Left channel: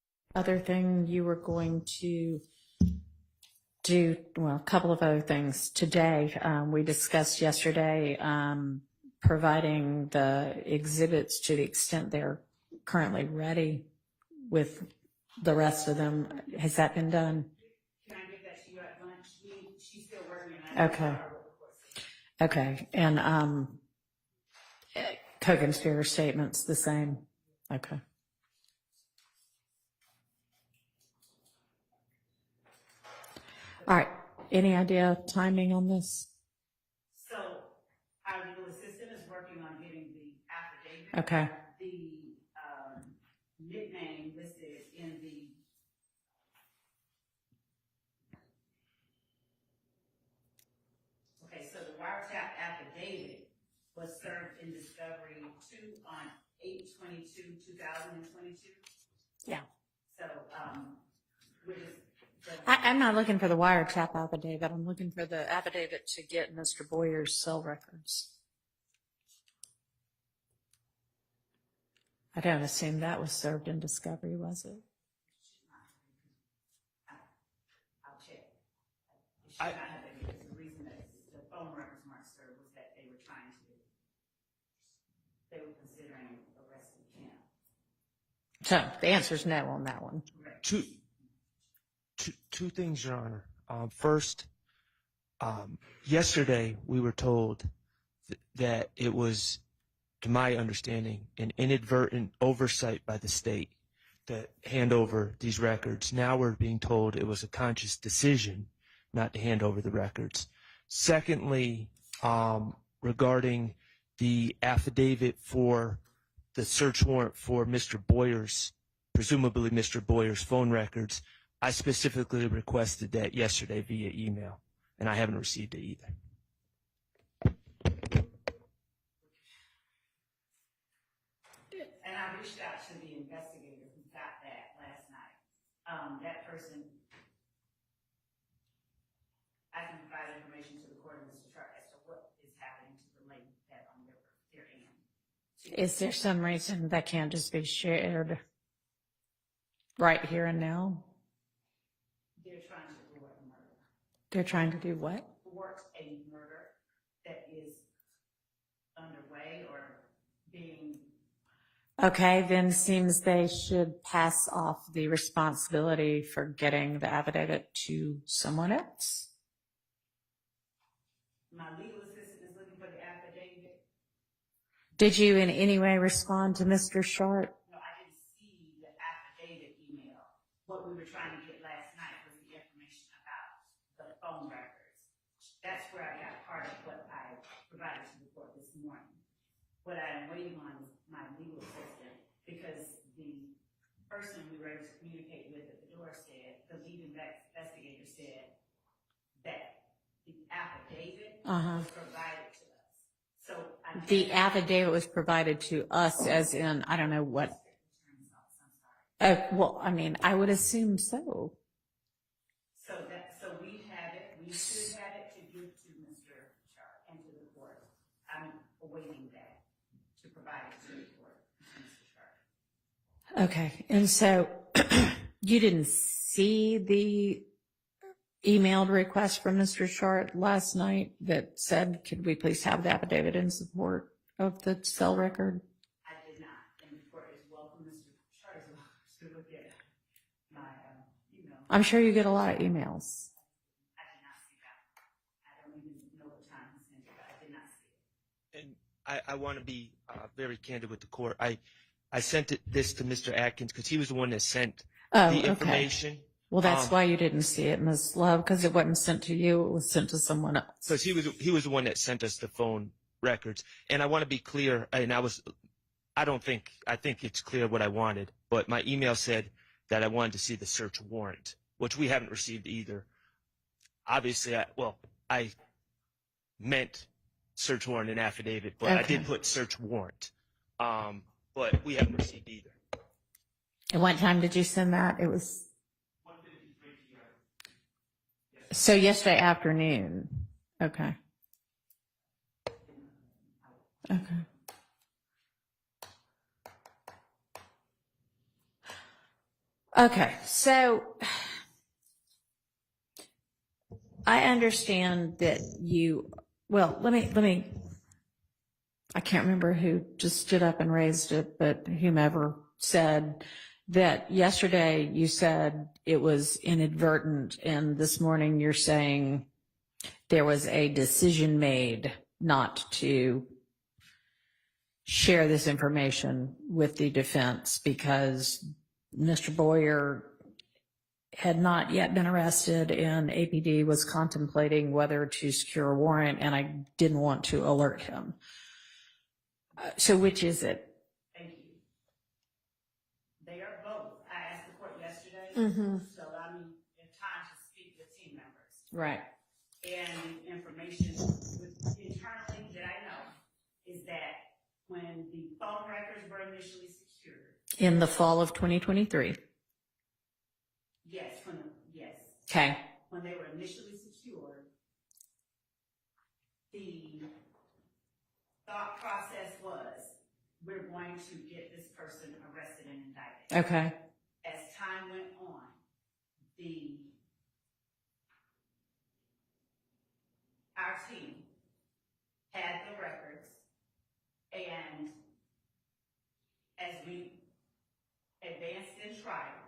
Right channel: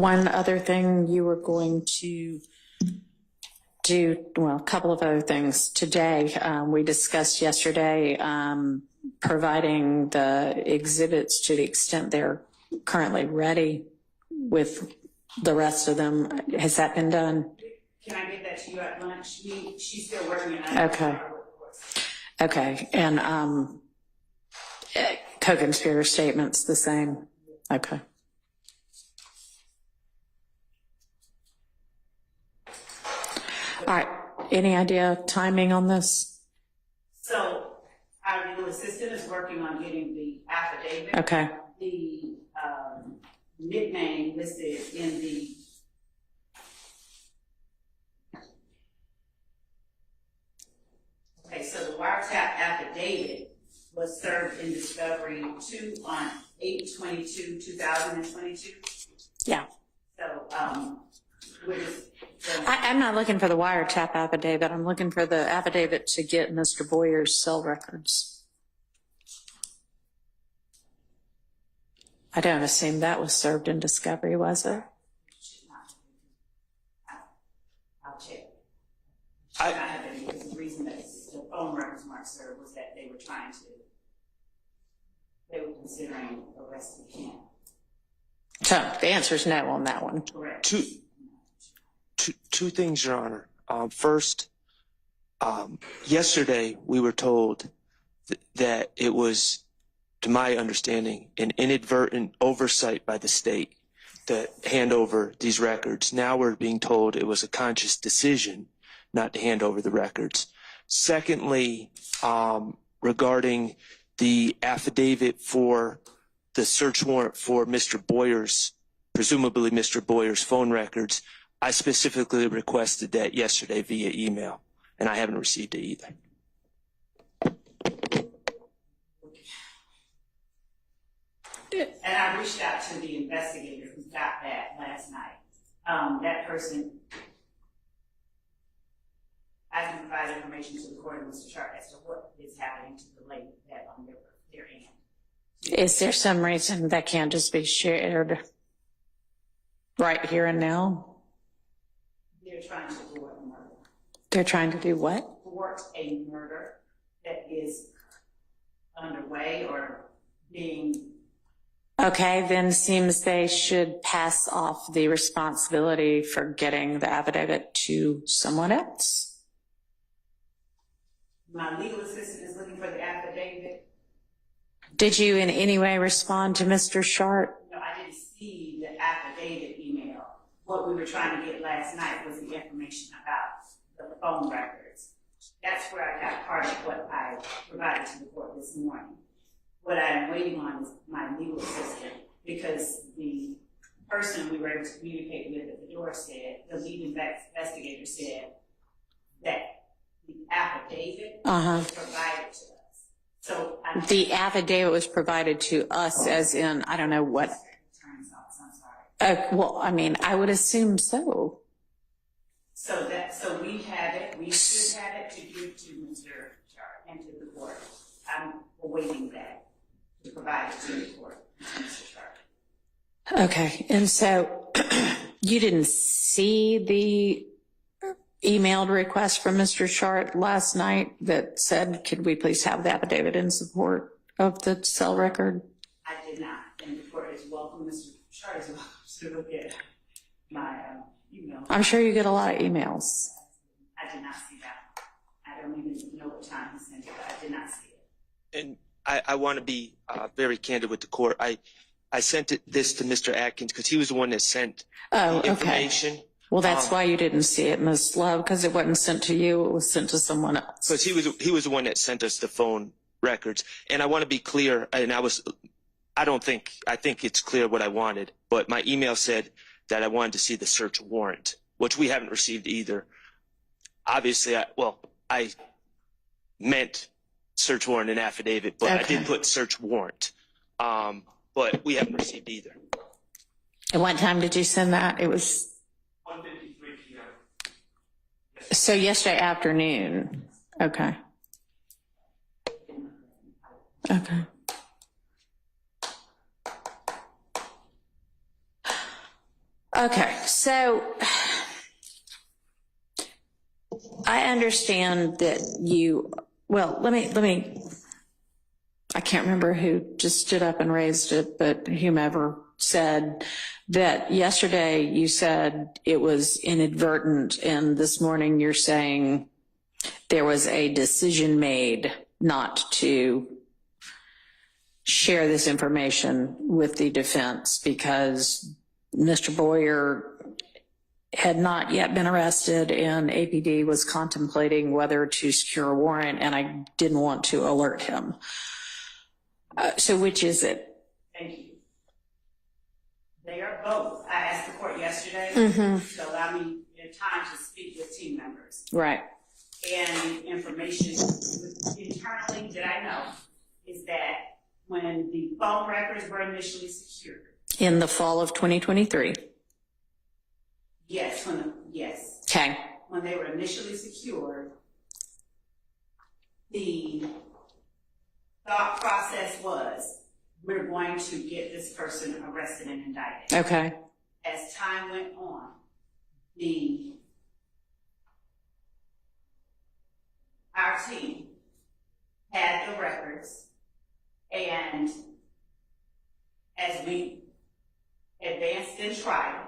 One other thing you were going to do, well, a couple of other things today. We discussed yesterday providing the exhibits to the extent they're currently ready with the rest of them. Has that been done? Can I get that to you at lunch? She's still working on it. Okay. Okay. And co-conspirator statements the same. Okay. All right. Any idea timing on this? So our legal assistant is working on getting the affidavit. Okay. The nickname listed in the so the wiretap affidavit was served in discovery 2 on 8/22/2022. Yeah. So we're just I'm not looking for the wiretap affidavit. I'm looking for the affidavit to get Mr. Boyer's cell records. I don't assume that was served in discovery, was it? I'll check. I have any, because the reason that the phone records weren't served was that they were considering arresting him. So the answer is no on that one. Correct. Two things, Your Honor. First, yesterday we were told that it was, to my understanding, an inadvertent oversight by the state to hand over these records. Now we're being told it was a conscious decision not to hand over the records. Secondly, regarding the affidavit for the search warrant for Mr. Boyer's, presumably Mr. Boyer's phone records, I specifically requested that yesterday via email, and I haven't received it either. And I reached out to the investigator who got that last night. That person, I can provide information to the court and Mr. Sharp as to what is happening to delay that on their end. Is there some reason that can't just be shared right here and now? They're trying to thwart a murder. They're trying to do what? Thwart a murder that is underway or being. Okay, then seems they should pass off the responsibility for getting the affidavit to someone else. My legal assistant is looking for the affidavit. Did you in any way respond to Mr. Sharp? No, I didn't see the affidavit email. What we were trying to get last night was the information about the phone records. That's where I got part of what I provided to the court this morning. What I'm waiting on is my legal assistant, because the person we were able to communicate with at the door said, the lead investigator said that the affidavit was provided to us. So the affidavit was provided to us as in, I don't know what. I'm sorry. Well, I mean, I would assume so. So we have it, we should have it to give to Mr. Sharp and to the court. I'm awaiting that to provide it to the court, Mr. Sharp. Okay, and so you didn't see the emailed request from Mr. Sharp last night that said, could we please have the affidavit in support of the cell record? I did not, and the court is welcome, Mr. Sharp is welcome to look at my email. I'm sure you get a lot of emails. I did not see that. I don't even know what time he sent it, but I did not see it. And I want to be very candid with the court. I sent this to Mr. Atkins because he was the one that sent the information. Okay. Well, that's why you didn't see it, Ms. Love, because it wasn't sent to you. It was sent to someone else. Because he was the one that sent us the phone records. And I want to be clear, and I think it's clear what I wanted, but my email said that I wanted to see the search warrant, which we haven't received either. Obviously, I meant search warrant and affidavit, but I did put search warrant. But we haven't received either. At what time did you send that? It was 1:53 p.m. So yesterday afternoon. Okay. Okay. Okay, so I understand that I can't remember who just stood up and raised it, but whomever said that yesterday you said it was inadvertent, and this morning you're saying there was a decision made not to share this information with the defense because Mr. Boyer had not yet been arrested and APD was contemplating whether to secure a warrant, and I didn't want to alert him. So which is it? Thank you. They are both. I asked the court yesterday to allow me time to speak with team members. Right. And the information internally that I know is that when the phone records were initially secured. In the fall of 2023. Yes, Okay. when they were initially secured, the thought process was, we're going to get this person arrested and indicted. Okay. As time went on, our team had the records, and as we advanced in trial,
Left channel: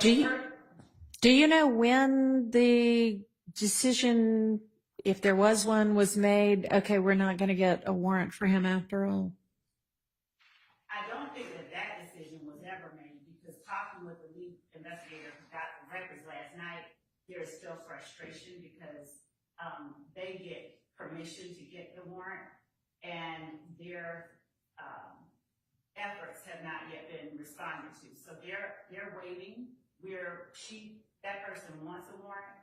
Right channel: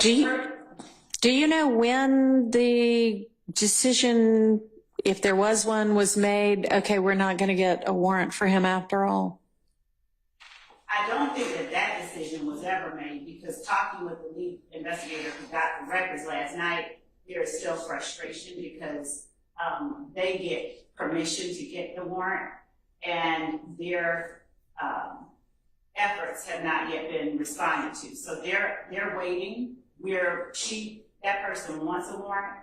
Do you know when the decision, if there was one, was made, okay, we're not going to get a warrant for him after all? I don't think that decision was ever made, because talking with the lead investigator who got the records last night, there is still frustration because they get permission to get the warrant, and their efforts have not yet been responded to. So they're waiting. That person wants a warrant.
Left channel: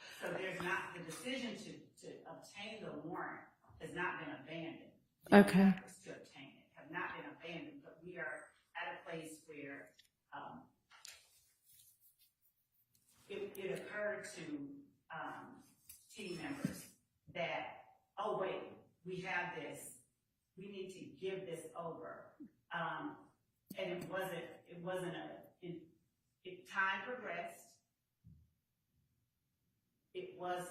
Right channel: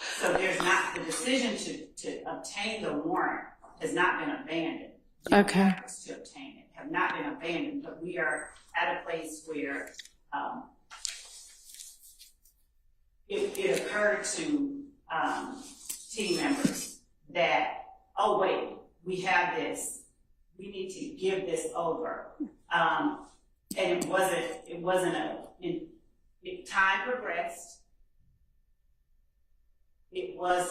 So there's not, the decision to obtain the warrant has not been abandoned. The Okay. efforts to obtain it have not been abandoned, but we are at a place where it occurred to team members that, oh wait, we have this, we need to give this over. And time progressed. It was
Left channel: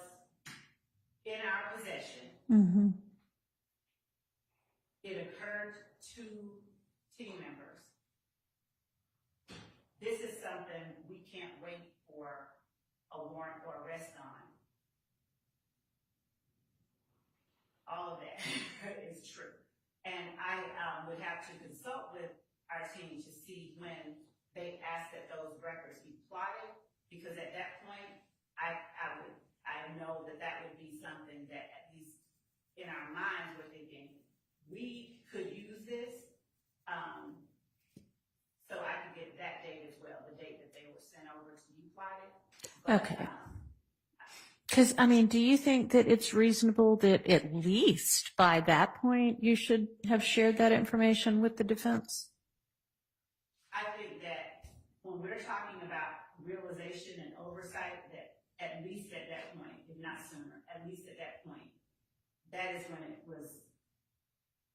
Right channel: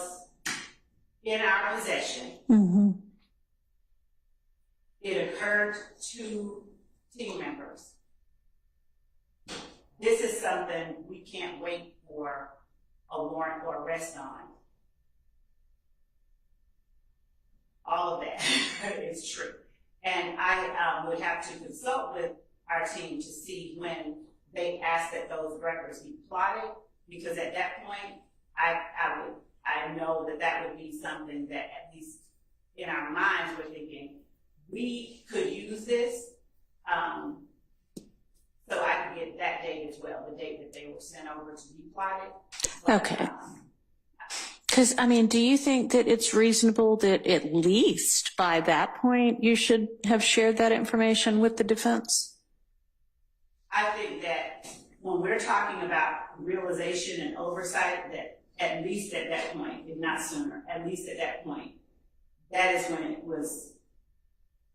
in our possession. Mm-hmm. It occurred to team members. This is something we can't wait for a warrant or arrest on. All of that is true. And I would have to consult with our team to see when they asked that those records be plotted, because at that point, I know that would be something that, at least in our minds, we're thinking, we could use this, so I could get that date as well, the date that they were sent over to be plotted. But, Okay. Because, I mean, do you think that it's reasonable that at least by that point you should have shared that information with the defense? I think that when we're talking about realization and oversight, that at least at that point, if not sooner, at least at that point, that is when it was,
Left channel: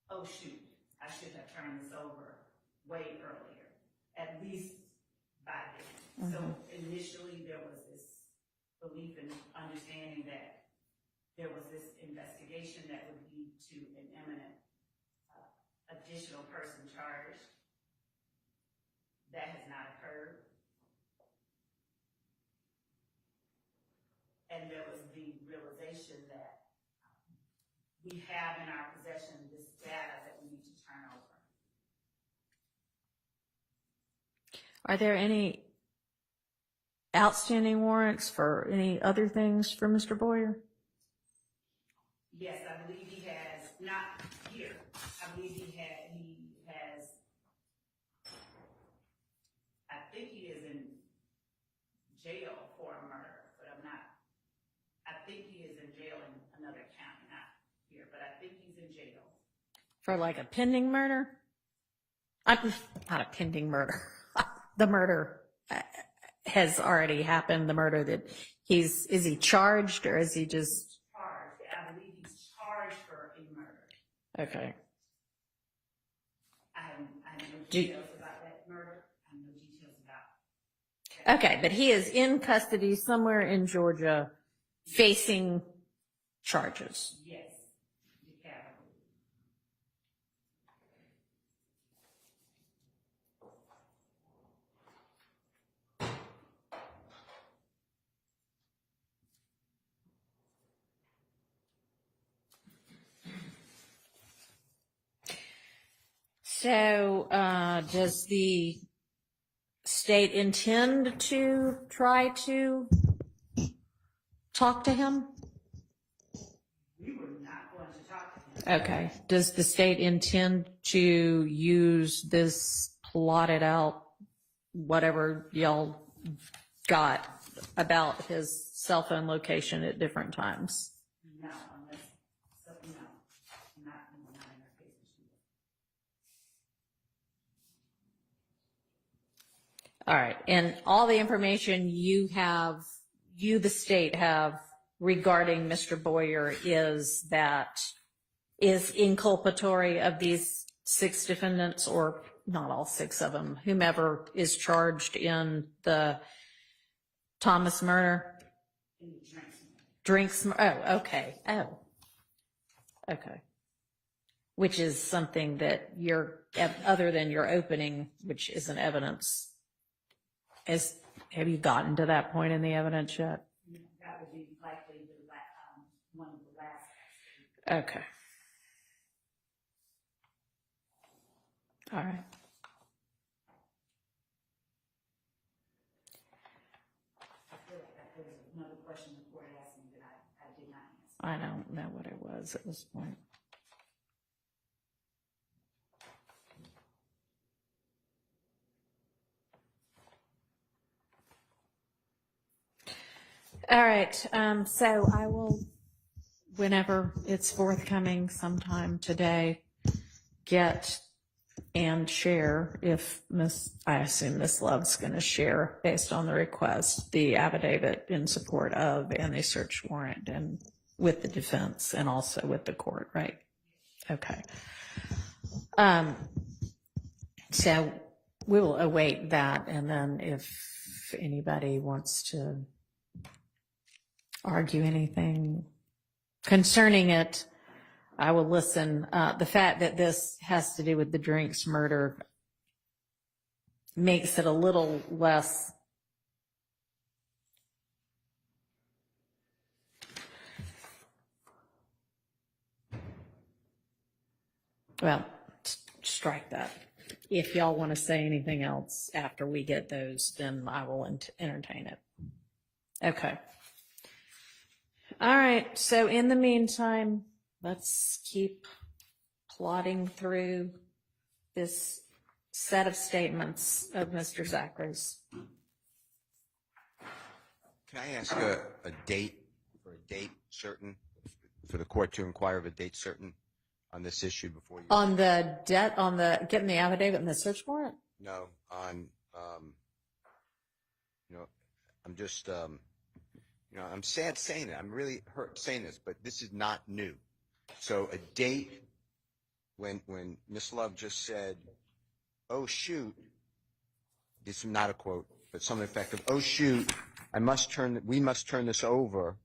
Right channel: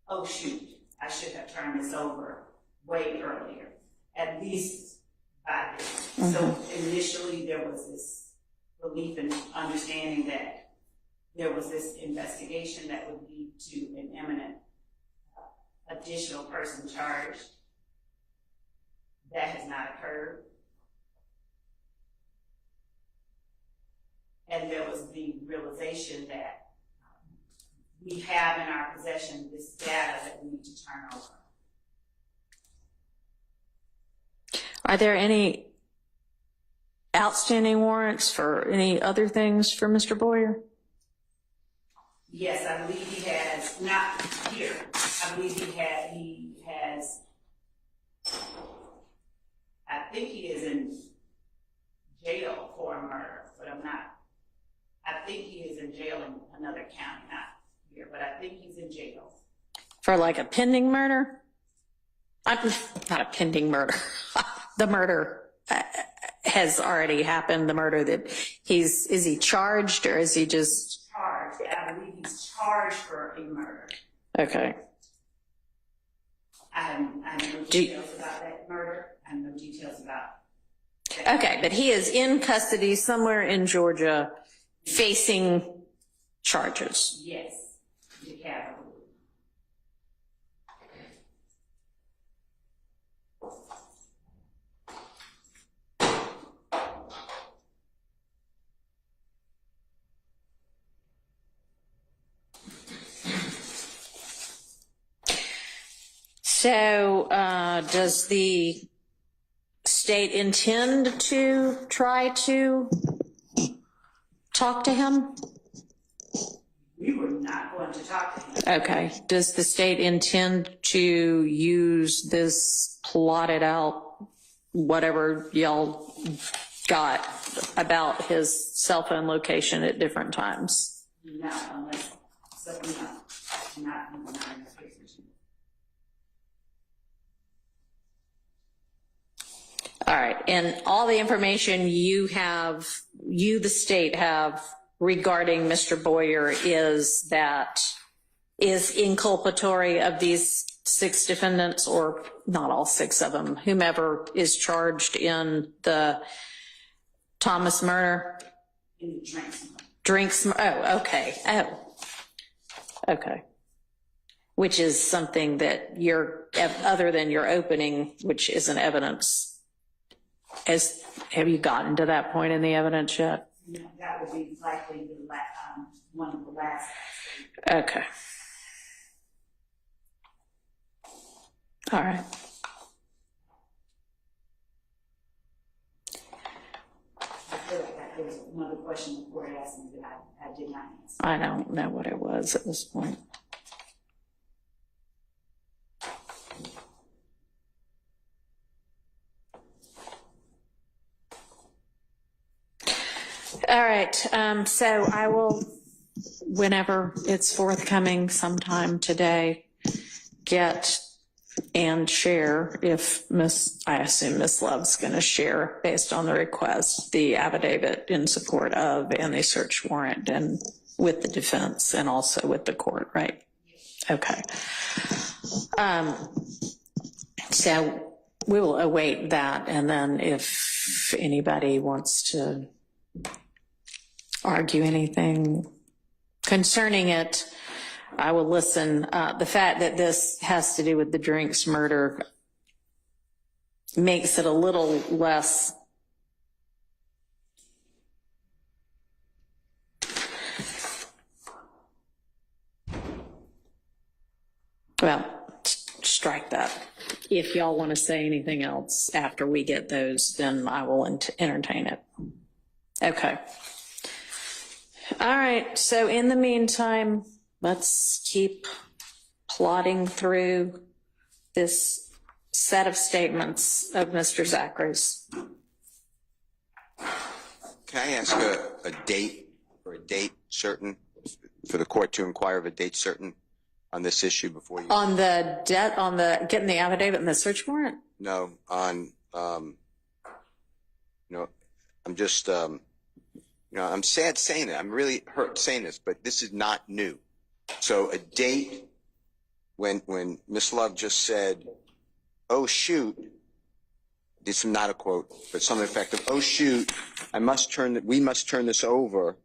oh shoot, I should have turned this over way earlier, at least by then. Mm-hmm. So initially there was this belief and understanding that there was this investigation that would lead to an imminent additional person charged. That has not occurred. And there was the realization that we have in our possession this data that we need to turn over. Are there any outstanding warrants for any other things for Mr. Boyer? Yes, I believe he has, not here, I believe he has, I think he is in jail for a murder, but I think he is in jail in another county, not here, but I think he's in jail. For like a pending murder? Not a pending murder. The murder has already happened, the murder that is he charged or is he just? Charged, I believe he's charged for a murder. Okay. I have no details about that murder. I have no details about that. Okay, but he is in custody somewhere in Georgia facing charges. Yes, the capital. So, does the state intend to try to talk to him? We were not going to talk to him. Okay. Does the state intend to use this plotted out, whatever y'all got about his cell phone location at different times? No, unless, so no, not in this case. All right. And all the information you have, the state have regarding Mr. Boyer is inculpatory of these 6 defendants, or not all 6 of them, whomever is charged in the Thomas murder? In the Drinks. Oh, okay. Oh, okay. Which is something that other than your opening, which isn't evidence. Have you gotten to that point in the evidence yet? No, that would be likely one of the last. Okay. All right. I feel like that was another question the court asked me that I did not answer. I don't know what it was at this point. All right, so I will, whenever it's forthcoming sometime today, get and share, I assume Miss Love's going to share based on the request, the affidavit in support of and the search warrant, and with the defense and also with the court, right? Okay. So we will await that, and then if anybody wants to argue anything concerning it, I will listen. The fact that this has to do with the Drinks murder makes it a little less well, strike that. If y'all want to say anything else after we get those, then I will entertain it. Okay. All right, so in the meantime, let's keep plodding through this set of statements of Mr. Zachary's. Can I ask a date certain for the court to inquire of a date certain on this issue before you? On the debt, on the getting the affidavit and the search warrant? No, on, I'm just, I'm sad saying it. I'm really hurt saying this, but this is not new. So a date when Miss Love just said, "Oh shoot," this is not a quote, but something effective. "Oh shoot, we must turn this over."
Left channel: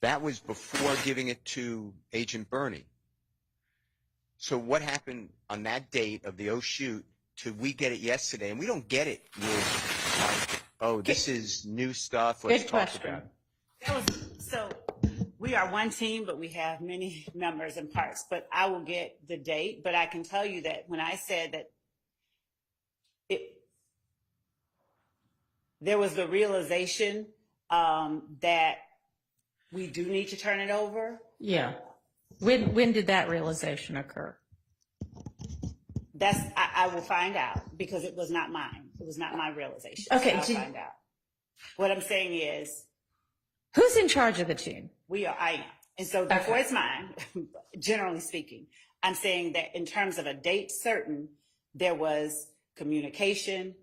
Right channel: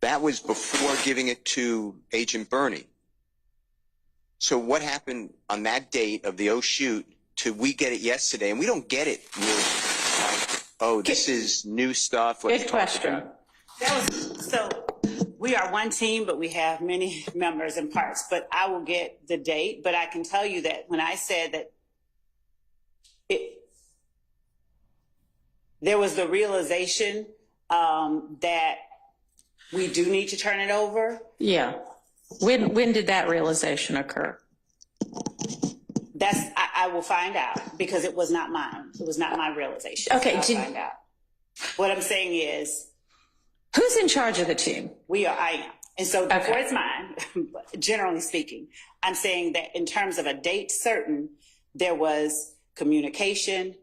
That was before giving it to Agent Bernie. So what happened on that date of the "oh shoot" to we get it yesterday, and we don't get it with, oh, this is new stuff. Let's Good talk question. about it. So we are one team, but we have many members and parts. But I will get the date. But I can tell you that when I said that there was the realization that we do need to turn it over. Yeah. When did that realization occur? I will find out, because it was not mine. It was not my realization. Okay, I'll find out. What I'm saying is, Who's in charge of the team? I am. And so therefore Okay. it's mine, generally speaking. I'm saying that in terms of a date certain, there was communication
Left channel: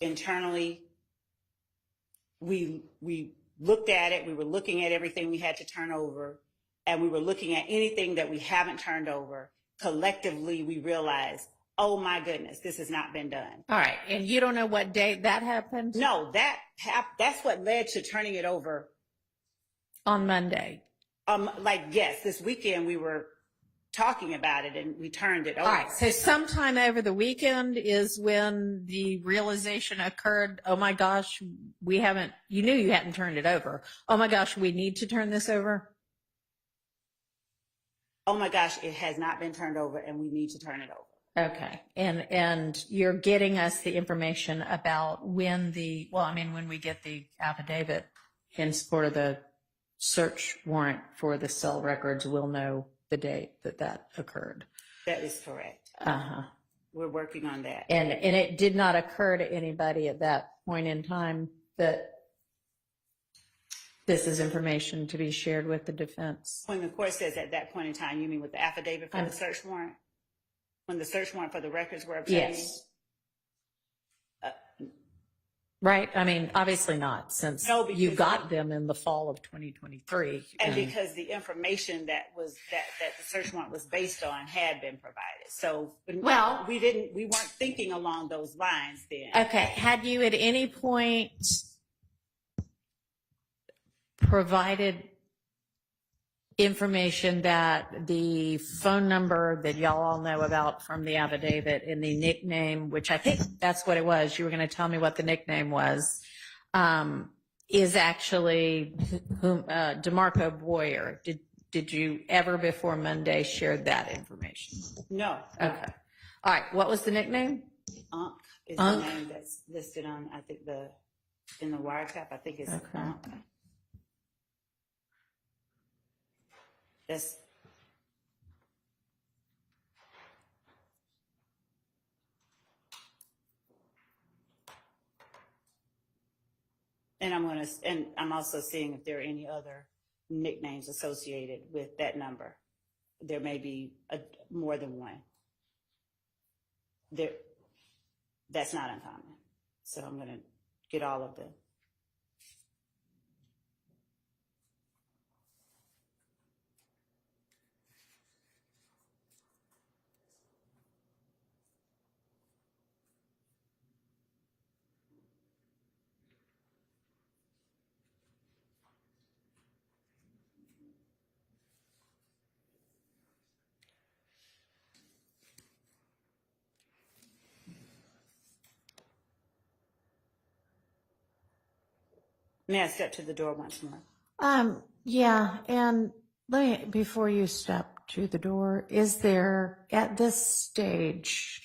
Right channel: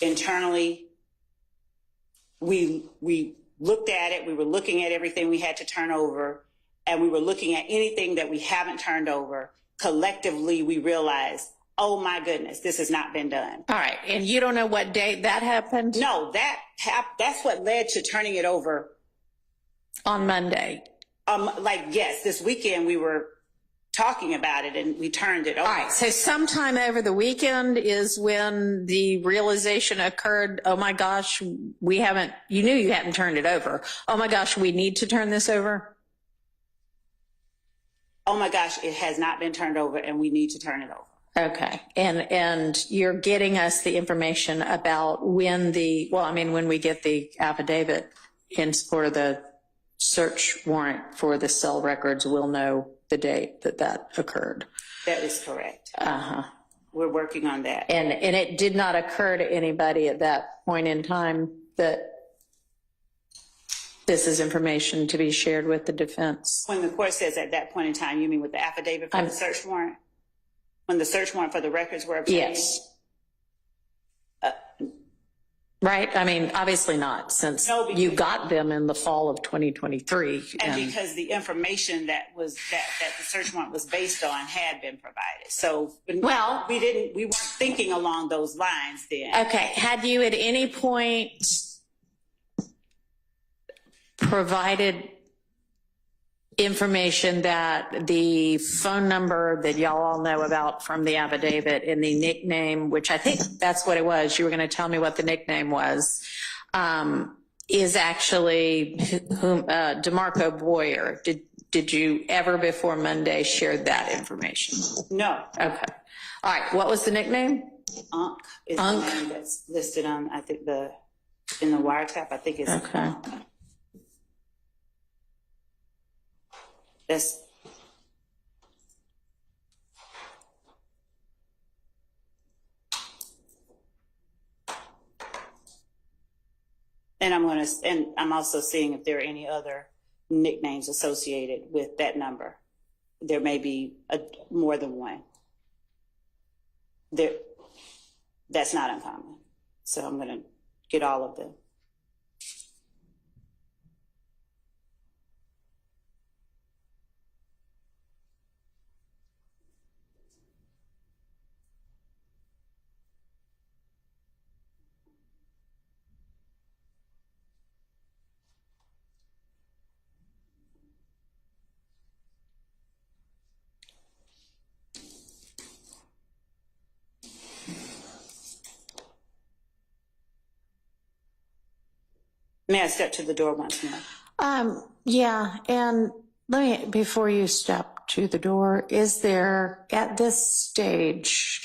internally. We looked at it. We were looking at everything we had to turn over, and we were looking at anything that we haven't turned over collectively we realized, oh my goodness, this has not been done. All right. And you don't know what date that happened? No, that's what led to turning it over. On Monday. Yes, this weekend we were talking about it and we turned it over. All right. So sometime over the weekend is when the realization occurred, oh my gosh, you knew you hadn't turned it over. Oh my gosh, we need to turn this over. Oh my gosh, it has not been turned over and we need to turn it over. Okay. And you're getting us the information about when when we get the affidavit in support of the search warrant for the cell records, we'll know the date that occurred. That is correct. Uh-huh. We're working on that. And it did not occur to anybody at that point in time that this is information to be shared with the defense. When the court says at that point in time, you mean with the affidavit for the search warrant? When the search warrant for the records were obtained? Yes. Right? I mean, obviously not, since you got them in the fall of 2023. And because the information that the search warrant was based on had been provided. So we weren't thinking along those lines then. Okay. Had you at any point provided information that the phone number that y'all all know about from the affidavit and the nickname, which I think that's what it was, you were going to tell me what the nickname was, is actually DeMarco Boyer. Did you ever before Monday share that information? No. Okay. All right. What was the nickname? Unk is the name that's listed on, I think, in the wiretap. I think it's okay. Unk. That's and I'm also seeing if there are any other nicknames associated with that number. There may be more than one. That's not uncommon. So I'm going to get all of them. May I step to the door once more? Yeah, and before you step to the door, is there at this stage,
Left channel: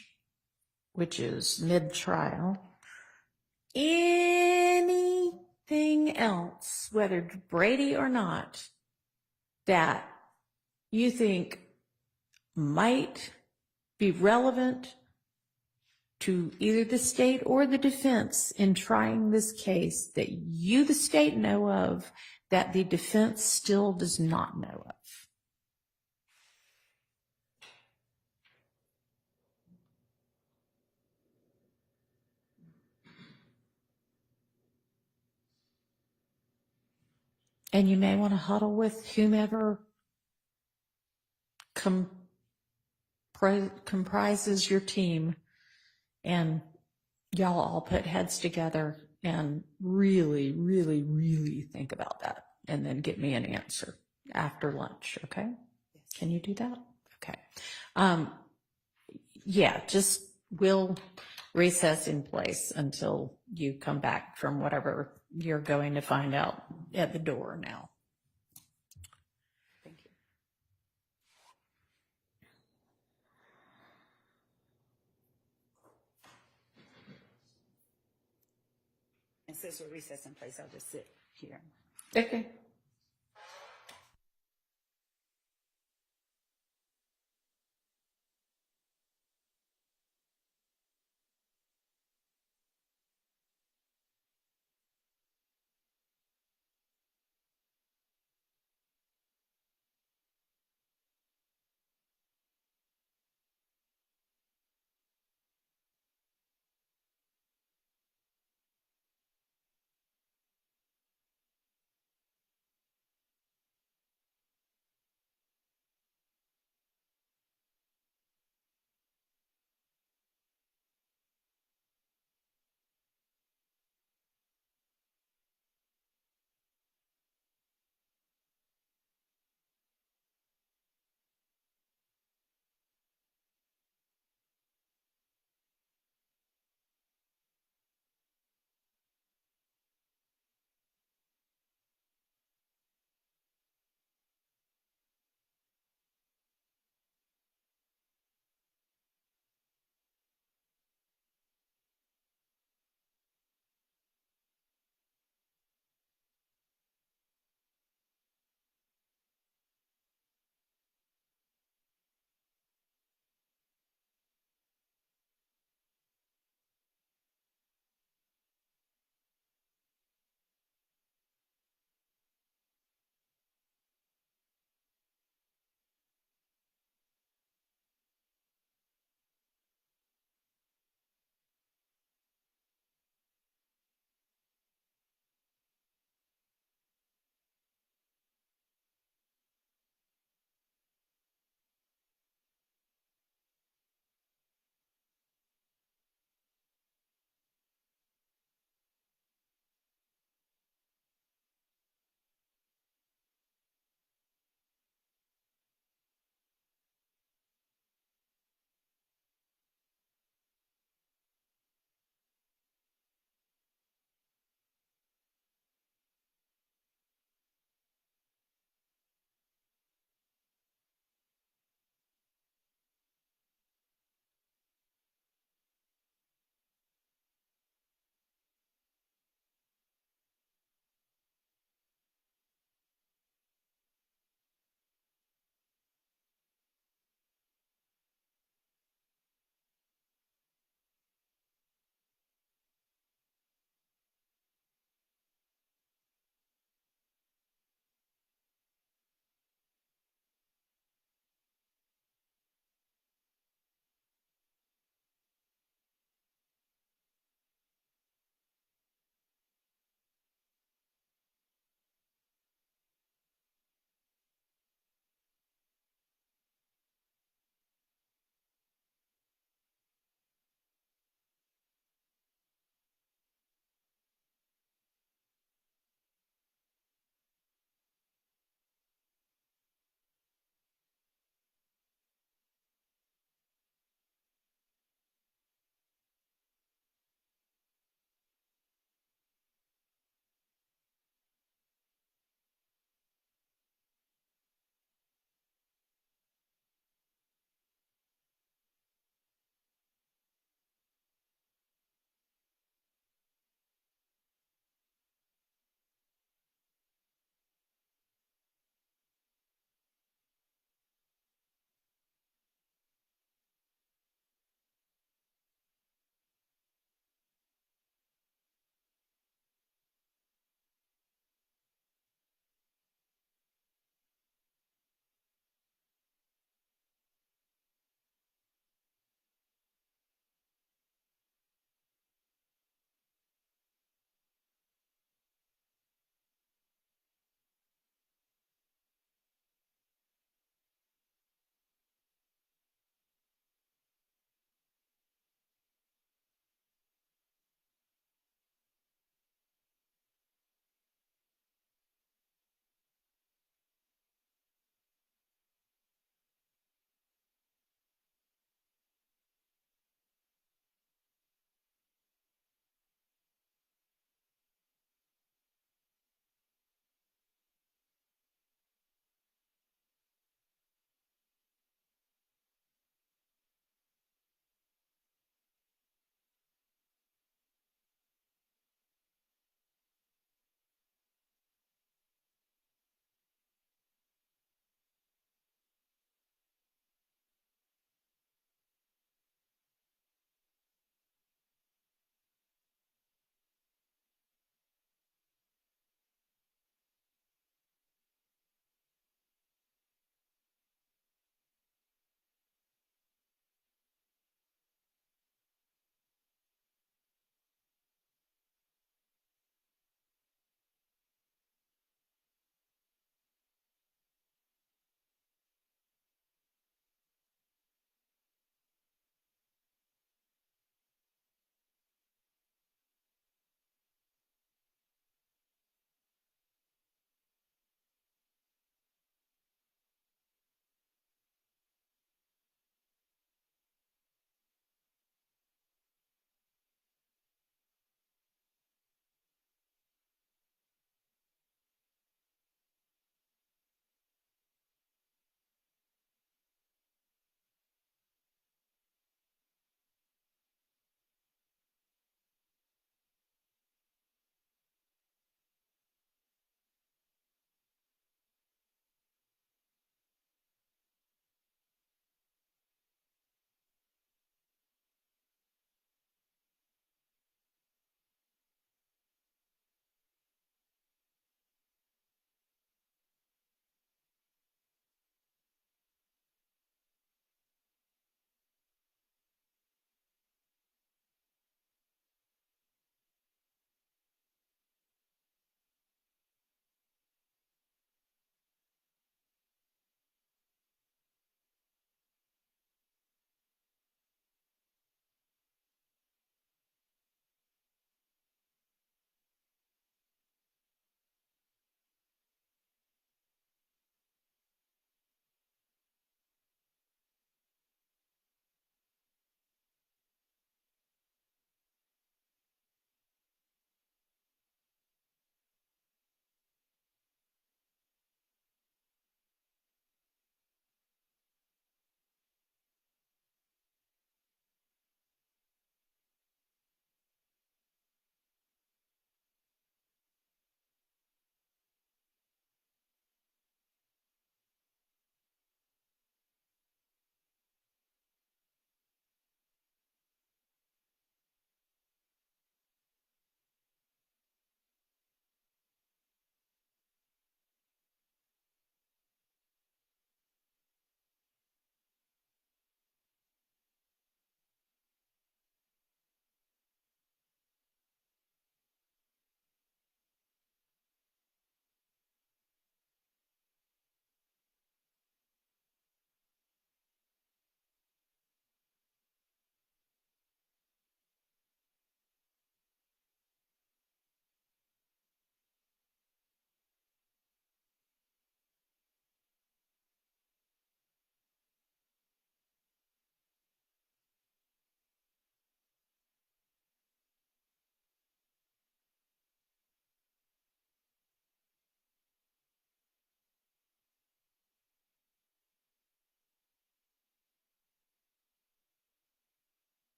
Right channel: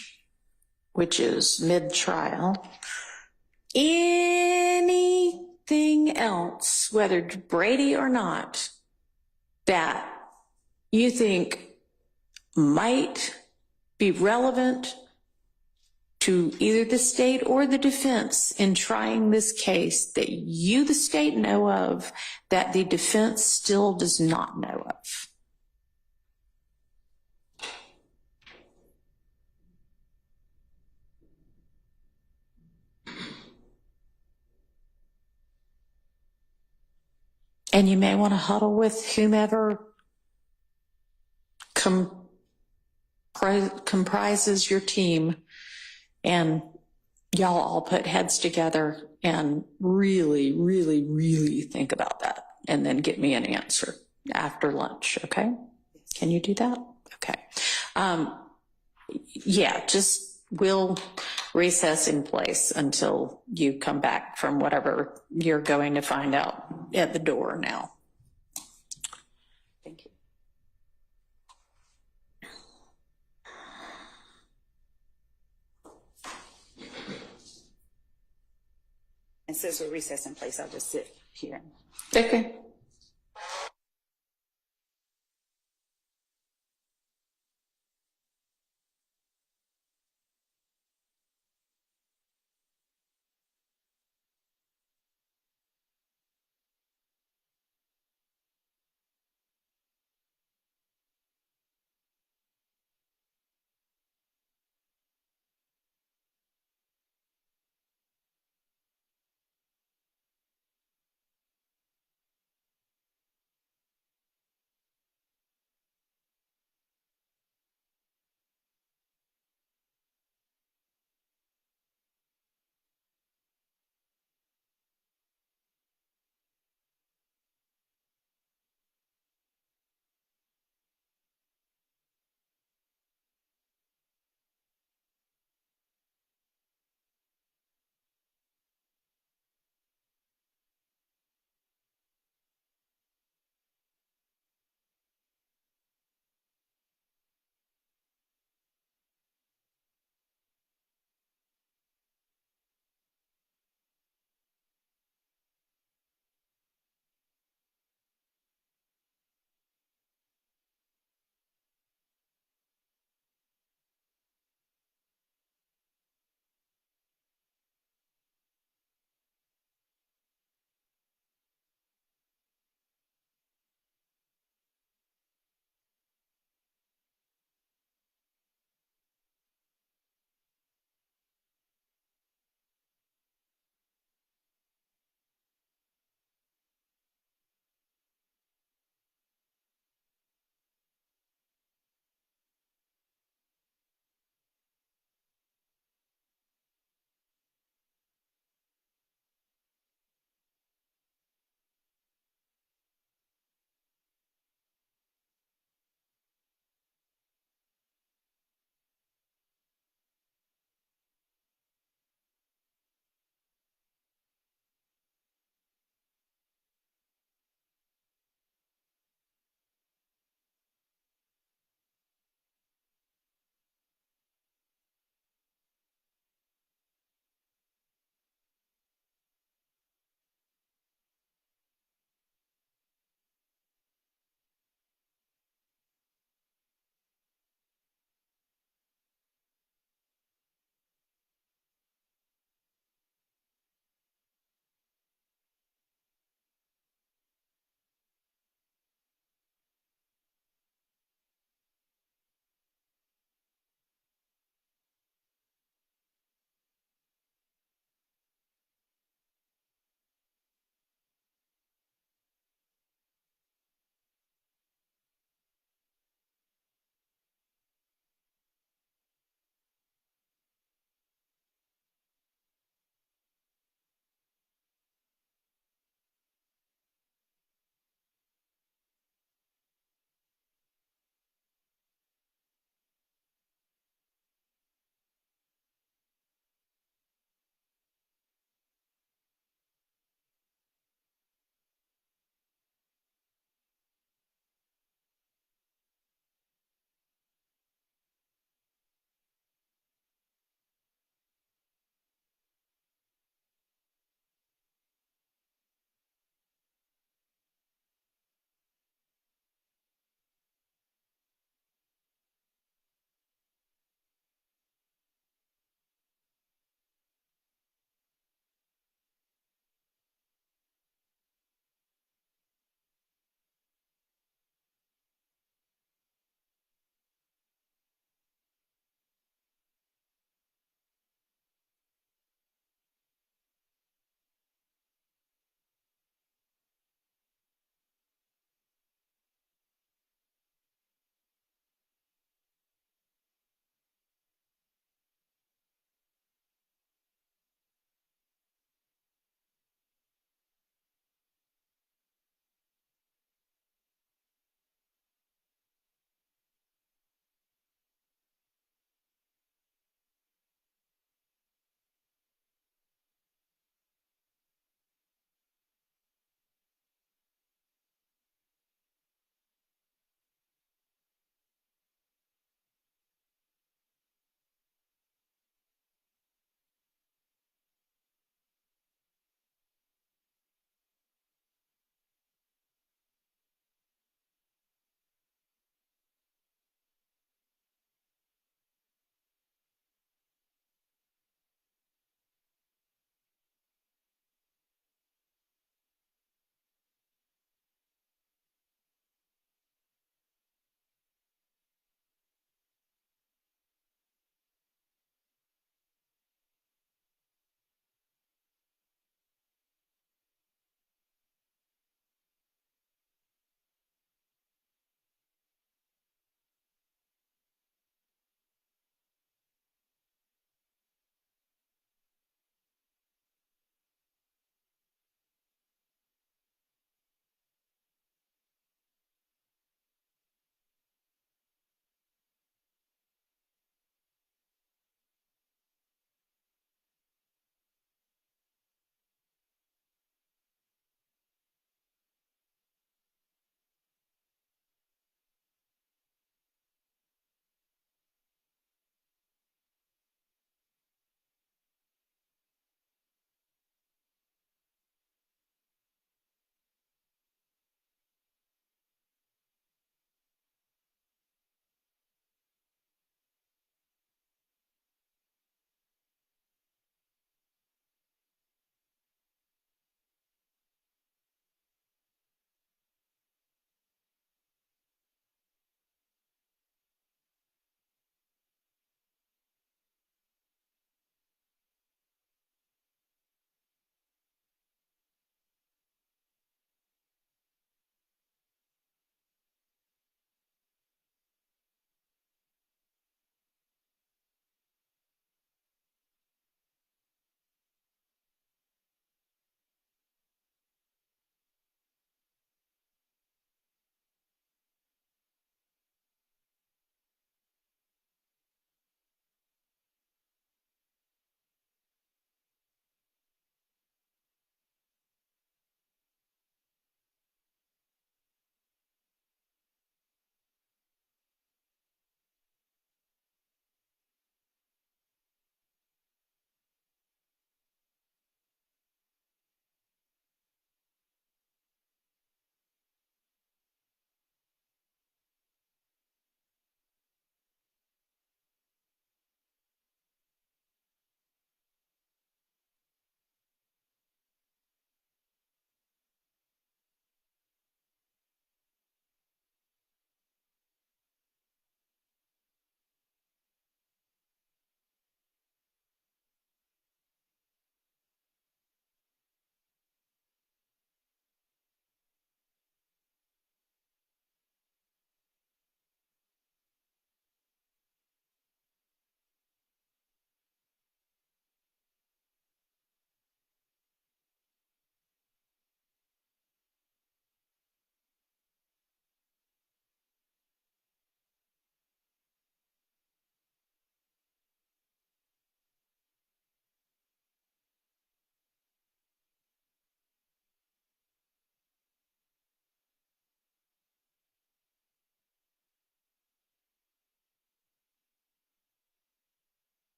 which is mid-trial, anything else, whether Brady or not, that you think might be relevant to either the state or the defense in trying this case that you, the state, know of that the defense still does not know of? And you may want to huddle with whomever comprises your team, and y'all all put heads together and really, really, really think about that, and then get me an answer after lunch, okay? Can you do that? Okay. Yeah, we'll recess in place until you come back from whatever you're going to find out at the door now. Thank you. And since we're recessed in place, I'll just sit here. Okay.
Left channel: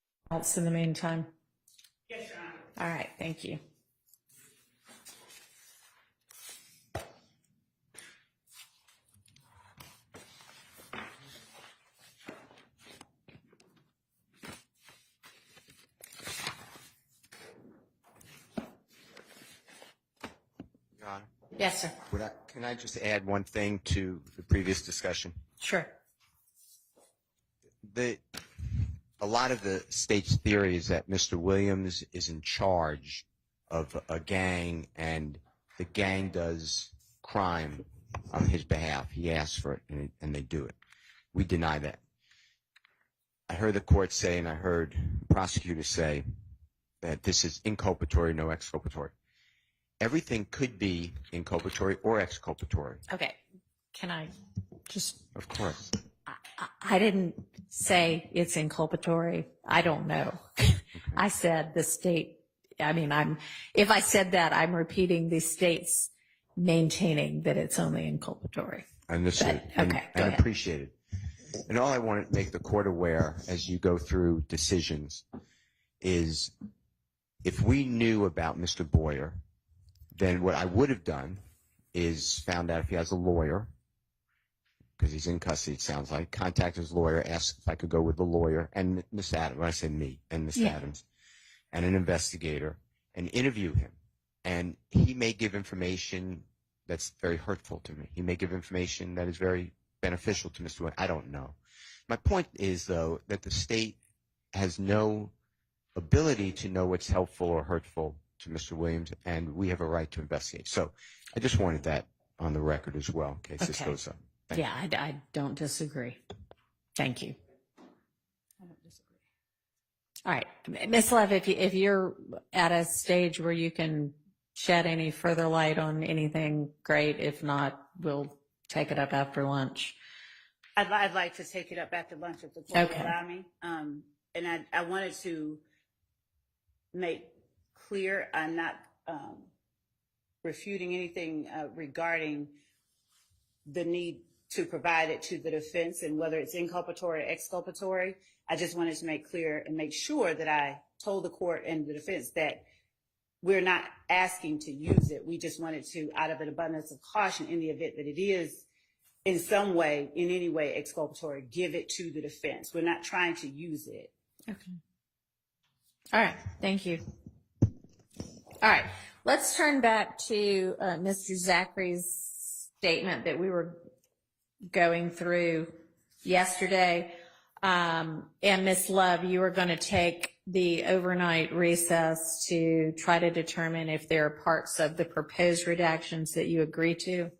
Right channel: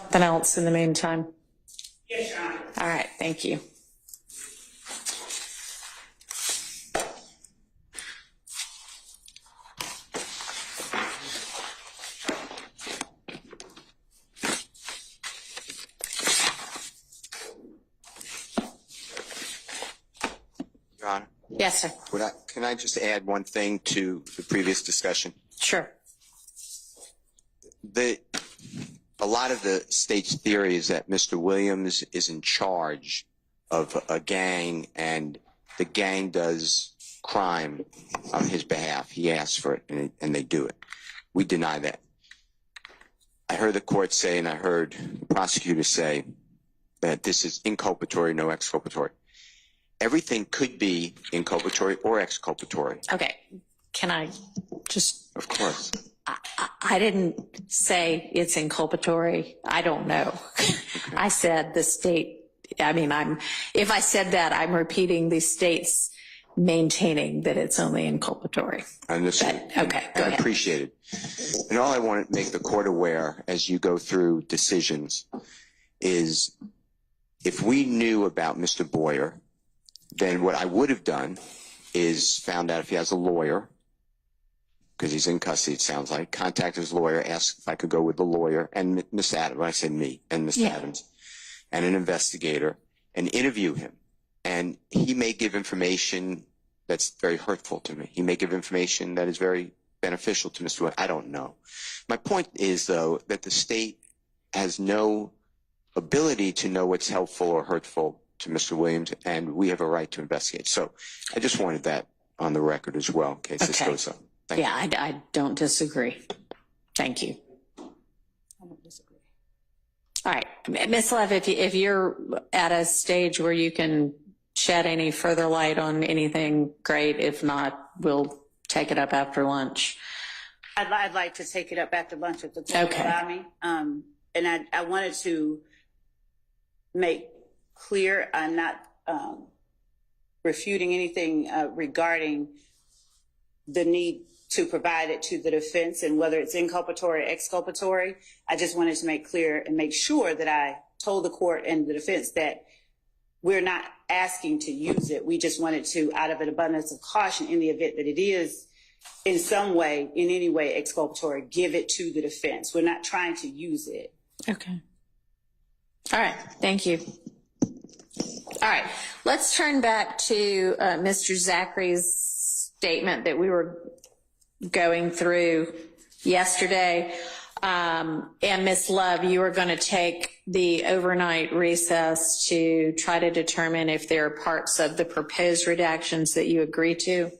Something else in the meantime? Yes, Your Honor. All right, thank you. Your Honor, Yes, sir. can I just add one thing to the previous discussion? Sure. A lot of the state's theory is that Mr. Williams is in charge of a gang and the gang does crime on his behalf. He asks for it and they do it. We deny that. I heard the court say and I heard the prosecutor say that this is inculpatory, no exculpatory. Everything could be inculpatory or exculpatory. Okay. Can I just... Of course. I didn't say it's inculpatory. I don't know. Okay. I said the state, if I said that, I'm repeating the state's maintaining that it's only inculpatory. Understood. Okay, go ahead. Appreciated. And all I want to make the court aware as you go through decisions is if we knew about Mr. Boyer, then what I would have done is found out if he has a lawyer, because he's in custody, it sounds like, contact his lawyer, ask if I could go with the lawyer and Miss Adams, when I say me, and Miss Adams, and an investigator, and interview him. And he may give information that's very hurtful to me. He may give information that is very beneficial to Mr. Williams. I don't know. My point is, though, that the state has no ability to know what's helpful or hurtful to Mr. Williams, and we have a right to investigate. So I just wanted that on the record as well, in case this goes up. Thank you. I don't disagree. Thank you. I don't disagree. All right. Ms. Lev, if you're at a stage where you can shed any further light on anything, great. If not, we'll take it up after lunch. I'd like to take it up after lunch if the court will allow me. And I wanted to make clear I'm not refuting anything regarding the need to provide it to the defense and whether it's inculpatory or exculpatory. I just wanted to make clear and make sure that I told the court and the defense that we're not asking to use it. We just wanted to, out of an abundance of caution, in the event that it is in some way, in any way exculpatory, give it to the defense. We're not trying to use it. Okay. All right. Thank you. All right. Let's turn back to Mr. Zachary's statement that we were going through yesterday. And Ms. Love, you are going to take the overnight recess to try to determine if there are parts of the proposed redactions that you agree to.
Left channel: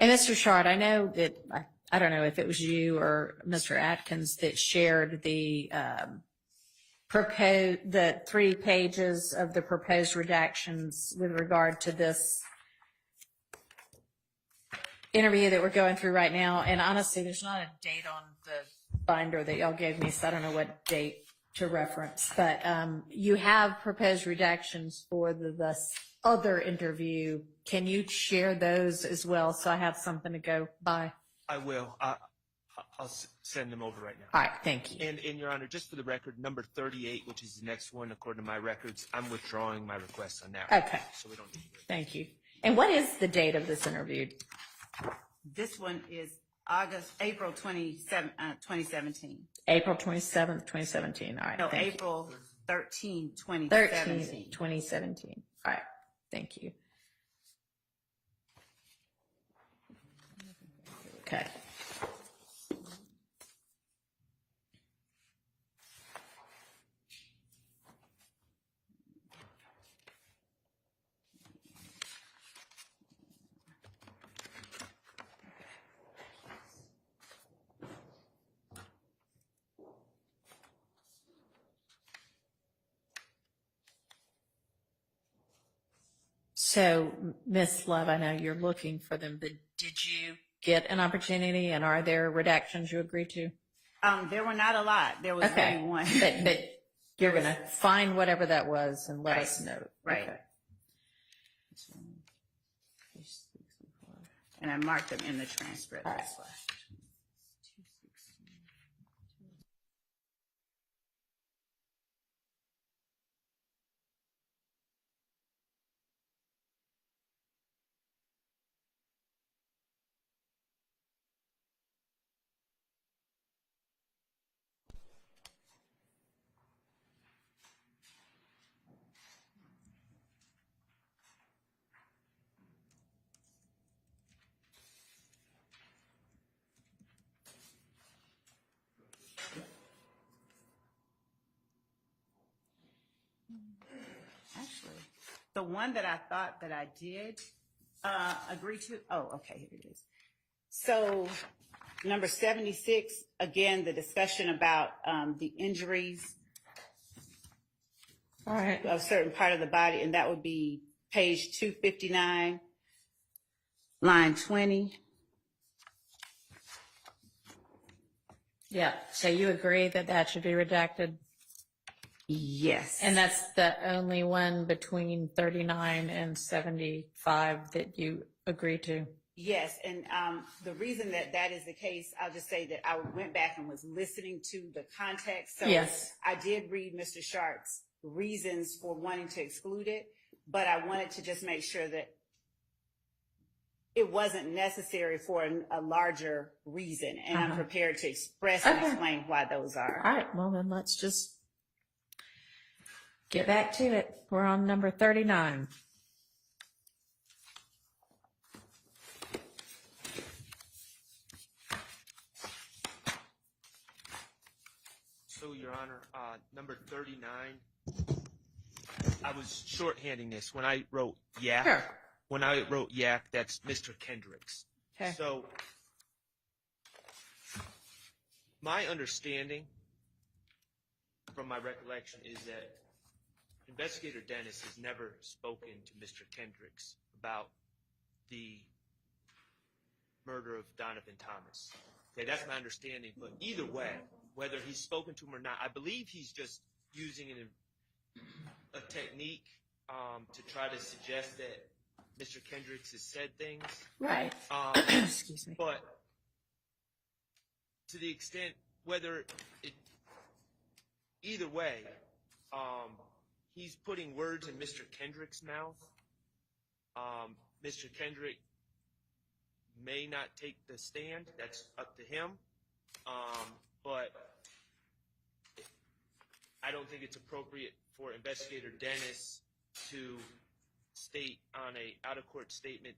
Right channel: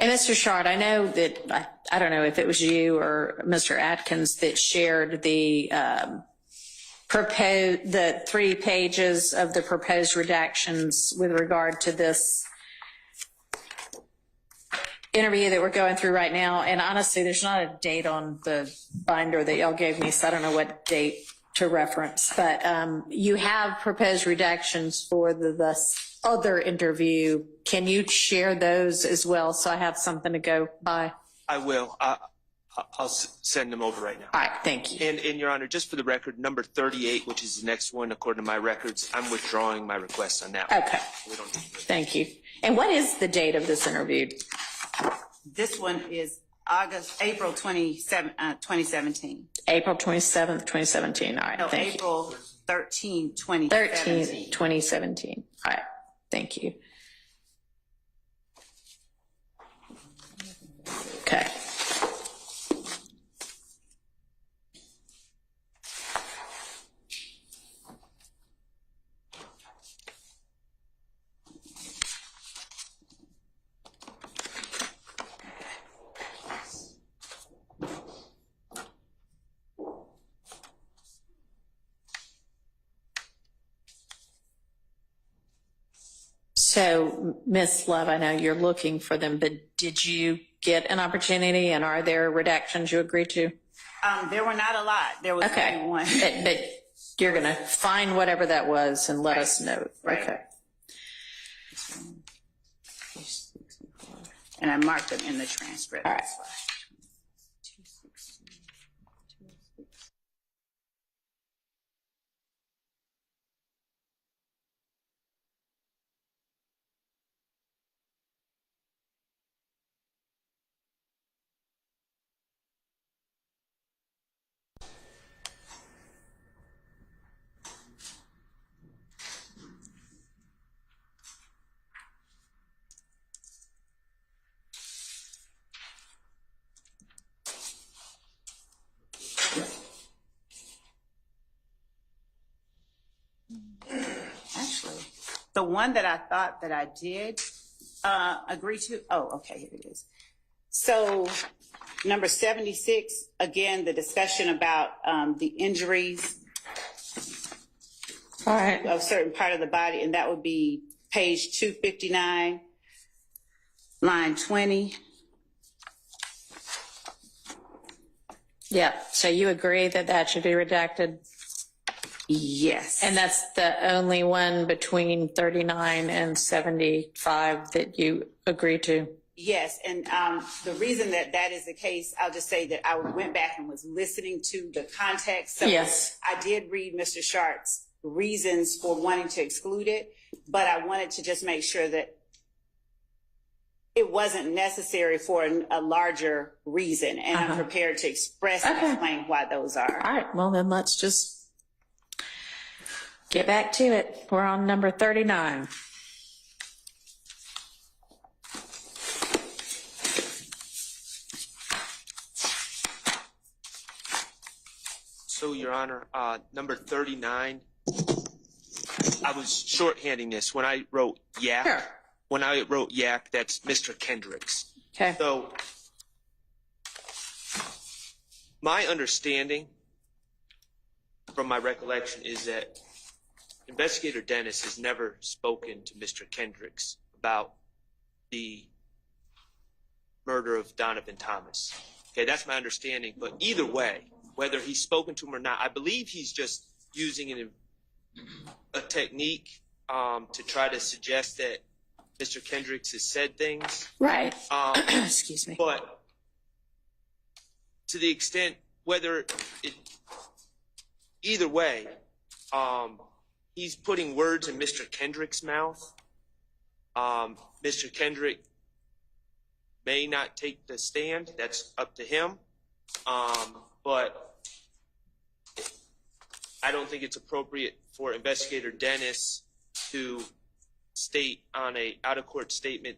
And Mr. Shard, I know that, I don't know if it was you or Mr. Atkins that shared the the 3 pages of the proposed redactions with regard to this interview that we're going through right now. And honestly, there's not a date on the binder that y'all gave me, so I don't know what date to reference. But you have proposed redactions for the other interview. Can you share those as well so I have something to go by? I will. I'll send them over right now. All right, thank you. And Your Honor, just for the record, number 38, which is the next one, according to my records, I'm withdrawing my request on that one. Okay. We don't need to. Thank you. And what is the date of this interview? This one is April 27, 2017. April 27th, 2017. All right, No, thank you. April 13, 2017. 13th, 2017. All right, thank you. Okay. So, Ms. Love, I know you're looking for them, but did you get an opportunity, and are there redactions you agreed to? There were not a lot. There was Okay. only one. But you're going to find whatever that was and let Right. us know. Right. Okay. And I marked them in the transcript. All right. Actually, the one that I thought that I did agree to, oh, okay, here it is. So number 76, again, the discussion about the injuries All right. of certain part of the body, and that would be page 259, line 20. Yeah. So you agree that that should be redacted? Yes. And that's the only one between 39 and 75 that you agree to? Yes, and the reason that that is the case, I'll just say that I went back and was listening to the context. So Yes. I did read Mr. Sharp's reasons for wanting to exclude it, but I wanted to just make sure that it wasn't necessary for a larger reason, and I'm prepared to express and explain why those are. All right. Well, then let's just get back to it. We're on number 39. So, Your Honor, number 39, I was shorthanding this. When I wrote yak, Sure. when I wrote yak, that's Mr. Kendrick's. Okay. So, my understanding from my recollection is that Investigator Dennis has never spoken to Mr. Kendrick's about the murder of Donovan Thomas. Okay, that's my understanding. But either way, whether he's spoken to him or not, I believe he's just using a technique to try to suggest that Mr. Kendrick's has said things. Right. Excuse me. But to the extent, either way, he's putting words in Mr. Kendrick's mouth. Mr. Kendrick may not take the stand. That's up to him. But I don't think it's appropriate for Investigator Dennis to state on a out-of-court statement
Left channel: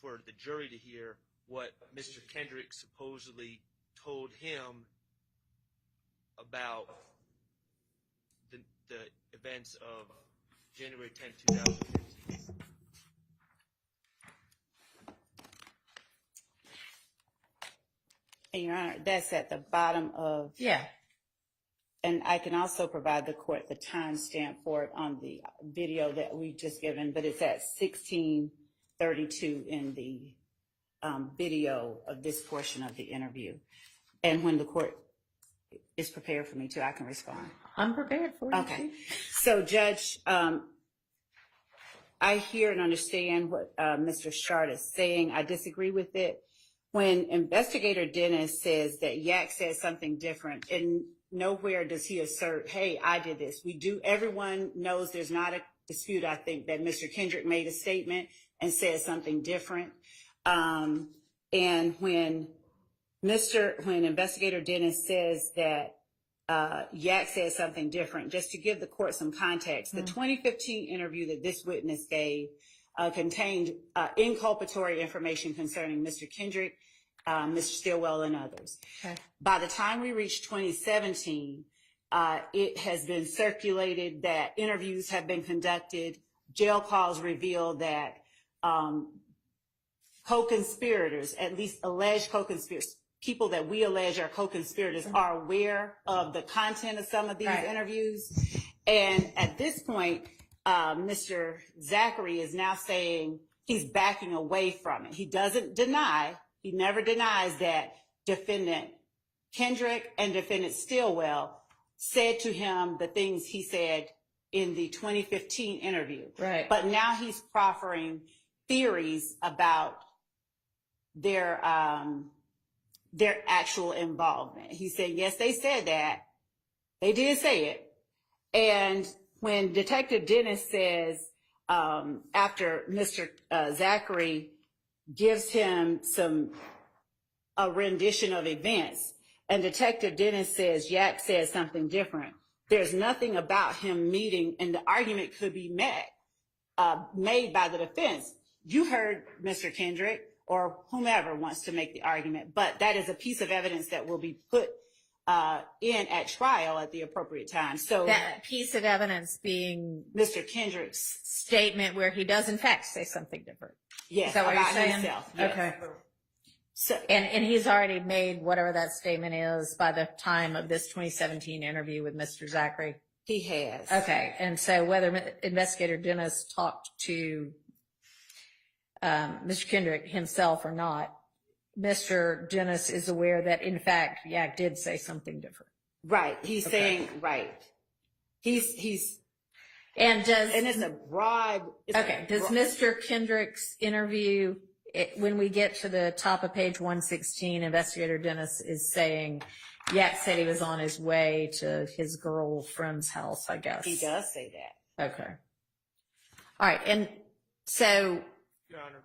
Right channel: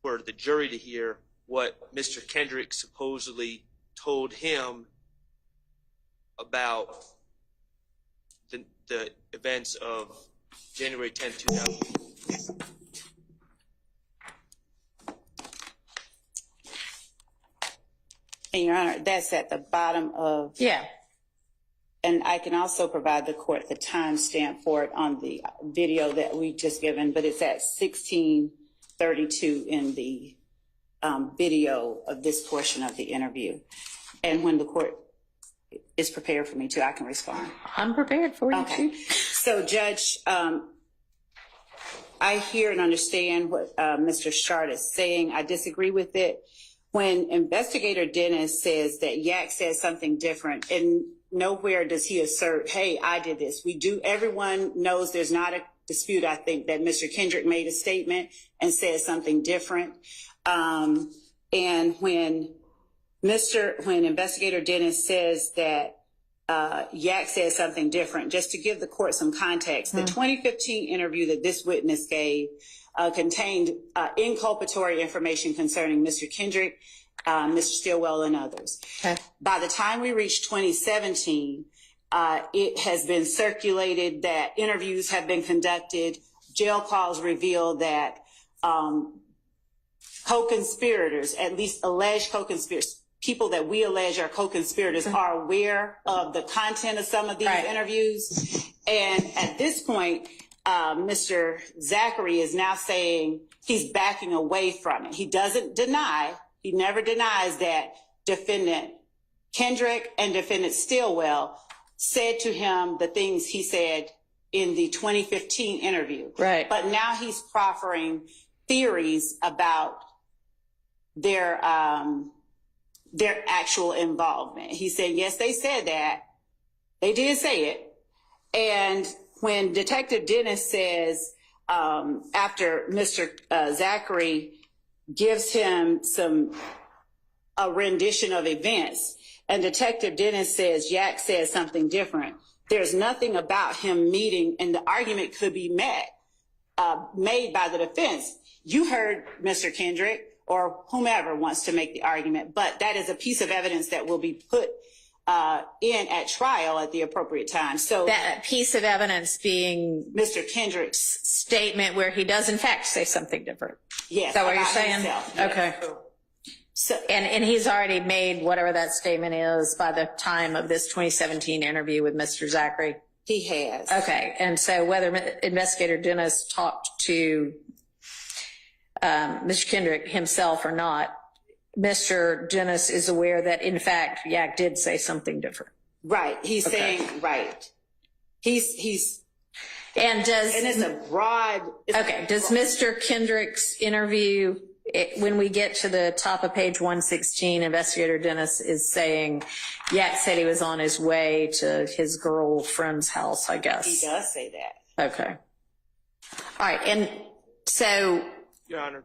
for the jury to hear what Mr. Kendrick supposedly told him about the events of January 10, 2000. And Your Honor, that's at the bottom of, Yeah. and I can also provide the court the timestamp for it on the video that we just given, but it's at 16:32 in the video of this portion of the interview. And when the court is prepared for me to, I can respond. I'm prepared for you Okay. too. So, Judge, I hear and understand what Mr. Shard is saying. I disagree with it. When Investigator Dennis says that Yak says something different, and nowhere does he assert, hey, I did this. Everyone knows there's not a dispute, I think, that Mr. Kendrick made a statement and said something different. And when Investigator Dennis says that Yak said something different, just to give the court some context, the 2015 interview that this witness gave contained inculpatory information concerning Mr. Kendrick, Mr. Stillwell, and others. Okay. By the time we reached 2017, it has been circulated that interviews have been conducted. Jail calls reveal that co-conspirators, at least alleged co-conspirators, people that we allege are co-conspirators, are aware of the content of some of these interviews. And at this point, Mr. Zachary is now saying he's backing away from it. He doesn't deny, he never denies that defendant Kendrick and defendant Stillwell said to him the things he said in the 2015 interview. Right. But now he's proffering theories about their actual involvement. He said, yes, they said that. They did say it. And when Detective Dennis says, after Mr. Zachary gives him a rendition of events, and Detective Dennis says, Yak says something different, there's nothing about him meeting, and the argument could be made by the defense. You heard Mr. Kendrick or whomever wants to make the argument, but that is a piece of evidence that will be put in at trial at the appropriate time. So That piece of evidence being Mr. Kendrick's statement where he does in fact say something different. yes, Is that what you're about saying? himself, yes. Okay. So And he's already made whatever that statement is by the time of this 2017 interview with Mr. Zachary. he has. Okay. And so whether Investigator Dennis talked to Mr. Kendrick himself or not, Mr. Dennis is aware that in fact Yak did say something different. Right. He's Okay. saying right. He's And and it's a broad. does Mr. Kendrick's interview, when we get to the top of page 116, Investigator Dennis is saying Yak said he was on his way to his girlfriend's house, I guess. He does say that. Okay. All right. And so, Your Honor,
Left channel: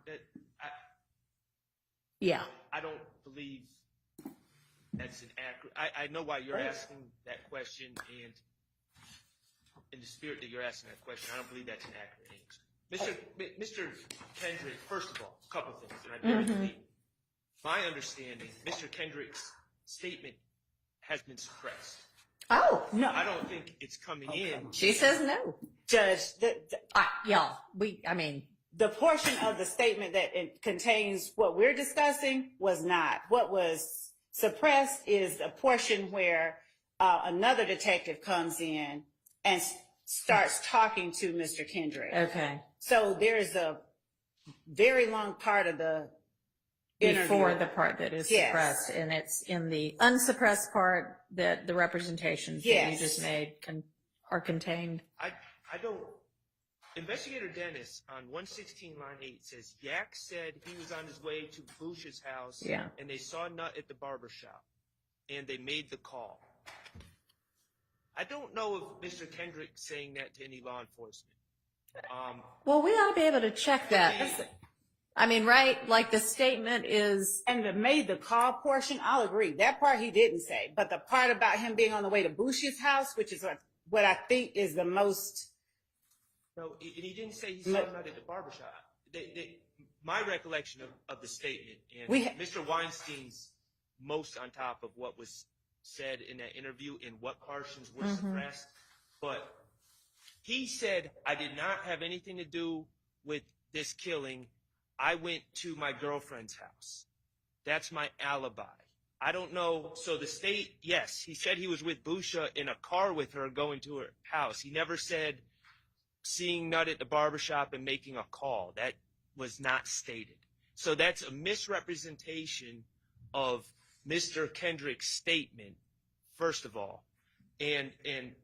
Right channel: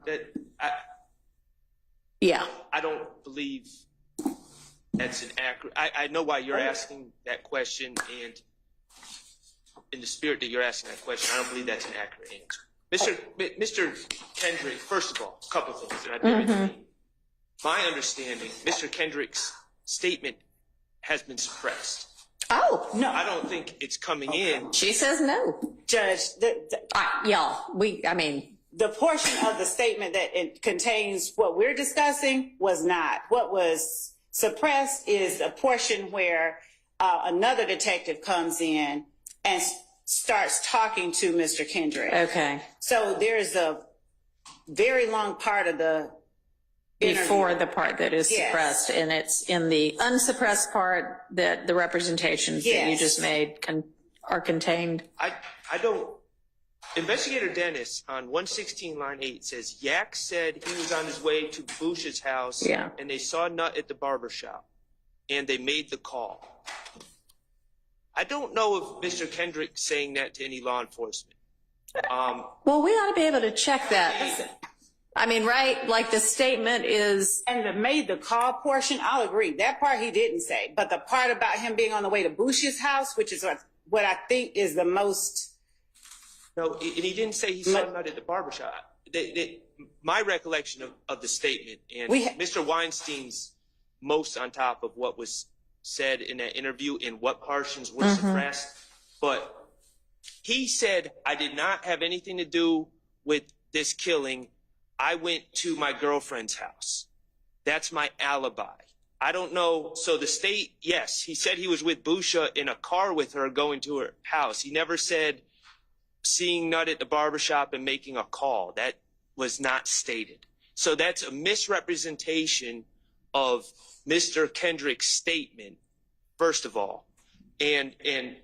yeah. I don't believe that's an accurate. I know why you're asking that question, and in the spirit that you're asking that question, I don't believe that's an accurate answer. Mr. Kendrick, first of all, a couple of things that I bear in mind. My understanding, Mr. Kendrick's statement has been suppressed. Oh, No, I don't think it's coming in. she says no. Judge, Y'all, the portion of the statement that it contains what we're discussing was not. What was suppressed is a portion where another detective comes in and starts talking to Mr. Kendrick. okay. So there's a very long part of the interview. Before the part that is Yes. suppressed, and it's in the unsuppressed part that the representations that you Yes. just made are contained. I don't. Investigator Dennis on 116 line 8 says Yak said he was on his way to Bush's house, Yeah. and they saw Nut at the barber shop, and they made the call. I don't know if Mr. Kendrick's saying that to any law enforcement. Well, we ought to be able to check that. I mean, right? Like the statement is, And the made the call portion, I'll agree. That part he didn't say. But the part about him being on the way to Bush's house, which is what I think is the most. No, and he didn't say he saw Nut at the barber shop. My recollection of the statement, and Mr. Weinstein's most on top of what was said in that interview and what portions were suppressed, but he said, I did not have anything to do with this killing. I went to my girlfriend's house. That's my alibi. I don't know. So the state, yes, he said he was with Busha in a car with her going to her house. He never said seeing Nut at the barbershop and making a call. That was not stated. So that's a misrepresentation of Mr. Kendrick's statement, first of all. And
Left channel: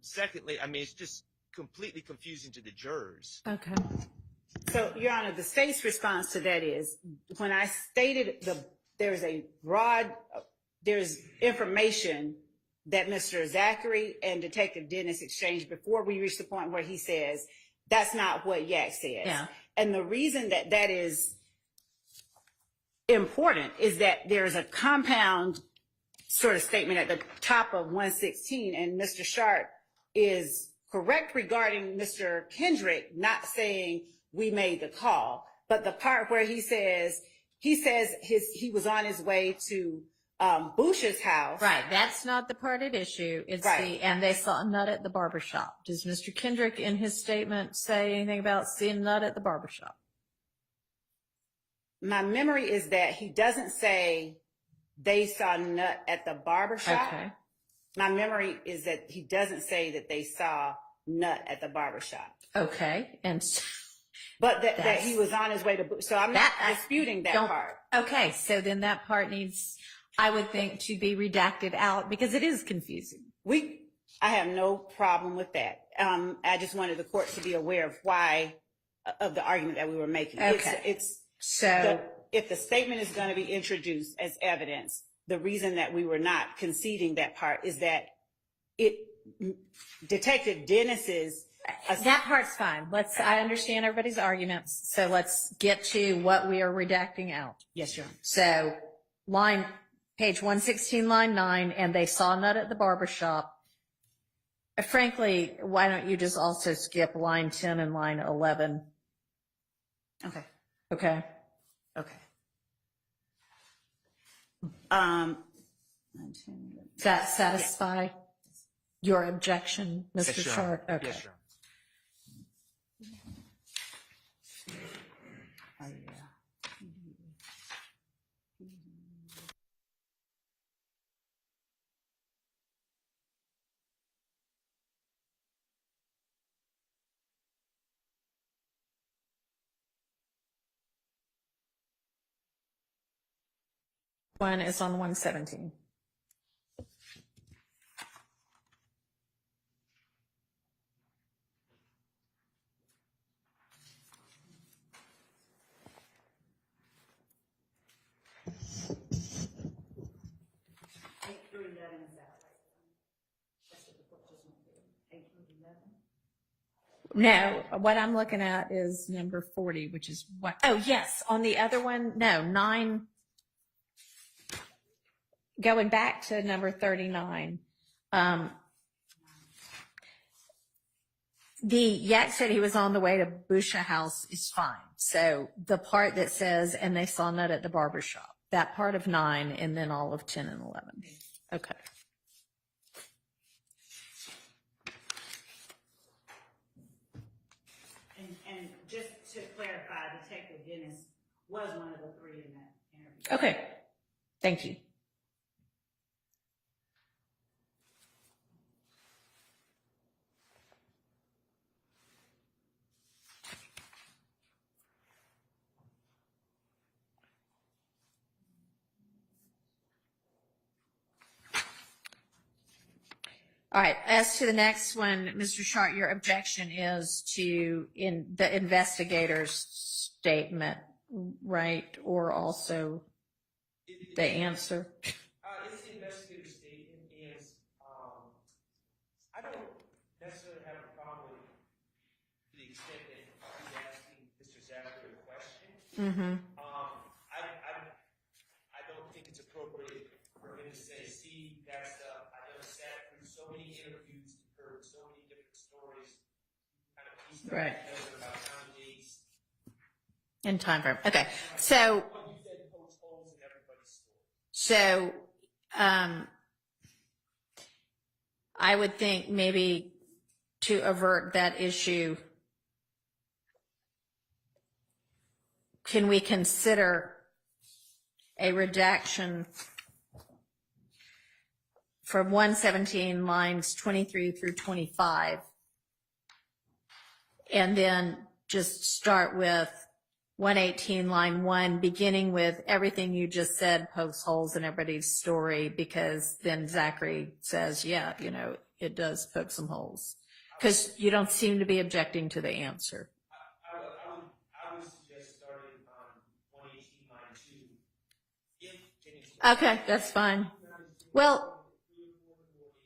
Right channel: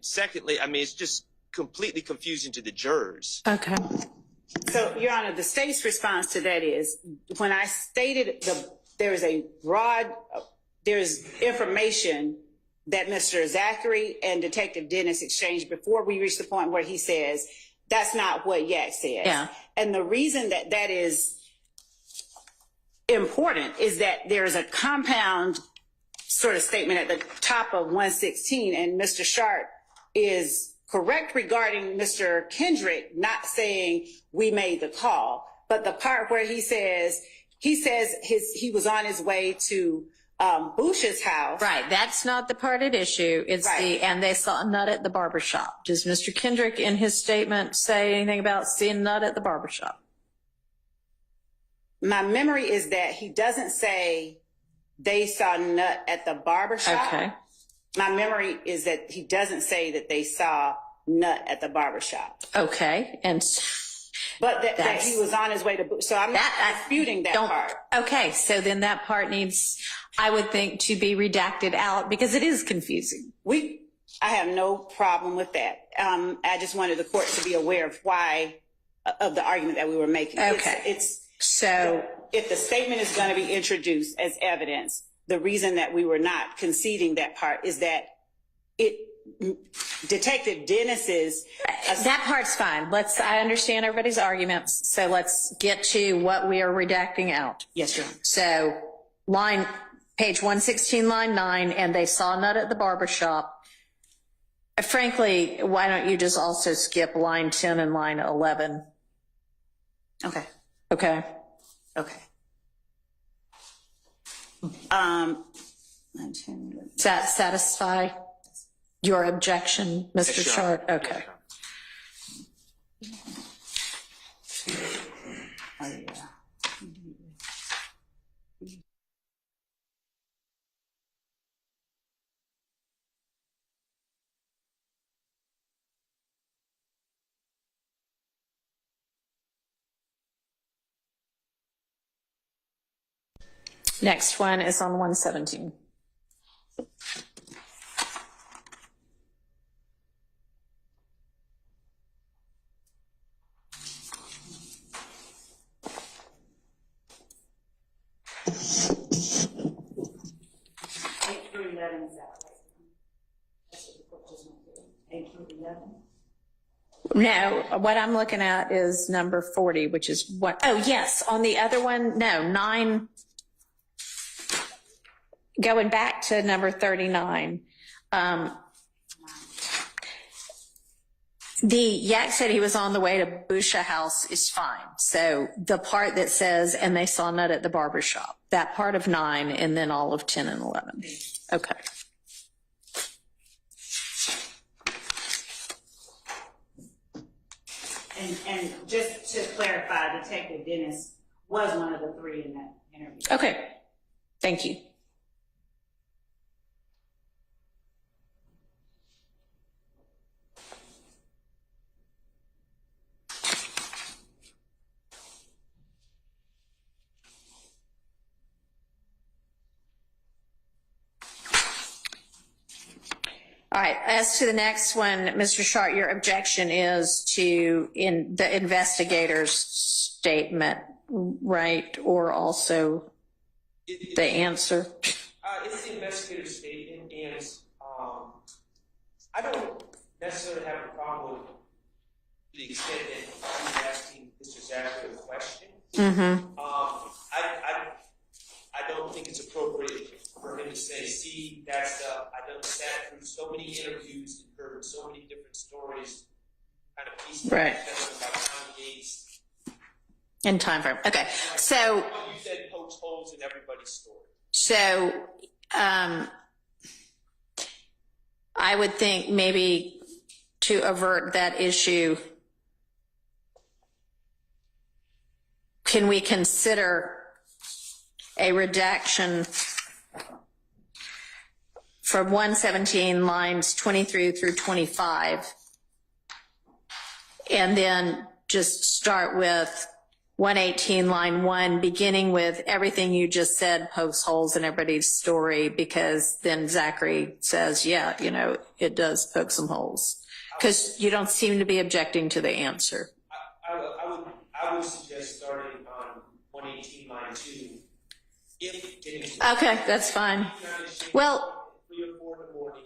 secondly, I mean, it's just completely confusing to the jurors. okay. So, Your Honor, the state's response to that is when I stated there's information that Mr. Zachary and Detective Dennis exchanged before we reached the point where he says, that's not what Yak says. Yeah. And the reason that is important is that there's a compound sort of statement at the top of 116, and Mr. Sharp is correct regarding Mr. Kendrick not saying we made the call, but the part where he says he was on his way to Bush's house. Right. That's not the part at issue. It's Right. and they saw Nut at the barbershop. Does Mr. Kendrick in his statement say anything about seeing Nut at the barbershop? My memory is that he doesn't say they saw Nut at the barbershop. Okay. My memory is that he doesn't say that they saw Nut at the barbershop. Okay. And But that he was on his way to, so I'm not disputing that part. Okay, so then that part needs, I would think, to be redacted out because it is confusing. I have no problem with that. I just wanted the court to be aware of of the argument that we were making. Okay. So if the statement is going to be introduced as evidence, the reason that we were not conceding that part is that Detective Dennis's that part's fine. I understand everybody's arguments. So let's get to what we are redacting out. Yes, Your Honor. So page 116, line 9, and they saw nut at the barbershop. Frankly, why don't you just also skip line 10 and line 11? Okay. Okay. Okay. Does that satisfy your objection, Mr. Yes, Your Short? Honor. Okay. Yes, Your Honor. Oh, yeah. Next one is on 117. No, what I'm looking at is number 40, which is what, oh, yes, on the other one, no, 9, going back to number 39. The Yak said he was on the way to Busha House is fine. So the part that says, and they saw nut at the barbershop, that part of 9, and then all of 10 and 11. Okay. And just to clarify, Detective Dennis was one of the 3 in that interview. Okay. Thank you. All right, as to the next one, Mr. Short, your objection is to the investigator's statement, right? Or also the answer? It's the investigator's statement, and I don't necessarily have a problem to the extent that he's asking Mr. Zachary a question. Mm-hmm. I don't think it's appropriate for him to say, see, that's I've sat through so many interviews and heard so many different stories, kind of pieces Right. about Tom Gates. In time frame. Okay. So You said pokes holes in everybody's story. So I would think maybe to avert that issue, can we consider a redaction from 117 lines 23 through 25, and then just start with 118 line 1, beginning with everything you just said pokes holes in everybody's story, because then Zachary says, yeah, you know, it does poke some holes, because you don't seem to be objecting to the answer. I would suggest starting on 118 line 2. Okay, that's fine. Well, 3 or 4 in the morning.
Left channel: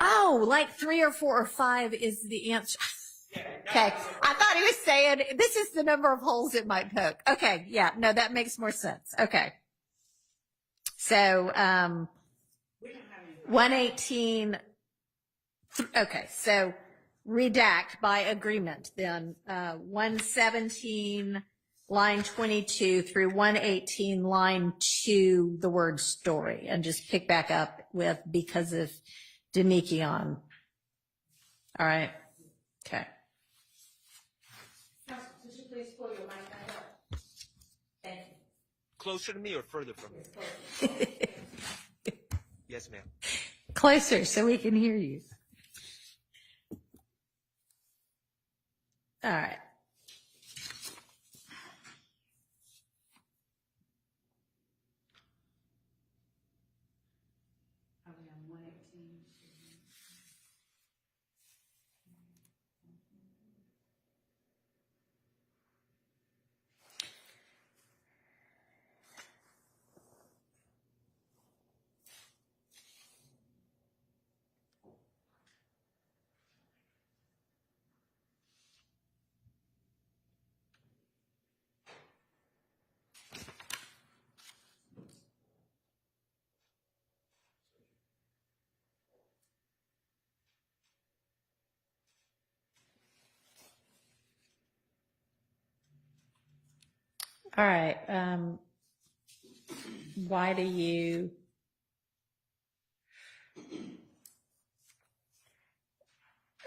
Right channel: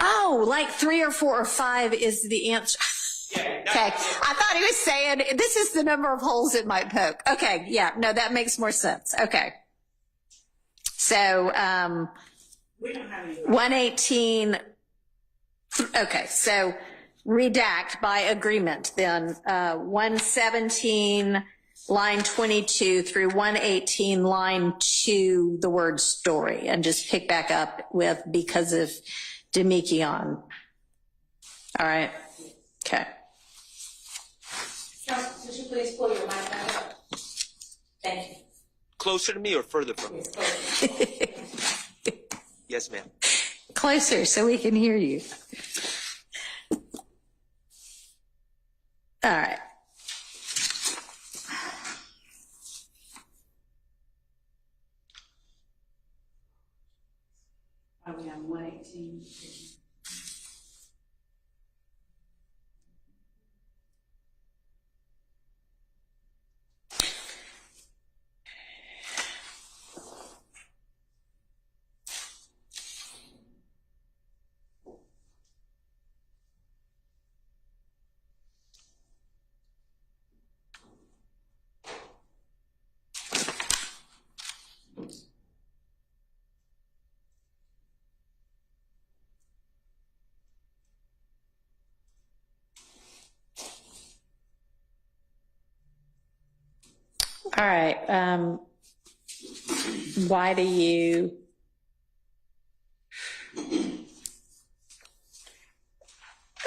oh, like 3 or 4 or 5 is the answer. Okay, I thought he was saying this is the number of holes it might poke. Okay, yeah, no, that makes more sense. Okay. So, We don't have any. 118, okay, so redact by agreement then, 117 line 22 through 118 line 2, the word story, and just pick back up with because of Demikion. All right, okay. Could you please pull your mic back up? Thank you. Closer to me or further from me? Yes, ma'am. Closer so we can hear you. All right. All right. Why do you?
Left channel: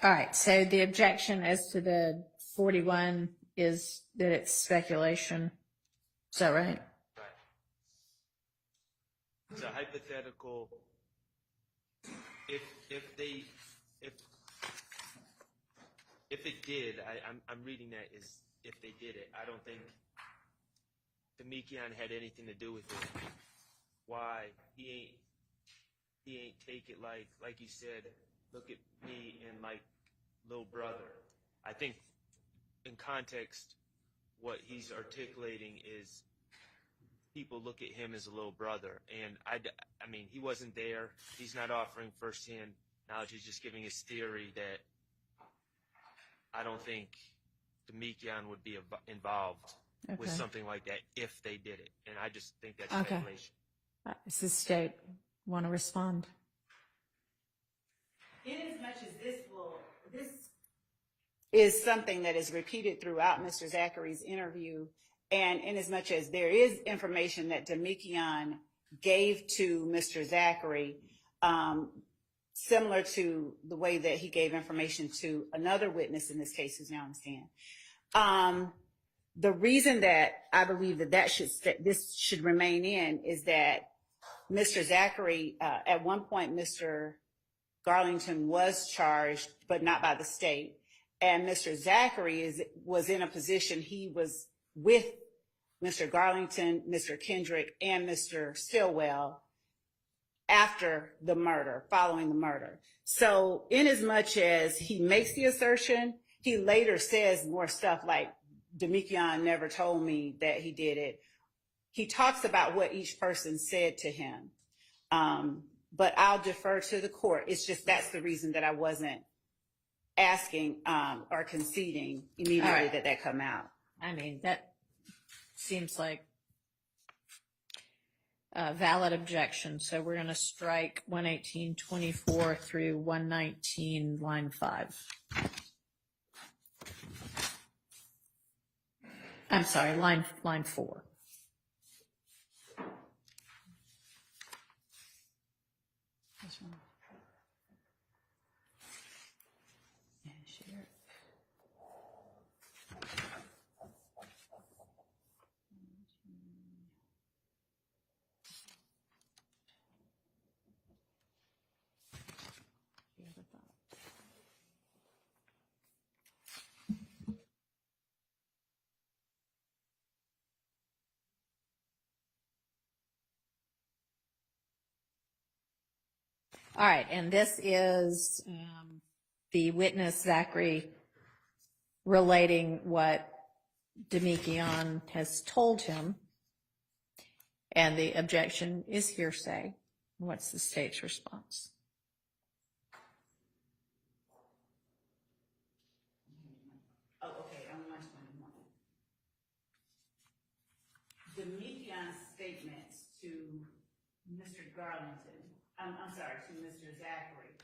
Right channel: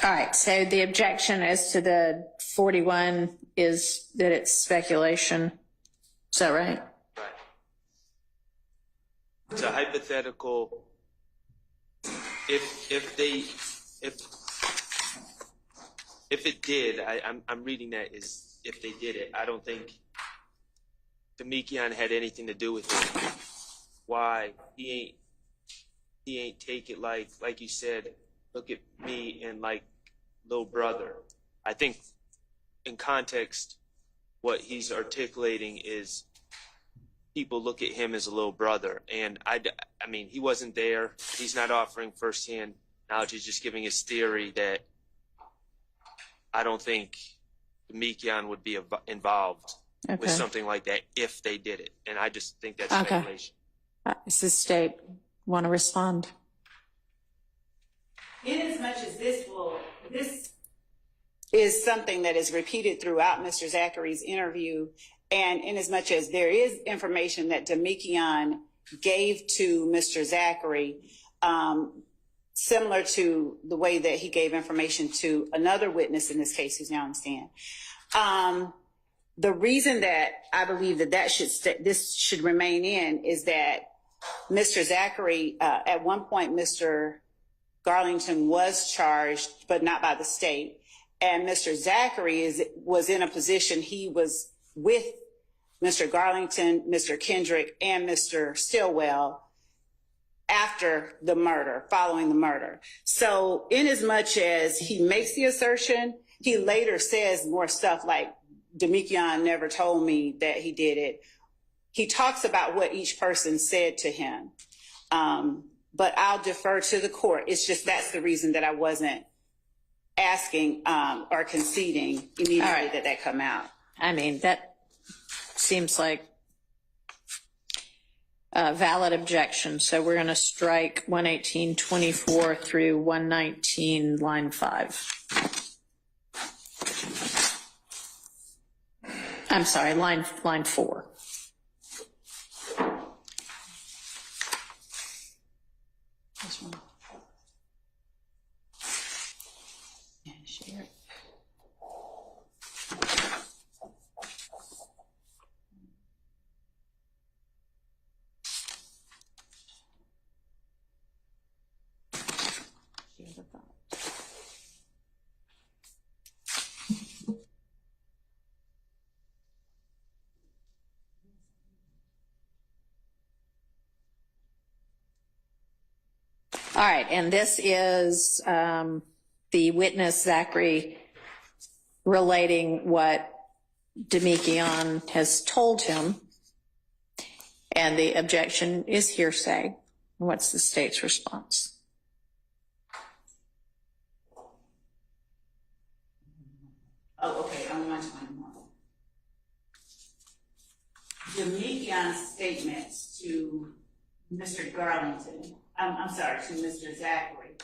All right. So the objection as to the 41 is that it's speculation. Is that right? Right. It's a hypothetical. If it did, I'm reading that as if they did it. I don't think Demekian had anything to do with it. Why he ain't take it like you said. Look at me and like little brother. I think in context, what he's articulating is people look at him as a little brother, and I mean he wasn't there. He's not offering firsthand knowledge. He's just giving his theory that I don't think Demekian would be involved with something like that if they did it, and I just think that's speculation. Does the state want to respond? Inasmuch as this is something that is repeated throughout Mr. Zachary's interview, and inasmuch as there is information that Demekian gave to Mr. Zachary, similar to the way that he gave information to another witness in this case who's now on the stand. The reason that I believe that this should remain in is that Mr. Zachary, at one point, Mr. Garlington was charged, but not by the state. And Mr. Zachary was in a position, he was with Mr. Garlington, Mr. Kendrick, and Mr. Stillwell after the murder, following the murder. So inasmuch as he makes the assertion, he later says more stuff like, Demekian never told me that he did it. He talks about what each person said to him. But I'll defer to the court. It's just that's the reason that I wasn't asking or conceding immediately that come out. I mean, that seems like a valid objection. So we're going to strike 118.24 through 119, line 5. I'm sorry, line 4. This one. Yeah, share it. Share the thought. All right, and this is the witness, Zachary, relating what Demekian has told him, and the objection is hearsay. What's the state's response? Oh, okay, I'm on 21. Demekian's statements to Mr. Garlington, I'm sorry, to Mr. Zachary.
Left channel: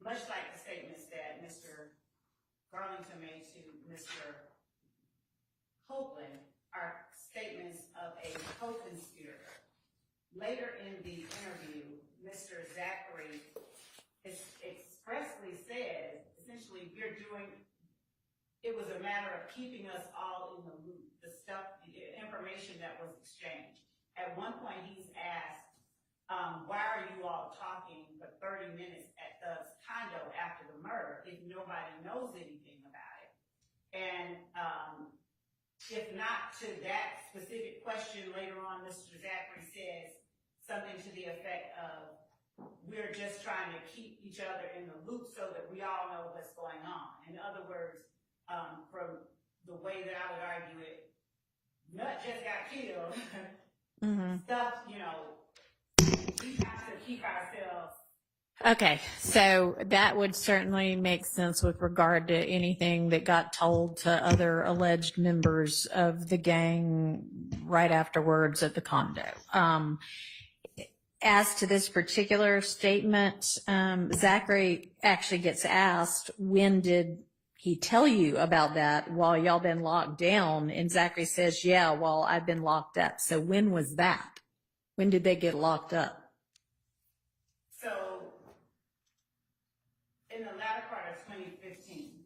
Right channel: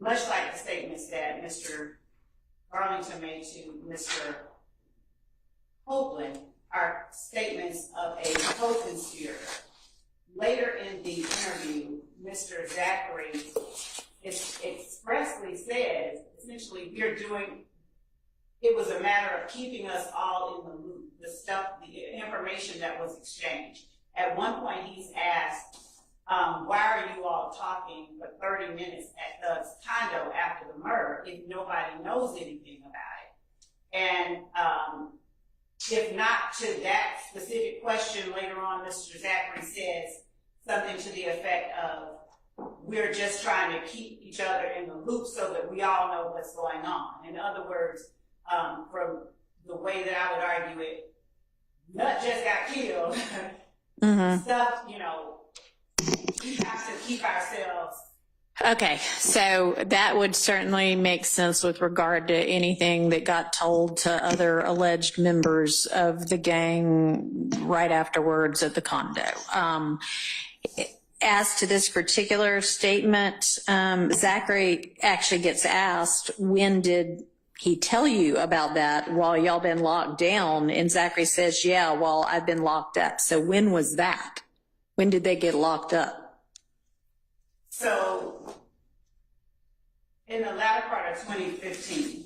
Much like the statements that Mr. Garlington made to Mr. Copeland are statements of a co-conspirator. Later in the interview, Mr. Zachary expressly says, essentially, it was a matter of keeping us all in the loop, the information that was exchanged. At one point, he's asked, why are you all talking for 30 minutes at the condo after the murder if nobody knows anything about it? And if not to that specific question, later on, Mr. Zachary says something to the effect of, we're just trying to keep each other in the loop so that we all know what's going on. In other words, from the way that I would argue it, Nut just got killed. Stuff, we have to keep ourselves. Okay, so that would certainly make sense with regard to anything that got told to other alleged members of the gang right afterwards at the condo. as to this particular statement, Zachary actually gets asked, when did he tell you about that while y'all been locked down? And Zachary says, yeah, while I've been locked up. So when was that? When did they get locked up? So in the latter part of 2015.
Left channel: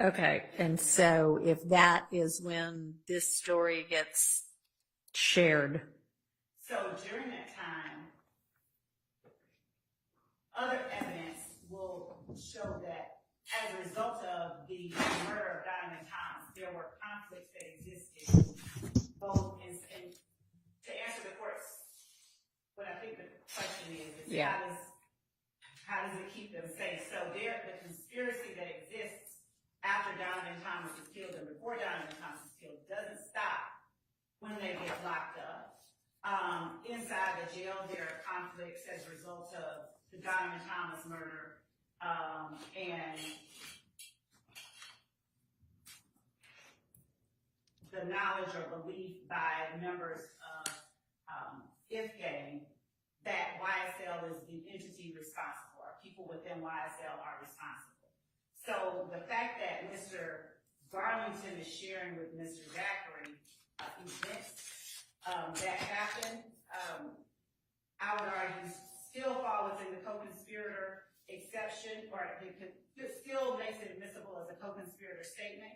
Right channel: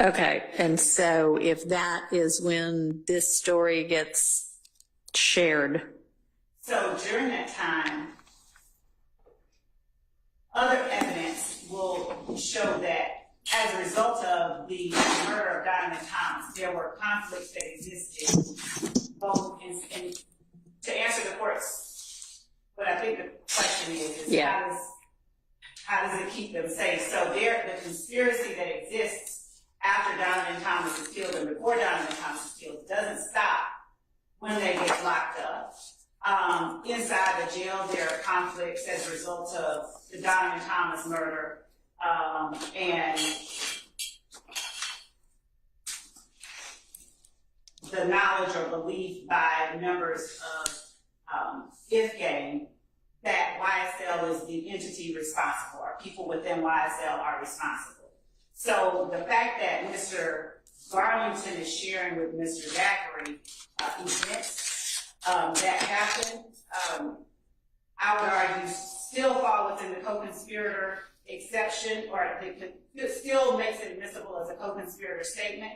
Okay, and so if that is when this story gets shared. So during that time, other evidence will show that as a result of the murder of Donovan Thomas, there were conflicts that existed both in to answer the court's, what I think the question is Yeah. how does it keep them safe? So the conspiracy that exists after Donovan Thomas is killed and before Donovan Thomas is killed doesn't stop when they get locked up. Inside the jail, there are conflicts as a result of the Donovan Thomas murder, and the knowledge or belief by members of If Gang that YSL is the entity responsible, or people within YSL are responsible. So the fact that Mr. Garlington is sharing with Mr. Zachary events that happened, I would argue still fall within the co-conspirator exception, or it still makes it admissible as a co-conspirator statement,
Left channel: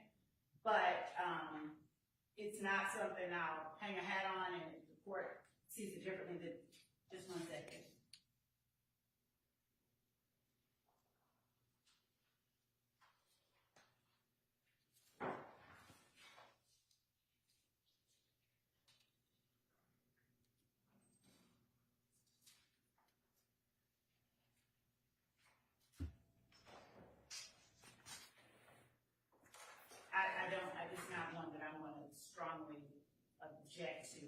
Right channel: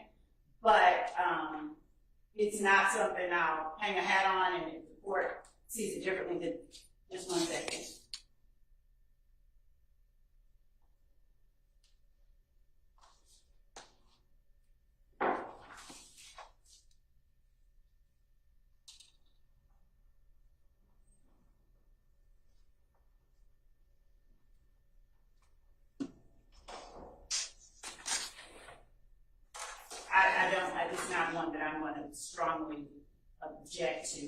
but it's not something I'll hang a hat on, and if the court sees it differently, then just 1 second. It's not one that I'm going to strongly object to.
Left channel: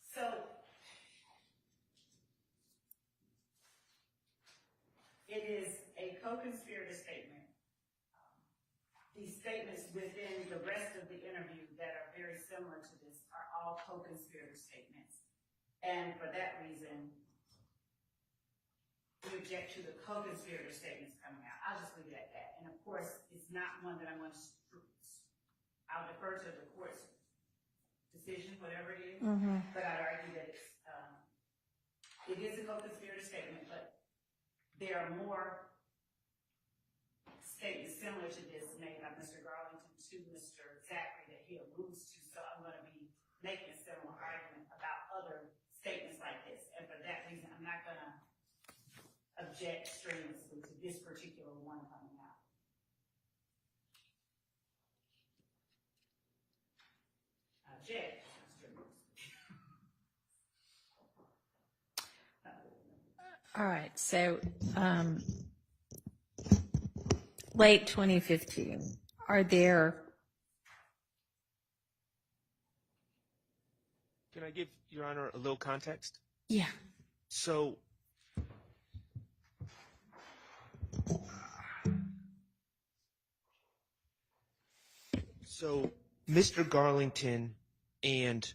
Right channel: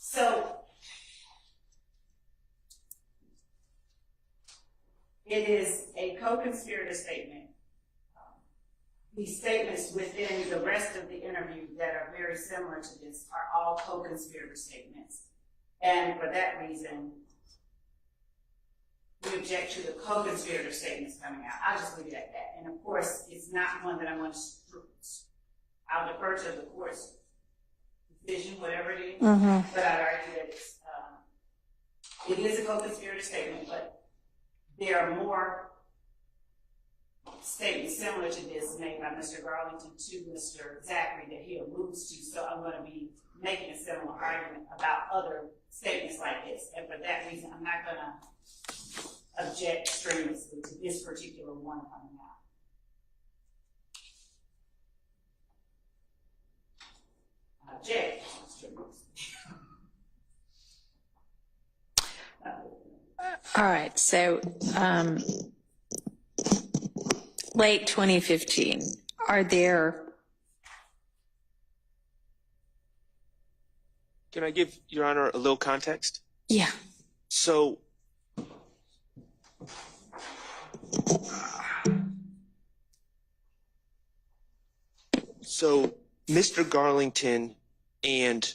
So it is a co-conspirator statement. These statements within the rest of the interview that are very similar to this are all co-conspirator statements. And for that reason, we object to the co-conspirator statements coming out. I'll just leave it at that. And of course, it's not one that I'm going to, I'll defer to the court's decision, whatever it is. But I'd argue that it is a co-conspirator statement, but there are more statements similar to this made by Mr. Garlington to Mr. Zachary that he alludes to. So I'm going to be making a similar argument about other statements like this. And for that reason, I'm not going to object strenuously to this particular one coming out. Object strenuously. All right, so late 2015, are there... Can I give Your Honor a little context? Yeah. So Mr. Garlington and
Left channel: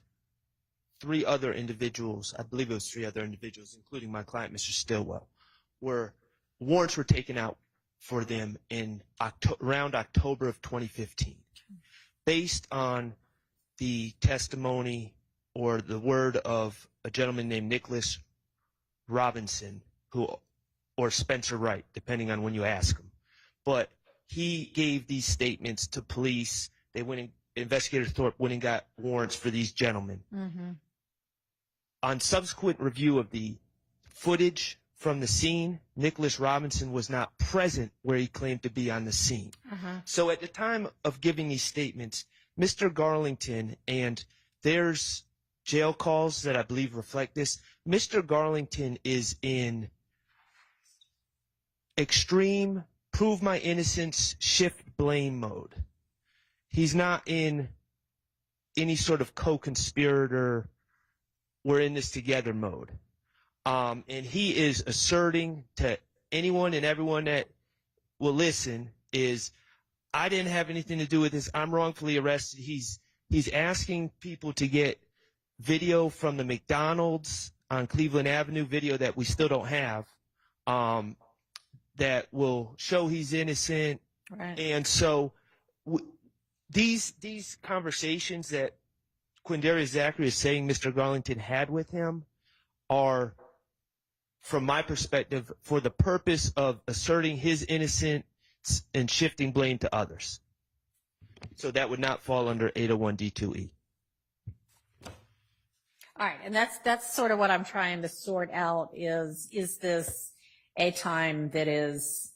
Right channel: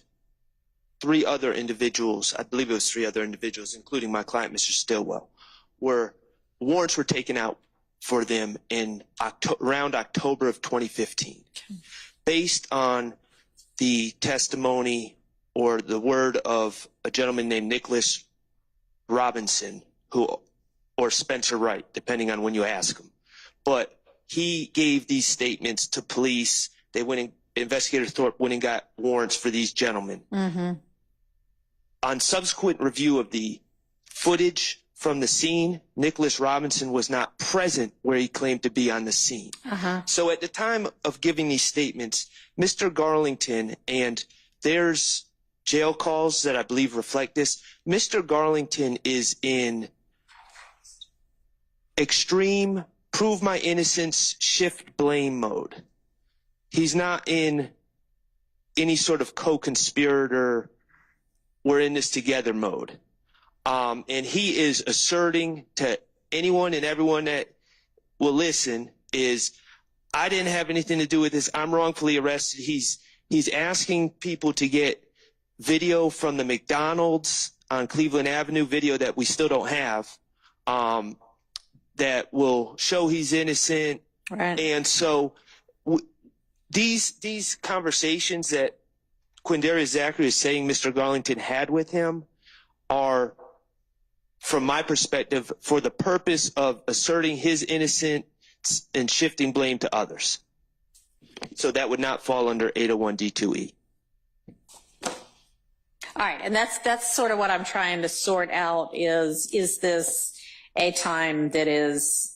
3 other individuals, I believe it was 3 other individuals, including my client, Mr. Stillwell, warrants were taken out for them in around October of 2015. Based on the testimony or the word of a gentleman named Nicholas Robinson, or Spencer Wright, depending on when you ask him. But he gave these statements to police. They went and Investigator Thorpe went and got warrants for these gentlemen. On subsequent review of the footage from the scene, Nicholas Robinson was not present where he claimed to be on the scene. So at the time of giving these statements, Mr. Garlington, and there's jail calls that I believe reflect this, Mr. Garlington is in extreme prove my innocence, shift blame mode. He's not in any sort of co-conspirator, we're in this together mode. And he is asserting to anyone and everyone that will listen is, I didn't have anything to do with this. I'm wrongfully arrested. He's asking people to get video from the McDonald's on Cleveland Avenue, video that we still don't have, that will show he's innocent. Right. And so these conversations that Quindarius Zachary is saying Mr. Garlington had with him are, from my perspective, for the purpose of asserting his innocence and shifting blame to others. So that would not fall under 801D2E. All right, and that's sort of what I'm trying to sort out is this a time that is,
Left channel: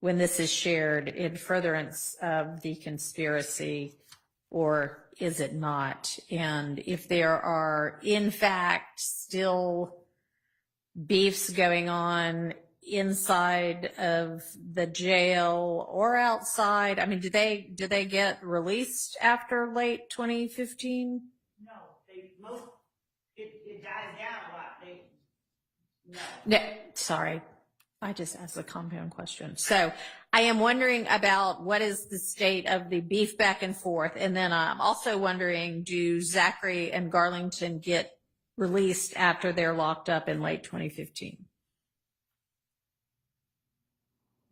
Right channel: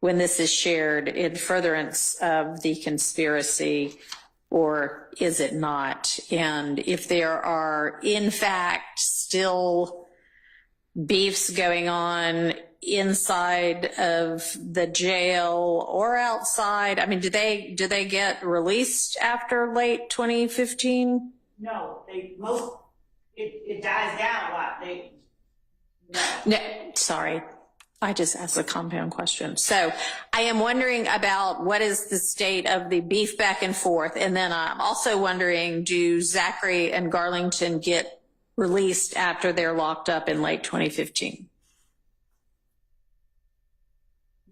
when this is shared in furtherance of the conspiracy, or is it not? And if there are, in fact, still beefs going on inside of the jail or outside, I mean, do they get released after late 2015? No, it dies down a lot. No, sorry. I just asked a compound question. So I am wondering about what is the state of the beef back and forth. And then I'm also wondering, do Zachary and Garlington get released after they're locked up in late 2015?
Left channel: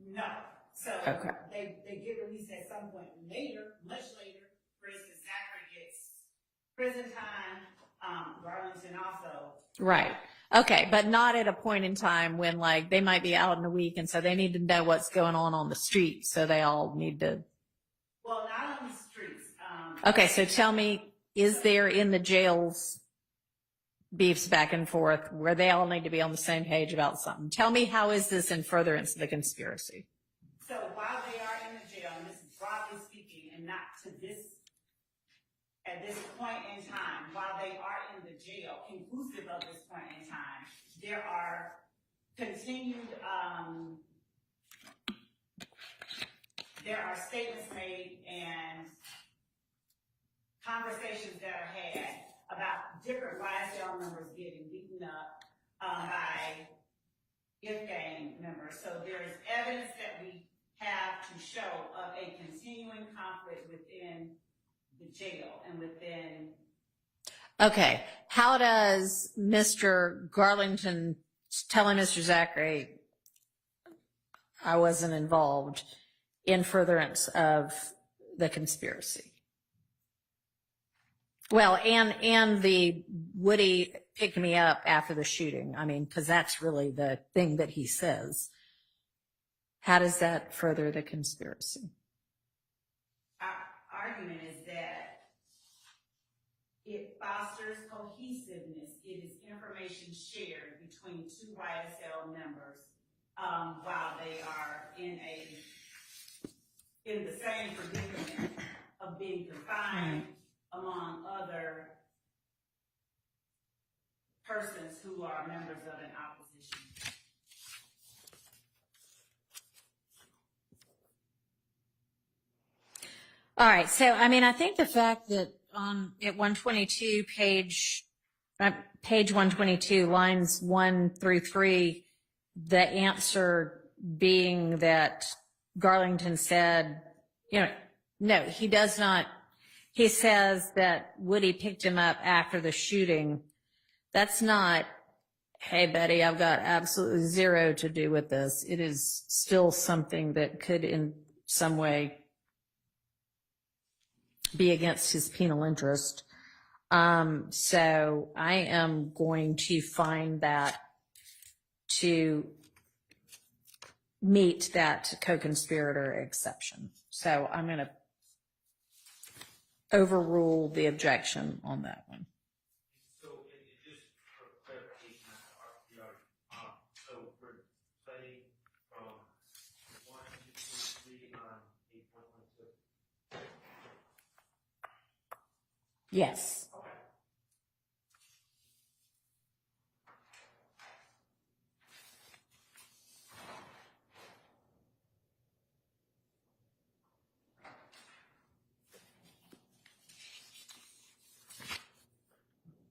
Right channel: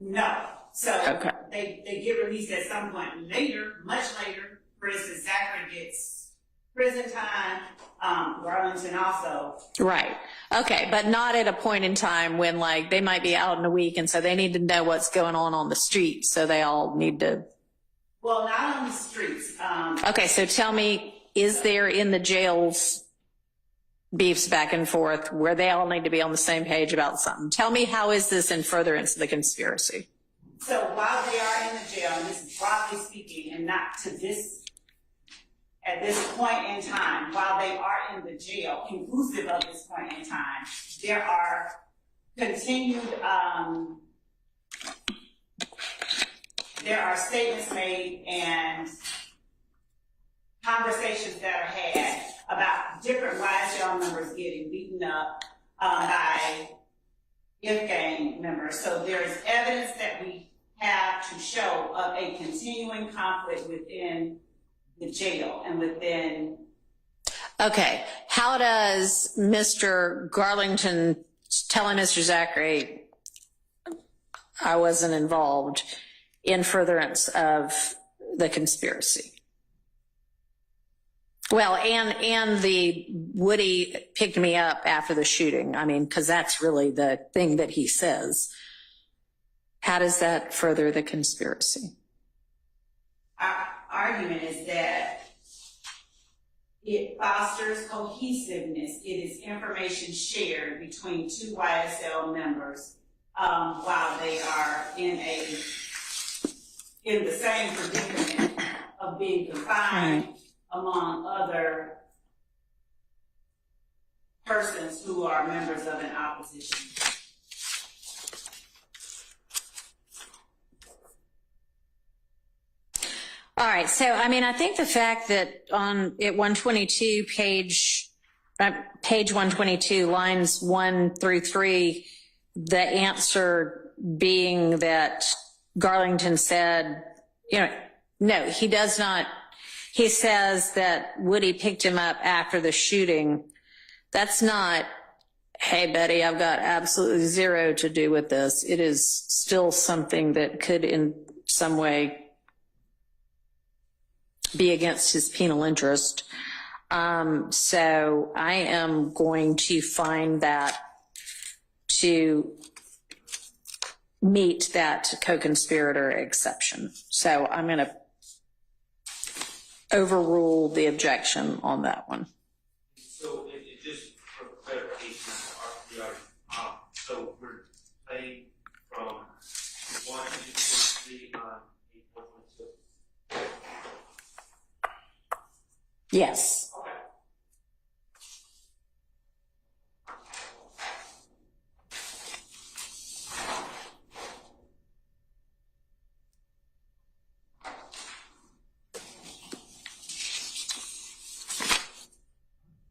No. So Okay. they get released at some point later, much later. For instance, Zachary gets prison time, Garlington also. Right. Okay. But not at a point in time when, like, they might be out in a week and so they need to know what's going on the street. So they all need to. Well, not on the streets. Okay. So tell me, is there in the jails beefs back and forth where they all need to be on the same page about something? Tell me, how is this in furtherance of the conspiracy? So while they are in the jail, and this is broadly speaking and not to this, at this point in time, while they are in the jail, inclusive of this point in time, there are continued, there are statements made and conversations that are had about different YSL members getting beaten up by IF gang members. So there is evidence that we have to show of a continuing conflict within the jail and within. Okay. How does Mr. Garlington telling Mr. Zachary, I wasn't involved, in furtherance of the conspiracy? Well, and the Woody picked me up after the shooting. I mean, because that's really the thing that he says. How does that further the conspiracy? Our argument is that it fosters cohesiveness. It is information shared between two YSL members while they are in the same predicament of being confined among other persons who are members of an opposition. All right. So, I mean, I think the fact that at 122, page 122, lines 1 through 3, the answer being that Garlington said, no, he does not. He says that Woody picked him up after the shooting. That's not, hey, Betty, I've got absolutely zero to do with this. It is still something that could in some way be against his penal interest. So I am going to find that to meet that co-conspirator exception. So I'm going to overrule the objection on that one. So it just for clarification, so we're playing from 1 to 3 on 8.2. Yes. Okay.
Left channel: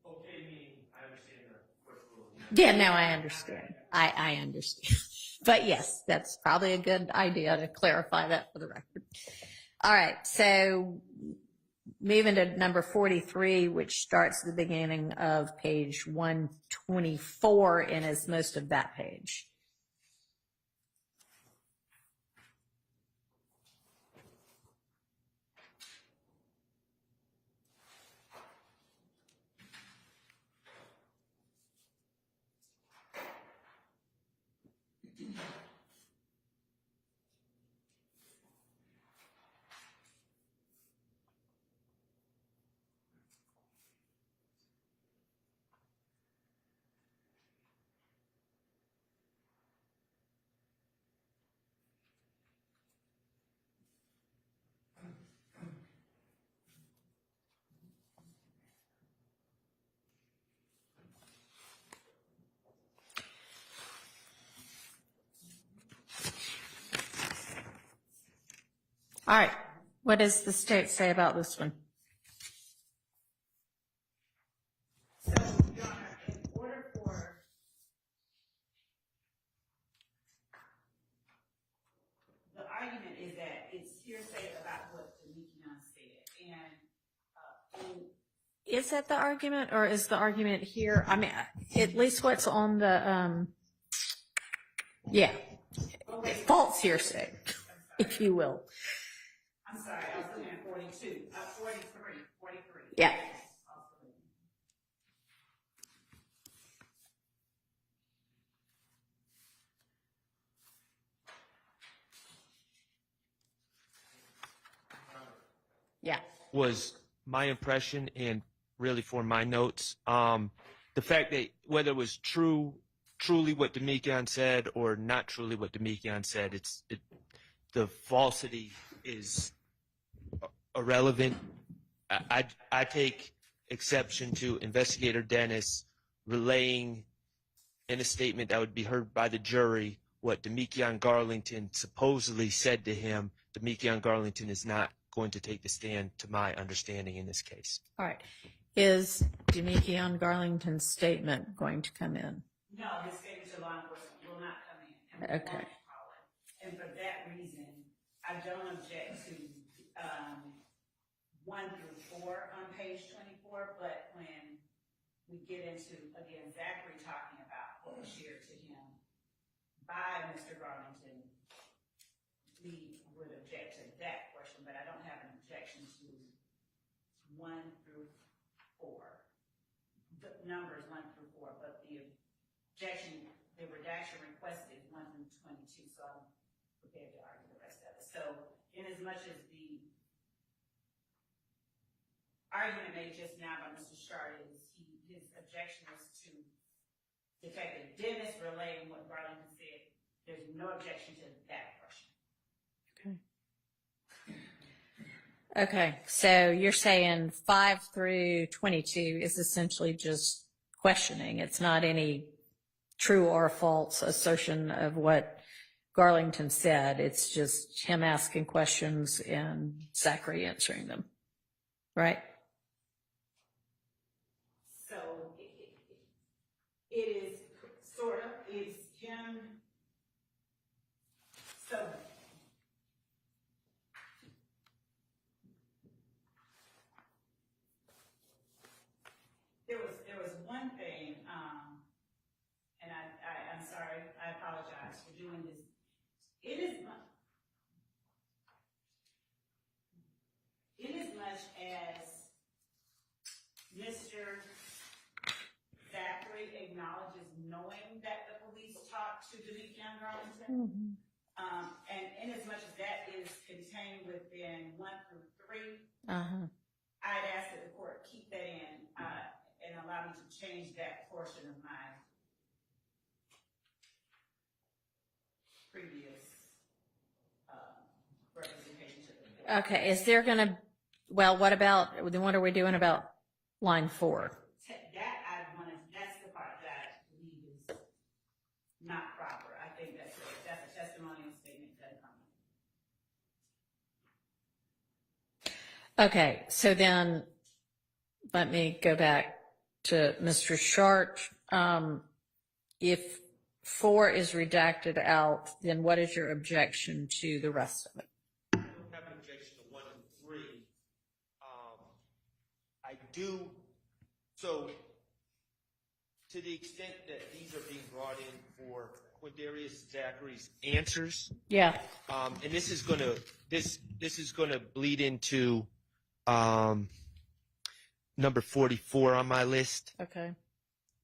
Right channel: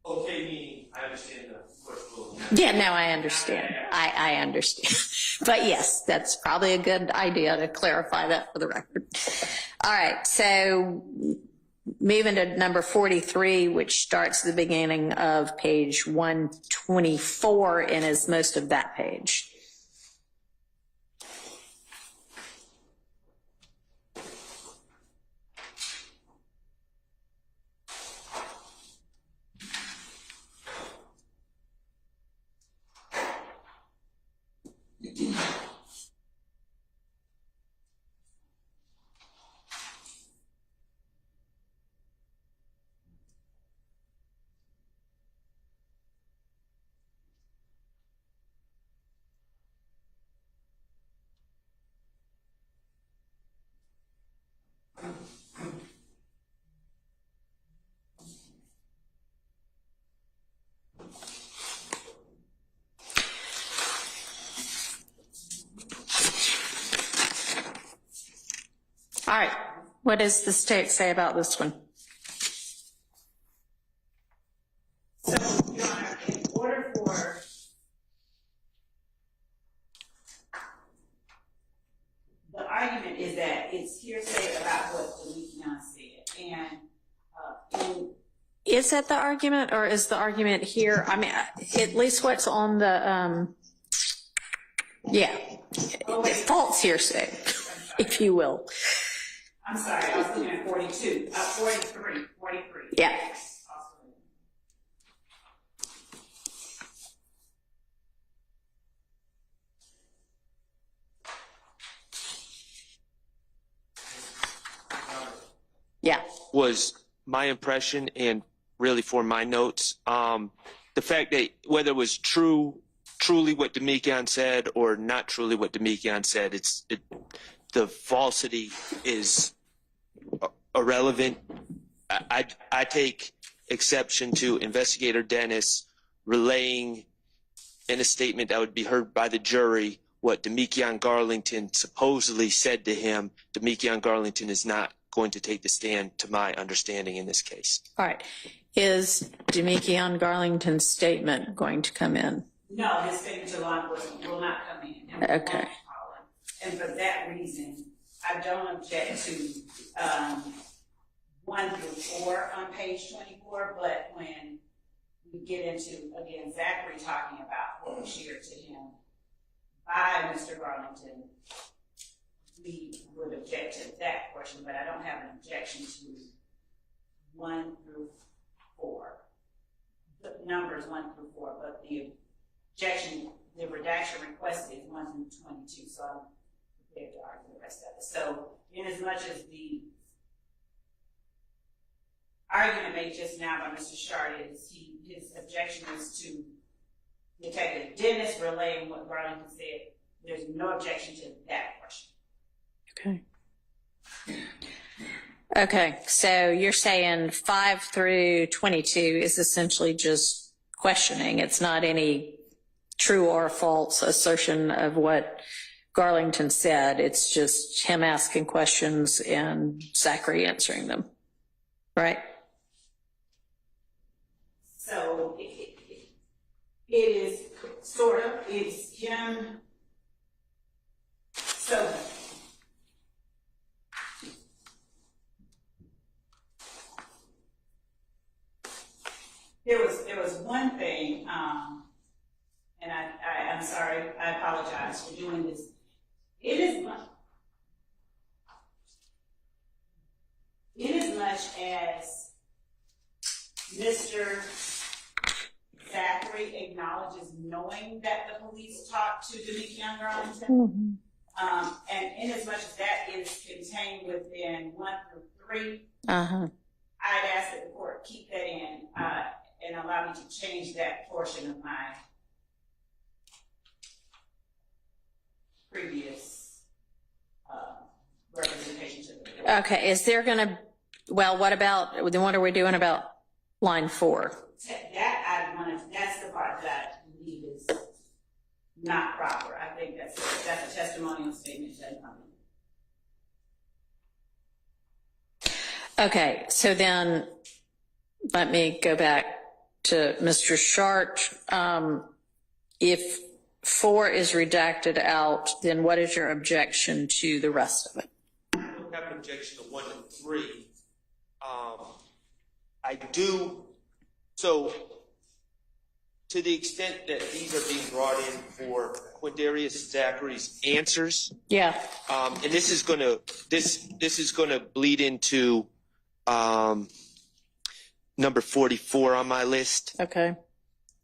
Okay, meaning I understand the court rule. Yeah, no, I understand. I understand. But yes, that's probably a good idea to clarify that for the record. All right, so moving to number 43, which starts at the beginning of page 124 and is most of that page. All right, what does the state say about this one? So, Your Honor, in order for the argument is that it's hearsay about what Demekion said, and Is that the argument, or is the argument here? I mean, at least what's on the, yeah, false hearsay, if you will. I'm sorry, I was looking at 42, 43. Yeah. Yeah. Was my impression, and really for my notes, the fact that whether it was truly what Demekion said or not truly what Demekion said, the falsity is irrelevant. I take exception to Investigator Dennis relaying in a statement that would be heard by the jury what Demekion Garlington supposedly said to him. Demekion Garlington is not going to take the stand, to my understanding, in this case. All right. Is Demekion Garlington's statement going to come in? No, his statement to law enforcement will not come in. And we Okay. won't call him. And for that reason, I don't object to 1 through 4 on page 24, but when we get into, again, Zachary talking about what was shared to him by Mr. Garlington, we would object to that portion, but I don't have an objection to 1 through 4. The numbers 1 through 4, but the objection, the redaction requested is 1 through 22, so I'm prepared to argue the rest of it. So, in as much as the argument made just now by Mr. Shard is his objection is to Detective Dennis relaying what Garlington said, there's no objection to that portion. Okay. Okay, so you're saying 5 through 22 is essentially just questioning. It's not any true or false assertion of what Garlington said. It's just him asking questions and Zachary answering them, right? So it is sort of, it's him. So there was one thing, and I'm sorry, I apologize for doing this. It is much as Mr. Zachary acknowledges knowing that the police talked to Demekion Garlington, and in as much as that is contained within 1 through 3, I'd ask that the court keep that in and allow me to change that portion of my previous representation to the court. Okay, is there going to, well, what about, then what are we doing about line 4? That's the part that I believe is not proper. I think that's a testimonial statement that Okay, so then let me go back to Mr. Shart. If 4 is redacted out, then what is your objection to the rest of it? I don't have an objection to 1 and 3. I do, so to the extent that these are being brought in for Quindarius Zachary's answers, Yeah. and this is gonna bleed into number 44 on my list. Okay.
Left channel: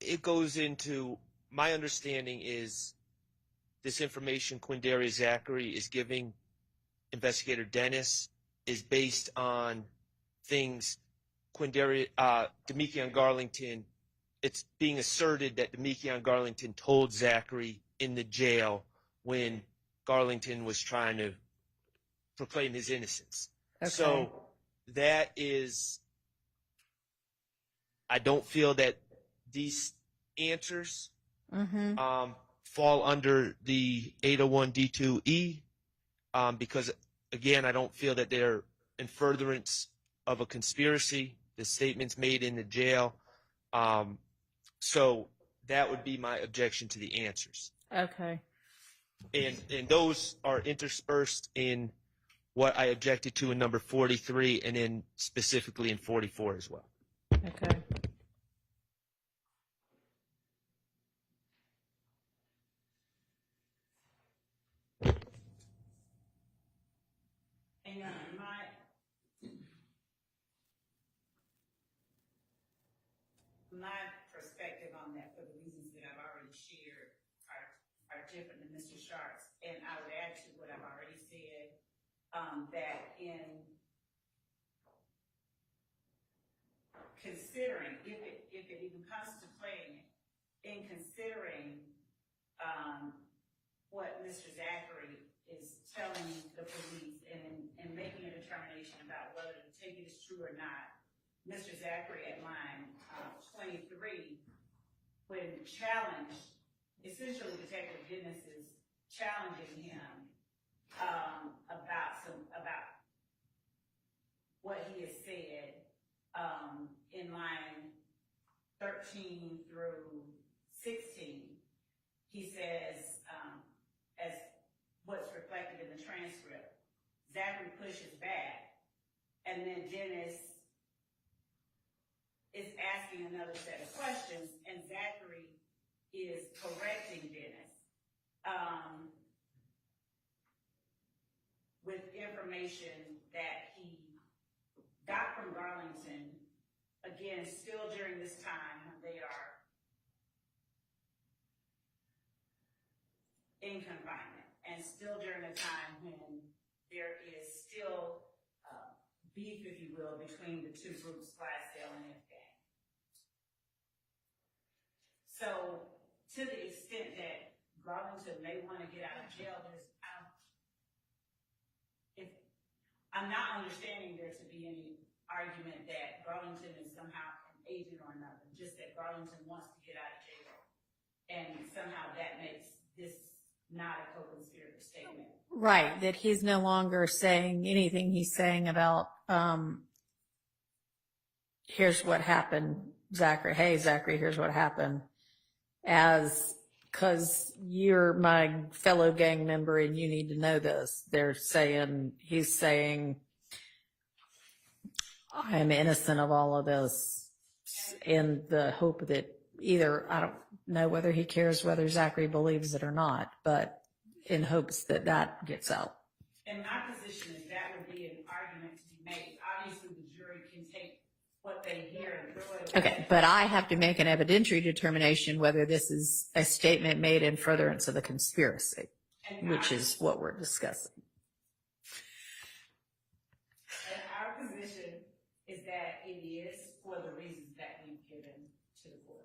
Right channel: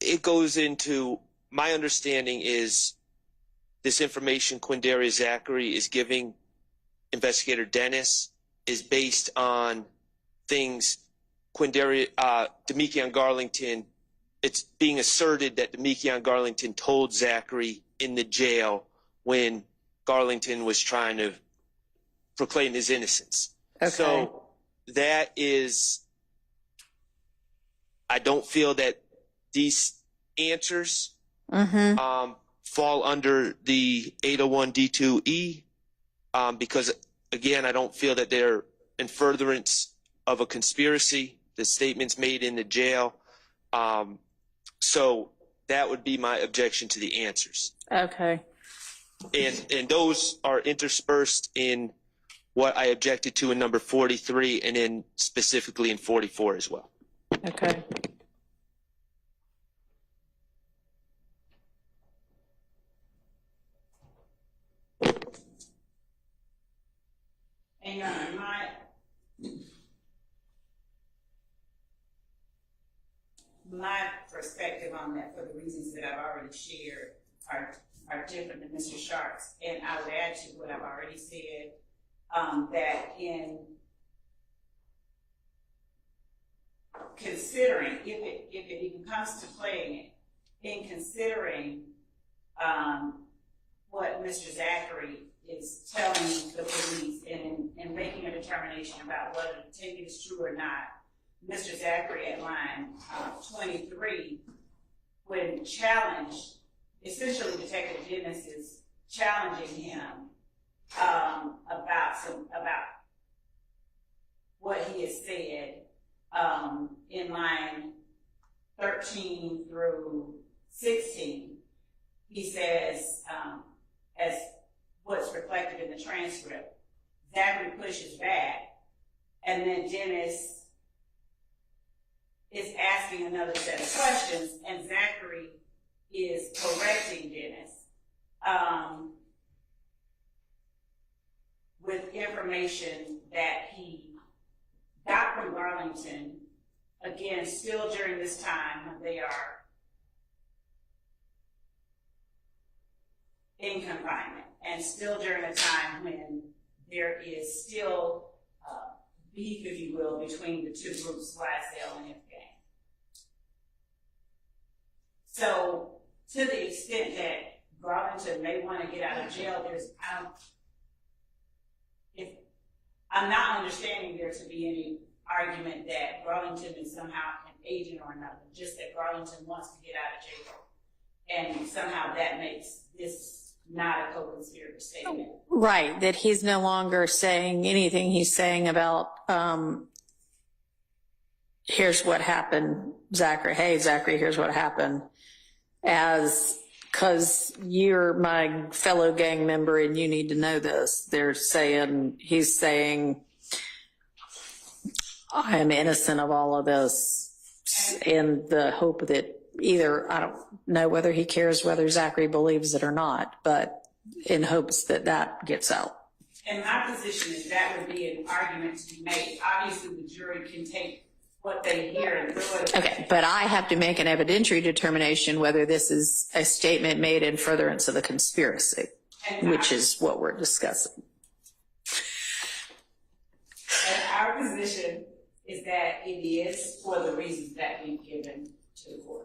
It goes into, my understanding is this information Quindarius Zachary is giving Investigator Dennis is based on things Demekion Garlington, it's being asserted that Demekion Garlington told Zachary in the jail when Garlington was trying to proclaim his innocence. Okay. So that is, I don't feel that these answers fall under the 801 D2E because, again, I don't feel that they're in furtherance of a conspiracy, the statements made in the jail. So that would be my objection to the answers. Okay. And those are interspersed in what I objected to in number 43 and then specifically in 44 as well. Okay. And Your Honor, my perspective on that, for the reasons that I've already shared, are different than Mr. Sharp's. And I would add to what I've already said, that in considering, if it even comes to playing it, in considering what Mr. Zachary is telling the police and making a determination about whether the tape is true or not, Mr. Zachary at line 23, when challenged, essentially Detective Dennis is challenging him about what he has said in line 13 through 16. He says, as what's reflected in the transcript, Zachary pushes back, and then Dennis is asking another set of questions, and Zachary is correcting Dennis with information that he got from Garlington, again, still during this time when they are in confinement, and still during a time when there is still beef, if you will, between the two groups, YSL and F-Gang. So, to the extent that Garlington may want to get out of jail, I'm not understanding there to be any argument that Garlington is somehow an agent or another, just that Garlington wants to get out of jail. And somehow that makes this not a co-conspirator statement. Right, that he's no longer saying anything. He's saying about, here's what happened, Zachary. Hey, Zachary, here's what happened. Because you're my fellow gang member and you need to know this. He's saying, I am innocent of all of this in the hope that either, I don't know whether he cares whether Zachary believes it or not, but in hopes that that gets out. And my position is that would be an argument to be made. Obviously, the jury can take what they hear and throw it. Okay, but I have to make an evidentiary determination whether this is a statement made in furtherance of the conspiracy, which is what we're discussing. And our position is that it is for the reasons that we've given to the court.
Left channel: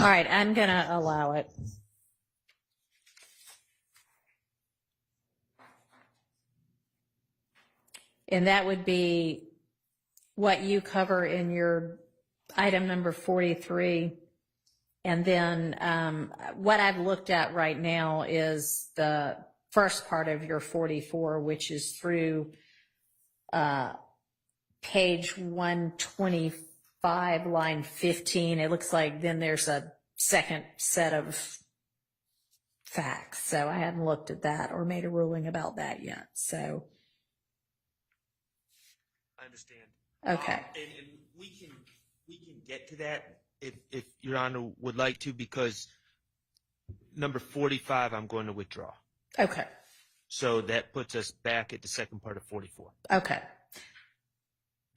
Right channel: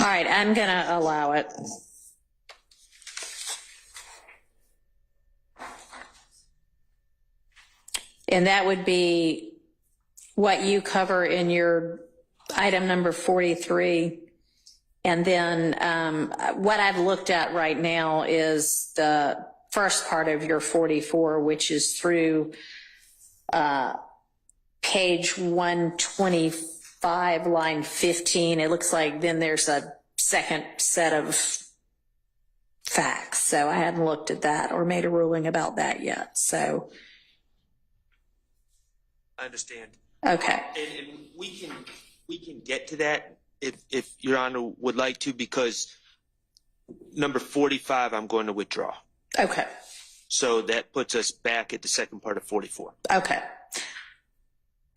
All right, I'm going to allow it. And that would be what you cover in your item number 43. And then what I've looked at right now is the first part of your 44, which is through page 125, line 15. It looks like then there's a second set of facts. So I hadn't looked at that or made a ruling about that yet. So. I understand. Okay. And we can get to that if Your Honor would like to, because number 45 I'm going to withdraw. Okay. So that puts us back at the second part of 44. Okay.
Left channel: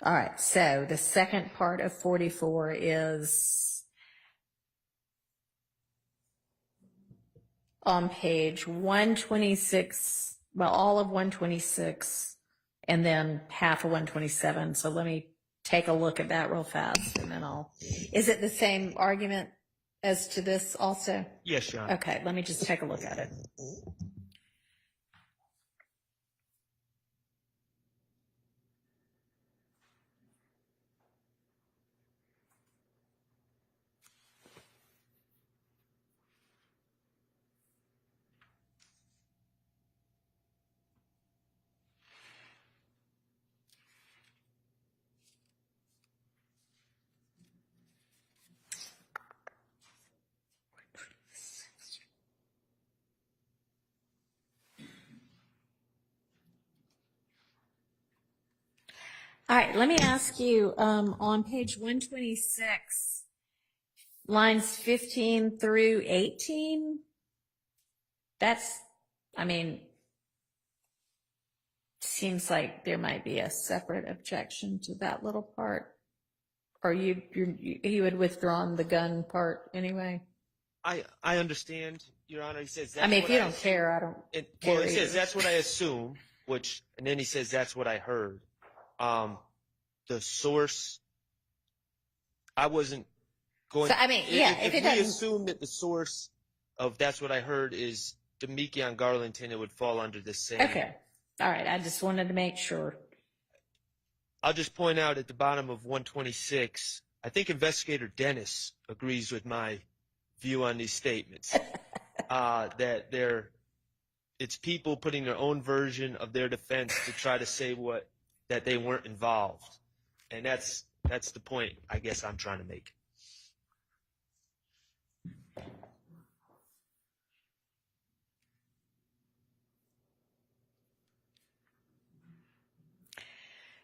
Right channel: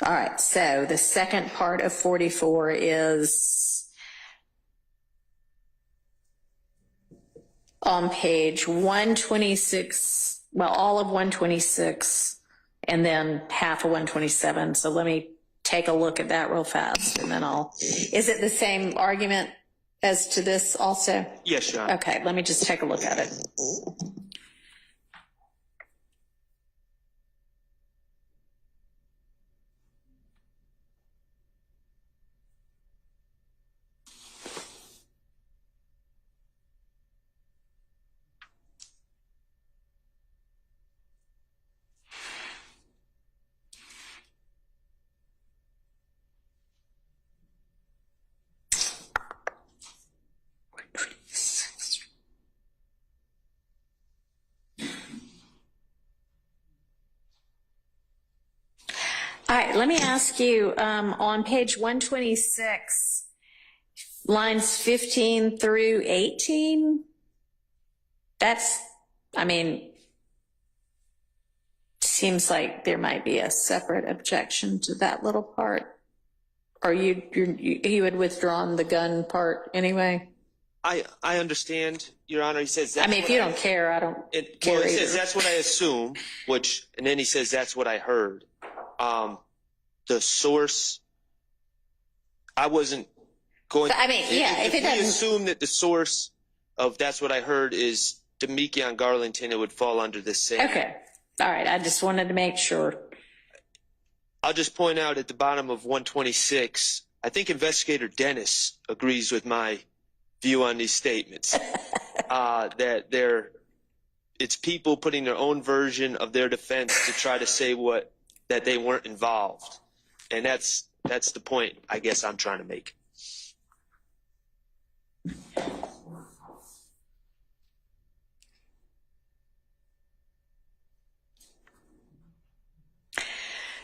All right. So the second part of 44 is on page 126, well, all of 126 and then half of 127. So let me take a look at that real fast and then is it the same argument as to this also? Yes, Your Honor. Okay. Let me just take a look at it. All right, let me ask you, on page 126, lines 15 through 18, seems like there might be a separate objection to that little part. Or you had withdrawn the gun part anyway? I understand, Your Honor. He says I mean, if you don't care, I don't care Well, he either. says that's what I assume, and then he says that's what I heard. The source, I wasn't going. So, I mean, yeah, if it we doesn't- assume that the source of that's what I heard is Demekion Garlington, it would fall under the same. Okay. All right. I just wanted to make sure. I'll just point out at the bottom of 126, I think Investigator Dennis agrees with my view on these statements. That it's people putting their own version of their defense to try to say that they weren't involved. And that's the point I guess I'm trying to make.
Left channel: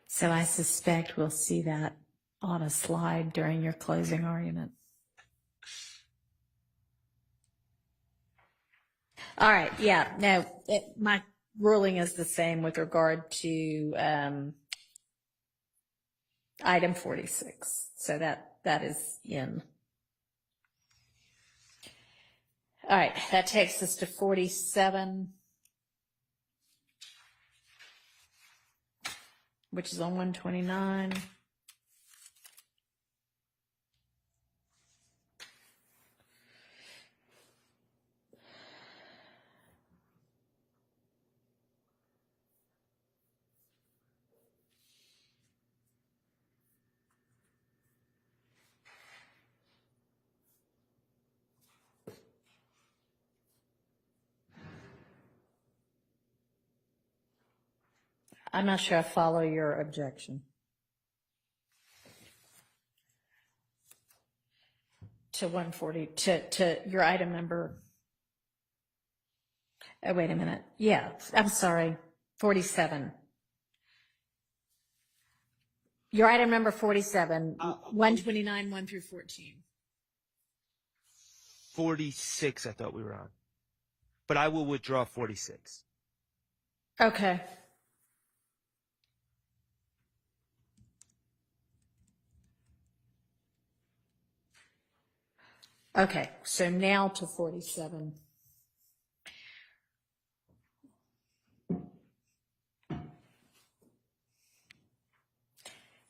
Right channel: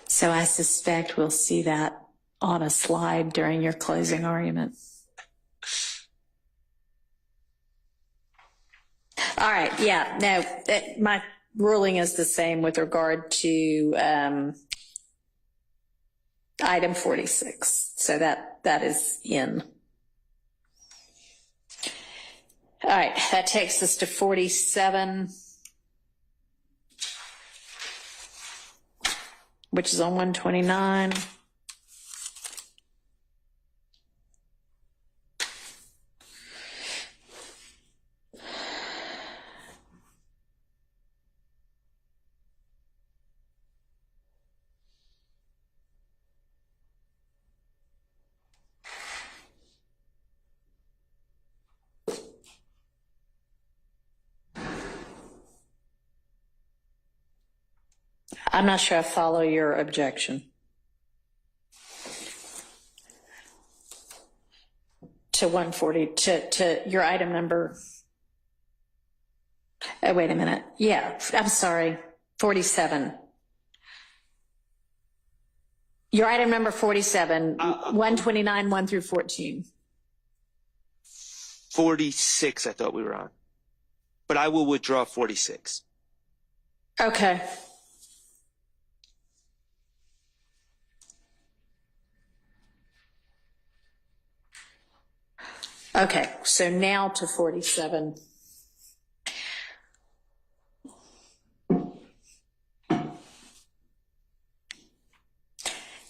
So I suspect we'll see that on a slide during your closing argument. All right. Yeah. No, my ruling is the same with regard to item 46. So that is in. All right. That takes us to 47. Which is on 129. I'm not sure I follow your objection. To 140, to your item number. Oh, wait a minute. Yeah, I'm sorry. 47. Your item number 47, 129, 1 through 14. 46 I thought we were on. But I will withdraw 46. Okay. Okay, so now to 47.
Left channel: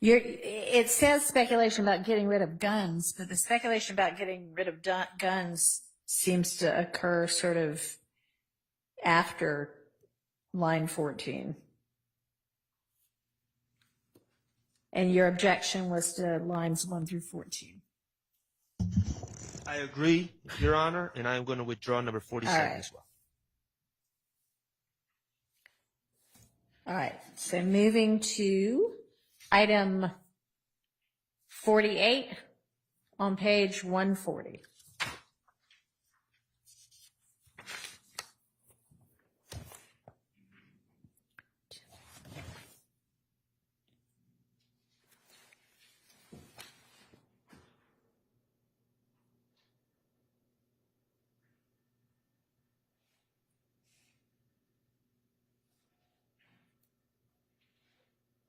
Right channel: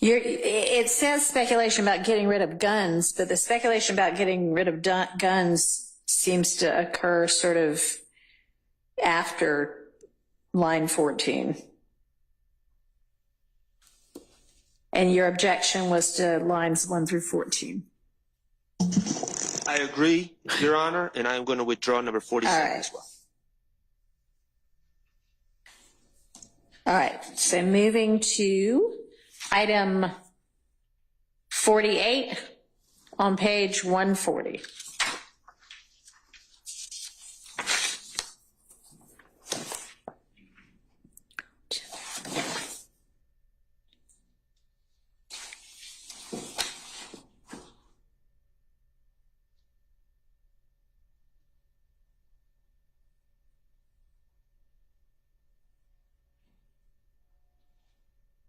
It says speculation about getting rid of guns, but the speculation about getting rid of guns seems to occur sort of after line 14. And your objection was to lines 1 through 14. I agree, Your Honor, and I am going to withdraw number 47 All right. as well. All right, so moving to item 48 on page 140.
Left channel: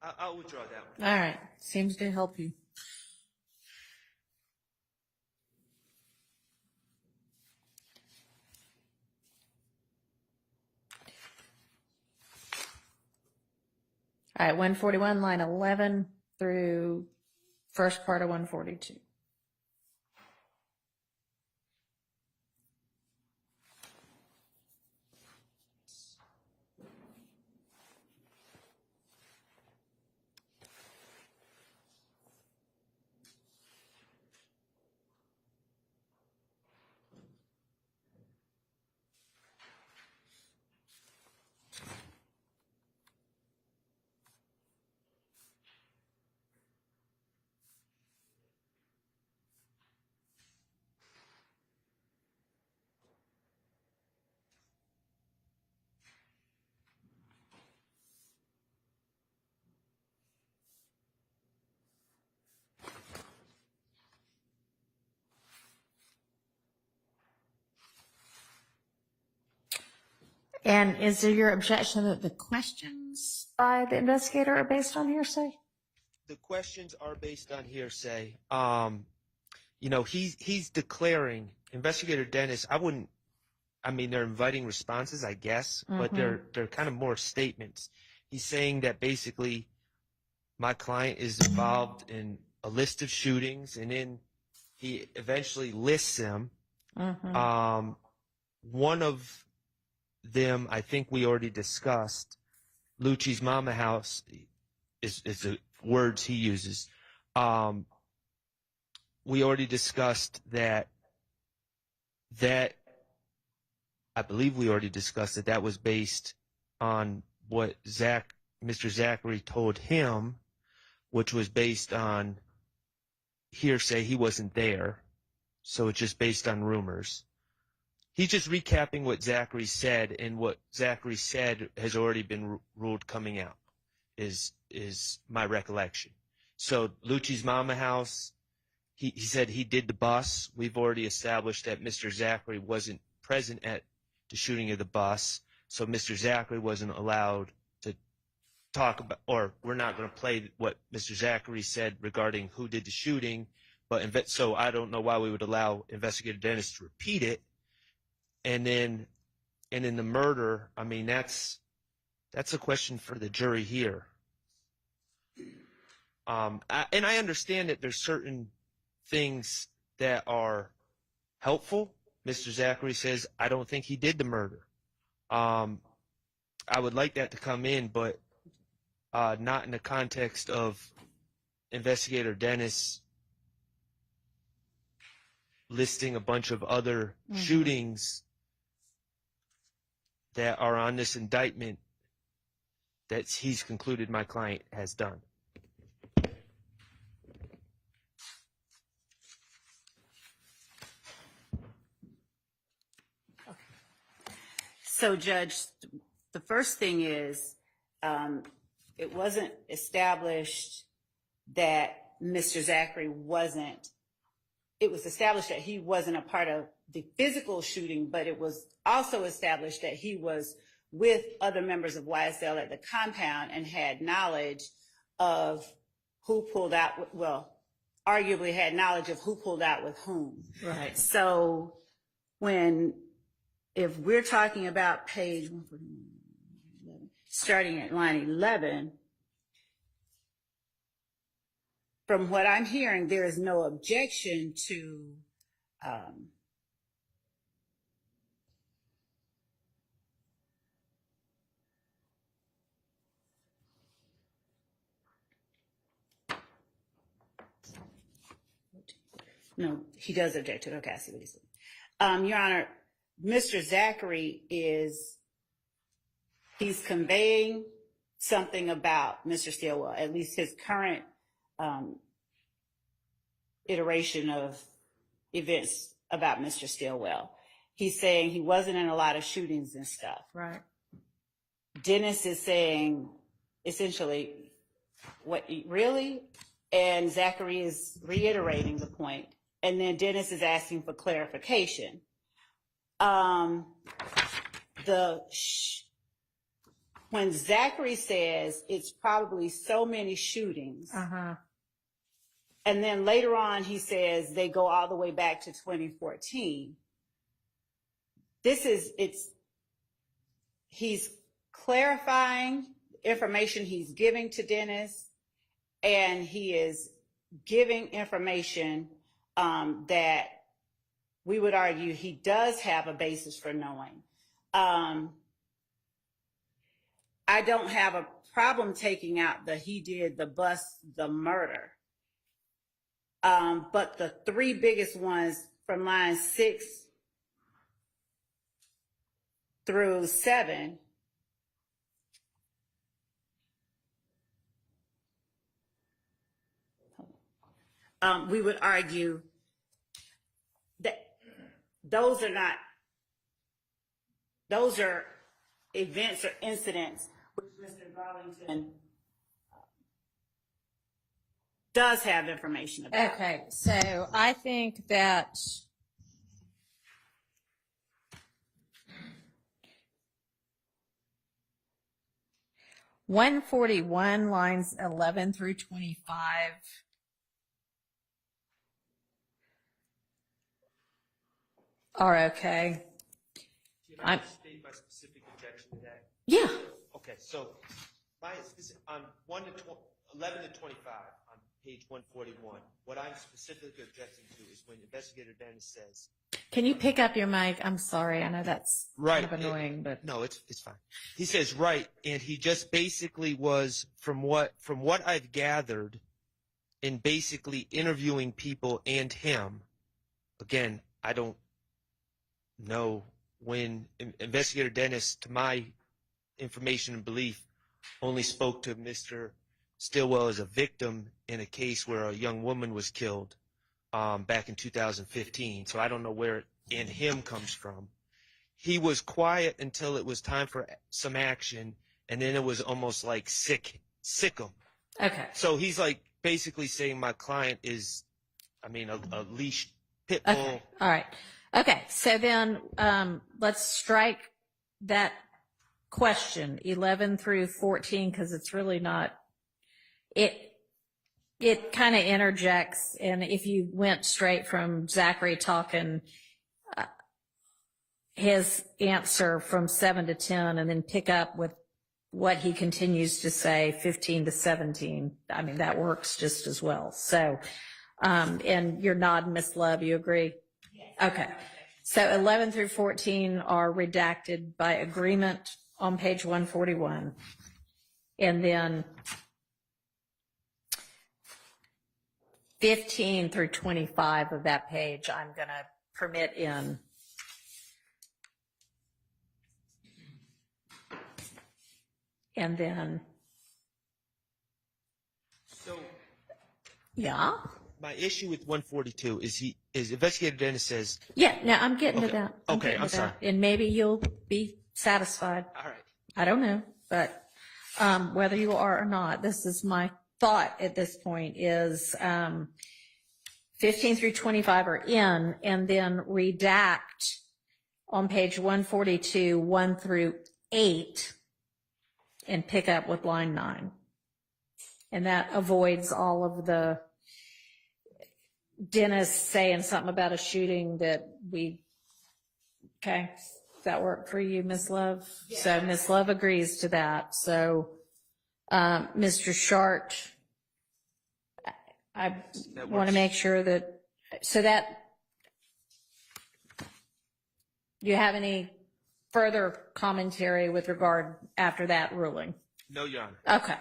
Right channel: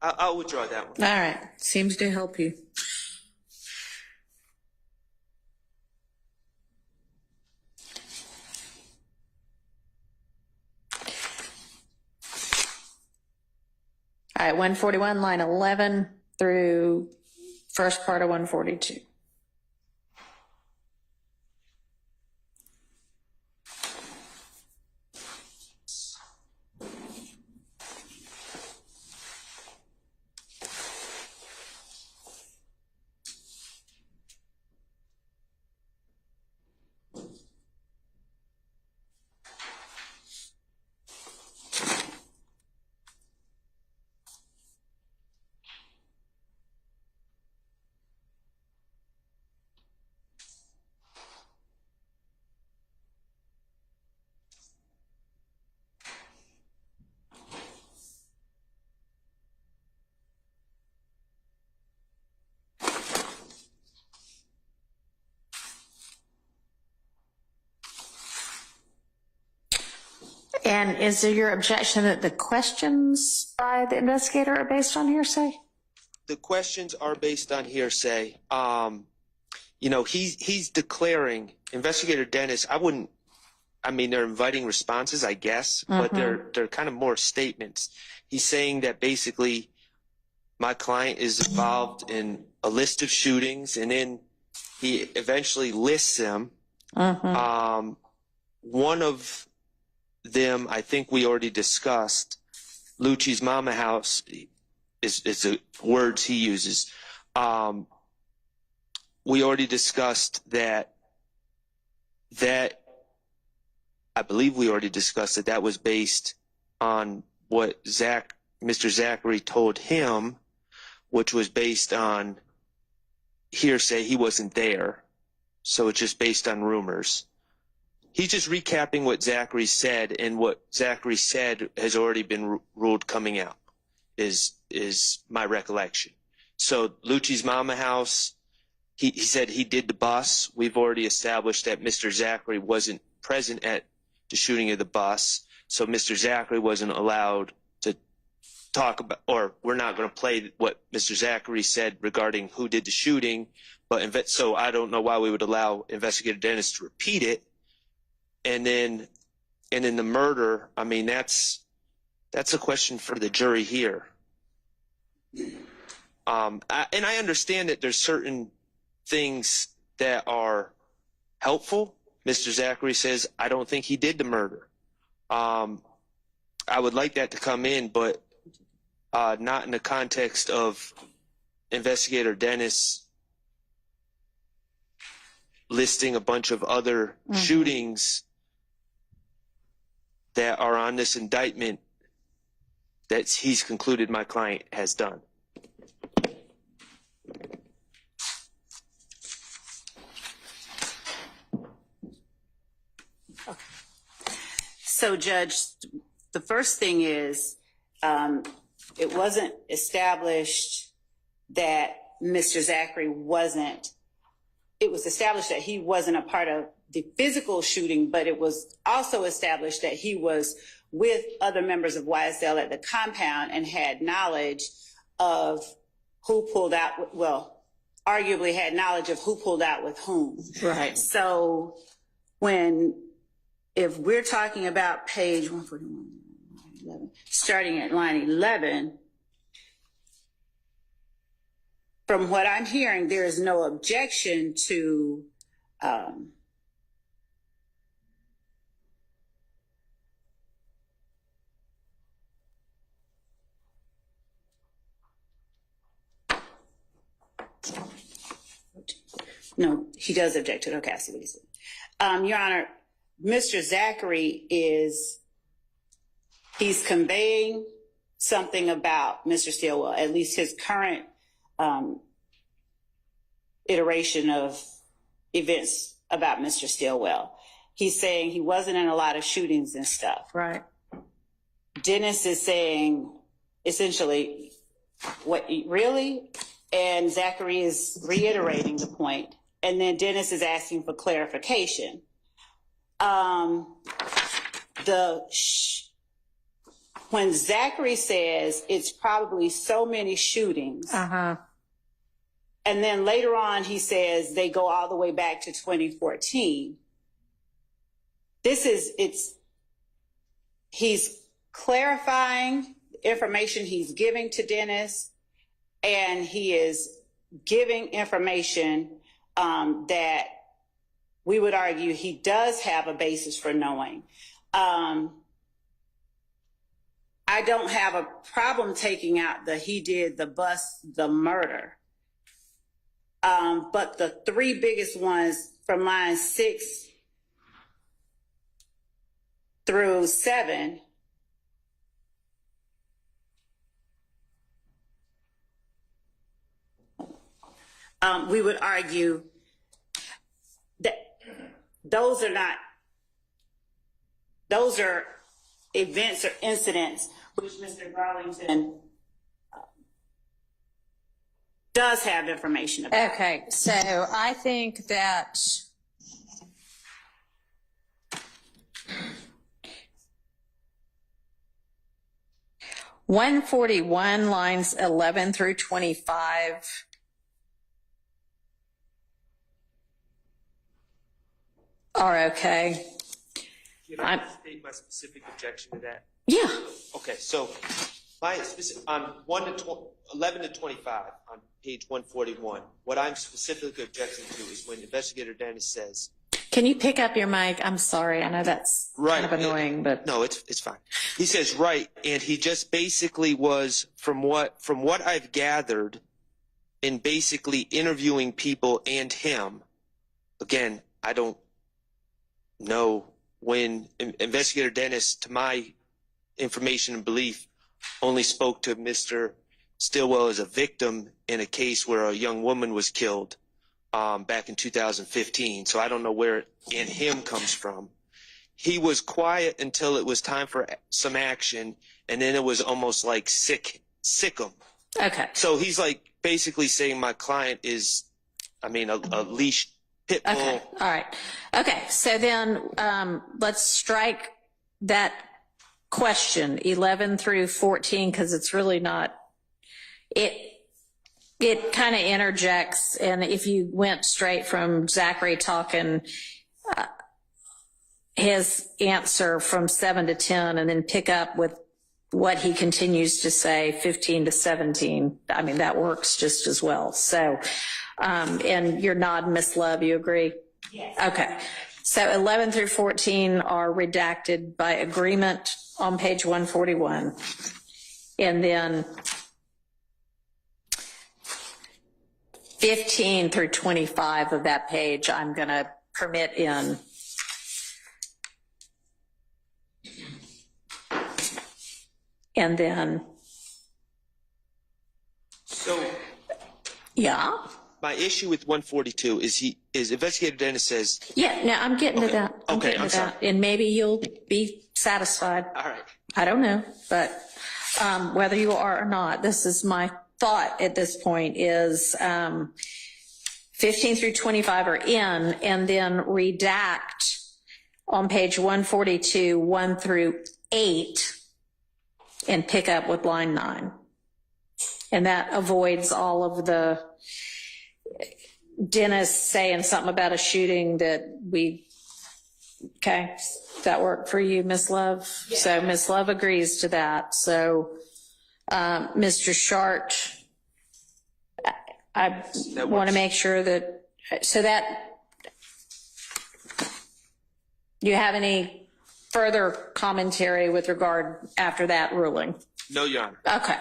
I'll withdraw that one. All right, seems to help you. All right, 141, line 11 through first part of 142. And is there your objection that the questions by the investigator are based on hearsay? The questions are based on hearsay. He's declaring, Investigator Dennis, they're inviting responses, I guess, but they're kind of more statements. He's saying that basically my client is involved in a list of shootings, and then he eventually lists them. One of them, I think we already discussed, Lucci's Mama House is the words he uses. We already discussed that I believe we already discussed that was based on what Mr. Zachary told him, which was based on hearsay. He wasn't there, so it's just based on rumors. He's just recapping what Zachary said, and what Zachary said has already been ruled coming out, is my recollection. So Lucci's Mama House, he said he did the bus. We've already established that Mr. Zachary wasn't present at the shooting of the bus, so Mr. Zachary wasn't allowed to talk about, or we're not going to play what Mr. Zachary said regarding who did the shooting. But so I don't know why we would allow Investigator Dennis to repeat it. And then the murder, that's a question for the jury here. And I understand that there's certain things that are helpful. Mr. Zachary says, I don't think he did the murder. I would like that to come in, but not in the context of Investigator Dennis listing a bunch of other shootings that are on this indictment that he's concluded my client has done. So, Judge, the first thing is, it wasn't established that Mr. Zachary wasn't, it was established that he wasn't a part of the physical shooting, but it was also established that he was with other members of YSL at the compound and had knowledge of who pulled out, arguably had knowledge of who pulled out with whom. Right. So if we're talking about page 141, starting at line 11, from what I'm hearing, there is no objection to no, he does object to it. Okay, I see what he said. Your Honor, Mr. Zachary he's conveying something about Mr. Stillwell, at least his current iteration of events about Mr. Stillwell. He's saying he wasn't in a lot of shootings and stuff. Right. Dennis is saying essentially, what, really? And Zachary is reiterating the point. And then Dennis is asking for clarification. When Zachary says it's probably so many shootings, Uh-huh. and then later on he says they go all the way back to 2014, he's clarifying information he's giving to Dennis, and he is giving information that we would argue he does have a basis for knowing. I don't have a problem taking out he did the bust, the murder. But the three biggest ones from lines 6 through 7, we would argue that those are events or incidents which Mr. Garlington does have information about. Okay, so I think that (141) lines 11 through 25 are okay. Can I state my specific objection to that? Yeah. Okay, so my specific, on 11 to 25 on page 141, what I'm specifically objecting to is when Investigator Dennis says, Can you pick up your mic? I'm sorry. I know that's right, kind of annoying, but no, it's fine. He says right, and he just basically was from what I've gathered in basically interviewing people and him. Again, I don't know when Investigator Dennis, to my information and belief, only spoke to Mr. Stillwell as a victim in a case where a young woman was killed back in 2015. So I don't know where "and him" comes from. He was quiet until it was time for some action, and then it was almost like sick him. okay. So he's like basically saying my client is, a leash pit bull. Okay. All right. Okay. So then let's strike that question 11 through 14 because it's really not. It kind of interjects, and if you went straight from Zachary talking his answer from 7 to 10 and then pick up with what he continues to say 15 to 17, that works just as well. So, and you're nodding, Miss Love, you agree? Yes. Okay. So 11 through 14 are redacted by agreement on page 141. And then 15 through 25 of that page, I'm going to permit in. And then, So yeah. my issue with 142 is Investigator Dennis says, Yeah, no, I'm getting to that. Okay, I'm sorry. And maybe you'll be satisfied. all right, I don't know, but whether you are or not, this is my thought at this point is 15 through 25 are in, and then redact on page 142, 1 through 8, and pick up with line 9. And that avoids all of the Dennis saying something about a shooting that okay, does that work for you, Miss Love? Yeah. So Miss Love agrees to that. So Mr. Shart, I That want to works. make sure that, so that, do you have any further commentary with regard after that ruling? No, Your Honor. Okay.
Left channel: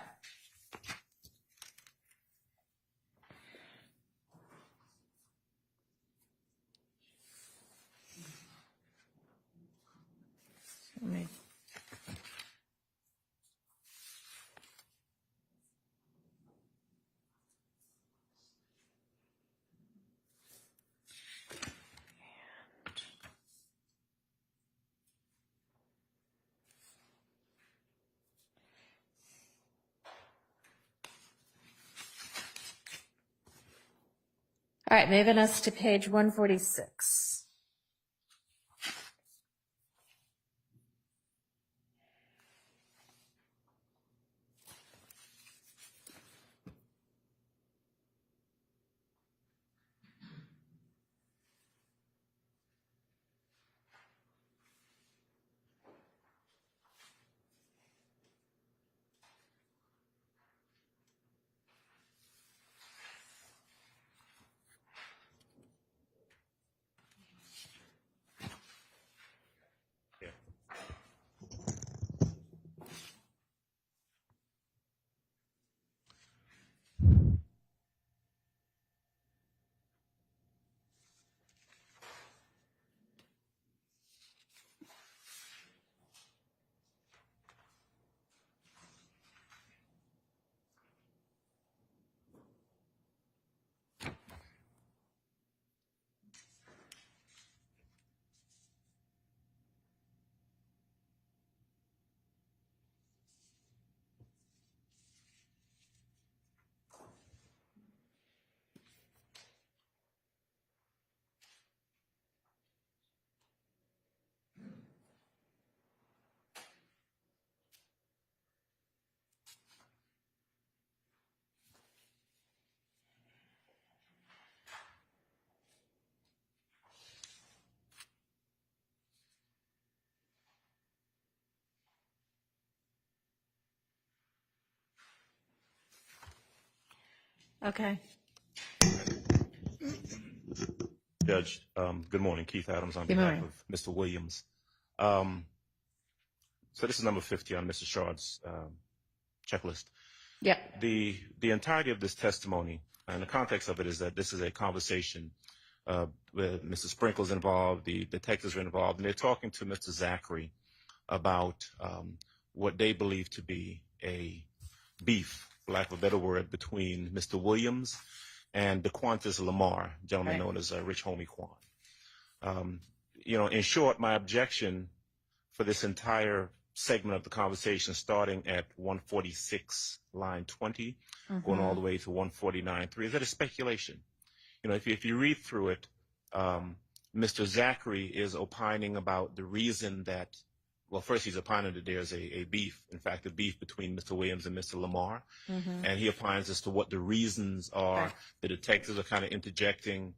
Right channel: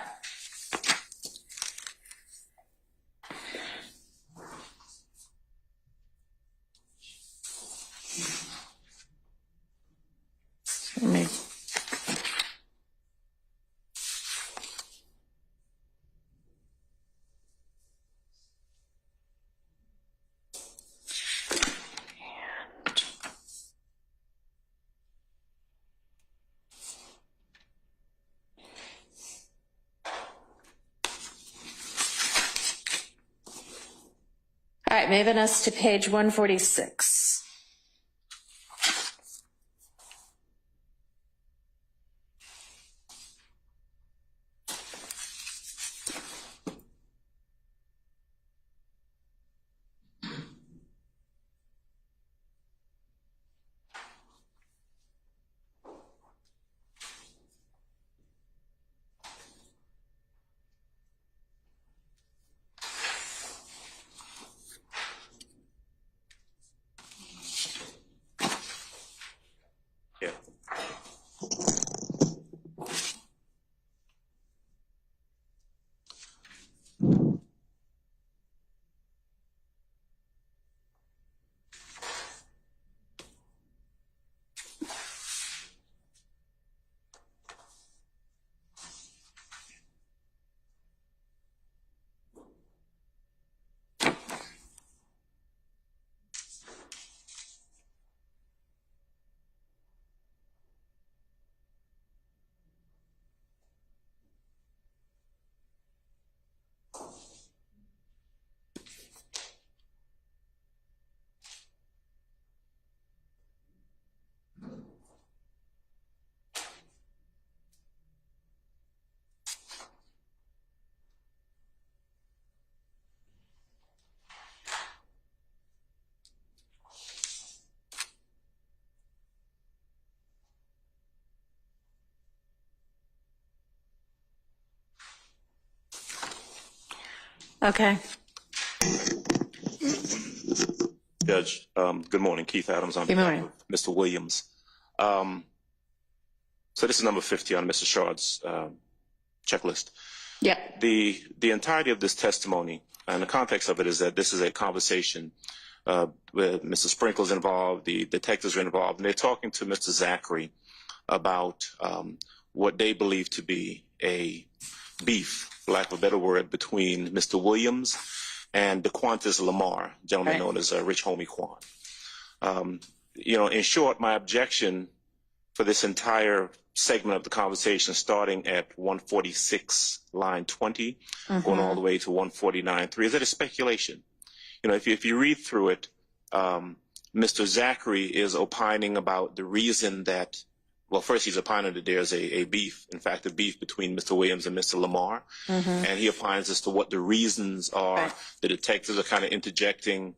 Let me. All right, moving us to page 146. Yeah. Okay. Judge, good morning. Keith Adams on Good behalf morning. of Mr. Williams. So this is number 50 on Mr. Shard's checklist. Yeah. The entirety of this testimony, and the context of it is that this is a conversation where Mr. Sprinkle's involved, the detectives are involved, and they're talking to Mr. Zachary about what they believe to be a beef, for lack of a better word, between Mr. Williams and DeQuantis Lamar, gentleman Right. known as Rich Homie Quan. In short, my objection for this entire segment of the conversation, starting at 146, line 20, going all the way to 149.3, is that it's speculation. If you read through it, Mr. Zachary is opining about the reason that, well, first he's opining that there's a beef, in fact, a beef between Mr. Williams and Mr. Lamar. And he opines as to what the reasons are. Right. The detectives are kind of interjecting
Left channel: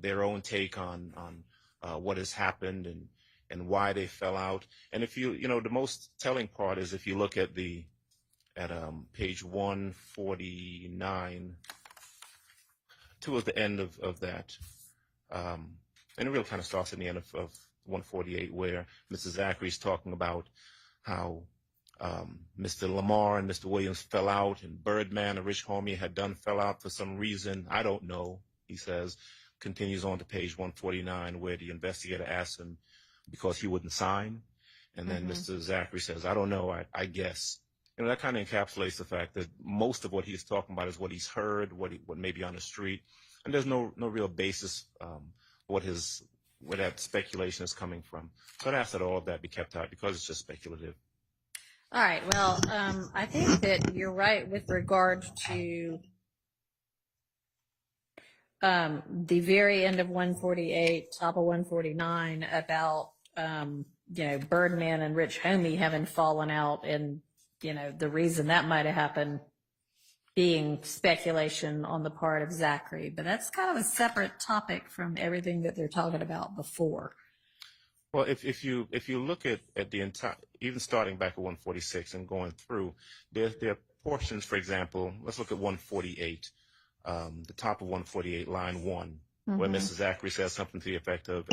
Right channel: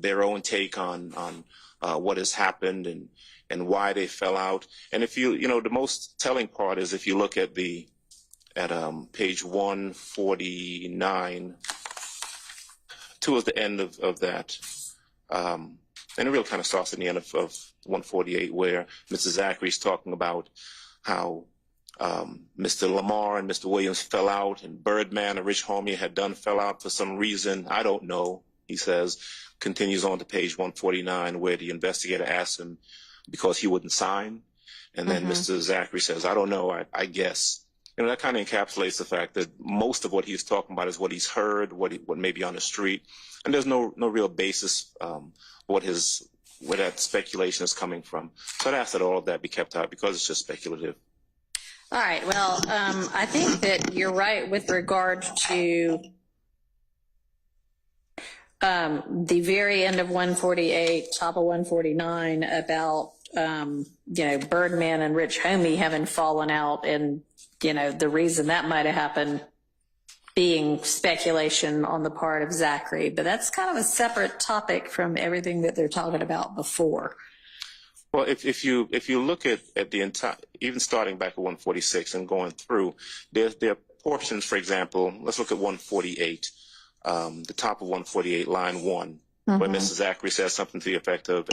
their own take on what has happened and why they fell out. And if the most telling part is if you look at page 149, towards the end of that, and it really kind of starts at the end of 148, where Mr. Zachary's talking about how Mr. Lamar and Mr. Williams fell out, and Birdman, a Rich Homie, fell out for some reason. I don't know, he says. Continues on to page 149, where the investigator asks him because he wouldn't sign. And then Mr. Zachary says, I don't know, I guess. That kind of encapsulates the fact that most of what he's talking about is what he's heard, what may be on the street. And there's no real basis where that speculation is coming from. So I'd ask that all of that be kept out because it's just speculative. All right. Well, I think that you're right with regard to the very end of 148, top of 149, about Birdman and Rich Homie having fallen out, and the reason that might have happened being speculation on the part of Zachary. But that's kind of a separate topic from everything that they're talking about before. Well, if you look at the entire, even starting back at 146 and going through, there are portions, for example, let's look at 148, the top of 148, line 1, where Mrs. Zachary says something to the effect of,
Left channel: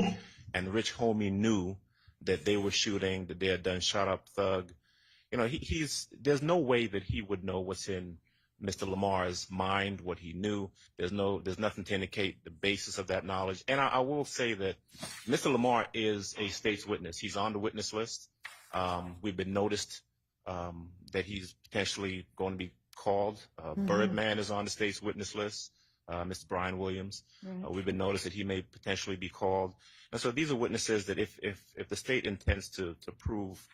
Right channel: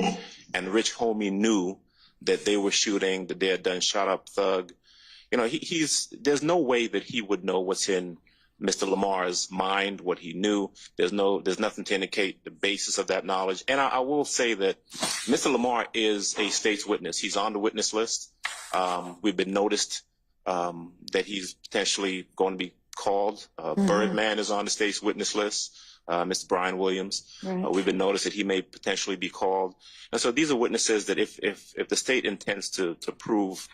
and Rich Homie knew that they were shooting, that they had done shot up thug. You know, there's no way that he would know what's in Mr. Lamar's mind, what he knew. There's nothing to indicate the basis of that knowledge. And I will say that Mr. Lamar is a state's witness. He's on the witness list. We've been noticed that he's potentially going to be called. Birdman is on the state's witness list. Mr. Brian Williams. Right. We've been noticed that he may potentially be called. And so these are witnesses that if the state intends to prove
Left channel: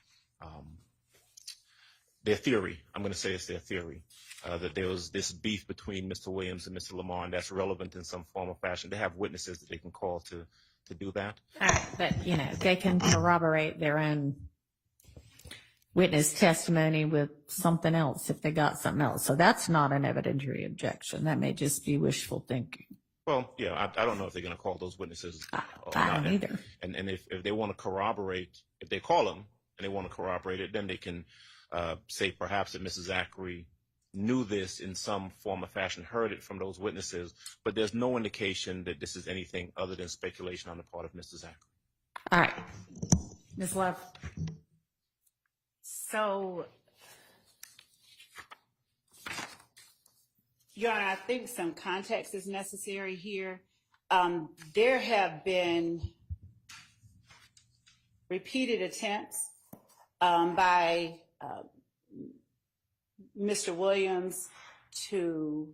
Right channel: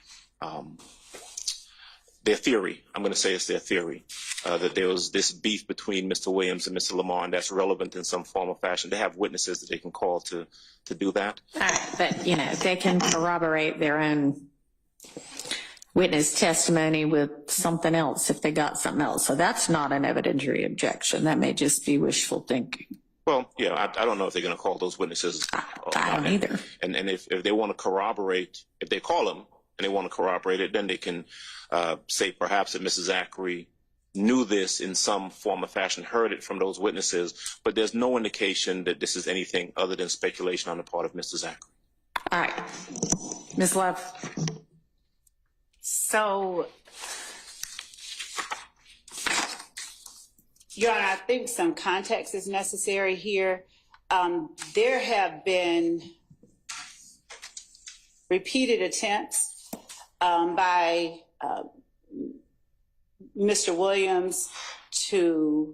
their theory, I'm going to say it's their theory, that there was this beef between Mr. Williams and Mr. Lamar, and that's relevant in some form or fashion. They have witnesses that they can call to do that. All right, but, you know, they can corroborate their own witness testimony with something else if they got something else. So that's not an evidentiary objection. That may just be wishful thinking. Well, yeah, I don't know if they're going to call those witnesses. I don't either. And if they want to corroborate, if they call them and they want to corroborate it, then they can say perhaps that Mrs. Zachary knew this in some form or fashion, heard it from those witnesses, but there's no indication that this is anything other than speculation on the part of Mr. Zachary. All right. Ms. Love. So, Your Honor, I think some context is necessary here. There have been repeated attempts by Mr. Williams to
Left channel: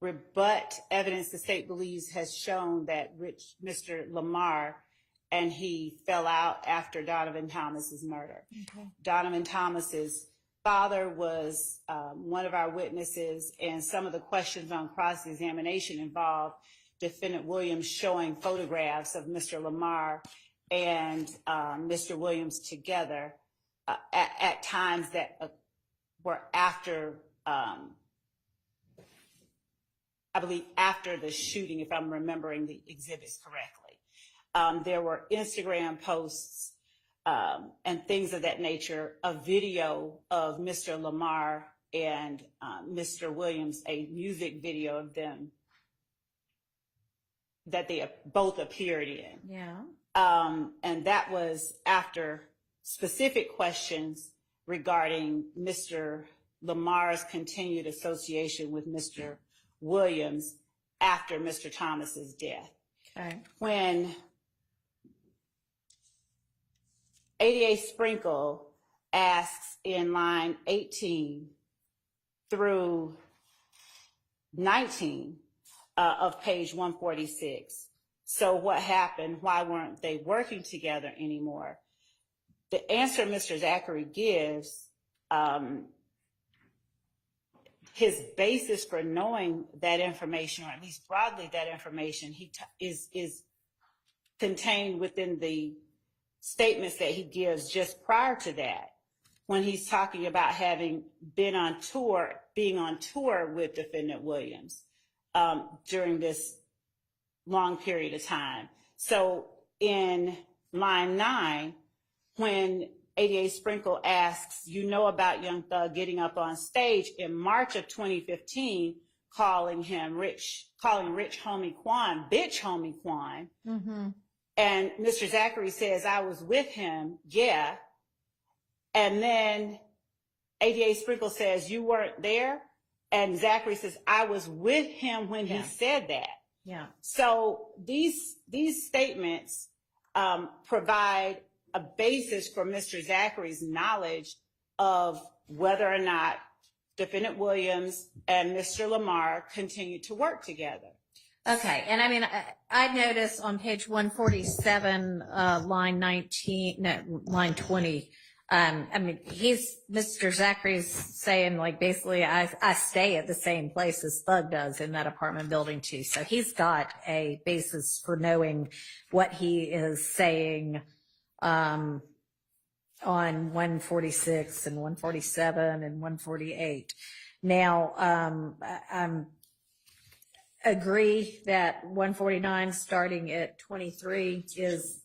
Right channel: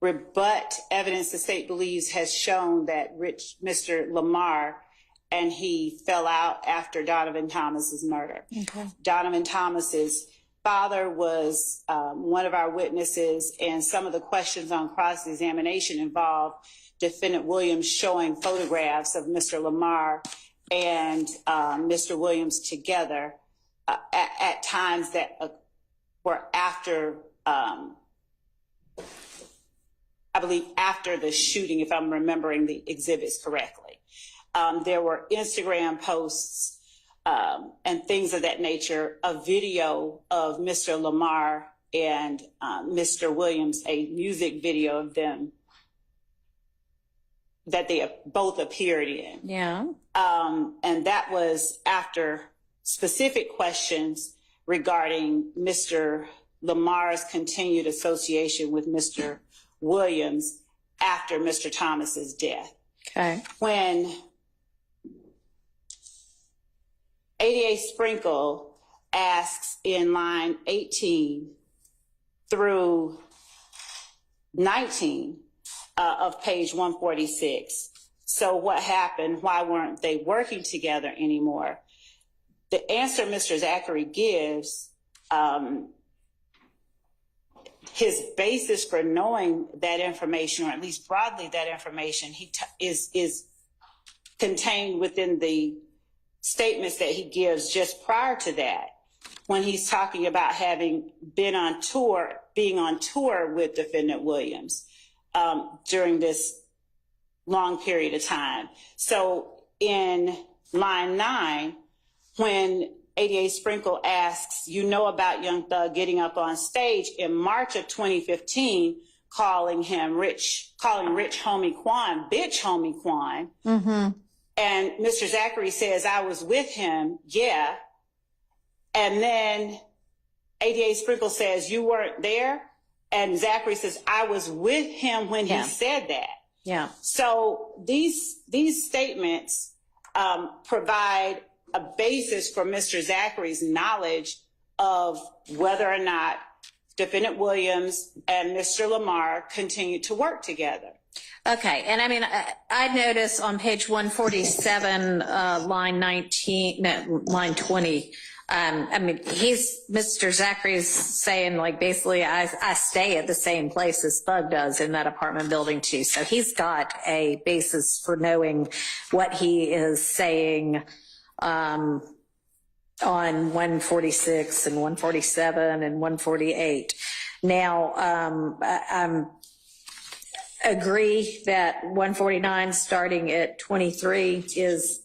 rebut evidence the state believes has shown that Mr. Lamar and he fell out after Donovan Thomas's murder. Okay. Donovan Thomas's father was one of our witnesses, and some of the questions on cross-examination involved Defendant Williams showing photographs of Mr. Lamar and Mr. Williams together at times that were after, I believe, after the shooting, if I'm remembering the exhibits correctly. There were Instagram posts and things of that nature, a video of Mr. Lamar and Mr. Williams, a music video of them that they both appeared in. Yeah. And that was after specific questions regarding Mr. Lamar's continued association with Mr. Williams after Mr. Thomas's death. Okay. When ADA Sprinkle asks in line 18 through 19 of page 146, so what happened? Why weren't they working together anymore? The answer Mr. Zachary gives, his basis for knowing that information, or at least broadly that information, is contained within the statements that he gives just prior to that, when he's talking about having been on tour, being on tour with Defendant Williams during this long period of time. So in line 9, when ADA Sprinkle asks, you know about Young Thug getting up on stage in March of 2015, calling Rich Homie Quan, bitch Homie Quan. Mm-hmm. And Mr. Zachary says, I was with him, yeah. And then ADA Sprinkle says, you weren't there? And Zachary says, I was with him when he said that. Yeah. So these statements provide a basis for Mr. Zachary's knowledge of whether or not Defendant Williams and Mr. Lamar continued to work together. Okay, and I mean, I notice on page 147, line 20, I mean, Mr. Zachary's saying, like, basically, I stay at the same place as Thug does in that apartment building too. So he's got a basis for knowing what he is saying on 146 and 147 and 148. Now, I'm agree that 149 starting at 23 is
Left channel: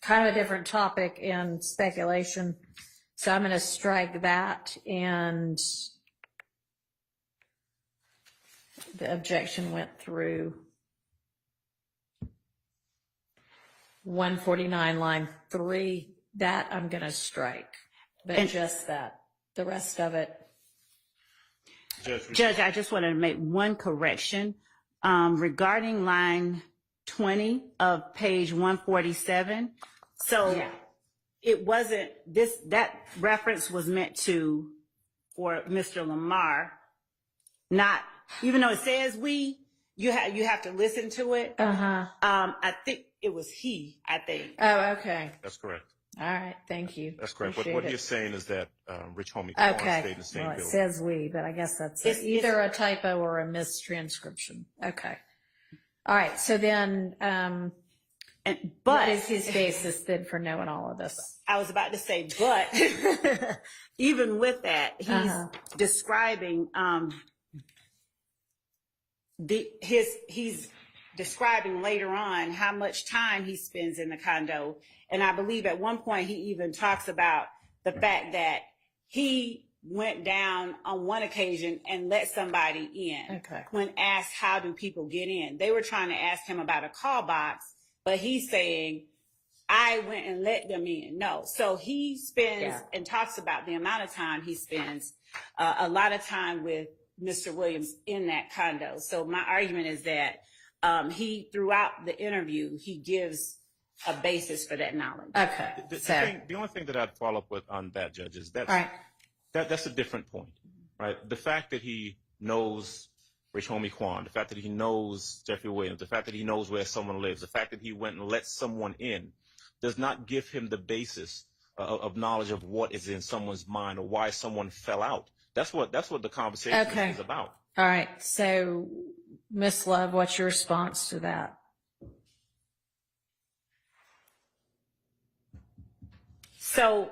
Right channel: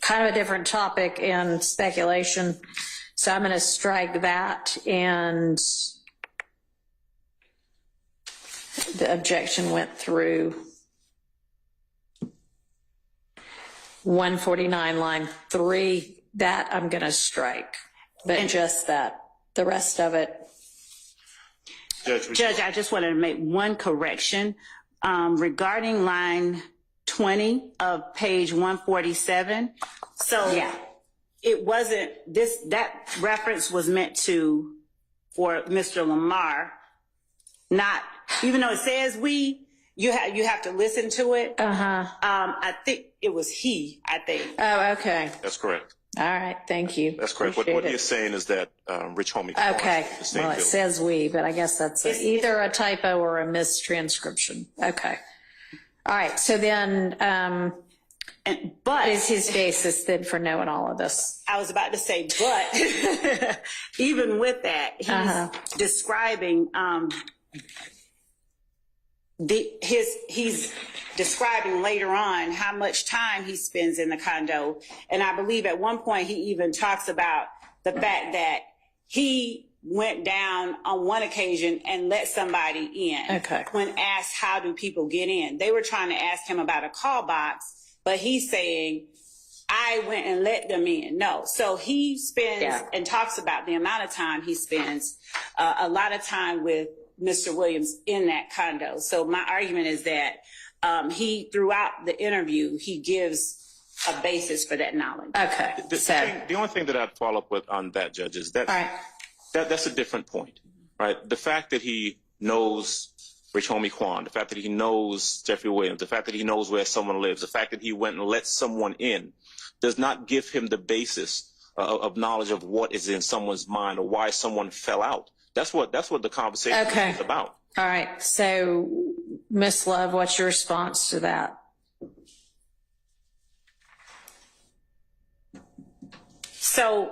kind of a different topic and speculation. So I'm going to strike that. And The objection went through 149 line 3. That I'm going to strike, but just that. The rest of it. Judge, I just wanted to make one correction regarding line 20 of page 147. So Yeah. it wasn't that reference was meant for Mr. Lamar, not, even though it says we, you have to listen to it. I think it was he, I think. Oh, okay. That's correct. All right. Thank you. That's correct. What Appreciate he's it. saying is that Rich Homie Okay. stayed in the same Well, it building. says we, but I guess that's either a typo or a mistranscription. Okay. All right. So then, But what is his basis then for knowing all of this? I was about to say, but even with that, he's describing he's describing later on how much time he spends in the condo, and I believe at one point he even talks about the fact that he went down on one occasion and let somebody in. Okay. When asked how do people get in, they were trying to ask him about a call box, but he's saying, I went and let them in. No. So he spends and talks about the amount of time he spends, a lot of time with Mr. Williams in that condo. So my argument is that he, throughout the interview, he gives a basis for that knowledge. Okay. The only thing that I'd follow up with on that, Judge, is that, All right. that's a different point, right? The fact that he knows Rich Homie Quan, the fact that he knows Jeffrey Williams, the fact that he knows where someone lives, the fact that he went and let someone in does not give him the basis of knowledge of what is in someone's mind or why someone fell out. That's what the conversation is about. All right. So, Miss Love, what's your response to that? So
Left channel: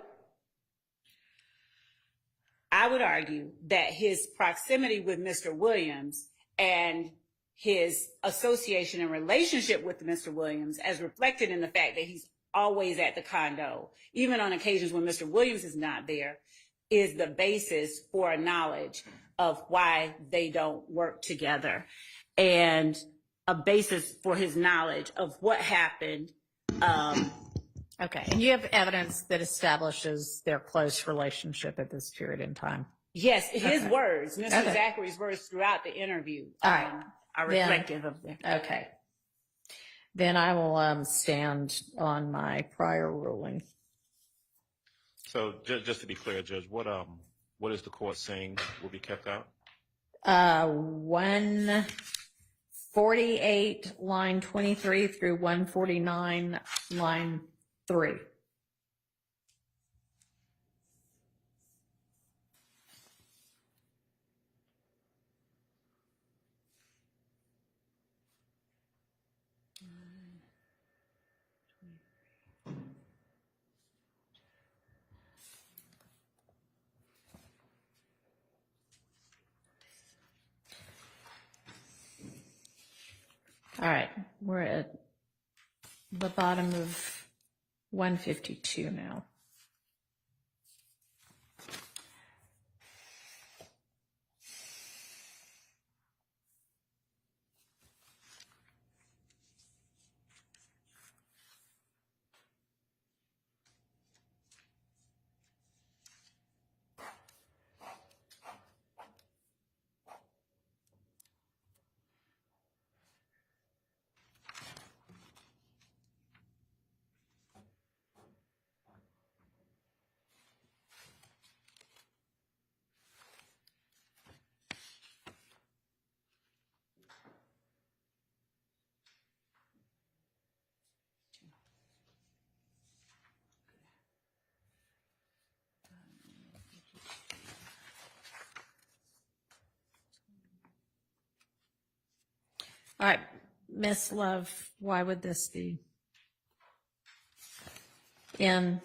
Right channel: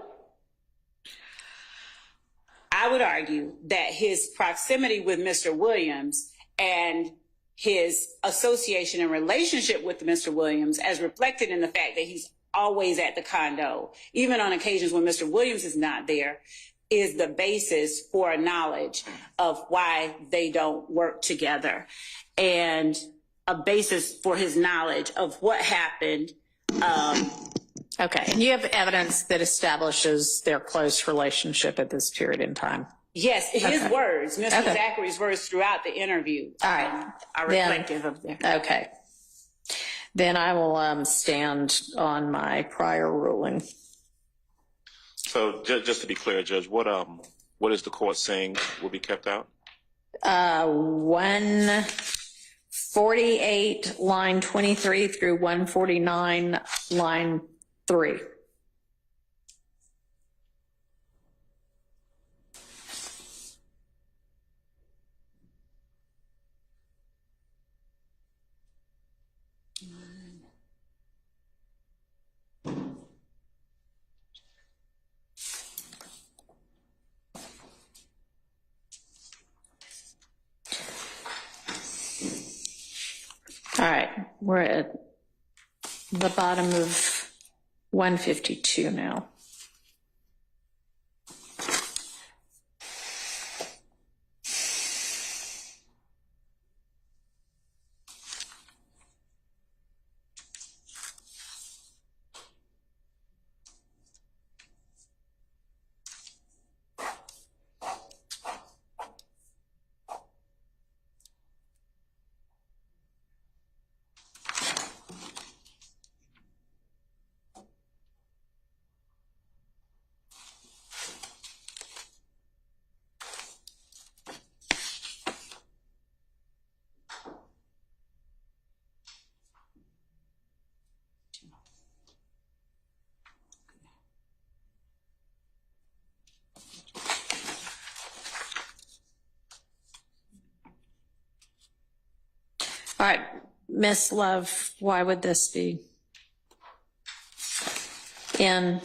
I would argue that his proximity with Mr. Williams and his association and relationship with Mr. Williams, as reflected in the fact that he's always at the condo, even on occasions when Mr. Williams is not there, is the basis for a knowledge of why they don't work together, and a basis for his knowledge of what happened. Okay. And you have evidence that establishes their close relationship at this period in time. Yes, his words, Mr. Zachary's words throughout the interview, All right. are reflective of that. Okay. Then I will stand on my prior ruling. So just to be clear, Judge, what is the court saying will be kept out? 148 line 23 through 149 line 3. All right, we're at the bottom of 152 now. All right, Miss Love, why would this be in?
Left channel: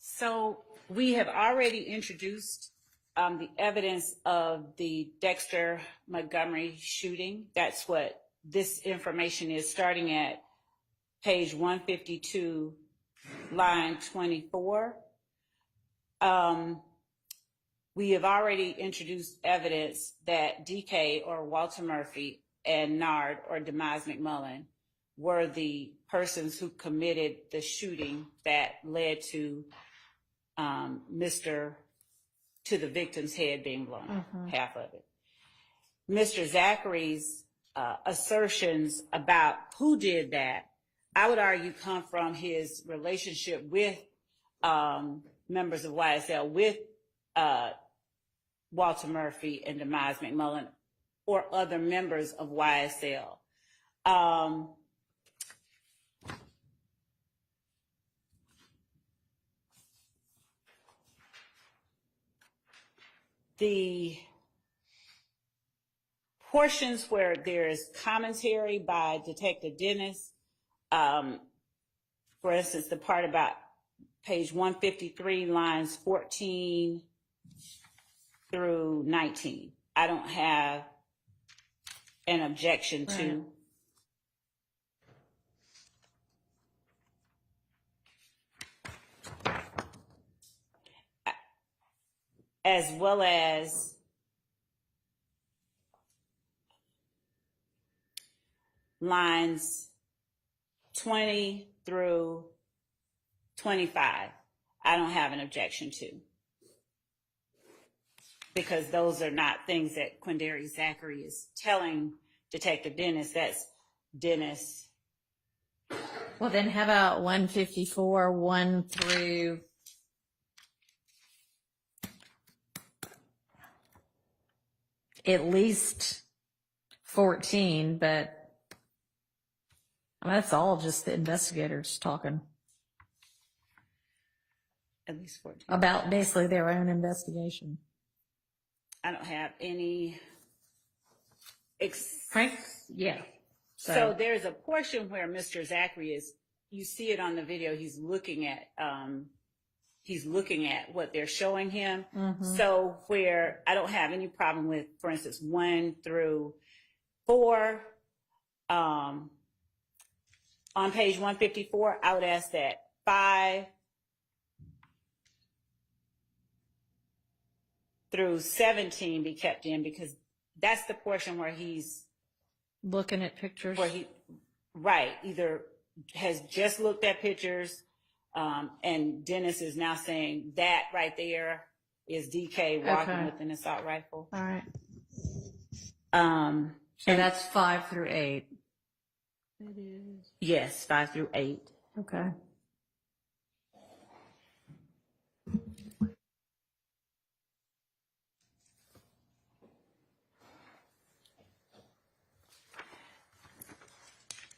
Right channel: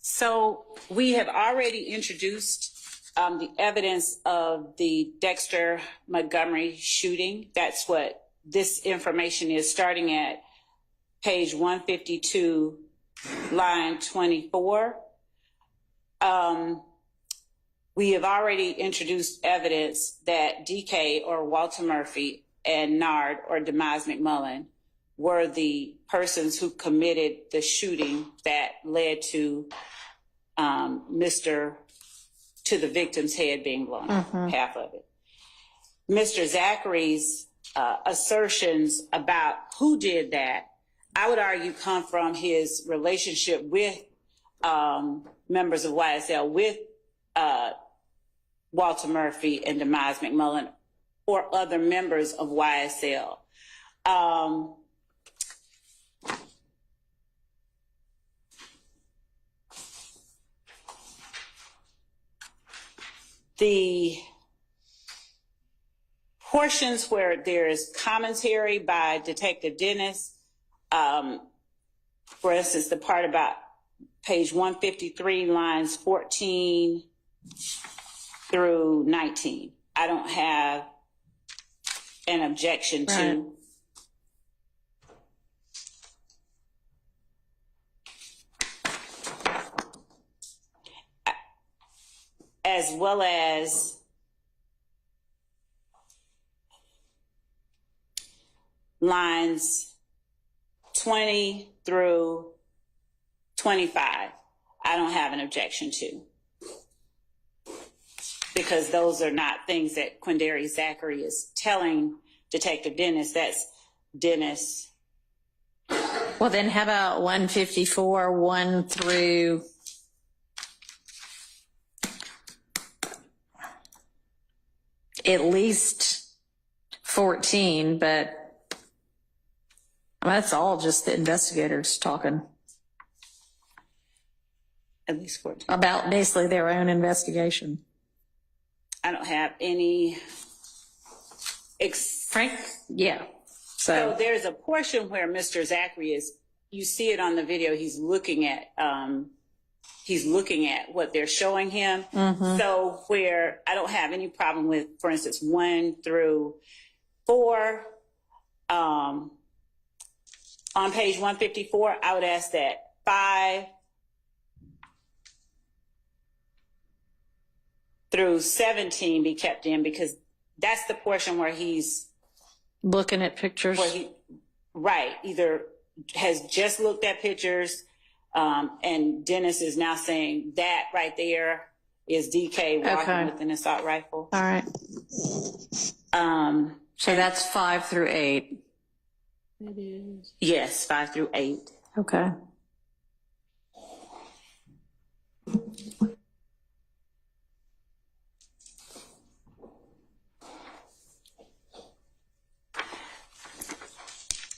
So we have already introduced the evidence of the Dexter Montgomery shooting. That's what this information is, starting at page 152, line 24. we have already introduced evidence that DK or Walter Murphy and Nard or Demise McMullen were the persons who committed the shooting that led to to the victim's head being blown off, half of it. Mr. Zachary's assertions about who did that, I would argue, come from his relationship with members of YSL, with Walter Murphy and Demise McMullen, or other members of YSL. The portions where there is commentary by Detective Dennis, for instance, the part about page 153, lines 14 through 19, I don't have an objection to. Right. As well as lines 20 through 25, I don't have an objection to, because those are not things that Quindary Zachary is telling Detective Dennis. That's Dennis. Well, then how about 154, 1 through at least 14, but that's all just the investigators talking At least 14. about basically their own investigation. I don't have any. Frank? Yeah. So there's a portion where Mr. Zachary is, you see it on the video, he's looking at what they're showing him. So where I don't have any problem with, for instance, 1 through 4, on page 154, I would ask that 5 through 17 be kept in, because that's the portion where he's looking at pictures. Either has just looked at pictures, and Dennis is now saying that right there is DK walking with an assault rifle. All right. So that's 5 through 8. It is. Yes, 5 through 8. Okay.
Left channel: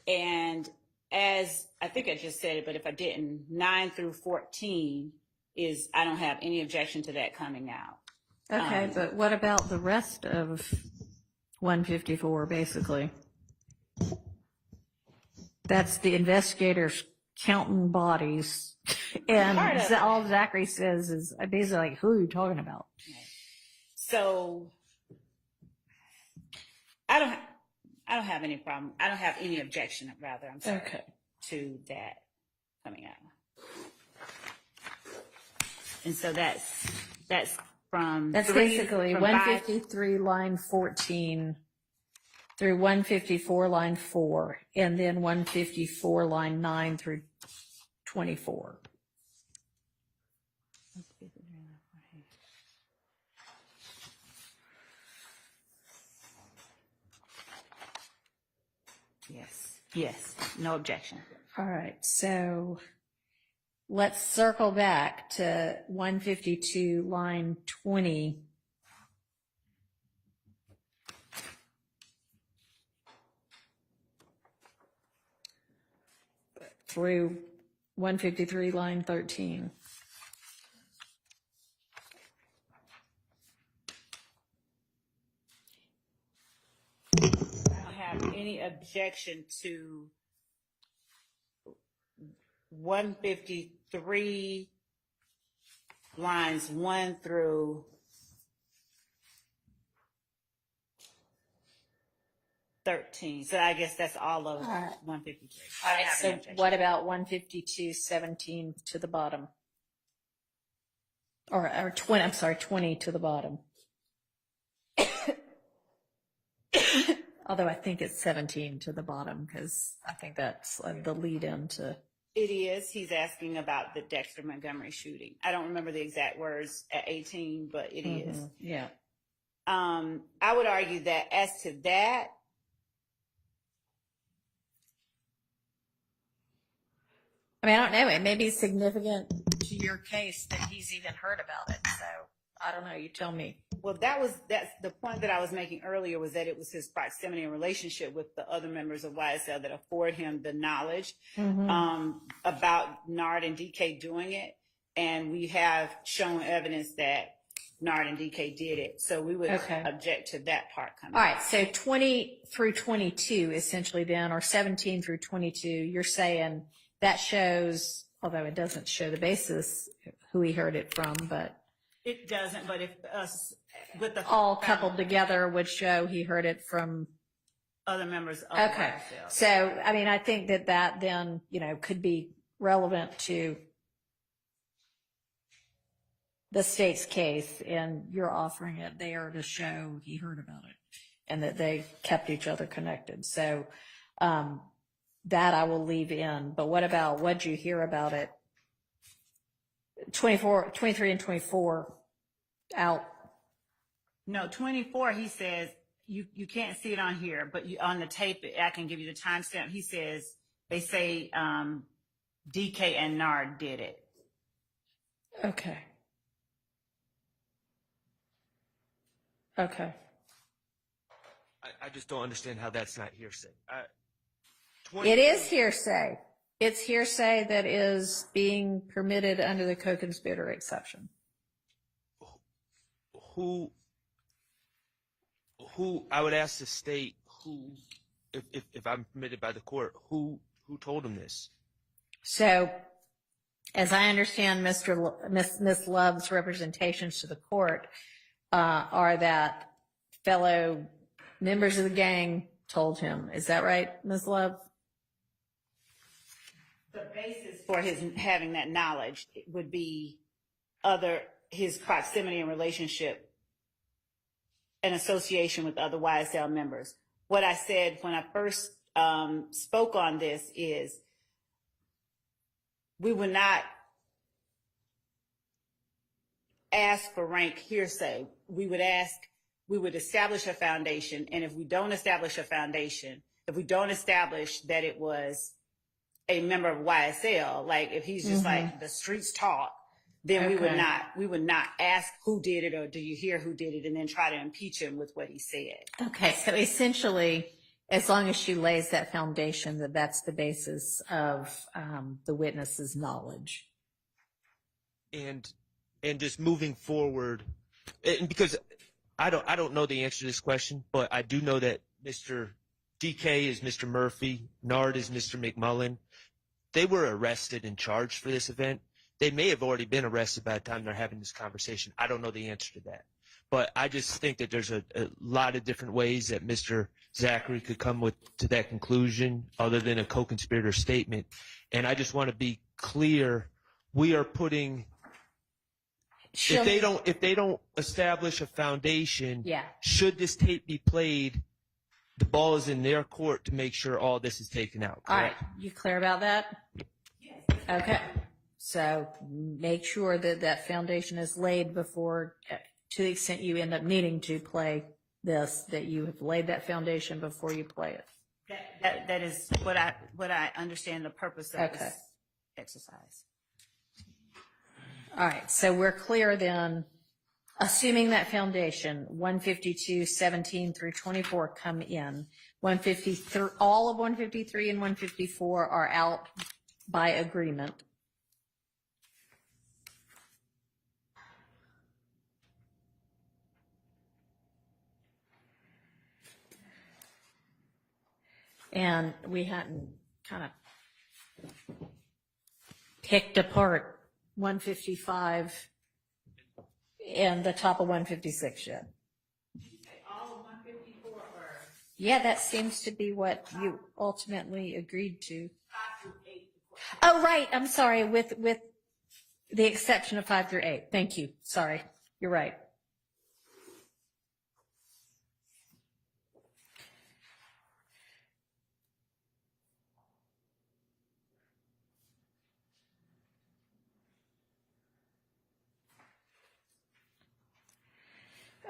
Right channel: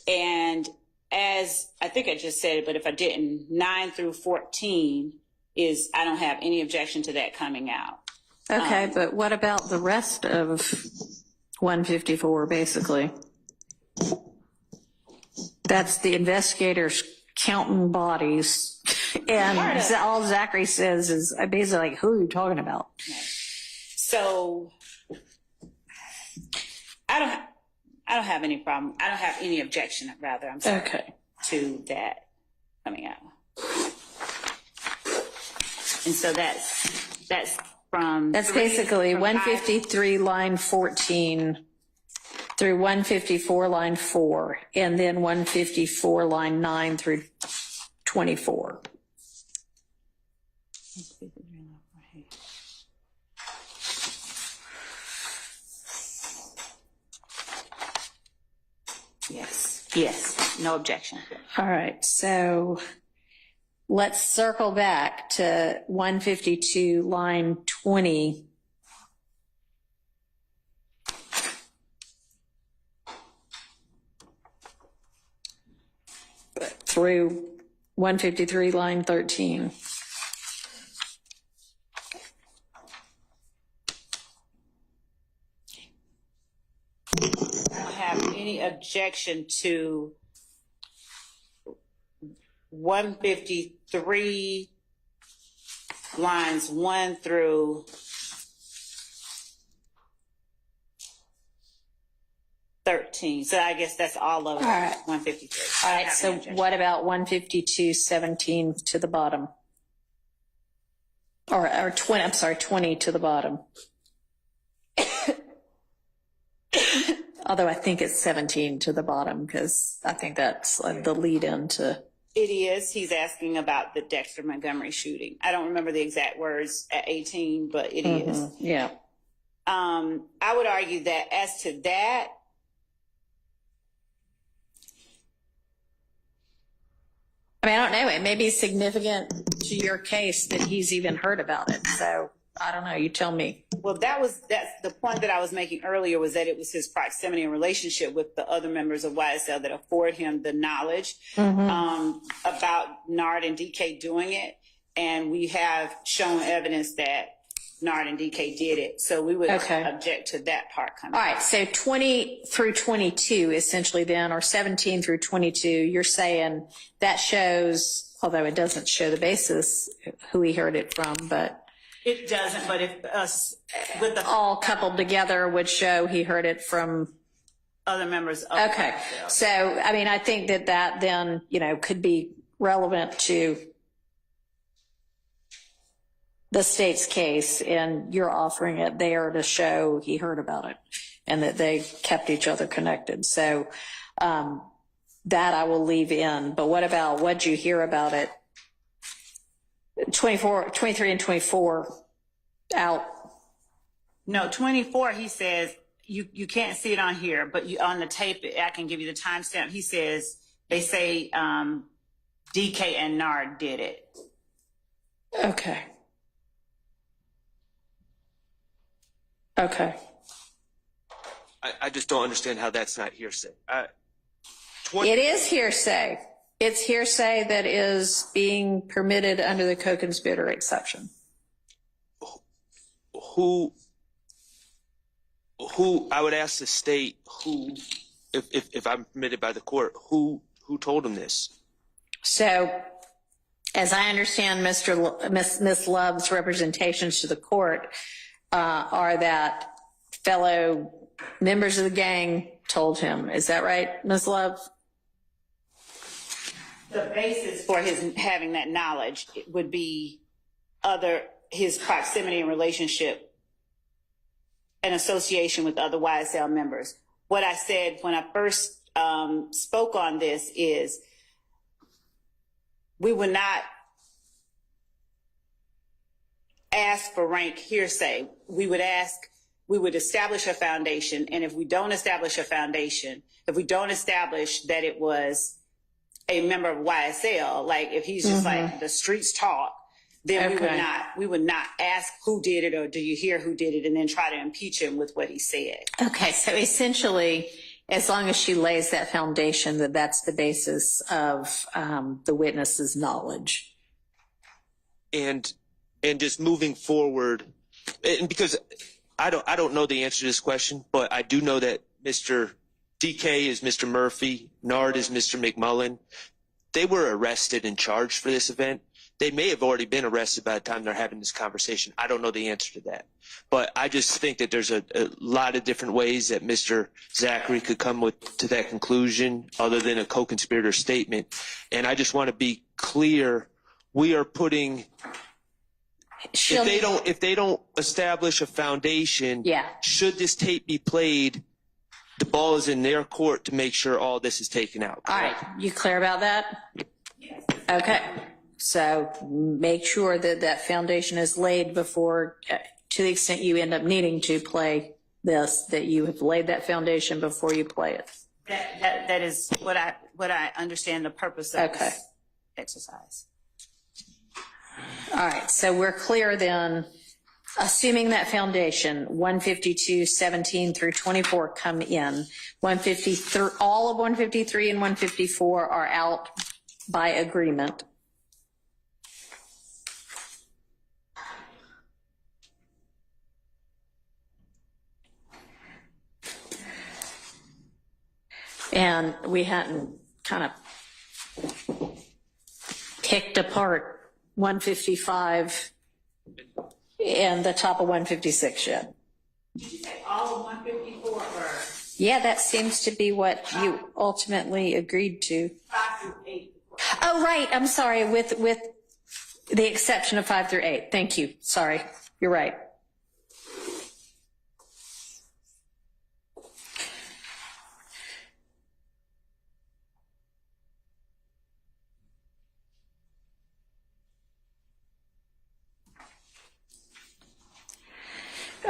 And as I think I just said it, but if I didn't, 9 through 14 is, I don't have any objection to that coming out. Okay, but what about the rest of 154, basically? That's the investigators counting bodies. And all Zachary says is basically like, who are you talking about? So I don't have any problem. I don't have any objection, rather, I'm sorry, to that coming out. And so that's from... That's basically 153 line 14 through 154 line 4, and then 154 line 9 through 24. Yes, no objection. All right, so let's circle back to 152 line 20. Through 153 line 13. I don't have any objection to 153 lines 1 through 13. So I guess that's all of 153. All right, so what about 152, 17 to the bottom? or 20, I'm sorry, 20 to the bottom. Although I think it's 17 to the bottom, because I think that's the lead into. It is. He's asking about the Dexter Montgomery shooting. I don't remember the exact words at 18, but it is. Yeah. I would argue that as to that, I mean, I don't know. It may be significant to your case that he's even heard about it. So I don't know. You tell me. well, that's the point that I was making earlier, was that it was his proximity and relationship with the other members of YSL that afford him the knowledge about Nard and DK doing it. And we have shown evidence that Nard and DK did it. So we would object to that part coming. All right. So 20 through 22, essentially then, or 17 through 22, you're saying that shows, although it doesn't show the basis, who he heard it from, but It doesn't, but if us with the all coupled together would show he heard it from. other members of Okay. YSL. So, I mean, I think that then, could be relevant to the state's case, and you're offering it there to show he heard about it and that they kept each other connected. So, that I will leave in. But what about what'd you hear about it? 23 and 24 out. No, 24, he says, you can't see it on here, but on the tape, I can give you the timestamp. He says, they say DK and Nard did it. Okay. Okay. I just don't understand how that's not hearsay. It is hearsay. It's hearsay that is being permitted under the co-conspirator exception. Who I would ask the state who, if I'm permitted by the court, who told him this? So, as I understand Miss Love's representations to the court are that fellow members of the gang told him. Is that right, Miss Love? The basis for his having that knowledge would be his proximity and relationship and association with other YSL members. What I said when I first spoke on this is we would not ask for rank hearsay. We would establish a foundation. And if we don't establish a foundation, if we don't establish that it was a member of YSL, like if he's just like the streets talk, then we would not ask who did it or do you hear who did it and then try to impeach him with what he said. Okay, so essentially, as long as she lays that foundation, that's the basis of the witness's knowledge. And just moving forward, and because I don't know the answer to this question, but I do know that Mr. DK is Mr. Murphy, Nard is Mr. McMullen. They were arrested and charged for this event. They may have already been arrested by the time they're having this conversation. I don't know the answer to that. But I just think that there's a lot of different ways that Mr. Zachary could come to that conclusion other than a co-conspirator statement. And I just want to be clear, we are putting, if they don't establish a foundation, should this tape be played, the ball is in their court to make sure all this is taken out. All right, you clear about that? Okay. So make sure that foundation is laid before, to the extent you end up needing to play this, that you have laid that foundation before you play it. That is what I understand the purpose of this exercise. All right, so we're clear then, assuming that foundation, 152, 17 through 24 come in, 153, all of 153 and 154 are out by agreement. And we hadn't kind of picked apart 155 and the top of 156 yet. Did you say all of 154 or? Yeah, that seems to be what you ultimately agreed to. 5 through 8. Oh, right. I'm sorry. The exception of 5 through 8. Thank you. Sorry. You're right.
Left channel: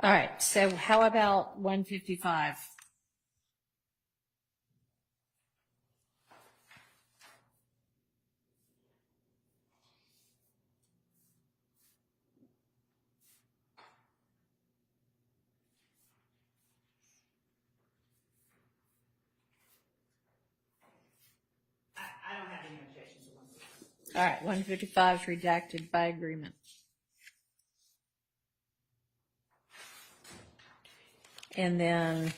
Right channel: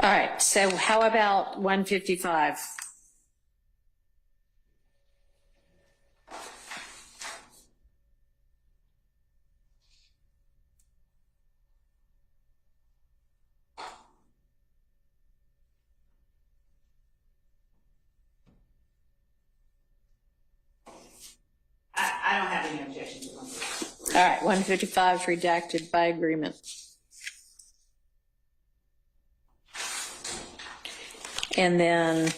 All right. So how about 155? I don't have any objections to one. All right. 155 is redacted by agreement. And then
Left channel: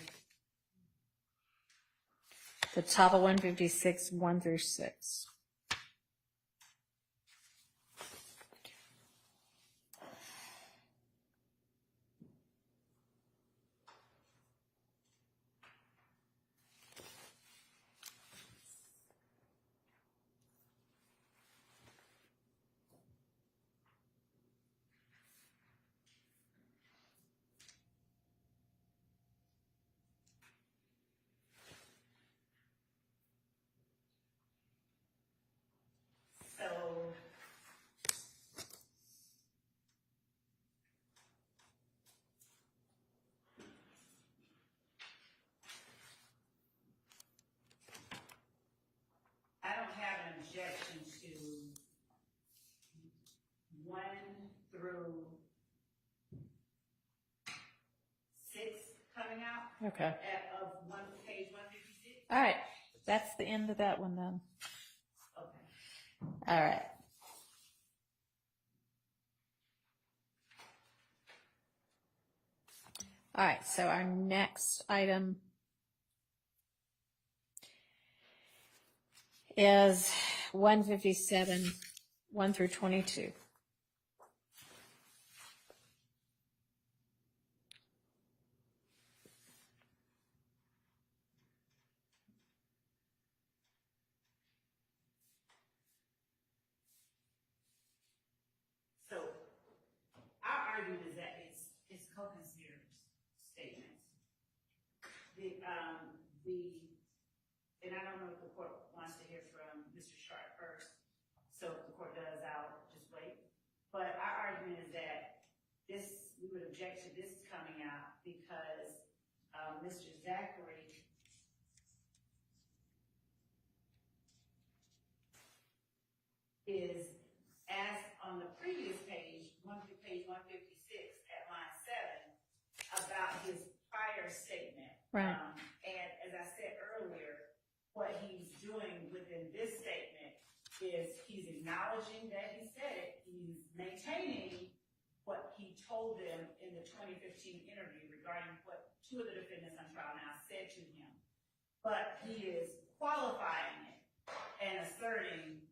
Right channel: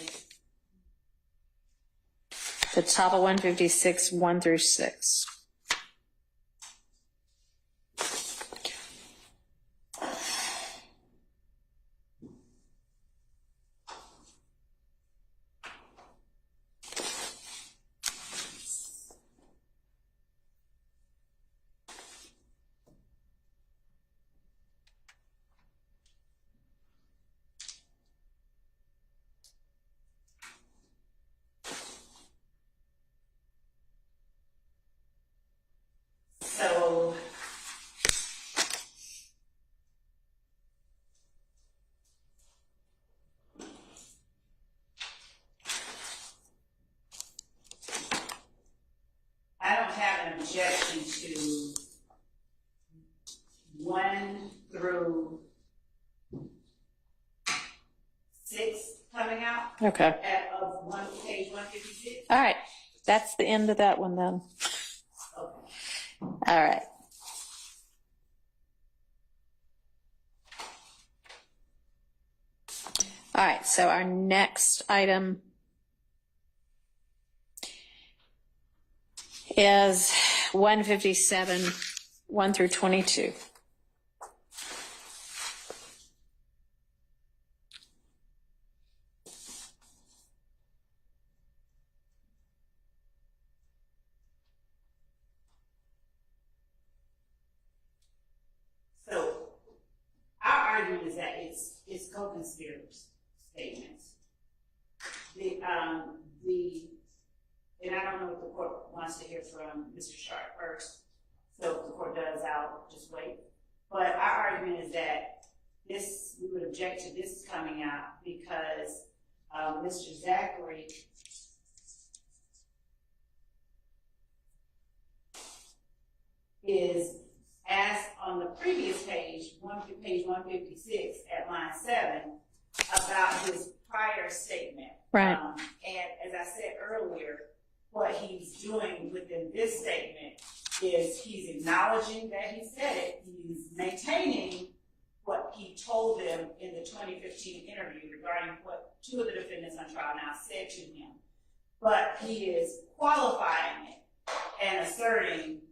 the top of 156, 1 through 6. So I don't have an objection to 1 through 6 coming out Okay. of page 156. All right. That's the end of that one then. Okay. All right. All right. So our next item is 157, 1 through 22. So our argument is that it's co-conspirators statements. And I don't know if the court wants to hear from Mr. Sharp first. So if the court does, I'll just wait. But our argument is that we would object to this coming out because Mr. Zachary is asked on the previous page 156 at line 7, about his prior statement. Right. And as I said earlier, what he's doing within this statement is he's acknowledging that he said it. He's maintaining what he told them in the 2015 interview regarding what 2 of the defendants on trial now said to him. But he is qualifying it and asserting,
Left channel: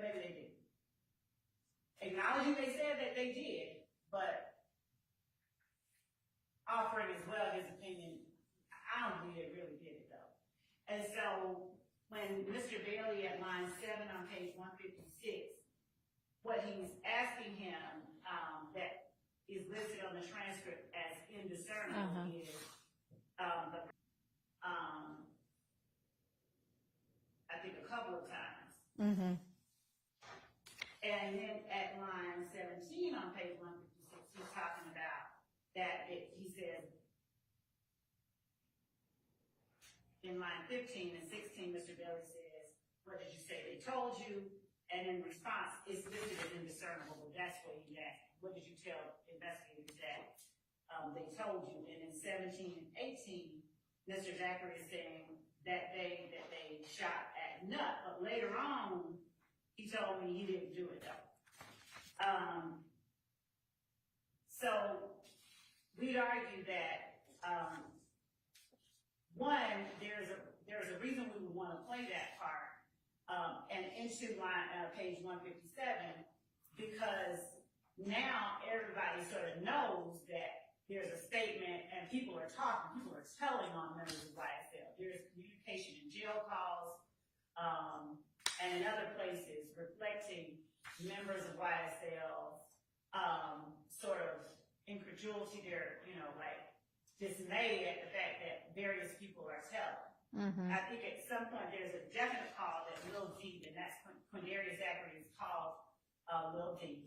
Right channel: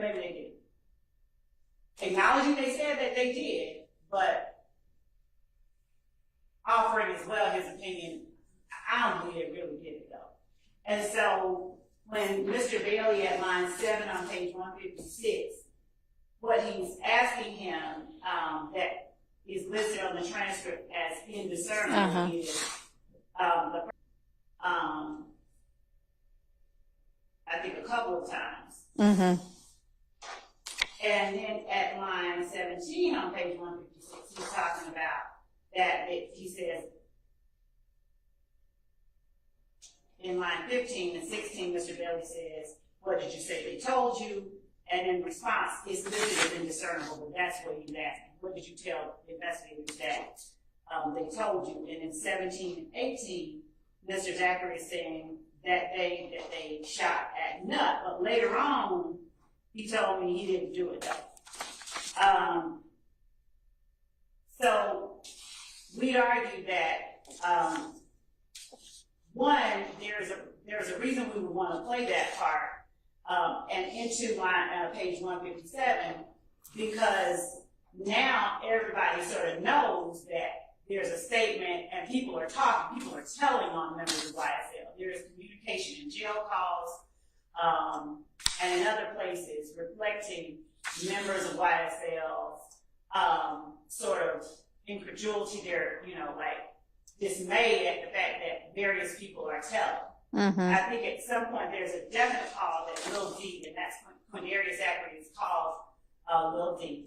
maybe they did. Acknowledging they said that they did, but offering as well his opinion. I don't believe they really did it though. And so when Mr. Bailey at line 7 on page 156, what he's asking him that is listed on the transcript as indiscernible is I think a couple of times. Mm-hmm. And then at line 17 on page 156, he's talking about that he says, in line 15 and 16, Mr. Bailey says, what did you say they told you? And in response, it's listed as indiscernible, but that's what he's asking. What did you tell the investigators that they told you? And in 17 and 18, Mr. Zachary is saying that they shot at Nut, but later on, he told me he didn't do it though. So we'd argue that one, there's a reason we would want to play that part and into page 157, because now everybody sort of knows that there's a statement and people are talking, people are telling on members of YSL. There's communication in jail calls and in other places reflecting members of YSL, sort of incredulity, they're, like dismayed at the fact that various people are telling. I think at some point there's a definite call that Lil D, and that's when Quindarius Zachary is called Lil D.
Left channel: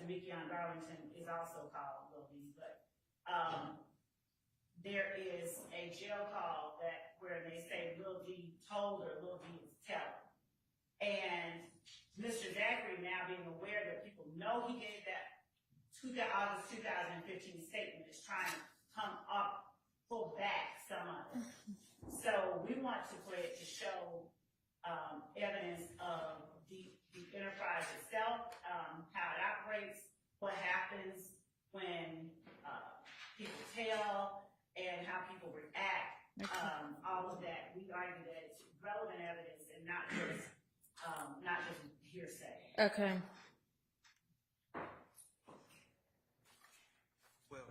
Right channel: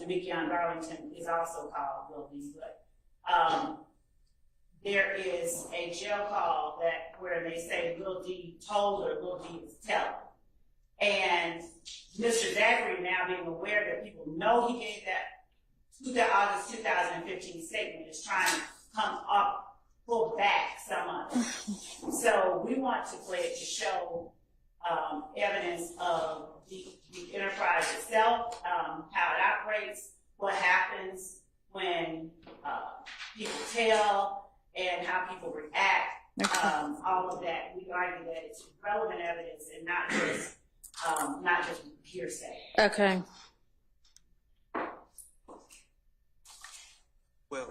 Demekion Garlington is also called Lil D, but there is a jail call where they say Lil D told or Lil D is telling. And Mr. Zachary, now being aware that people know he gave that August 2015 statement, is trying to pull back some of it. So we want to play it to show evidence of the enterprise itself, how it operates, what happens when people tell, and how people react. All of that, we argue that it's relevant evidence and not just hearsay. Okay. Well,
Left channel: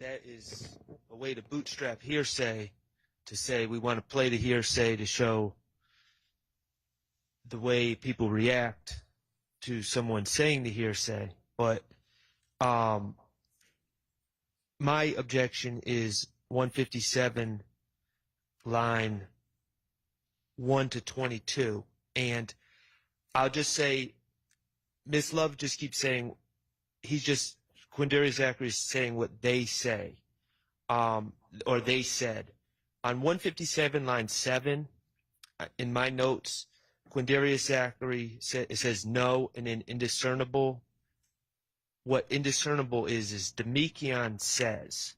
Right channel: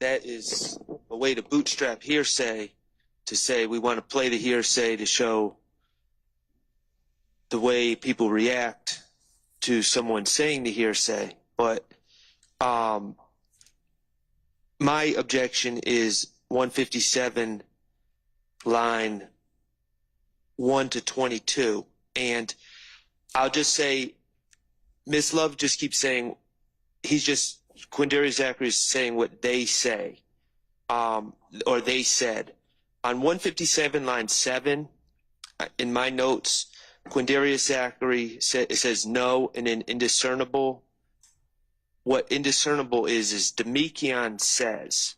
that is a way to bootstrap hearsay, to say we want to play the hearsay to show the way people react to someone saying the hearsay. But my objection is 157 line 1 to 22. And I'll just say, Ms. Love just keeps saying, Quindarius Zachary is saying what they say, or they said. On 157 line 7, in my notes, Quindarius Zachary says no, and then indiscernible. What indiscernible is Demekion says.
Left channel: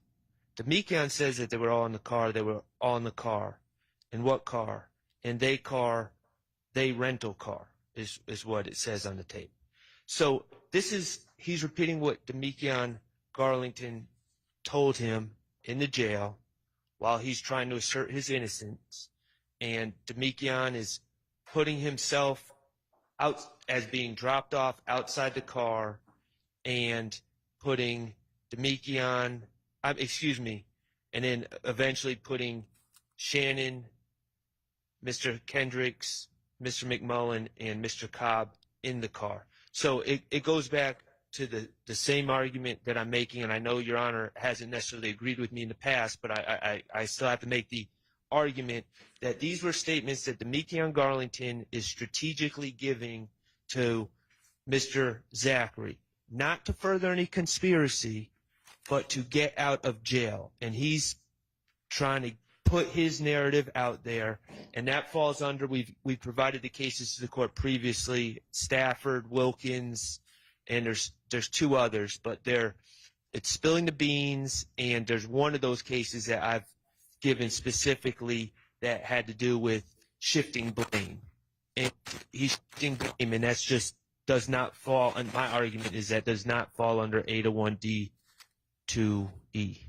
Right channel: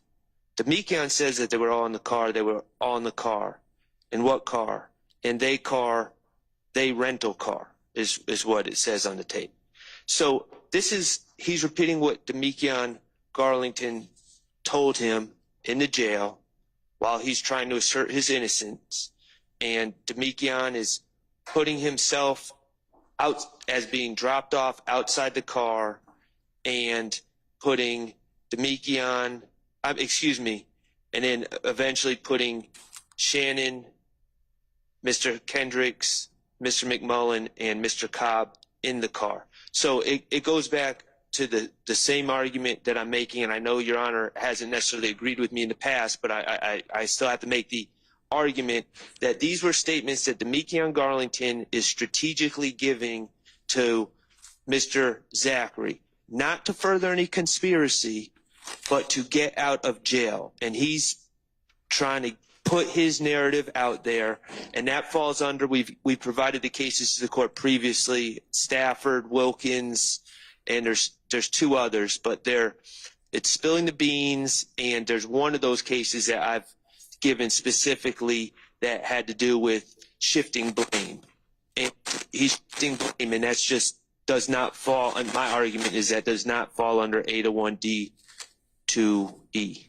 Demekion says that they were all in the car. They were all in the car. In what car? In they rental car is what it says on the tape. So he's repeating what Demekion Garlington told him in the jail while he's trying to assert his innocence. And Demekion is putting himself out as being dropped off outside the car and putting Demekion, and then eventually putting Shannon, Mr. Kendricks, Mr. McMullen, and Mr. Cobb in the car. So it goes back to the same argument that I'm making, and I know Your Honor hasn't necessarily agreed with me in the past, but I still have to make the argument that these were statements that Demekion Garlington is strategically giving to Mr. Zachary, not to further any conspiracy, but to get out of jail. And he's trying to put his narrative out there, and that falls under, we've provided the cases to the court previously, Stafford, Wilkins, and there's two others, but it's spilling the beans, and there's one of those cases that I've given specifically that had to do with shifting blame. And he's shifting blame, and that's just does not fall, and my argument is that does not fall under 801D to E.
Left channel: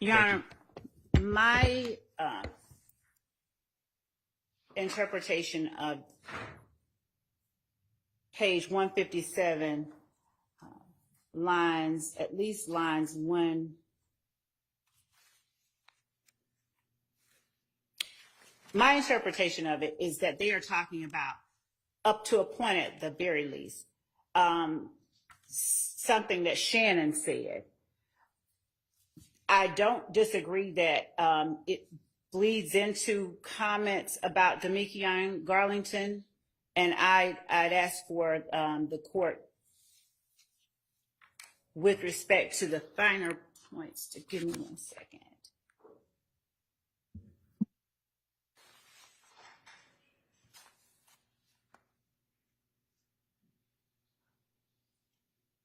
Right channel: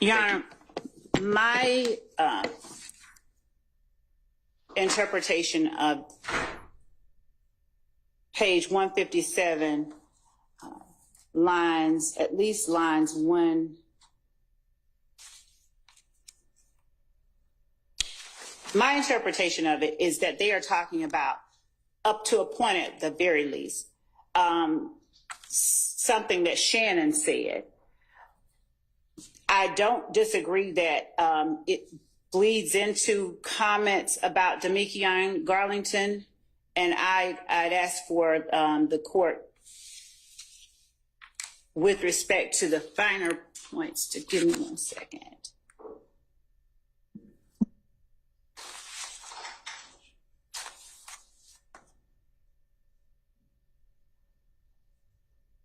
Your Honor, my interpretation of page 157, at least lines 1. My interpretation of it is that they are talking about up to a point at the very least, something that Shannon said. I don't disagree that it bleeds into comments about Demekion Garlington, and I'd ask for the court, with respect to the finer points, to give me 1 second.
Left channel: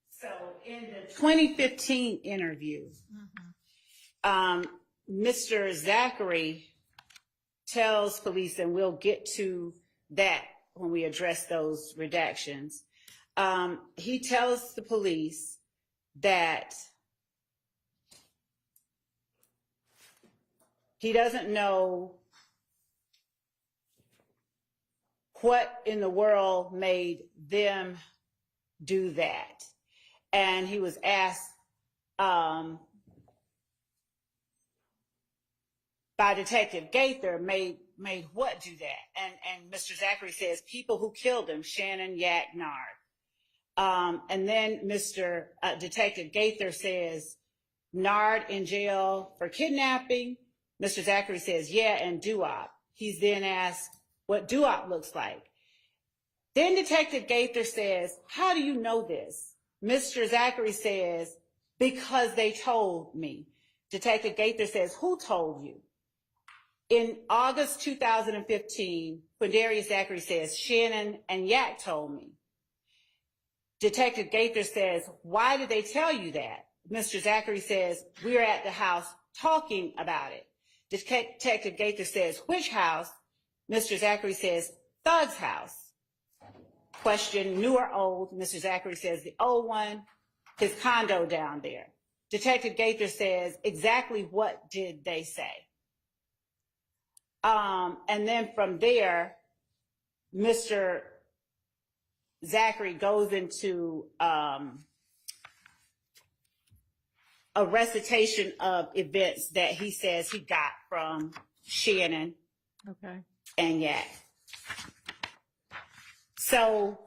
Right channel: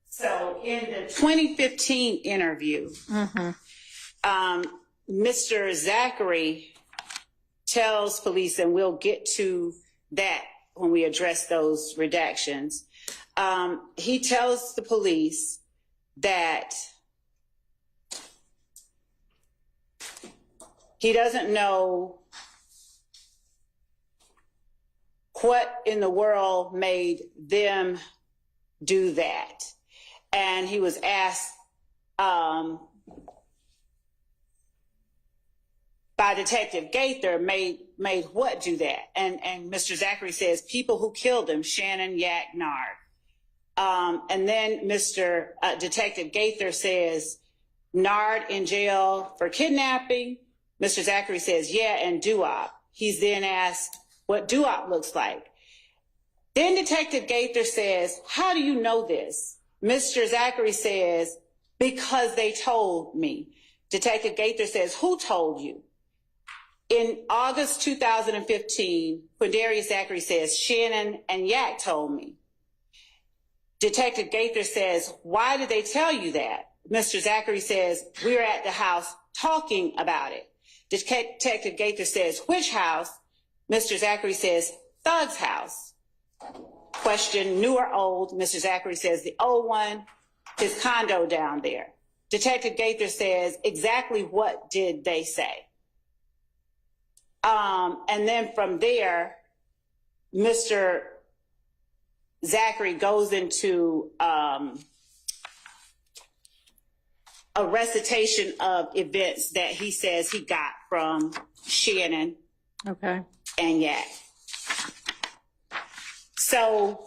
So in the 2015 interview, Mr. Zachary tells police, and we'll get to that when we address those redactions. He tells the police that he doesn't know what in the world made them do that. And he was asked by Detective Gaither, made what do that? And Mr. Zachary says, people who killed him, Shannon, Yak, Nard. And then Detective Gaither says, Nard in jail for kidnapping. Mr. Zachary says, yeah, and Duop. He's then asked what Duop looks like. Then Detective Gaither says, how do you know this? Mr. Zachary says, because they told me. Detective Gaither says, who told you? In August 2015, Quindarius Zachary says, Shannon and Yak told me. Detective Gaither says, why did they tell you that? Mr. Zachary says, we were at the house talking about it. Detective Gaither says, which house? Mr. Zachary says, Thug's house. Question, new or old? Mr. Zachary says, the old one, his condo down there. Detective Gaither says, exactly what did they say? And then from there, Mr. Zachary goes into a recitation of events that he says he got from Shannon and Yak. So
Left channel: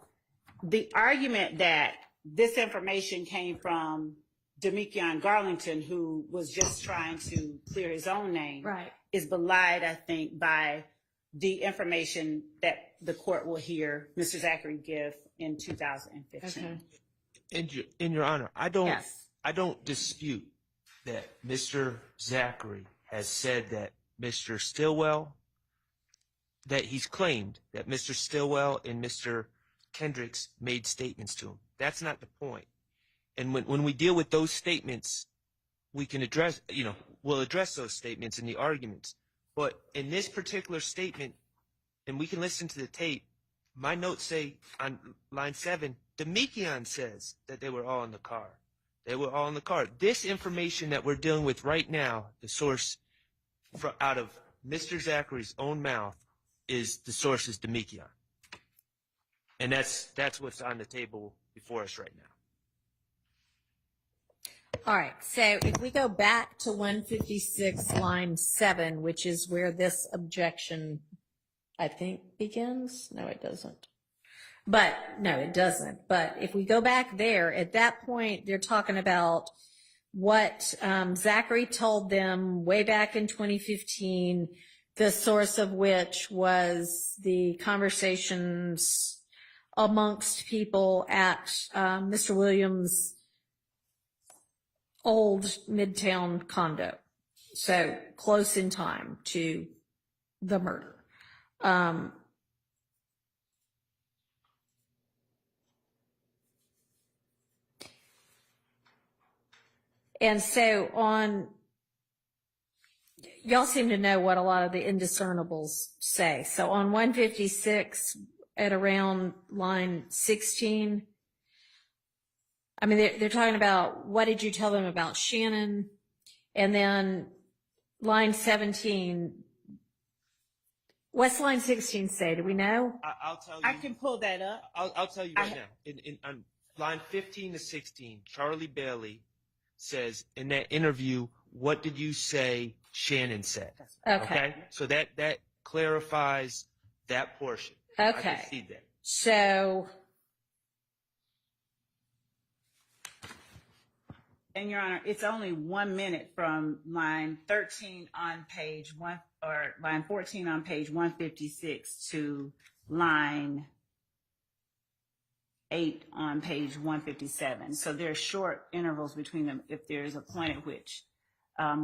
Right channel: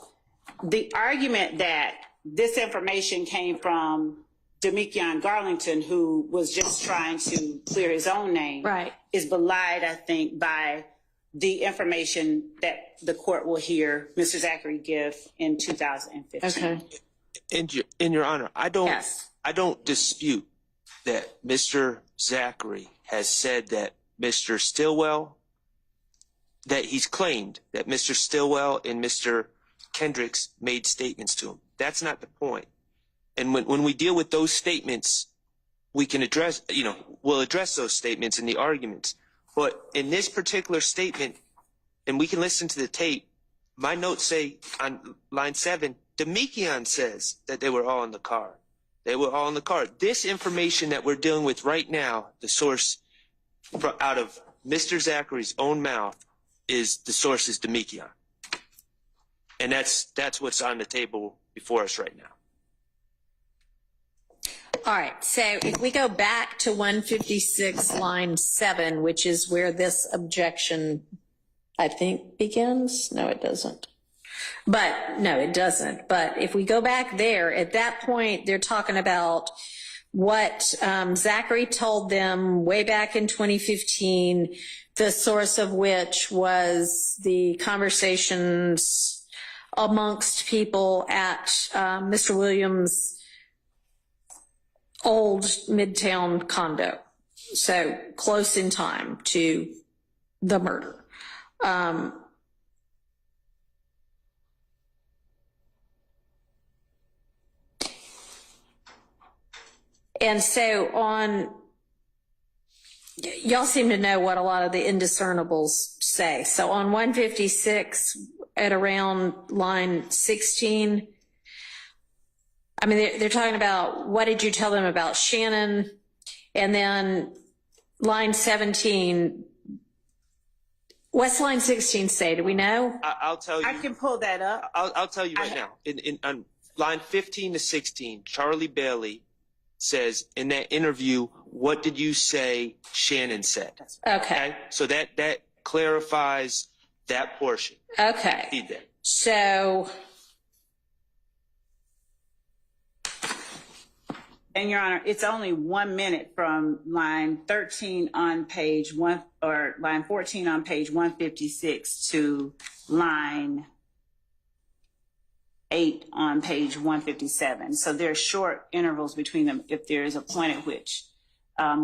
the argument that this information came from Demekion Garlington, who was just trying to clear his own name, is belied, I think, by the information that the court will hear Mr. Zachary give in 2015. Okay. In your honor, I don't dispute that Mr. Zachary has said that Mr. Stillwell, that he's claimed that Mr. Stillwell and Mr. Kendricks made statements to him. That's not the point. And when we deal with those statements, we can address, we'll address those statements in the arguments. But in this particular statement, and we can listen to the tape, my notes say on line 7, Demekion says that they were all in the car. They were all in the car. This information that we're dealing with right now, the source out of Mr. Zachary's own mouth, is the source is Demekion. And that's what's on the table before us right now. All right, so if we go back to 156 line 7, which is where this objection, I think, begins. No, it doesn't. But no, it doesn't. But if we go back there, at that point, they're talking about what Zachary told them way back in 2015, the source of which was the conversations amongst people at Mr. Williams' old Midtown condo. So close in time to the murder. And so y'all seem to know what a lot of the indiscernibles say. So on 156 at around line 16, I mean, they're talking about what did you tell them about Shannon? And then line 17, what's line 16 say? Do we know? I'll tell you. I can pull that up. I'll tell you right now. On line 15 to 16, Charlie Bailey says in that interview, what did you say Shannon said? Okay. So that clarifies that portion. Okay. So. And Your Honor, it's only 1 minute from line 13 on page 1, or line 14 on page 156 to line 8 on page 157. So there are short intervals between them if there is a point at which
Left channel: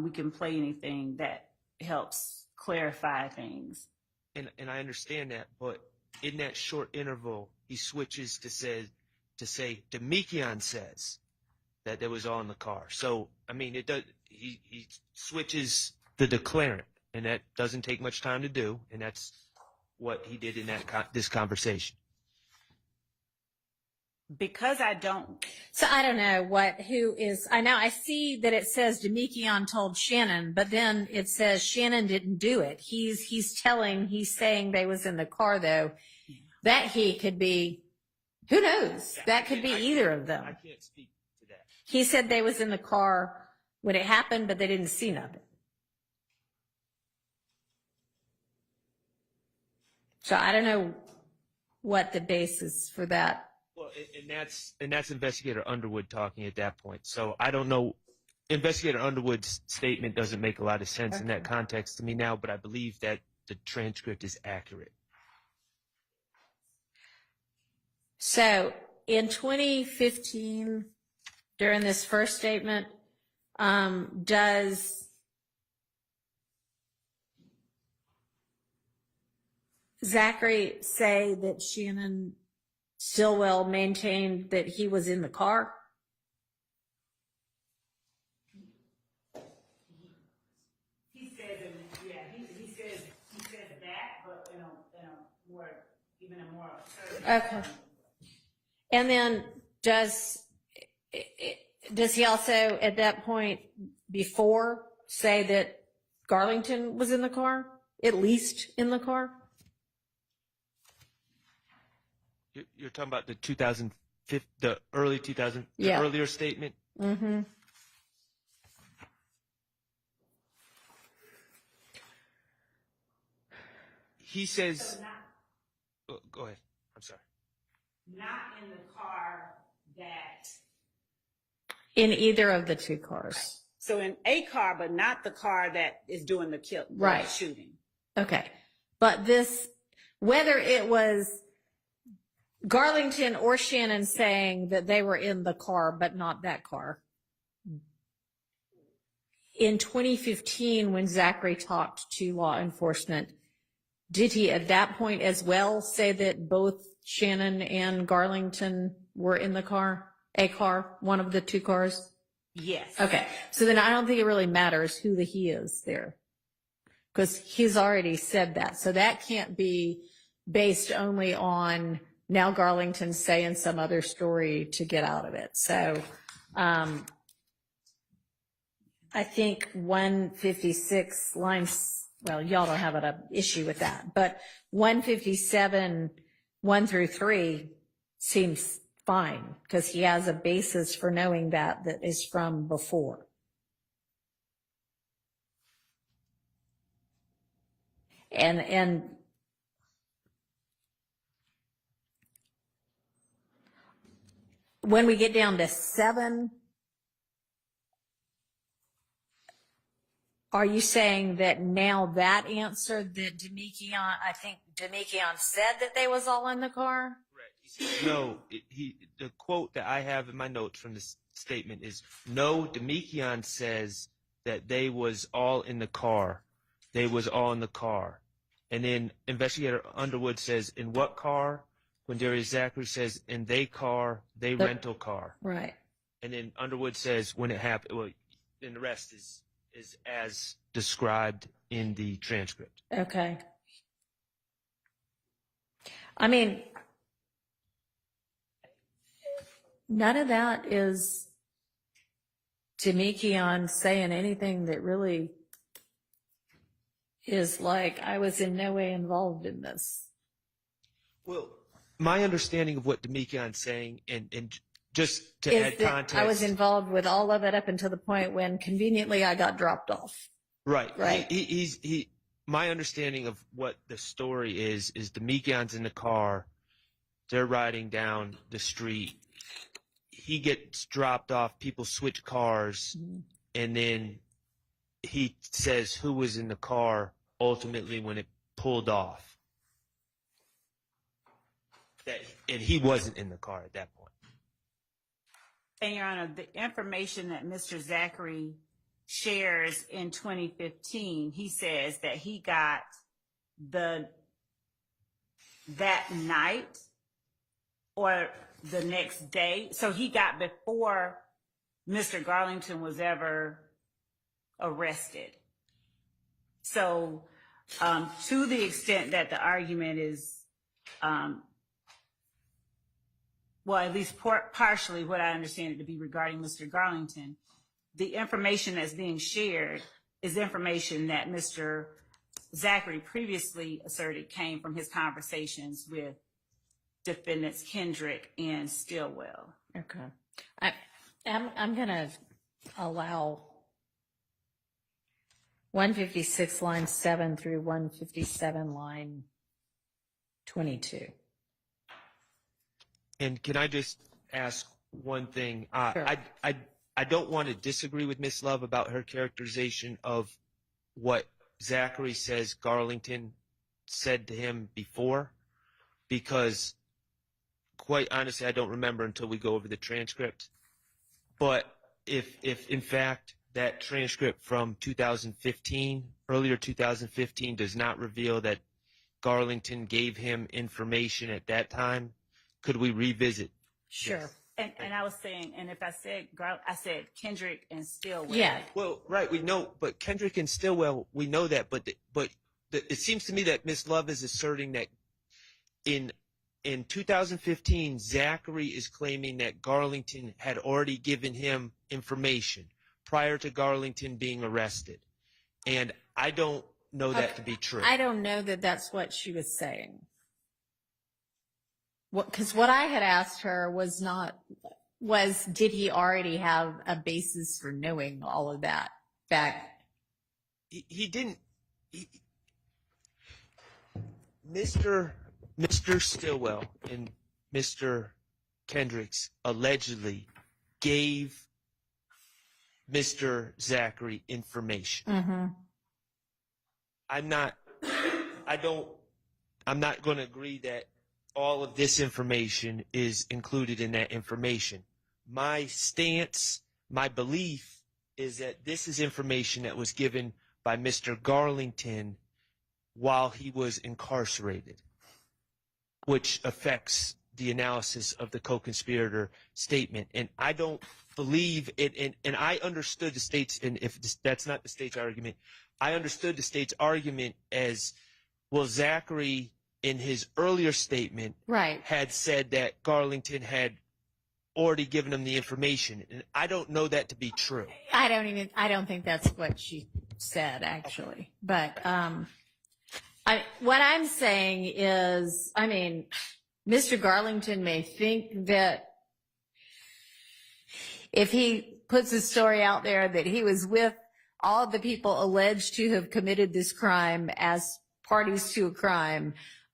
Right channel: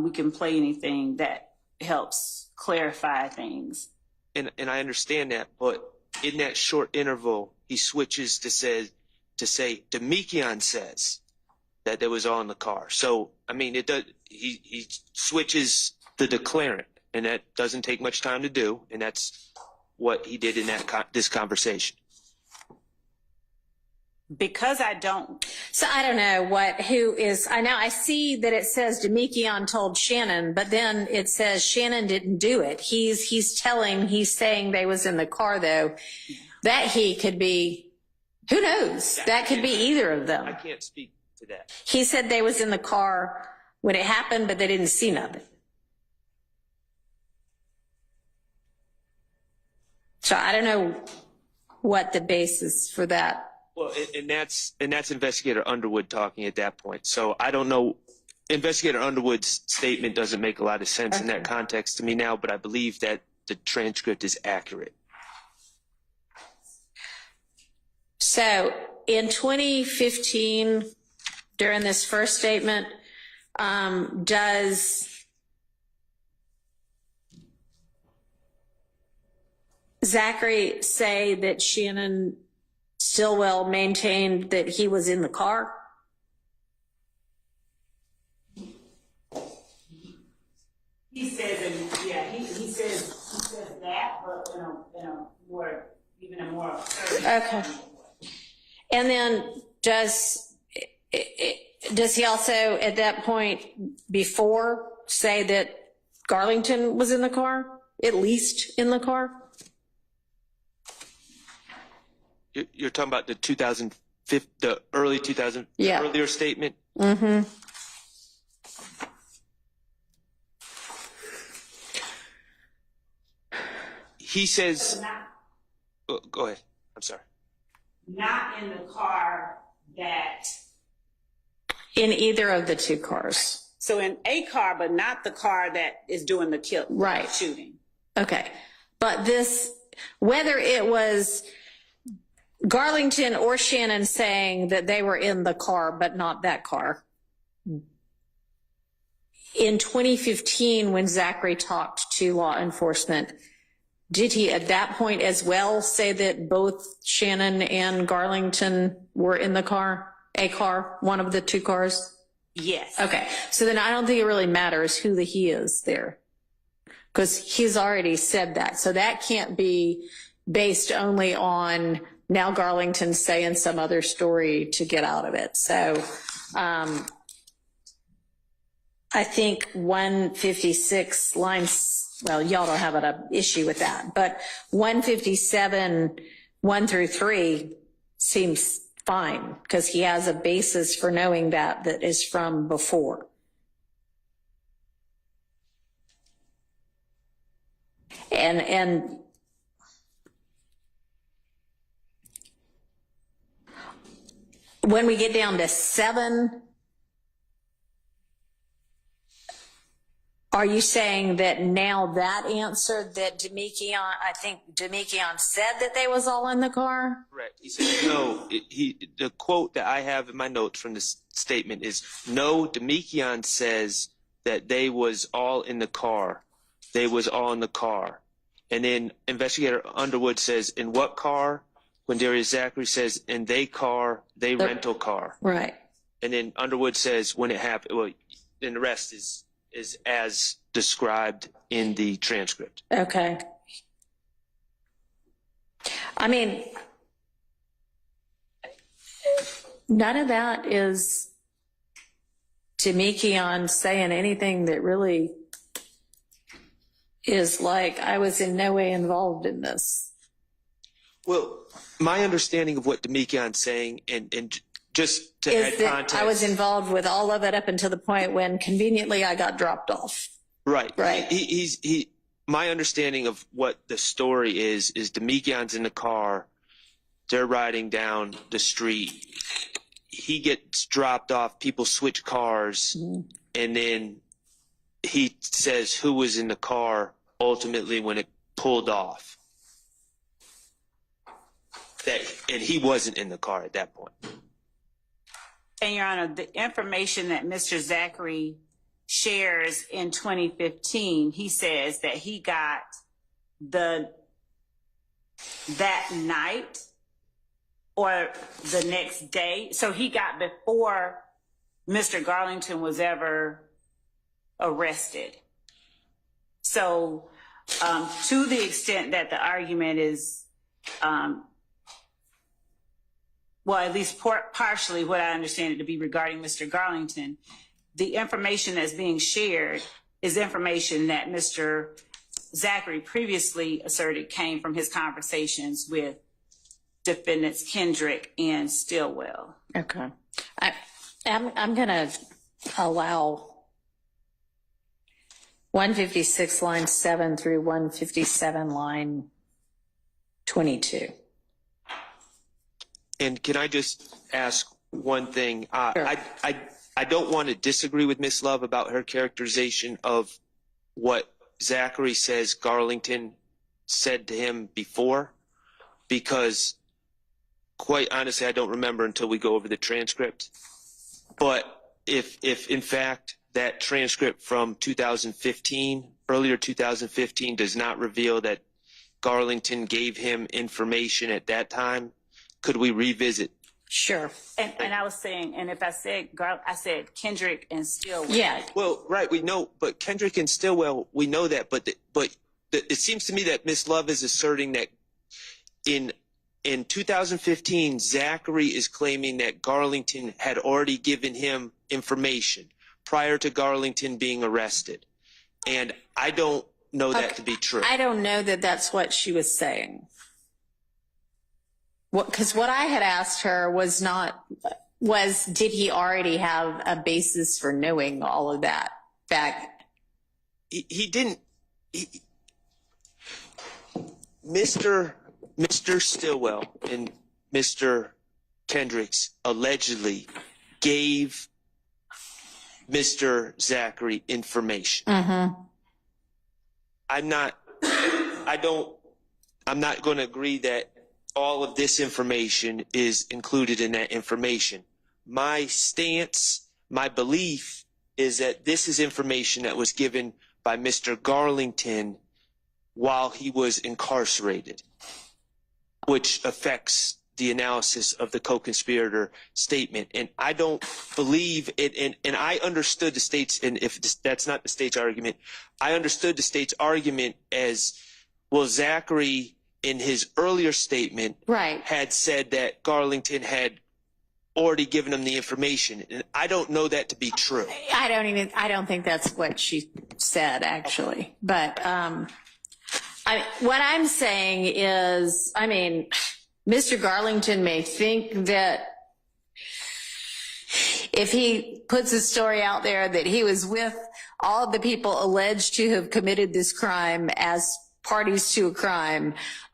we can play anything that helps clarify things. And I understand that, but in that short interval, he switches to say Demekion says that they was all in the car. So I mean, it does. He switches the declarant, and that doesn't take much time to do, and that's what he did in this conversation. Because I don't. So I don't know who is, I see that it says Demekion told Shannon, but then it says Shannon didn't do it. He's saying they was in the car though. That he could be, who knows? That could be either of them. I can't speak to that. He said they was in the car when it happened, but they didn't see nothing. So I don't know what the basis for that. Well, and that's Investigator Underwood talking at that point. So I don't know. Investigator Underwood's statement doesn't make a lot of sense in that context to me now, but I believe that the transcript is accurate. So in 2015, during this first statement, does Zachary say that Shannon Stillwell maintained that he was in the car? He says, he says that, but in a more, even a more assertive. Okay. And then does he also at that point before say that Garlington was in the car, at least in the car? You're talking about the 2005, the early 2000, Yeah. the earlier statement? Mm-hmm. He says, Not, oh, go ahead. I'm sorry. not in the car that. In either of the two cars. So in a car, but not the car that is doing the kill, Right. shooting. Okay. But this, whether it was Garlington or Shannon saying that they were in the car, but not that car. In 2015, when Zachary talked to law enforcement, did he at that point as well say that both Shannon and Garlington were in the car, a car, one of the two cars? Yes. Okay. So then I don't think it really matters who the he is there, because he's already said that. So that can't be based only on now Garlington saying some other story to get out of it. So I think 156 lines, well, y'all don't have an issue with that, but 157, 1 through 3 seems fine because he has a basis for knowing that is from before. And when we get down to 7, are you saying that now that answer that Demekion, I think Demekion said that they was all in the car? Correct. He said, no, the quote that I have in my notes from this statement is, no, Demekion says that they was all in the car. They was all in the car. And then Investigator Underwood says, in what car? When Darius Zachary says, in they car, they rental car. Right. And then Underwood says, when it happened, well, then the rest is as described in the transcript. Okay. I mean, none of that is Demekion saying anything that really is like, I was in no way involved in this. Well, my understanding of what Demekion's saying, and just to add Is that context, I was involved with all of it up until the point when conveniently I got dropped off. right. Right. He my understanding of what the story is Demekion's in the car. They're riding down the street. He gets dropped off. People switch cars, and then he says who was in the car ultimately when it pulled off. And he wasn't in the car at that point. And Your Honor, the information that Mr. Zachary shares in 2015, he says that he got that night or the next day. So he got before Mr. Garlington was ever arrested. So to the extent that the argument is, well, at least partially what I understand it to be regarding Mr. Garlington, the information that's being shared is information that Mr. Zachary previously asserted came from his conversations with defendants Kendrick and Stillwell. Okay. I'm going to allow 156 line 7 through 157 line 22. And can I just ask one thing? Sure. I don't want to disagree with Miss Love about her characterization of what Zachary says Garlington said to him before, because quite honestly, I don't remember until we go over the transcript. But if in fact that transcript from 2015, earlier 2015, does not reveal that Garlington gave him information at that time, could we revisit? Sure. And I was saying, and if I said I said Kendrick and Stillwell. Yeah. Well, right, we know, but Kendrick and Stillwell, we know that, but it seems to me that Miss Love is asserting that in 2015, Zachary is claiming that Garlington had already given him information prior to Garlington being arrested. And I don't know that to be true. I don't know that that's what she was saying. Because what I had asked her was did he already have a basis for knowing all of that back? He didn't. Mr. Stillwell and Mr. Kendricks allegedly gave Mr. Zachary information. Mm-hmm. I'm not going to agree that all of this information is included in that information. My stance, my belief is that this is information that was given by Mr. Garlington while he was incarcerated, which affects the analysis of the co-conspirator statement. And I don't believe it. And I understood the state's, and if that's not the state's argument, I understood the state's argument as, well, Zachary in his earlier statement had said that Garlington had already given him the information. And I don't know that to be true. I don't think that's what she said, actually. But what I'm saying is, Mr. Garlington may think that if he puts a story out there that he was with all of the people alleged to have committed this crime as parties to a crime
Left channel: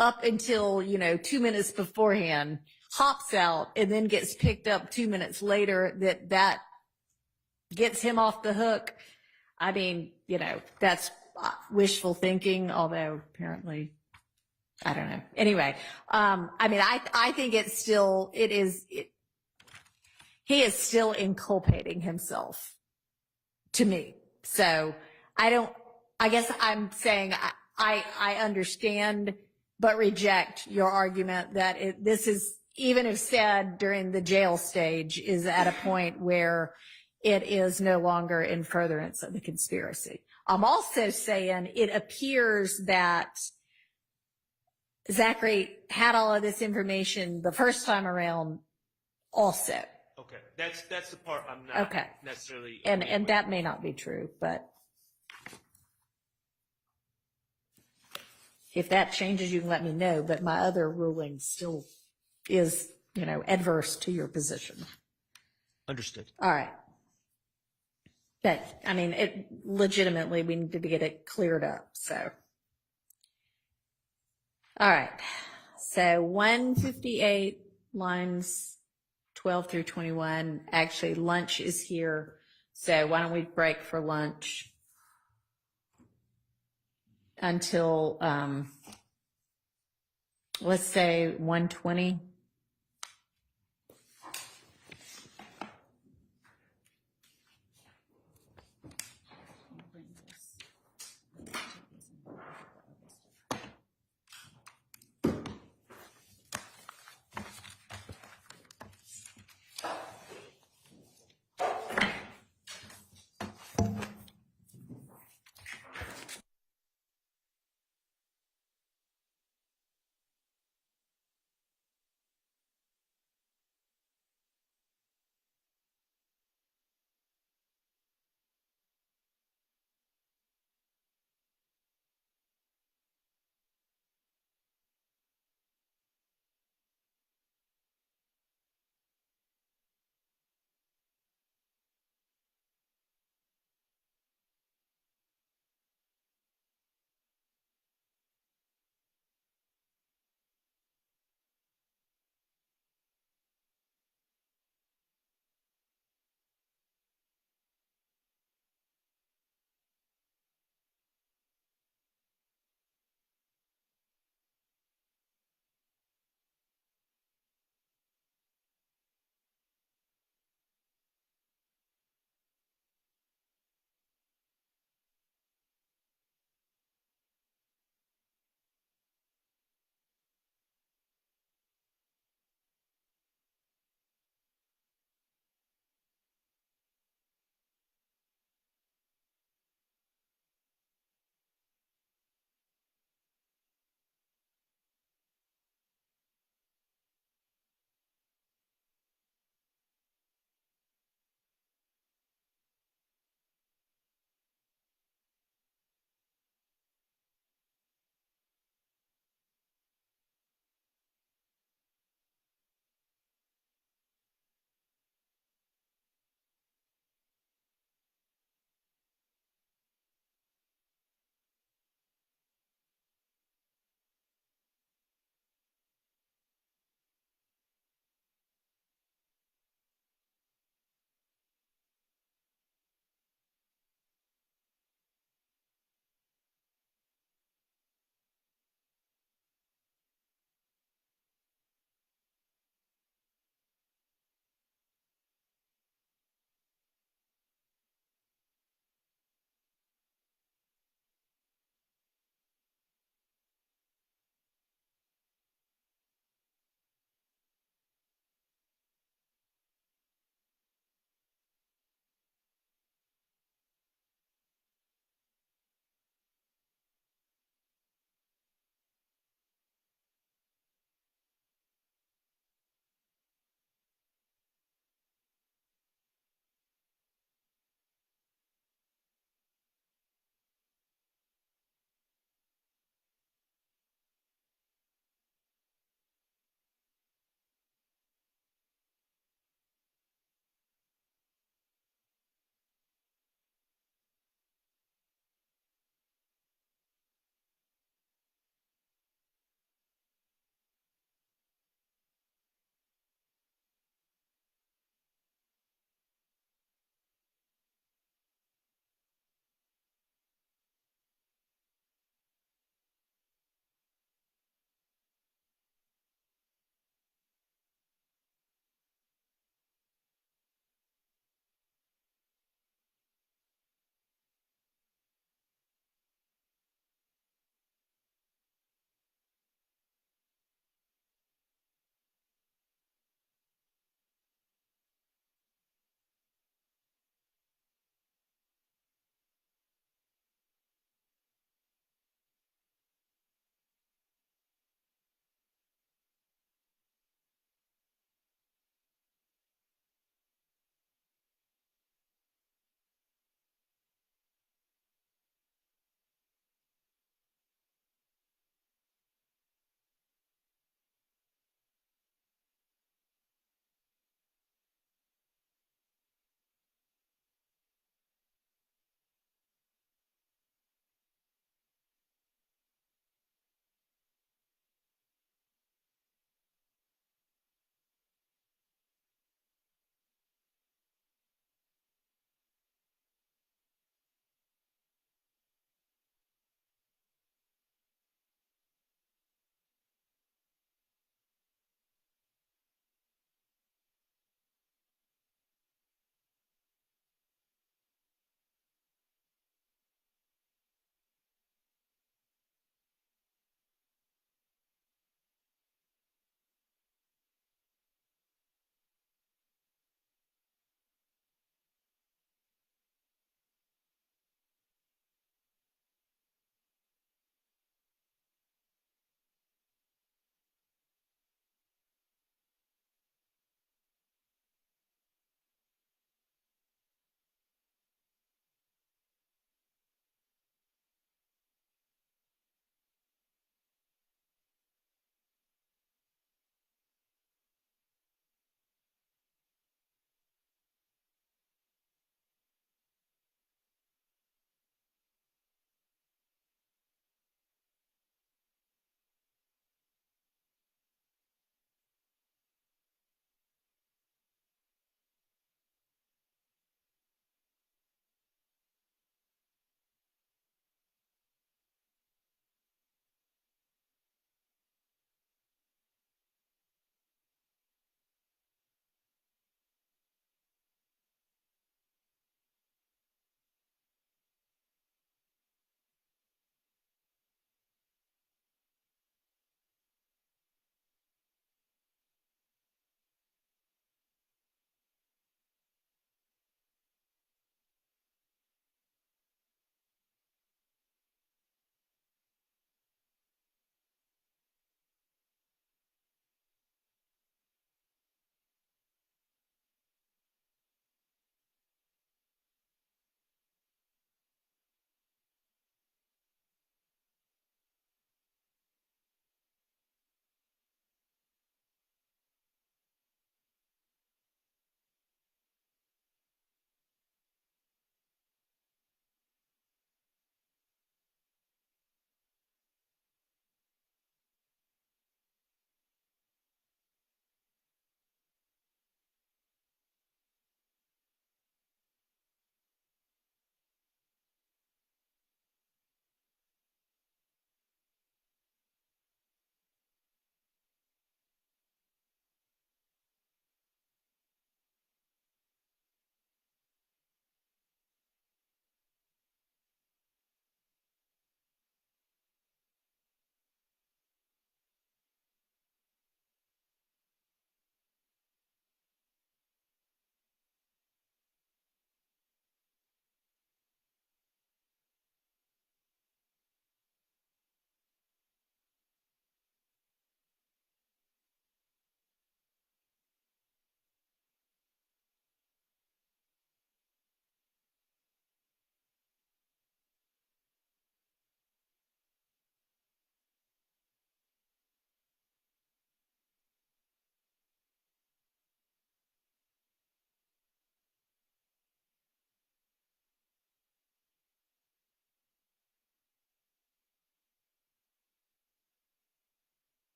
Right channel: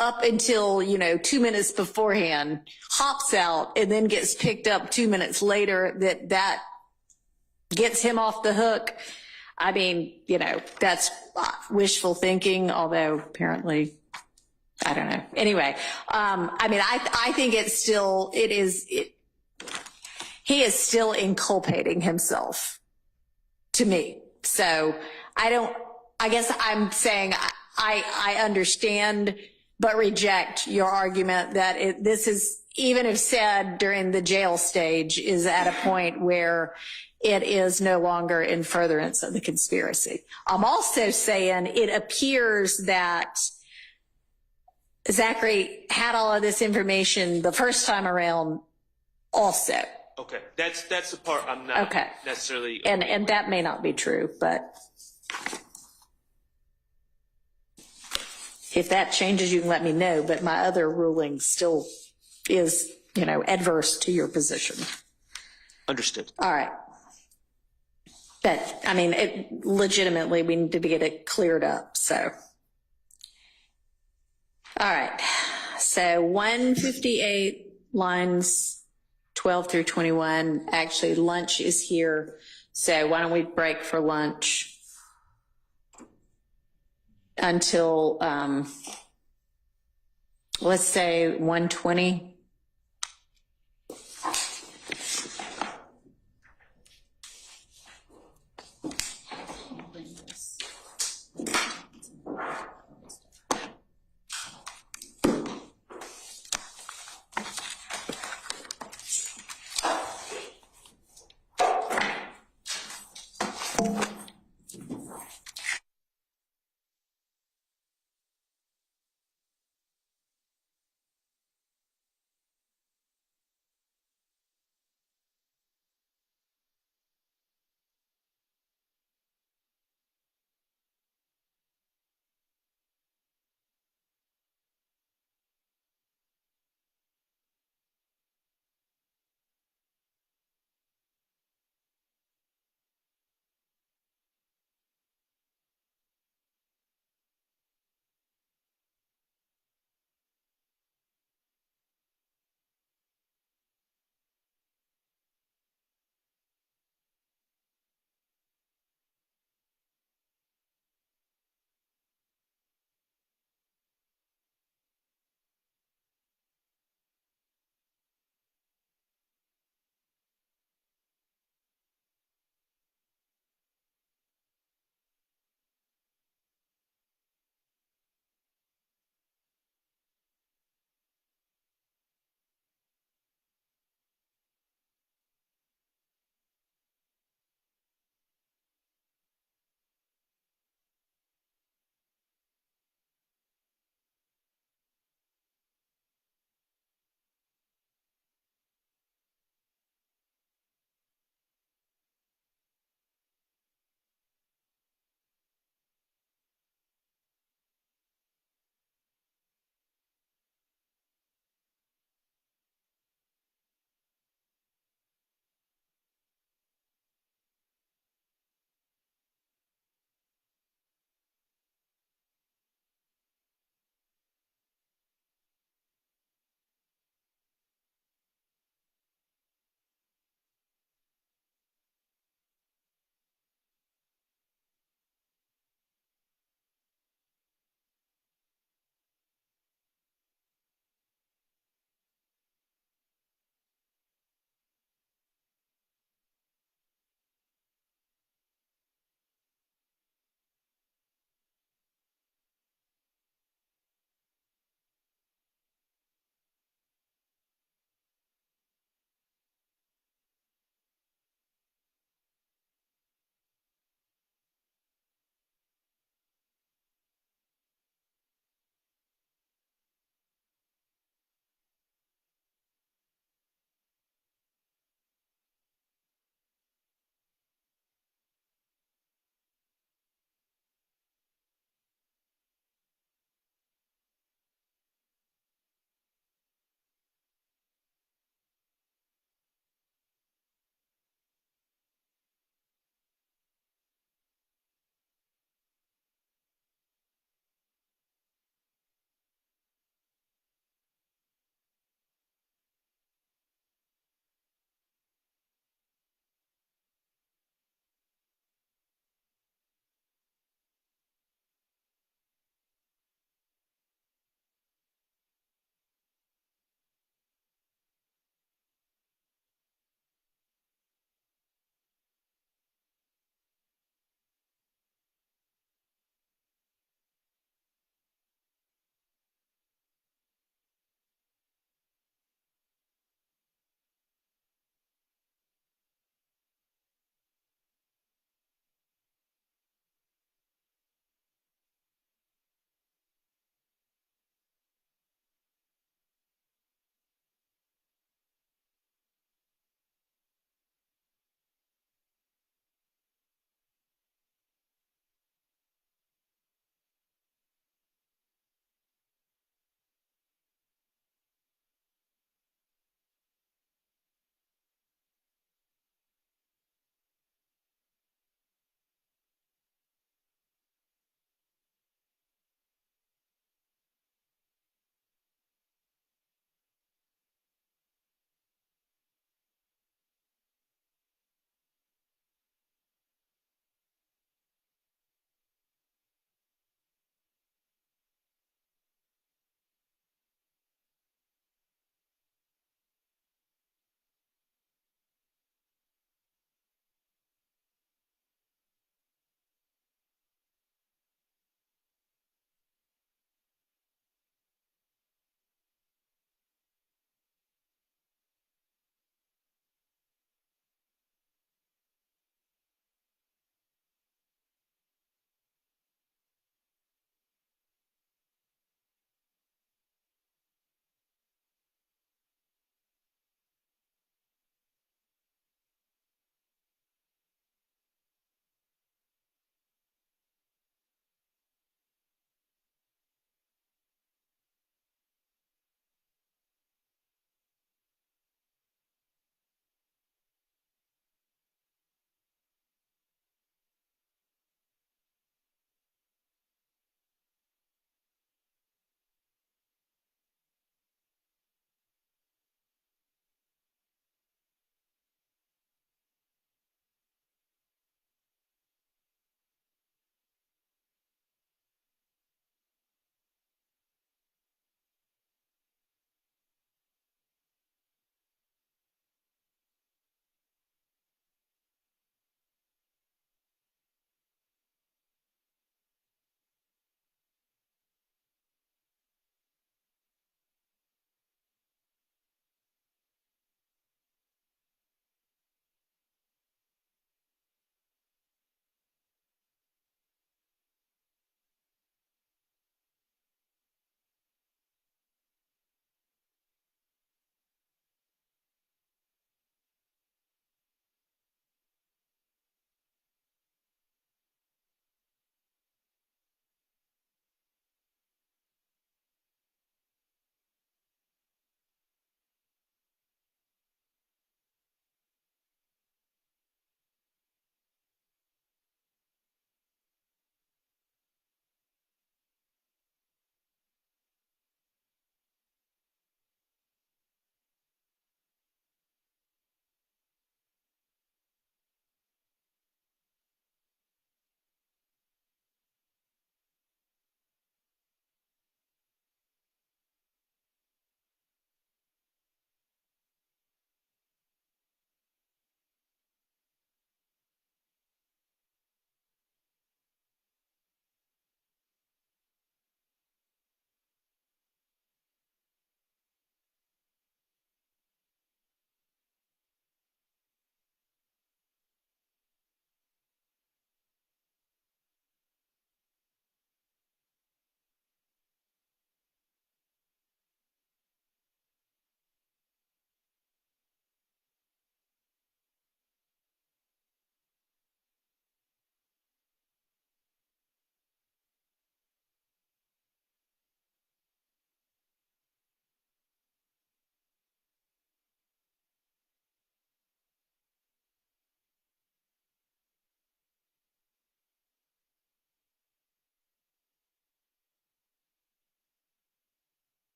up until, 2 minutes beforehand, hops out and then gets picked up 2 minutes later, that gets him off the hook. That's wishful thinking, although apparently, I don't know. Anyway, I think he is still inculpating himself to me. So I guess I'm saying I understand, but reject your argument that this is, even if said during the jail stage, is at a point where it is no longer in furtherance of the conspiracy. I'm also saying it appears that Zachary had all of this information the first time around also. Okay, that's the part I'm not necessarily. And that may not be true, but if that changes, you can let me know. But my other ruling still is, adverse to your position. Understood. All right. But legitimately, we need to get it cleared up. So, all right. So 158 lines 12 through 21. Actually, lunch is here. So why don't we break for lunch until, let's say 1:20.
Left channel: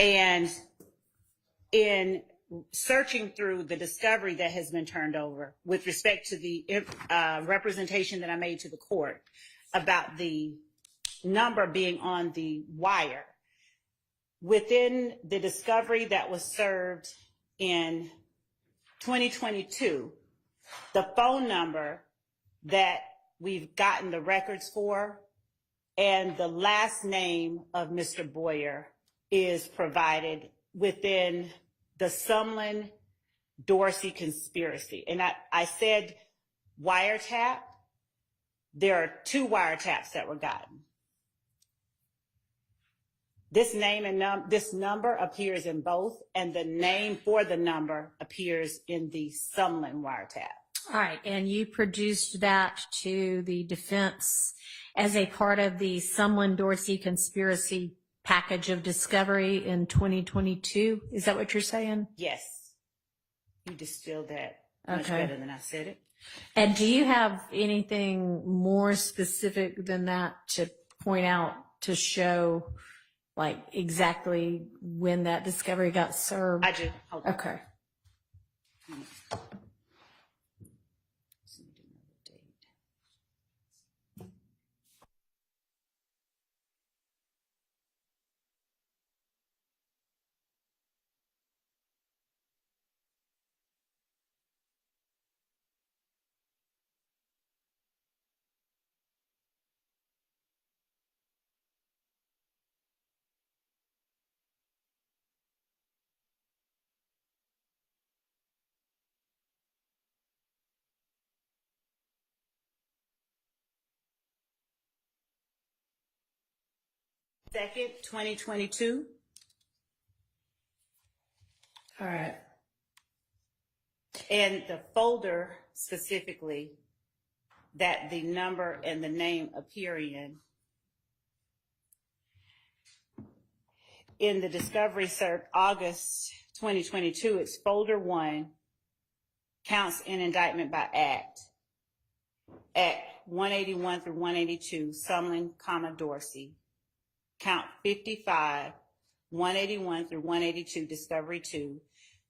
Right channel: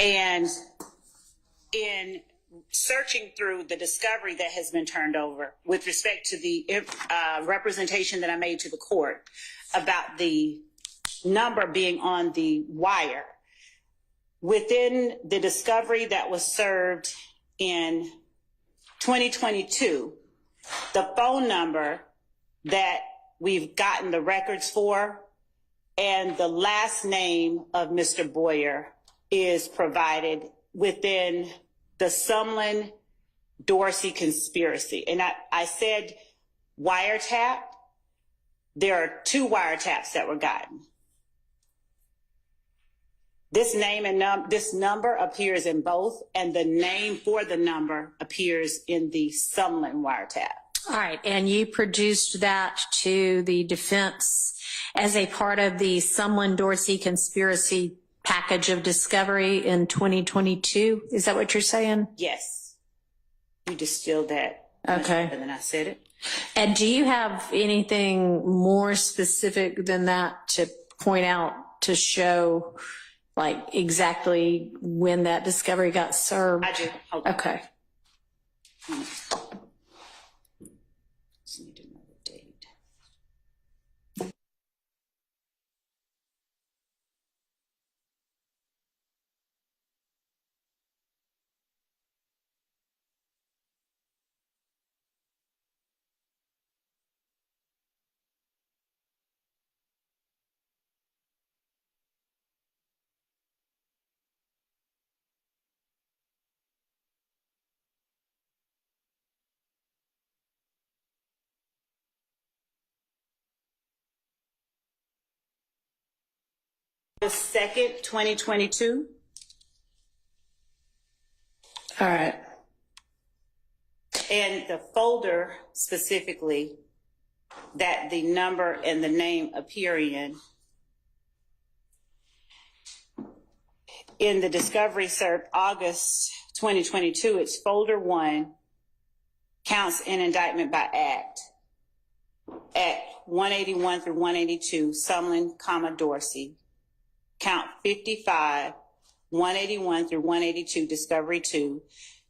And in searching through the discovery that has been turned over with respect to the representation that I made to the court about the number being on the wire, within the discovery that was served in 2022, the phone number that we've gotten the records for and the last name of Mr. Boyer is provided within the Sumlin-Dorsey conspiracy. And I said wiretap. There are 2 wiretaps that were gotten. This name and this number appears in both, and the name for the number appears in the Sumlin wiretap. All right, and you produced that to the defense as a part of the Sumlin-Dorsey conspiracy package of discovery in 2022. Is that what you're saying? Yes. You distilled that much better than I said it. And do you have anything more specific than that to point out to show like exactly when that discovery got served? I do. Hold on. Okay. Just need to know the date. August 2nd, 2022. All right. And the folder specifically that the number and the name appear in the discovery served August 2022, it's folder 1, counts in indictment by act, at 181 through 182, Sumlin, Dorsey. Count 55, 181 through 182, discovery 2,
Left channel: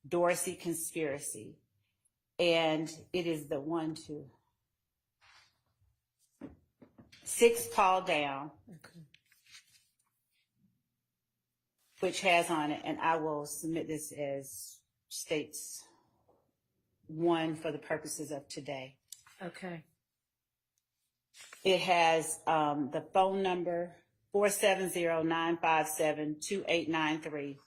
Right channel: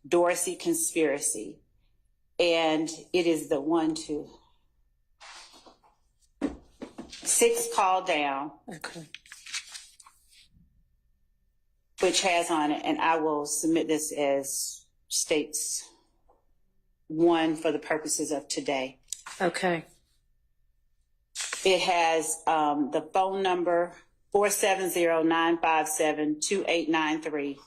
Dorsey conspiracy. And it is the 6 call down, Okay. which has on it, and I will submit this as states 1 for the purposes of today. Okay. It has the phone number 470-957-2893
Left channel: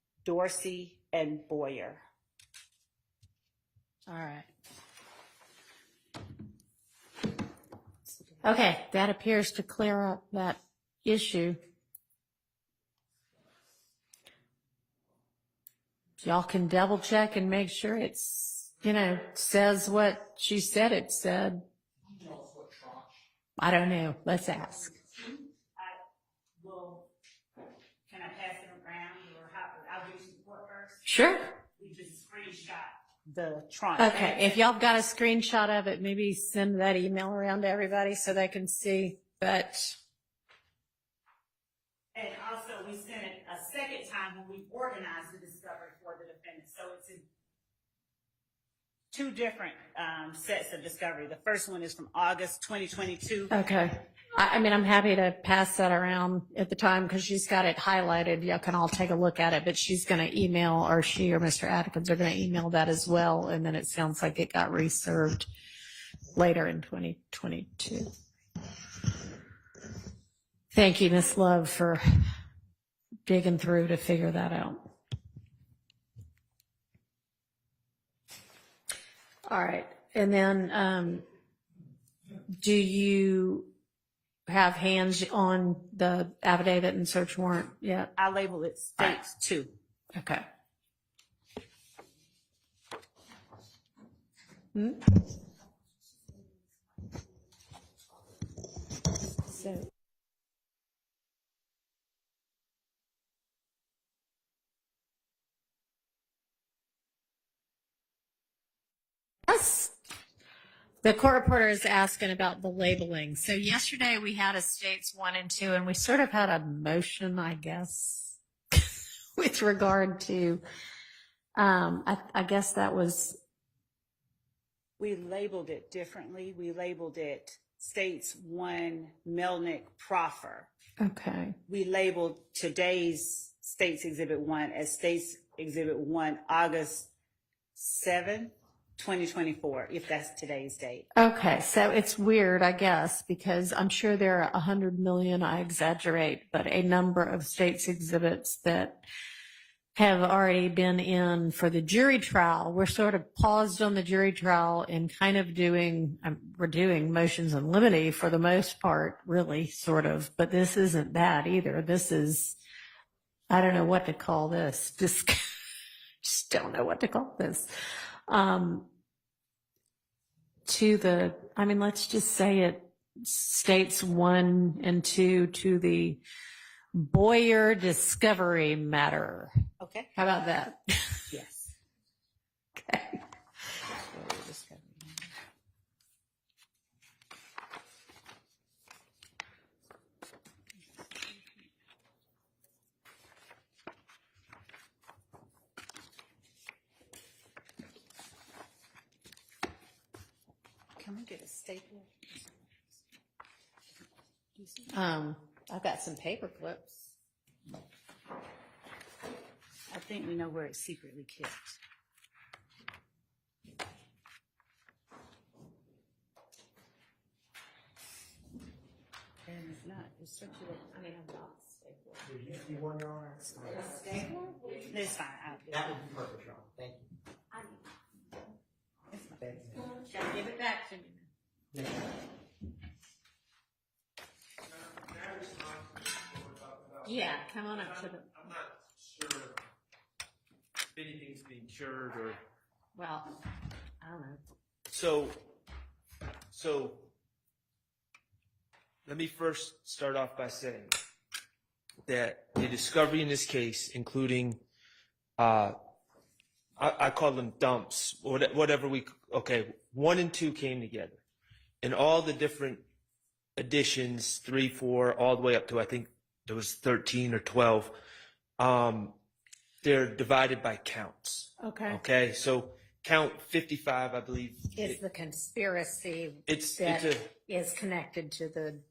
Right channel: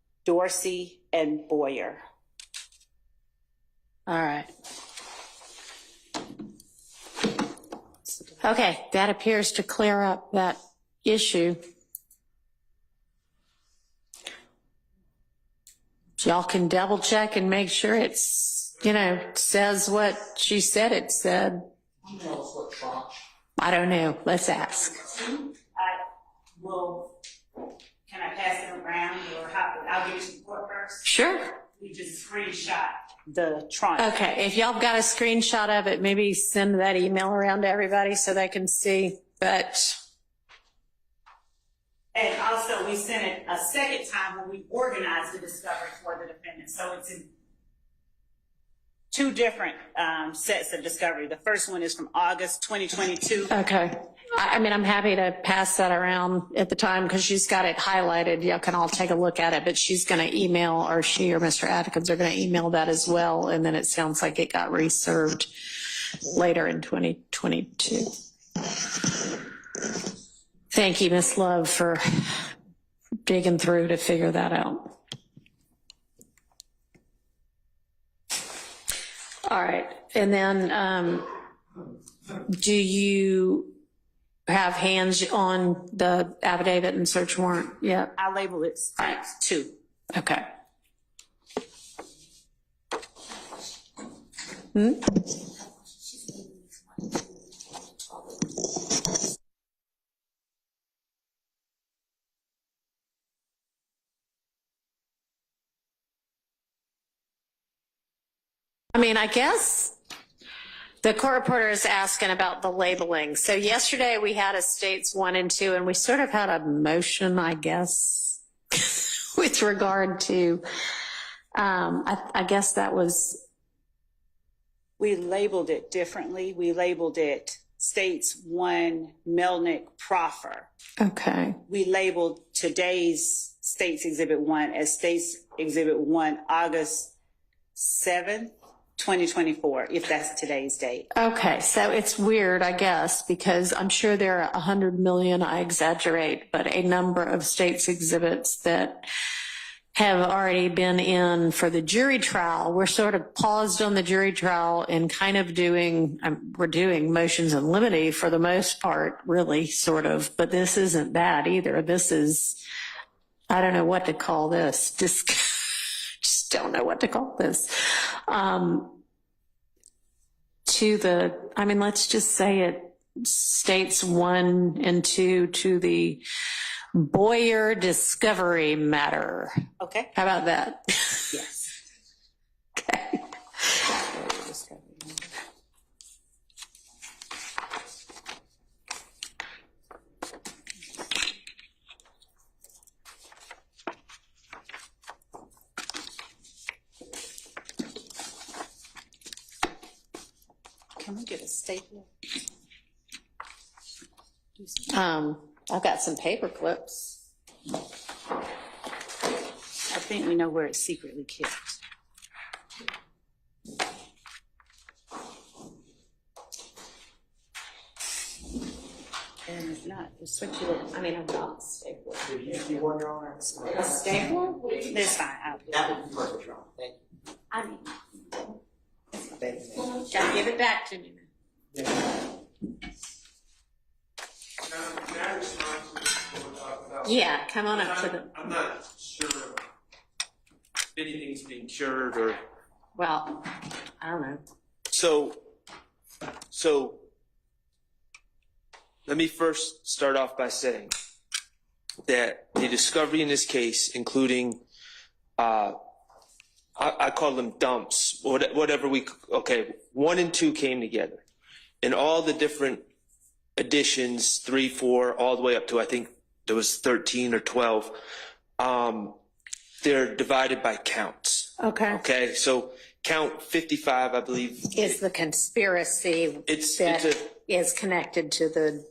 - Dorsey and Boyer. All right. Okay, that appears to clear up that issue. Y'all can double check and make sure it's, says what she said it said. I don't know. Let's ask. Can I pass it around, or I'll give it to the court first? Sure. We just screenshot the tranche. Okay, if y'all got a screenshot of it, maybe send that email around to everybody so they can see. But And also, we sent it a second time when we organized the discovery for the defendant. So it's in 2 different sets of discovery. The first one is from August 2022. okay. I mean, I'm happy to pass that around at the time because she's got it highlighted. Y'all can all take a look at it, but she's going to email, or she or Mr. Atkins are going to email that as well. And then it sounds like it got reserved later in 2022. Thank you, Ms. Love, for digging through to figure that out. All right. And then do you have hands on the affidavit and search warrant yet? I label it states 2. Okay. I mean, I guess the court reporter is asking about the labeling. So yesterday we had a states 1 and 2, and we sort of had a motion, I guess, with regard to, I guess that was, We labeled it differently. We labeled it States 1 Melnick Proffer. okay. We labeled today's States Exhibit 1 as States Exhibit 1 August 7th, 2024, if that's today's date. Okay, so it's weird, I guess, because I'm sure there are 100 million, I exaggerate, but a number of states exhibits that have already been in for the jury trial. We're sort of paused on the jury trial and kind of we're doing motions in limine for the most part, really, sort of, but this isn't that either. This is, I don't know what to call this. Just don't know what to call this. Let's just say it, States 1 and 2 to the Boyer discovery matter. Okay? How about that? Yes. Okay. Can we get a stapler? I've got some paper clips. I think we know where it's secretly kept. And if not, it's circular. I've got a stapler. You see one, Your Honor? A stapler? That's fine. That would be perfect, Your Honor. Thank you. Gotta give it back to me. Can I respond to what we're talking about? Yeah, come on up to the, I'm not sure if anything's being cured or. well, I don't know. So let me first start off by saying that the discovery in this case, including, I call them dumps, whatever okay, 1 and 2 came together. And all the different additions, 3, 4, all the way up to, I think there was 13 or 12, they're divided by counts. Okay. Okay, so count 55, I believe. Is the conspiracy that is connected to the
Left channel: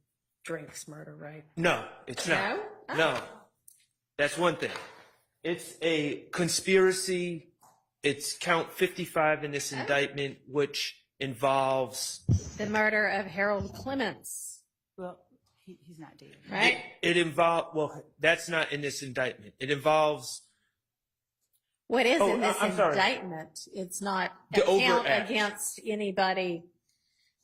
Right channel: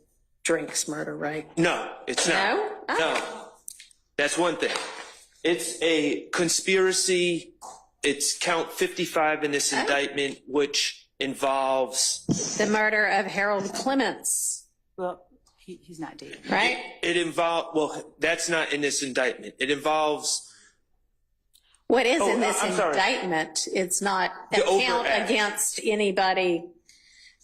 Drinks murder, right? No, it's not. No? Oh. No. That's one thing. It's a conspiracy. It's count 55 in this indictment, which involves The murder of Harold Clements, Well, he's not dead. right? it involves, well, that's not in this indictment. It involves What is Oh, in this I'm sorry. indictment? It's not a The count overact. against anybody.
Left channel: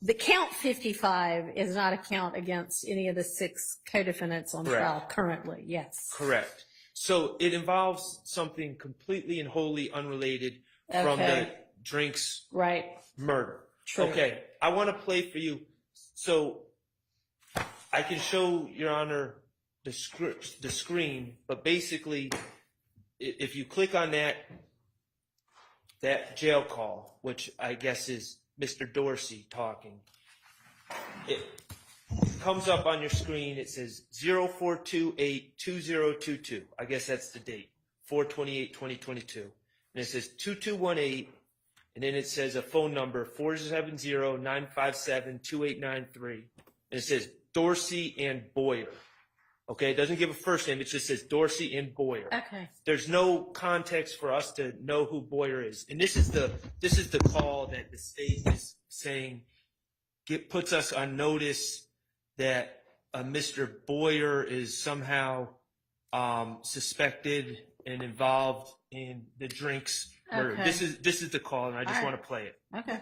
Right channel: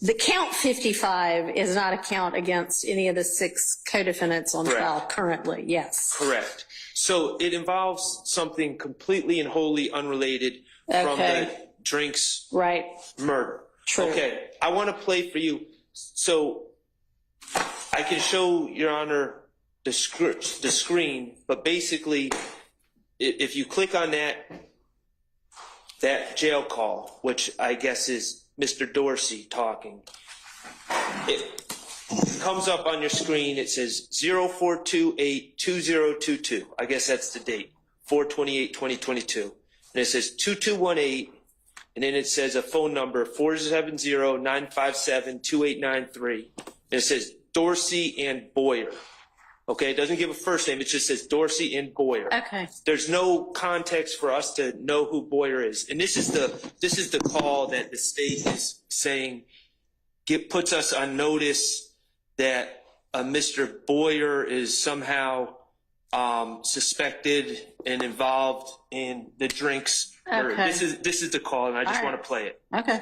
The count 55 is not a count against any of the 6 co-defendants on Correct. trial currently, yes. correct. So it involves something completely and wholly unrelated from Okay. the Drinks Right, murder. True. Okay, I want to play for you. So I can show Your Honor the screen, but basically, if you click on that jail call, which I guess is Mr. Dorsey talking, it comes up on your screen. It says 0428-2022. I guess that's the date, 4/28/2022. And it says 2218. And then it says a phone number, 470-957-2893. And it says Dorsey and Boyer. Okay, it doesn't give a first name. It just says Dorsey and Boyer. okay. There's no context for us to know who Boyer is. And this is the call that the state is saying puts us on notice that Mr. Boyer is somehow suspected and involved in the Drinks murder. Okay. This is the call, and I just All right. want to play it. Okay.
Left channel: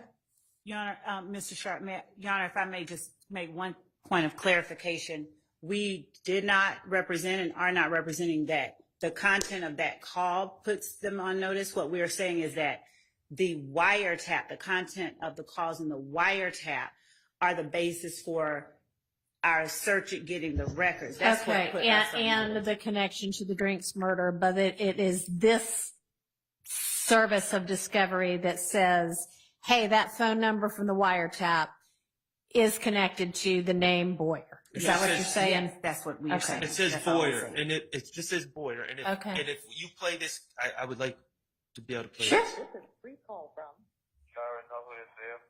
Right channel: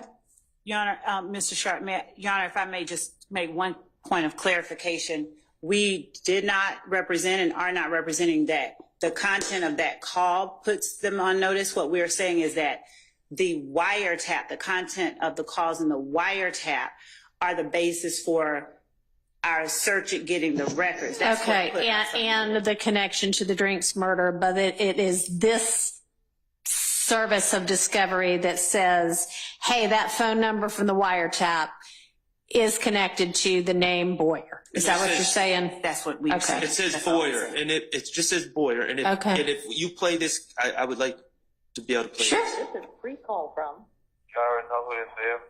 Your Honor, Mr. Sharp, Your Honor, if I may just make one point of clarification. We did not represent and are not representing that. The content of that call puts them on notice. What we are saying is that the wiretap, the content of the calls in the wiretap are the basis for our search at getting the records. That's Okay, what put us on and the connection to the Drinks murder, but it is this service of discovery that says, hey, that phone number from the wiretap is connected to the name Boyer. Is that what you're saying? That's what we Okay. said. It says That's all we Boyer, said. and it just says Boyer. And if, Okay. and if you play this, I would like to be able to play Sure. this. This is a free call from You already know who this is.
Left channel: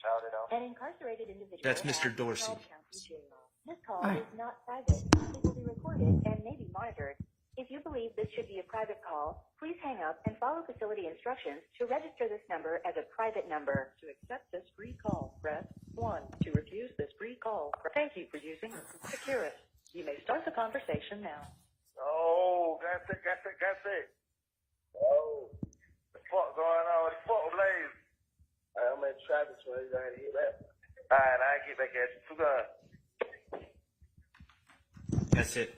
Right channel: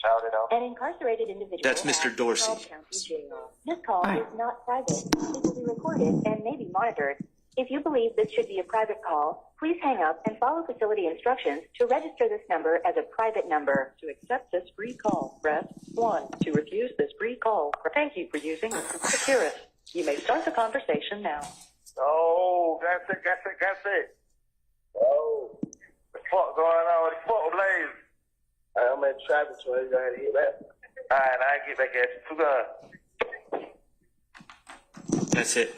Shout it out. an incarcerated individual. That's Mr. at Dorsey. DeKalb County Jail. This call All right. is not private. It will be recorded and may be monitored. If you believe this should be a private call, please hang up and follow facility instructions to register this number as a private number. To accept this free call, press 1. To refuse this free call, thank you for using Securus. You may start the conversation now. Oh, that's it. Oh, what the fuck going on? What the fuck, Blaze? I'm in traffic, so you gotta hear that. All right, I get back at you. Too good. That's it.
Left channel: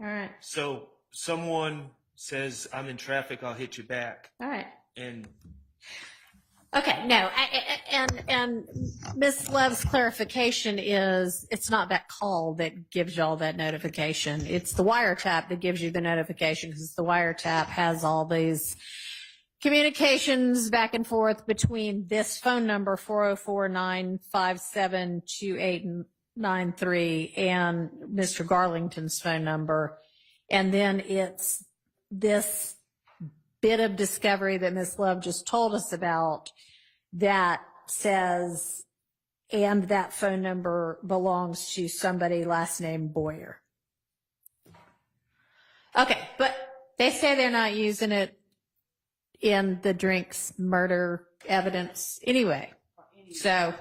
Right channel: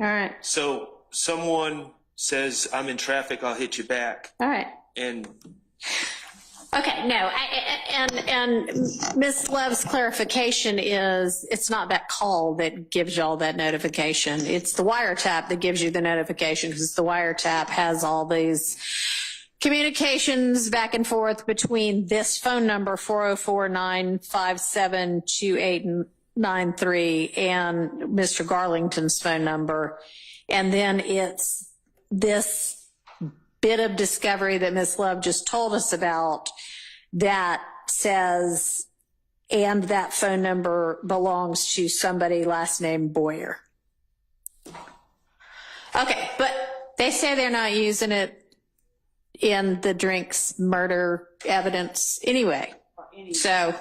All right. So someone says, I'm in traffic, I'll hit you back. All right. And Okay, no, and Ms. Love's clarification is it's not that call that gives y'all that notification. It's the wiretap that gives you the notification because the wiretap has all these communications back and forth between this phone number, 404-957-2893, and Mr. Garlington's phone number. And then it's this bit of discovery that Ms. Love just told us about that says, and that phone number belongs to somebody last name Boyer. Okay, but they say they're not using it in the Drinks murder evidence anyway. So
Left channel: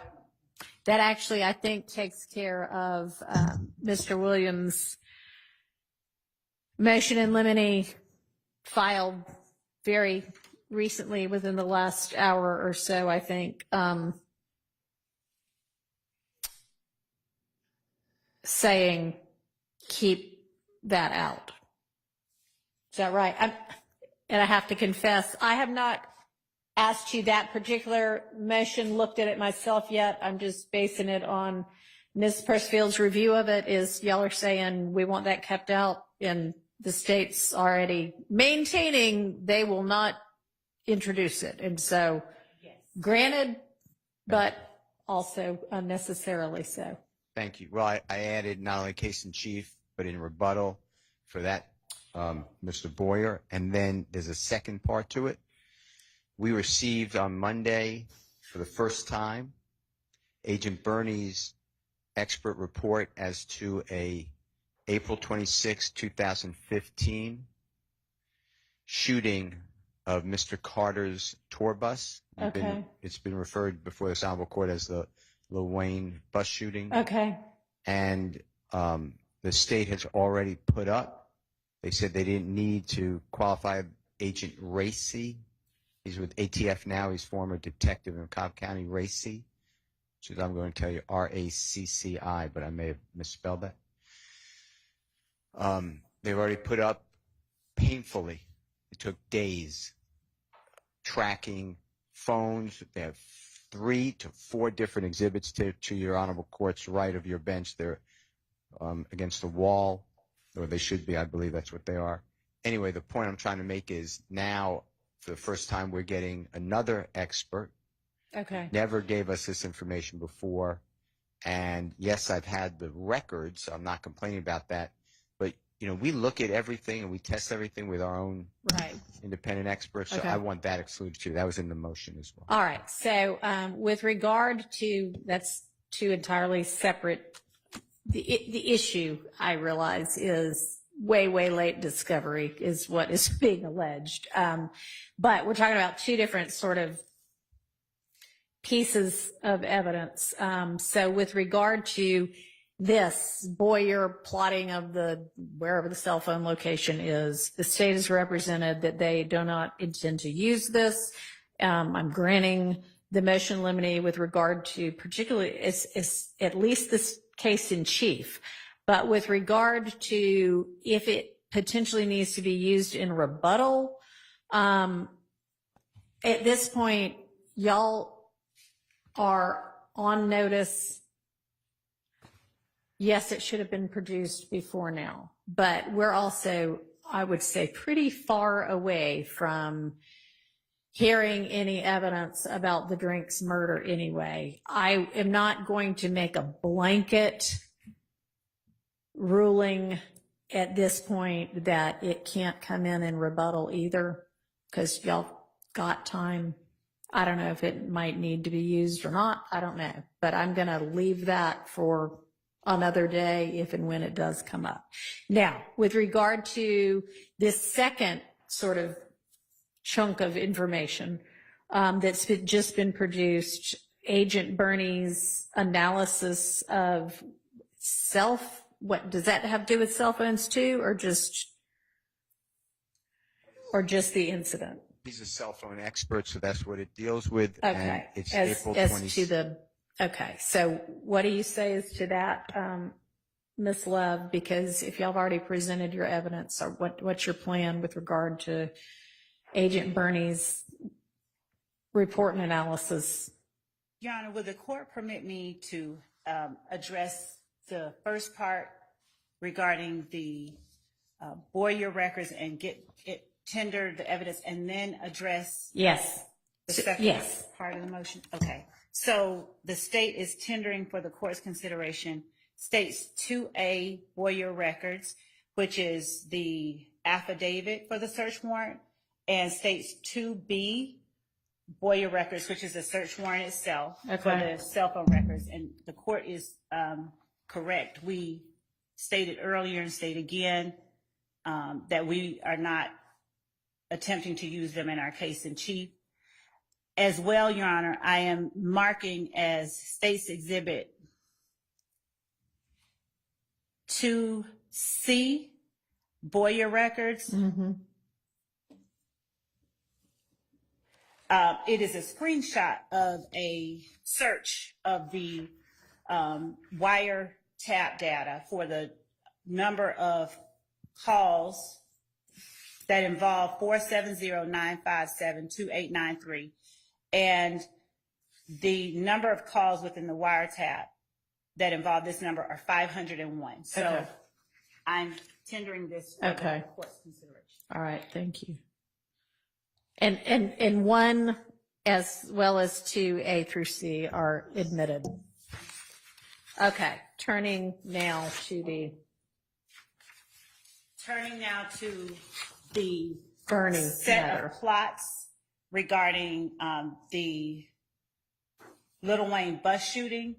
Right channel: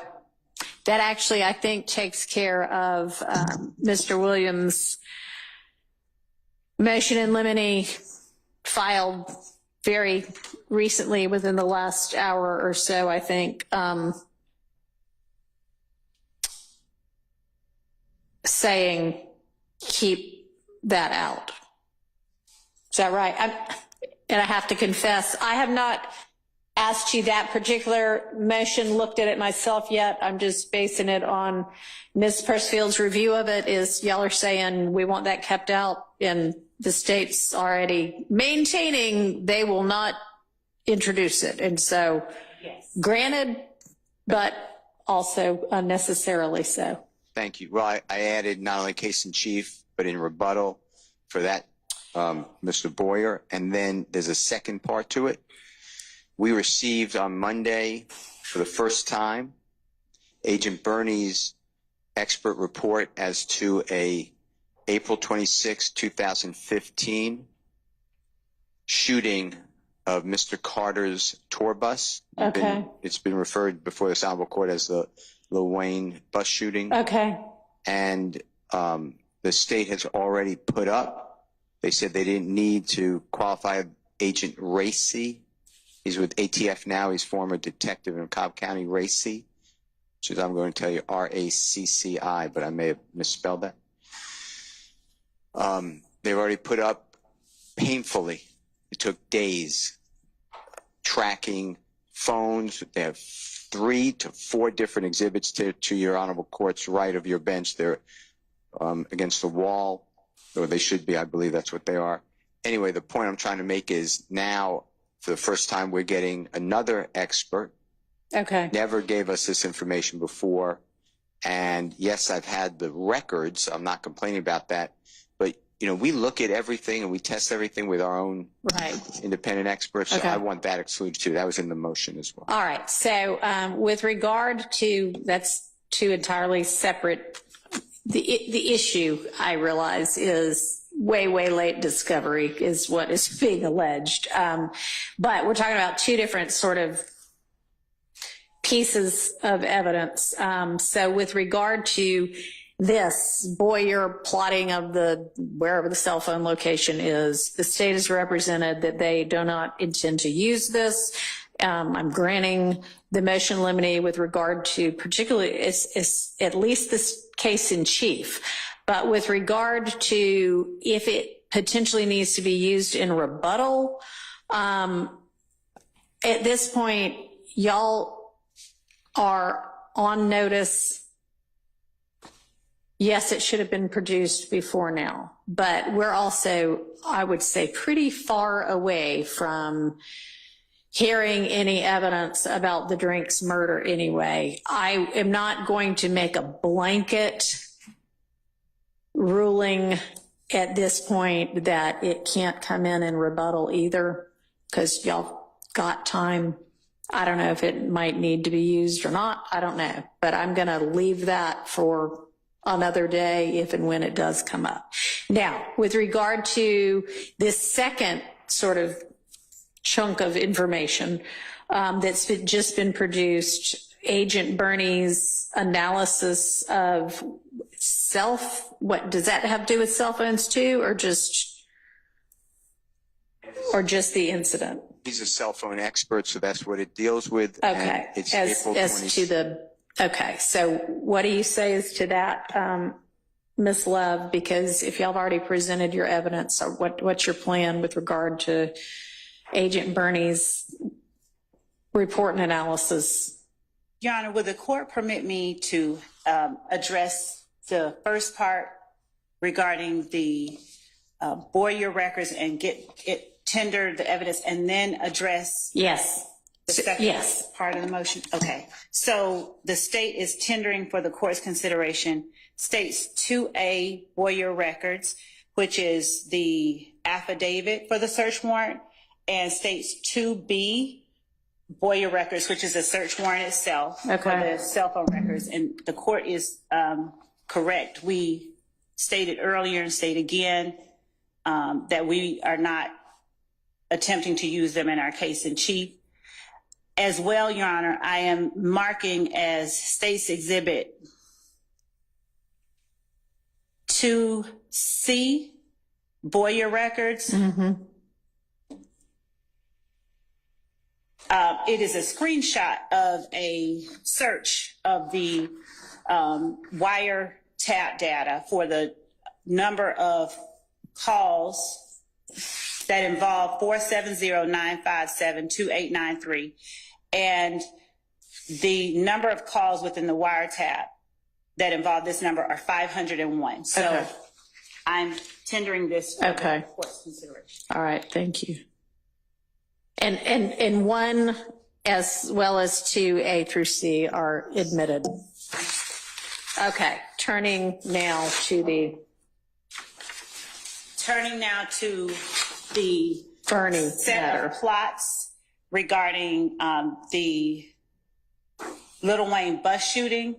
that actually, I think, takes care of Mr. Williams' motion in limine filed very recently, within the last hour or so, I think, saying keep that out. Is that right? And I have to confess, I have not asked you that particular motion, looked at it myself yet. I'm just basing it on Ms. Pursfield's review of it. Is y'all are saying we want that kept out, and the state's already maintaining they will not introduce it. And so, Yes. granted, but also unnecessarily so. Thank you. Well, I added not only case in chief, but in rebuttal for that, Mr. Boyer. And then there's a second part to it. We received on Monday, for the first time, Agent Bernie's expert report as to a April 26, 2015 shooting of Mr. Carter's tour bus. Okay. It's been referred before this honorable court as the Lil Wayne bus shooting. Okay. And the state has already put up, they said they didn't need to qualify Agent Reese. He's with ATF now. He's former detective in Cobb County. Reese, which is, I'm going to tell you, R-A-C-C-I, but I may have misspelled that. They've already put up painfully. It took days tracking phones. They have 3 to 4 different exhibits to your honorable court's right of your bench. They're against the wall, or they should be. I believe that's what they are. Anyway, the point I'm trying to make is now, for the first time, we're getting another expert. Okay. Never gave us this information before. And yes, I've had the records. I'm not complaining about that. But, you know, we look at everything and we test everything with our own Right. independent experts. So Okay. I want that excluded too. That was in the motion as well. All right. So with regard to, that's two entirely separate, the issue, I realize, is way late discovery is what is being alleged. But we're talking about two different sort of pieces of evidence. So with regard to this Boyer plotting of the wherever the cell phone location is, the state has represented that they do not intend to use this. I'm granting the motion in limine with regard to particularly is at least this case in chief. But with regard to if it potentially needs to be used in rebuttal, at this point, y'all are on notice. Yes, it should have been produced before now, but we're also, I would say, pretty far away from hearing any evidence about the Drinks murder anyway. I am not going to make a blanket ruling at this point that it can't come in and rebuttal either, because y'all got time. I don't know if it might need to be used or not. I don't know, but I'm going to leave that for another day if and when it does come up. Now, with regard to this second sort of chunk of information that's just been produced, Agent Bernie's analysis of what does that have to do with cell phones too, or just the incident? He's a cell phone expert, so that's what it deals with. Okay. And it's As April to 20th. the, okay. So what do you say as to that, Ms. Love? Because if y'all have already presented your evidence, or what's your plan with regard to Agent Bernie's report and analysis? Your Honor, would the court permit me to address the first part regarding the Boyer records and tender the evidence, and then address Yes. the second Yes. part of the motion? Okay. So the state is tendering for the court's consideration states 2A Boyer records, which is the affidavit for the search warrant, and states 2B Boyer records, which is a search warrant itself for the cell phone records. And the court is correct. We stated earlier and state again that we are not attempting to use them in our case in chief. As well, Your Honor, I am marking as State's Exhibit 2C Boyer records. Mm-hmm. It is a screenshot of a search of the wiretap data for the number of calls that involve 470-957-2893, and the number of calls within the wiretap that involve this number are 501. So Okay. I'm tendering this for Okay. the court's consideration. All right. Thank you. And one as well as 2A through C are admitted. Okay. Turning now to the Bernie set matter. of plots regarding the Lil Wayne bus shooting,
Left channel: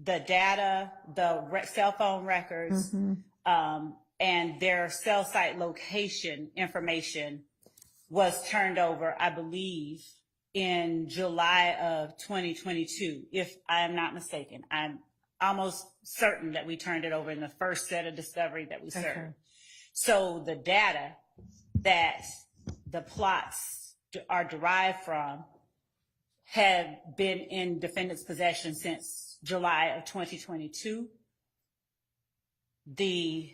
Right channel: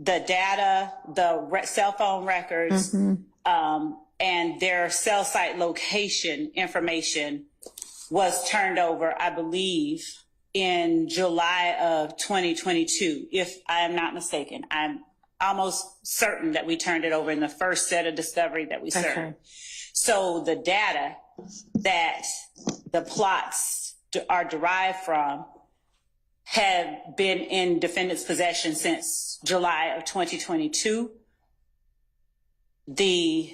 the data, the cell phone records, and their cell site location information was turned over, I believe, in July of 2022, if I am not mistaken. I'm almost certain that we turned it over in the first set of discovery that we served. Okay. So the data that the plots are derived from have been in defendant's possession since July of 2022. The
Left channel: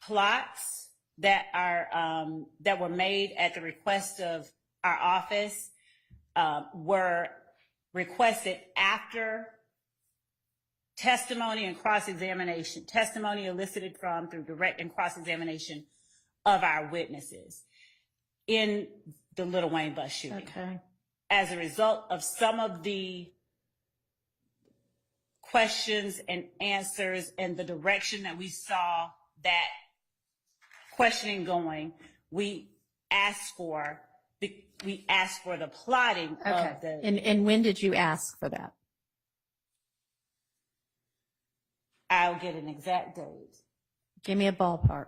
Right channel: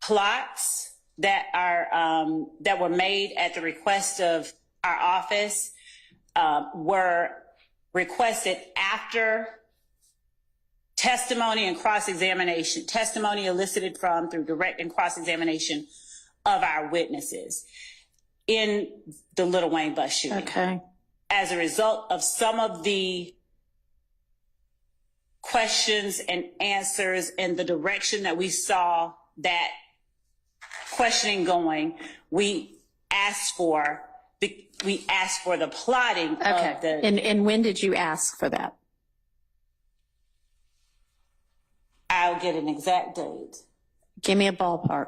plots that are that were made at the request of our office were requested after testimony and cross-examination, testimony elicited from through direct and cross-examination of our witnesses in the Lil Wayne bus shooting. Okay. As a result of some of the questions and answers and the direction that we saw that questioning going, we asked for the plotting of the... And when did you ask for that? I'll get an exact date. Give me a ballpark.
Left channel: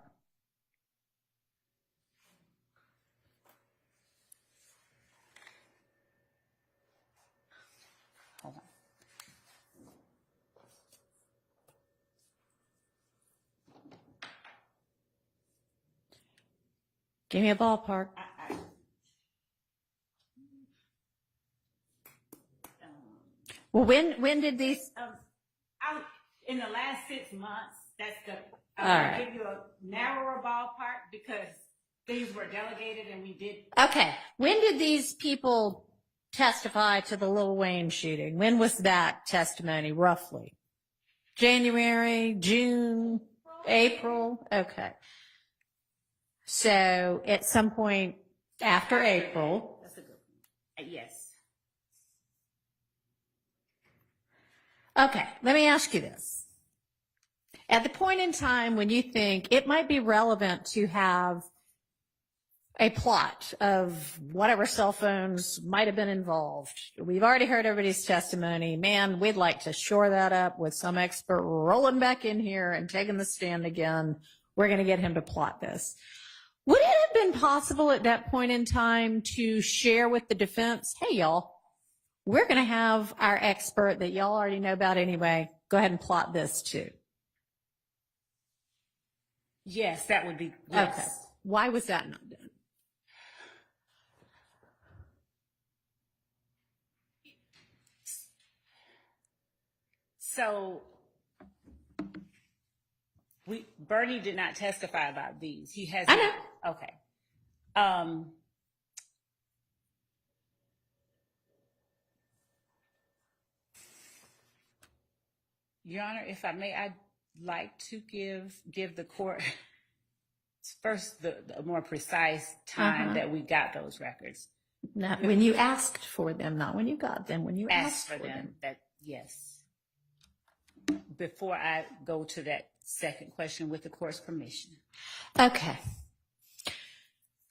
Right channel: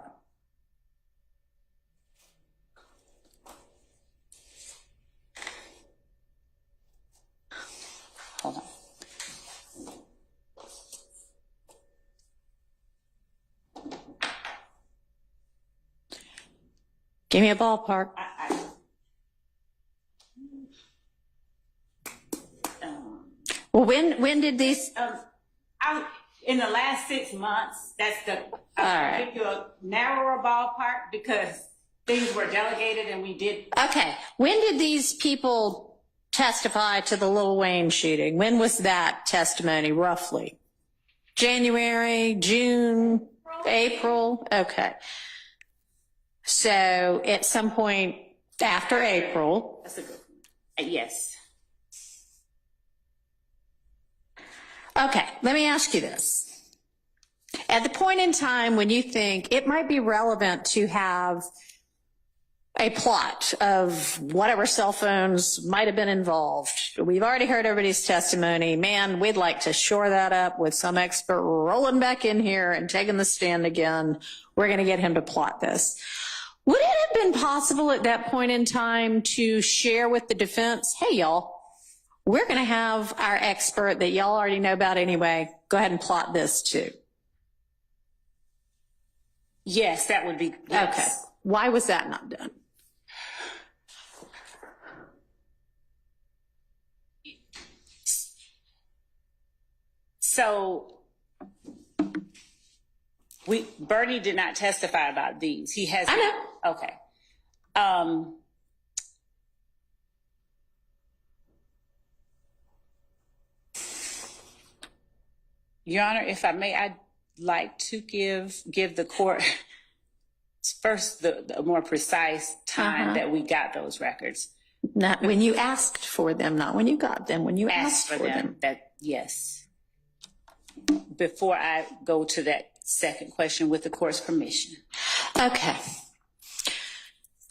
Hold on. Give me a ballpark. Well, when did these? In the last 6 months, that's the, All I'll right. give you a narrower ballpark because things were delegated and we did. Okay. When did these people testify to the Lil Wayne shooting? When was that testimony, roughly? January, June, April? Okay. So at some point After April. That's a good one. Yes. Okay, let me ask you this. At the point in time when you think it might be relevant to have a plot of whatever cell phones might have been involved, we've already heard everybody's testimony. Man, we'd like to shore that up with some expert rolling back in here and taking the stand again. We're going to get him to plot this. Would it have been possible at that point in time to share with the defense, hey, y'all, we're going to have our expert that y'all already know about anyway. Go ahead and plot this too. Yes, that would be. Yes. Okay. Why was that not done? So Bernie did not testify about these. He has. I know. Okay. Your Honor, if I may, I'd like to give the court first the more precise time that we got those records. Not when you asked for them, not when you got them, when you asked for them. That, yes. Before I go to that second question with the court's permission. Okay.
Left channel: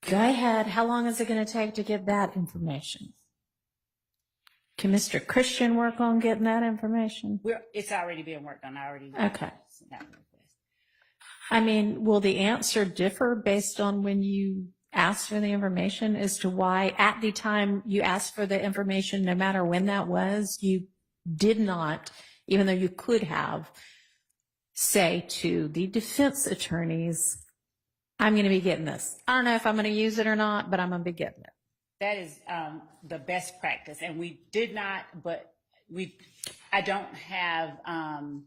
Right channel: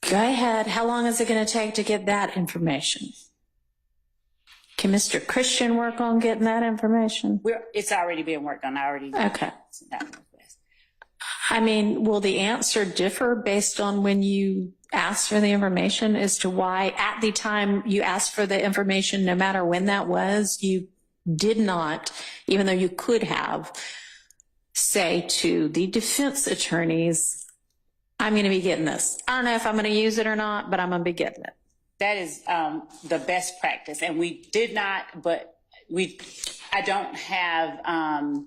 Go ahead. How long is it going to take to get that information? Can Mr. Christian work on getting that information? It's already being worked on. I already. Okay. I mean, will the answer differ based on when you asked for the information as to why at the time you asked for the information, no matter when that was, you did not, even though you could have, say to the defense attorneys, I'm going to be getting this. I don't know if I'm going to use it or not, but I'm going to be getting it. That is the best practice. And we did not, but I don't have a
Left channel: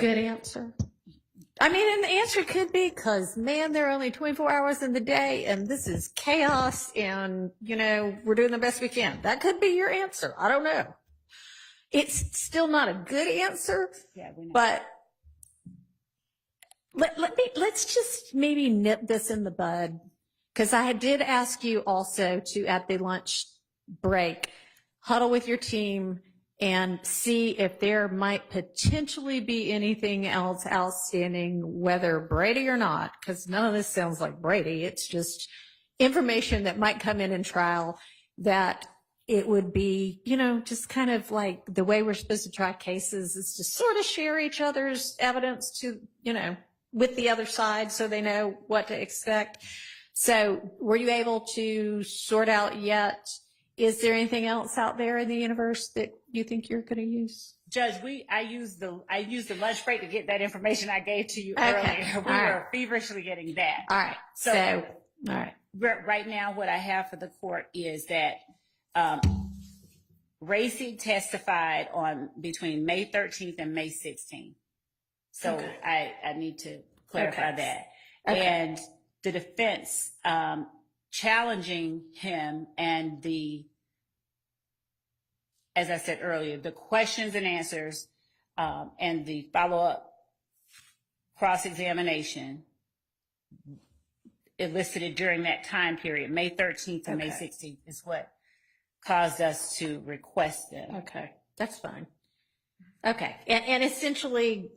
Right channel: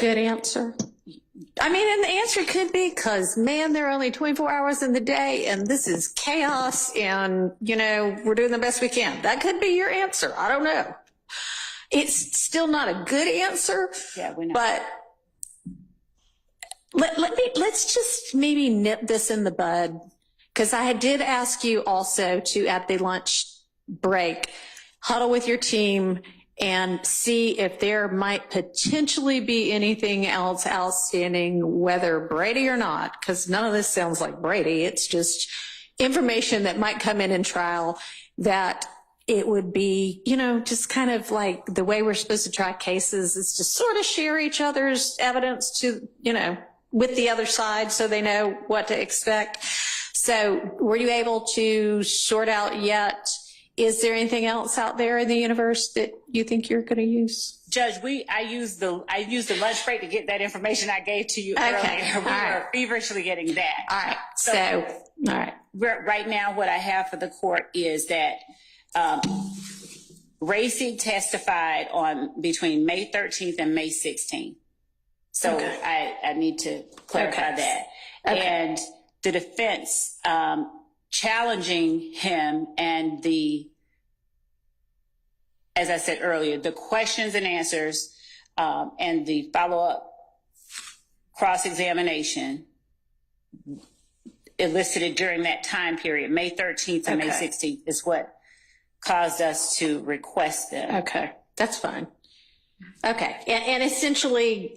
good answer. I mean, and the answer could be because, man, there are only 24 hours in the day and this is chaos and, you know, we're doing the best we can. That could be your answer. I don't know. It's still not a good answer, yeah, we know. But let's just maybe nip this in the bud. Because I did ask you also to, at the lunch break, huddle with your team and see if there might potentially be anything else outstanding, whether Brady or not, because none of this sounds like Brady. It's just information that might come in trial that it would be, you know, just kind of like the way we're supposed to try cases is to sort of share each other's evidence to, you know, with the other side so they know what to expect. So were you able to sort out yet? Is there anything else out there in the universe that you think you're going to use? Judge, I used the lunch break to get that information I gave to you earlier. We were feverishly getting that. All right. So all right. Right now, what I have for the court is that Reese testified on between May 13th and May 16th. So I need to clarify that. Okay. And the defense challenging him and as I said earlier, the questions and answers and the follow-up cross-examination elicited during that time period, May 13th and May 16th, is what caused us to request them. Okay, that's fine. Okay, and essentially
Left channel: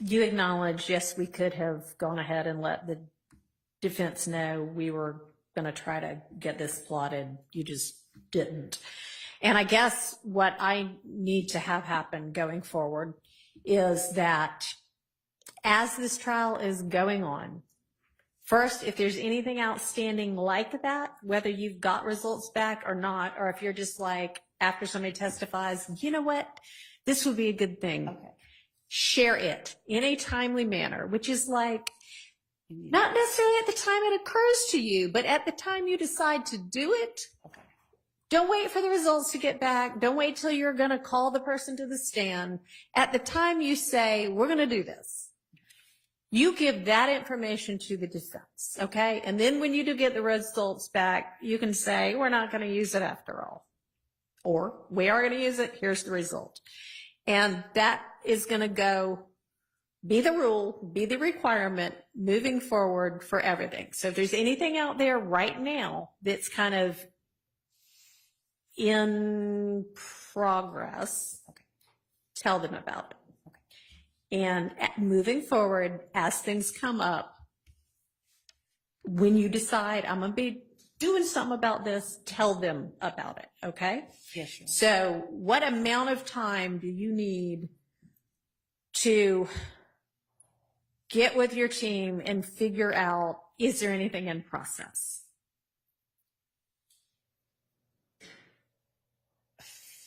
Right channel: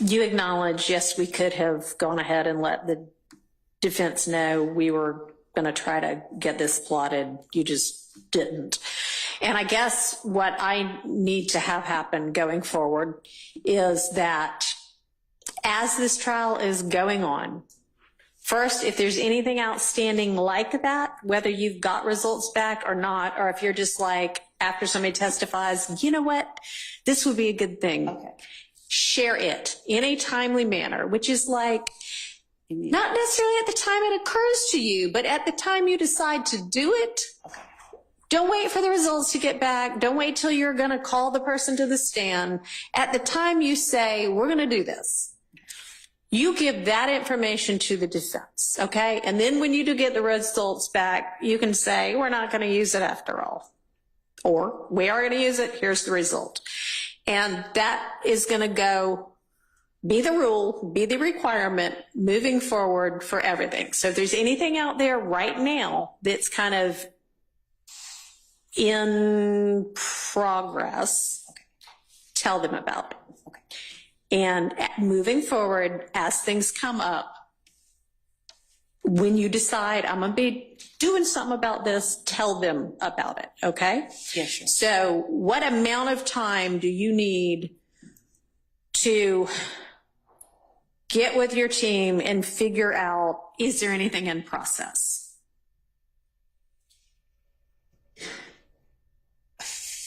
you acknowledge, yes, we could have gone ahead and let the defense know we were going to try to get this plotted. You just didn't. And I guess what I need to have happen going forward is that as this trial is going on, first, if there's anything outstanding like that, whether you've got results back or not, or if you're just like, after somebody testifies, you know what, this would be a good thing. Okay. Share it in a timely manner, which is like, not necessarily at the time it occurs to you, but at the time you decide to do it. Okay. Don't wait for the results to get back. Don't wait till you're going to call the person to the stand. At the time you say, we're going to do this, you give that information to the defense, okay? And then when you do get the results back, you can say, we're not going to use it after all. Or, we are going to use it, here's the result. And that is going to go be the rule, be the requirement moving forward for everything. So if there's anything out there right now that's kind of in progress, tell them about it. And moving forward, as things come up, when you decide I'm going to be doing something about this, tell them about it, okay? Yes, sure. So what amount of time do you need to get with your team and figure out, is there anything in process?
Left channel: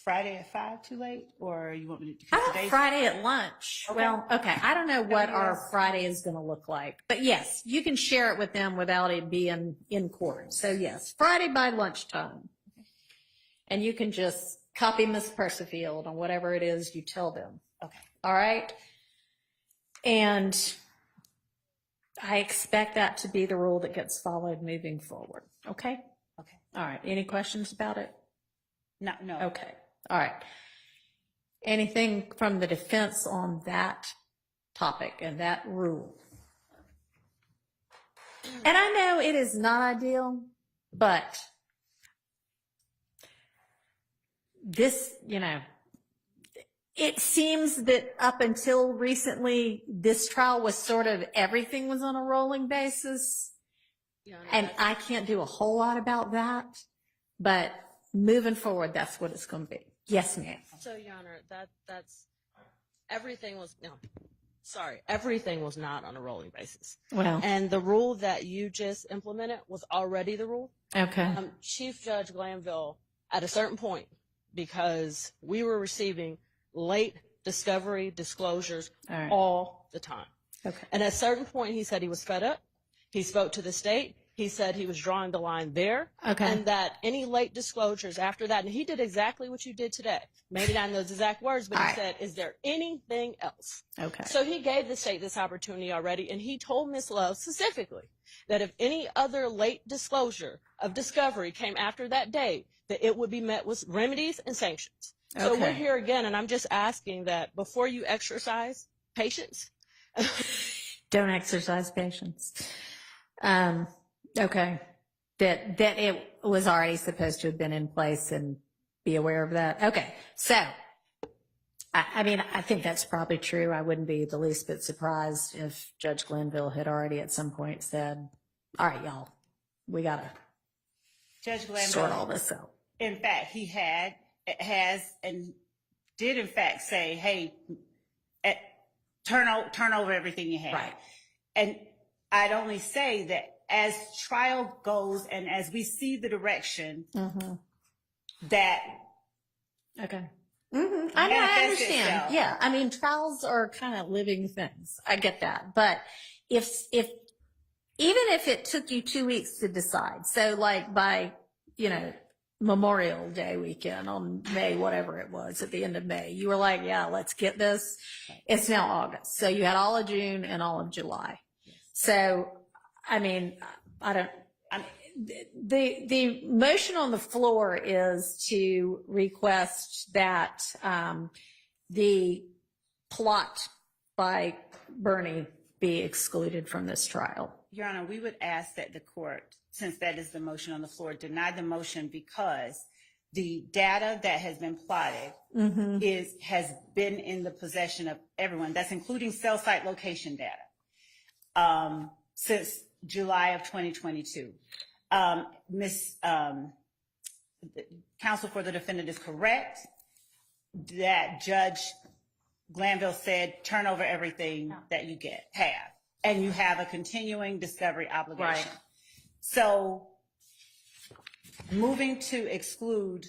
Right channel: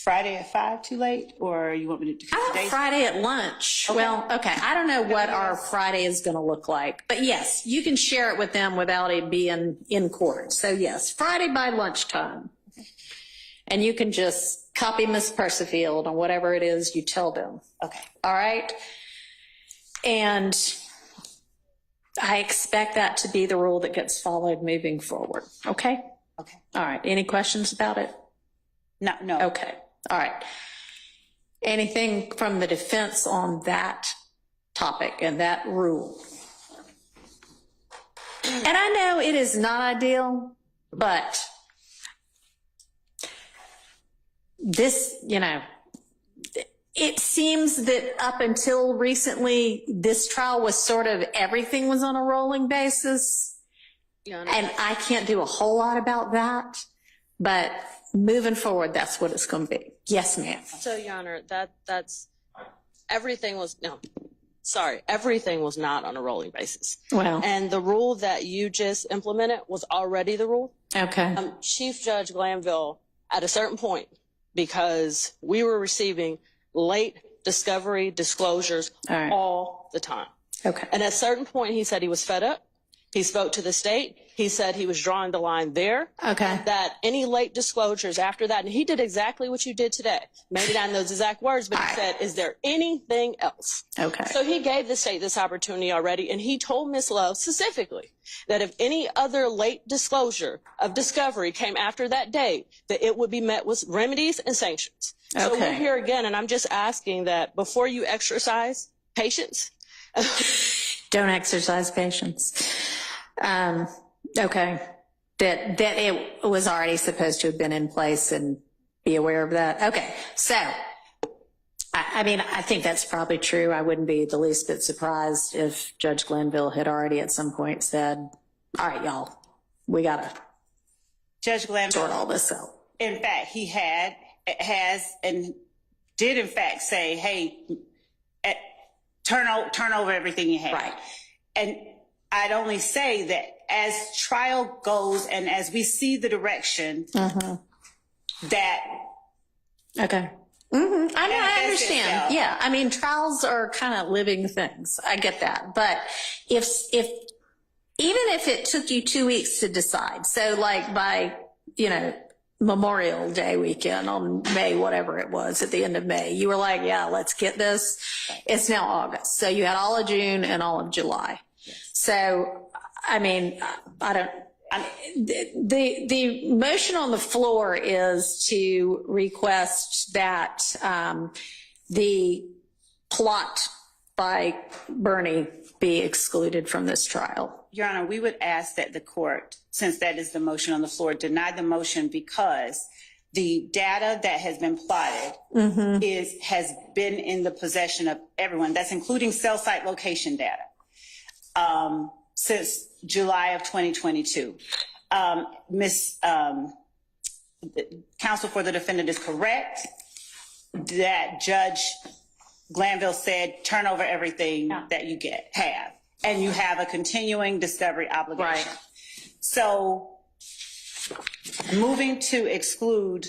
Friday at 5 too late, or you want me to? How about Friday at lunch? Okay. Well, okay. I don't know what our Friday is going to look like, but yes, you can share it with them without it being in court. So yes, Friday by lunchtime. And you can just copy Miss Persefield on whatever it is you tell them. Okay. All right. And I expect that to be the rule that gets followed moving forward. Okay. Okay. All right. Any questions about it? No. Okay. All right. Anything from the defense on that topic and that rule? And I know it is not ideal, but this, it seems that up until recently, this trial was sort of, everything was on a rolling basis. And I can't do a whole lot about that, but moving forward, that's what it's going to be. Yes, ma'am. So, Your Honor, everything was not on a rolling basis. Well, And the rule that you just implemented was already the rule. okay. Chief Judge Glanville, at a certain point, because we were receiving late discovery disclosures All right. all the time. Okay. And at a certain point, he said he was fed up. He spoke to the state. He said he was drawing the line there. Okay. And that any late disclosures after that, and he did exactly what you did today. Maybe not in those exact words, but All he right. said, is there anything else? Okay. So he gave the state this opportunity already, and he told Ms. Love specifically that if any other late disclosure of discovery came after that date, that it would be met with remedies and sanctions. So Okay. we're here again, and I'm just asking that before you exercise patience. Don't exercise patience. Okay. That it was already supposed to have been in place and be aware of that. Okay. So, I mean, I think that's probably true. I wouldn't be the least bit surprised if Judge Glanville had already at some point said, all right, y'all, we got to Judge Glanville, sort all this out. in fact, he has and did in fact say, hey, turn over everything you have. Right. And I'd only say that as trial goes and as we see the direction that Okay. I know, I manifests understand. itself. Yeah. I mean, trials are kind of living things. I get that. But even if it took you 2 weeks to decide, so like by, Memorial Day weekend on May, whatever it was at the end of May, you were like, yeah, let's get this. It's now August. So you had all of June and all of July. So, I mean, the motion on the floor is to request that the plot by Bernie be excluded from this trial. Your Honor, we would ask that the court, since that is the motion on the floor, deny the motion because the data that has been plotted has been in the possession of everyone. That's including cell site location data since July of 2022. Counsel for the defendant is correct that Judge Glanville said turn over everything that you have. And you have a continuing discovery obligation. Right. So moving to exclude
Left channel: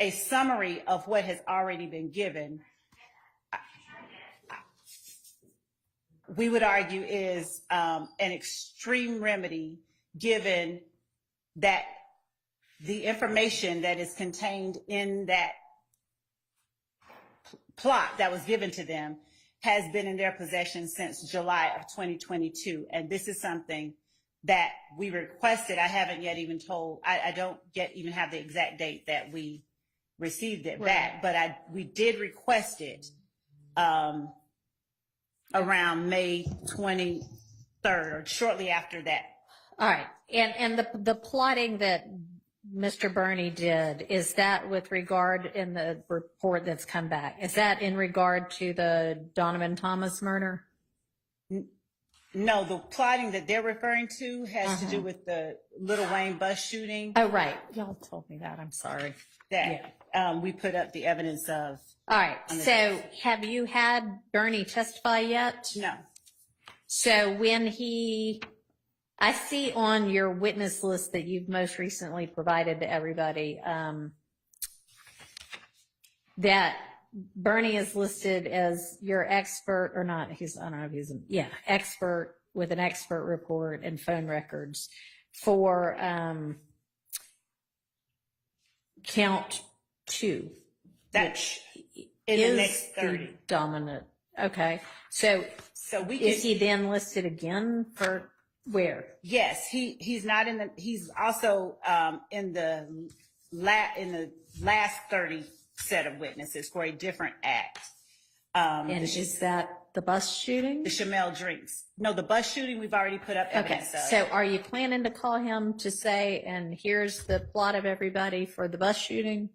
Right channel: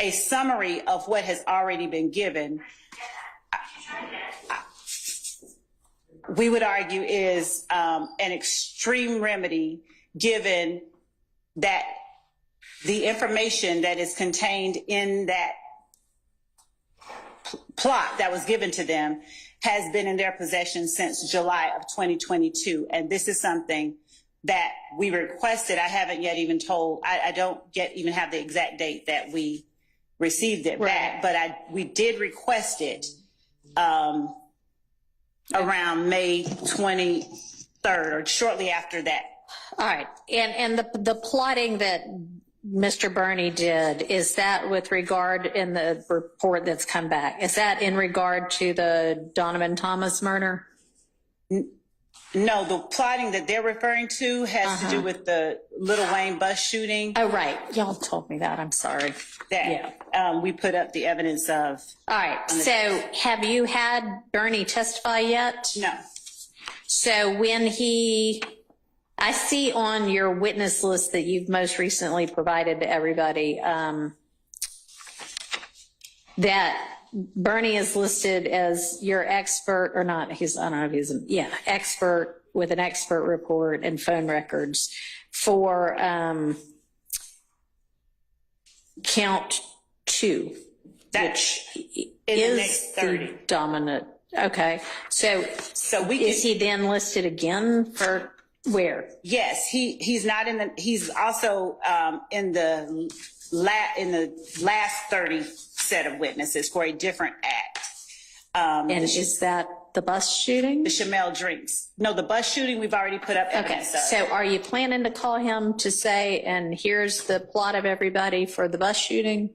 a summary of what has already been given, we would argue is an extreme remedy given that the information that is contained in that plot that was given to them has been in their possession since July of 2022. And this is something that we requested. I haven't yet even told, I don't yet even have the exact date that we received it back, but we did request it around May 23rd or shortly after that. All right. And the plotting that Mr. Burney did, is that with regard in the report that's come back? Is that in regard to the Donovan Thomas murder? No, the plotting that they're referring to has to do with the Lil Wayne bus shooting. Oh, right. Y'all told me that. I'm sorry. That we put up the evidence of. All right. So have you had Burney testify yet? No. So when I see on your witness list that you've most recently provided to everybody, that Burney is listed as your expert or not. I don't know if he's expert with an expert report and phone records for count 2, which in is the next 30. the dominant. Okay. So is he then listed again for where? Yes, he's not in the. He's also in the last 30 set of witnesses for a different act. And is that the bus shooting? The Chamel drinks. No, the bus shooting we've already put up evidence of. So are you planning to call him to say, and here's the plot of everybody for the bus shooting?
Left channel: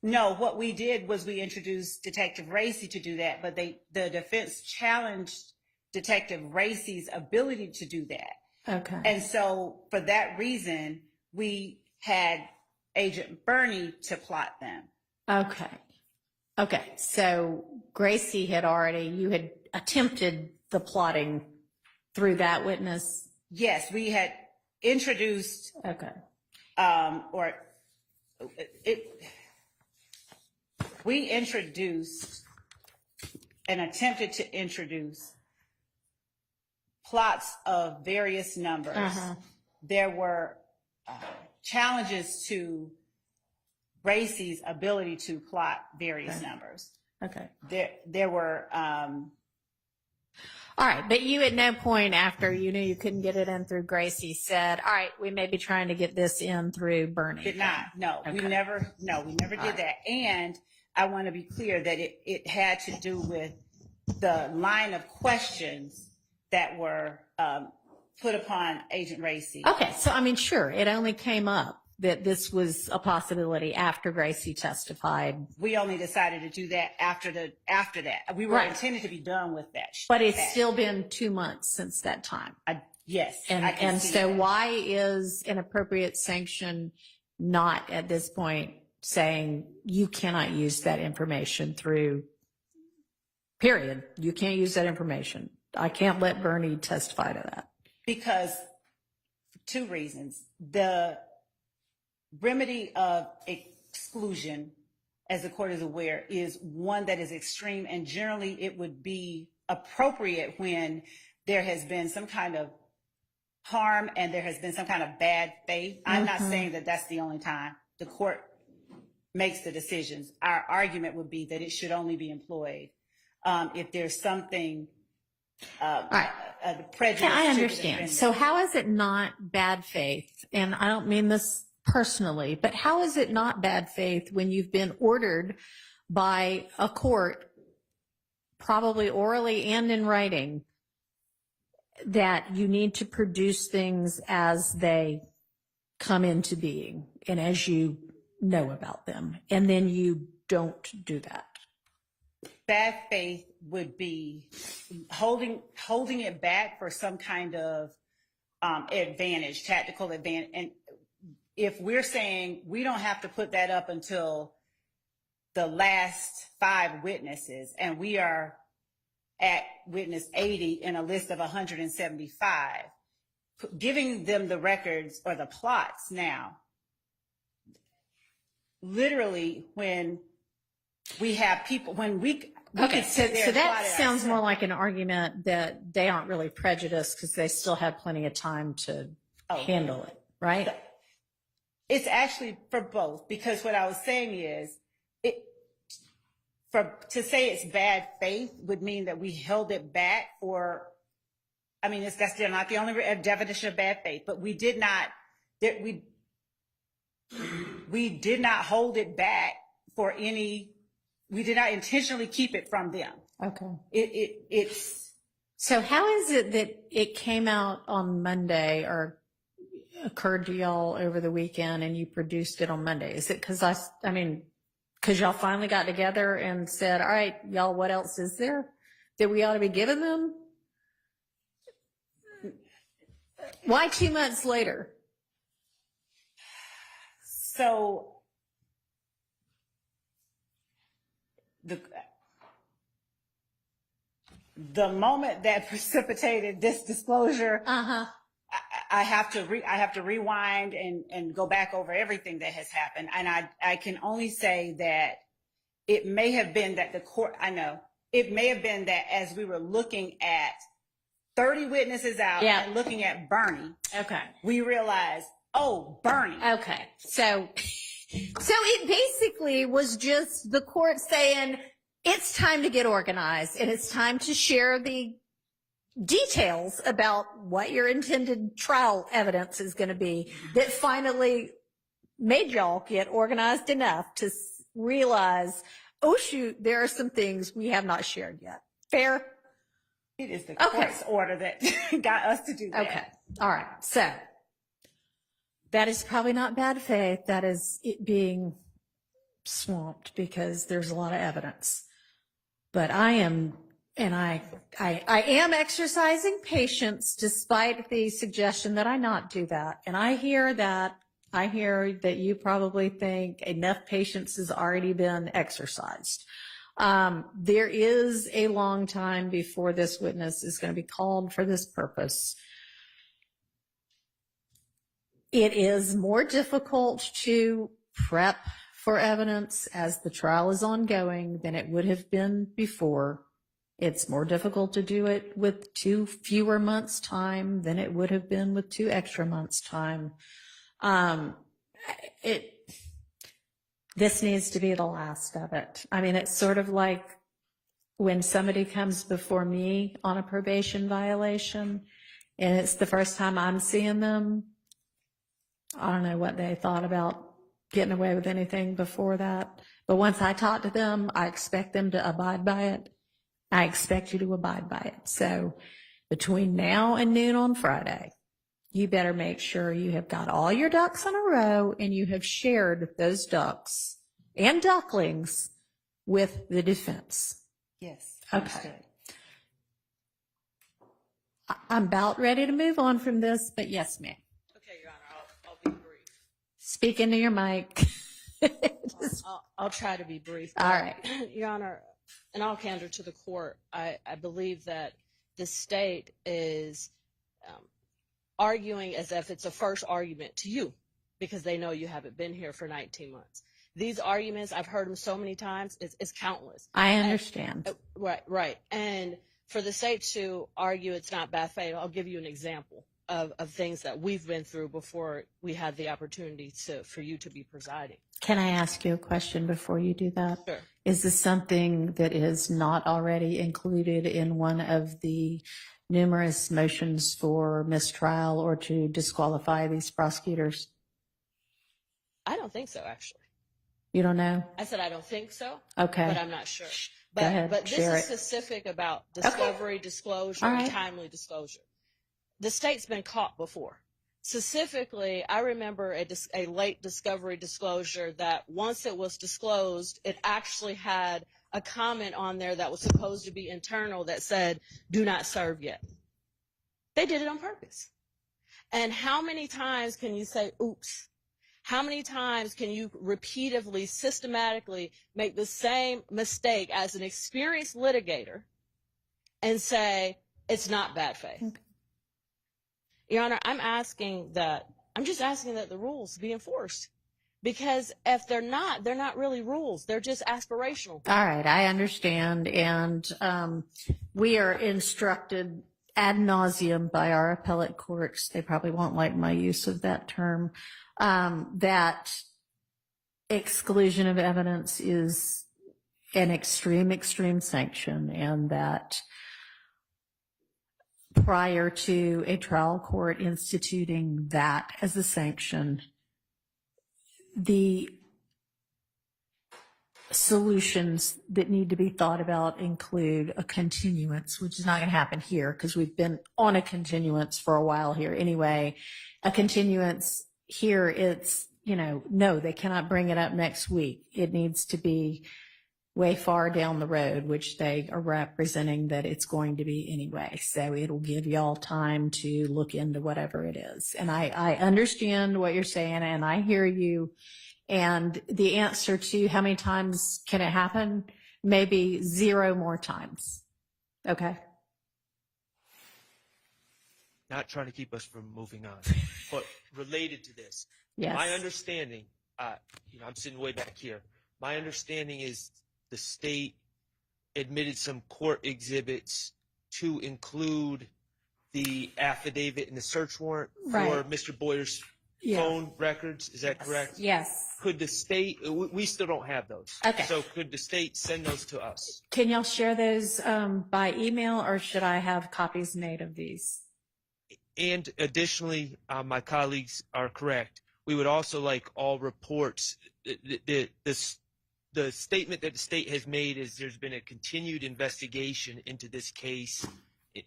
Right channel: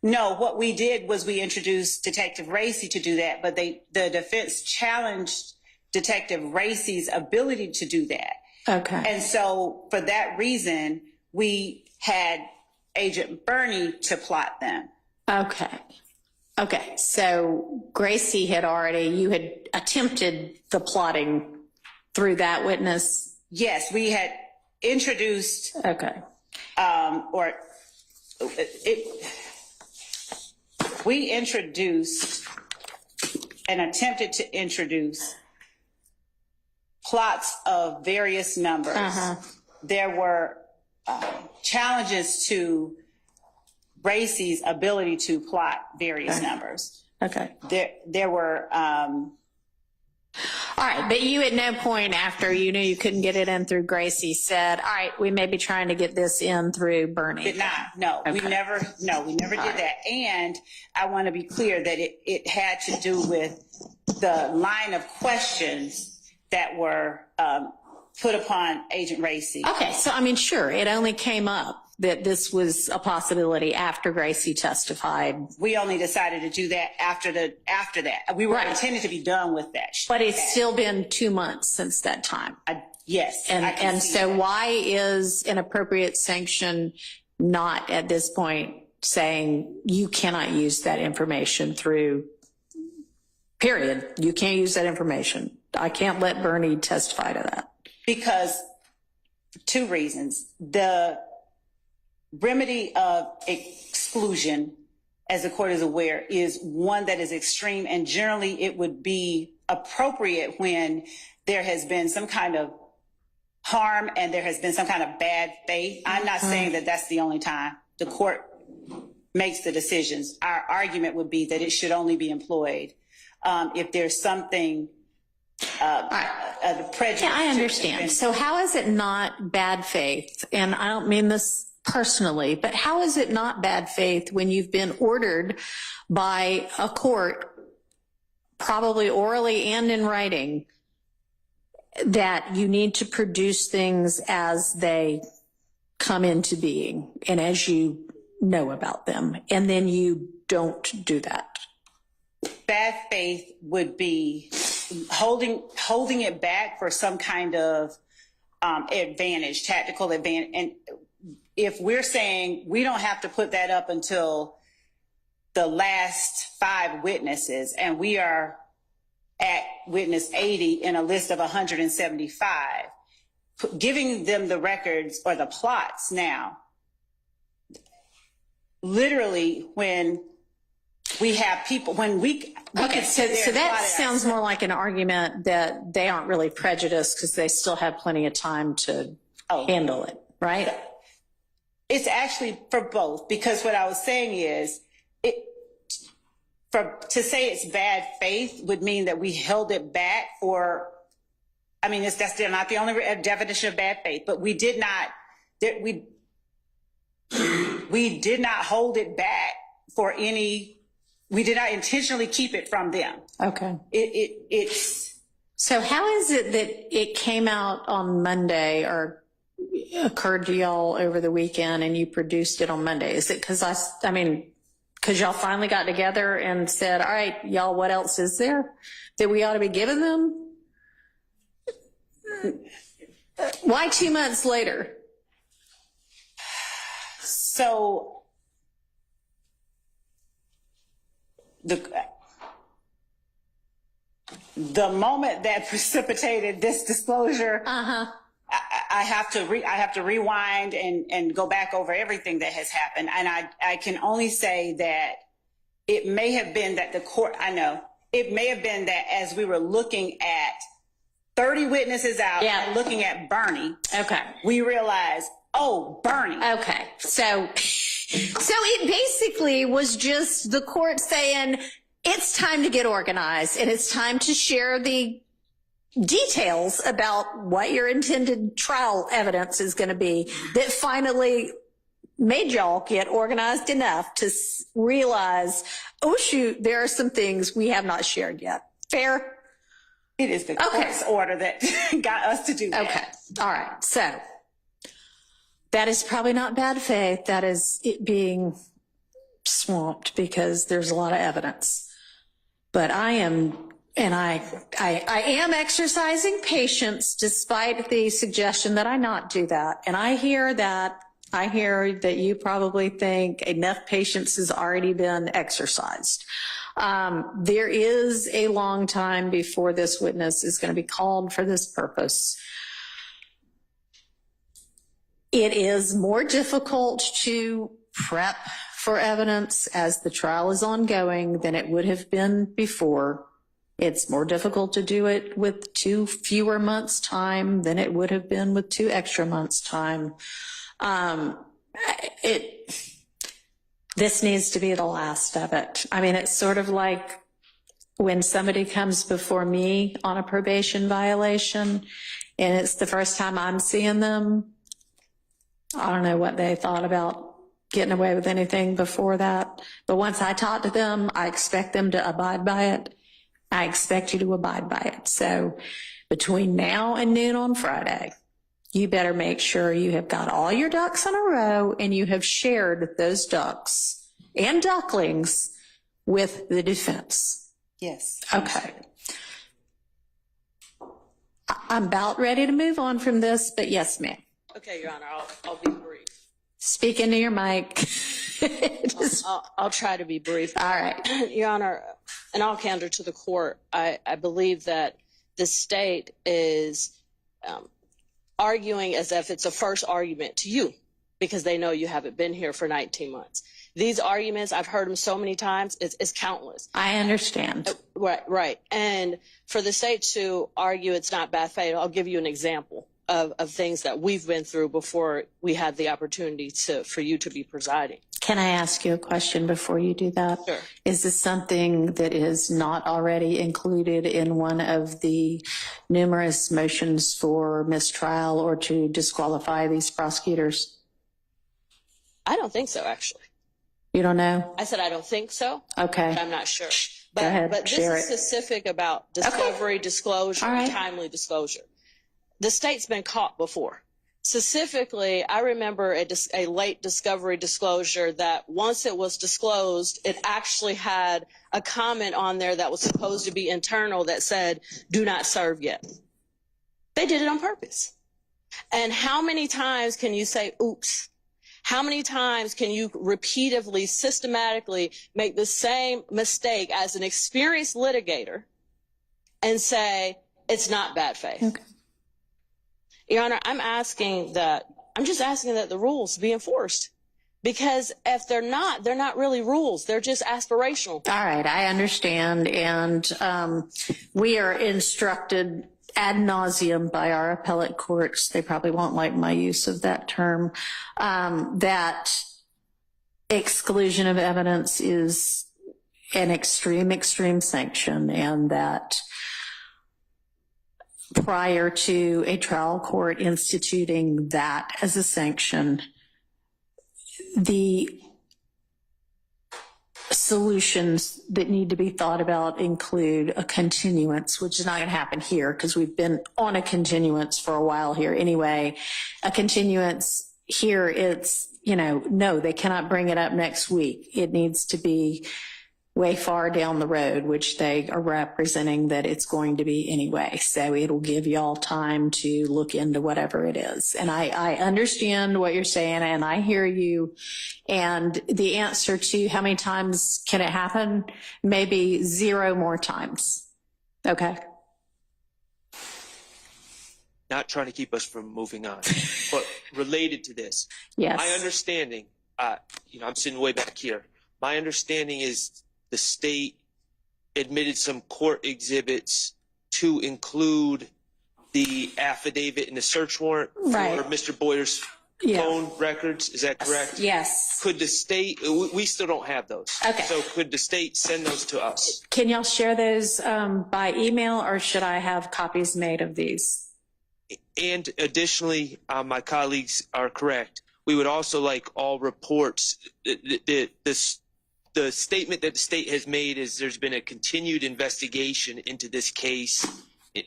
No, what we did was we introduced Detective Reese to do that, but the defense challenged Detective Reese's ability to do that. Okay. And so for that reason, we had Agent Burney to plot them. Okay. So Gracie you had attempted the plotting through that witness? Yes, we had introduced. Okay. We introduced and attempted to introduce plots of various numbers. There were challenges to Reese's ability to plot various numbers. Okay. There were. All right, but you at no point after you knew you couldn't get it in through Gracie said, all right, we may be trying to get this in through Burney. Did not. No, Okay. we never did that. And I want to be clear that it had to do with the line of questions that were put upon Agent Reese. Okay, so I mean, sure, it only came up that this was a possibility after Gracie testified. We only decided to do that after that. We were intended to be done with that. But it's still been 2 months since that time. Yes. And so why is an appropriate sanction not at this point saying you cannot use that information through, period. You can't use that information. I can't let Burney testify to that. Because 2 reasons. The remedy of exclusion, as the court is aware, is one that is extreme, and generally it would be appropriate when there has been some kind of harm and there has been some kind of bad faith. I'm not saying that that's the only time the court makes the decisions. Our argument would be that it should only be employed if there's something prejudice. Yeah, I understand. So how is it not bad faith? And I don't mean this personally, but how is it not bad faith when you've been ordered by a court, probably orally and in writing, that you need to produce things as they come into being and as you know about them, and then you don't do that? Bad faith would be holding it back for some kind of advantage, tactical advantage. And if we're saying we don't have to put that up until the last 5 witnesses, and we are at witness 80 in a list of 175, giving them the records or the plots now, literally when we have people, when we Okay, so that sounds more like an argument that they aren't really prejudiced because they still have plenty of time to handle it, right? It's actually for both, because what I was saying is, to say it's bad faith would mean that we held it back for, I mean, that's still not the only definition of bad faith, but we did not hold it back for any, we did not intentionally keep it from them. Okay. It's So how is it that it came out on Monday or occurred to y'all over the weekend and you produced it on Monday? Is it because because y'all finally got together and said, all right, y'all, what else is there that we ought to be giving them? Why 2 months later? So the moment that precipitated this disclosure, I have to rewind and go back over everything that has happened. And I can only say that it may have been that it may have been that as we were looking at 30 witnesses out and looking at Bernie, we realized, oh, Bernie. Okay. So it basically was just the court saying, it's time to get organized and it's time to share the details about what your intended trial evidence is going to be that finally made y'all get organized enough to realize, oh shoot, there are some things we have not shared yet. Fair? It is the court's order that got us to do that. Okay. All right. So that is probably not bad faith. That is it being swamped because there's a lot of evidence. But I am exercising patience despite the suggestion that I not do that. And I hear that you probably think enough patience has already been exercised. There is a long time before this witness is going to be called for this purpose. It is more difficult to prep for evidence as the trial is ongoing than it would have been before. It's more difficult to do it with 2 fewer months' time than it would have been with 2 extra months' time. This needs to be the last of it. I mean, it's sort of like when somebody comes before me on a probation violation and it's the first time I'm seeing them. I don't know what they thought about getting away with anything before that. But once I talk to them, I expect them to abide by it. I expect you to abide by it. So between now and noon on Friday, you better make sure you have got all your ducks in a row and you have shared those ducks and ducklings with the defense. Yes. Okay. I'm about ready to move on from this, but yes, ma'am. Okay, Your Honor, I'll be brief. Speak into your mic. I'll try to be brief. All right. Your Honor, in all candor to the court, I believe that the state is arguing as if it's a first argument to you because they know you haven't been here for 19 months. These arguments, I've heard them so many times, it's countless. I understand. Right. And for the state to argue it's not bad faith, I'll give you an example of things that we've been through before we had the opportunity for you to be presiding. Can I ask you a question before you do that? Sure. Is this something that is not already included in one of the numerous motions for mistrial or to disqualify these prosecutors? I don't think so, actually. You don't know? I said I don't think so. Okay. But I'm not sure. Go ahead, But this share is specific about discovery, disclosure, All right. and timely disclosure. The state's been caught before. Specifically, I remember a late discovery disclosure that once it was disclosed, it actually had a comment on there that was supposed to be internal that said, do not serve yet. They did it on purpose. And how many times can you say, oops? How many times can you repeatedly, systematically make the same mistake as an experienced litigator and say, it's not bad faith? Okay. Your Honor, I'm just asking that the rules be enforced. Because if they're not really rules. They're just aspirational. All right, I understand. And we are instructed ad nauseum by our appellate courts. They probably won't like my use of that term. That exclusion of evidence is an extreme sanction, and that prior to a trial court instituting that as a sanction, the solutions that need to be thought about include a continuance, which is not going to happen here because we've been on a continuance for a while here anyway. A continuance here, it's, no, they cannot bring it up next week. It needs to be way far down the road, which they are representing that it's going to be anyway. So it'll give y'all time to look into whatever it is. And I understand what you're saying and I hear you. And the answer to how many times can it happen? Maybe 0 more times. Okay. Not trying to keep us from moving on, but related to this. Yes. My understanding, I'm sitting way back here. My understanding is the state admitted some court exhibits to include the affidavit and the search warrant for Mr. Boyer's phone records. Is that correct? Yes. Could the state, we still don't have those. Okay. So could the state send those to us? Can y'all share those by email or should I have copies made of these? And additionally, my colleagues are correct. We would also like all reports. The statement that the state has made is there's been a continued investigation into this case,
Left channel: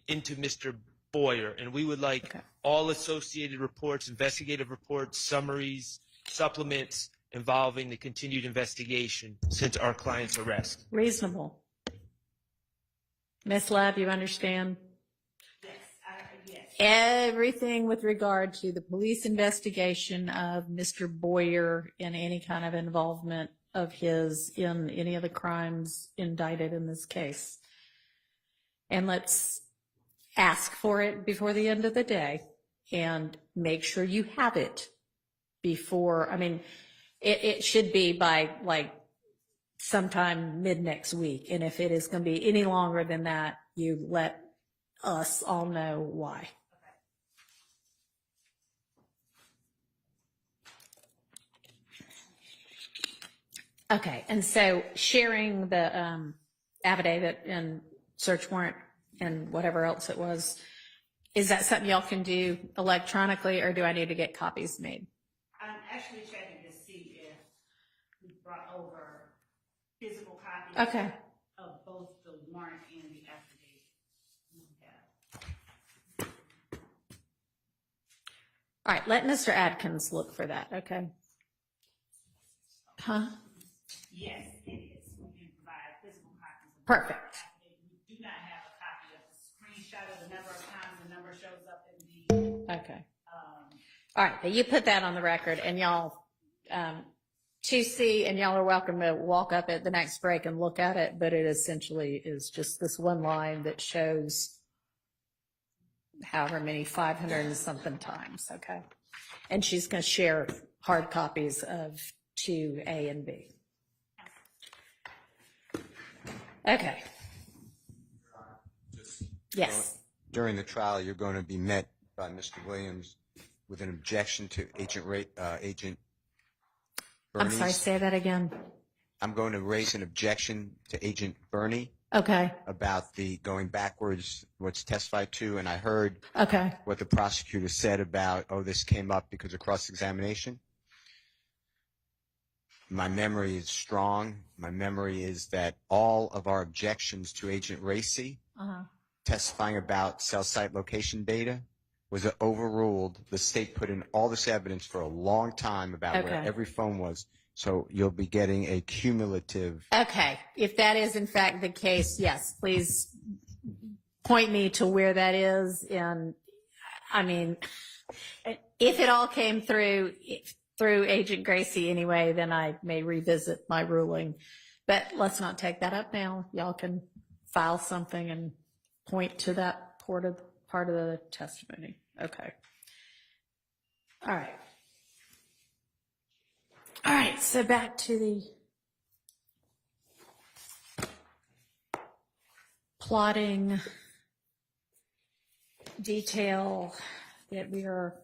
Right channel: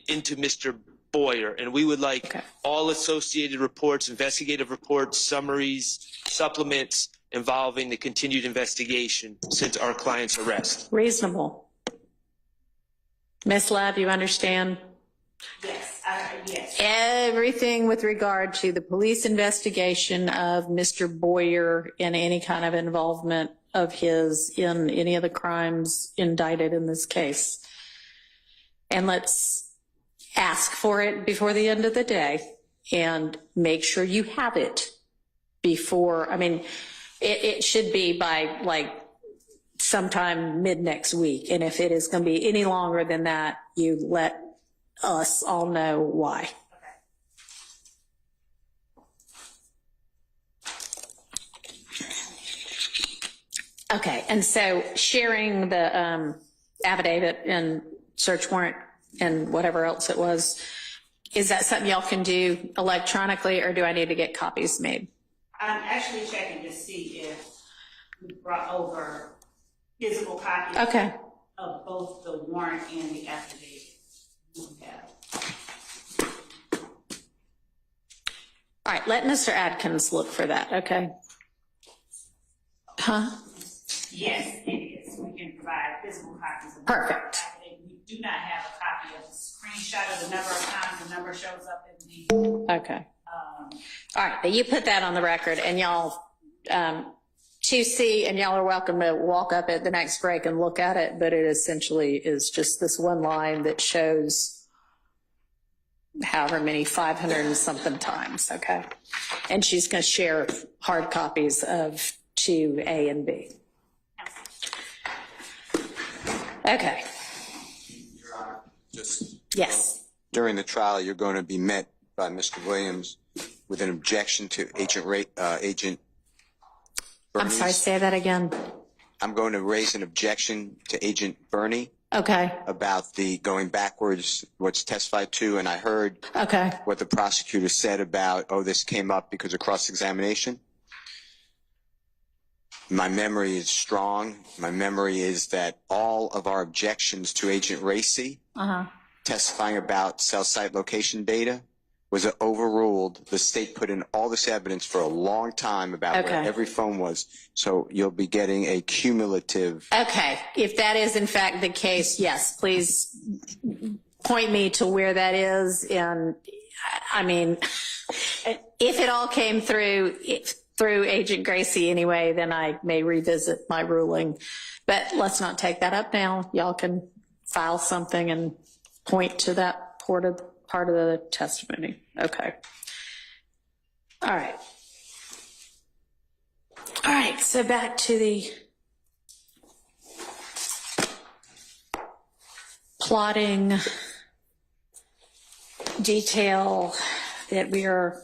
into Mr. Boyer, and we would like all associated reports, investigative reports, summaries, supplements involving the continued investigation since our client's arrest. Reasonable. Ms. Love, you understand? Yes, yes. Everything with regard to the police investigation of Mr. Boyer and any kind of involvement of his in any of the crimes indicted in this case. And let's ask for it before the end of the day and make sure you have it before, it should be by like sometime mid next week. And if it is going to be any longer than that, you let us all know why. Okay, and so sharing the affidavit and search warrant and whatever else it was, is that something y'all can do electronically or do I need to get copies made? I'm actually checking to see if we brought over physical copies of both the warrant and the affidavit. All right, let Mr. Adkins look for that, okay? Huh? Yes, it is. We can provide physical copies of Perfect. the affidavit. We do not have a copy of the screenshot of the number of times the number shows up in the. Okay. All right, but you put that on the record and y'all to see, and y'all are welcome to walk up at the next break and look at it, but it essentially is just this one line that shows however many 500 and something times, okay? And she's going to share hard copies of 2A and B. Okay. Yes. During the trial, you're going to be met by Mr. Williams with an objection to Agent Bernie's. I'm sorry, say that again. I'm going to raise an objection to Agent Bernie. Okay. About the going backwards, what's testified to, and I heard what the prosecutor said about, this came up because of cross-examination. My memory is strong. My memory is that all of our objections to Agent Reese testifying about cell site location data was overruled. The state put in all this evidence for a long time about where every phone was. So you'll be getting a cumulative. Okay. If that is in fact the case, yes, please point me to where that is. And if it all came through Agent Gracie anyway, then I may revisit my ruling. But let's not take that up now. Y'all can file something and point to that part of the testimony. Okay. All right. All right, so back to the plotting detail that we are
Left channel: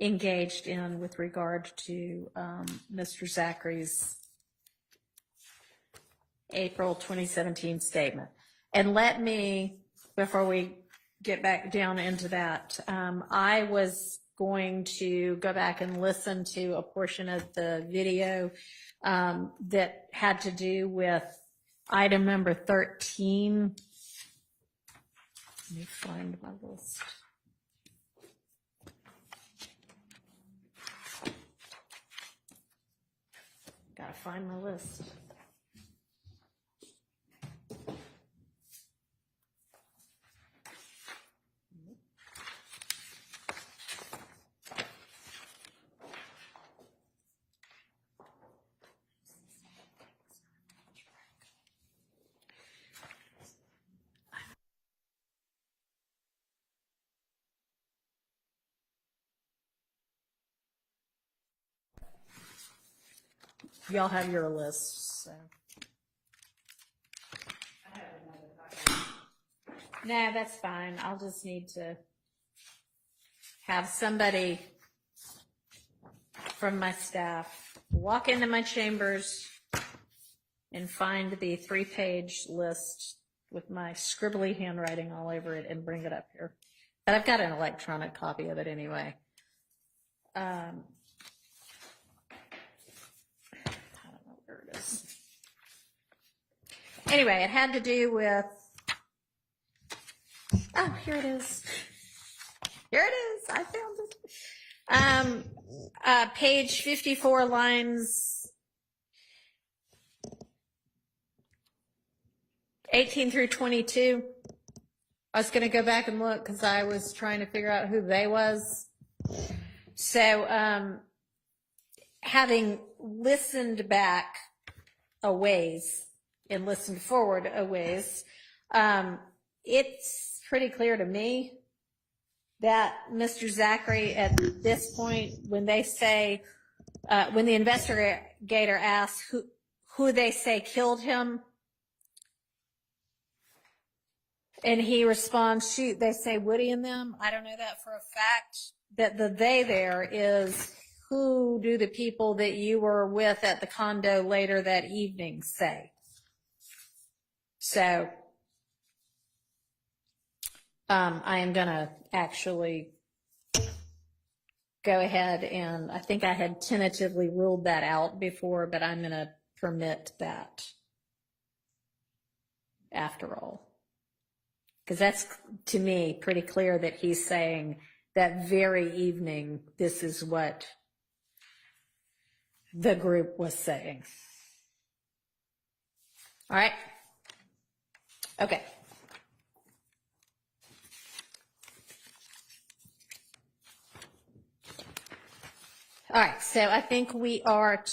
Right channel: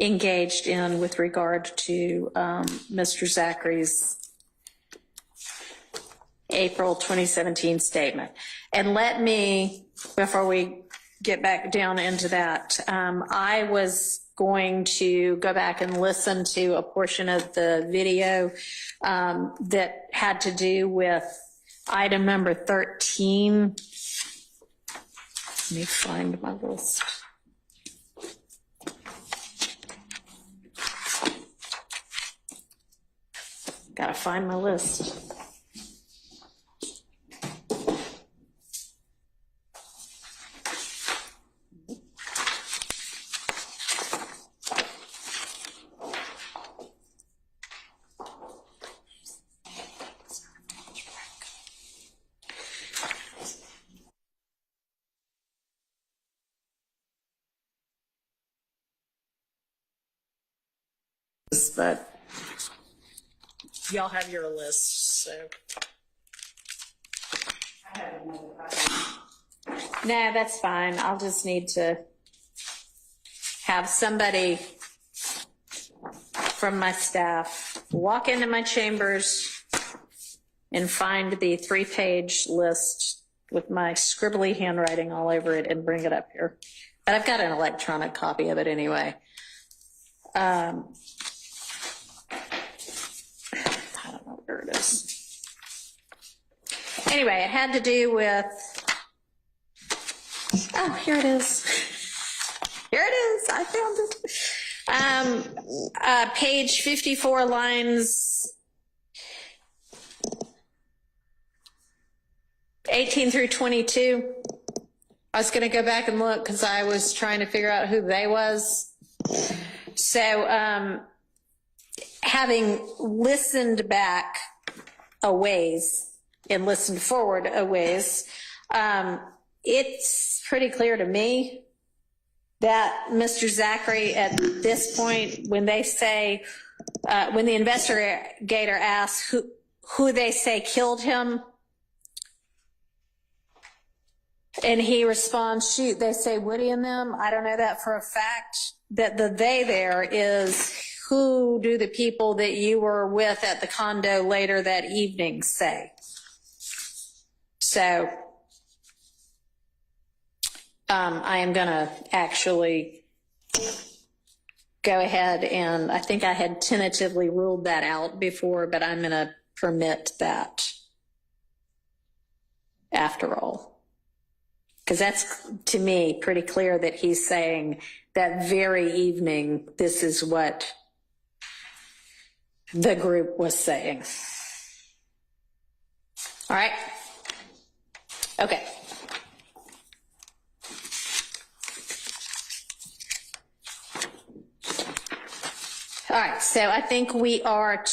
engaged in with regard to Mr. Zachary's April 2017 statement. And let me, before we get back down into that, I was going to go back and listen to a portion of the video that had to do with item number 13. Let me find my list. Gotta find my list. But y'all have your list, so. I have another copy. No, that's fine. I'll just need to have somebody from my staff walk into my chambers and find the 3-page list with my scribbly handwriting all over it and bring it up here. But I've got an electronic copy of it anyway. I don't know where it is. Anyway, it had to do with, oh, here it is. Here it is, I found it. Page 54, lines 18 through 22. I was gonna go back and look because I was trying to figure out who they was. So, having listened back a ways and listened forward a ways, it's pretty clear to me that Mr. Zachary, at this point, when they say, when the investigator asks who they say killed him, and he responds, shoot, they say Woody and them. I don't know that for a fact. That the they there is who do the people that you were with at the condo later that evening say. So I am going to actually go ahead and I think I had tentatively ruled that out before, but I'm going to permit that after all. Because that's, to me, pretty clear that he's saying that very evening, this is what the group was saying. All right? Okay. All right, so I think we are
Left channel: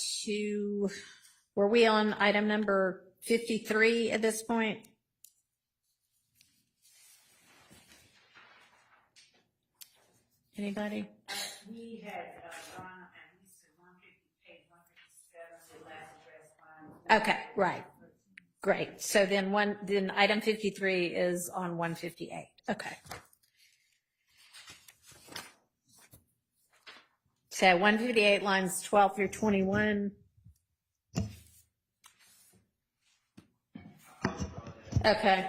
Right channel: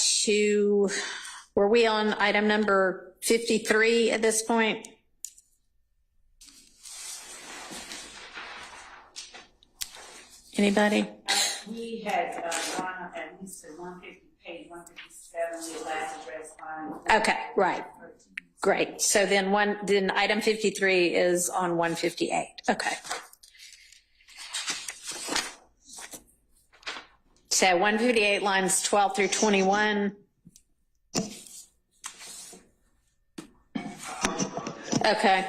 were we on item number 53 at this point? Anybody? We had gone up at least to 150, page 157, the last address line. Okay, right. Great. So then item 53 is on 158. Okay. So 158 lines 12 through 21. Okay.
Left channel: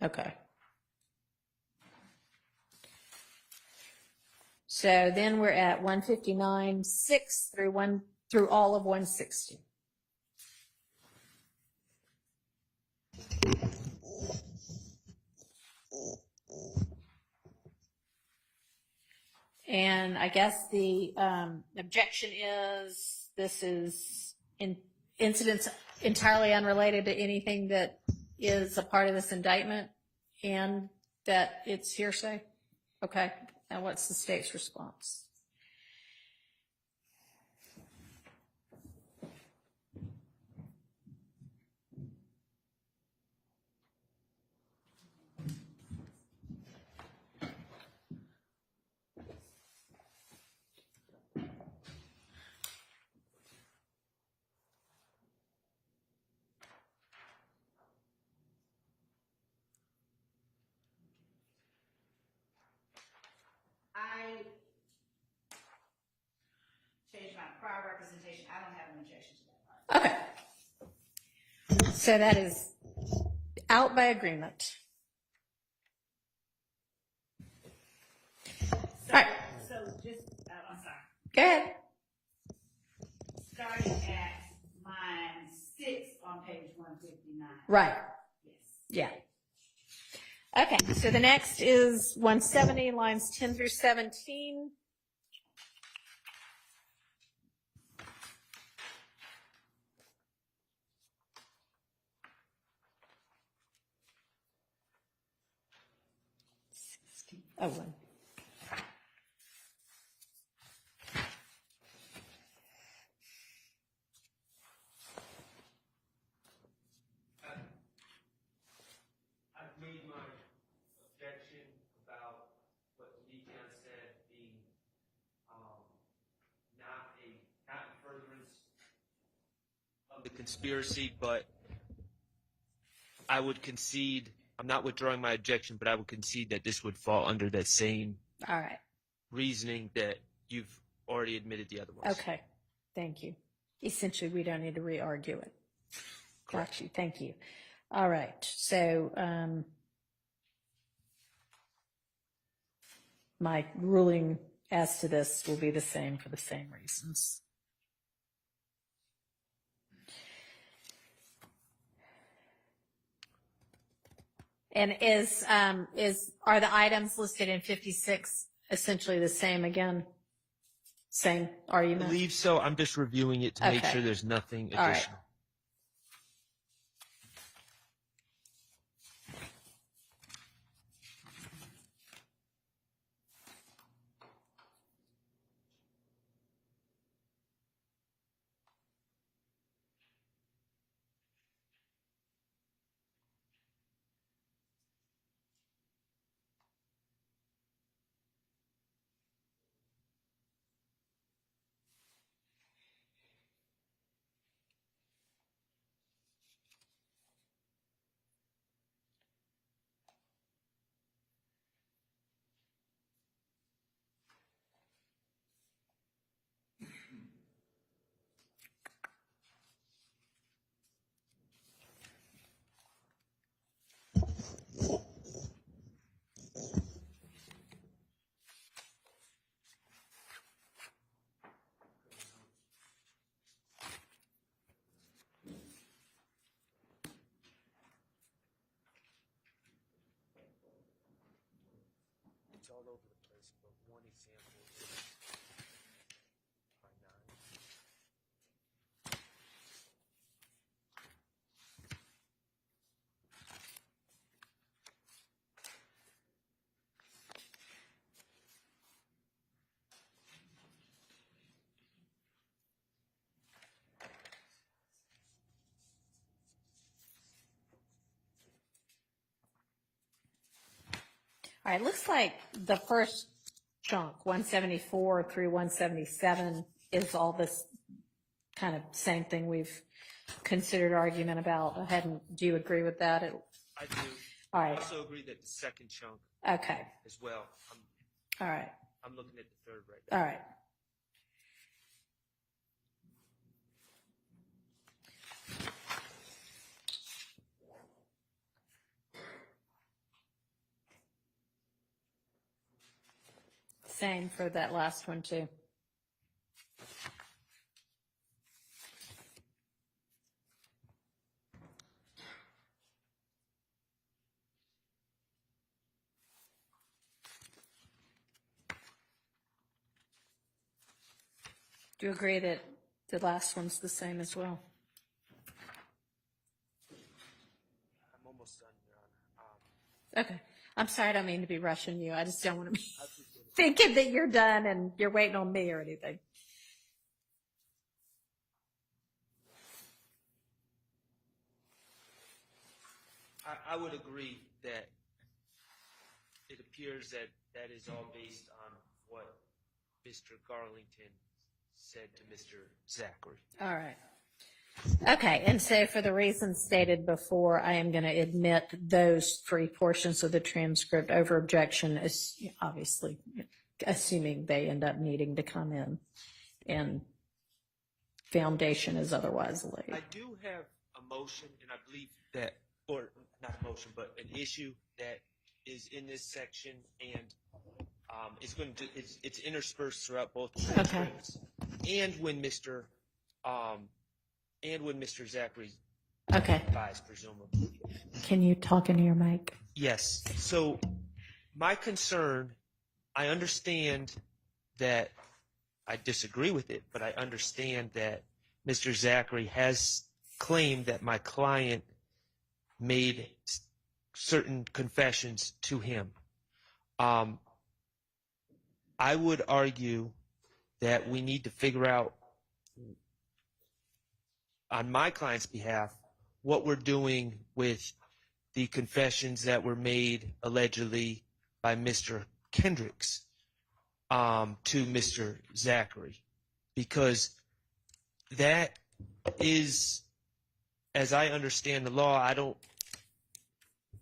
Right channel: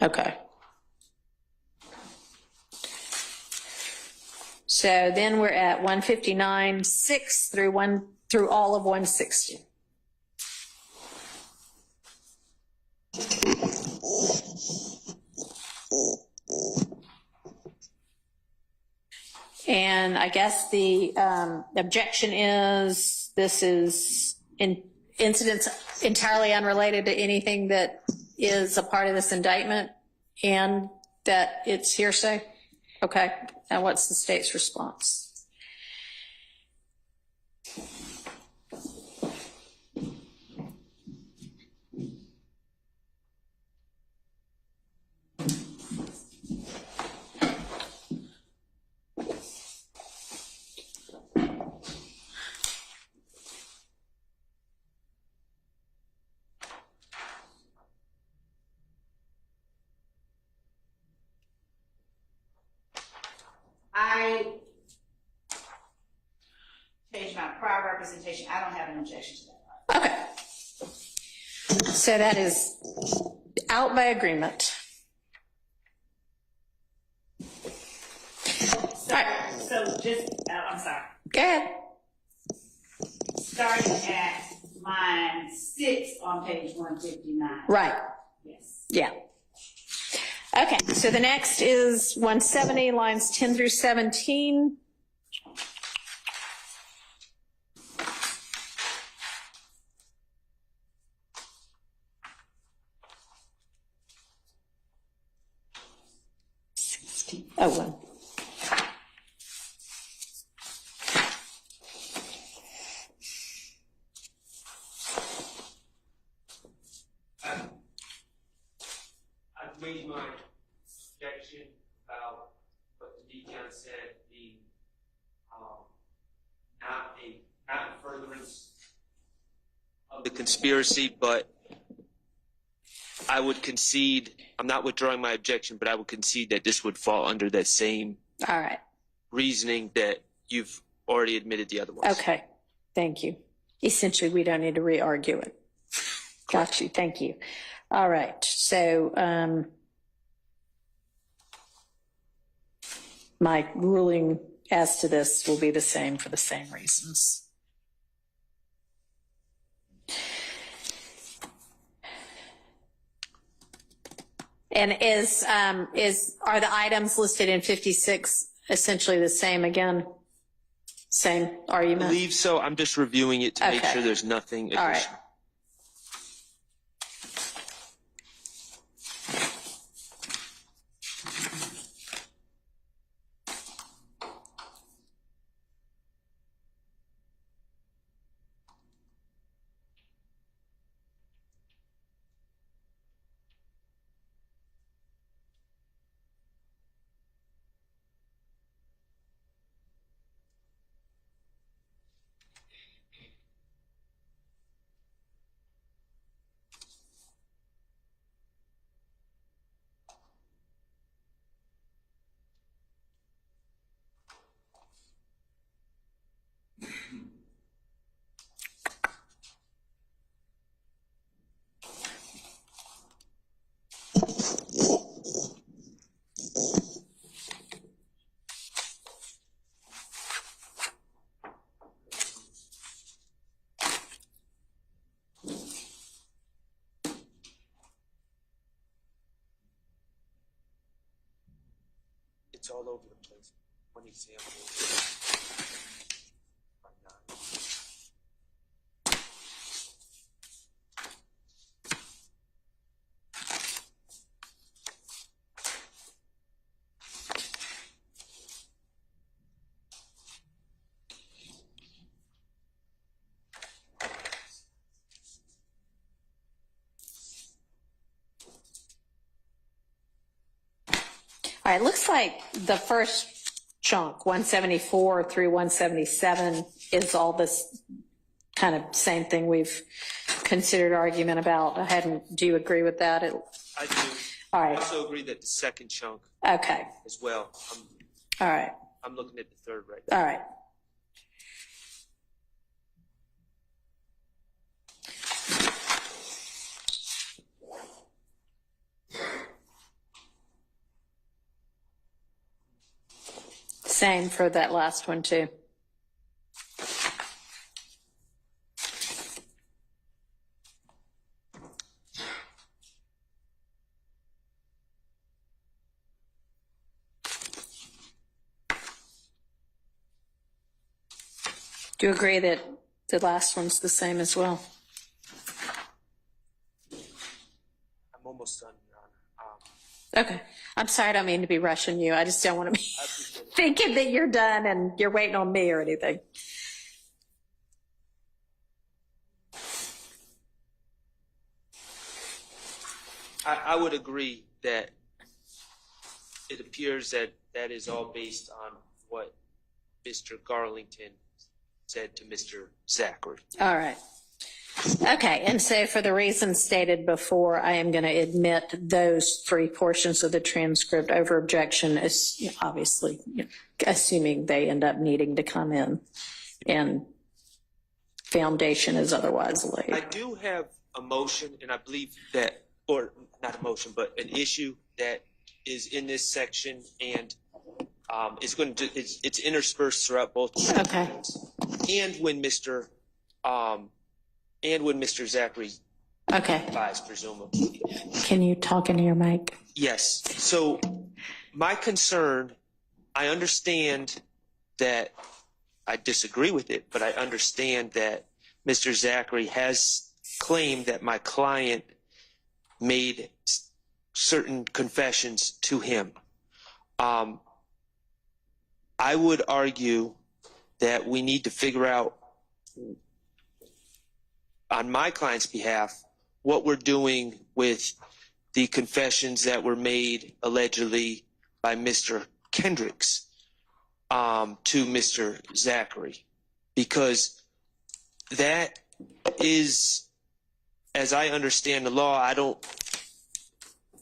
Okay. So then we're at 159, 6 through all of 160. And I guess the objection is this is incidents entirely unrelated to anything that is a part of this indictment and that it's hearsay. Okay. And what's the state's response? I changed my prior representation. I don't have an objection to that. Okay. So that is out by agreement. right, So just, I'm sorry, go ahead. starting at line 6 on page 159. Right, Yes. yeah. Okay, so the next is 170, lines 10 through 17. Oh, one. I've made my objection about what the deacon said being not in furtherance of the conspiracy, but I would concede, I'm not withdrawing my objection, but I would concede that this would fall under that same All right, reasoning that you've already admitted the other ones. okay, thank you. Essentially, we don't need to re-argue it. Got you, thank you. All right, so my ruling as to this will be the same for the same reasons. And are the items listed in 56 essentially the same again? Same I argument? believe so. I'm just reviewing it to make Okay. sure there's nothing All additional. right. It's all over the place. But one example. All right, looks like the first chunk, 174 through 177, is all this kind of same thing we've considered argument about. Do you agree with that? I do. All I right, also agree that the second chunk okay, as well. all right, I'm looking at the third right. all right. Same for that last one too. Do you agree that the last one's the same as well? I'm almost done, Your Honor. Okay. I'm sorry, I don't mean to be rushing you. I just don't want to be thinking that you're done and you're waiting on me or anything. I would agree that it appears that that is all based on what Mr. Garlington said to Mr. Zachary. All right. Okay, and so for the reasons stated before, I am going to admit those three portions of the transcript over objection, is obviously assuming they end up needing to come in and foundation is otherwise laid. I do have a motion, and I believe that, or not a motion, but an issue that is in this section, and It's interspersed throughout both. Okay. And when Mr. Zachary Okay. testifies, presumably. Can you talk into your mic? Yes. So my concern, I understand that I disagree with it, but I understand that Mr. Zachary has claimed that my client made certain confessions to him. I would argue that we need to figure out on my client's behalf what we're doing with the confessions that were made allegedly by Mr. Kendricks to Mr. Zachary, because that is, as I understand the law, I don't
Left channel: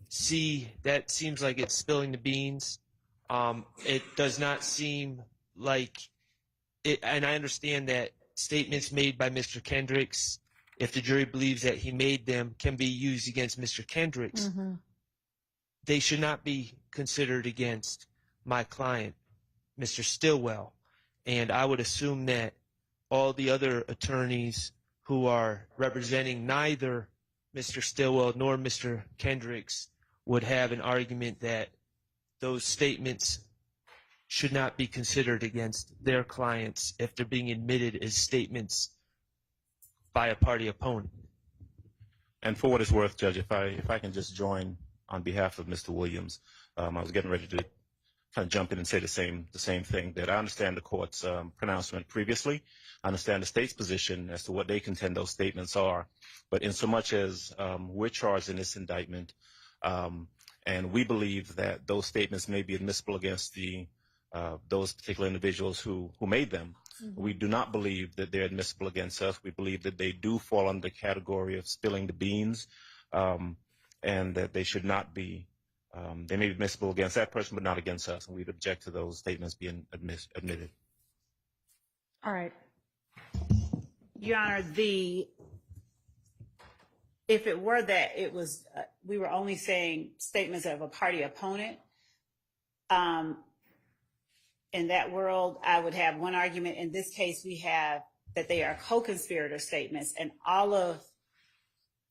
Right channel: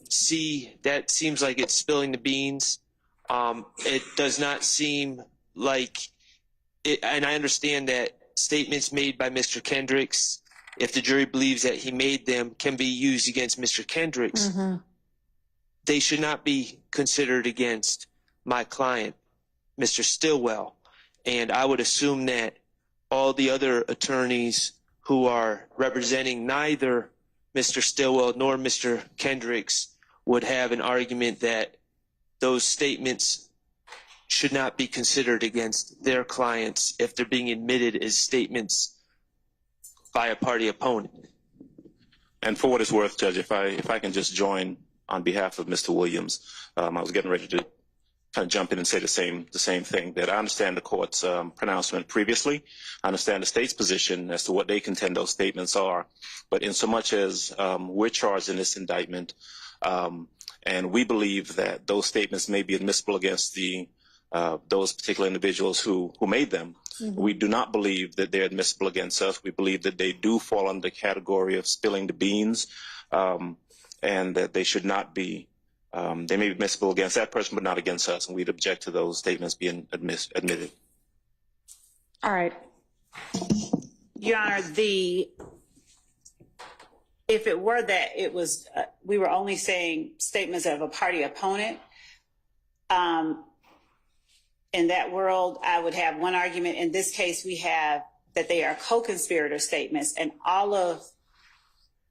see that. Seems like it's spilling the beans. It does not seem like it, and I understand that statements made by Mr. Kendricks, if the jury believes that he made them, can be used against Mr. Kendricks. Mm-hmm. They should not be considered against my client, Mr. Stillwell. And I would assume that all the other attorneys who are representing neither Mr. Stillwell nor Mr. Kendricks would have an argument that those statements should not be considered against their clients if they're being admitted as statements by a party opponent. And for what it's worth, Judge, if I can just join on behalf of Mr. Williams, I was getting ready to kind of jump in and say the same thing, that I understand the court's pronouncement previously. I understand the state's position as to what they contend those statements are. But in so much as we're charged in this indictment, and we believe that those statements may be admissible against those particular individuals who made them, we do not believe that they're admissible against us. We believe that they do fall under the category of spilling the beans, and that they should not be, they may be admissible against that person, but not against us. And we'd object to those statements being admitted. All right. Your Honor, if it were that it was, we were only saying statements of a party opponent, in that world, I would have one argument. In this case, we have that they are co-conspirator statements, and all of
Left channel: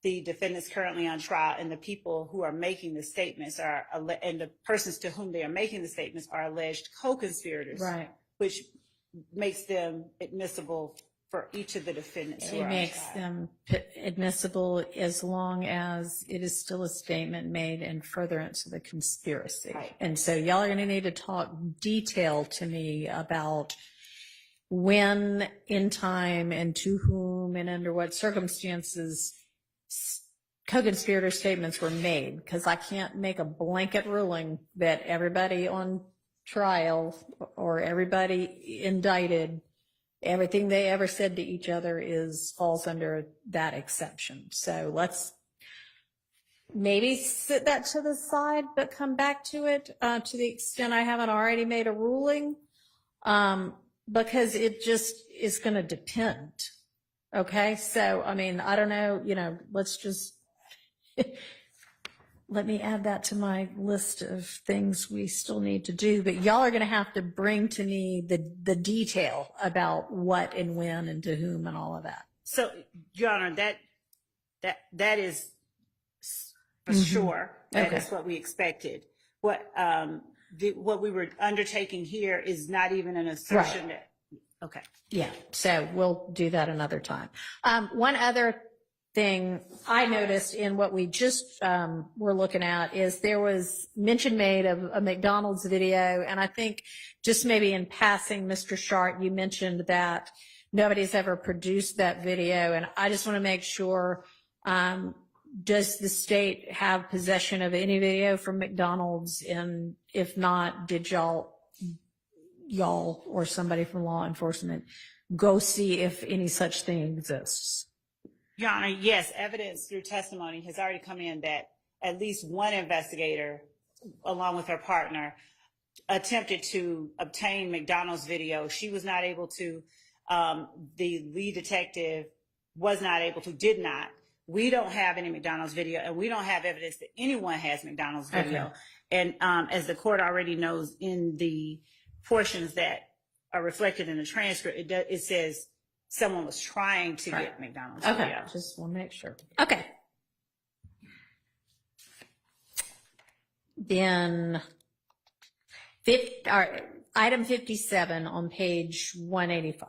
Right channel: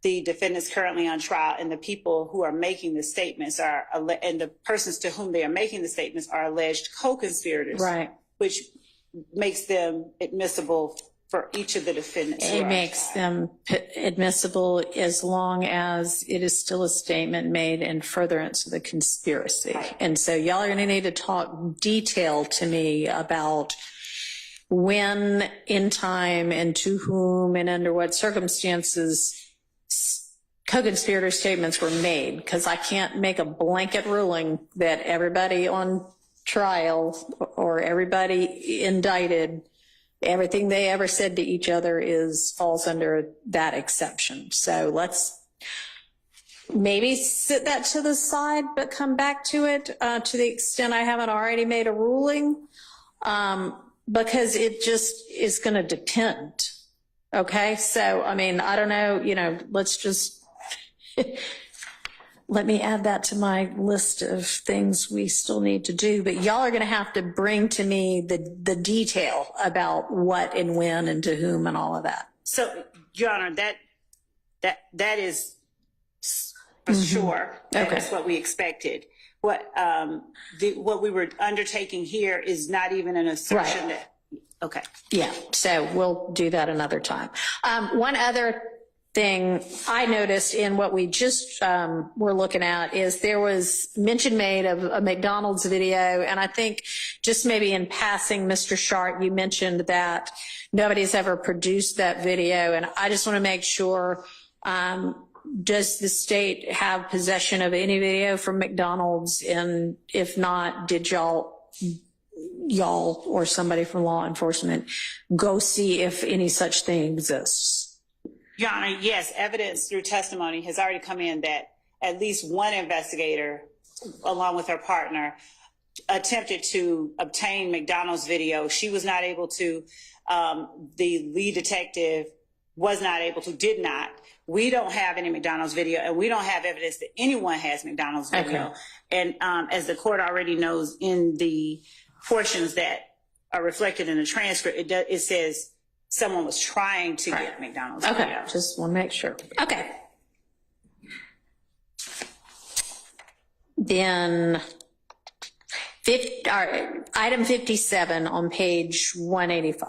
the defendants currently on trial and the people who are making the statements are, and the persons to whom they are making the statements are alleged co-conspirators, Right. which makes them admissible for each of the defendants. It makes them admissible as long as it is still a statement made in furtherance of the conspiracy. Right. And so y'all are going to need to talk detail to me about when in time and to whom and under what circumstances co-conspirator statements were made, because I can't make a blanket ruling that everybody on trial or everybody indicted, everything they ever said to each other falls under that exception. So let's maybe sit that to the side, but come back to it to the extent I haven't already made a ruling, because it just is going to depend. Okay. So, I mean, I don't know, let's just, let me add that to my list of things we still need to do, but y'all are going to have to bring to me the detail about what and when and to whom and all of that. So, Your Honor, that is for sure. That is what we expected. What we were undertaking here is not even an assertion that. Okay. Yeah. So we'll do that another time. One other thing I noticed in what we just were looking at is there was mention made of a McDonald's video, and I think just maybe in passing, Mr. Sharp, you mentioned that nobody's ever produced that video, and I just want to make sure, does the state have possession of any video from McDonald's, and if not, did y'all or somebody from law enforcement go see if any such thing exists? Your Honor, yes, evidence through testimony has already come in that at least one investigator, along with her partner, attempted to obtain McDonald's video. She was not able to. The lead detective was not able to, did not. We don't have any McDonald's video, and we don't have evidence that anyone has McDonald's video. Okay. And as the court already knows, in the portions that are reflected in the transcript, it says someone was trying to get McDonald's. Okay, video. just want to make sure. Okay. Then item 57 on page 185.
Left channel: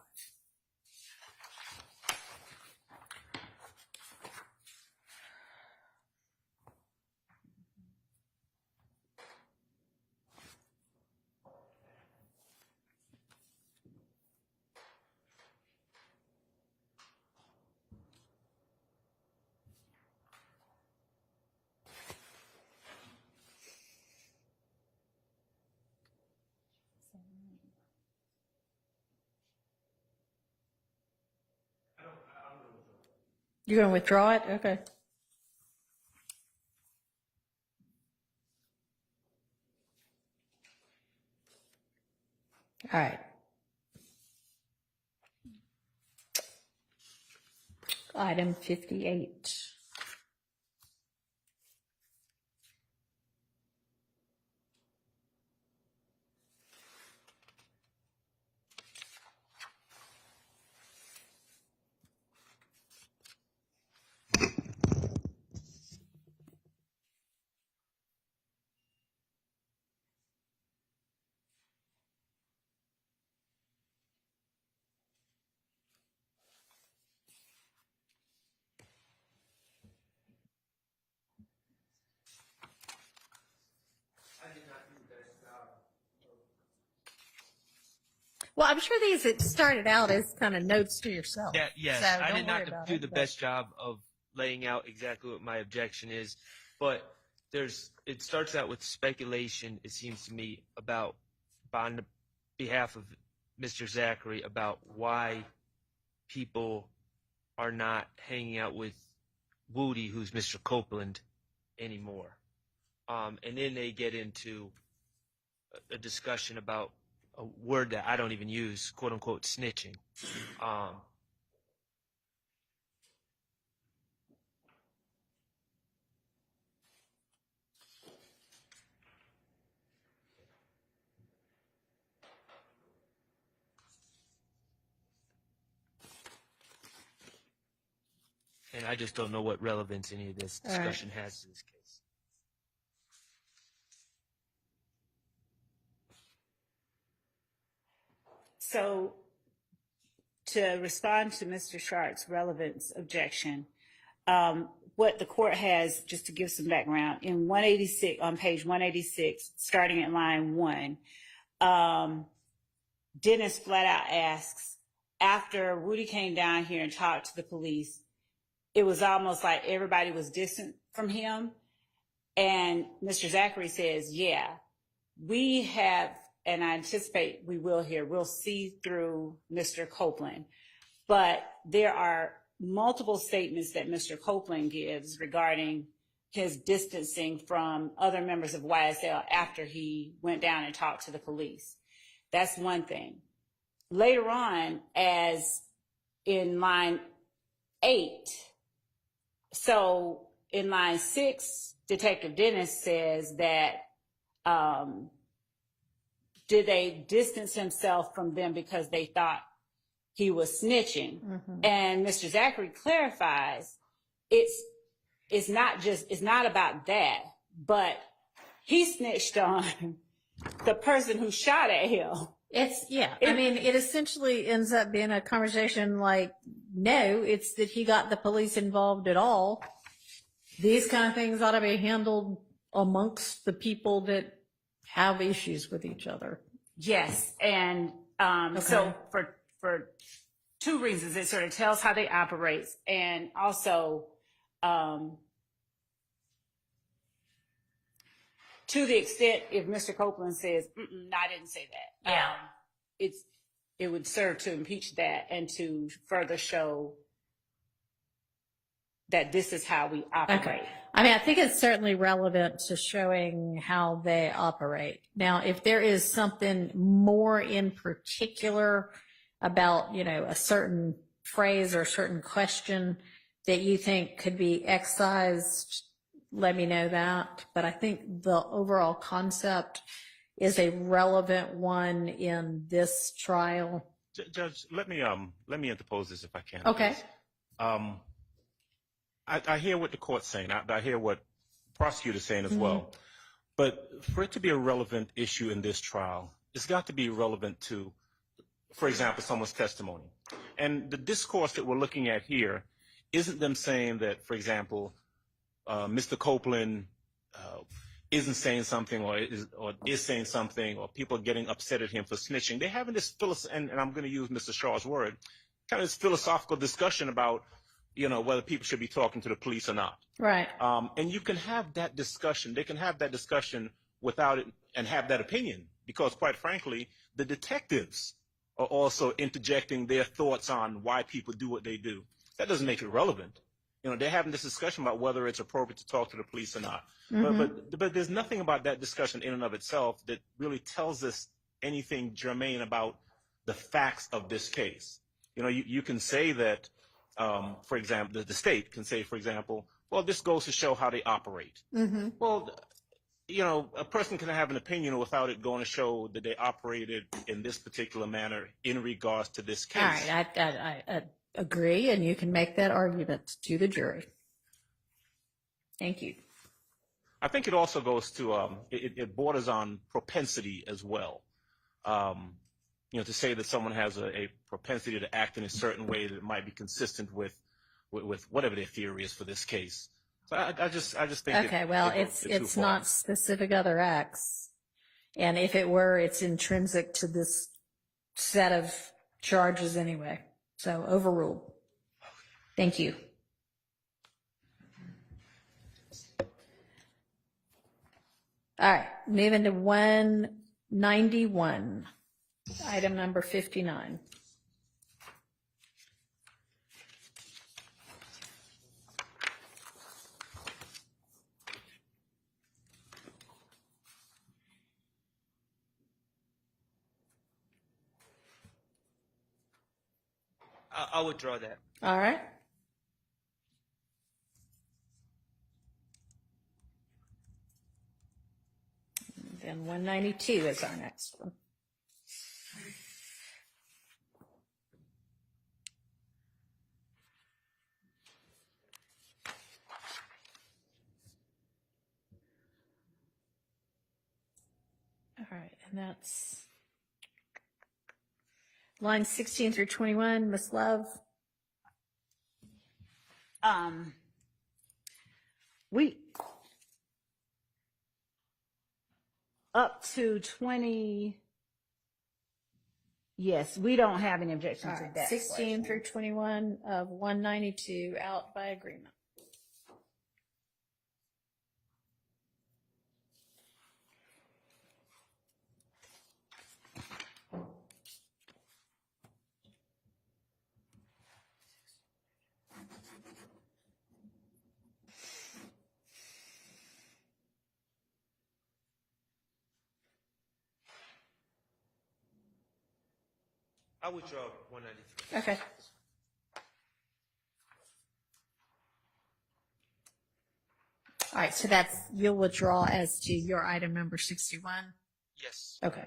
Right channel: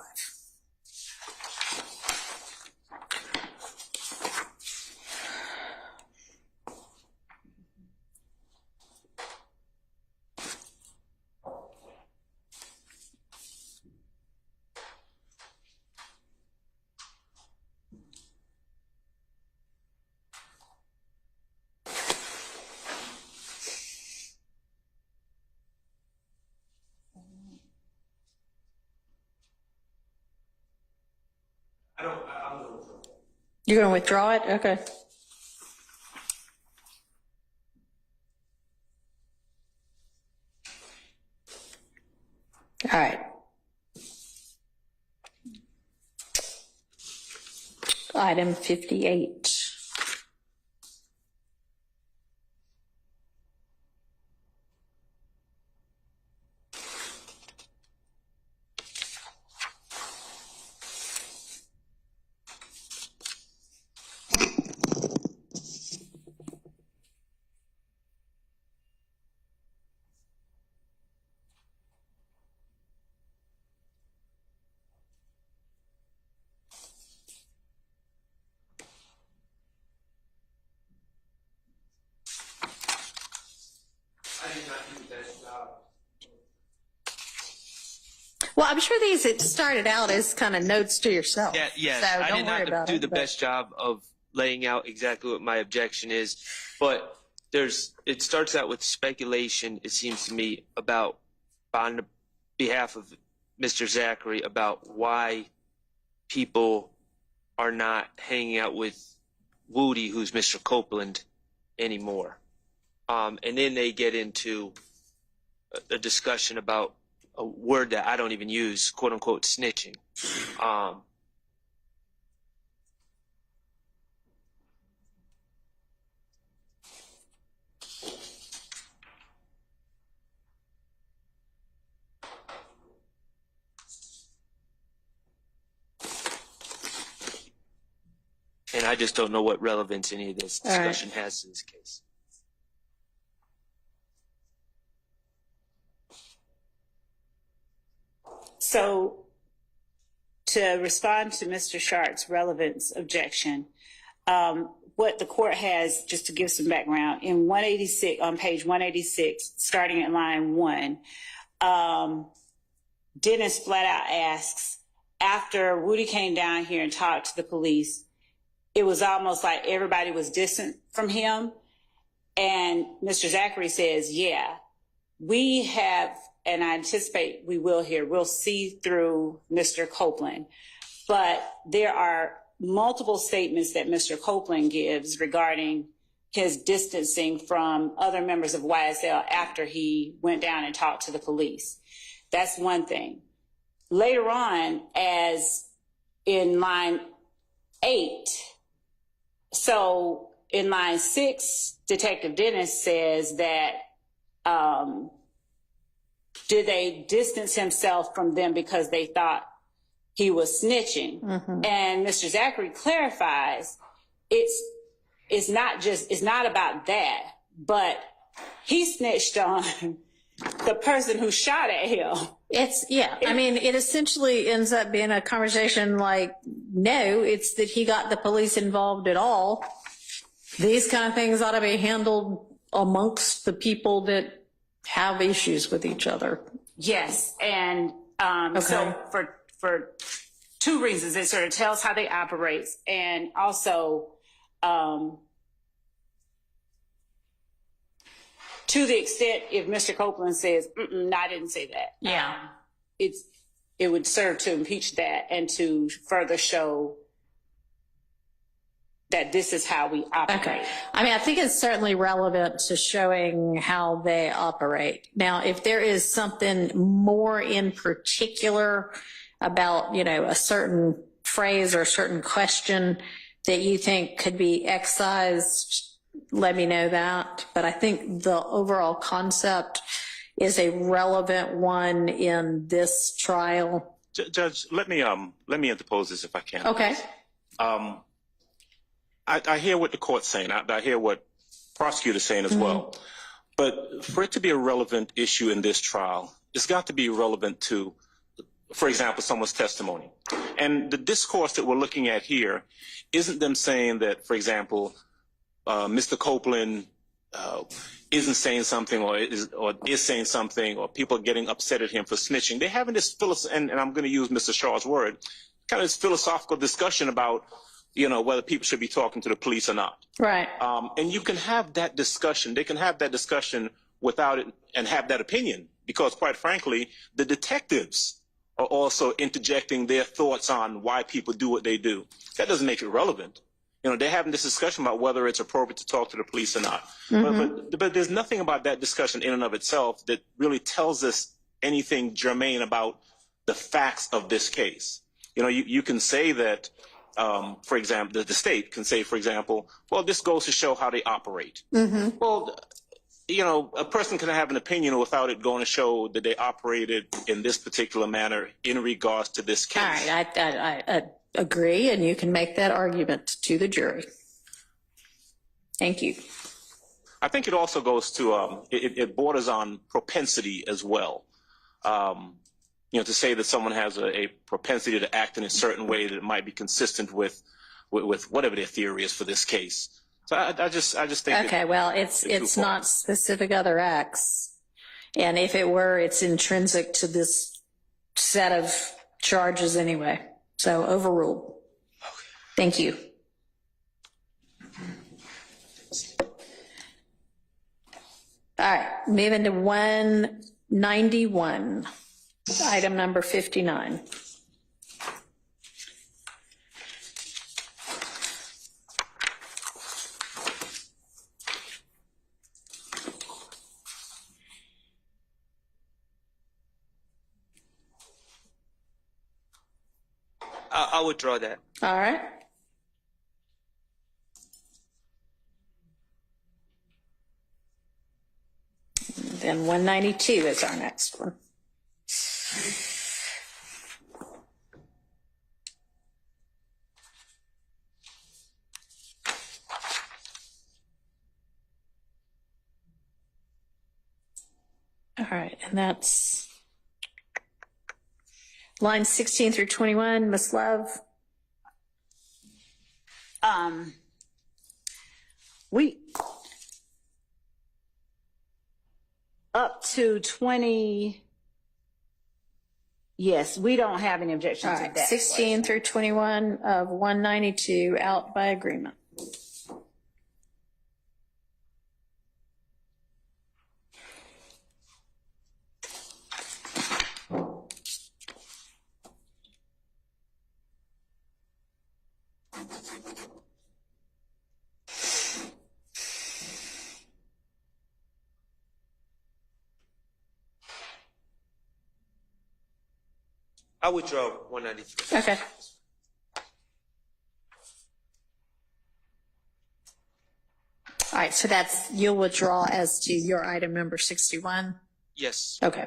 You're going to withdraw it? Okay. All right. Item 58. Well, I'm sure it started out as kind of notes to yourself. Yeah, yes, So I don't did worry not about do it, the but- best job of laying out exactly what my objection is, but it starts out with speculation, it seems to me, about on behalf of Mr. Zachary about why people are not hanging out with Woody, who's Mr. Copeland, anymore. And then they get into a discussion about a word that I don't even use, quote unquote, snitching. And I just don't know what relevance any of this discussion has to this case. So to respond to Mr. Sharp's relevance objection, what the court has, just to give some background, in 186, on page 186, starting at line 1, Dennis flat out asks, after Woody came down here and talked to the police, it was almost like everybody was distant from him. And Mr. Zachary says, yeah, we have, and I anticipate we will here, we'll see through Mr. Copeland. But there are multiple statements that Mr. Copeland gives regarding his distancing from other members of YSL after he went down and talked to the police. That's one thing. Later on, as in line 8, so in line 6, Detective Dennis says that, did they distance himself from them because they thought he was snitching? Mm-hmm. And Mr. Zachary clarifies, it's not about that, but he snitched on the person who shot at him. I mean, it essentially ends up being a conversation like, no, it's that he got the police involved at all. These kind of things ought to be handled amongst the people that have issues with each other. Yes, and so for two reasons, it sort of tells how they operate, and also to the extent if Mr. Copeland says, no, I didn't say that. Yeah, it would serve to impeach that and to further show that this is how we operate. Okay. I mean, I think it's certainly relevant to showing how they operate. Now, if there is something more in particular about, a certain phrase or a certain question that you think could be excised let me know that. But I think the overall concept is a relevant one in this trial. Judge, let me interpose this if I can. Okay. I hear what the court's saying. I hear what prosecutor's saying as well. But for it to be a relevant issue in this trial, it's got to be relevant to, for example, someone's testimony. And the discourse that we're looking at here isn't them saying that, for example, Mr. Copeland isn't saying something or is saying something, or people are getting upset at him for snitching. They're having this and I'm going to use Mr. Shaw's word, kind of this philosophical discussion about, whether people should be talking to the police or not. Right. And you can have that discussion. They can have that discussion without it and have that opinion, because quite frankly, the detectives are also interjecting their thoughts on why people do what they do. That doesn't make it relevant. They're having this discussion about whether it's appropriate to talk to the police or not. But there's nothing about that discussion in and of itself that really tells us anything germane about the facts of this case. You can say that, for example, the state can say, for example, well, this goes to show how they operate. Well, a person can have an opinion without it going to show that they operated in this particular manner in regards to this case. All right. I agree, and you can make that argument to the jury. Thank you. I think it also goes to, it borders on propensity as well. To say that someone has a propensity to act in a certain way that might be consistent with whatever their theory is for this case. So I just think. Okay, it's not specific other acts. And if it were, it's intrinsic to this set of charges anyway. So overruled. Thank you. All right, moving to 191, item number 59. I'll withdraw that. All right. Then 192 is our next one. All right, and that's lines 16 through 21, Ms. Love. We up to 20. Yes, we don't have any objections All to right, that. 16 through 21 of 192 out by agreement. I'll withdraw 193. Okay. All right, so you'll withdraw as to your item number 61? Yes. Okay.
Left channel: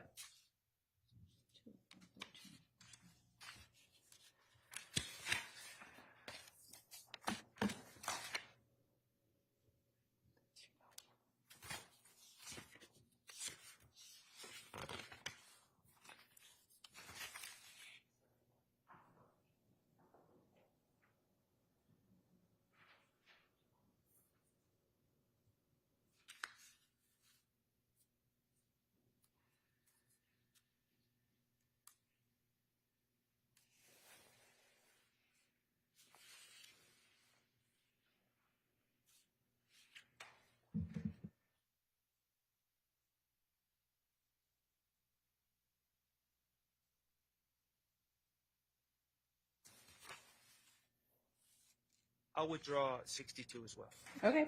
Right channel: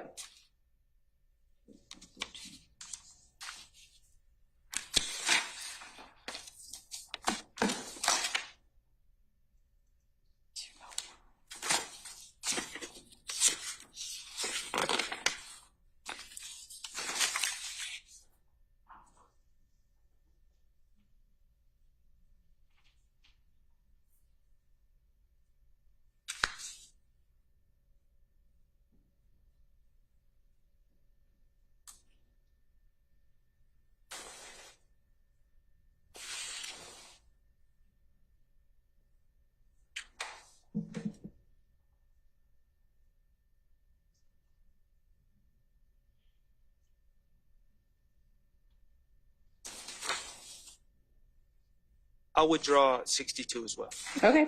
I'll withdraw 62 as well. Okay.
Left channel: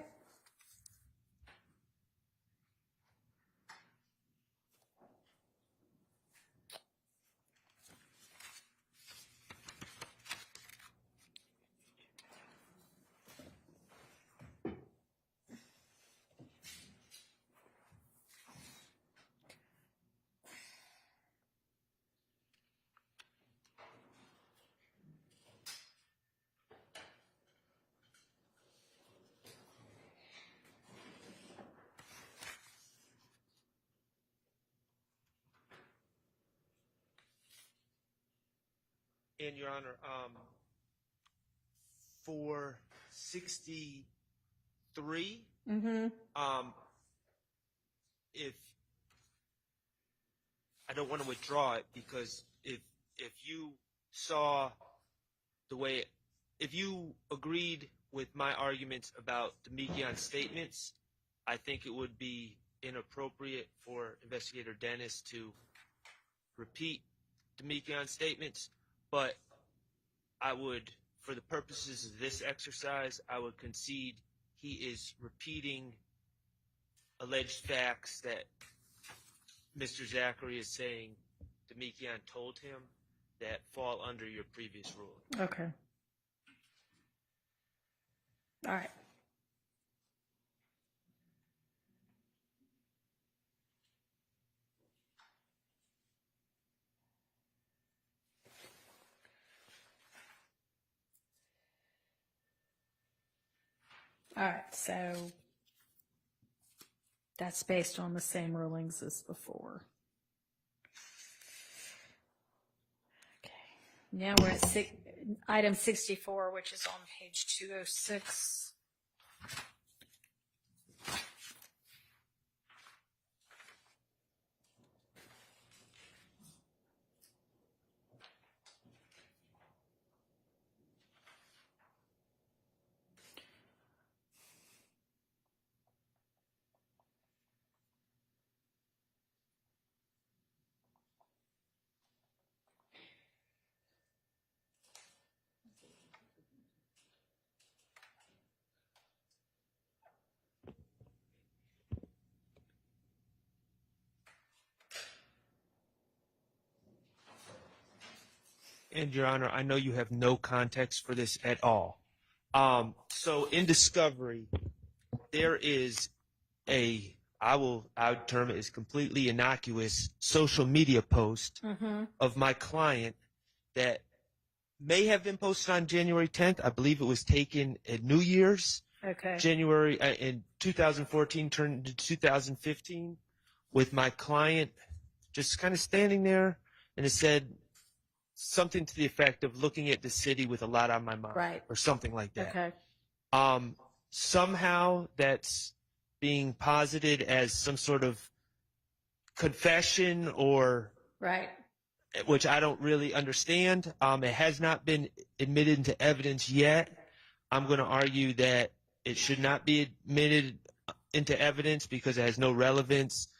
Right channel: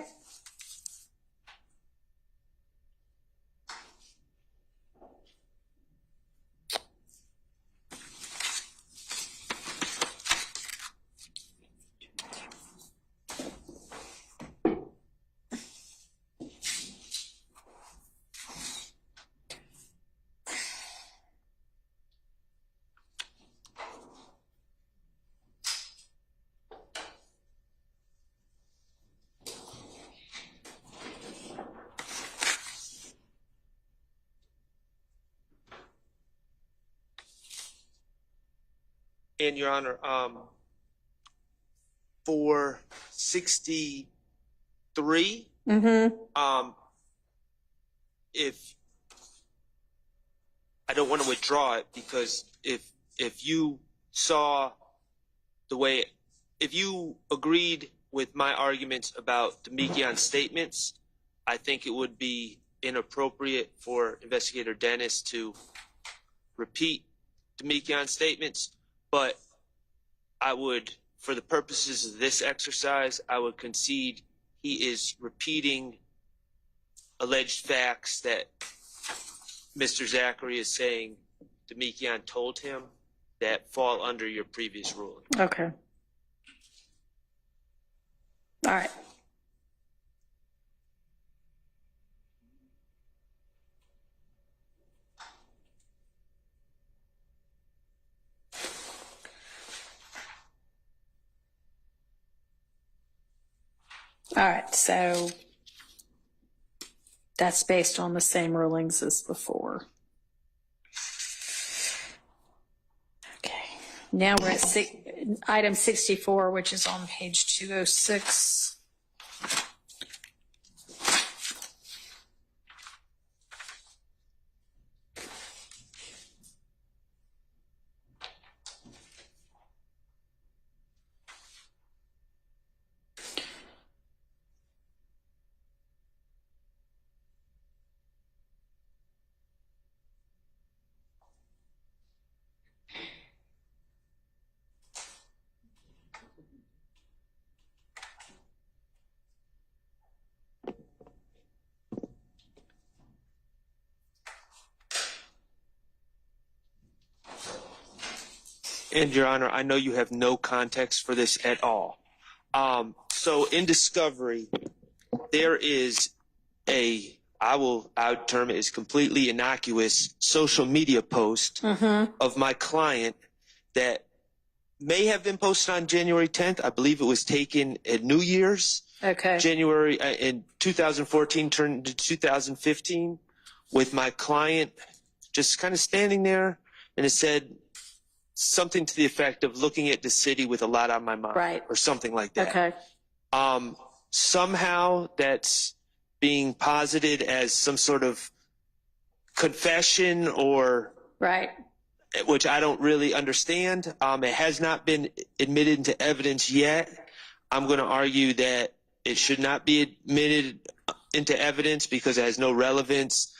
And Your Honor, for 63, if I don't want to withdraw it, because if you saw the way, if you agreed with my arguments about Demikion's statements, I think it would be inappropriate for Investigator Dennis to repeat Demikion's statements, but I would, for the purposes of this exercise, I would concede he is repeating alleged facts that Mr. Zachary is saying Demikion told him that fall under your previous ruling. Okay. All right. All right, so that's based on the same rulings as before. Okay, now we're at item 64, which is on page 206. And Your Honor, I know you have no context for this at all. So in discovery, there is I would term it as completely innocuous social media post of my client that may have been posted on January 10th. I believe it was taken at New Year's. Okay. January in 2014 turned to 2015 with my client just kind of standing there, and it said something to the effect of looking at the city with a lot on my mind, Right. or something like that. Okay. Somehow that's being posited as some sort of confession, or Right. which I don't really understand. It has not been admitted into evidence yet. I'm going to argue that it should not be admitted into evidence because it has no relevance.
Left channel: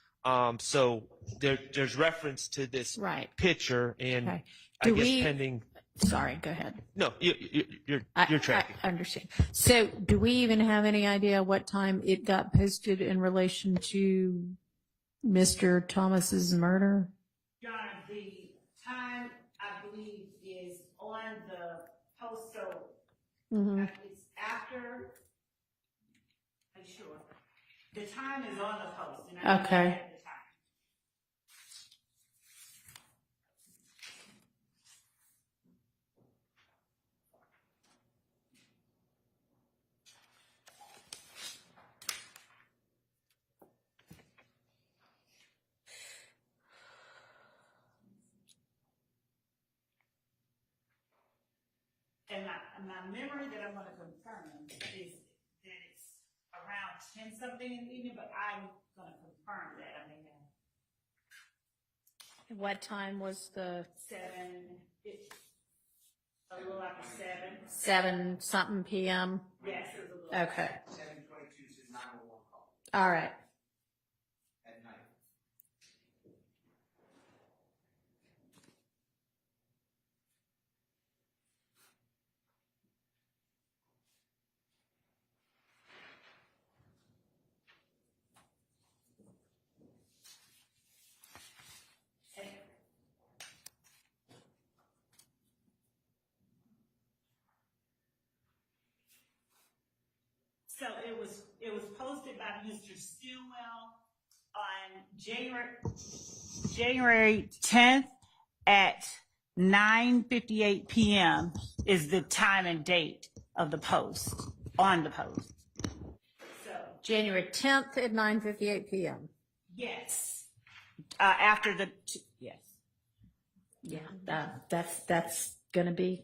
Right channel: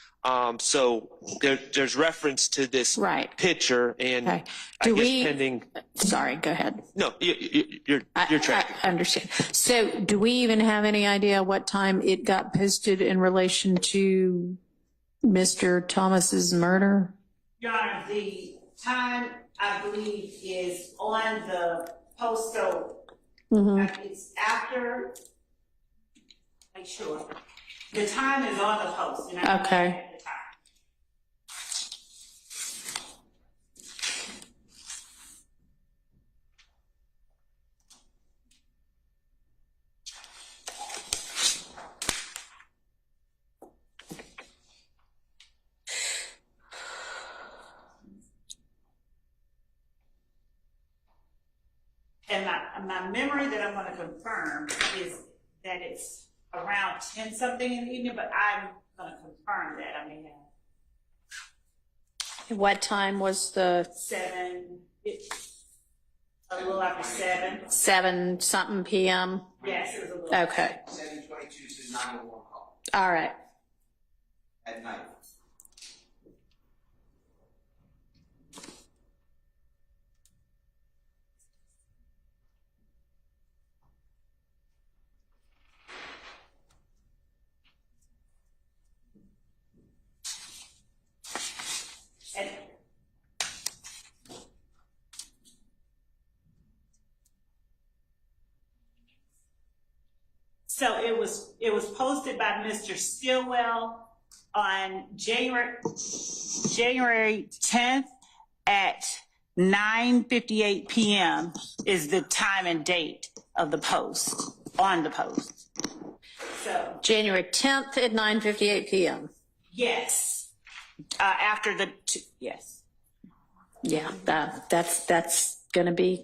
So there's reference to this Right. picture, and Okay. I guess pending. Sorry, go ahead. No, you're tracking. I understand. So do we even have any idea what time it got posted in relation to Mr. Thomas's murder? Your Honor, the time, I believe, is on the post, so it's after, make sure. The time is on the post. And I Okay. at the time. And my memory that I'm going to confirm is that it's around 10 something in the evening, but I'm going to confirm that. I may have What time was the 7 something p.m.? Yes, it was a little. Okay. 7:22 to 911 call All right. at night. And so it was posted by Mr. Stillwell on January 10th at 9:58 p.m. is the time and date of the post, on the post. So, January 10th at 9:58 p.m. yes. After the, yes. Yeah, that's going to be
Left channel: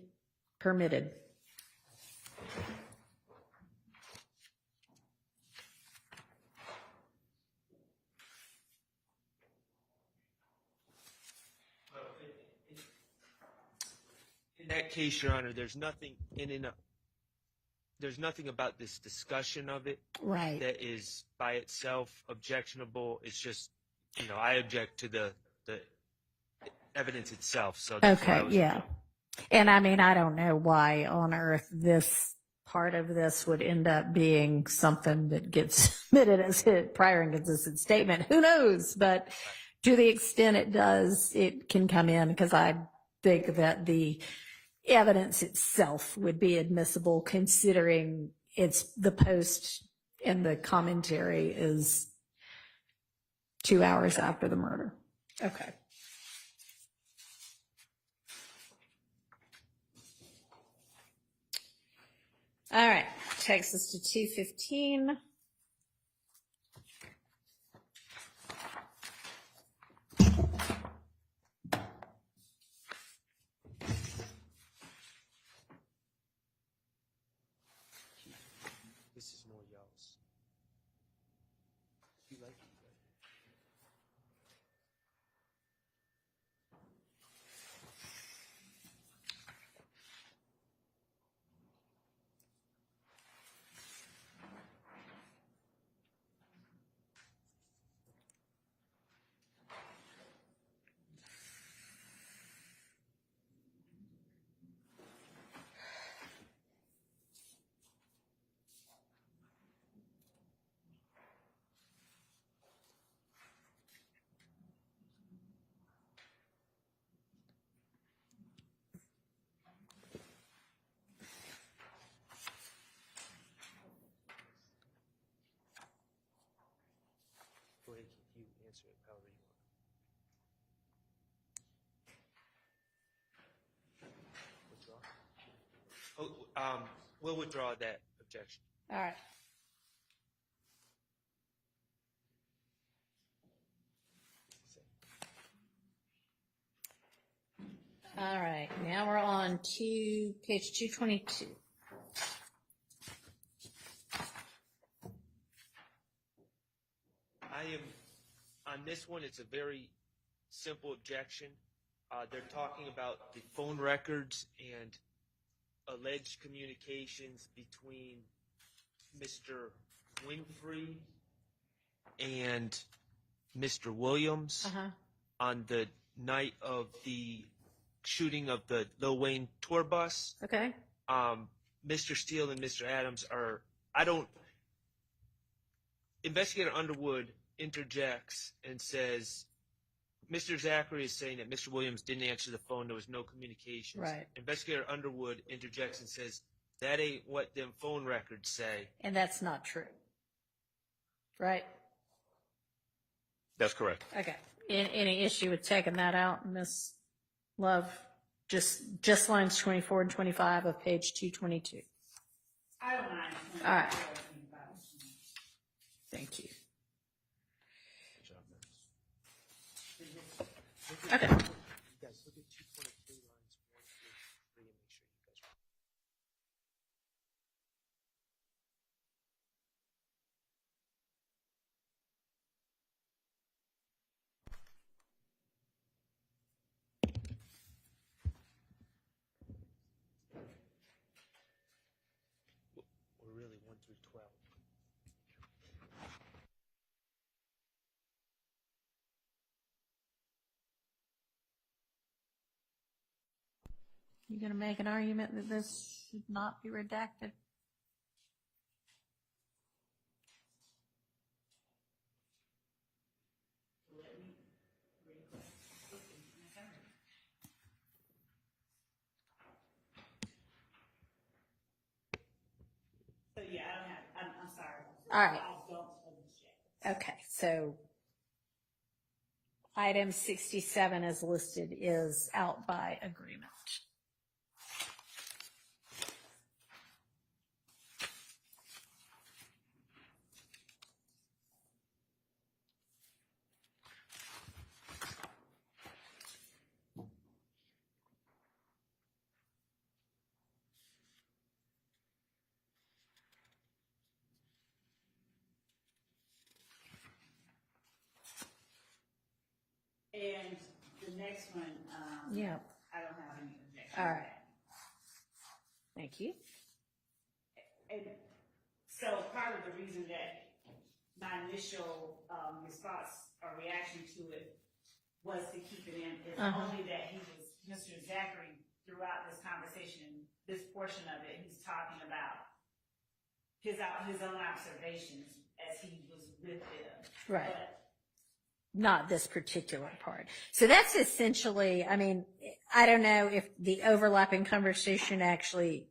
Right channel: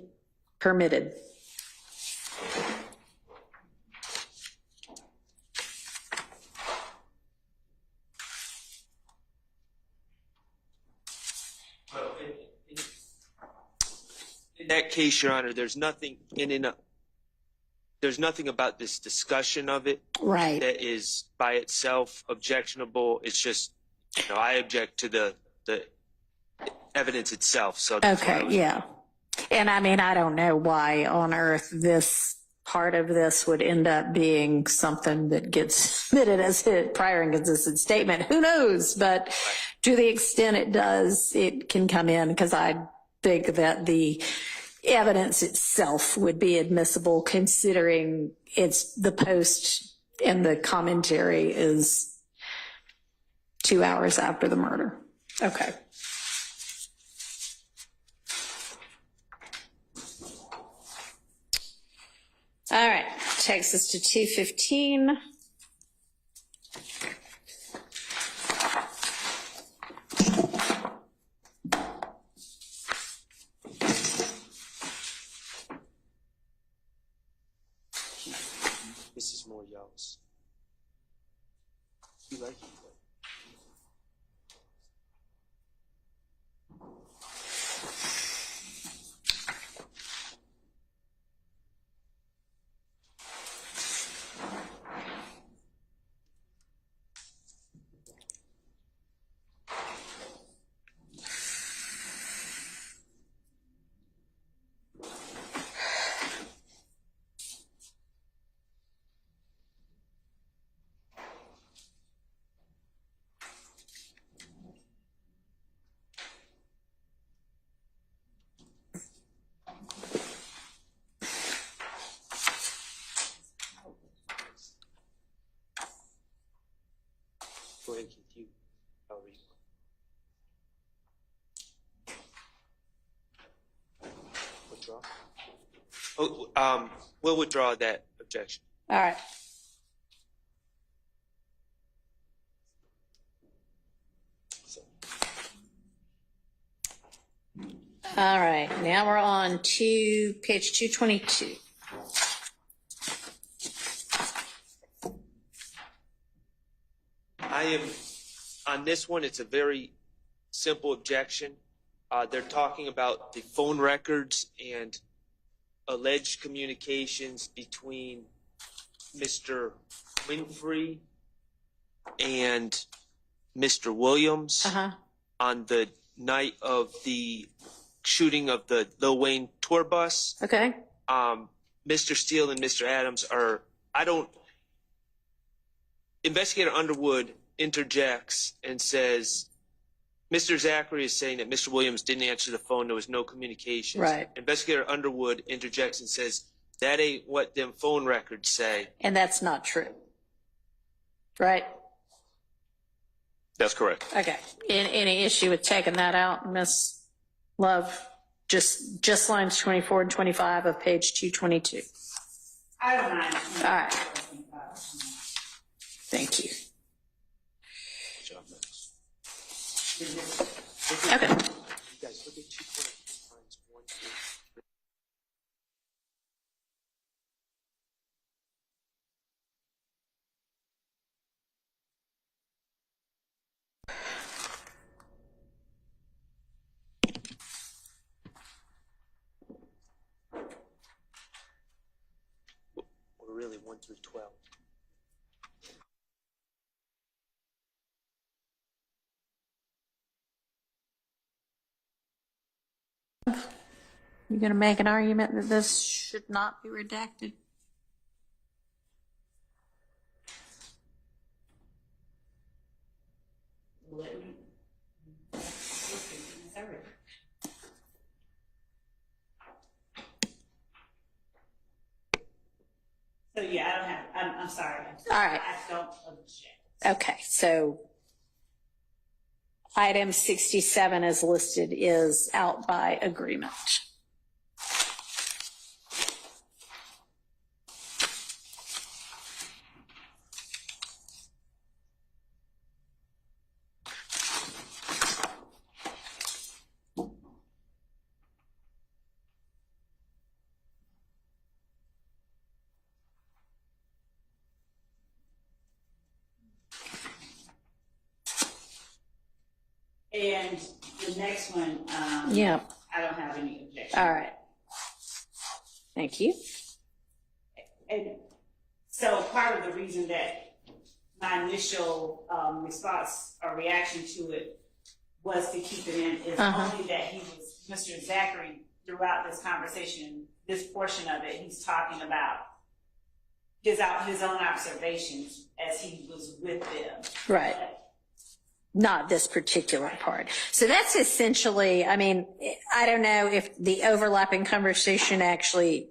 permitted. In that case, Your Honor, there's nothing there's nothing about this discussion of it Right. that is by itself objectionable. It's just, I object to the evidence itself. So that's why I Okay, was, yeah. And I mean, I don't know why on earth this part of this would end up being something that gets submitted as a prior and consistent statement. Who knows? But to the extent it does, it can come in, because I think that the evidence itself would be admissible, considering it's the post and the commentary is 2 hours after the murder. Okay. All right, takes us to 2:15. this is more y'all's. You like it? Go ahead, Keith, you answer it however you want. Withdraw? We'll withdraw that objection. All right. All right, now we're on to page 222. On this one, it's a very simple objection. They're talking about the phone records and alleged communications between Mr. Winfrey and Mr. Williams on the night of the shooting of the Lil Wayne tour bus. Okay. Mr. Steele and Mr. Adams Investigator Underwood interjects and says, Mr. Zachary is saying that Mr. Williams didn't answer the phone. There was no communications. Right. Investigator Underwood interjects and says, that ain't what them phone records say. And that's not true. Right? That's correct. Okay. Any issue with taking that out, Miss Love? Just lines 24 and 25 of page 222. I don't mind. All right. Thank you. Good job, Max. Okay. You guys look at 223 lines 1 through 3 and make sure you guys. Or really 1 through 12. You going to make an argument that this should not be redacted? So yeah, I don't have, I'm sorry. All right. I don't object. Okay, so item 67 as listed is out by agreement. next one, Yeah. I don't have any objections. All right. Thank you. And so part of the reason that my initial response or reaction to it was to keep it in is only that he was, Mr. Zachary, throughout this conversation, this portion of it, he's talking about his own observations as he was with them. Right. Not this particular part. So that's essentially, I mean, I don't know if the overlapping conversation actually,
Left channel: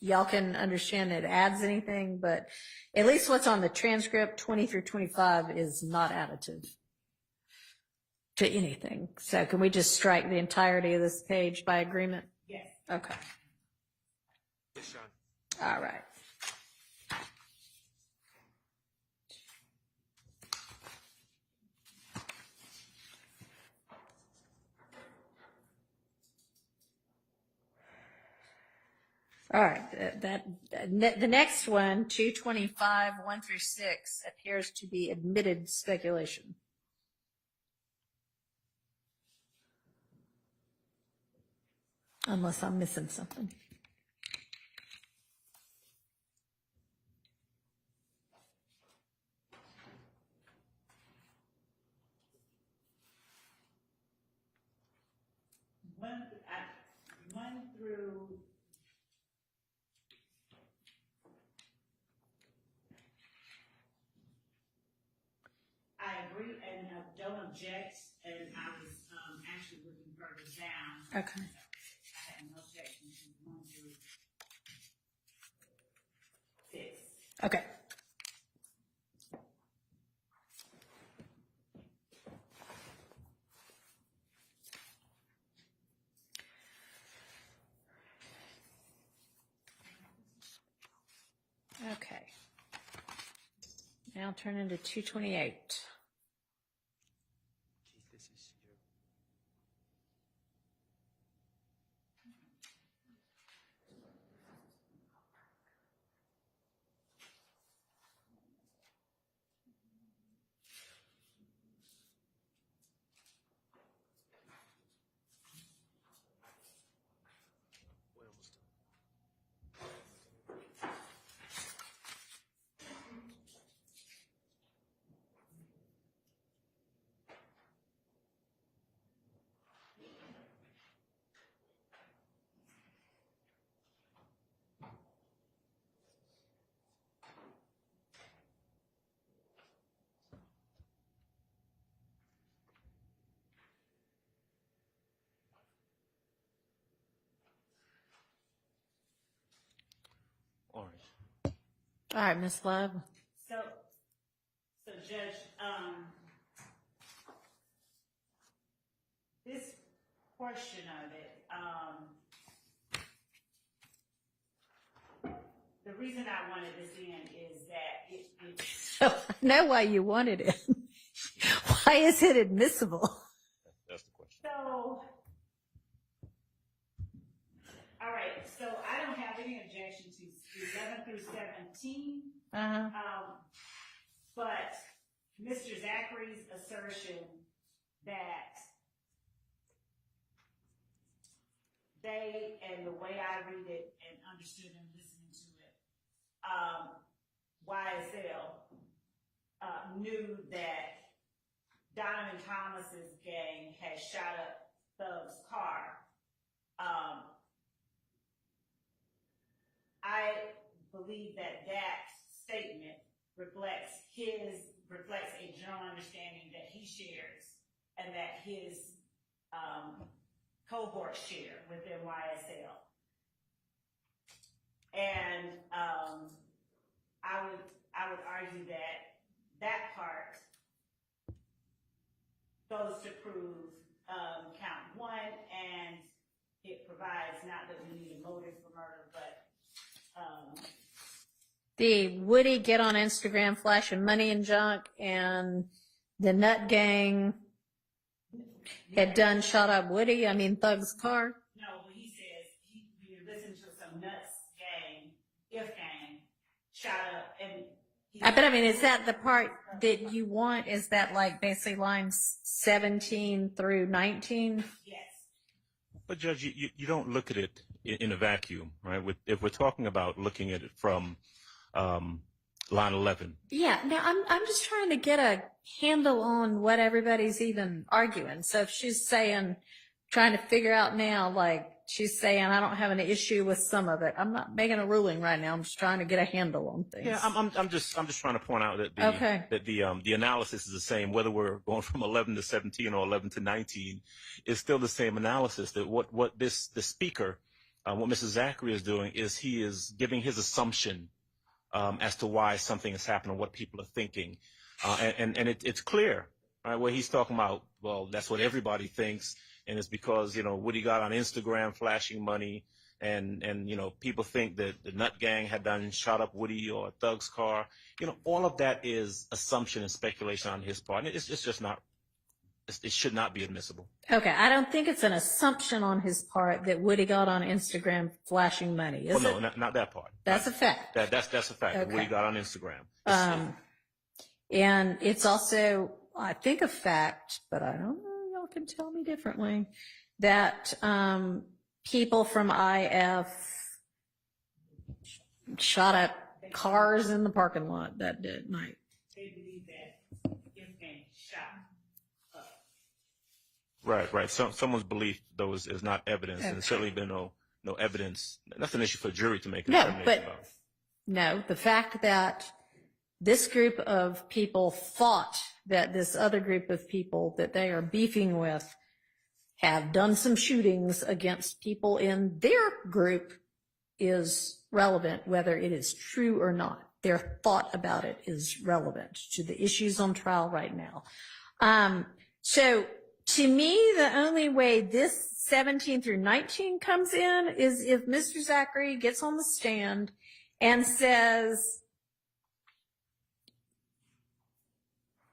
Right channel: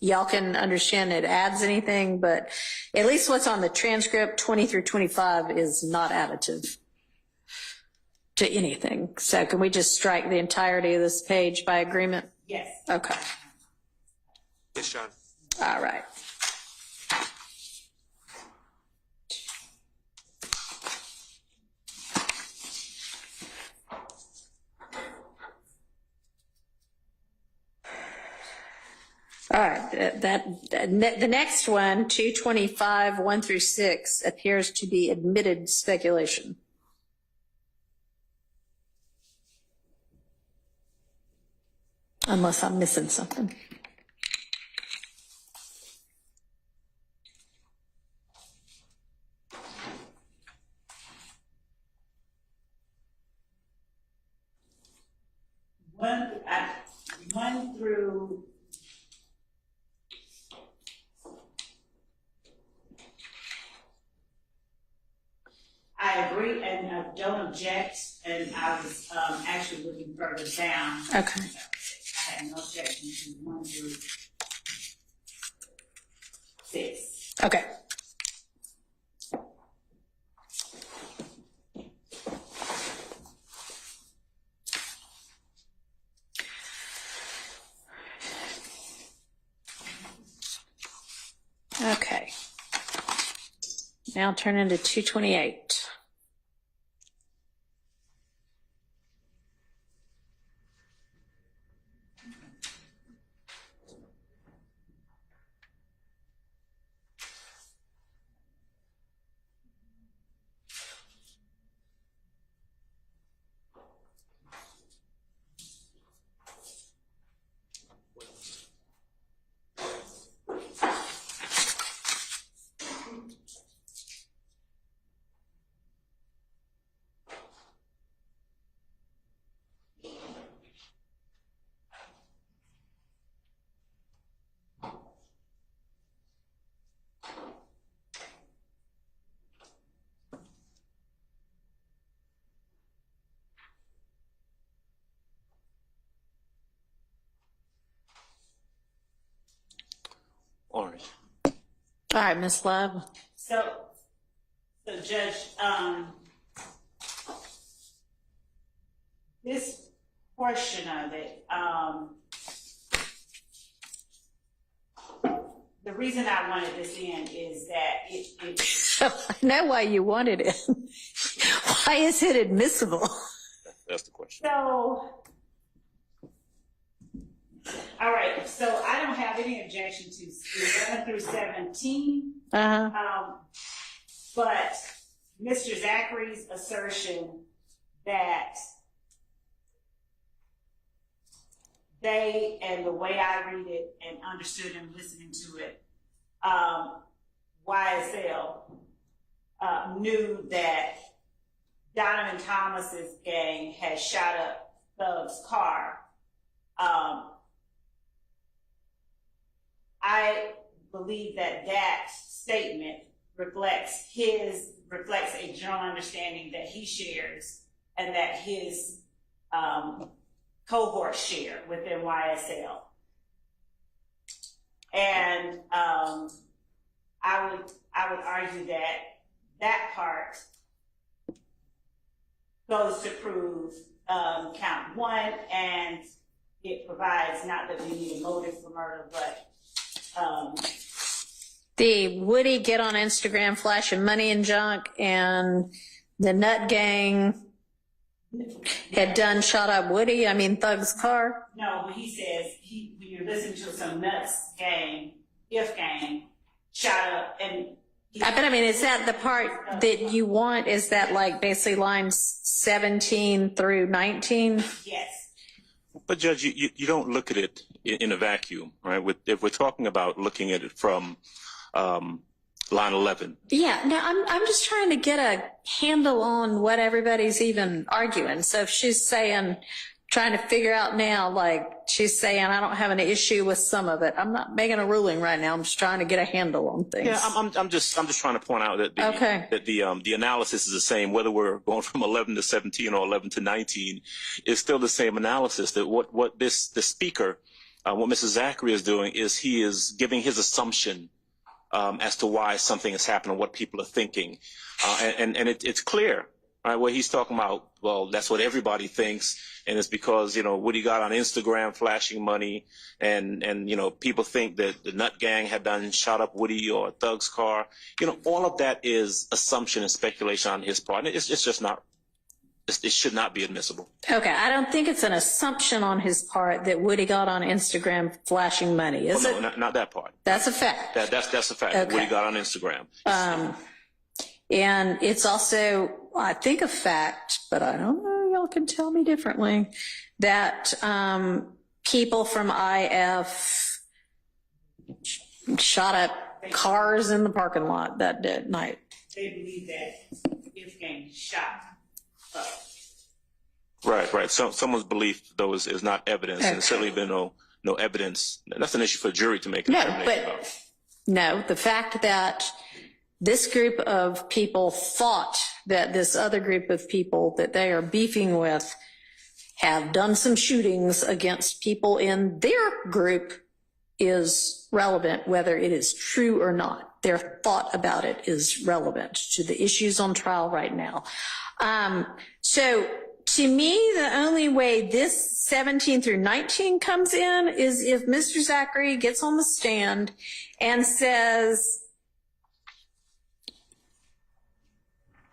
y'all can understand it adds anything, but at least what's on the transcript 20 through 25 is not additive to anything. So can we just strike the entirety of this page by agreement? Yes. Okay. Yes, John. All right. All right, the next one, 225, 1 through 6, appears to be admitted speculation. Unless I'm missing something. One through I agree and I don't object, and I was actually looking further down. Okay. I had no objection to 1 through 6. Okay. Okay. Now turn into 228. All right. All right, Ms. Love. So Judge, this portion of it, the reason I wanted this in is that I know why you wanted it. Why is it admissible? That's the question. so, all right, so I don't have any objection to 11 through 17. But Mr. Zachary's assertion that they, and the way I read it and understood and listening to it, YSL knew that Donovan Thomas's gang had shot up Thug's car. I believe that statement reflects a general understanding that he shares and that his cohorts share within YSL. And I would argue that part goes to prove count 1, and it provides not that we need a motive for murder, but the Woody get on Instagram flashing money and junk, and the Nut Gang had done shot up Woody, Thug's car. No, but he says when you're listening to some Nuts gang, if gang, shot up, and But I mean, is that the part that you want? Is that like basically lines 17 through 19? Yes. But Judge, you don't look at it in a vacuum, right? If we're talking about looking at it from line 11. Yeah, no, I'm just trying to get a handle on what everybody's even arguing. So if she's saying, trying to figure out now, like she's saying, I don't have an issue with some of it. I'm not making a ruling right now. I'm just trying to get a handle on things. Yeah, I'm just trying to point out that the analysis is the same, whether we're going from 11 to 17 or 11 to 19, is still the same analysis. That what the speaker, what Mrs. Zachary is doing is he is giving his assumption as to why something is happening, what people are thinking, and it's clear, right? Where he's talking about, well, that's what everybody thinks, and it's because Woody got on Instagram flashing money, and people think that the Nut Gang had done shot up Woody or a Thug's car. All of that is assumption and speculation on his part. And it's just not. It should not be admissible. Okay, I don't think it's an assumption on his part that Woody got on Instagram flashing money, is it? No, not that part. That's a fact. That's a fact. Okay. Woody got on Instagram. And it's also, I think, a fact, but I don't know, y'all can tell me differently, that people from IF shot up cars in the parking lot that night. They believe that it's getting shot up. Right. Someone's belief, though, is not evidence, and there's certainly been no evidence. That's an issue for a jury to make a determination about. No, the fact that this group of people thought that this other group of people that they are beefing with have done some shootings against people in their group is relevant, whether it is true or not. Their thought about it is relevant to the issues on trial right now. So to me, the only way this 17 through 19 comes in is if Mr. Zachary gets on the stand and says,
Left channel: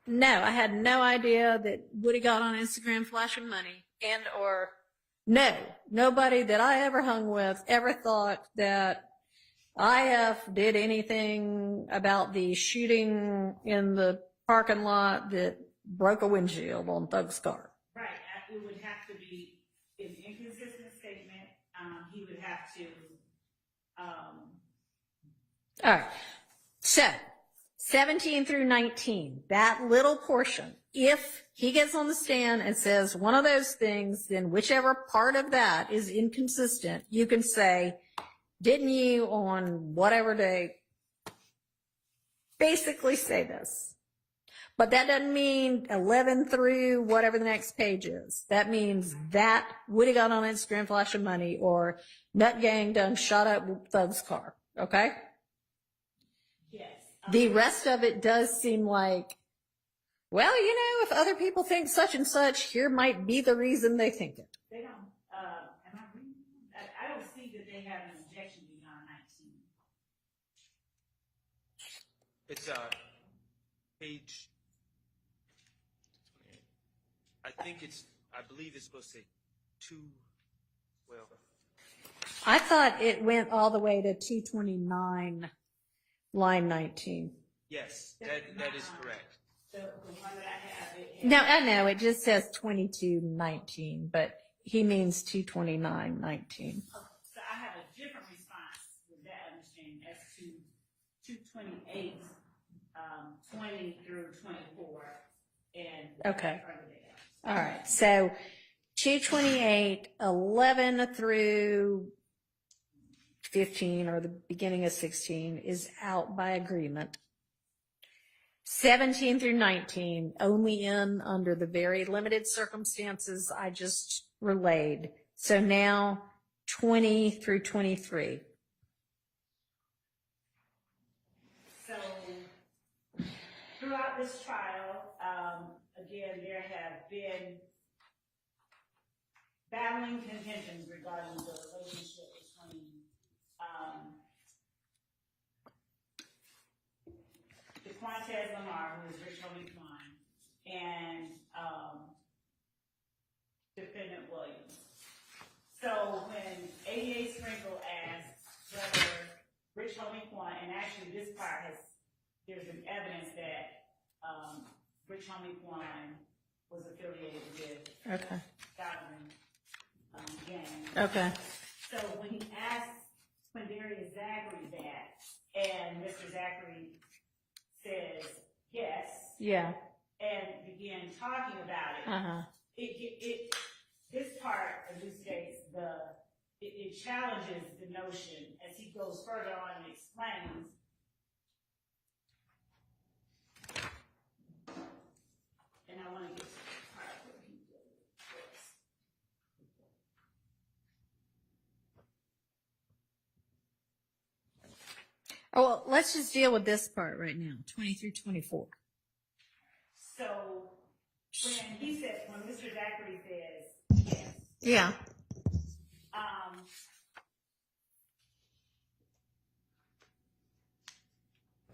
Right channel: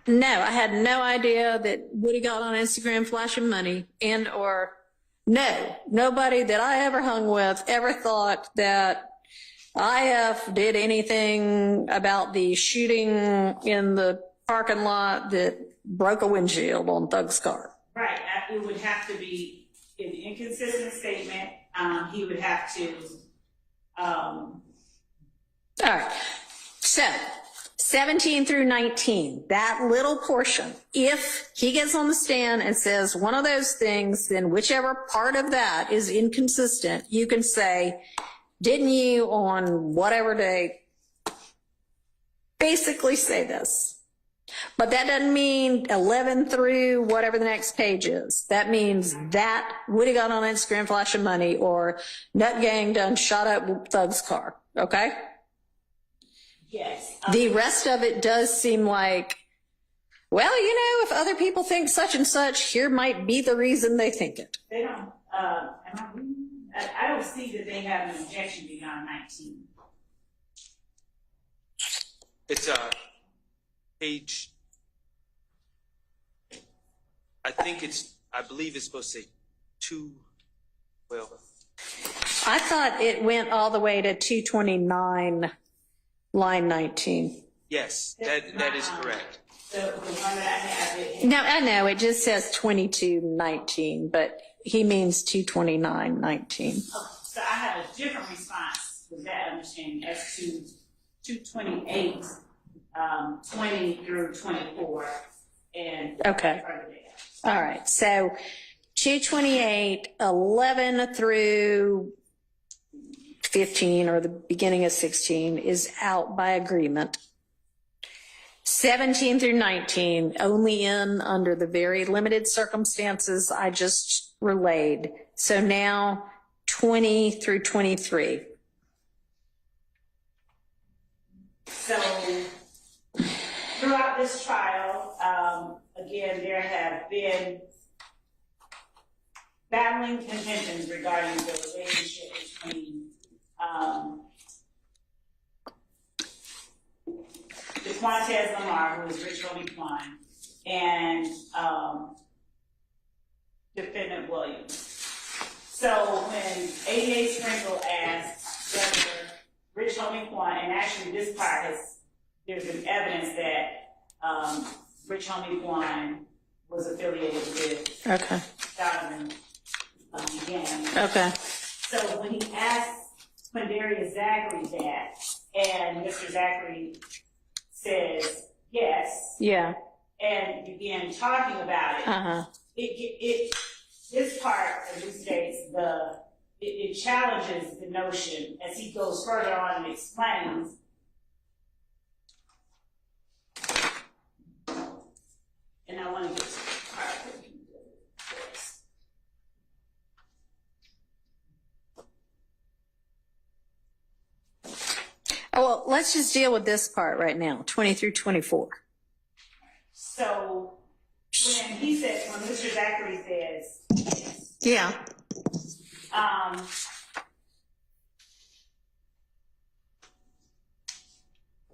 no, I had no idea that Woody got on Instagram flashing money, and or no, nobody that I ever hung with ever thought that IF did anything about the shooting in the parking lot that broke a windshield on Thug's car. Right, it would have to be an inconsistent statement. He would have to, All right, so 17 through 19, that little portion, if he gets on the stand and says one of those things, then whichever part of that is inconsistent, you can say, didn't you on whatever day basically say this? But that doesn't mean 11 through whatever the next page is. That means that Woody got on Instagram flashing money or Nut Gang done shot up Thug's car, okay? yes. The rest of it does seem like, well, if other people think such and such, here might be the reason they think it. They don't, I don't see that they have an objection beyond 19. It's Paige. I believe it's supposed to say 2. Well, I thought it went all the way to 229, line 19. yes, that is correct. The one that I have, No, I know, it just says 2219, but he means 22919. so I have a different response with that understanding as to 228, 20 through 24, and Okay. further down. All right, so 228, 11 through 15, or the beginning of 16, is out by agreement. 17 through 19, only in under the very limited circumstances I just relayed. So now 20 through 23. So throughout this trial, again, there have been battling contentions regarding the relationship between DeQuantez Lamar, who is Rich Homie Quan, and defendant Williams. So when ADA Sprinkle asked whether Rich Homie Quan, and actually this part has there's been evidence that Rich Homie One was affiliated with Okay. Donovan Gang. Okay. So when he asked Quindarius Zachary that, and Mr. Zachary says yes, Yeah. and began talking about it, Uh-huh. This part of it states it challenges the notion as he goes further on and explains. And I want to get to the part where he does this. Oh, well, let's just deal with this part right now, 20 through 24. So when he says, when Mr. Zachary says yes, Yeah.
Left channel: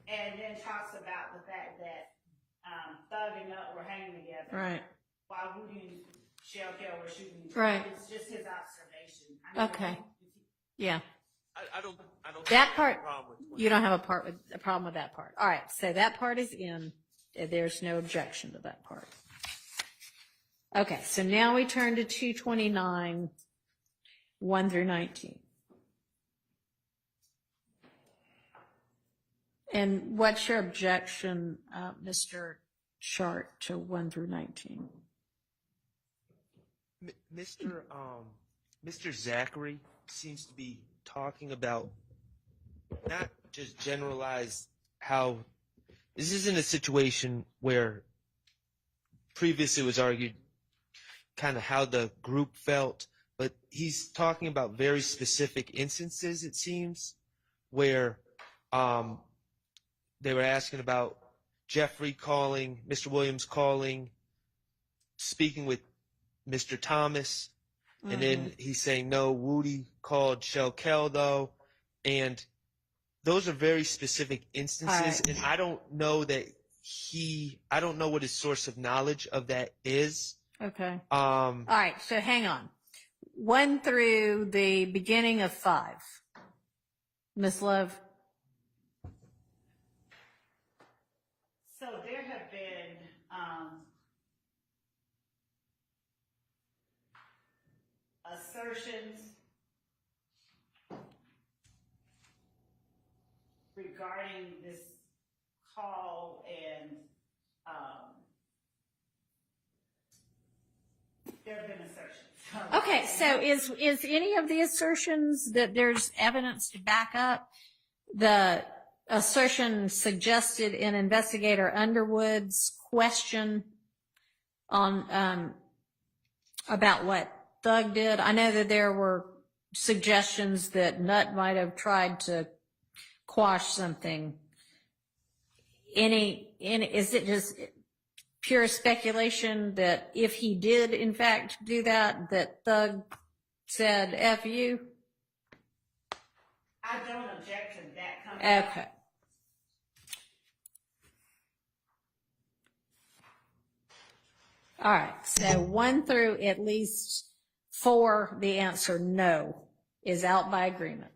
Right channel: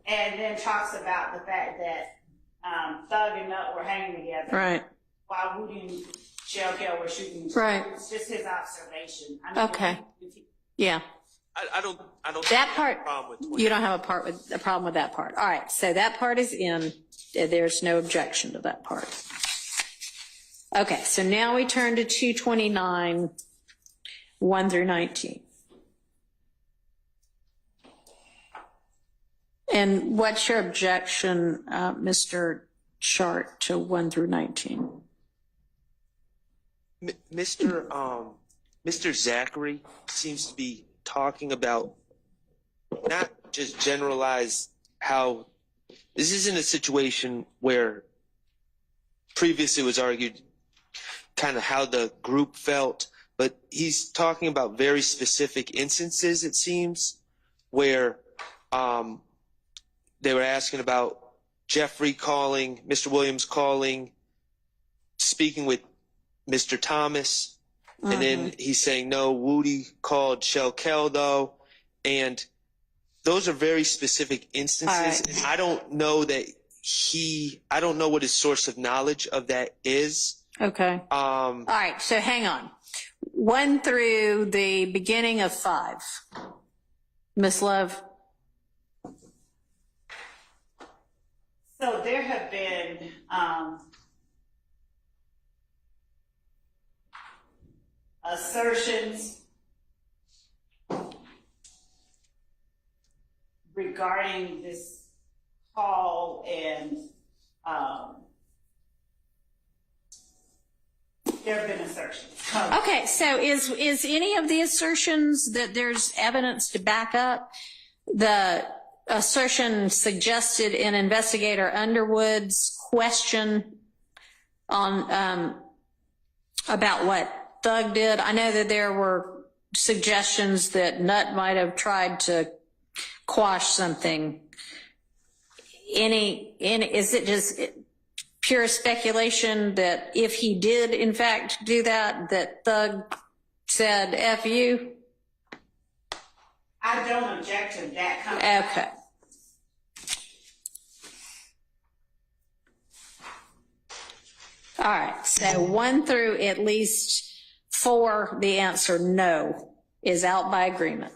and then talks about the fact that Thug and Nut were hanging together Right. while Woody and Shell Kell were shooting. Right. It's just his observation. I mean, Okay. Yeah. I don't That have part, a problem with you don't have a problem with that part. All right. So that part is in. There's no objection to that part. Okay. So now we turn to 229, 1 through 19. And what's your objection, Mr. Chart, to 1 through 19? Mr. Zachary seems to be talking about not just generalize how this isn't a situation where previously it was argued kind of how the group felt, but he's talking about very specific instances, it seems, where they were asking about Jeffrey calling, Mr. Williams calling, speaking with Mr. Thomas, and then he's saying, no, Woody called Shell Kell, though. And those are very specific instances. Right. And I don't know that I don't know what his source of knowledge of that is. Okay. All right. So hang on. 1 through the beginning of 5. Miss Love. So there have been assertions regarding this call, and there have been assertions. Okay. So is any of the assertions that there's evidence to back up the assertion suggested in Investigator Underwood's question on about what Thug did? I know that there were suggestions that Nut might have tried to quash something. Is it just pure speculation that if he did in fact do that, that Thug said F you? I don't object to that kind of. Okay. All right. So 1 through at least 4, the answer no is out by agreement.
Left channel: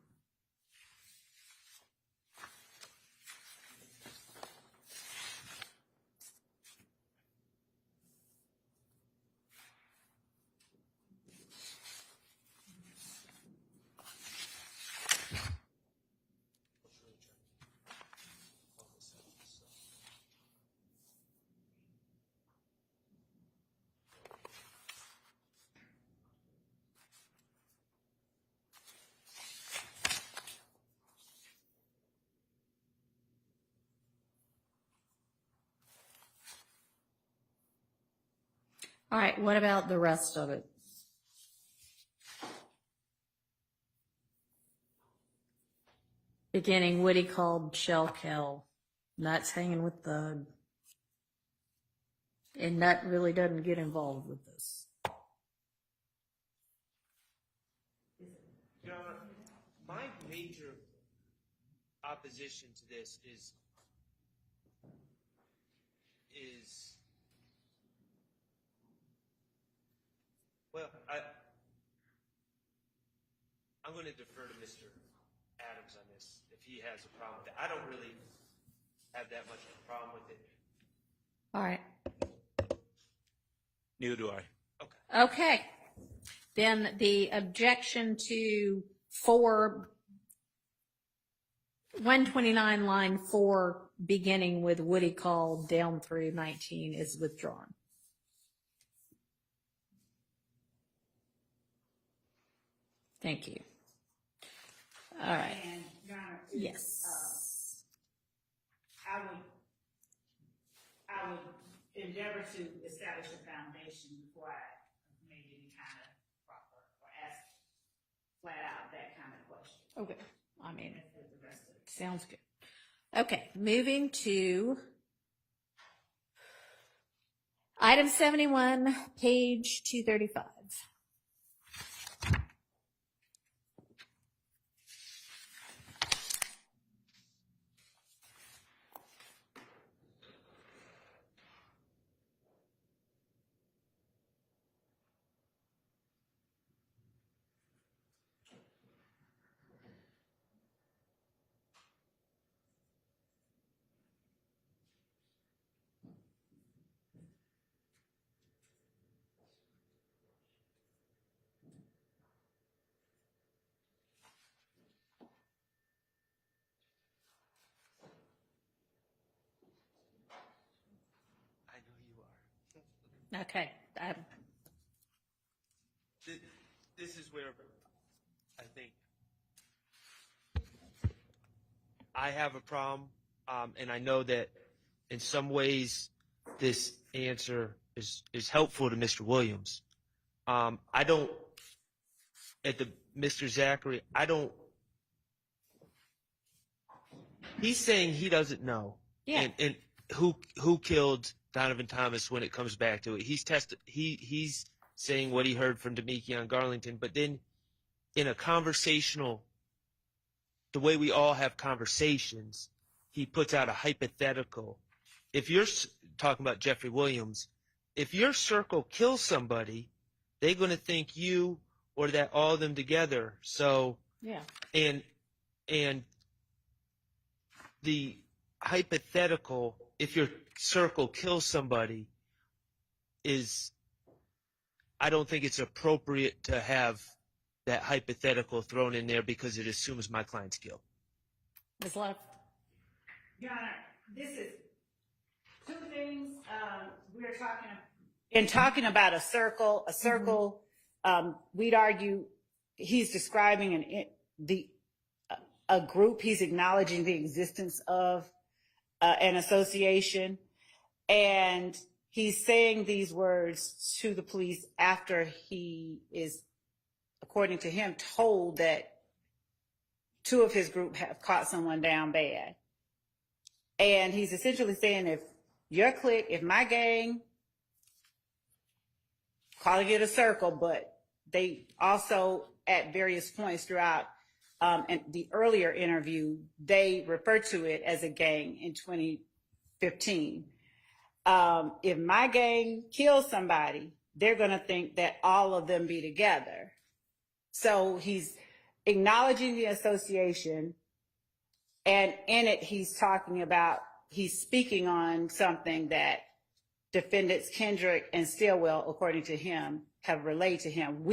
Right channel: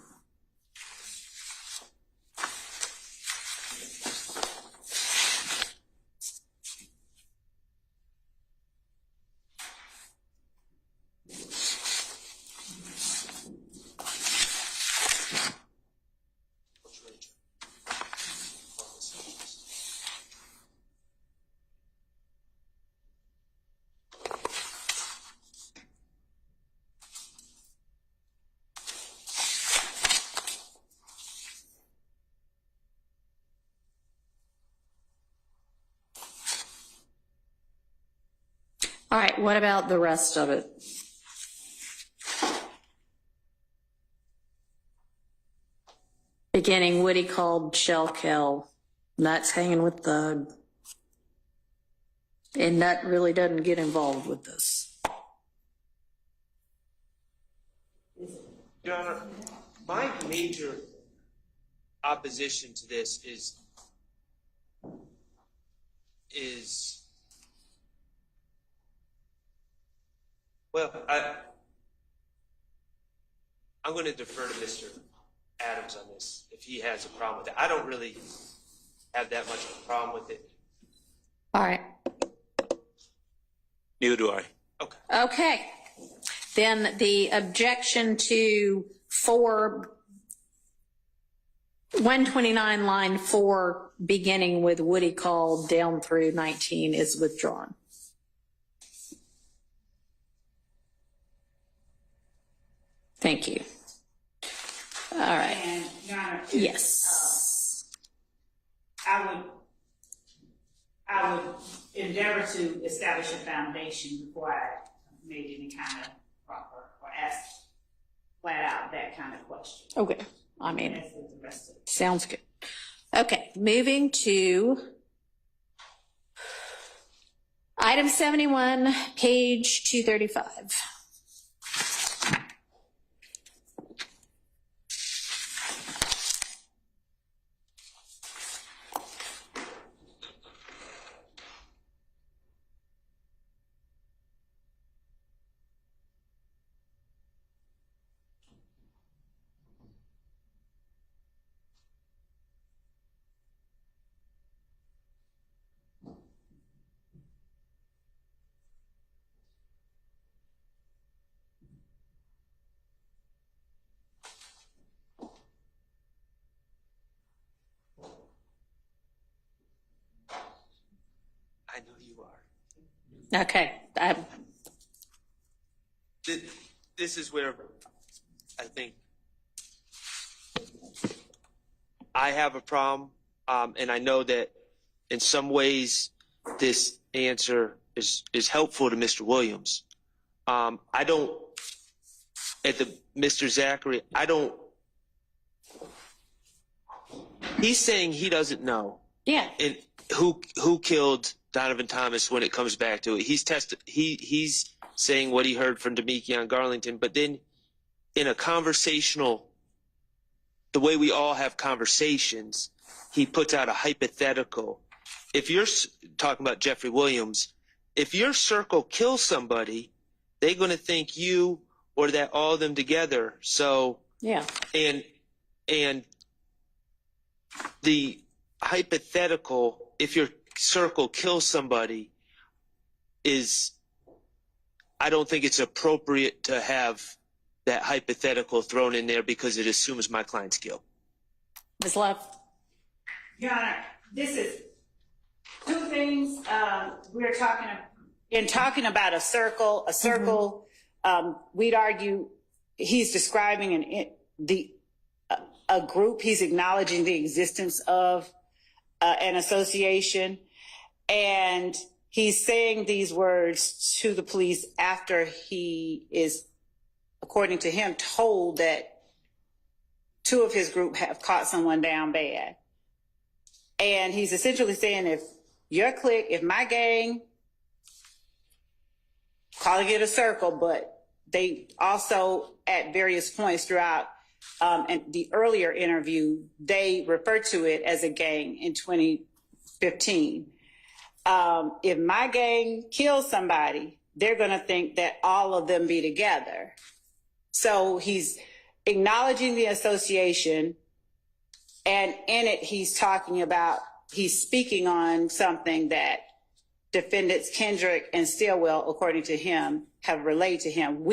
All right, what about the rest of it? Beginning, Woody called Shell Kell. Nut's hanging with Thug. And Nut really doesn't get involved with this. Your Honor, my major opposition to this is well, I'm going to defer to Mr. Adams on this if he has a problem with that. I don't really have that much of a problem with it. All right. Neither do I. Okay. Okay. Then the objection to 129 line 4, beginning with Woody called down through 19 is withdrawn. Thank you. All right. And, Your Honor, Yes. I would endeavor to establish a foundation before I made any kind of proper or ask flat out that kind of question. Okay. I mean, As with the rest of it. sounds good. Okay. Moving to item 71, page 235. I know you are. Okay. This is where I think I have a problem, and I know that in some ways this answer is helpful to Mr. Williams. I don't, Mr. Zachary, he's saying he doesn't know. Yeah. And who killed Donovan Thomas when it comes back to it. He's saying what he heard from Demekion Garlington, but then in a conversational, the way we all have conversations, he puts out a hypothetical. If you're talking about Jeffrey Williams, if your circle kills somebody, they're going to think you or that all of them together. So, Yeah. and the hypothetical, if your circle kills somebody, I don't think it's appropriate to have that hypothetical thrown in there because it assumes my client's guilt. Ms. Love? Your Honor, this is two things. We're talking about a circle. We'd argue he's describing a group. He's acknowledging the existence of an association, and he's saying these words to the police after he is, according to him, told that two of his group have caught someone down bad. And he's essentially saying, if your clique, if my gang, calling it a circle, but they also at various points throughout and the earlier interview, they referred to it as a gang in 2015. If my gang kills somebody, they're going to think that all of them be together. So he's acknowledging the association, and in it he's speaking on something that defendants Kendrick and Stillwell, according to him, have relayed to him.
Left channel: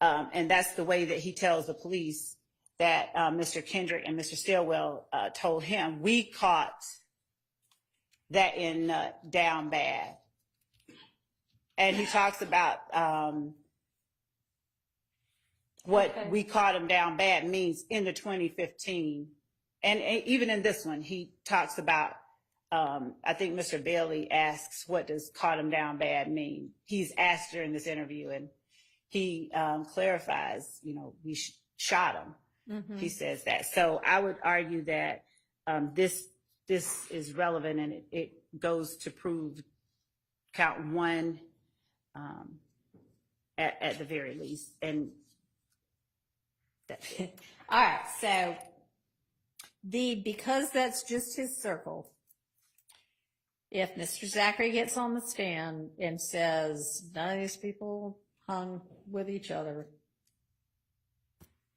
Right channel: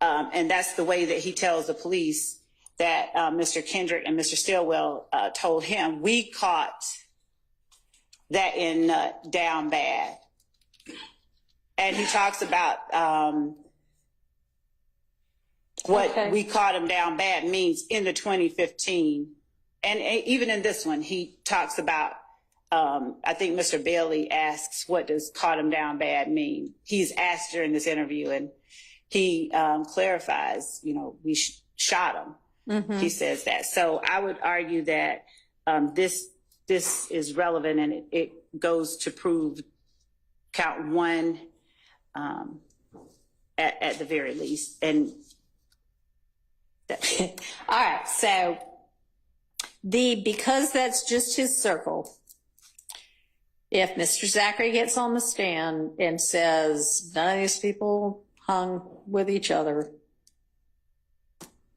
And that's the way that he tells the police that Mr. Kendrick and Mr. Stillwell told him, we caught that in down bad. And he talks about what we caught him down bad means in the 2015. And even in this one, he talks about, I think Mr. Bailey asks, what does caught him down bad mean? He's asked during this interview, and he clarifies, we shot him. Mm-hmm. He says that. So I would argue that this is relevant, and it goes to prove count one at the very least. And all right, so because that's just his circle, if Mr. Zachary gets on the stand and says none of these people hung with each other,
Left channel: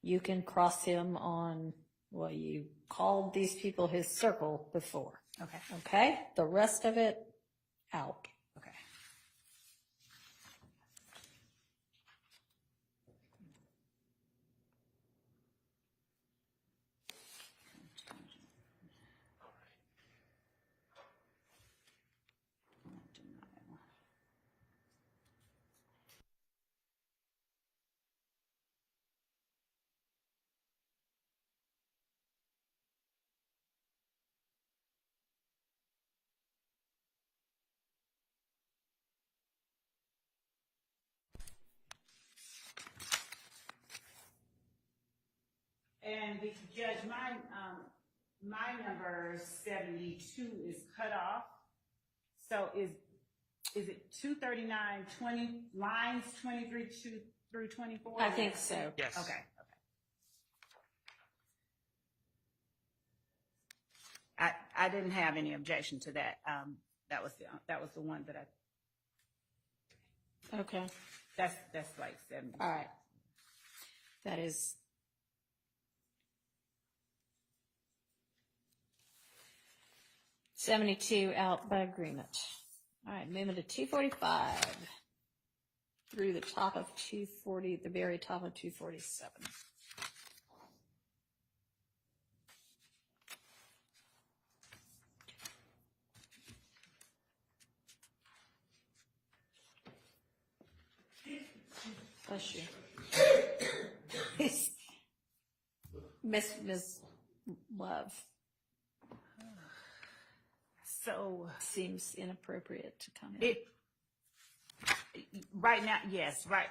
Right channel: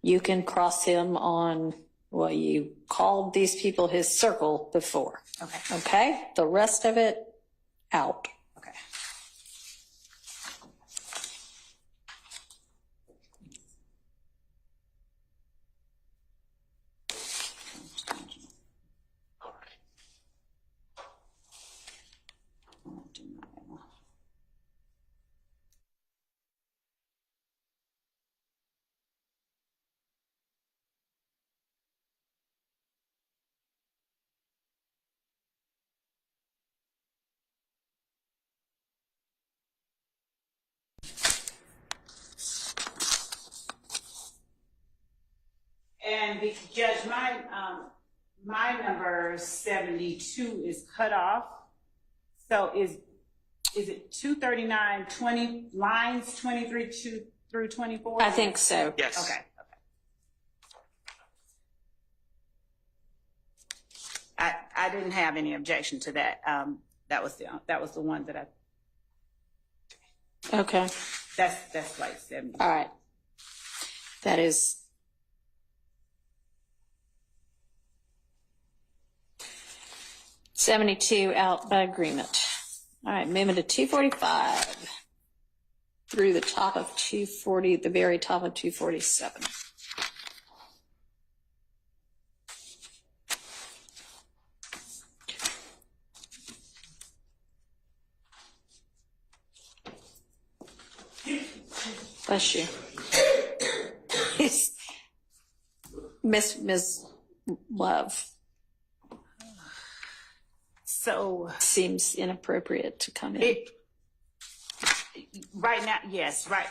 you can cross him on Well, you called these people his circle before. Okay. Okay? The rest of it, out. Okay. And the judge, my number 72 is cut off. So is it 239, lines 23 through 24? I think so. Yes. Okay. I didn't have any objection to that. That was the one that Okay. that's like 70. All right. That is. $72 out by agreement. All right, moving to 245 through the top of 240, the very top of 247. Bless you. Miss Love. So Seems inappropriate to come in. right now, yes, right.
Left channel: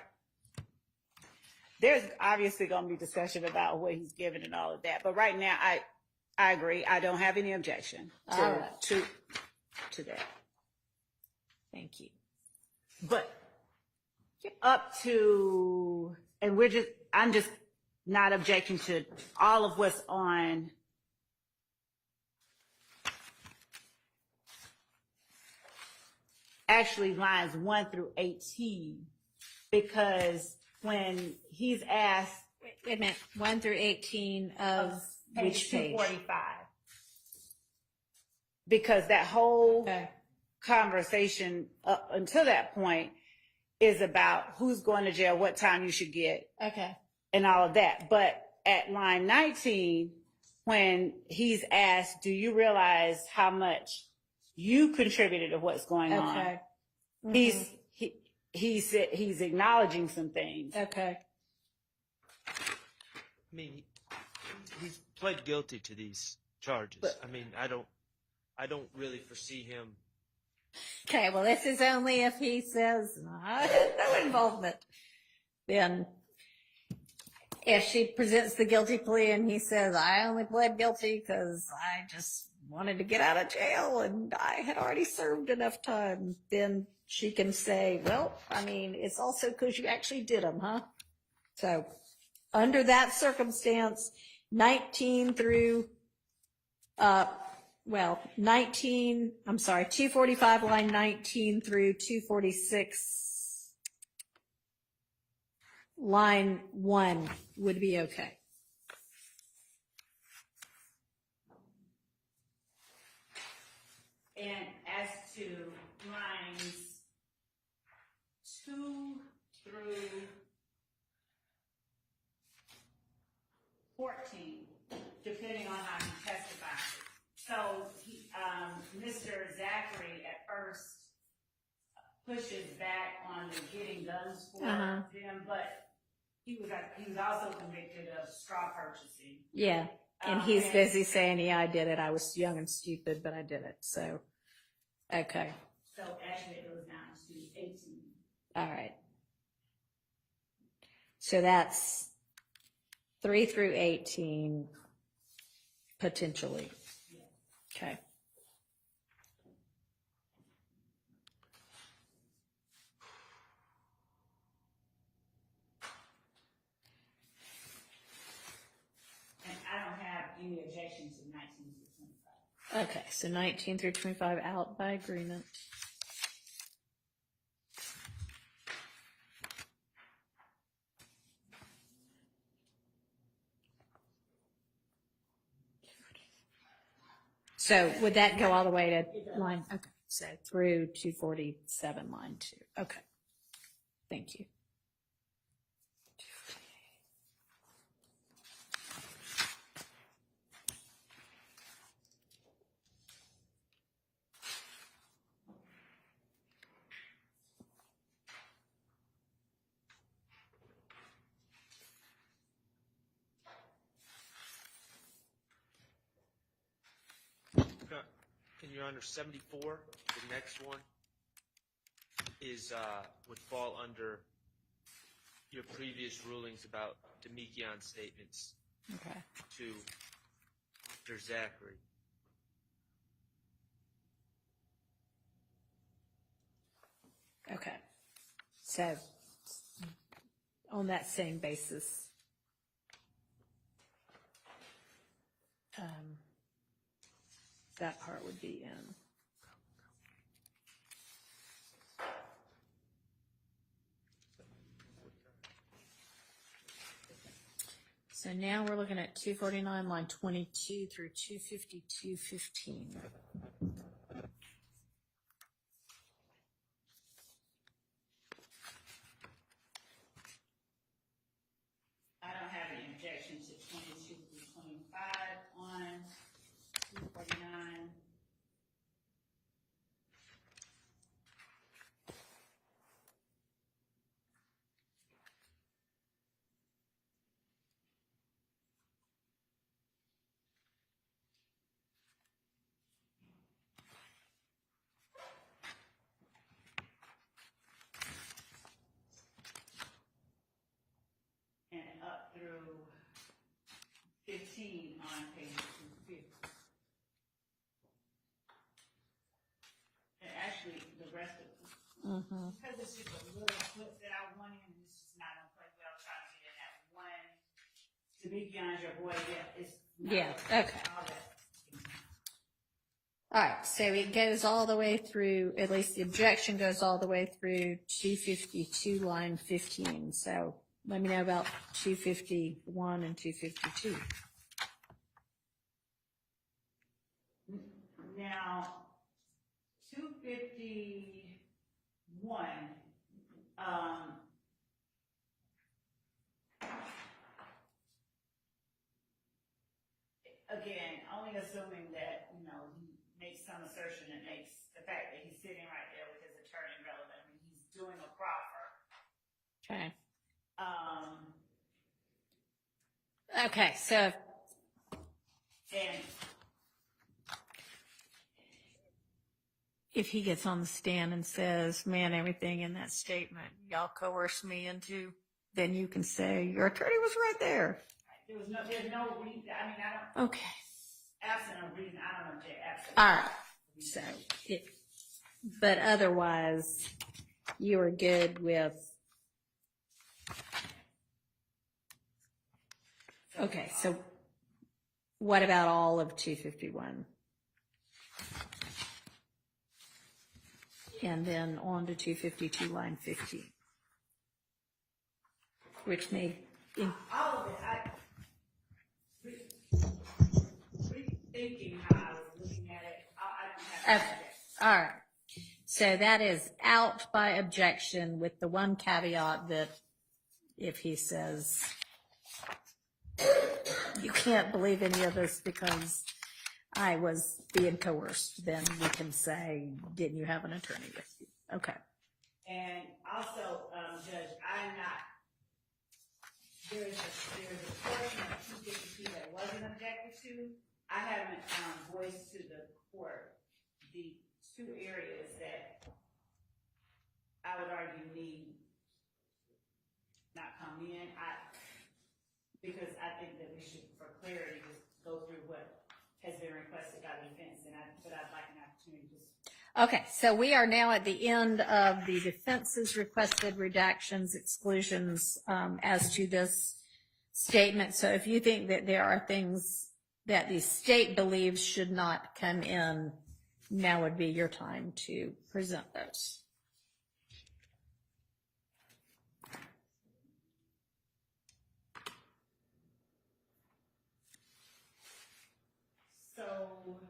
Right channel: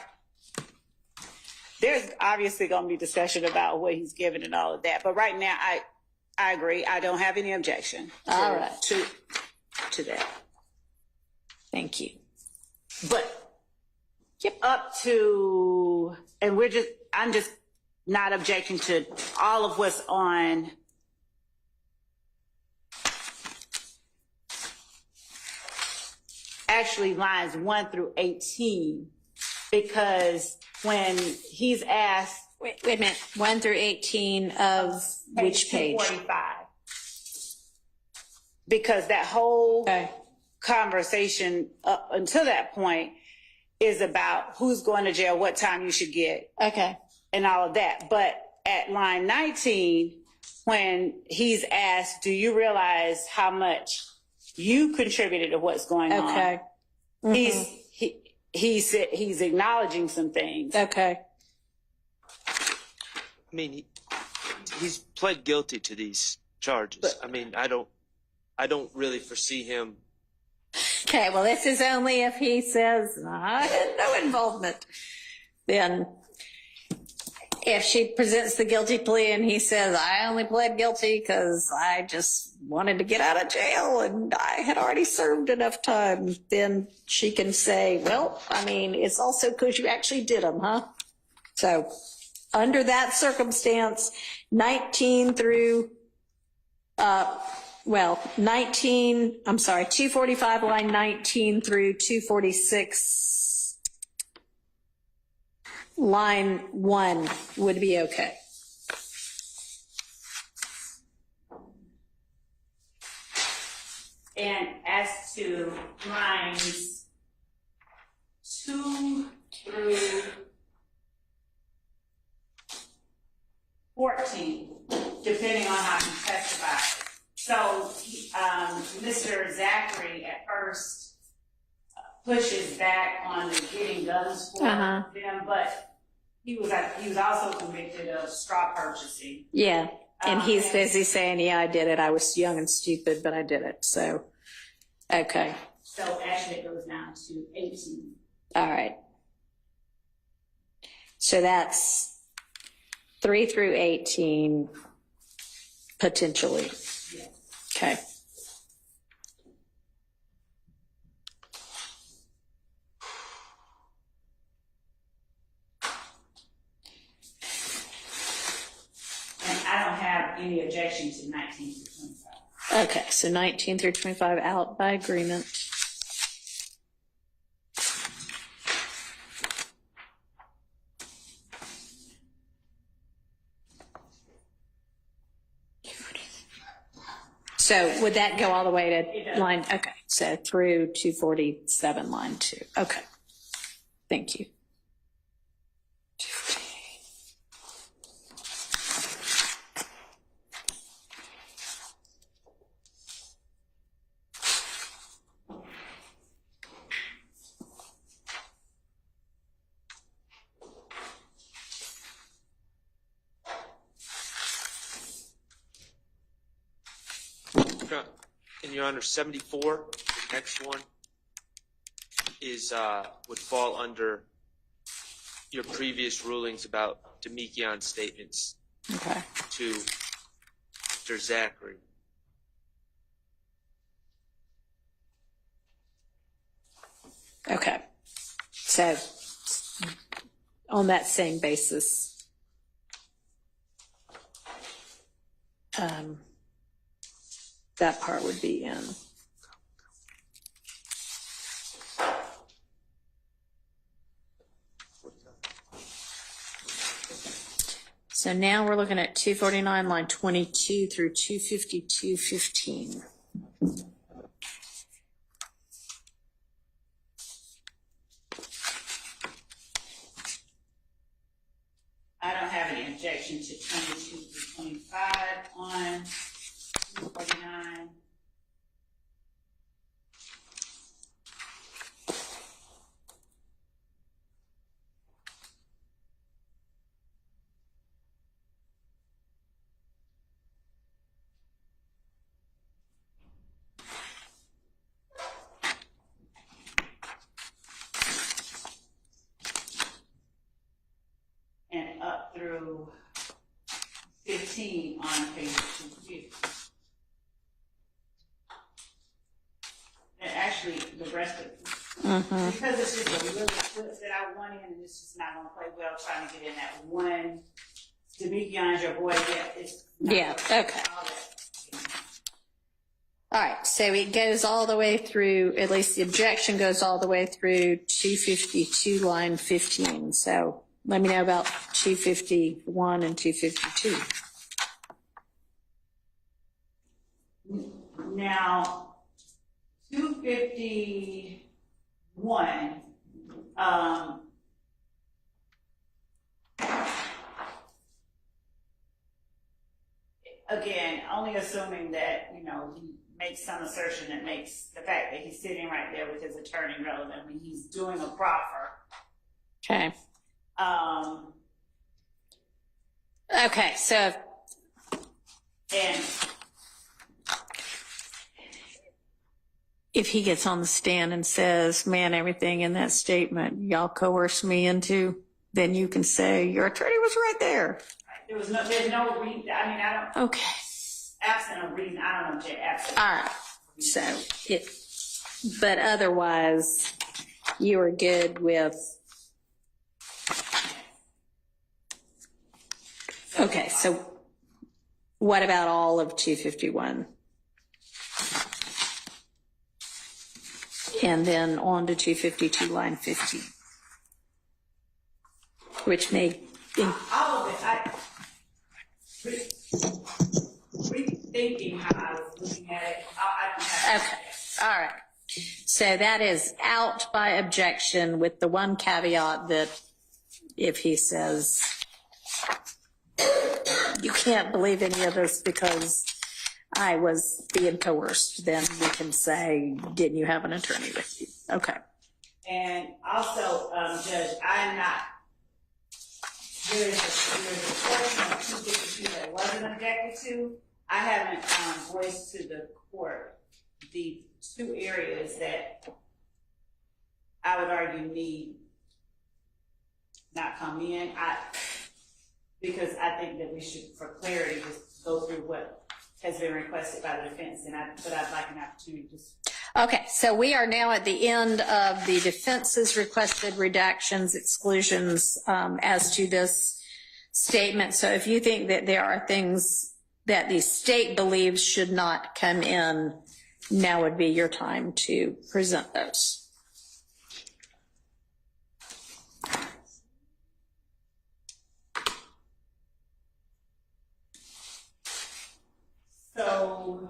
There's obviously going to be discussion about what he's given and all of that, but right now, I agree. I don't have any objection. All right. To that. Thank you. But Yep. up to, and I'm just not objecting to all of what's on actually lines 1 through 18, because when he's asked, Wait a minute. 1 through 18 of which page? 245, because that whole Okay. conversation up until that point is about who's going to jail, what time you should get, Okay. and all of that. But at line 19, when he's asked, do you realize how much you contributed to what's going on? Okay. He's acknowledging some things. Okay. I mean, he's pled guilty to these charges. But- I mean, I don't really foresee him. Okay, well, this is only if he says, I had no involvement. Then, if she presents the guilty plea and he says, I only pled guilty because I just wanted to get out of jail and I had already served enough time, then she can say, well, I mean, it's also because you actually did them, huh? So, under that circumstance, 19 through 245 line 19 through 246 line 1 would be okay. And as to lines 2 through 14, depending on how you testify. So, Mr. Zachary at first pushes back on the getting guns for them, but he was also convicted of straw purchasing. Yeah. And he's busy saying, yeah, I did it. I was young and stupid, but I did it. So, okay. So actually it goes down to 18. All right. So that's 3 through 18, potentially. Yes. Okay. And I don't have any objection to 19 through 25. Okay, so 19 through 25 out by agreement. So would that go all the way to line, okay, so through 247, line 2. Okay. Thank you. And Your Honor, 74, the next one is would fall under your previous rulings about Demekian statements Okay. to Mr. Zachary. Okay. So on that same basis, that part would be in. So now we're looking at 249, line 22 through 252.15. I don't have any objection to 22 to 25 on 249. And up through 15 on page 250. And actually, the rest of because it's just a little clips that I want in, and it's just not gonna play well trying to get in that one. Demekian's your boy, yeah, it's not Yeah, gonna- okay. all that. All right, so it goes all the way through, at least the objection goes all the way through 252, line 15. So let me know about 251 and 252. Now, 251, again, only assuming that, you know, he makes some assertion that makes the fact that he's sitting right there with his attorney relevant. I mean, he's doing a proffer. Okay. Um, Okay, so and if he gets on the stand and says, man, everything in that statement y'all coerced me into, then you can say your attorney was right there. there's no reason, I mean, I don't, Okay. absent a reason, I don't object, absent. All right. So it, but otherwise, you are good with. Okay, so what about all of 251? And then on to 252, line 50, which may. All of it, rethinking how I was looking at it, I don't have. Okay, all right. So that is out by objection with the one caveat that if he says, you can't believe any of this because I was being coerced, then we can say, didn't you have an attorney with you? Okay. And also, Judge, I'm not, there's a portion of 252 that wasn't objected to. I haven't voiced to the court the two areas that I would argue need not come in. Because I think that we should, for clarity, just go through what has been requested by the defense, but I'd like an opportunity to. Okay, so we are now at the end of the defense's requested redactions, exclusions as to this statement. So if you think that there are things that the state believes should not come in, now would be your time to present those. So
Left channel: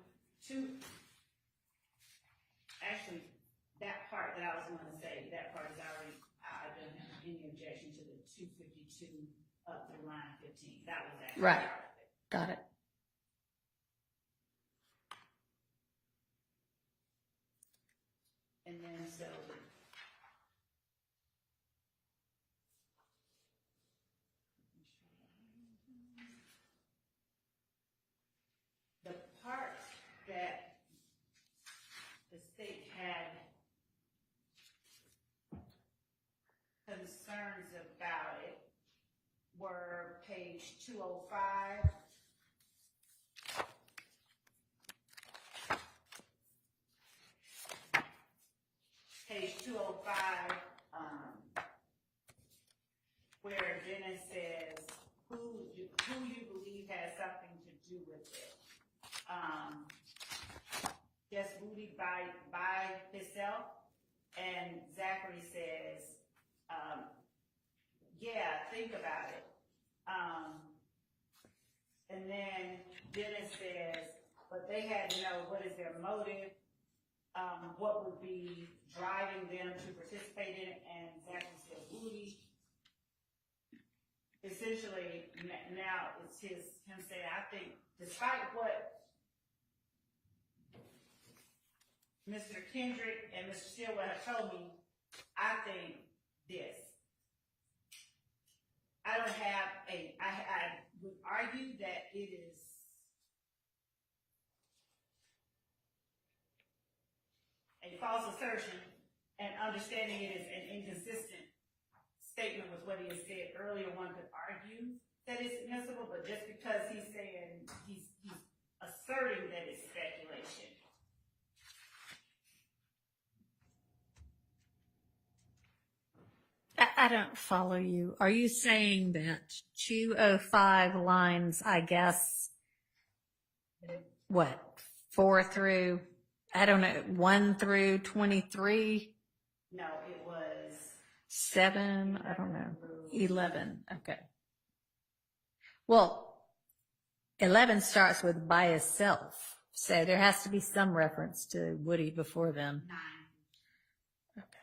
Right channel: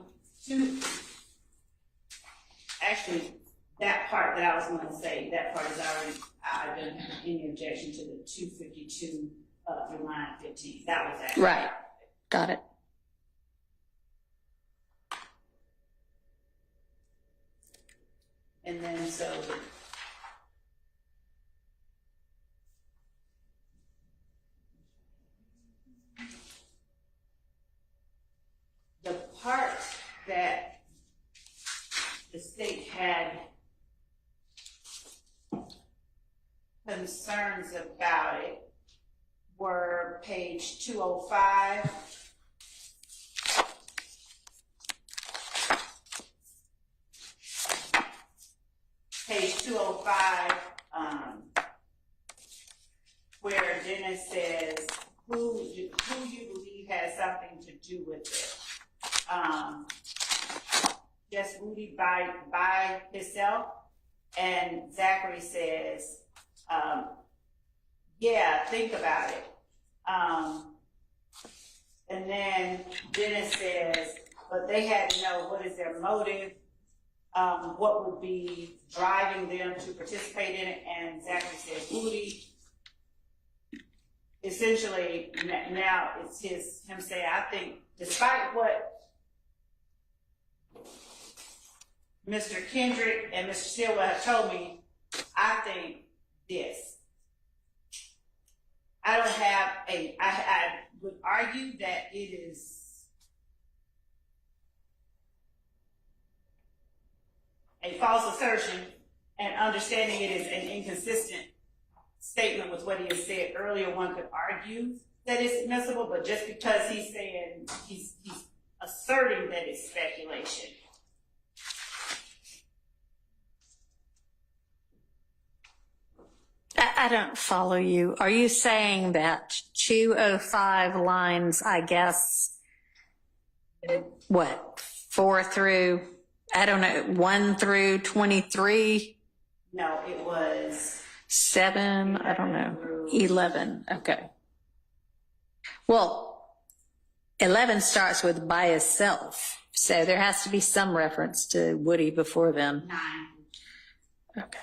was gonna say, that part is already, I don't have any objection to the 252 through line 15. That was actually. Right. Got it. And then so the part that the state had concerns about it were page 205. Page 205, where Dennis says, who you believe has something to do with it? Just Woody by himself? And Zachary says, yeah, think about it. And then Dennis says, but they had to know what is their motive, what would be driving them to participate in it, and Zachary says Woody. Essentially, now it's him saying, I think, despite what Mr. Kendrick and Mr. Stillwell have told me, I think this. I don't have I would argue that it is a false assertion, and understanding it is an inconsistent statement with what he has said earlier. One could argue that it's admissible, but just because he's saying, he's asserting that it's speculation. I don't follow you. Are you saying that 205 lines, I guess, what, 4 through, I don't know, 1 through 23? No, it was 7, I don't know, 11, okay. Well, 11 starts with by itself, so there has to be some reference to Woody before then. 9. Okay.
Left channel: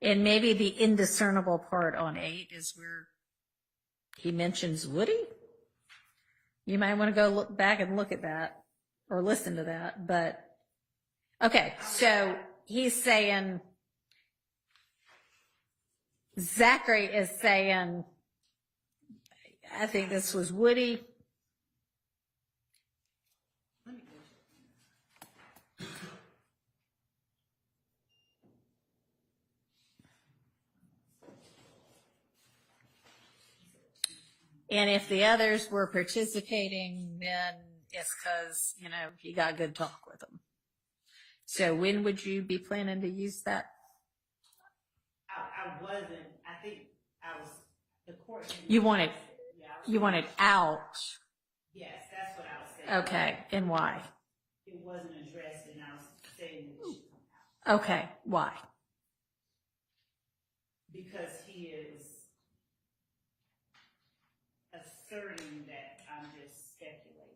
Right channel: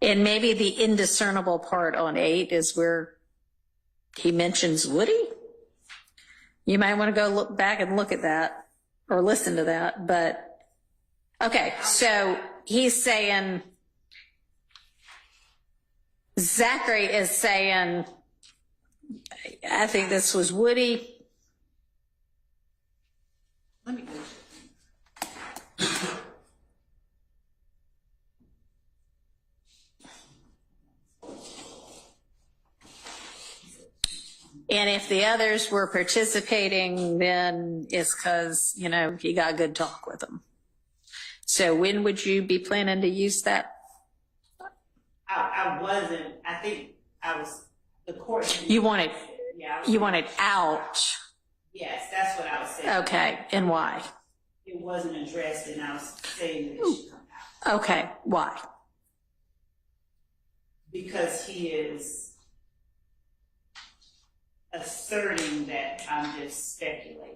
And maybe the indiscernible part on 8 is where he mentions Woody. You might want to go look back and look at that or listen to that. But okay, so he's saying, Zachary is saying, I think this was Woody. Let me go. And if the others were participating, then it's because, you know, he got good talk with them. So when would you be planning to use that? I wasn't. I think I was. The court. You want it. Yeah. You want it out. Yes, that's what I was saying. Okay, and why? It wasn't addressed, and I was saying that it should come out Okay, why? because he is asserting that I'm just speculating.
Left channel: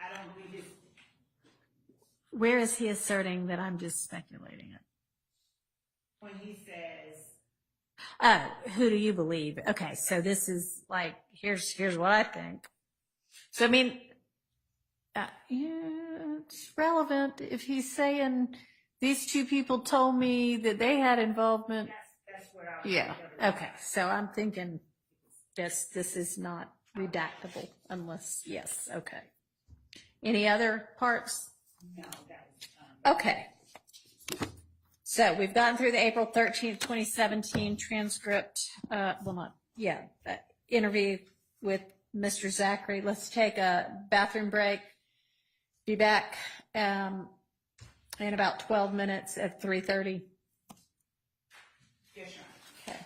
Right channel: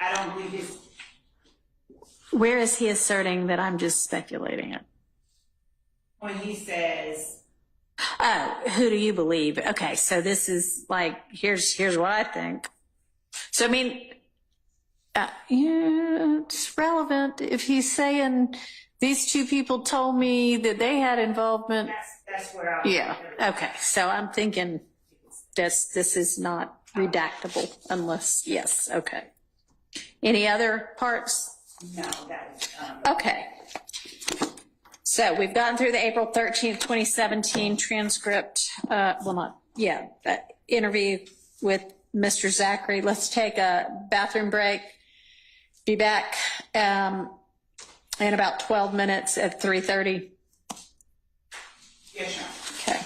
I don't believe he's. Where is he asserting that I'm just speculating it? When he says, Oh, who do you believe? Okay, so this is like, here's what I think. So, I mean, yeah, it's relevant if he's saying these two people told me that they had involvement. that's where I was. Yeah, okay, so I'm thinking this is not redactable unless, yes, okay. Any other parts? No, that was. Okay. So we've gotten through the April 13th, 2017 transcript, interview with Mr. Zachary. Let's take a bathroom break. Be back in about 12 minutes at 3:30. Yes, sir. Okay.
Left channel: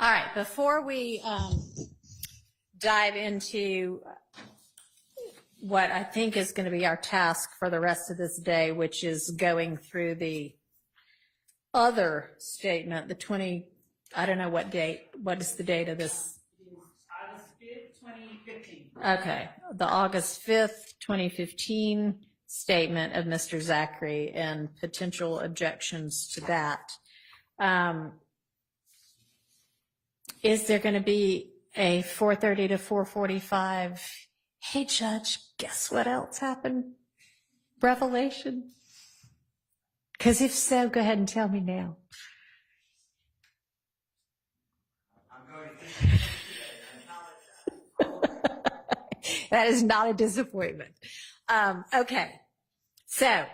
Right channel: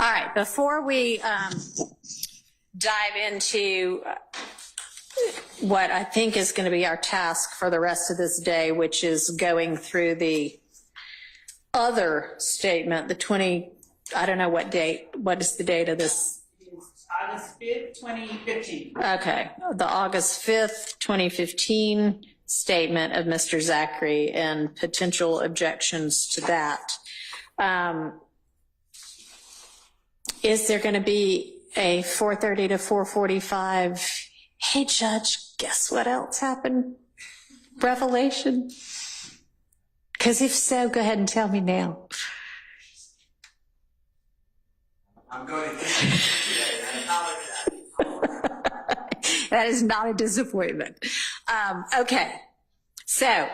All right, before we dive into what I think is going to be our task for the rest of this day, which is going through the other statement, the 20, I don't know what date, what is the date of this? August 5th, 2015. Okay, the August 5th, 2015 statement of Mr. Zachary and potential objections to that. Is there going to be a 4:30 to 4:45? Hey, Judge, guess what else happened? Revelation? Because if so, go ahead and tell me now. I'm going to today. I apologize. That is not a disappointment. Okay, so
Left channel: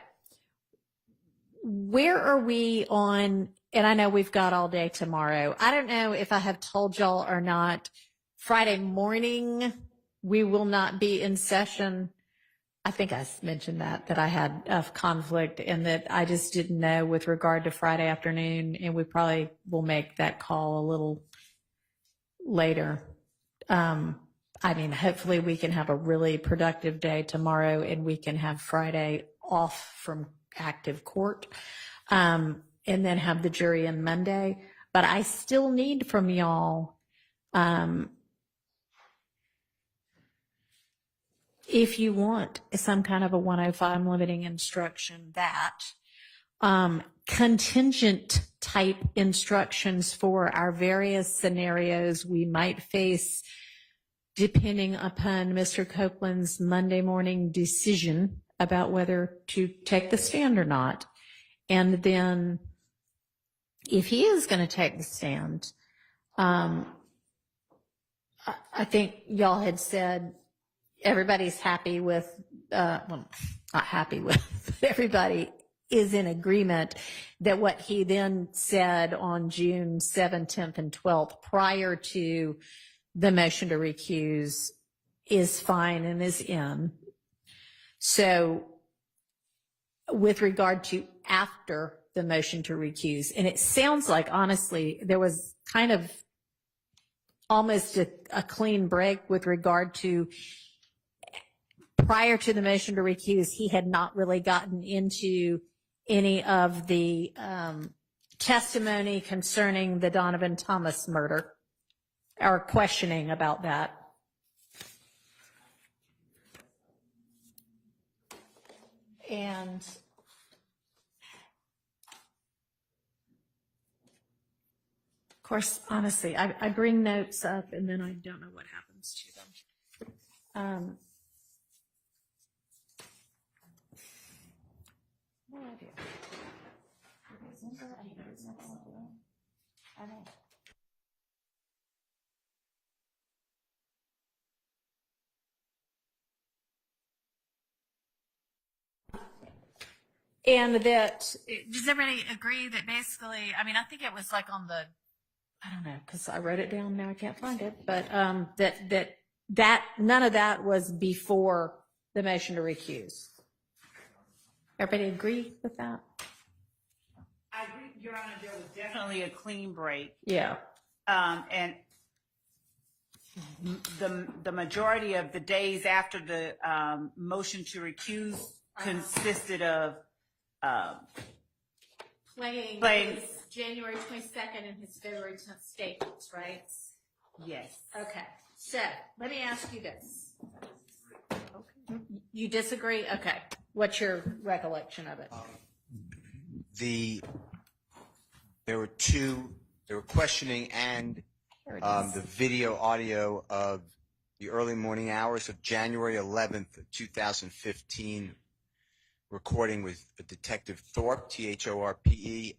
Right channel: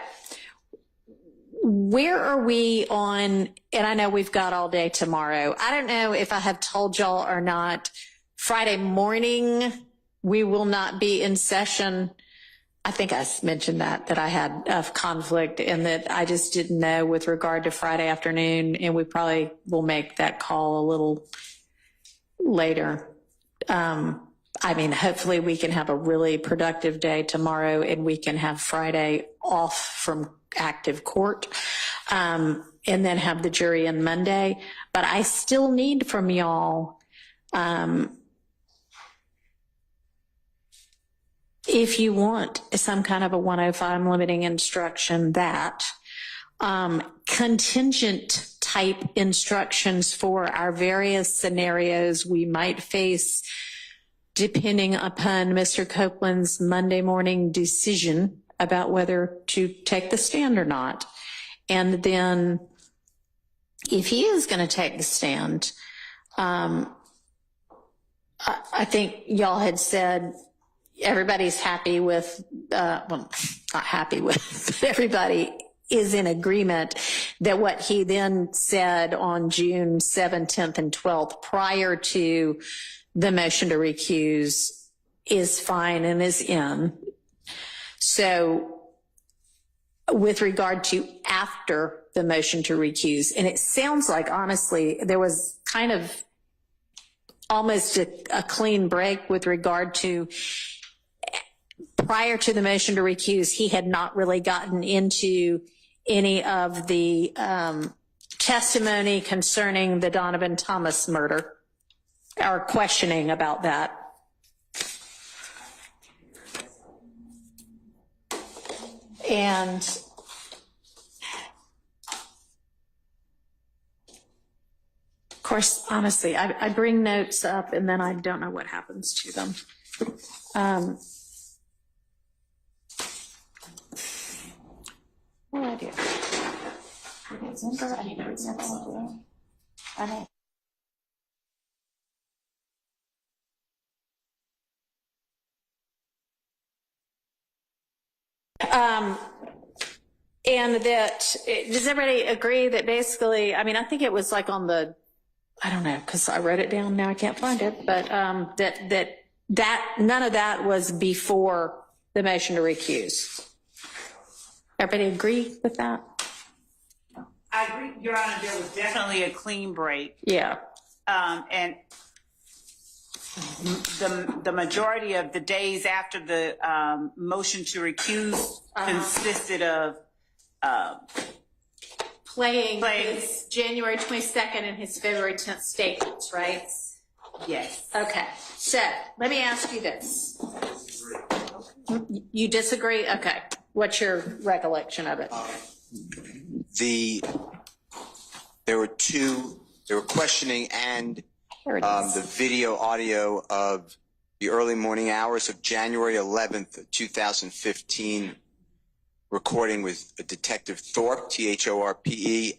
where are we on, and I know we've got all day tomorrow. I don't know if I have told y'all or not, Friday morning, we will not be in session. I think I mentioned that I had a conflict and that I just didn't know with regard to Friday afternoon, and we probably will make that call a little later. I mean, hopefully we can have a really productive day tomorrow and we can have Friday off from active court, and then have the jury on Monday. But I still need from y'all, if you want some kind of a 105 limiting instruction, that contingent type instructions for our various scenarios we might face depending upon Mr. Copeland's Monday morning decision about whether to take the stand or not. And then if he is going to take the stand, I think y'all had said everybody's happy with, well, not happy with, but everybody is in agreement that what he then said on June 7th, 10th, and 12th prior to the motion to recuse is fine and is in. So with regard to after the motion to recuse, and it sounds like, honestly, there was kind of almost a clean break with regard to prior to the motion to recuse, he had not really gotten into any of the testimony concerning the Donovan Thomas murder or questioning about that. And of course, honestly, I bring notes up and then I don't know what happens to them. What do I do? I know. And that, does everybody agree that basically, I mean, I think it was like on the, I don't know, because I wrote it down, now I can't find it, but that none of that was before the motion to recuse. Everybody agree with that? I agree, Your Honor, there was definitely a clean break. Yeah. And the majority of the days after the motion to recuse consisted of Playing his January 22nd and his February 10th statements, right? yes. Okay, so let me ask you this. You disagree? Okay. What's your recollection of it? There were questioning and the video audio of the early morning hours of January 11th, 2015, recording with Detective Thorpe, Thorpe,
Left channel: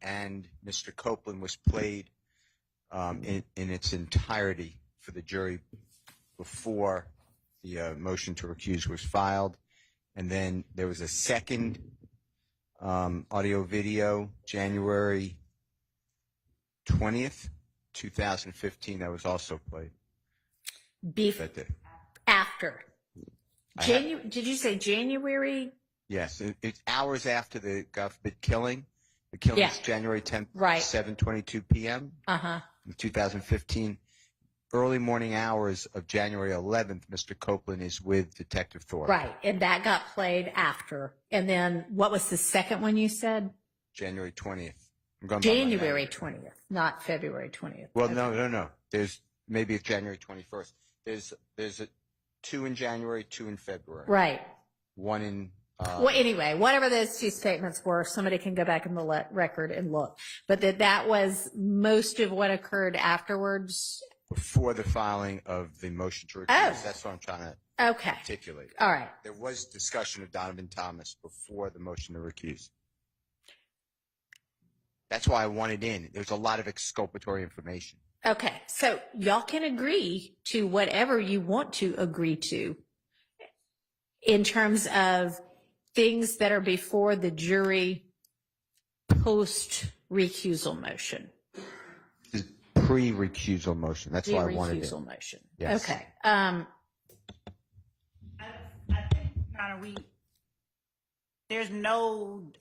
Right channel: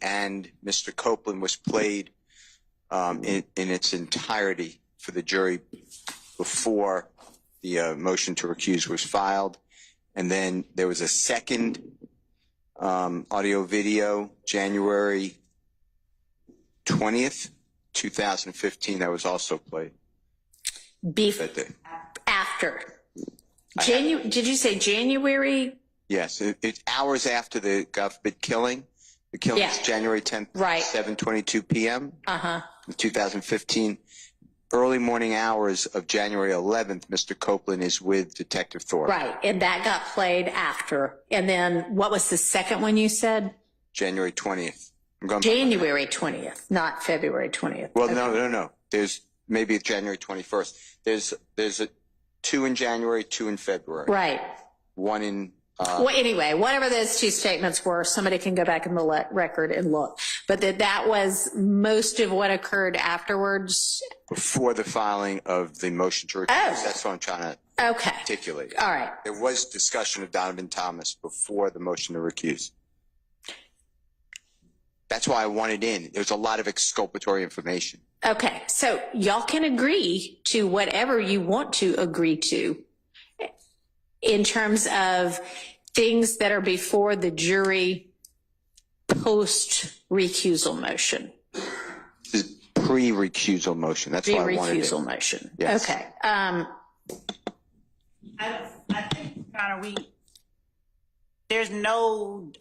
and Mr. Copeland was played in its entirety for the jury before the motion to recuse was filed. And then there was a second audio video, January 20th, 2015, that was also played. After. Did you say January? Yes, it's hours after the government killing. The killing Yeah. is January 10th, Right. 7:22 p.m. In 2015. Early morning hours of January 11th, Mr. Copeland is with Detective Thorpe. Right, and that got played after. And then what was the second one you said? January 20th. I'm going by my January 20th, not February 20th. Well, Okay. no. There's maybe January 21st. There's a 2 in January, 2 in February. Right. 1 in. Well, anyway, whatever those two statements were, somebody can go back in the record and look. But that was most of what occurred afterwards. Before the filing of the motion to recuse. Oh. That's what I'm trying to Okay. articulate. All right. There was discussion of Donovan Thomas before the motion to recuse. That's why I wanted in. There was a lot of exculpatory information. Okay. So y'all can agree to whatever you want to agree to in terms of things that are before the jury post recusal motion. This is pre-recusal motion. That's why I wanted it. Pre-recusal motion. Yes. Okay. I think, Your Honor, there's no,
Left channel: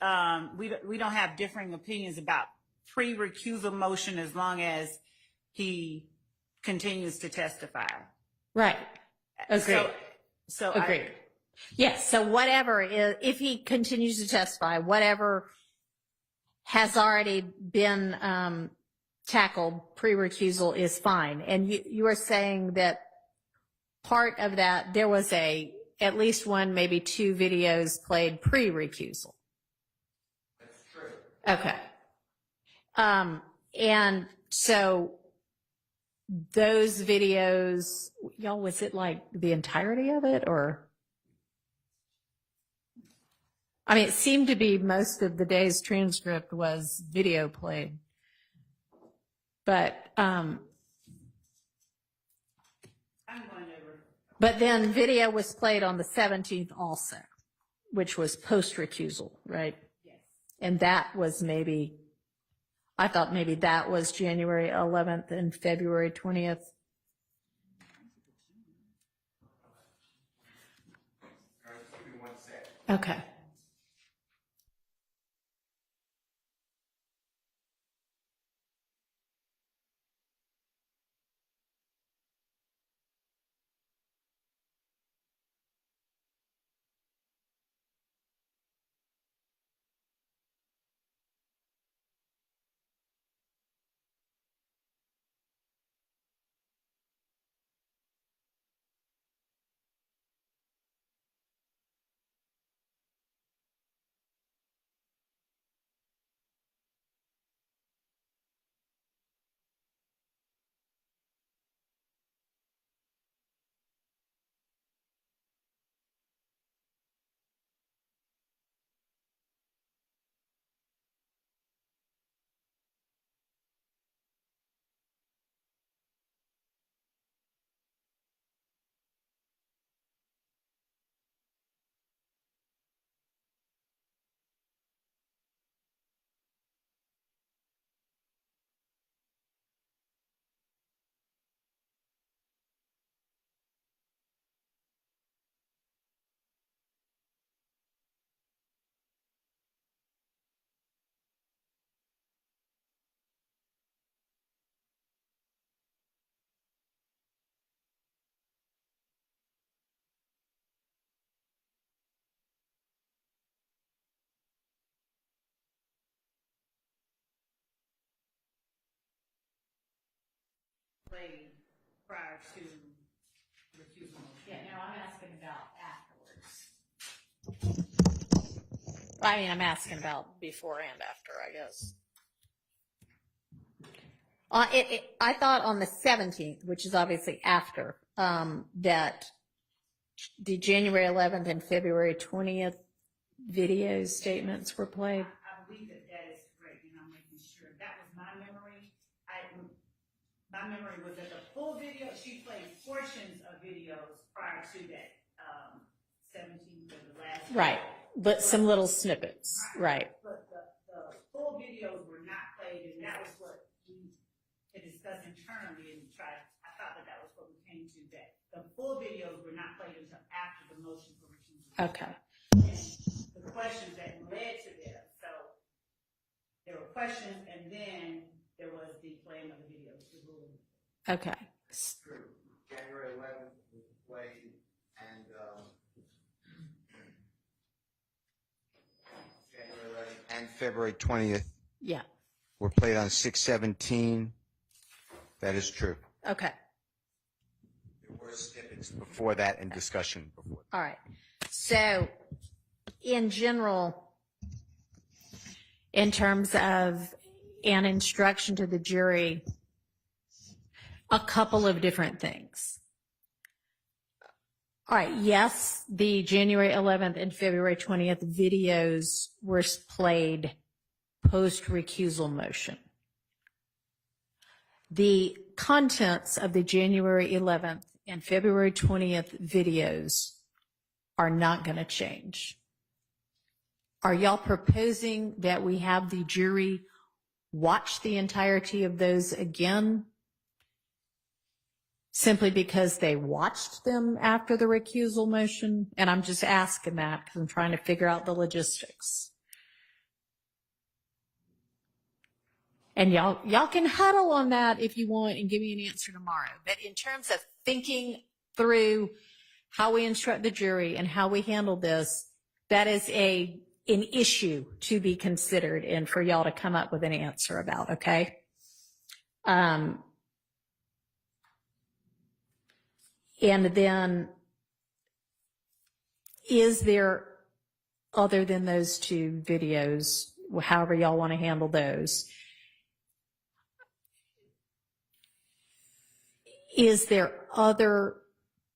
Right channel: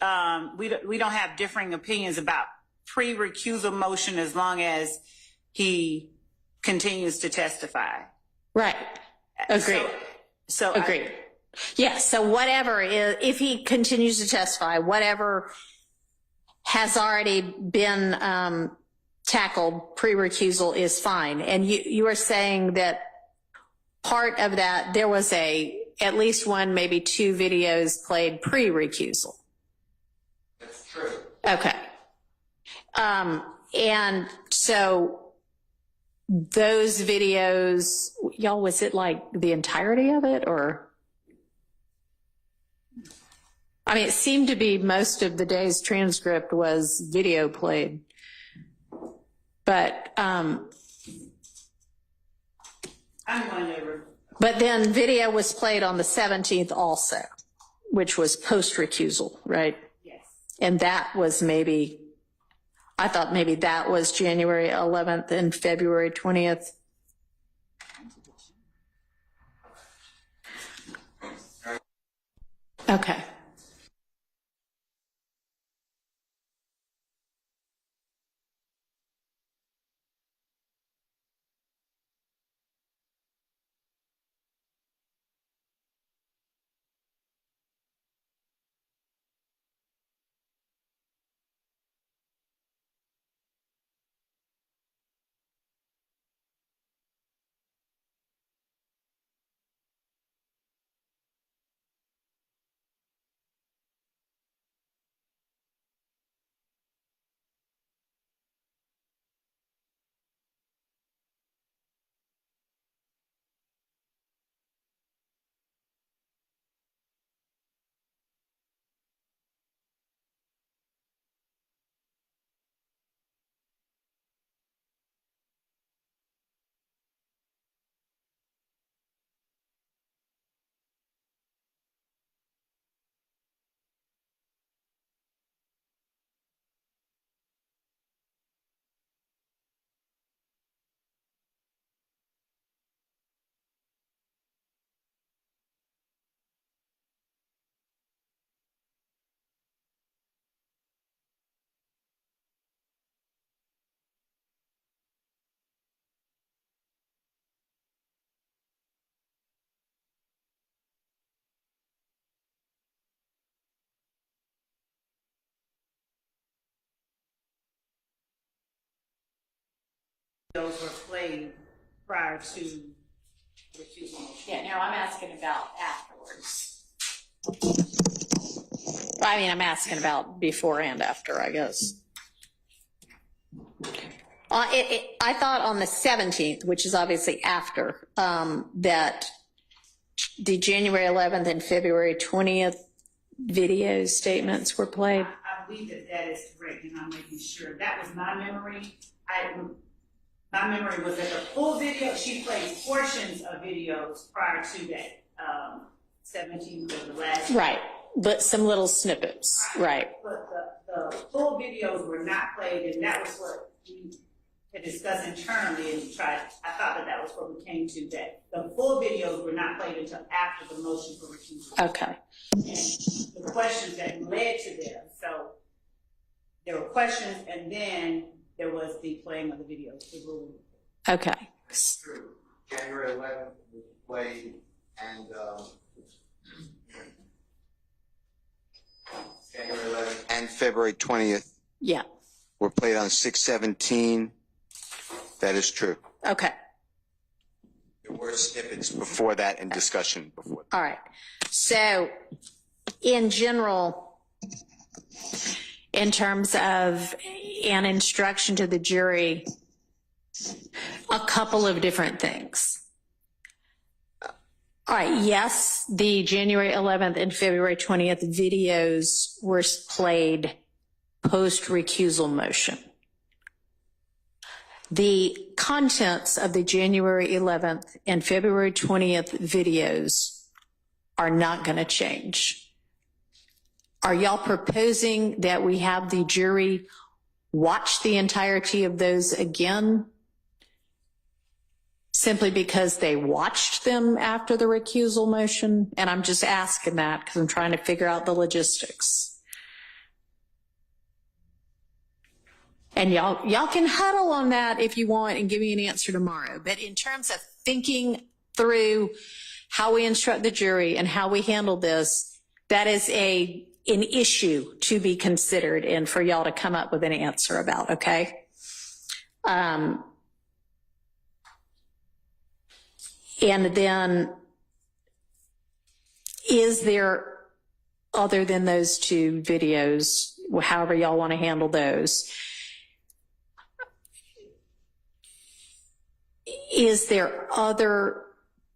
we don't have differing opinions about pre-recusal motion as long as he continues to testify. Right. Agree. So Agree. Yes. So whatever is, if he continues to testify, whatever has already been tackled pre-recusal is fine. And you are saying that part of that, there was at least one, maybe 2 videos played pre-recusal. That's true. Okay. And so those videos, y'all, was it like the entirety of it, or? I mean, it seemed to be most of the day's transcript was video played, but but then video was played on the 17th also, which was post-recusal, right? Yes. And that was maybe, I thought maybe that was January 11th and February 20th. Okay. Those were played prior to recusal motion. Yeah, now I'm asking about afterwards. I mean, I'm asking about before and after, I guess. I thought on the 17th, which is obviously after, that the January 11th and February 20th video statements were played. I believe that is correct, and I'm making sure. That was my memory. My memory was that the full video, she played portions of videos prior to that. 17th was the last. Right, but some little snippets, right. But the full videos were not played, and that was what we had discussed internally, and I thought that was what we came to, that the full videos were not played until after the motion for recusal. Okay. And the questions that led to them. So there were questions, and then there was the playing of the video. The ruling. Okay. True. January 11th was played, and January 11th and February 20th Yeah. were played on 6/17. That is true. Okay. There were snippets before that and discussion before that. All right. So, in general, in terms of an instruction to the jury, a couple of different things. All right. Yes, the January 11th and February 20th videos were played post-recusal motion. The contents of the January 11th and February 20th videos are not going to change. Are y'all proposing that we have the jury watch the entirety of those again simply because they watched them after the recusal motion? And I'm just asking that because I'm trying to figure out the logistics. And y'all can huddle on that if you want and give me an answer tomorrow. But in terms of thinking through how we instruct the jury and how we handle this, that is an issue to be considered and for y'all to come up with an answer about, okay? And then, is there, other than those two videos, however y'all want to handle those, is there other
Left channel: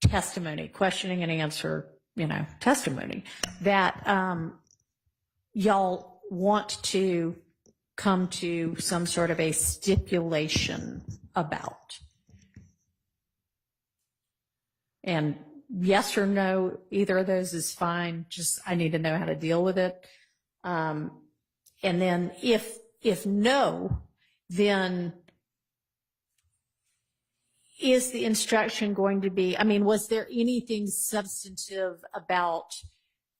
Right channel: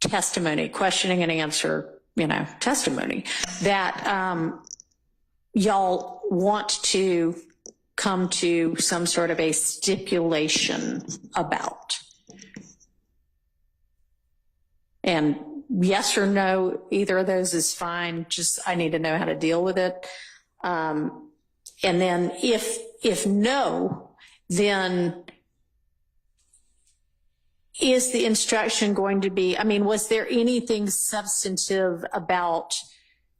testimony, questioning and answer, testimony that y'all want to come to some sort of a stipulation about? And yes or no, either of those is fine. Just, I need to know how to deal with it. And then if no, then is the instruction going to be, was there anything substantive about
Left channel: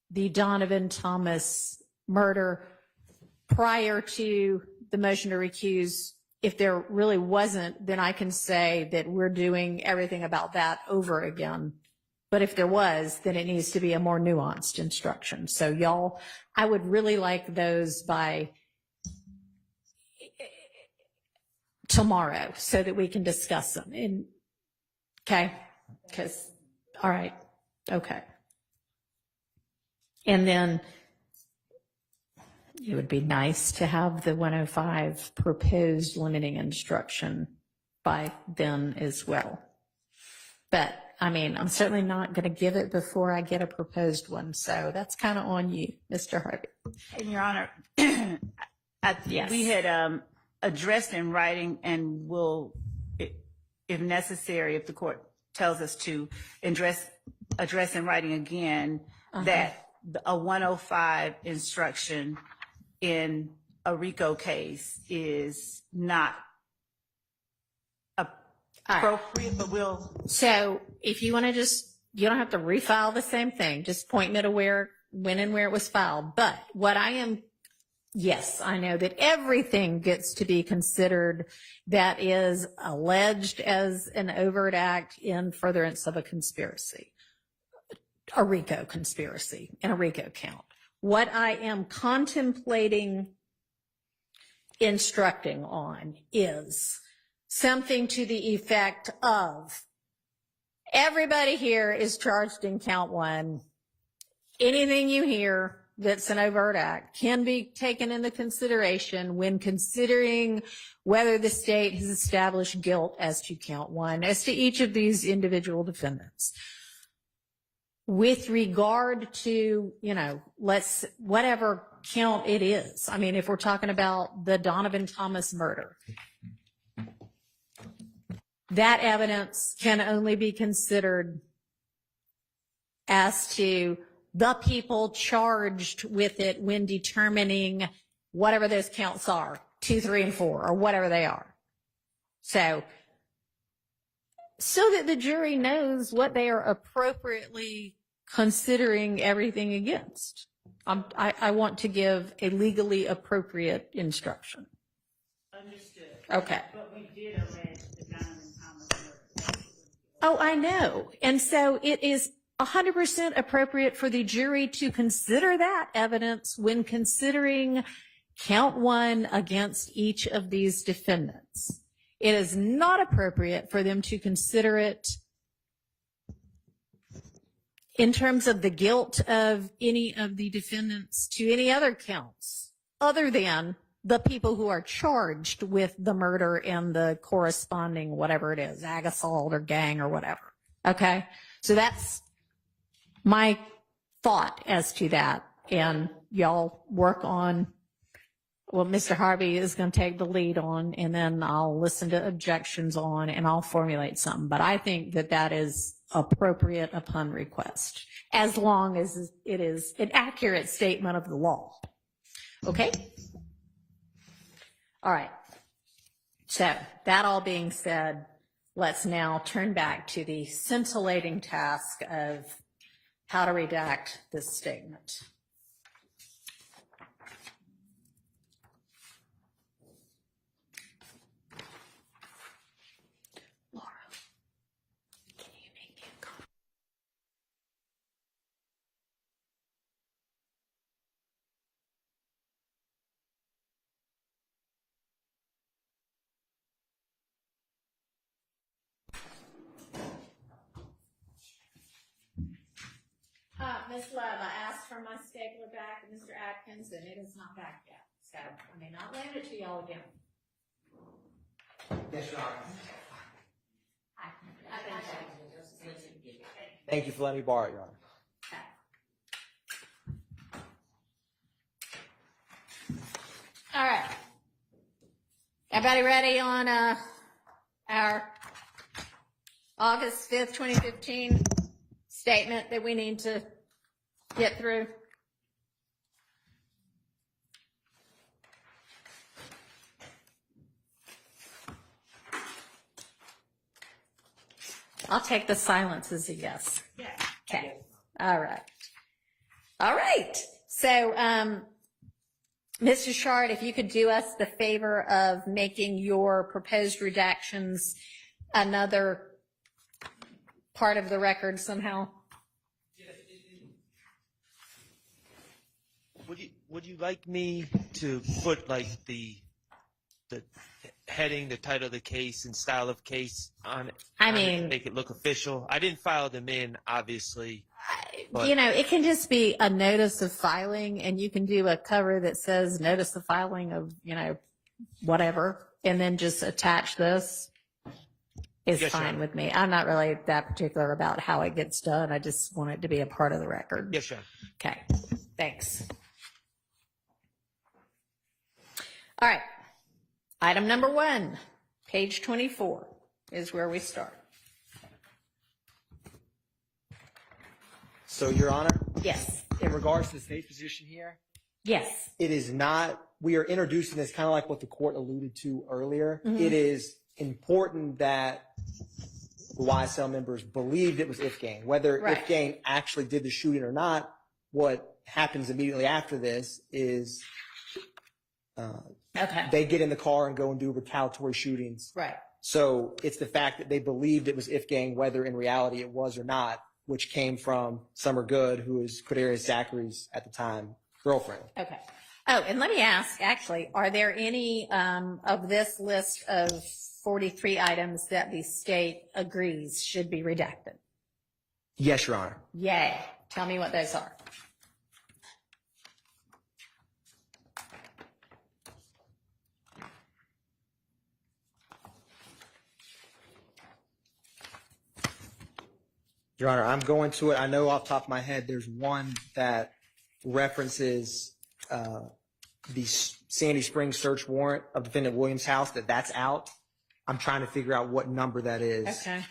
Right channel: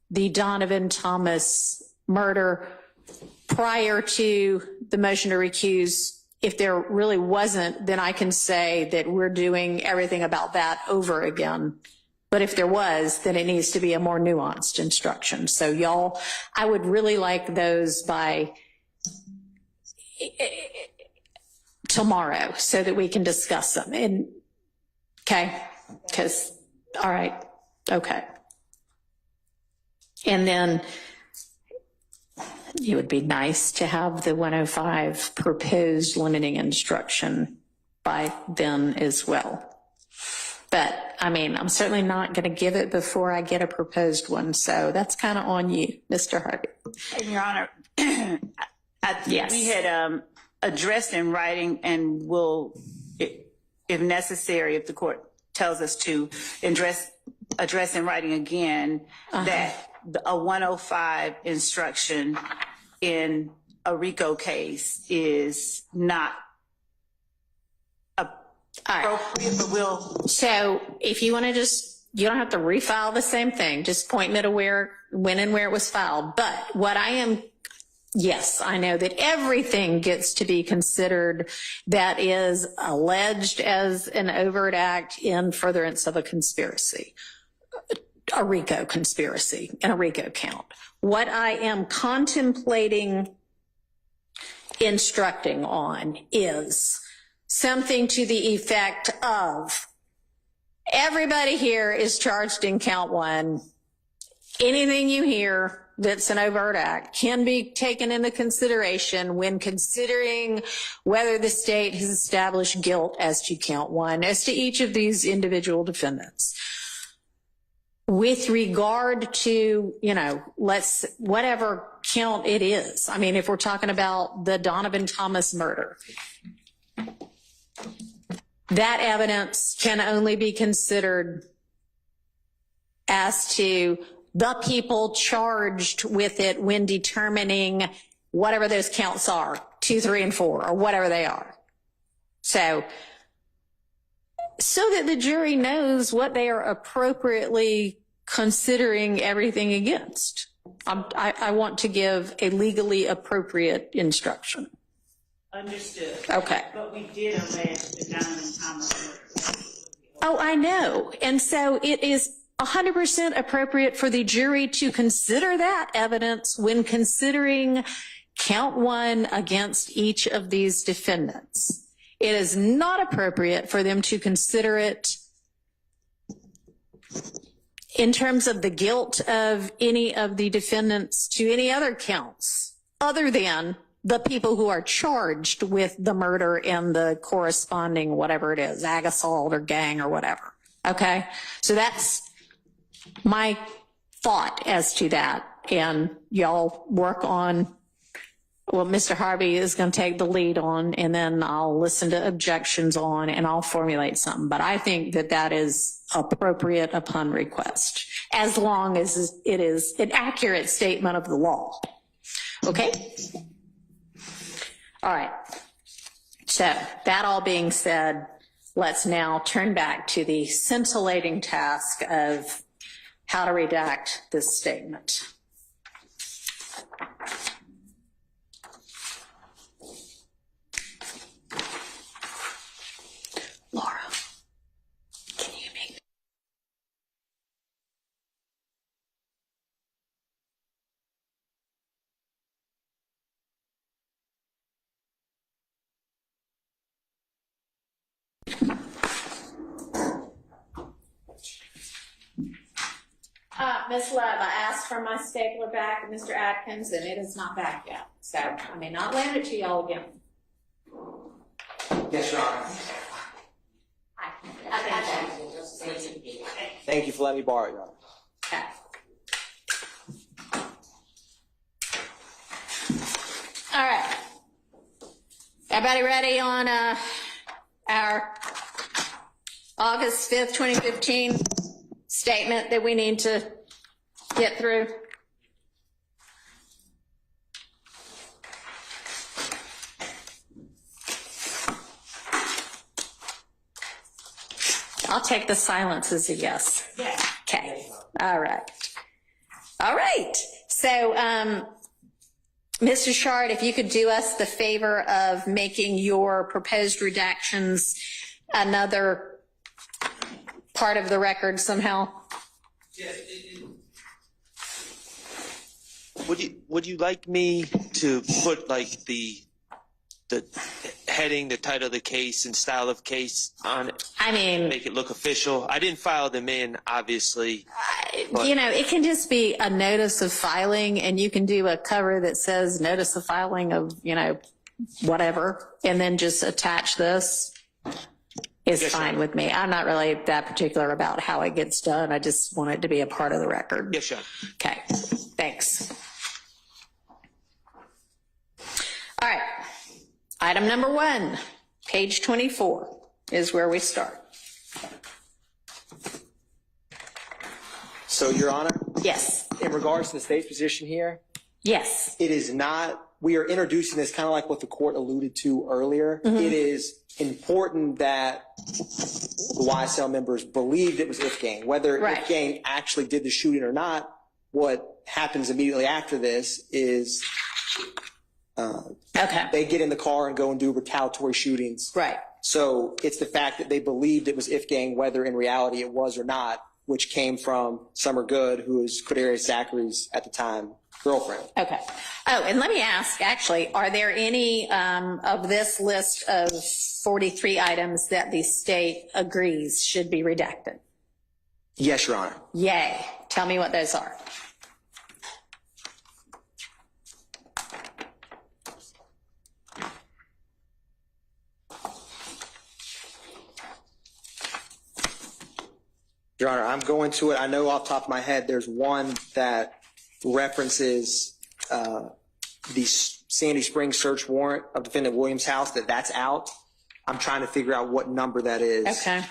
the Donovan Thomas murder prior to the motion to recuse? If there really wasn't, then I can say that we're doing everything about that over again. But if there was, then it needs to be a more nuanced instruction. So y'all, I would really like those by tomorrow so that we can discuss them. And okay, because, all right, okay. And then it would be nice to have the 105 proposed limiting instruction by then as well. But I'm certainly not going to give it before I get a proposed one. So that's kind of on you, Mr. Harvey. And Your Honor, Yes. we had addressed in writing and will, if necessary, if the court tells us to address in writing again, that a 105 instruction in a RICO case is not appropriate, but we'll. So if you want to you don't have to refile the same thing. Just point me to when and where it was filed. But what yes, I know that everything gets to be considered that is alleged as an overt act in furtherance of a conspiracy, a RICO conspiracy, and a RICO count. What I am contemplating instructing on is something to the effect of, everybody here is charged in count one. Anything you hear that's an overt act can be taken into consideration when considering whether the state has established guilt as to count one, as to each of these individual defendants. With regard to, whatever count it is. If we're talking about the Donovan Thomas murder, that evidence can only be considered as to the people charged with it when determining whatever those counts are, 2, 3, and 4, or whatever they are. So that the jury knows what they are appropriately considering everything against. I want to give a legally appropriate instruction. Understood. Okay. But we did allege the Donovan Thomas murder. Oh, I know. And so it is 100% appropriate for the jury to consider that evidence when considering count one against each of these defendants. It is not appropriate for them to consider it in terms of the guilt of any of the defendants to any other counts other than the people who are charged with the murder and the corresponding whatever it is, ag assault or gang or whatever. Okay? So that's my thought as to that. And y'all work on what Mr. Harvey is going to take the lead on, and then I'll listen to objections on, and I'll formulate something. But I think that that is appropriate upon request, as long as it is an accurate statement of the law. Okay? All right. So that all being said, let's now turn back to the scintillating task of how to redact this statement. Laura, can you make me a copy? Ms. Love, I asked for my stapler back, Mr. Atkins, and it is not back yet. So I may not land it to y'all again. Yes, Your Honor. Thank you for letting me borrow it, Your Honor. Okay. All right. Everybody ready on our August 5th, 2015 statement that we need to get through? I'll take the silence as a yes. Yes. Okay. All right. All right. So, Mr. Shard, if you could do us the favor of making your proposed redactions another part of the record somehow. Yeah, would you like me to put like the heading, the title of the case and style of case on it? I mean, make it look official. I didn't file them in, obviously. you know, it can just be a notice of filing, and you can do a cover that says notice of filing of, you know, whatever, and then just attach this. Is Yes, fine Sean. with me. I'm not really that particular about how it gets done. I just want it to be a part of the record. Yes, Sean. Okay, thanks. All right, item number 1, page 24 is where we start. So, Your Honor, Yes, in regards to the state's position here, yes, it is not, we are introducing this kind of like what the court alluded to earlier. It is important that the YSL members believed it was Ifgang. Whether Right. Ifgang actually did the shooting or not, what happens immediately after this is okay, they get in the car and go and do retaliatory shootings. right, So it's the fact that they believed it was Ifgang, whether in reality it was or not, which came from Summer Good, who is Quadarius Zachary's, at the time, girlfriend. okay. Oh, and let me ask, actually, are there any of this list of 43 items that the state agrees should be redacted? Yes, Your Honor. Yay. Tell me what those are. Your Honor, I'm going to it. I know off the top of my head, there's one that references the Sandy Springs search warrant of defendant Williams' house, that's out. I'm trying to figure out what number that is. Okay.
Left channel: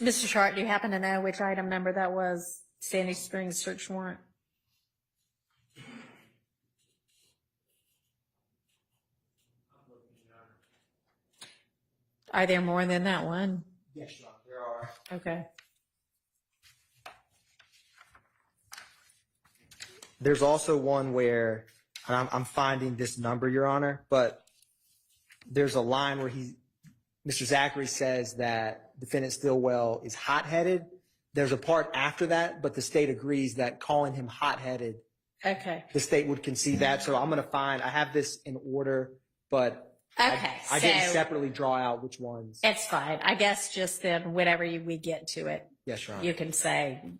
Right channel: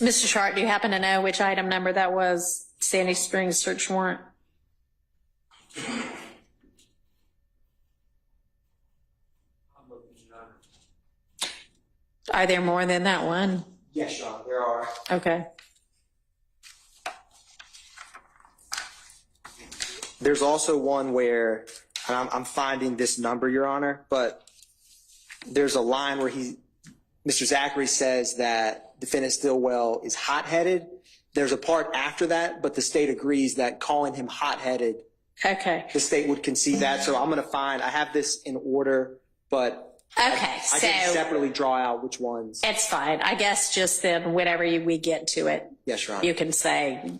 Mr. Shart, do you happen to know which item number that was? Sandy Springs search warrant? Are there more than that one? Yes, Your Honor, there are. Okay. There's also one where, and I'm finding this number, Your Honor, but there's a line where Mr. Zachary says that defendant Stillwell is hot-headed. There's a part after that, but the state agrees that calling him hot-headed, Okay. the state would concede that. So I'm going to I have this in order, but Okay. I didn't separately draw out which ones. It's fine. I guess just then, whenever we get to it, Yes, Your Honor. you can say,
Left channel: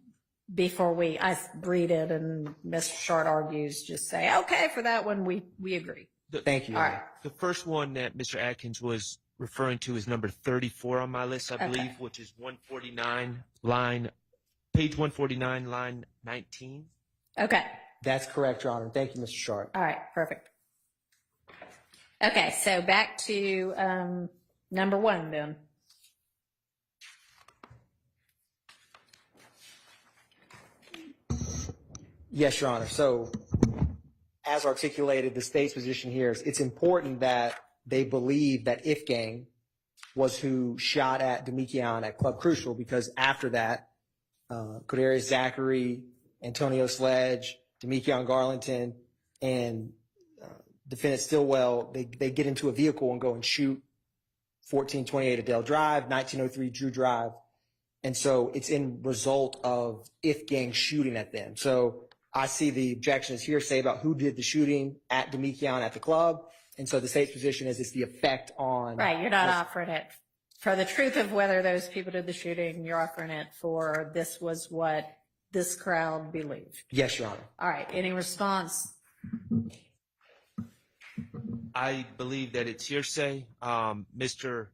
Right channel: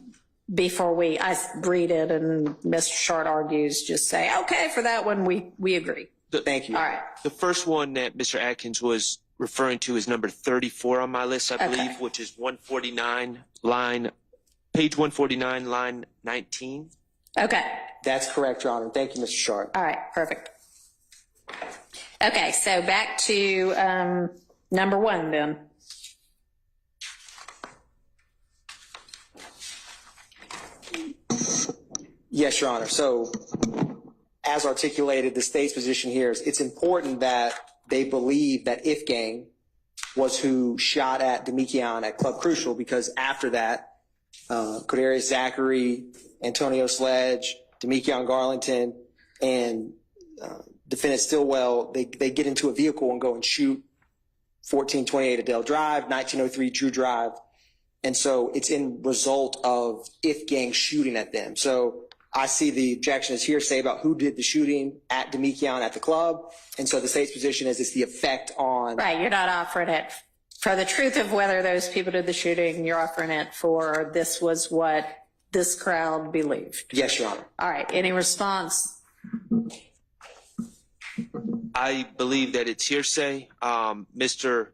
before I read it and Mr. Short argues, just say, okay, for that one, we agree. Thank you. All right. The first one that Mr. Atkins was referring to is number 34 on my list, I believe, which is 149 page 149, line 19. Okay. That's correct, Your Honor. Thank you, Mr. Sharp. All right. Perfect. Okay. So back to number one then. Yes, Your Honor. So as articulated, the state's position here is it's important that they believe that Ifgang was who shot at Demekian at Club Crucial, because after that, Cordarius Zachary, Antonio Sledge, Demekian Garlington, and defendant Stillwell, they get into a vehicle and go and shoot 1428 Adele Drive, 1903 Drew Drive. And so it's in result of Ifgang shooting at them. So I see the objection is hearsay about who did the shooting at Demekian at the club. And so the state's position is it's the effect on. Right. You're not offering it for the truth of whether those people did the shooting. You're offering it for this was what this crowd believed. Yes, Your Honor. All right. Any response? I believe that it's hearsay. Mr.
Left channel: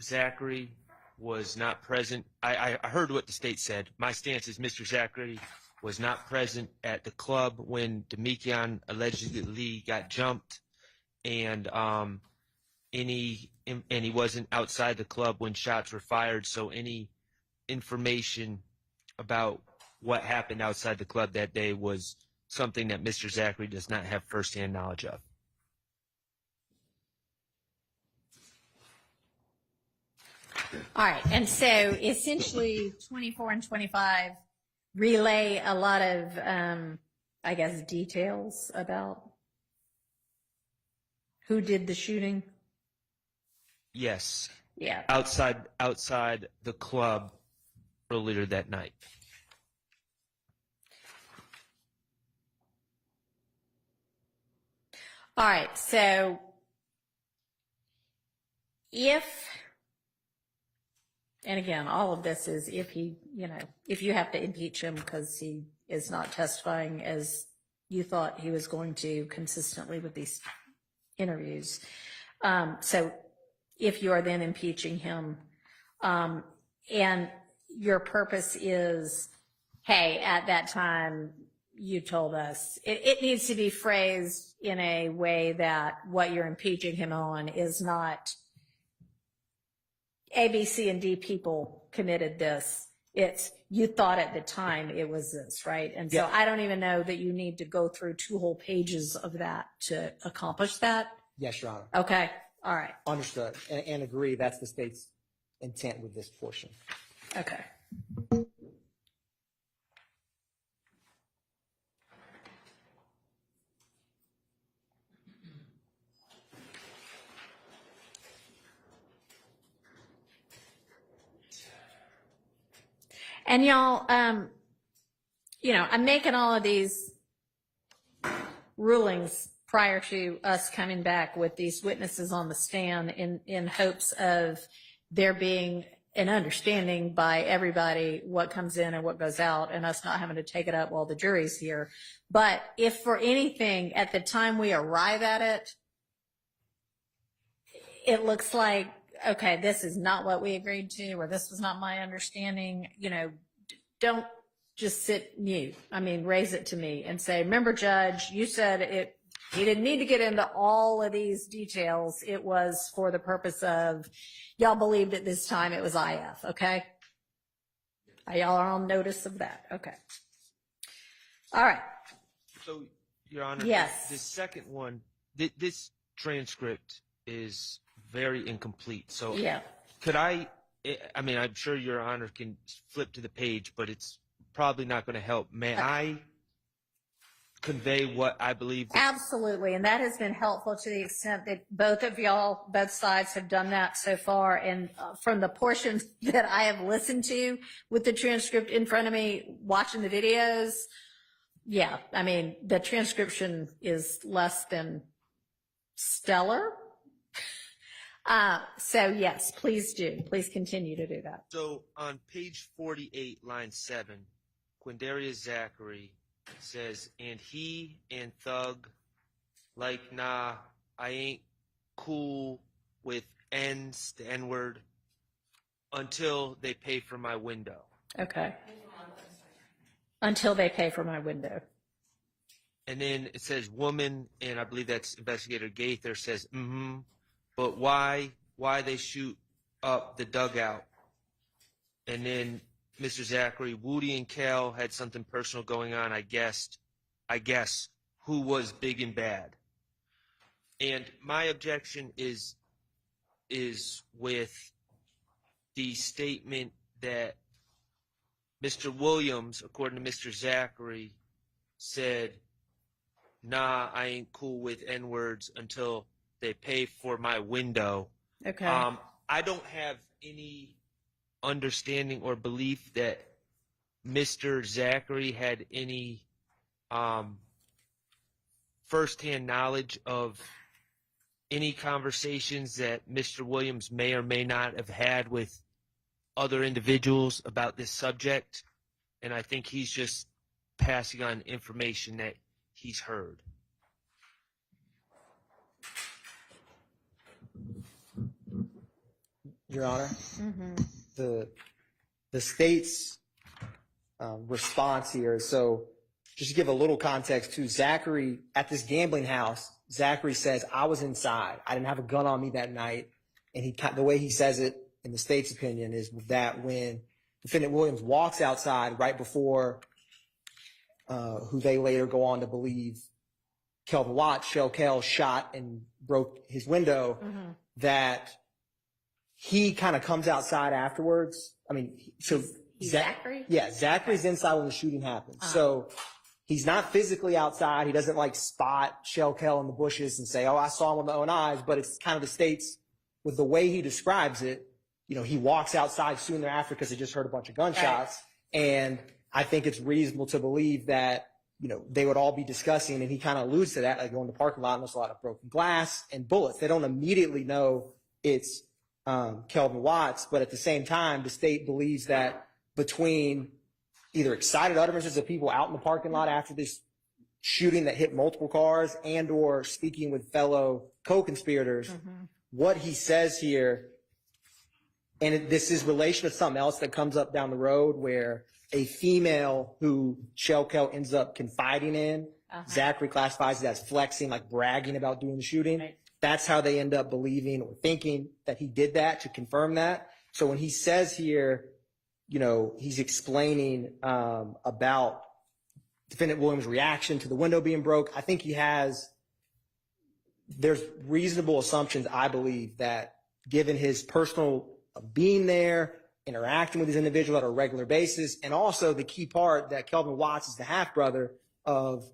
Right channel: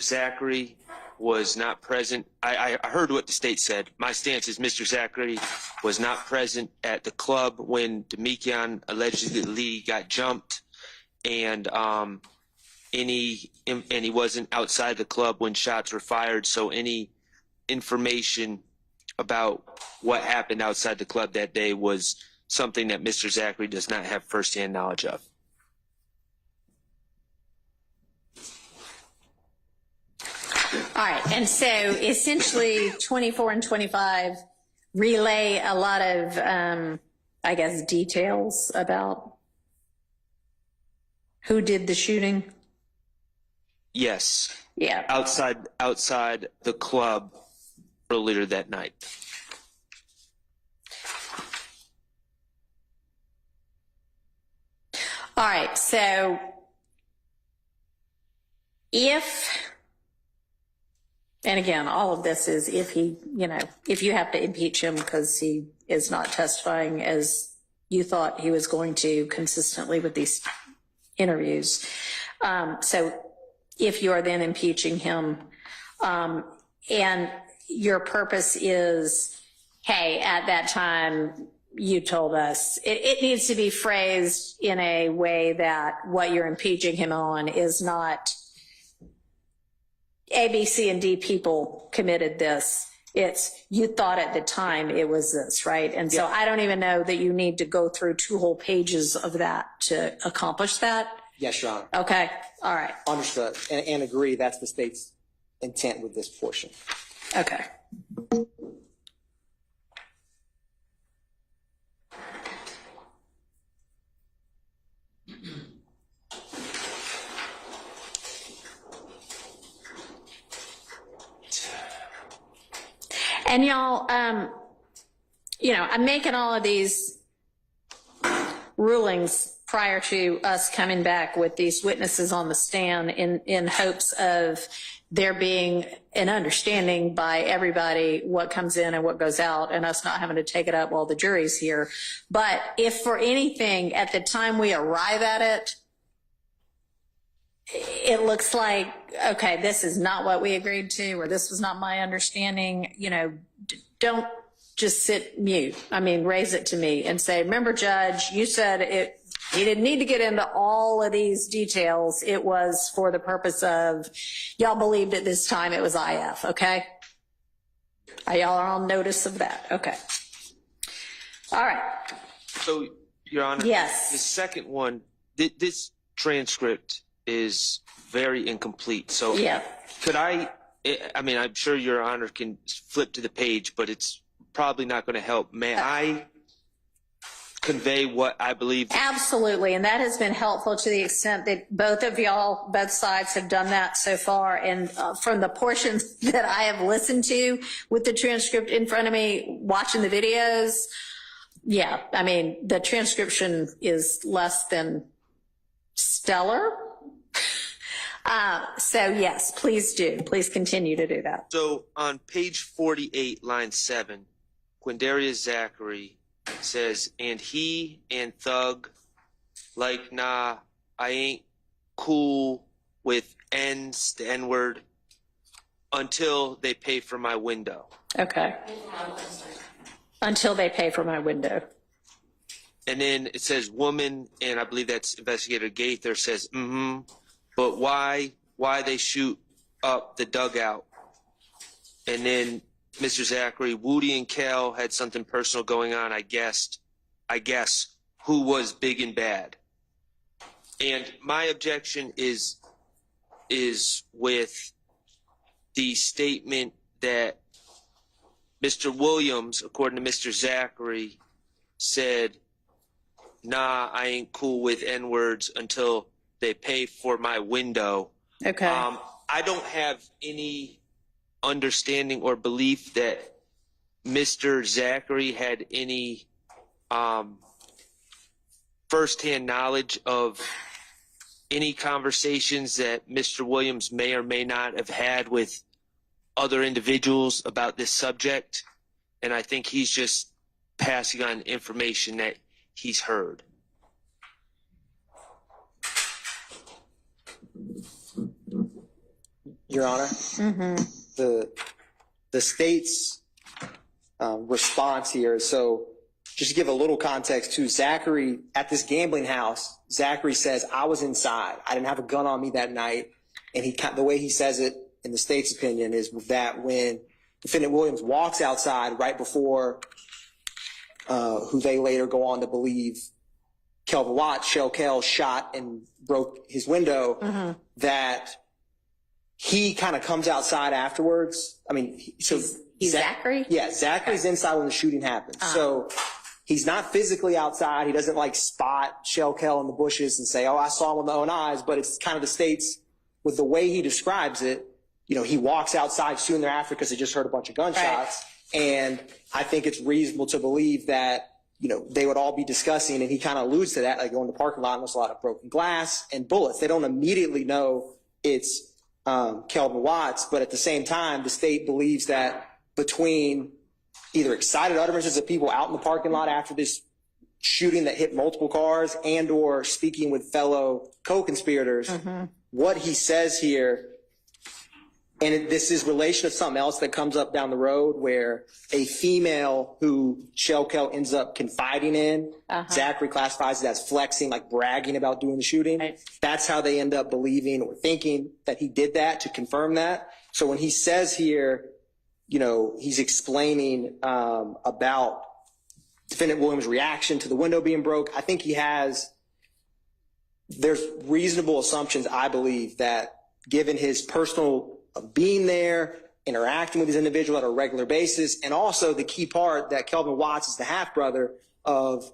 Zachary was not present. I heard what the state said. My stance is Mr. Zachary was not present at the club when Demekian allegedly got jumped, and he wasn't outside the club when shots were fired. So any information about what happened outside the club that day was something that Mr. Zachary does not have firsthand knowledge of. All right. And so essentially 24 and 25 relay a lot of, I guess, details about who did the shooting. Yes. Yeah. Outside the club earlier that night. All right. So and again, all of this is if you have to impeach him because he is not testifying as you thought he was going to consistently with these interviews. So if you are then impeaching him, and your purpose is, hey, at that time you told us, it needs to be phrased in a way that what you're impeaching him on is not A, B, C, and D people committed this. It's you thought at the time it was this, right? And so I don't even know that you need to go through 2 whole pages of that to accomplish that. Yes, Your Honor. Okay. All right. Understood. And agree that's the state's intent with this portion. Okay. And y'all, I'm making all of these rulings prior to us coming back with these witnesses on the stand in hopes of there being an understanding by everybody what comes in and what goes out, and us not having to take it up while the jury's here. But if for anything, at the time we arrive at it, it looks like, okay, this is not what we agreed to, or this was not my understanding, don't just sit mute. I mean, raise it to me and say, remember, Judge, you said he didn't need to get into all of these details. It was for the purpose of, y'all believed at this time it was IF, okay? Are y'all on notice of that? Okay. All right. So, Your Honor, Yes. the second one, this transcript is very incomplete. So, Yeah. could I mean, I'm sure Your Honor can flip to the page, but it's probably not going to help. May I convey what I believe? Absolutely, and that has been helpful to the extent that both sides have done that so far. And from the portions that I have listened to with the transcript in front of me, watching the videos, yeah, I mean, the transcription is less than stellar. So yes, please do. Please continue to do that. So on page 48, line 7, Quindarius Zachary says, and he and Thug, like, nah, I ain't cool with N's, the N-word, until they pay for my window. Okay. Until they pay for my window. And then it says woman, and I believe that's Investigator Gaither says, but why they shoot up the dugout? And then Mr. Zachary, Woody and Kel had something personal going on, I guess, who was big and bad. And my objection is with the statement that Mr. Williams, according to Mr. Zachary, said, nah, I ain't cool with N-words until they pay for my window. Okay. I don't have any understanding or belief that Mr. Zachary had any firsthand knowledge of any conversations that Mr. Williams may or may not have had with other individuals about this subject. And I think he's just passing on information that he's heard. Your Honor, the state's response here. So just to give a little context to Zachary at this gambling house, Zachary says, I was inside. I didn't have a gun on me that night. And the way he says it in the state's opinion is that when Defendant Williams walks outside right before who they later go on to believe Kelvin Watts, Shell Kell, shot and broke his window, that he kind of comes outside afterwards. I mean, so He's Zachary? Yeah, Zachary's inside when the shooting happens. So he's not physically outside. He doesn't like spot Shell Kell in the bushes and say, oh, I saw him with my own eyes. But it's kind of the state's, with the way he describes it, you know, he walks outside soon thereafter because he just heard a bunch of gunshots. Right. And I think it's reasonable to believe that, you know, they would all be discussing, and he kind of alludes to that, like going to the parking lot and there's a lot of broken glass and bullets. They don't immediately know it's Kelvin Watts, but at the same time, the state believes that between either excited utterances of people out in the parking lot after this shooting that hit multiple cars and or speaking with fellow co-conspirators, what he says here, and this is relation to something else that comes up down the road where a female who Shell Kell ends up confiding in, Zachary classifies it as flexing, like bragging about doing the shooting. Right. That's how they end up believing or thinking that he did that, to confirm that. So when he says here, you know, he's explaining about Defendant Williams' reaction to the window being broke, I think there's reasonable assumptions, I believe, that given his personal being there, interacting with these individuals on a regular basis, and also the key part that Kelvin Watts is the half-brother of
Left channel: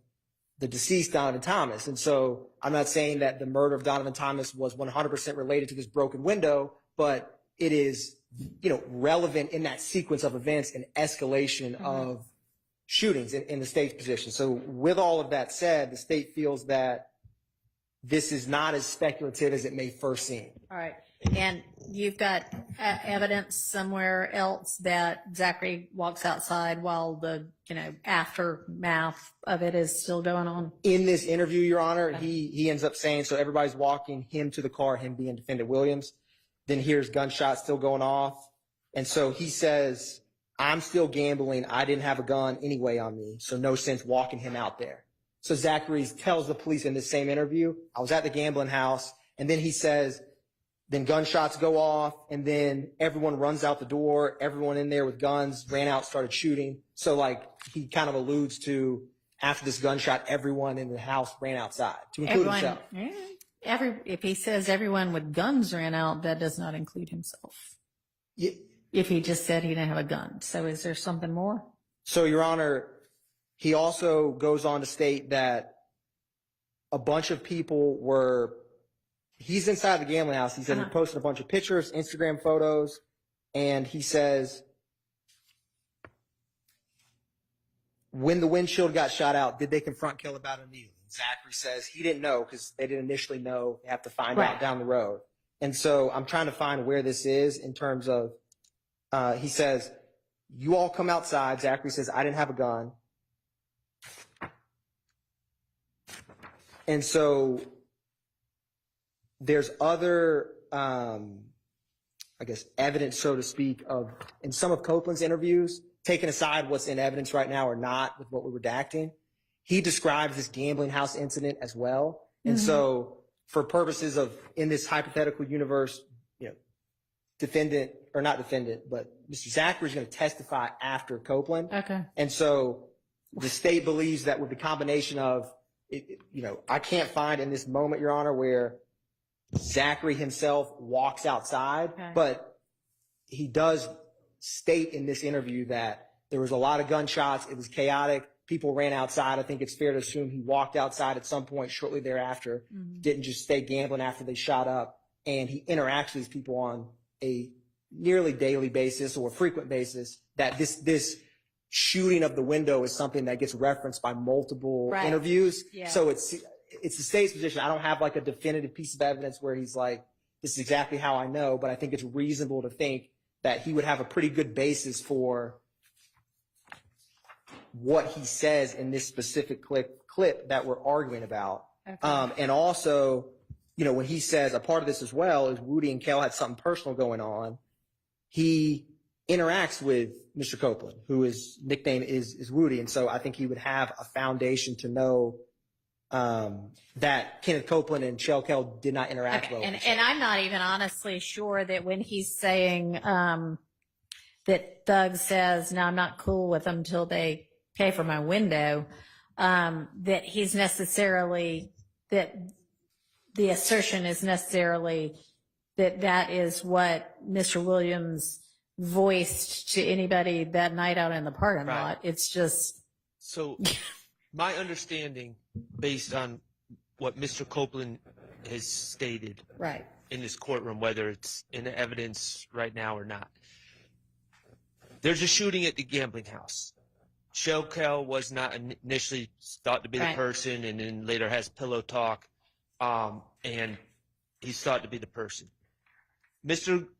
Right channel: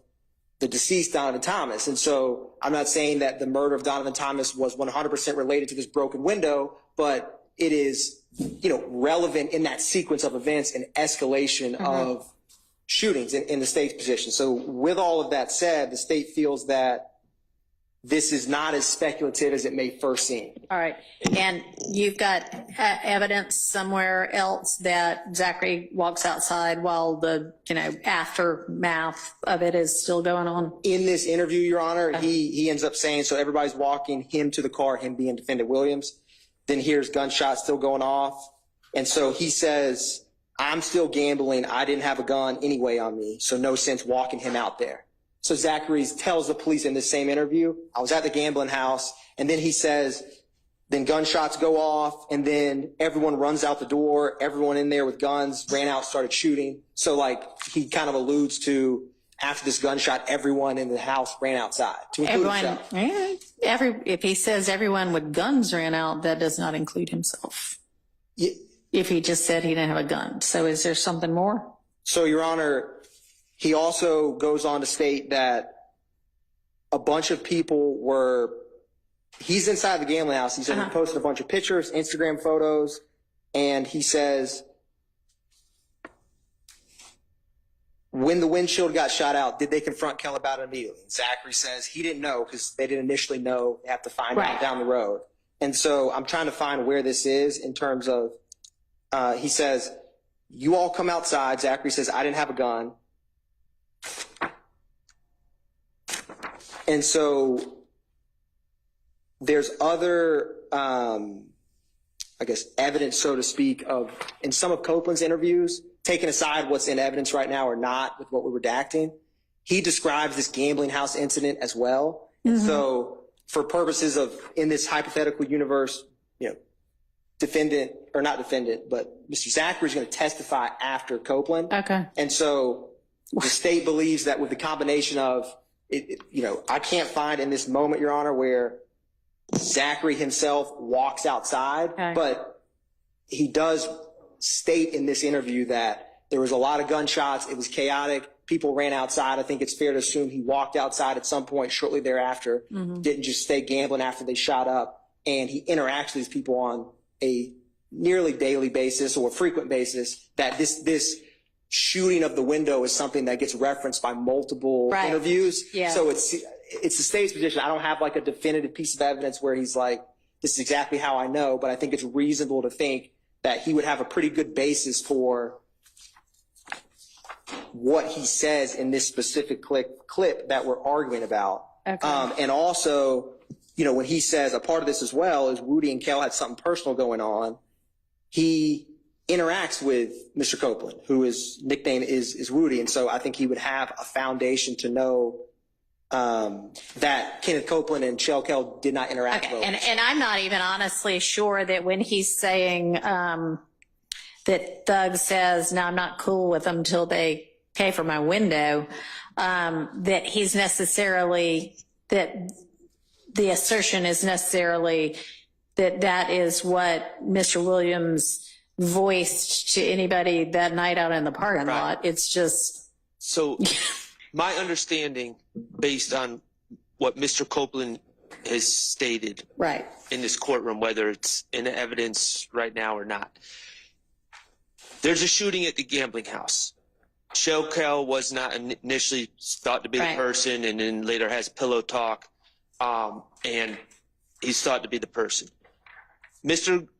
the deceased Donovan Thomas. And so I'm not saying that the murder of Donovan Thomas was 100% related to this broken window, but it is, you know, relevant in that sequence of events and escalation of shootings in the state's position. So with all of that said, the state feels that this is not as speculative as it may first seem. All right. And you've got evidence somewhere else that Zachary walks outside while the, you know, aftermath of it is still going on? In this interview, Your Honor, he ends up saying, so everybody's walking him to the car, him being Defendant Williams, then hears gunshots still going off. And so he says, I'm still gambling. I didn't have a gun anyway on me, so no sense walking him out there. So Zachary tells the police in this same interview, I was at the gambling house, and then he says Then gunshots go off, and then everyone runs out the door. Everyone in there with guns ran out, started shooting. So, like, he kind of alludes to after this gunshot, everyone in the house ran outside to include himself. If he says everyone with guns ran out, that does not include himself. Yeah. If he just said he didn't have a gun. So is there something more? So, Your Honor, he also goes on to state that a bunch of people were, he's inside the gambling house. He said he posted a bunch of pictures, Instagram photos, and he says, when the windshield got shot out, did they confront Kell about it immediately? And Zachary says he didn't know because they didn't initially know. They have to find out down the road. And so I'm trying to find where this is in terms of, he says, you all come outside. Zachary says, I didn't have a gun. And so there's other, I guess, evidence, so to speak, of in some of Copeland's interviews, taking aside what's in evidence right now or not with what we're redacting, he describes this gambling house incident as well. And so for purposes of, in this hypothetical universe, you know, defendant, or not defendant, but Mr. Zachary is going to testify after Copeland. Okay. And so the state believes that with the combination of, you know, I can't find in this moment, Your Honor, where Zachary himself walks outside, but he does state in this interview that there was a lot of gunshots. It was chaotic. People ran outside. I think it's fair to assume he walked outside at some point shortly thereafter, didn't just stay gambling after they shot up. And he interacts with these people on a nearly daily basis or a frequent basis, that this shooting of the window is something that gets referenced by multiple interviews. Yeah. So it's the state's position. I don't have like a definitive piece of evidence where he's like, this is exactly how I know, but I think it's reasonable to think that he would have a pretty good basis for what he says in this specific clip that we're arguing about. Okay. And also, you know, when he says a part of this as well is Woody and Kell had something personal going on, he interacts with Mr. Copeland, who his nickname is Woody. And so I think he would have a foundation to know that Kenneth Copeland and Shell Kell did not interact well. And I'm not even honestly sure that when he's saying that Thug says, no, I'm not cool with them till they pay for my window, that he's necessarily, that the assertion is necessarily that is what Mr. Williams voiced to anybody that night out in the parking lot. It's just. So my understanding, based on what Mr. Copeland has stated in this courtroom, whether it's in evidence right now or not, there's a shooting at the gambling house. Shell Kell was not initially thought to be the person, and then later has pillow talk, and he's thought to be the person.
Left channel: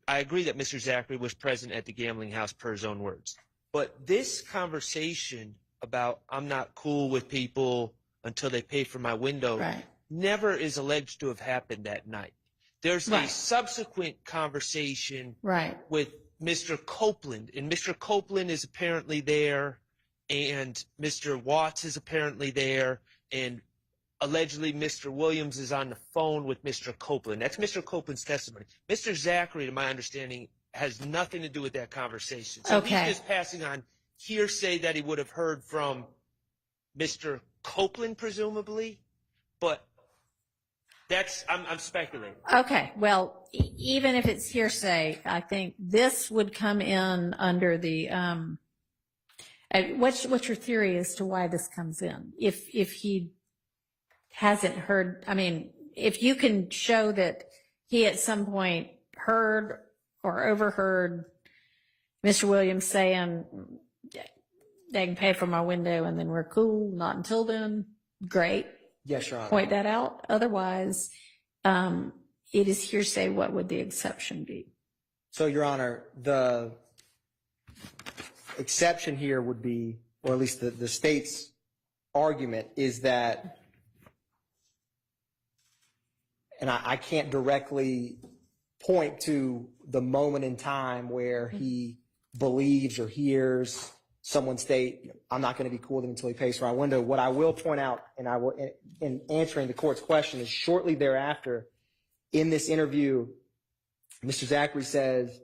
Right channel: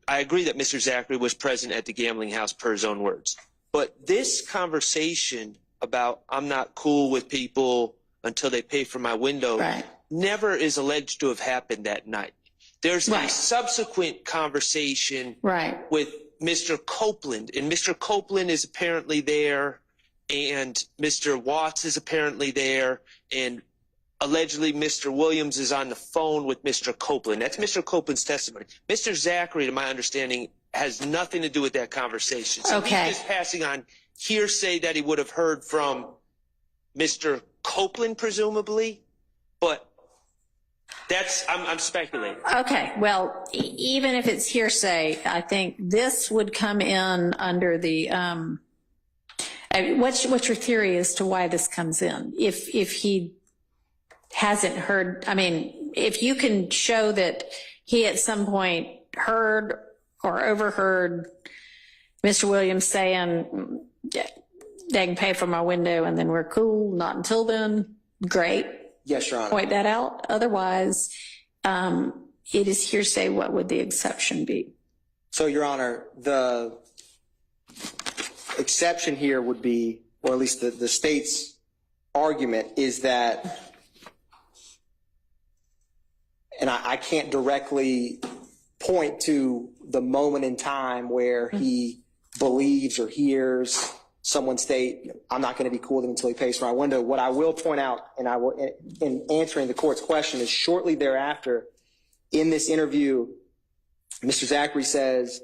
I agree that Mr. Zachary was present at the gambling house per his own words. But this conversation about I'm not cool with people until they pay for my window never is alleged to have happened that night. There's a subsequent conversation with Mr. Copeland, and Mr. Copeland is apparently there, and Mr. Watts is apparently there, and allegedly Mr. Williams is on the phone with Mr. Copeland. That's Mr. Copeland's testimony. Mr. Zachary, to my understanding, has nothing to do with that conversation. So he's just passing on hearsay that he would have heard from Mr. Copeland, presumably, but that's, I'm speculating. Okay, well, even if it's hearsay, I think this would come in under the, what's your theory as to why this comes in? If he hasn't heard, I mean, if you can show that he at some point heard or overheard Mr. Williams saying, they can pay for my window and then we're cool, not until then, great. Yes, Your Honor. Point that out. Otherwise, it is hearsay. What would the exception be? So, Your Honor, the exception here would be, or at least the state's argument is that, and I can't directly point to the moment in time where he believes or hears someone state, I'm not going to be cool with him until he pays for my window. What I will point out, and I will, in answering the court's question, is shortly thereafter, in this interview, Mr. Zachary says,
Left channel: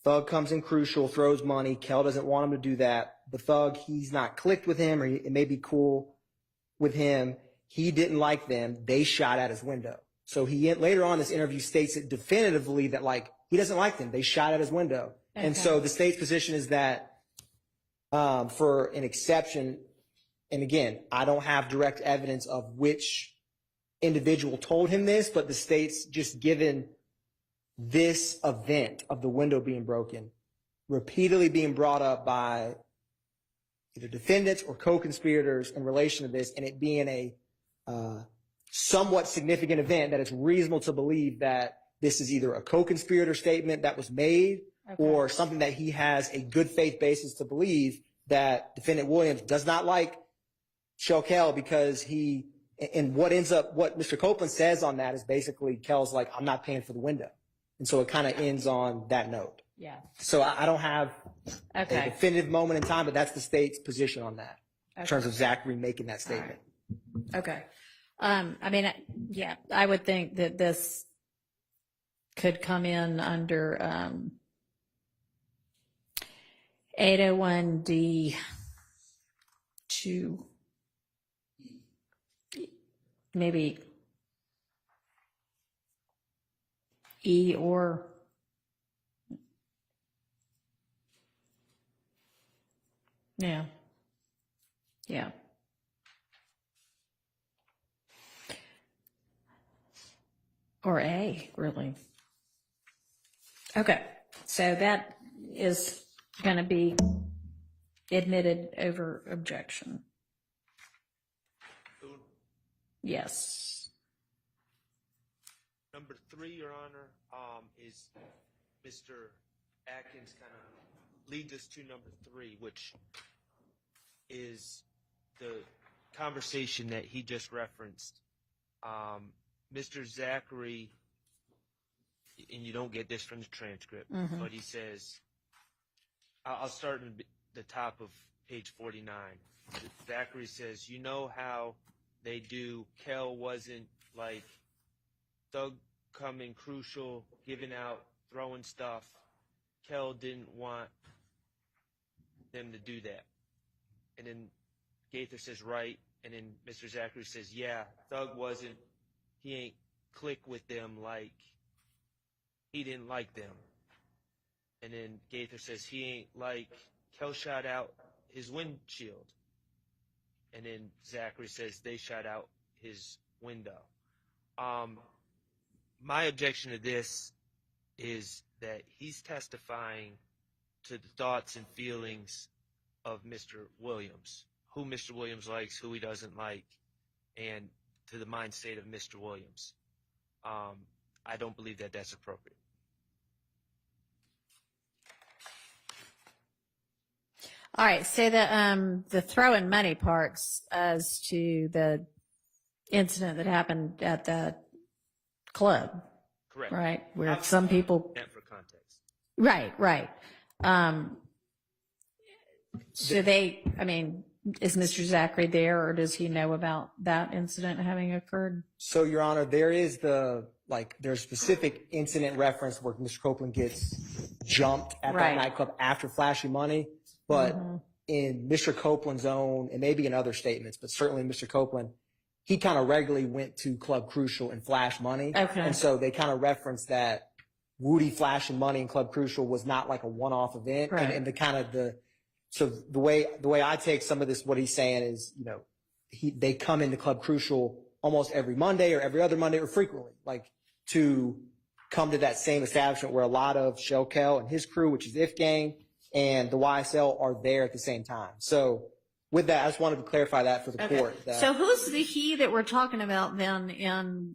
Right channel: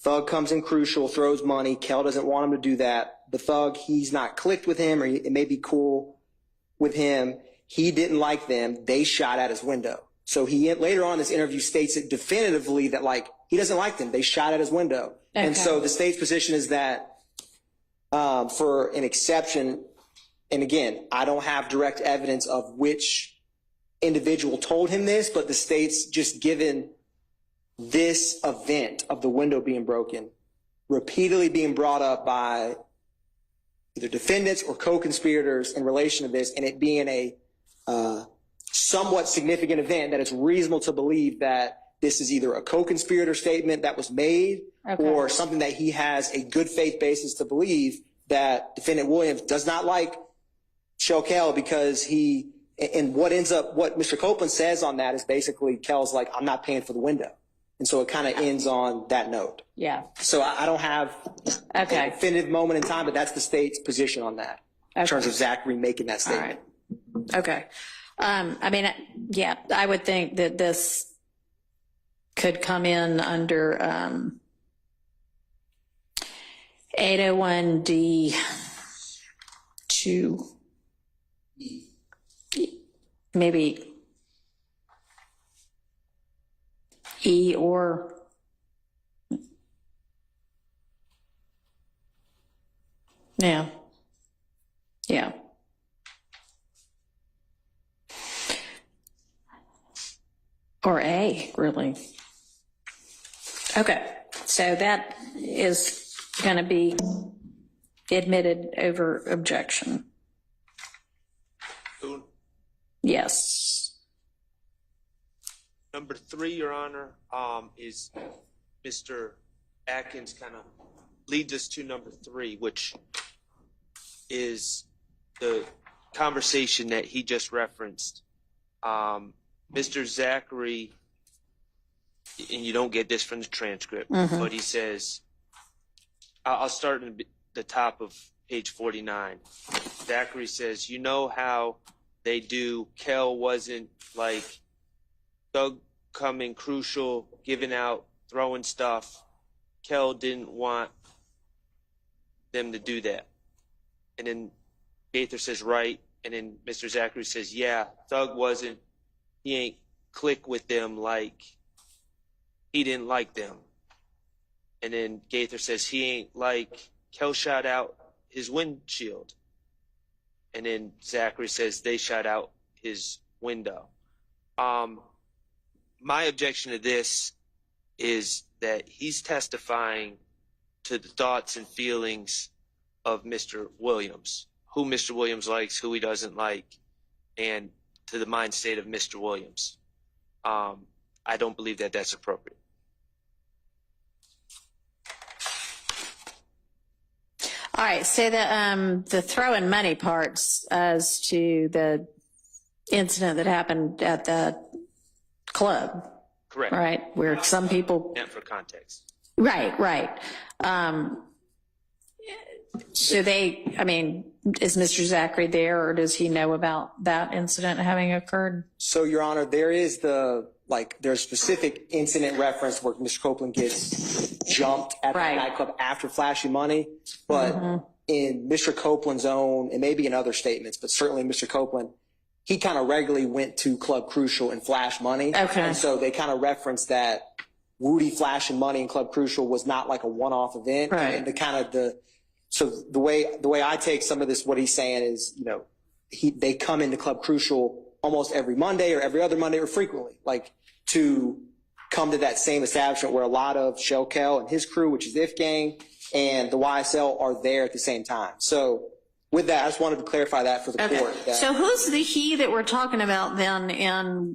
Thug comes in crucial, throws money. Kel doesn't want him to do that. The Thug, he's not clicked with him, or it may be cool with him. He didn't like them. They shot at his window. So he later on in this interview states it definitively that like he doesn't like them. They shot at his window. Okay. And so the state's position is that for an exception, and again, I don't have direct evidence of which individual told him this, but the state's just given this event of the window being broken repeatedly being brought up by either defendants or co-conspirators in relation to this, and it being a somewhat significant event that it's reasonable to believe that this is either a co-conspirator statement that was made or something that he has a good faith basis to believe that defendant Williams does not like Kel because he, and what Mr. Copeland says on that is basically Kel's like, I'm not paying for the window. And so it kind of ends on that note. Yeah. So I don't have a definitive moment in time, but that's the state's position on that in terms of Zachary making that statement. All right. Okay. I mean, yeah, I would think that this could come in under 801D2, maybe E or yeah. Or A, really. Okay, so that is going to be admitted over objection. Yes. Number 3, Your Honor, is Mr. Atkins kind of leads us to number 3, which is the conversation that he just referenced. Mr. Zachary, and you don't get this from the transcript, but he says, I'll start in the top of page 49. Zachary says, you know how they do, Kel wasn't like Thug coming crucial, giving out, throwing stuff. Kel didn't want them to do that. And then Gaither says, right. And then Mr. Zachary says, yeah, Thug wasn't, he ain't click with them like he didn't like them. And then Gaither says, he ain't like Kel shot out his windshield. And then Zachary says, they shot out his window. My objection to this is that he's testifying to the thoughts and feelings of Mr. Williams, who Mr. Williams likes, who he doesn't like, and to the mind state of Mr. Williams. I don't believe that that's appropriate. All right, so the throwing money parts as to the incident that happened at the club. Correct. Right, where some people. And for context. Right. So is Mr. Zachary there, or does he know about that incident having occurred? So, Your Honor, there's specific incident reference where Mr. Copeland gets jumped at that nightclub after flashing money. But in Mr. Copeland's own, and maybe in other statements, but certainly Mr. Copeland, he kind of regularly went to Club Crucial and flashed money. Okay. And so they kind of referenced that Woody flashing money in Club Crucial was not like a one-off event. Right. And so the way I take some of this, what he's saying is, they come into Club Crucial almost every Monday or every other Monday or frequently, like to come to that same establishment where a lot of Shell Kel and his crew, which is the If Gang, and the YSL are there at the same time. So with that, I just wanted to clarify that for the court. So who's the he that we're talking about then in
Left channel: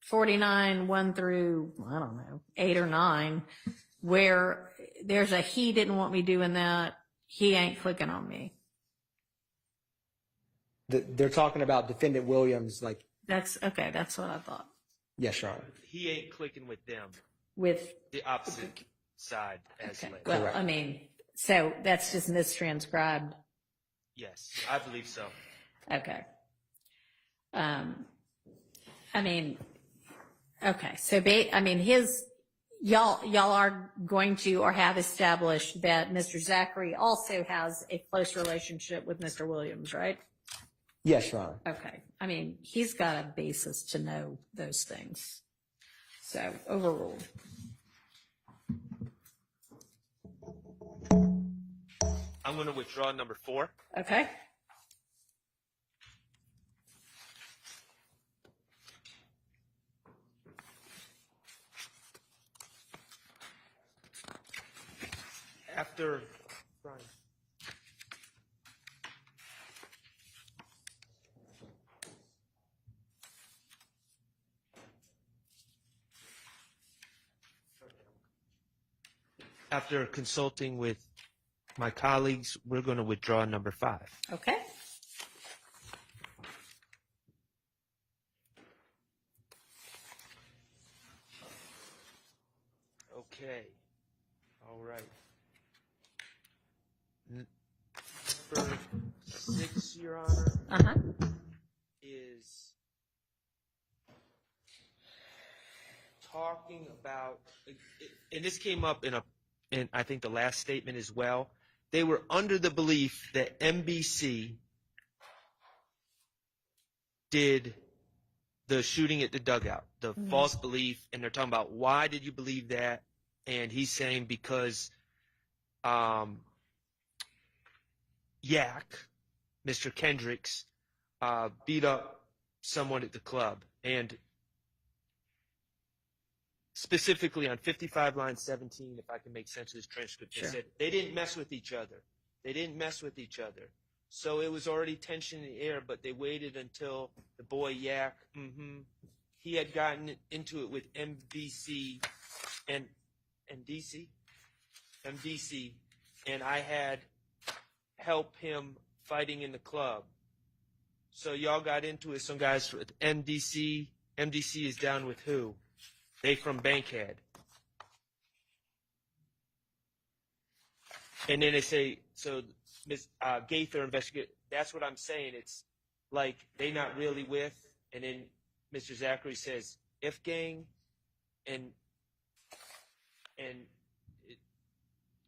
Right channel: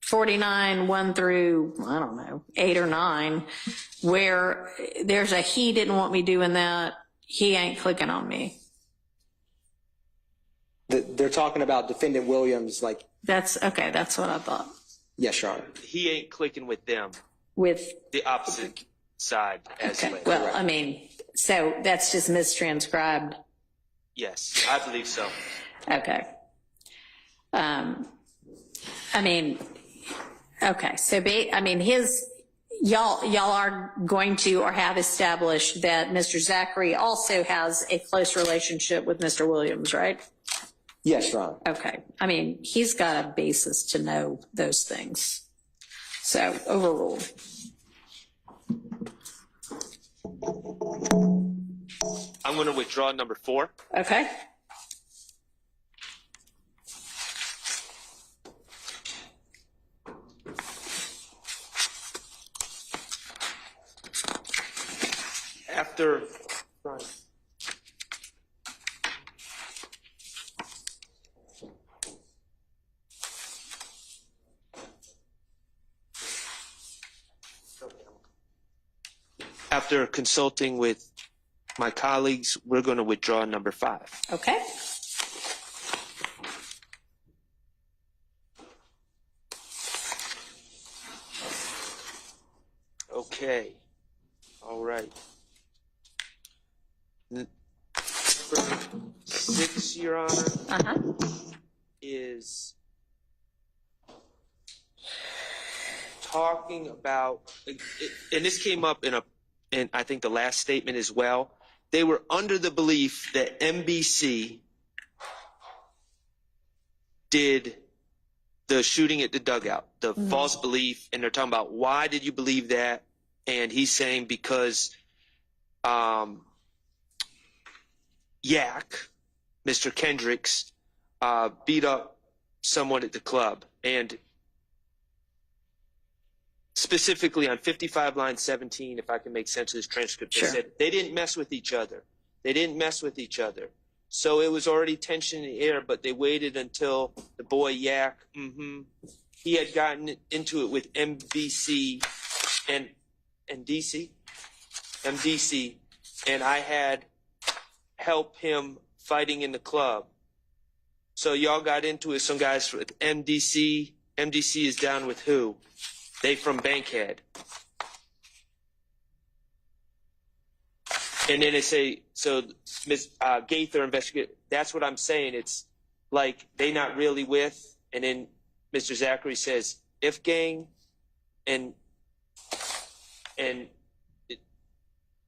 49, 1 through, 8 or 9, where there's a he didn't want me doing that, he ain't clicking on me? They're talking about defendant Williams, like. That's what I thought. Yes, Your Honor. He ain't clicking with them. With the opposite side as well. Well, so that's just mistranscribed. Yes, I believe so. Okay. Okay. So, y'all are going to or have established that Mr. Zachary also has a close relationship with Mr. Williams, right? Yes, Your Honor. Okay. I mean, he's got a basis to know those things. So, overruled. I'm going to withdraw number 4. Okay. After consulting with my colleagues, we're going to withdraw number 5. Okay. Okay. All right. Number 6, Your Honor, is talking about, and this came up in I think the last statement as well. They were under the belief that NBC did the shooting at the dugout, the false belief, and they're talking about why did you believe that? And he's saying because Yak, Mr. Kendricks, beat up someone at the club. And specifically on 55 line 17, if I can make sense of this transcript, Sure. they said they didn't mess with each other. They didn't mess with each other. So it was already tension in the air, but they waited until the boy Yak, he had gotten into it with MDC, and I had helped him fighting in the club. So y'all got into it, some guys with MDC. MDC is down with who? They from Bankhead. And then they say, so Ms. Gaither investigate. That's what I'm saying. It's like they not really with. And then Mr. Zachary says, if gang, and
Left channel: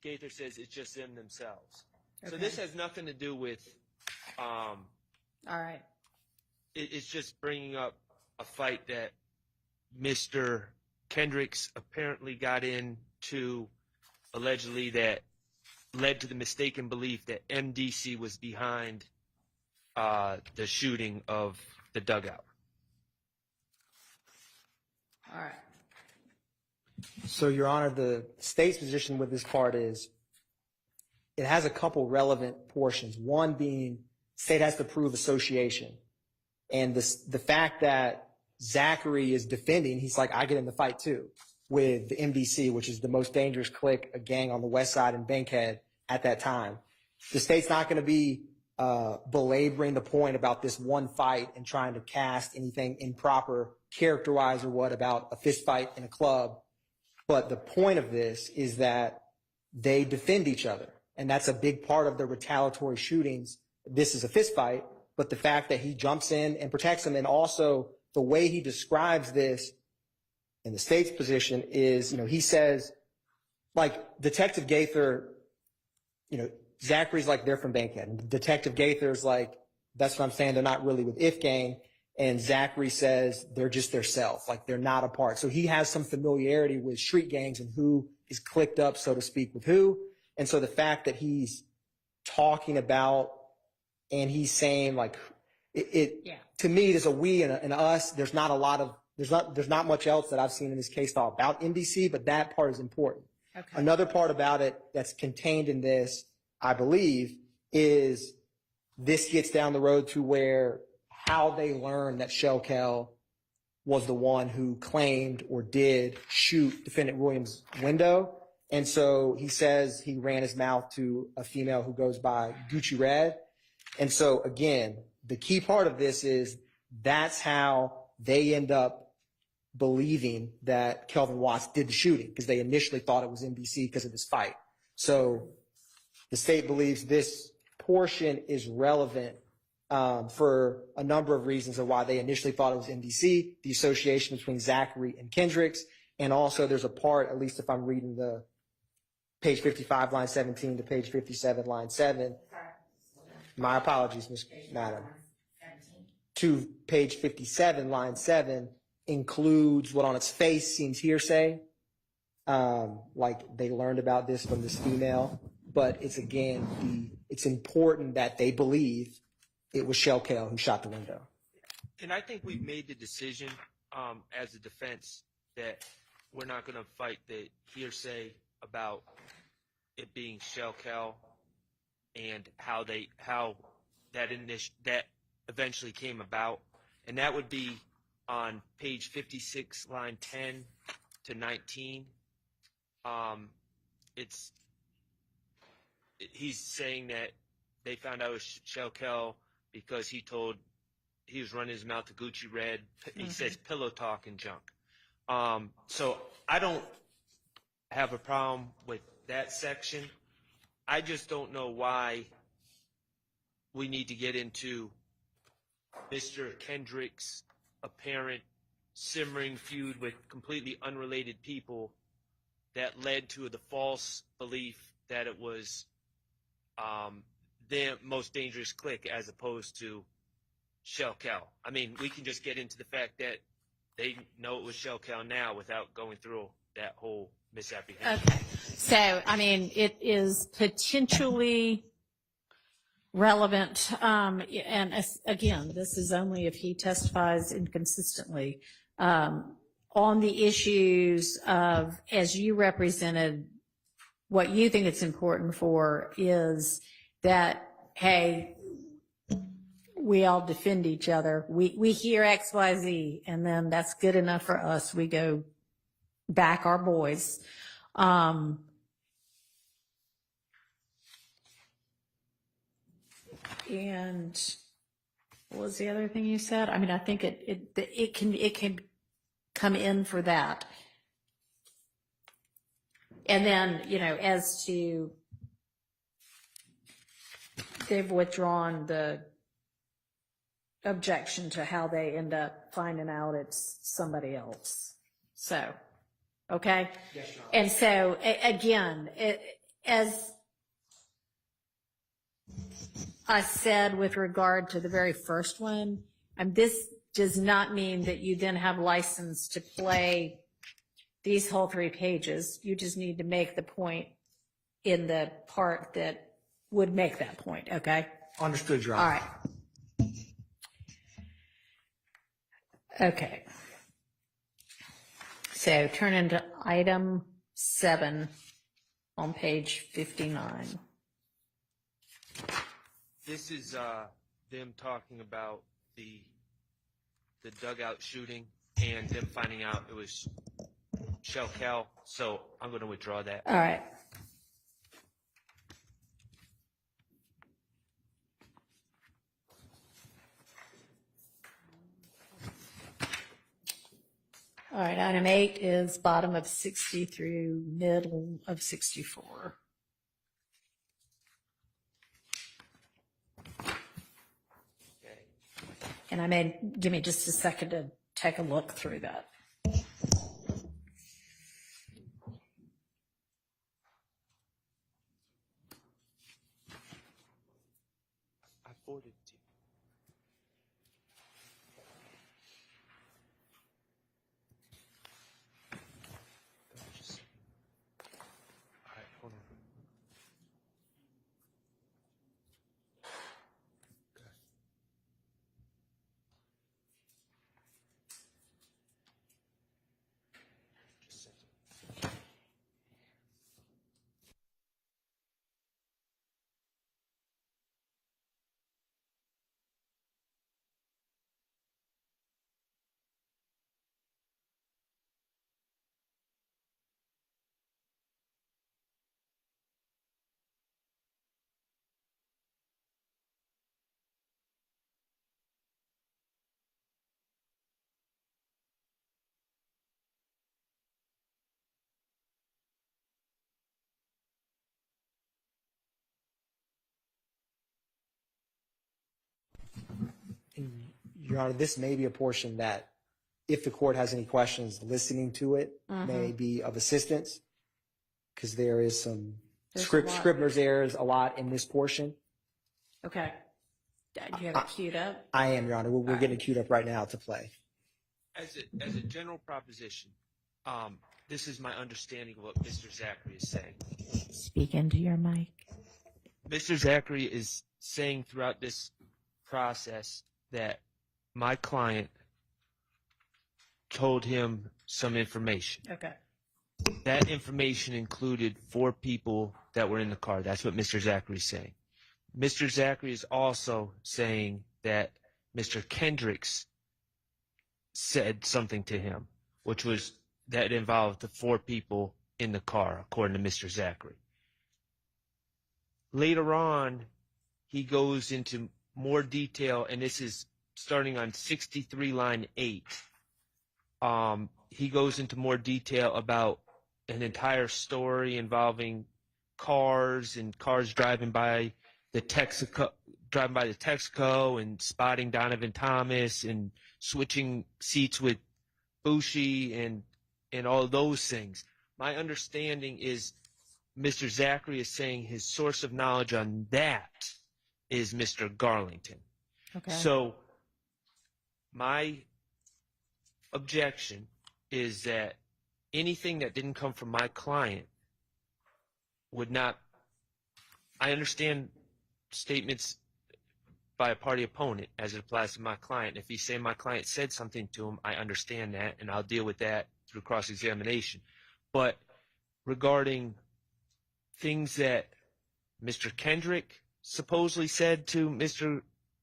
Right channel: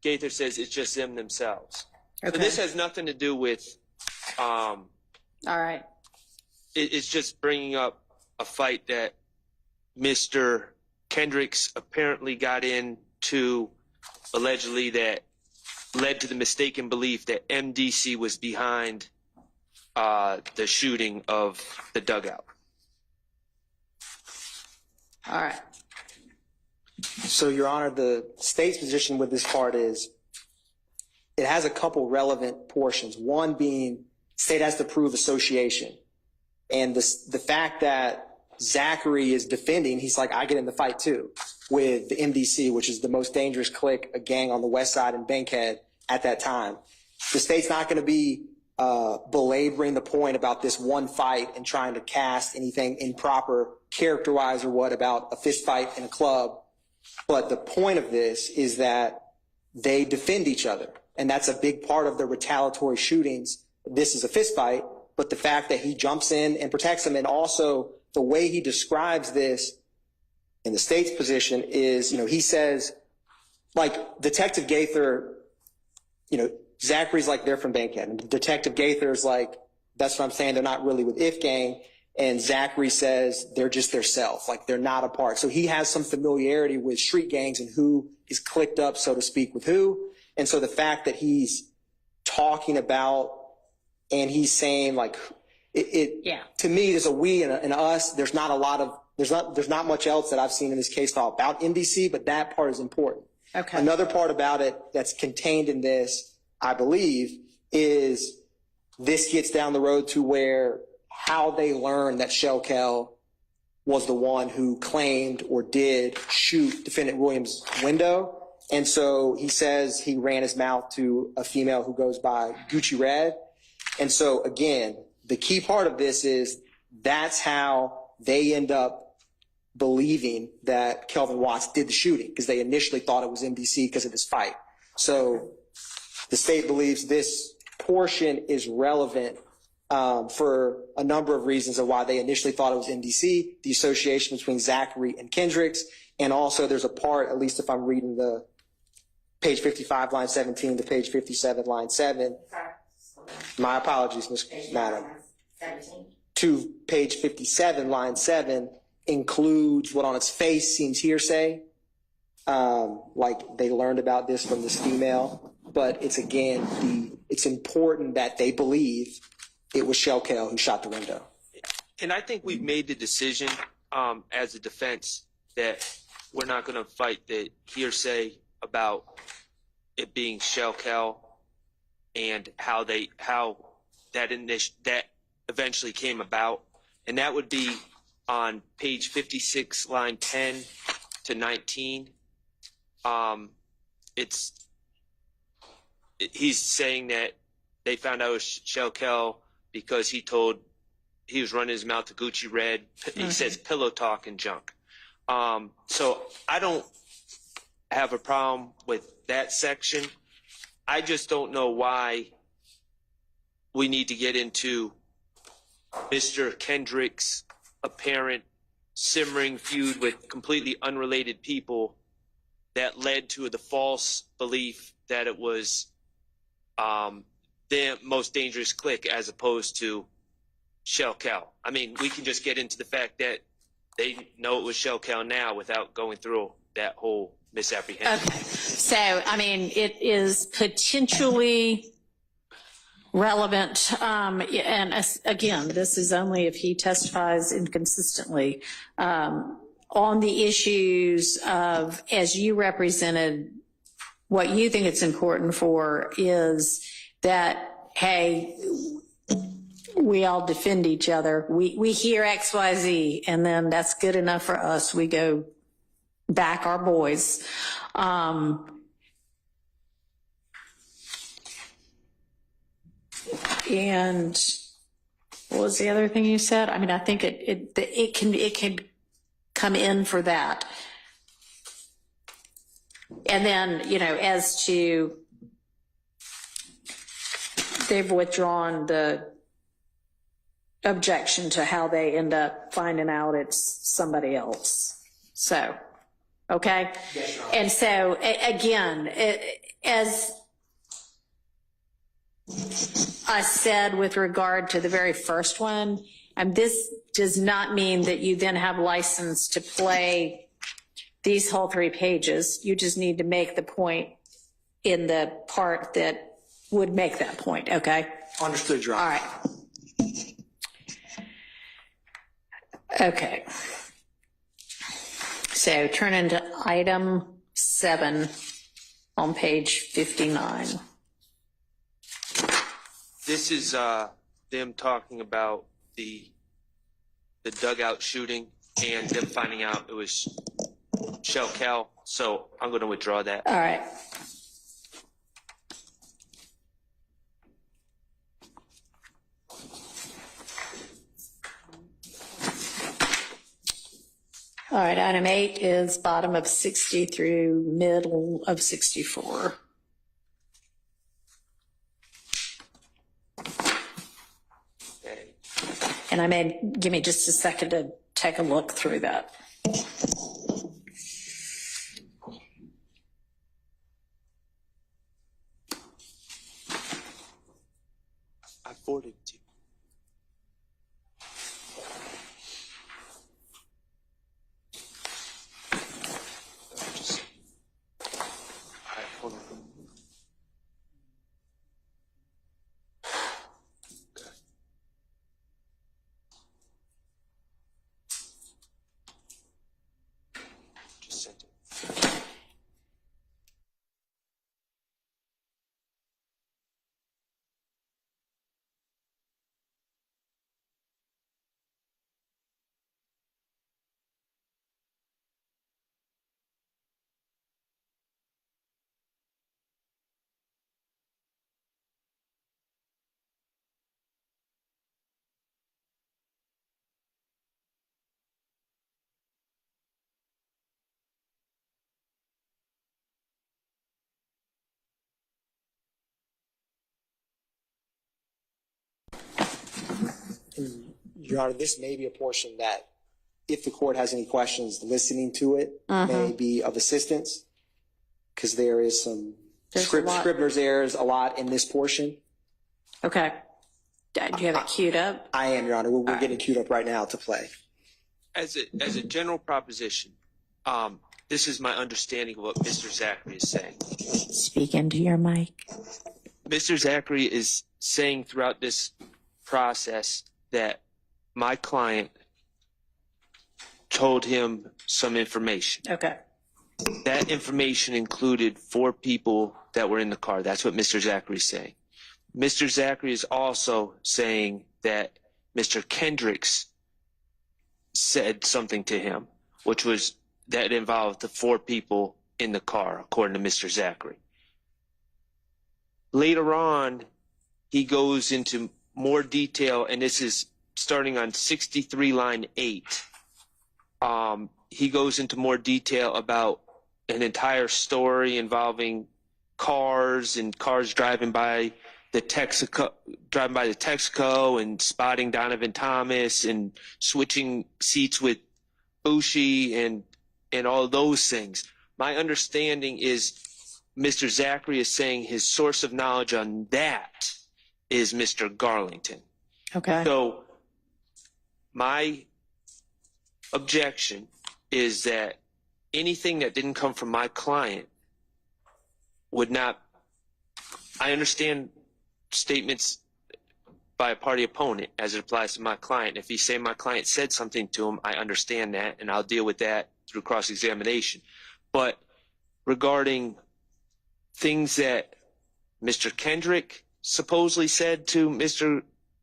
Gaither says it's just them themselves. Okay. So this has nothing to do with. All right. It's just bringing up a fight that Mr. Kendricks apparently got into, allegedly, that led to the mistaken belief that MDC was behind the shooting of the dugout. All right. So, Your Honor, the state's position with this part is it has a couple relevant portions. One being state has to prove association. And the fact that Zachary is defending, he's like, I get in the fight too with the MDC, which is the most dangerous clique, a gang on the west side in Bankhead at that time. The state's not going to be belaboring the point about this one fight and trying to cast anything improper character-wise or what about a fist fight in a club. But the point of this is that they defend each other. And that's a big part of the retaliatory shootings. This is a fist fight, but the fact that he jumps in and protects him, and also the way he describes this in the state's position is, he says, like, Detective Gaither, Zachary's like, they're from Bankhead. And Detective Gaither's like, that's what I'm saying, they're not really with If Gang. And Zachary says they're just their self, like they're not a part. So he has some familiarity with street gangs and who is clicked up, so to speak, with who. And so the fact that he's talking about and he's saying like, to me, there's a we and an us. There's not much else that I've seen in this case file about MDC, but that part is important. Okay. Another part about it that's contained in this, I believe, is this gets down the road to where how they learned that Shellkel was the one who claimed or did shoot Defendant Williams' window. And so he says he ran his mouth to a female who goes by Gucci Red. And so, again, the key part of this is that's how they end up believing that Kelvin Watts did the shooting, because they initially thought it was MDC because of this fight. So the state believes this portion is relevant for a number of reasons of why they initially thought it was MDC, the association between Zachary and Kendricks, And also there's a part, at least if I'm reading the page 55, line 17 to page 57, line 7. My apologies, Ms. Madam. 17. To page 57, line 7 includes what on its face seems hearsay. Like they learned about this from this female, but it's it's important that they believe it was Shell Kell who shot the window. And I think we've made the decision as a defense that we're not going to fight the hearsay about it being Shell Kell and how that eventually came about, and that would be on page 56, line 10 to 19. He's saying that they found out it was Shell Kell because he was running his mouth to Gucci Red. He says pillow talk and junk. So I don't have a problem with that section. I just don't know why we need to get into Mr. Kendrick's apparent simmering feud with completely unrelated people that led to the false belief that it was the most dangerous clique as opposed to Shell Kell. I mean, we can just get into the fact that they know it was Shell Kell now without going through that whole misapprehension. Okay, so, I mean, it is potentially relevant, and again, this is only if he testifies inconsistently, on the issues of, as you represented, what you think it's important for is that, hey, we all defend each other. We hear X, Y, Z, and then that's good enough for us. We go back our boys. And what was the other thing you said? I mean, I think it can come in for that. And then, as to, they've withdrawn the objection to how they end up finding out it's somebody else. So, okay? Yes, Your Honor. And so, again, as I said with regard to the very first one, this does not mean that you then have license to play these whole 3 pages. You just need to make the point in the part that would make that point, okay? Understood, Your All Honor. right. Okay. So turn into item 7 on page 59. This is them talking about the dugout shooting and them finding out it was Shell Kell. So I'm going to withdraw that. All right. All right, item 8 is bottom of 60 through middle of 64. Okay. And give me just a second to take a look through that. I forwarded it to you. All right, hold on. Okay. Just sent it. And, Your Honor, this may be a portion that if the court has any questions, listening to it may be of assistance, because there is some scrivener's errors a lot in this portion. Okay. Do you have it queued up? I am, Your Honor. We're getting queued up right now to play. As a general proposition, this is my understanding of what Mr. Zachary is saying. Speak into your mic. Mr. Zachary is saying throughout this process that my client told him some information. Okay. That information included 4 people that were in the car. That's what Mr. Zachary is saying. Mr. Zachary is also saying that Mr. Kendricks said something to him, which was that involved the 4 people in the car, according to Mr. Zachary. Later on, he goes into more detail, and this is starting on 63 line 8. He goes into more detail about an entire story involving cars and cars driving by the Texaco and spotting Donovan Thomas and switching seats with Bushi and all those things. My understanding is Mr. Zachary is saying his source of knowledge on that is Mr. Garlington. Okay. So my objection is that anything that didn't come from my client would not. I understand statements by a party opponent as it applies to my client. If he's saying my client said something to him, I understand that, and I'll deal with that through cross-examination. But regarding things that Mr. Kendrick supposedly said to Mr.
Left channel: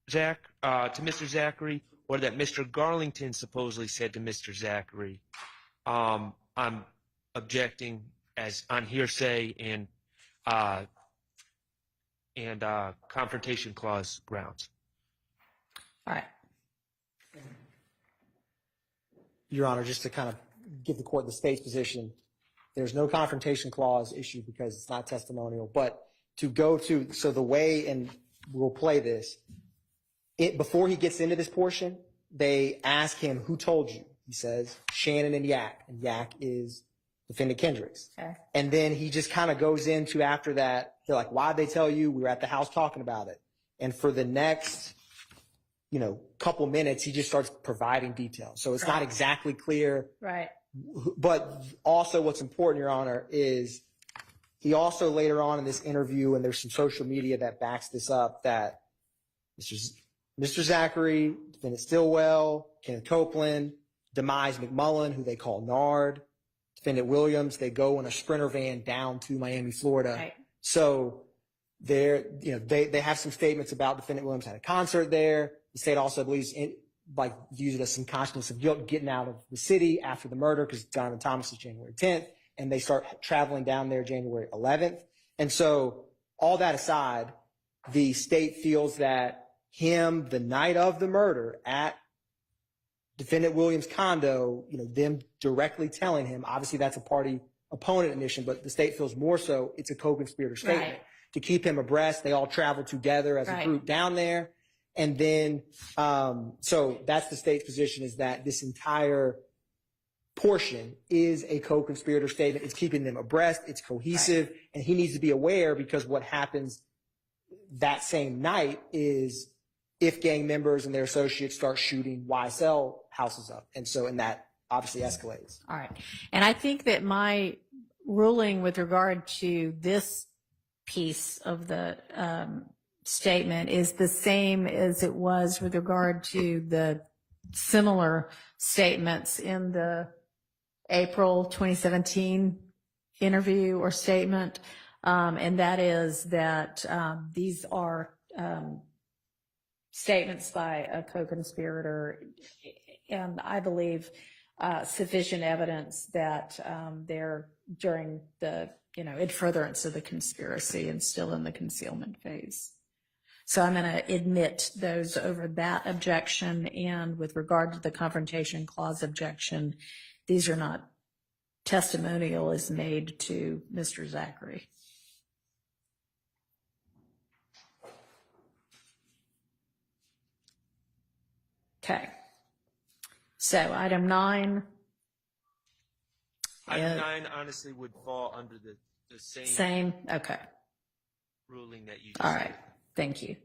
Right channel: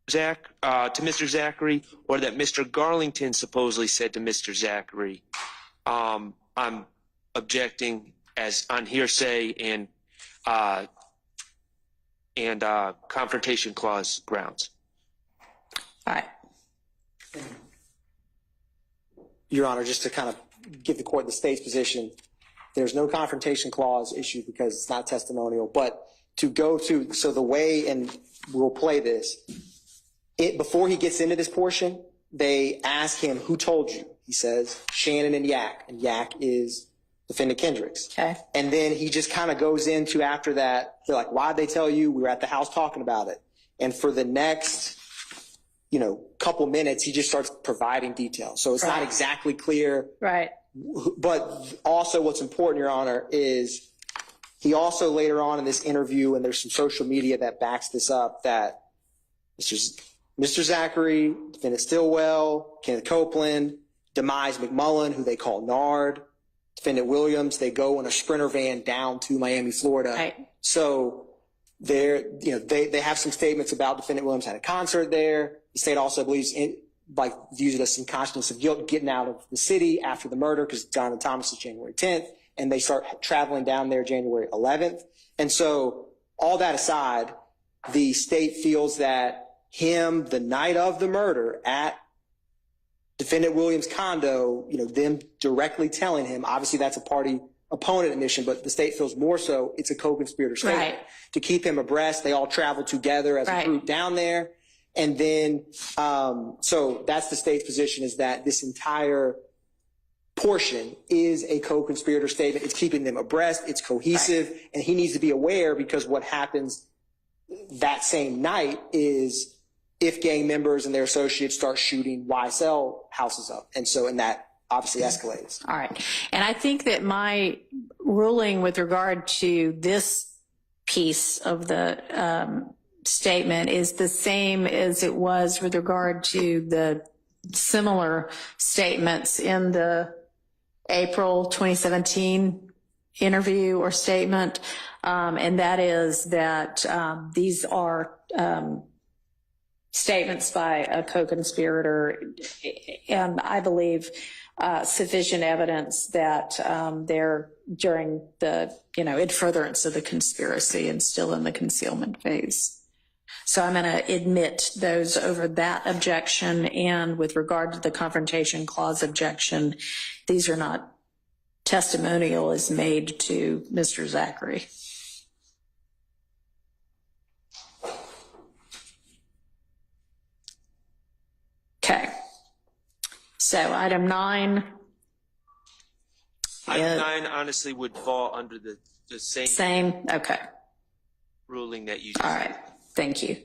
Zachary, or that Mr. Garlington supposedly said to Mr. Zachary, I'm objecting as on hearsay and confrontation clause grounds. All right. Your Honor, just to kind of give the court the state's position, there's no confrontation clause issue because it's not testimonial, but to go to, so the way, and we'll play this, before he gets into this portion, they ask him, who told you? He says, Shannon and Yak is defendant Kendricks. Okay. And then he just kind of goes into after that, they're like, why'd they tell you? We were at the house talking about it. And for the next, couple minutes, he just starts providing details. So it's not exactly clear. Right. But also what's important, Your Honor, is he also later on in this interview, and there's some social media that backs this up, that Mr. Zachary, defendant Stillwell, Kenneth Copeland, Demise McMullen, who they call Nard, defendant Williams, they go in a Sprinter van down to Miami, Florida. Right. So they have some statements about defendant Williams had a concert there. The state also believes views it as some consciousness of guilt getting out of the city after the murder, because Donovan Thomas is January 10th, and they start traveling down there January 11th. And so all that aside, the state feels that him, the night of the murder at defendant Williams' condo, them directly telling him, obviously that's a party opponent admission, but the state feels more so it's a co-conspirator statement. Right. To keep him abreast, they all traveled together as a group down there. And then, so that's the state's position, is that this entire portion is a co-conspirator statement. It's keeping them abreast. It's cohesive. And he needs to be aware, because what happens that same night is if gang members and their associates start shooting YSL houses up. And that obviously escalates. All right. And I think that my ruling with regard to this piece of the statement is the same as it was with regard to the similar statements in the April 2017 interview or statement. And that is that these are statements by a co-conspirator, and I believe sufficient evidence that they're during the, in furtherance of the conspiracy and still in the concealment phase. So I'm going to admit those over that objection. And with regard to the confrontation clause objection, these are not testimonial as made to Mr. Zachary. Okay. So item 9. Item 9 honestly would fall under the same Same, okay. ruling that you just All right, thank you.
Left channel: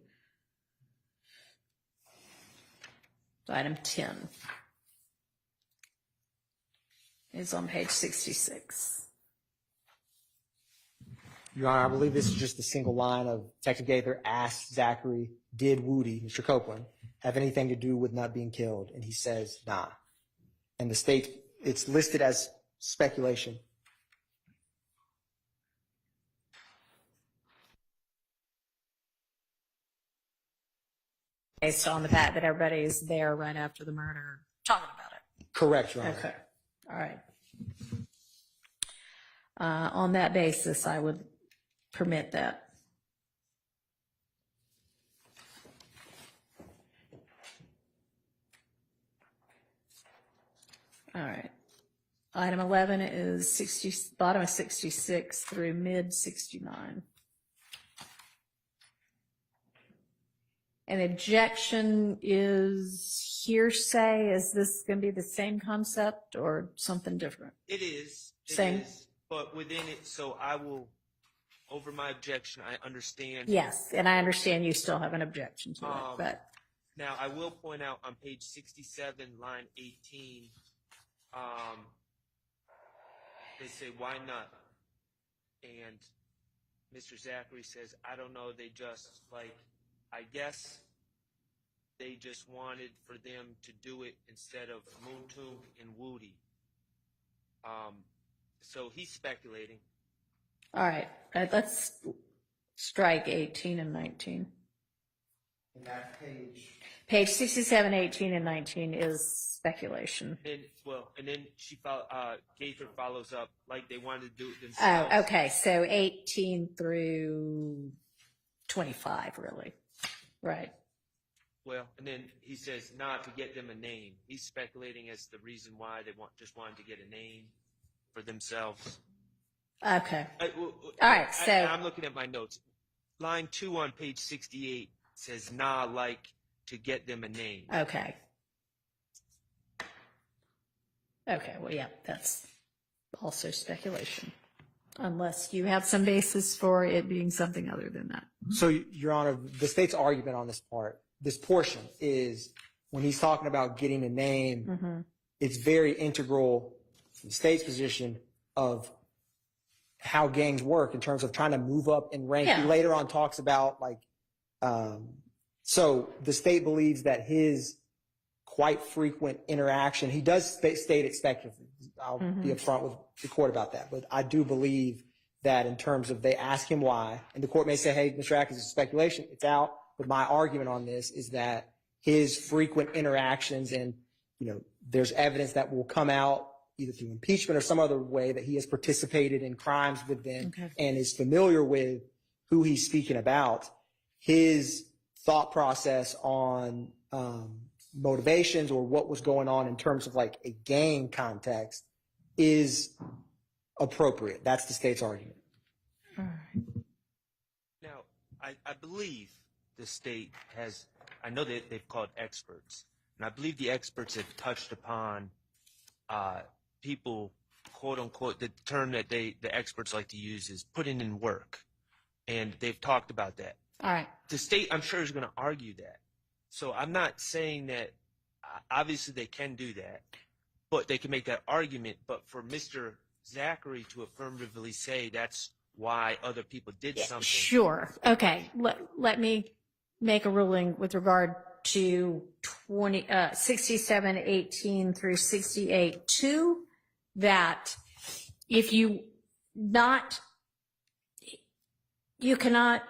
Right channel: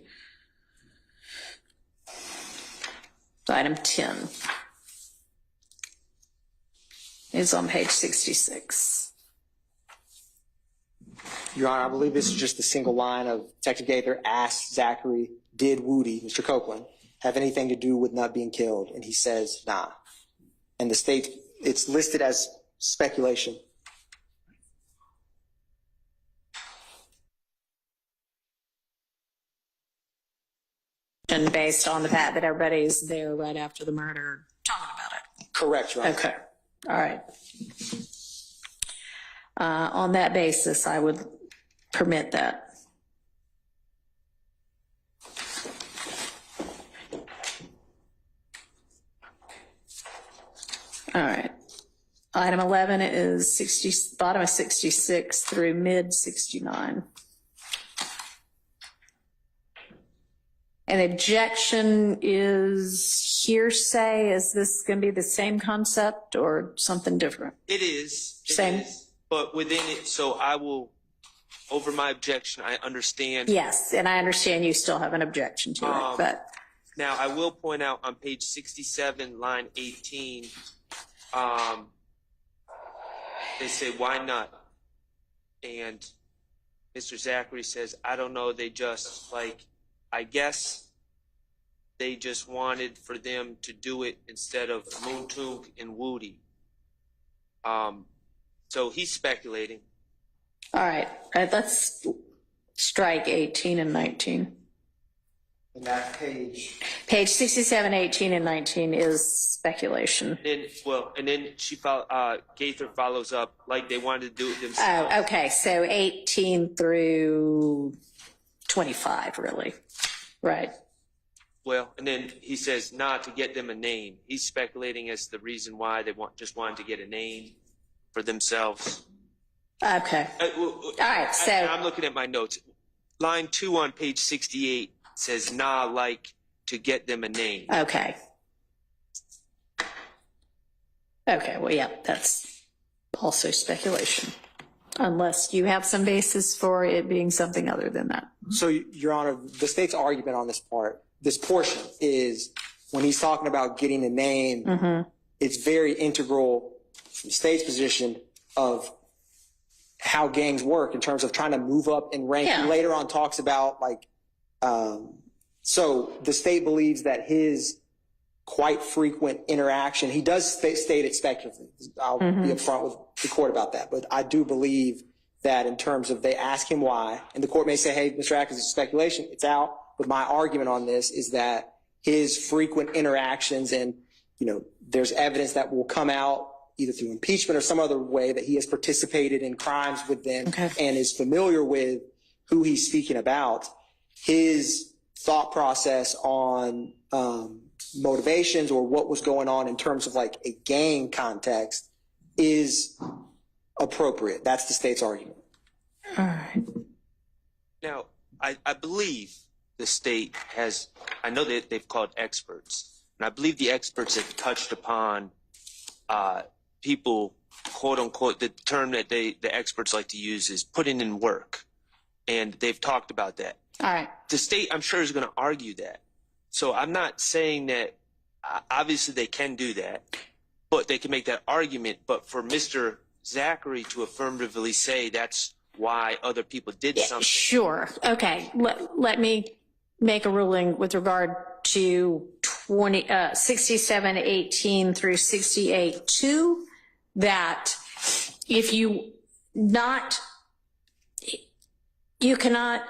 So item 10 is on page 66. Your Honor, I believe this is just a single line of Detective Gaither asked Zachary, did Woody, Mr. Copeland, have anything to do with not being killed? And he says, nah. And the state, it's listed as speculation. And based on the fact that everybody's there right after the murder talking about it. Correct, Your Honor. Okay, all right. On that basis, I would permit that. All right. Item 11 is bottom of 66 through mid 69. An objection is hearsay. Is this going to be the same concept or something different? It is. Same. But within it, so I will, over my objection, I understand. Yes, and I understand you still have an objection to it, but. Now, I will point out on page 67, line 18, they say, why not? And Mr. Zachary says, I don't know, they just, like, I guess they just wanted for them to do it instead of Moontook and Woody. So he's speculating. All right, let's strike 18 and 19. And that page. Page 67, 18, and 19 is speculation. And then Gaither follows up like they wanted to do it themselves. Oh, okay, so 18 through 25, really, right? Well, and then he says not to get them a name. He's speculating as the reason why they just wanted to get a name for themselves. Okay. All right, so. I'm looking at my notes. Line 2 on page 68 says nah, like to get them a name. Okay. Okay, well, yeah, that's also speculation, unless you have some basis for it being something other than that. So, Your Honor, the state's argument on this portion is when he's talking about getting a name, it's very integral from the state's position of how gangs work in terms of trying to move up in rank. Yeah. Later on talks about so the state believes that his quite frequent interaction, he does state it speculatively. I'll be upfront with the court about that, but I do believe that in terms of they ask him why, and the court may say, hey, Mr. Atkins, it's speculation, it's out. But my argument on this is that his frequent interactions and, there's evidence that will come out either through impeachment or some other way that he has participated in crimes with them and is familiar with who he's speaking about. His thought process on motivations or what was going on in terms of like a gang context is appropriate. That's the state's argument. All right. Now, I believe the state has, I know that they've called experts, and I believe the experts have touched upon people, quote unquote, the term that the experts like to use is putting in work. And they've talked about that. All right. The state, I'm sure, is going to argue that. So I'm not saying that, obviously they can do that, but they can make that argument. But for Mr. Zachary to affirmatively say that's why other people did something. Sure. Okay. Let me make a ruling with regard to 67, 18 through 68, 2, that if you cannot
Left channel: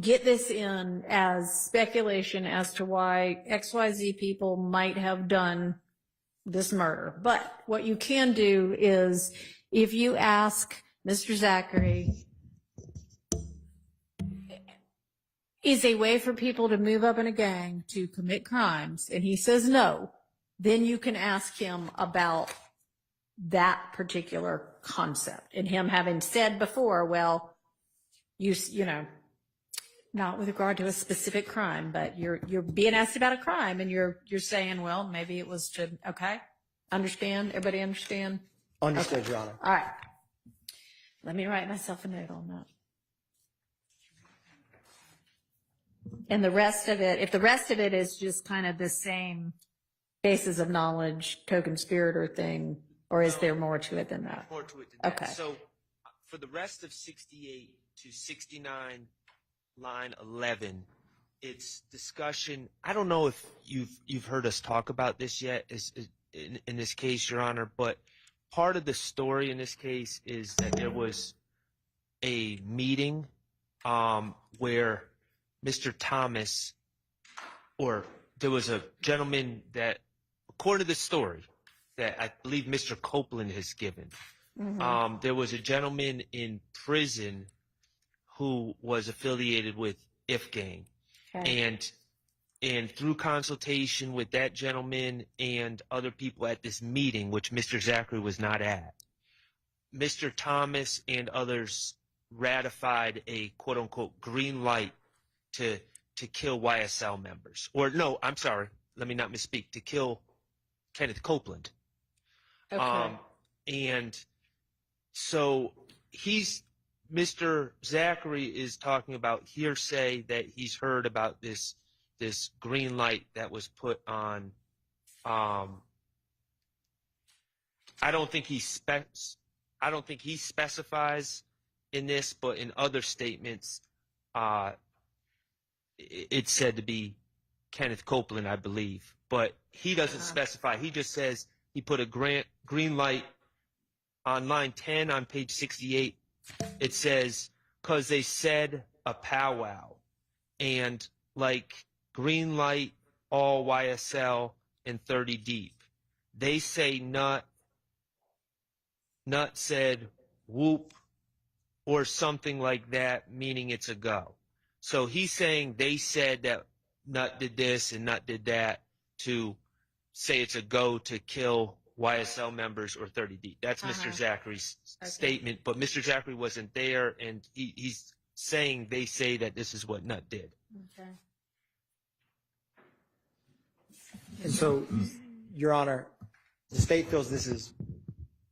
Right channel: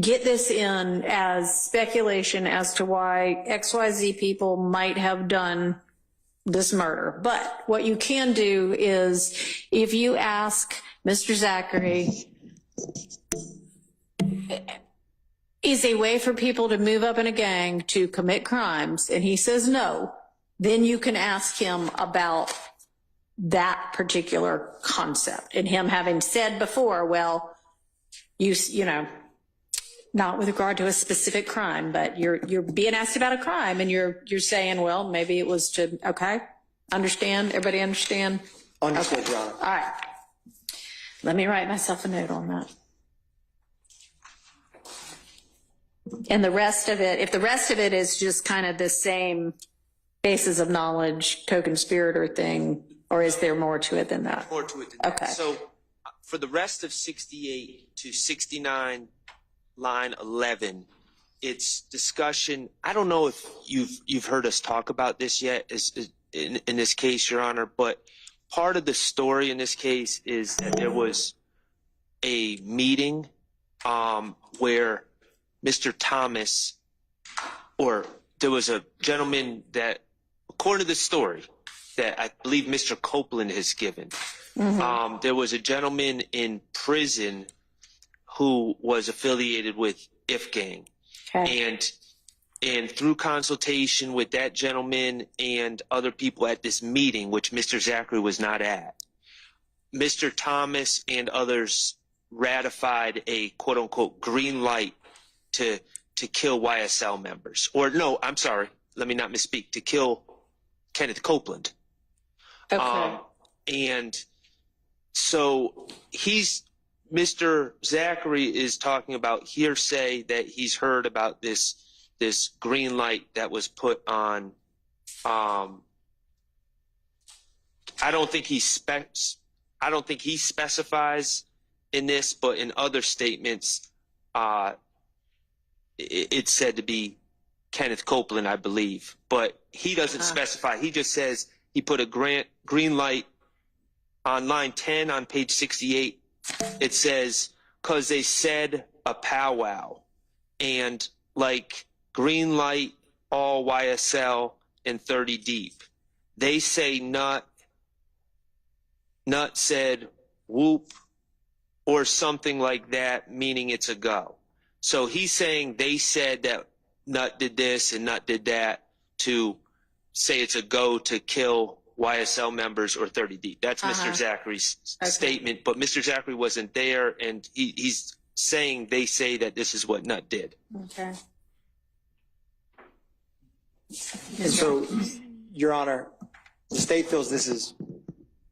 get this in as speculation as to why XYZ people might have done this murder. But what you can do is if you ask Mr. Zachary, is a way for people to move up in a gang to commit crimes, and he says no, then you can ask him about that particular concept. And him having said before, well, you know, not with regard to a specific crime, but you're being asked about a crime and you're saying, well, maybe it was to, okay, understand, everybody understand? Understood, Your Honor. All right. Let me write myself a note on that. And the rest of it, if the rest of it is just kind of the same basis of knowledge, co-conspirator thing, or is there more to it than that? More to it than that. Okay. So for the rest of 68 to 69, line 11, it's discussion. I don't know if you've heard us talk about this yet in this case, Your Honor, but part of the story in this case is that there was a meeting where Mr. Thomas, or there was a gentleman that, according to the story, that I believe Mr. Copeland has given, there was a gentleman in prison who was affiliated with If Gang. Okay. And through consultation with that gentleman and other people at this meeting, which Mr. Zachary was not at, Mr. Thomas and others ratified a quote-unquote green light to kill YSL members. Or no, I'm sorry, let me not misspeak, to kill Kenneth Copeland. Okay. And so Mr. Zachary is talking about hearsay that he's heard about this green light that was put on. I don't think he specifies in this, but in other statements, it's said to be Kenneth Copeland, I believe, but he doesn't specify. He just says he put a green light on line 10 on page 68. It says, cause they said a powwow, and like green light, all YSL and 30 deep. They say nut said whoop or something like that, meaning it's a go. So he's saying they said that Nut did this and Nut did that to say it's a go to kill YSL members or 30 deep. That's Mr. Zachary's statement, but Mr. Zachary wasn't there, and he's saying they say that this is what Nut did. Okay. And so, Your Honor, the state feels this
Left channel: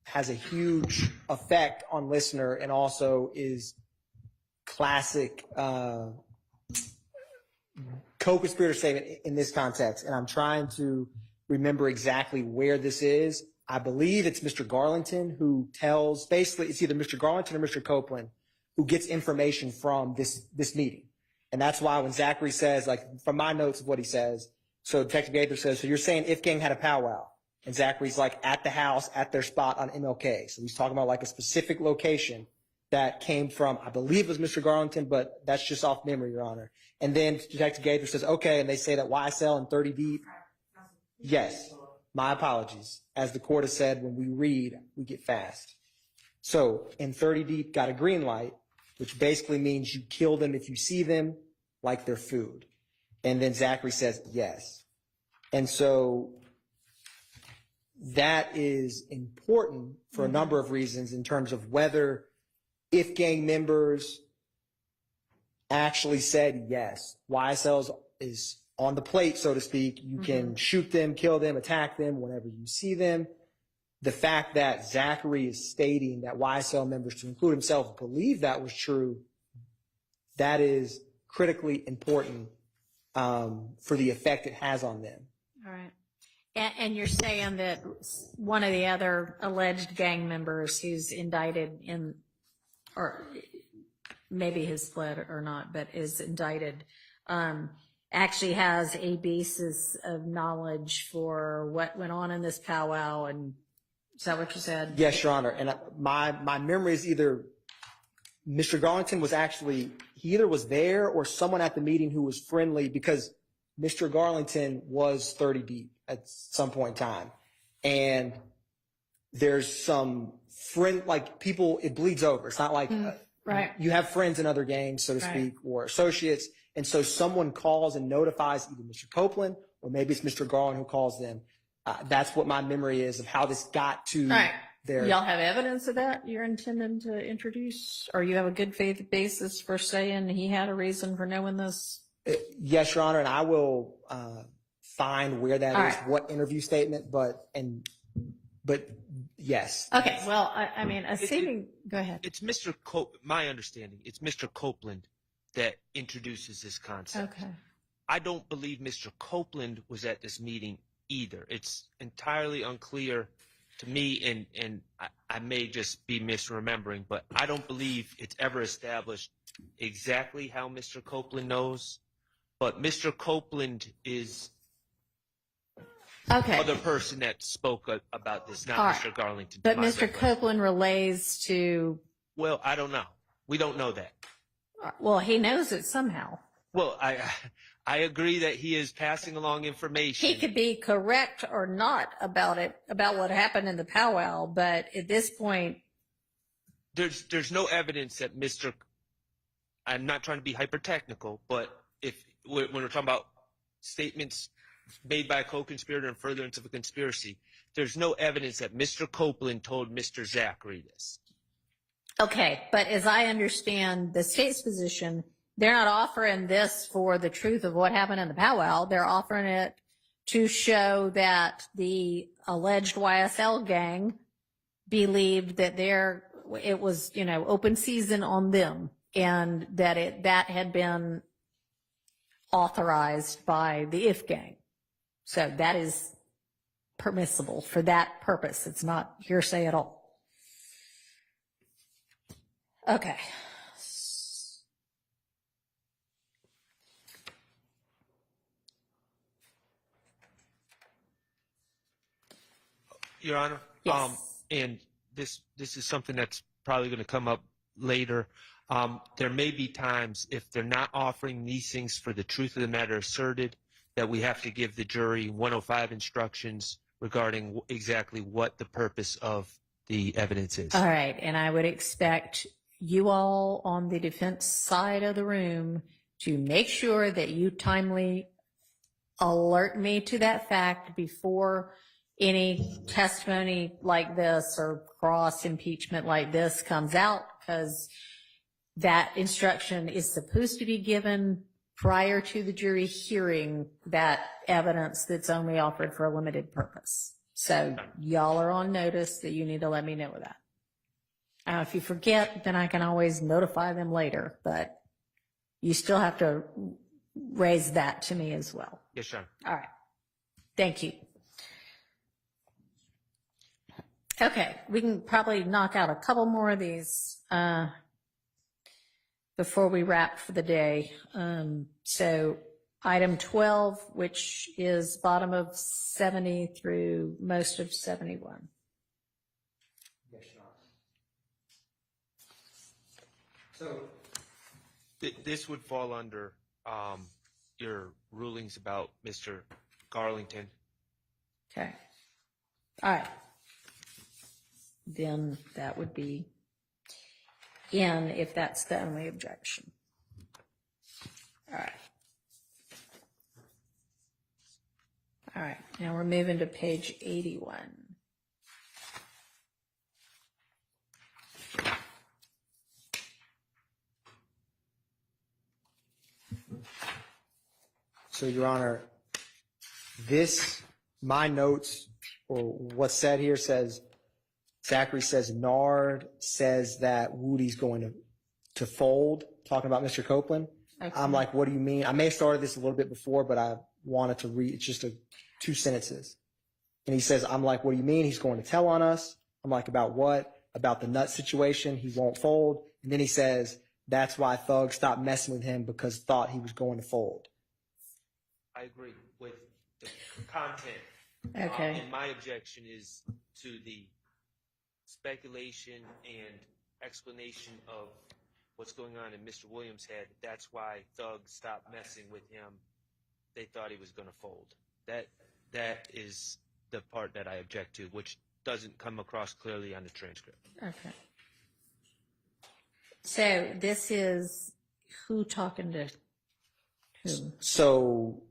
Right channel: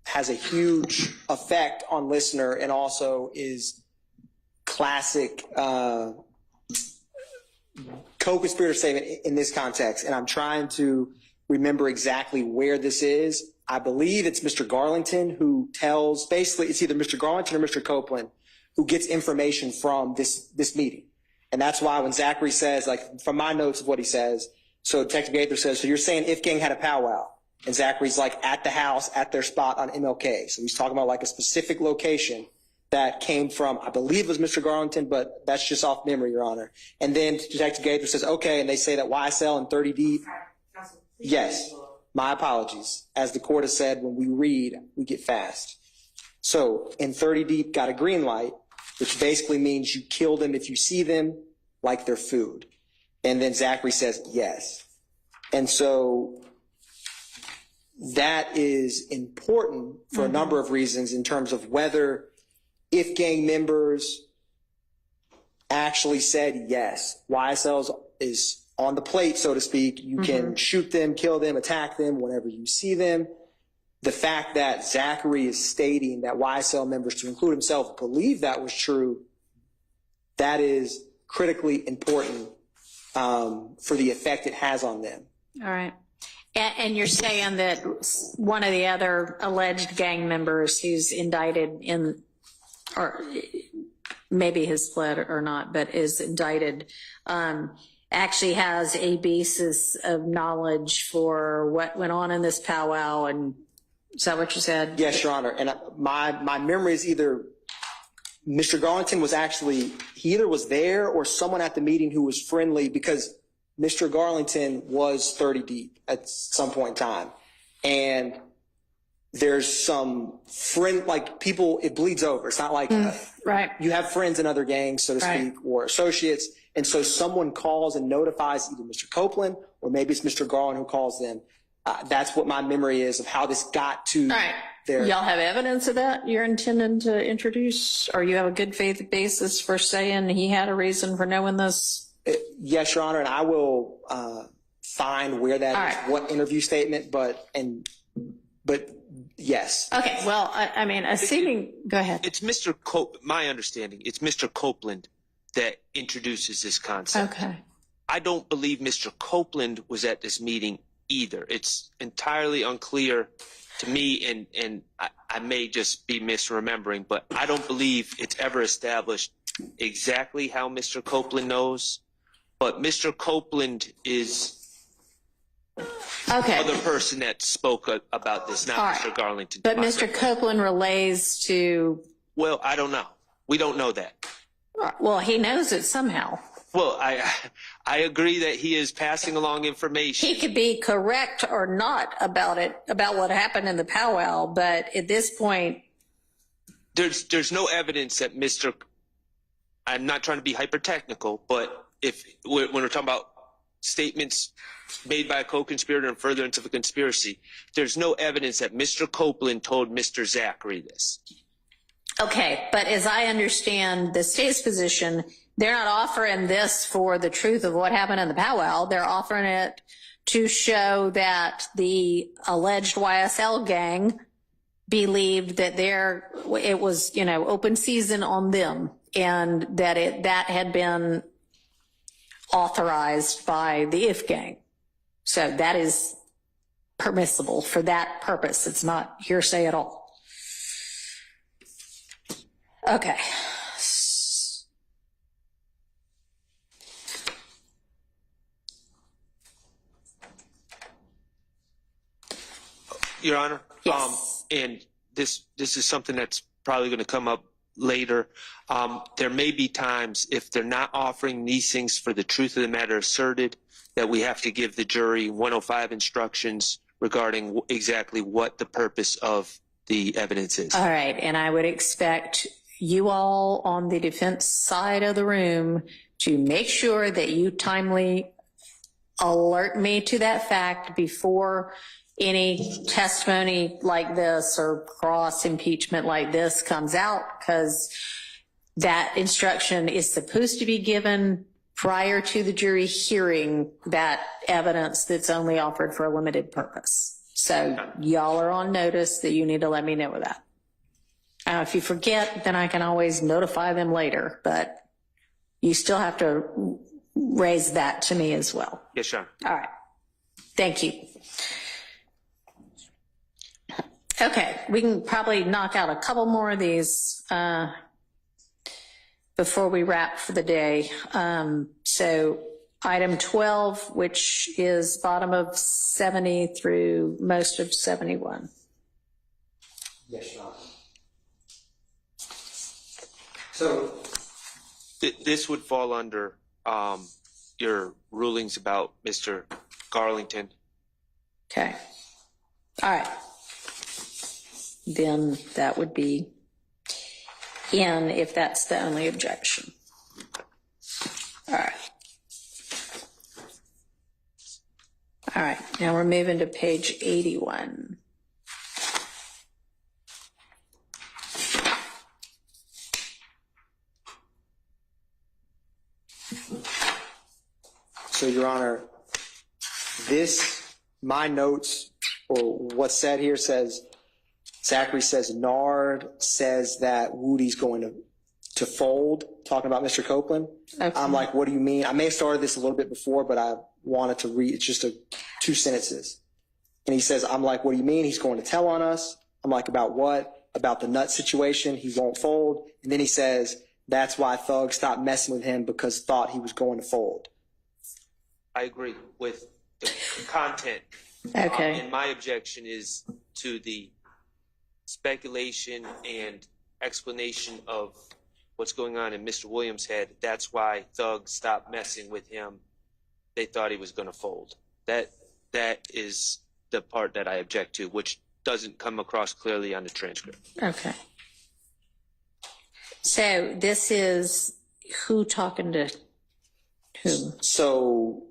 has a huge effect on listener and also is classic co-conspirator statement in this context. And I'm trying to remember exactly where this is. I believe it's Mr. Garlington who tells, basically it's either Mr. Garlington or Mr. Copeland who gets information from this meeting. And that's why when Zachary says, like from my notes of what he says, so Detective Gaither says, so you're saying If Gang had a powwow? And Zachary's like at the house, at their spot on MLK. So he's talking about like a specific location that came from, I believe it was Mr. Garlington, but that's just off memory, Your Honor. And then Detective Gaither says, okay, and they say that YSL and 30 deep. Yes, my apologies. As the court has said, when we read, we get fast. So in 30 deep got a green light, which basically means you kill them if you see them like they're food. And then Zachary says, yes. And so that is important for a number of reasons in terms of whether If Gang members actually said, yes, YSL is on the plate, so to speak. You can shoot them, kill them, attack them whenever you see them. The fact that Zachary is stating that YSL members, to include himself, believe that was true, that is critically important for the effect it has on them. All right. And you're saying that one of the other alleged gang members who's indicted in, or maybe has fled or not, but is indicted, actually has a basis of knowledge for what went on in this powwow. And is that what you said? Yes, Your Honor. And my memory is either Mr. Garlington was actually, he either was there or someone at the meeting who was friendly, because Mr. Garlington was 30 deep at some point in time. And there's some friend, like people, it bleeds over. It's not like right. You have friends in other gangs, so to speak, or associates. And so someone calls and notifies either Mr. Copeland or maybe it's Mr. Garland who calls them. That's what my memory is of how this got to Y'all have evidence of that you're intending to introduce? Or you have a good faith basis for saying he had a reason for knowing this? Yes, Your Honor, and I will find where that All is, right. what interview statement, but yes. Okay, well, I mean, assuming, go ahead. It's my understanding, it's Mr. Copeland that introduces this concept. Okay. I don't believe Mr. Copeland was at this meeting either. It's entirely unclear to me, and I may just be misremembering, but I don't believe it's ever established exactly how Mr. Copeland knows. But Mr. Copeland is Okay. the other person that spoke about this, not All right. Mr. Garlington. But Mr. Copeland relays to, Well, I don't know. We don't know that. well, he knows it somehow. Well, I agree that he is passing along information. He could be correct or not about it, about what happened in the powwow, but at this point, There's no evidence that I'm not trying to be hyper technical, but when we're talking about statements made by a co-conspirator and furtherance of a conspiracy, there's no evidence that Mr. Copeland told Mr. Zachary this. okay, but as I understand the state's position, they're not offering this for the truth of what happened in the powwow. They're offering it to show that the alleged YSL gang believed that it was, open season on them, and that had been authorized by the IF gang. So that is permissible for that purpose. It's not hearsay at all. Okay. Your Honor, Yes. And this is something that's probably going to come up later. There may be times if they're not offering these things for the truth of the matter asserted, that we have to give the jury 105 instructions regarding exactly what the purpose of the evidence is. All right, and I would expect you all on the defense side of the room to make sure that you timely alert me to that fact before any testimony like this or cross impeachment like this comes out, because that instruction is supposed to be given prior to the jury hearing that evidence that's only offered for a limited purpose. So y'all are on notice that you need to let me know of that. If you forget, then I can always notify them later, but you still have to raise that to me as well. Yes, Your Honor. All right. Thank you. Okay, we can probably knock out a couple more of these before we wrap for the day. So item 12, which is bottom of 70 through most of 71. Yes, Your Honor. So This would fall under your rulings about Mr. Garlington. Okay. All right. Then that would be in if that's the only objection. All right. All right. Now we're moving to page 81. So, Your Honor, my notes, or what's said here says, Zachary says Nard says that Woody's going to fold, talking about Mr. Copeland. Okay. I'm like, what do you mean? I may have started this a little bit before, but I wanted to read, it's just two sentences. And he says, I'm like, what do you mean? He's going to tell on us. I'm like, about what? About the nut situation. He won't fold. And then he says, that's why thugs stopped messing with him, because thought he was going to fold. I agree with the content. Okay. And my objection is to the speculation and explanation of what's going on in Mr. Williams' head. That's why thugs stopped messing with him. They thought he was going to fold. That is the part that I object to, which doesn't come across clearly on the transcript. Okay. So this is who talking to whom? So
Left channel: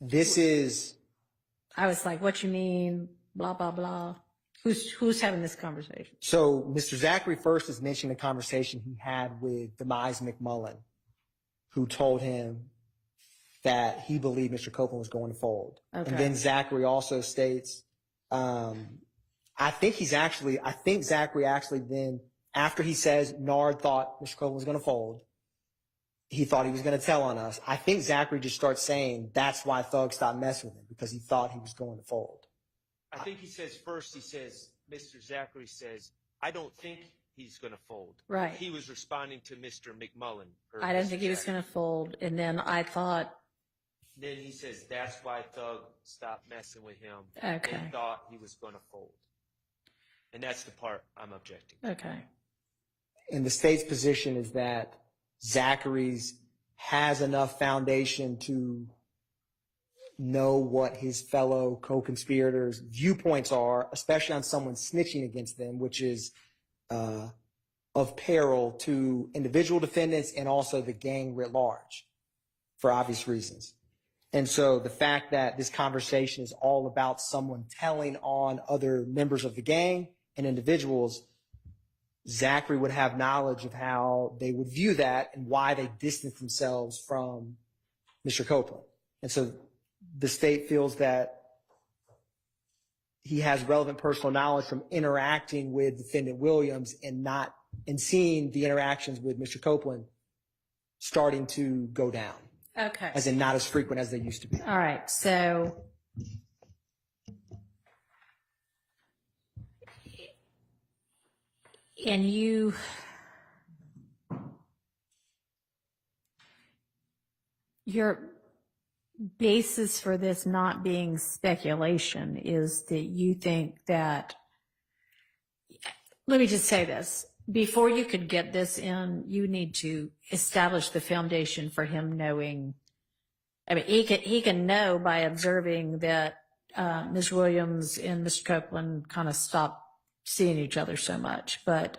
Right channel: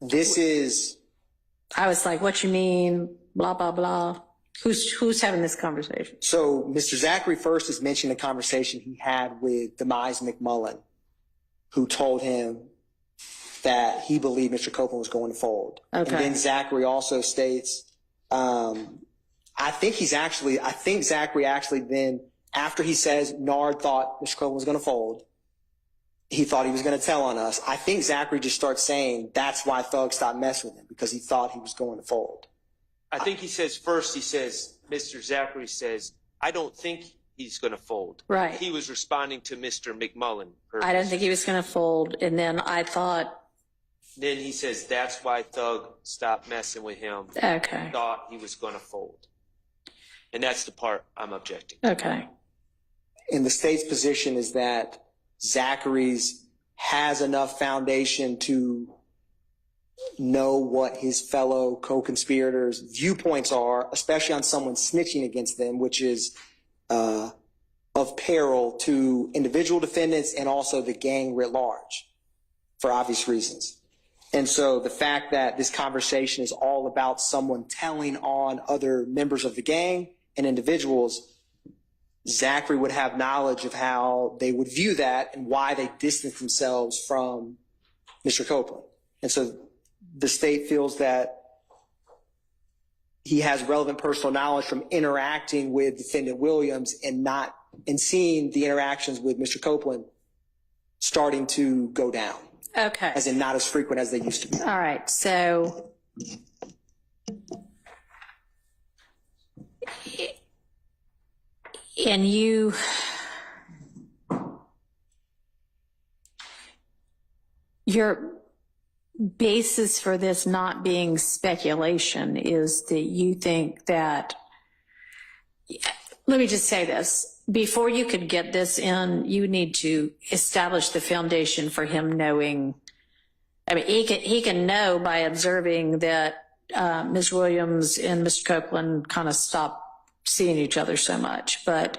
this is, I was like, what you mean? Blah, blah, blah. Who's having this conversation? So Mr. Zachary first is mentioning a conversation he had with Demise McMullen, who told him that he believed Mr. Copeland was going to fold. Okay. And then Zachary also states, I think Zachary actually then, after he says Nard thought Mr. Copeland was going to fold, he thought he was going to tell on us. I think Zachary just starts saying that's why Thug stopped messing with him, because he thought he was going to fold. I think he says, Mr. Zachary says, I don't think he's going to fold. Right. He was responding to Mr. McMullen. I don't think he was going to fold. And then I thought. Then he says, that's why Thug stopped messing with him. Okay. Thought he was going to fold. And that's the part I'm objecting. Okay. And the state's position is that Zachary's has enough foundation to know what his fellow co-conspirators' viewpoints are, especially on someone snitching against them, which is of peril to individual defendants and also the gang writ large, for obvious reasons. And so the fact that this conversation is all about someone telling on other members of the gang and individuals, Zachary would have knowledge of how they would view that and why they distance themselves from Mr. Copeland. And so the state feels that he has relevant personal knowledge from interacting with Defendant Williams and seeing the interactions with Mr. Copeland starting to go down. Okay. As in not as frequent as they used to be. All right. So and your basis for this not being speculation is that you think that, let me just say this, before you could get this in, you need to establish the foundation for him knowing. I mean, he can know by observing that Ms. Williams and Mr. Copeland kind of stopped seeing each other so much. But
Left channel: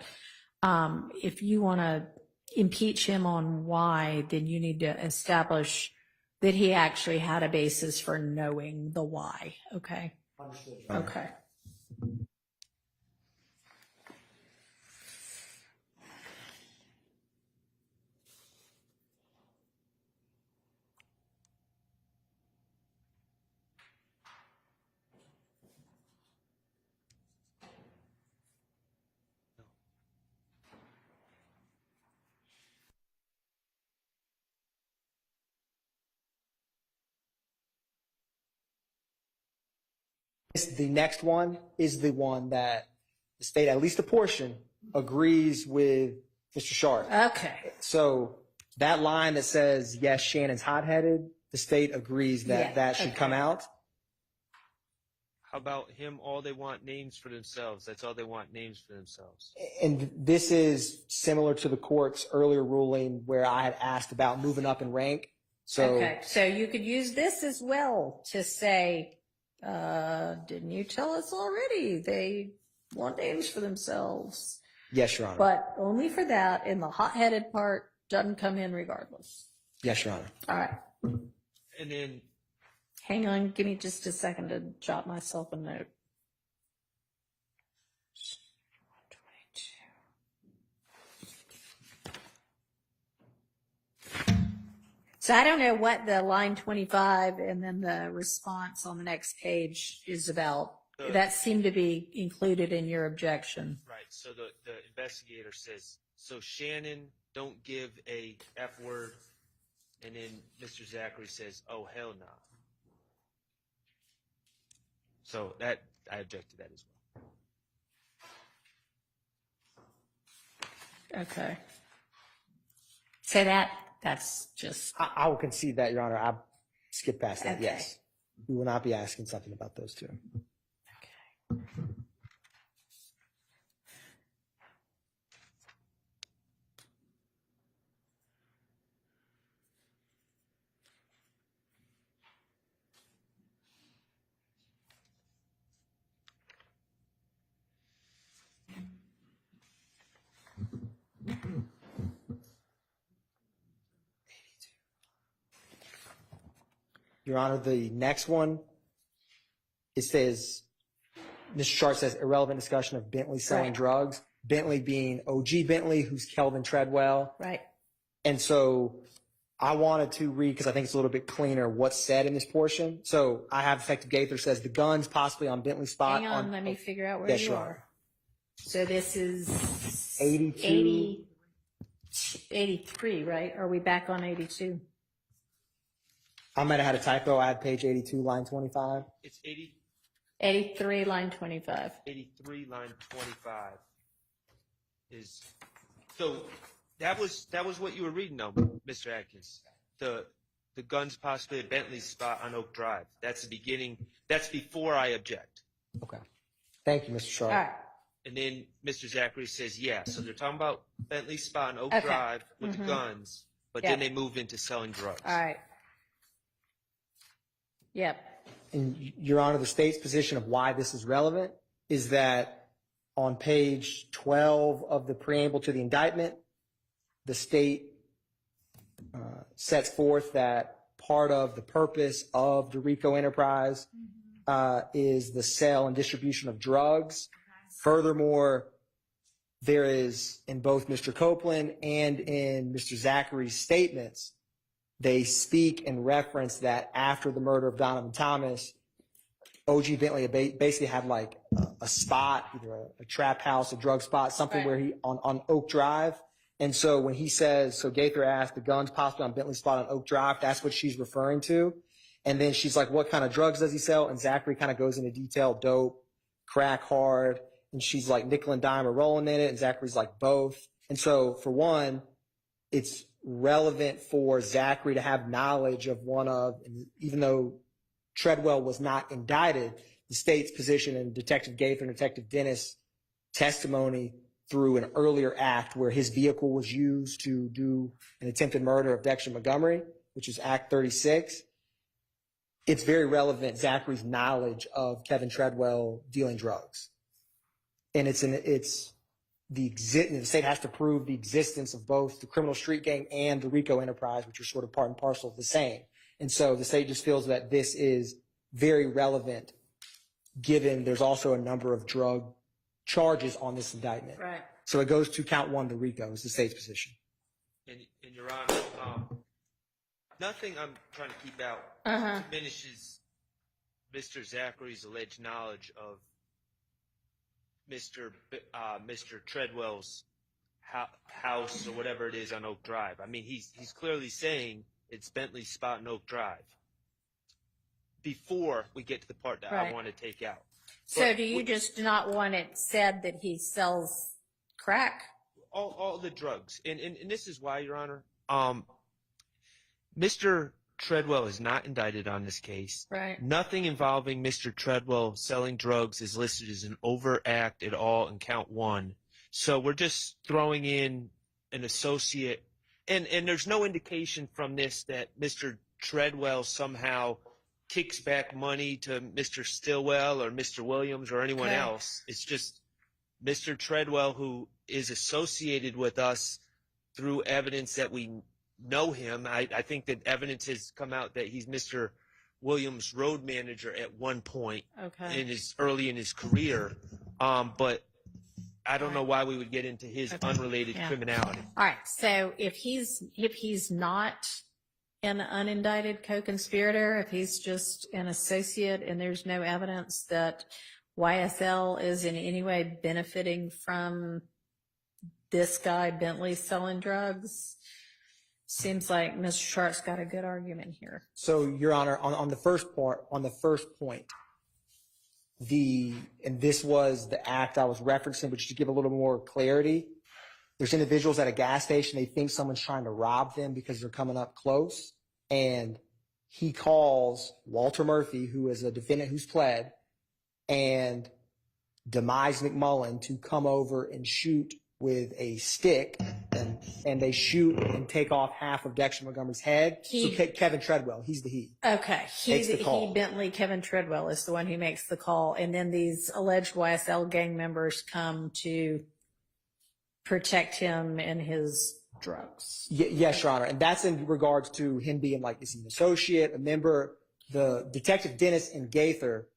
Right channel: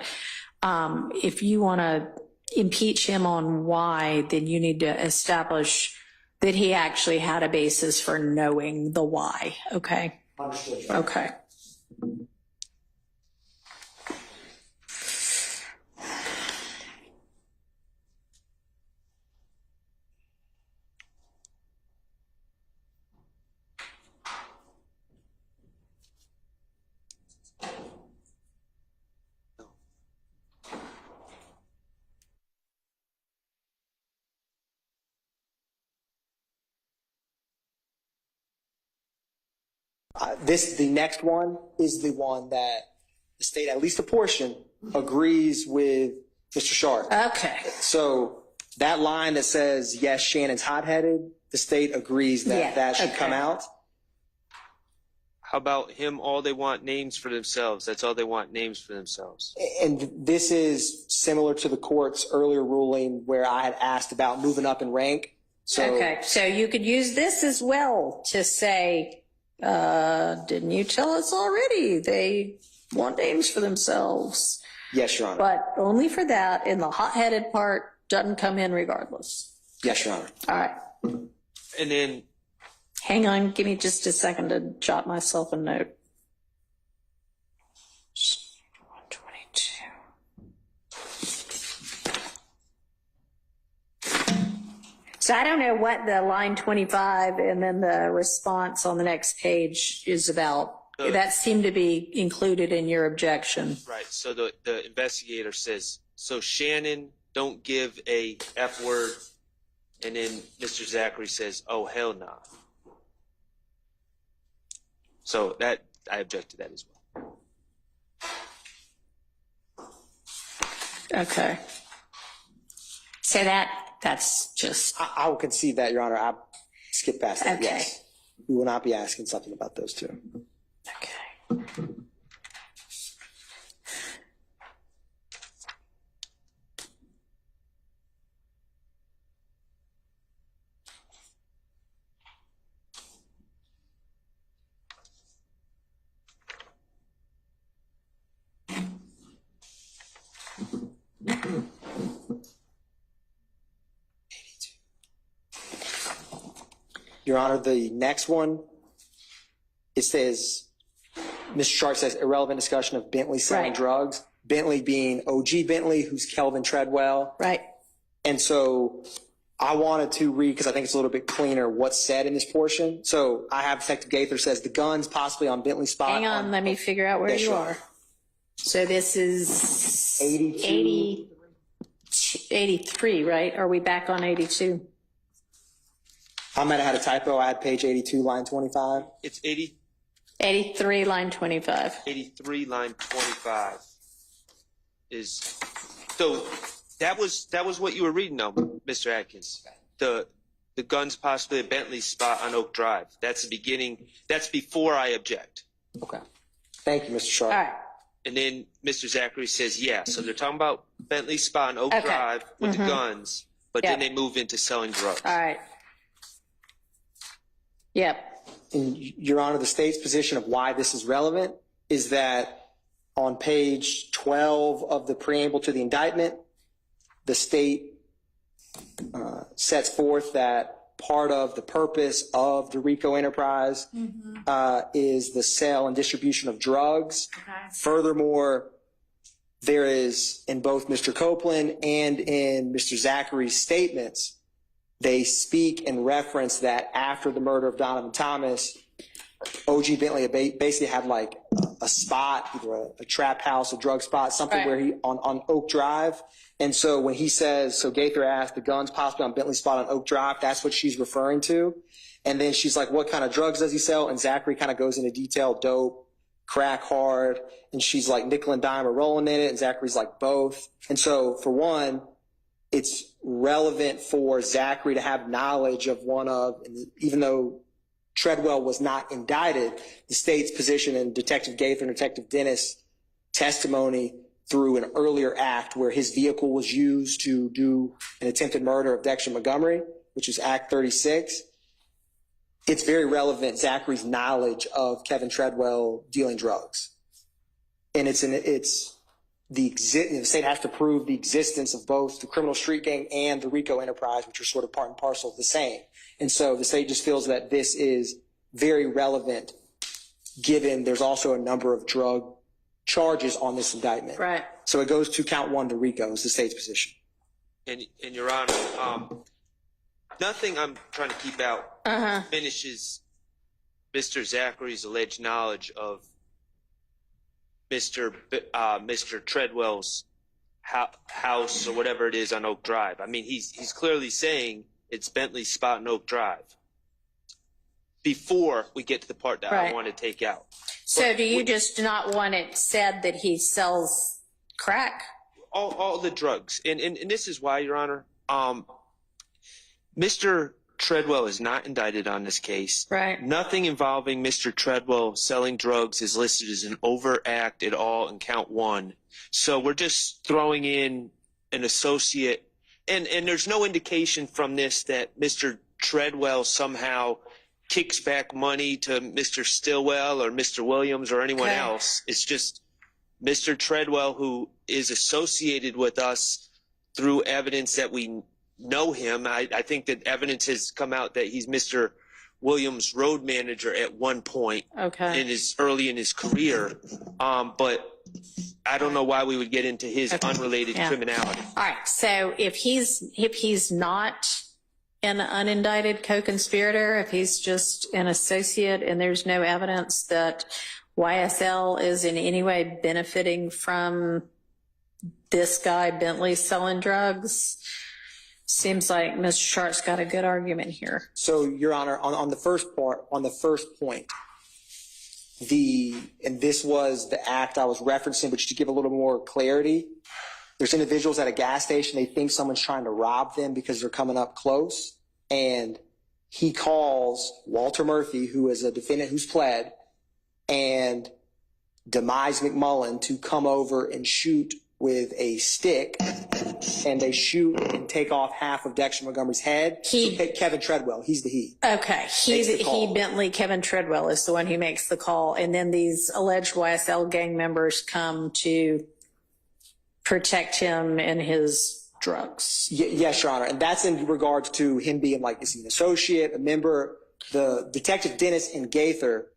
if you want to impeach him on why, then you need to establish that he actually had a basis for knowing the why. Okay. Understood. Okay. The next one is the one that the state, at least a portion, agrees with Mr. Sharp. Okay. So that line that says, yes, Shannon's hot-headed, the state agrees that Yeah, that should okay. come out. How about him? All they want names for themselves. That's all they want, names for themselves. And this is similar to the court's earlier ruling where I had asked about moving up in rank. So Okay. So you could use this as well to say, didn't you tell us already? They want names for themselves. yes, Your Honor. But only for that, and the hot-headed part doesn't come in regardless. Yes, Your Honor. All right. And then Hang on, give me just a second to jot myself a note. 122. So I don't know what the line 25 and then the response on the next page is about. That seemed to be included in your objection. right. So the investigator says, so Shannon, don't give a F word. And then Mr. Zachary says, oh, hell nah. So that, I object to that as well. Okay. So that's just, I will concede that, Your Honor. I skipped past that. Okay. Yes. We will not be asking something about those two. okay. Your Honor, the next one, it says, Mr. Sharp says irrelevant discussion of Bentley selling Right. drugs. Bentley being OG Bentley, who's Kelvin Treadwell. Right. And so I wanted to read, because I think it's a little bit cleaner, what's said in this portion. So I have Detective Gaither says the guns possibly on Bentley's spot. Hang on, let me figure out where Yes, you sure. are. So this is 82. 83, right? Are we back on 82? I might have had a typo. I had page 82, line 25. It's 83, line 25. 83, line 25 is, so that was what you were reading though, Mr. Atkins. The guns possibly at Bentley's spot on Oak Drive. That's the beginning. That's before I object. Okay. Thank you, Mr. Sharp. All right. And then Mr. Zachary says, yeah, so they're talking about Bentley's spot on Oak Okay. Drive with the guns, but Yep. then they move into selling drugs. All right. Yep. And Your Honor, the state's position of why this is relevant is that on page 12 of the preamble to the indictment, the state sets forth that part of the purpose of the RICO enterprise is the sale and distribution of drugs. Furthermore, there is in both Mr. Copeland and in Mr. Zachary's statements, they speak and reference that after the murder of Donovan Thomas, OG Bentley basically had like a spot, either a trap house, a drug spot, something Right. where he on Oak Drive. And so when he says, so Gaither asked the guns possibly on Bentley's spot on Oak Drive, that's what she's referring to. And then she's like, what kind of drugs does he sell? And Zachary kind of goes into detail, dope, crack hard. And she's like, nickel and dime are rolling in it. And Zachary's like, both. And so for one, it's relevant for Zachary to have knowledge of one of, and even though Treadwell was not indicted, the state's position in Detective Gaither and Detective Dennis' testimony through an earlier act where his vehicle was used to do an attempted murder of Dexter Montgomery, which is Act 36. It's very relevant, Zachary's knowledge of Kevin Treadwell dealing drugs. And the state has to prove the existence of both the criminal street gang and the RICO enterprise, which are sort of part and parcel of the same. And so the state just feels that this is very relevant, given there's also a number of drug charges on this indictment. Right. So it goes to count one to RICO is the state's position. And Your Honor, nothing I'm trying to keep out finishes Mr. Zachary's alleged knowledge of Mr. Treadwell's house or whatever it is on Oak Drive. I mean, he's clearly saying it's Bentley's spot on Oak Drive before we get to the part that I Right. want to take out. So But do you just not want it said that he sells crack? all the drugs, and this is why, Your Honor, Mr. Treadwell is not indicted on this case. Right. Nothing involving Mr. Treadwell selling drugs is listed as an overact at all in count one. So we're just throwing in an associate, and there's no indication from this that Mr. Treadwell somehow kicks back money to Mr. Stillwell or Mr. Williams or anyone Okay. else. It's just Mr. Treadwell, who is associated with us through evidence that we know him. I think that evidence has come out that he's Mr. Williams' road manager at one point Okay. early in his career. But I don't know why we would get into his Okay. unrelated Yeah. criminality. All right. So if he's not an unindicted co-conspirator, if he's just an associate and there's no evidence that YSL is in any way benefiting from this guy Bentley selling drugs, seems like Mr. Sharp's got a good argument here. So, Your Honor, on the first point, and this was the act I was referencing, but just to give a little more clarity, there's individuals at a gas station, they think someone's trying to rob them because they're coming up close, and he calls Walter Murphy, who is a defendant who's pled, and Demise McMullen to come over and shoot with a stick, and they shoot and take off half of Dexter Montgomery's head. Kevin Treadwell, he's the he. Okay. Makes the call. He, Bentley, Kevin Treadwell is the one who makes the call. And then these alleged YSL gang members come to protect him and his drugs. Yes, Your Honor. And that's in regards to him being like, is he an associate, a member? The Detective Dennis and Gaither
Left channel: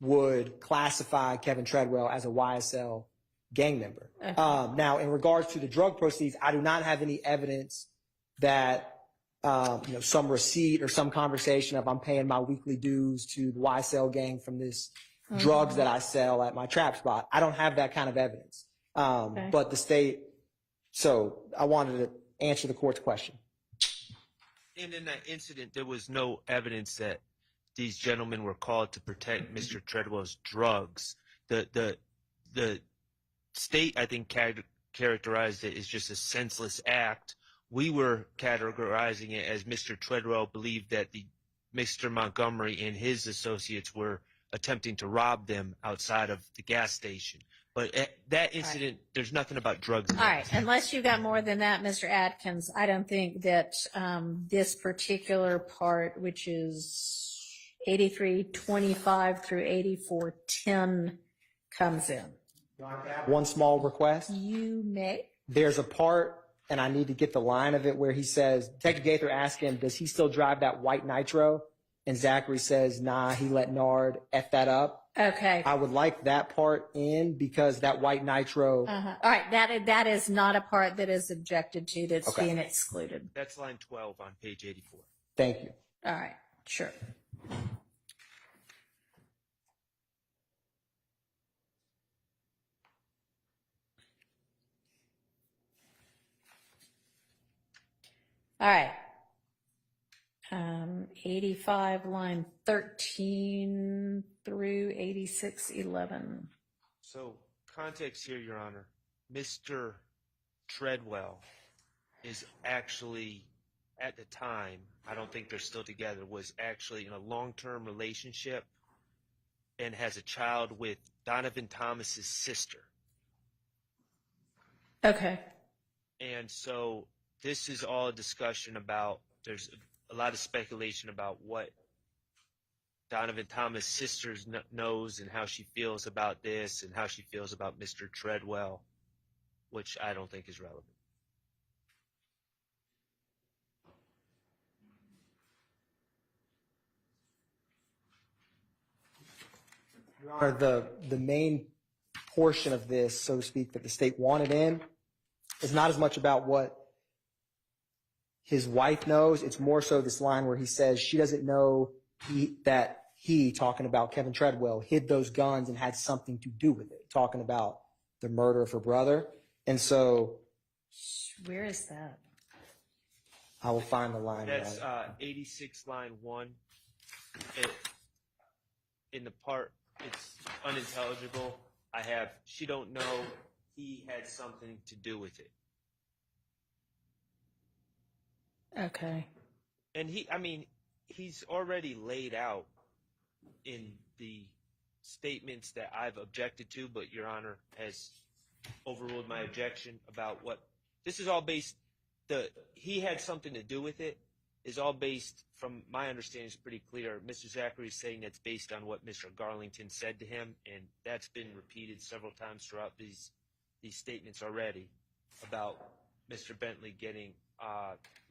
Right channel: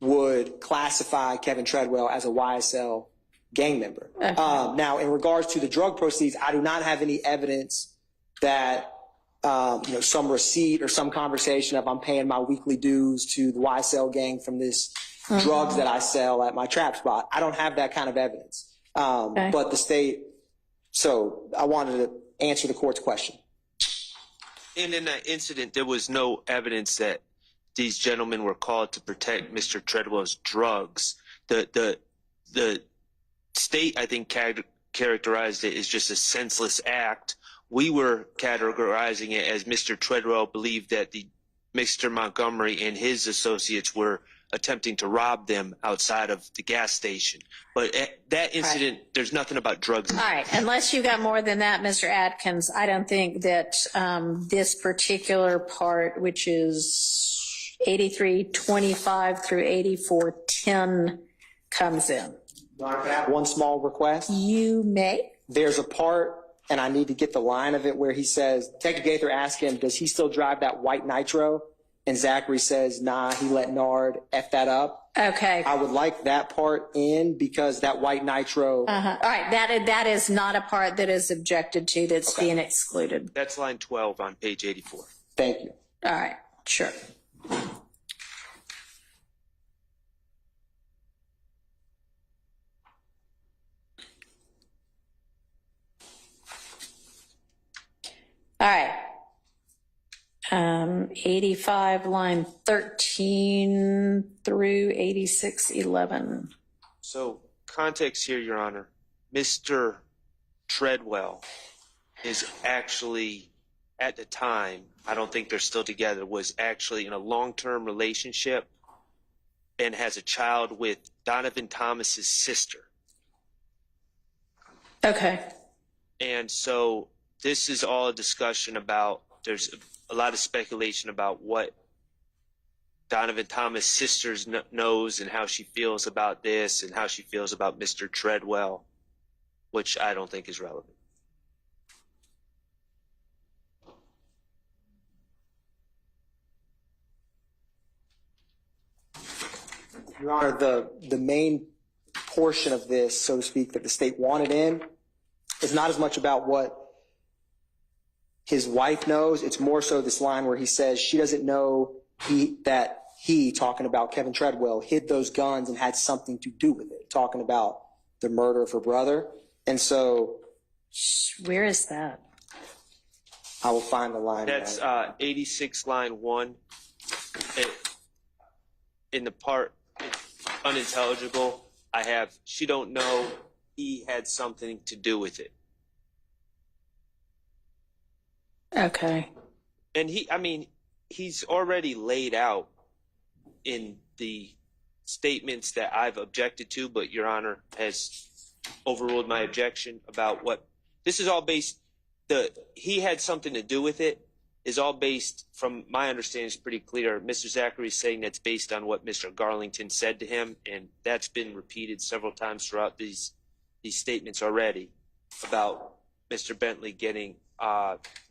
would classify Kevin Treadwell as a YSL gang member. Okay. Now, in regards to the drug proceeds, I do not have any evidence that some receipt or some conversation of I'm paying my weekly dues to the YSL gang from this drugs that I sell at my trap spot. I don't have that kind of evidence. But the state, so I wanted to answer the court's question. And in that incident, there was no evidence that these gentlemen were called to protect Mr. Treadwell's drugs. The state, I think, characterized it as just a senseless act. We were categorizing it as Mr. Treadwell believed that Mr. Montgomery and his associates were attempting to rob them outside of the gas station. But at that incident, there's nothing about drugs. All right. Unless you got more than that, Mr. Atkins, I don't think that this particular part, which is 8325 through 8410, comes in. One small request. You may. There's a part, and I need to get the line of it, where he says, Detective Gaither asked him, does he still drive that white Nitro? And Zachary says, nah, he let Nard F that up. Okay. I would like that part in because that white Nitro. All right. That is not a part that is objected to that's being excluded. That's line 12 on page 84. Thank you. All right. Sure. All right. 85, line 13 through 8611. So context here, Your Honor. Mr. Treadwell is actually, at the time, I don't think they're still together, was actually in a long-term relationship and has a child with Donovan Thomas's sister. Okay. And so this is all a discussion about, there's a lot of speculation about what Donovan Thomas' sister knows and how she feels about this and how she feels about Mr. Treadwell, which I don't think is relevant. Your Honor, the main portion of this, so to speak, that the state wanted in is not as much about what his wife knows. It's more so this line where he says she doesn't know that he, talking about Kevin Treadwell, hid those guns and had something to do with it, talking about the murder of her brother. And so, Where is that? I will find the line. That's 86 line 1. In the part unintelligible, I have, she don't know he had something to do with it. Okay. And he's already laid out in the statements that I've objected to, but Your Honor has overruled my objection about what this is all based. He had something to do with it is all based, from my understanding, is pretty clear. Mr. Zachary is saying that's based on what Mr. Garlington said to him, and that's been repeated several times throughout these statements already about Mr. Bentley getting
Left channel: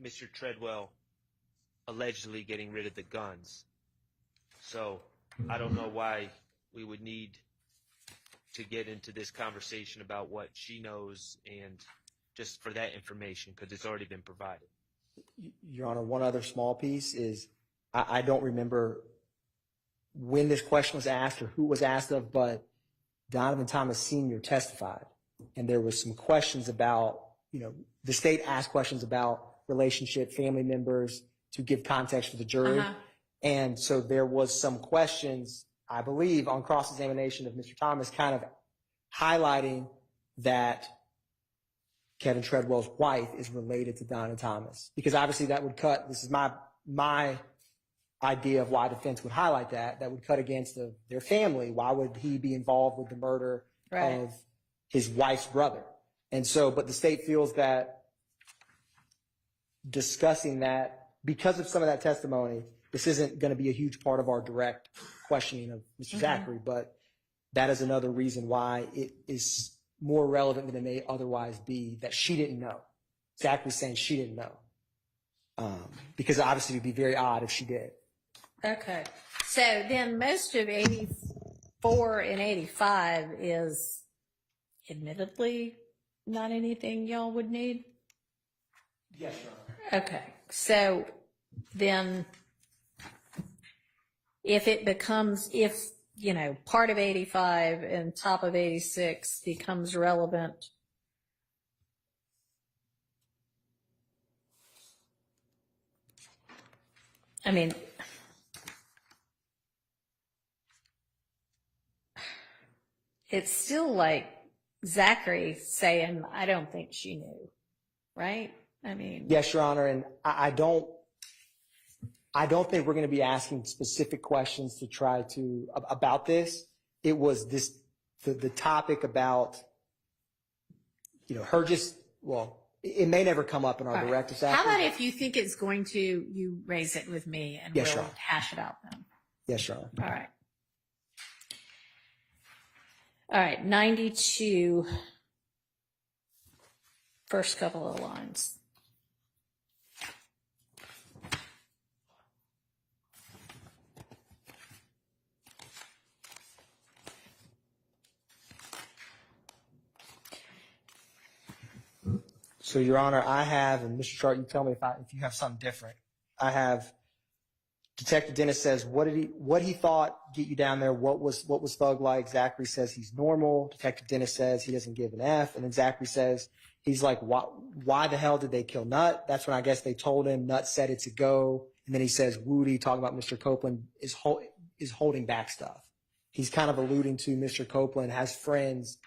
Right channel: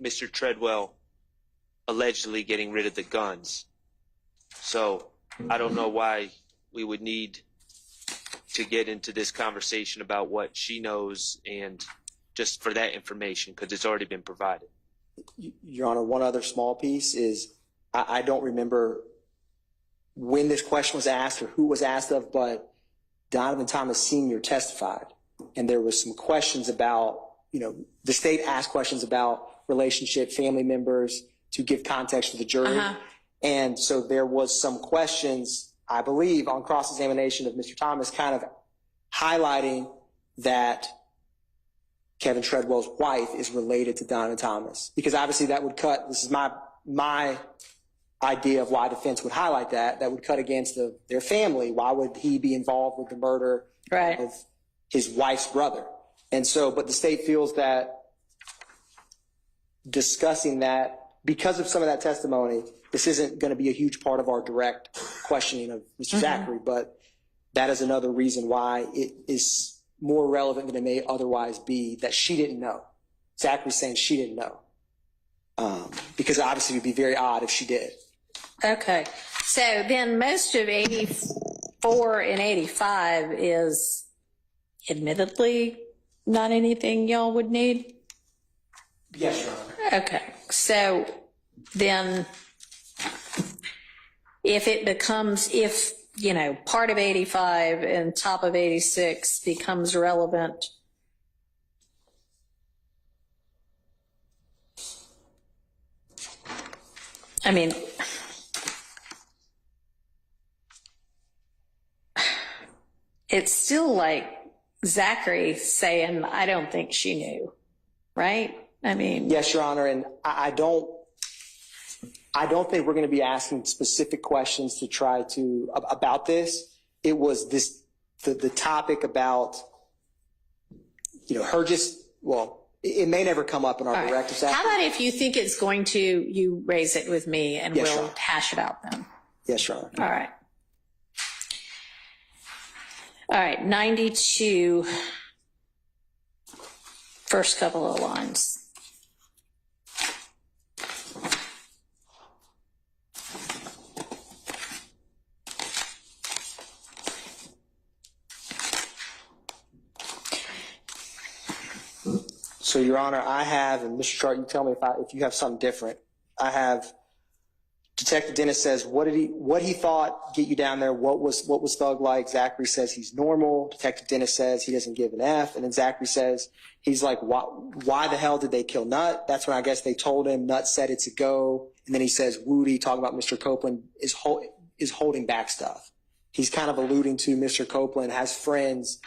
Mr. Treadwell allegedly getting rid of the guns. So I don't know why we would need to get into this conversation about what she knows and just for that information, because it's already been provided. Your Honor, one other small piece is I don't remember when this question was asked or who was asked of, but Donovan Thomas Sr. testified, and there was some questions about, the state asked questions about relationship, family members, to give context to the jury. And so there was some questions, I believe, on cross-examination of Mr. Thomas kind of highlighting that Kevin Treadwell's wife is related to Donovan Thomas, because obviously that would cut, this is my idea of why defense would highlight that would cut against their family. Why would he be involved with the murder of his wife's brother? And so, but the state feels that discussing that, because of some of that testimony, this isn't going to be a huge part of our direct questioning of Mr. Zachary, but that is another reason why it is more relevant than it may otherwise be that she didn't know. Zachary's saying she didn't know. Because obviously it would be very odd if she did. Okay. So then most of 84 84 and 85 is admittedly not anything y'all would need? Yes, Your Honor. Okay, so then if it becomes, if, you know, part of 85 and top of 86 becomes relevant, I mean, it's still like Zachary saying, I don't think she knew, right? I mean, Yes, Your Honor, and I don't think we're going to be asking specific questions to try to about this. It was this the topic about, you know, her just, well, it may never come up in our all right. directives. How about if you think it's going to, you raise it with me and Yes, Your we'll Honor. hash it out then. Yes, Your Honor. All right. All right, 92, first couple of lines. So, Your Honor, I have, and Mr. Chart, you tell me if you have something different. I have Detective Dennis says, what he thought get you down there? What was Thug like? Zachary says he's normal. Detective Dennis says he doesn't give an F. And then Zachary says, he's like, why the hell did they kill Nut? That's when I guess they told him. Nut said it's a go. And then he says, Woody, talking about Mr. Copeland, is holding back stuff. He's kind of alluding to Mr. Copeland has friends.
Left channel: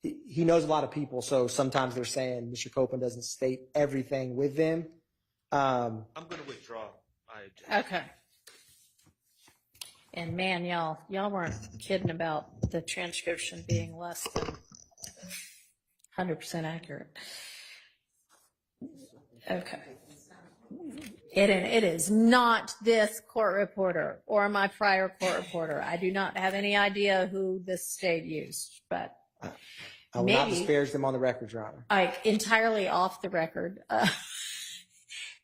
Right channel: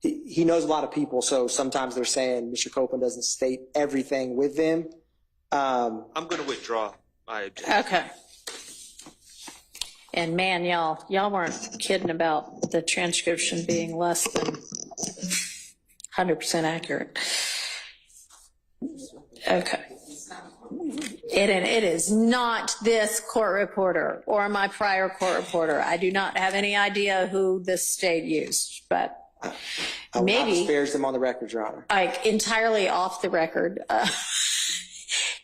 He knows a lot of people. So sometimes they're saying Mr. Copeland doesn't state everything with them. I'm going to withdraw my objection. Okay. And man, y'all weren't kidding about the transcription being less than 100% accurate. Okay. It is not this court reporter or my prior court reporter. I do not have any idea who this state used, but I will not maybe disparage them on the record, Your Honor. like entirely off the record.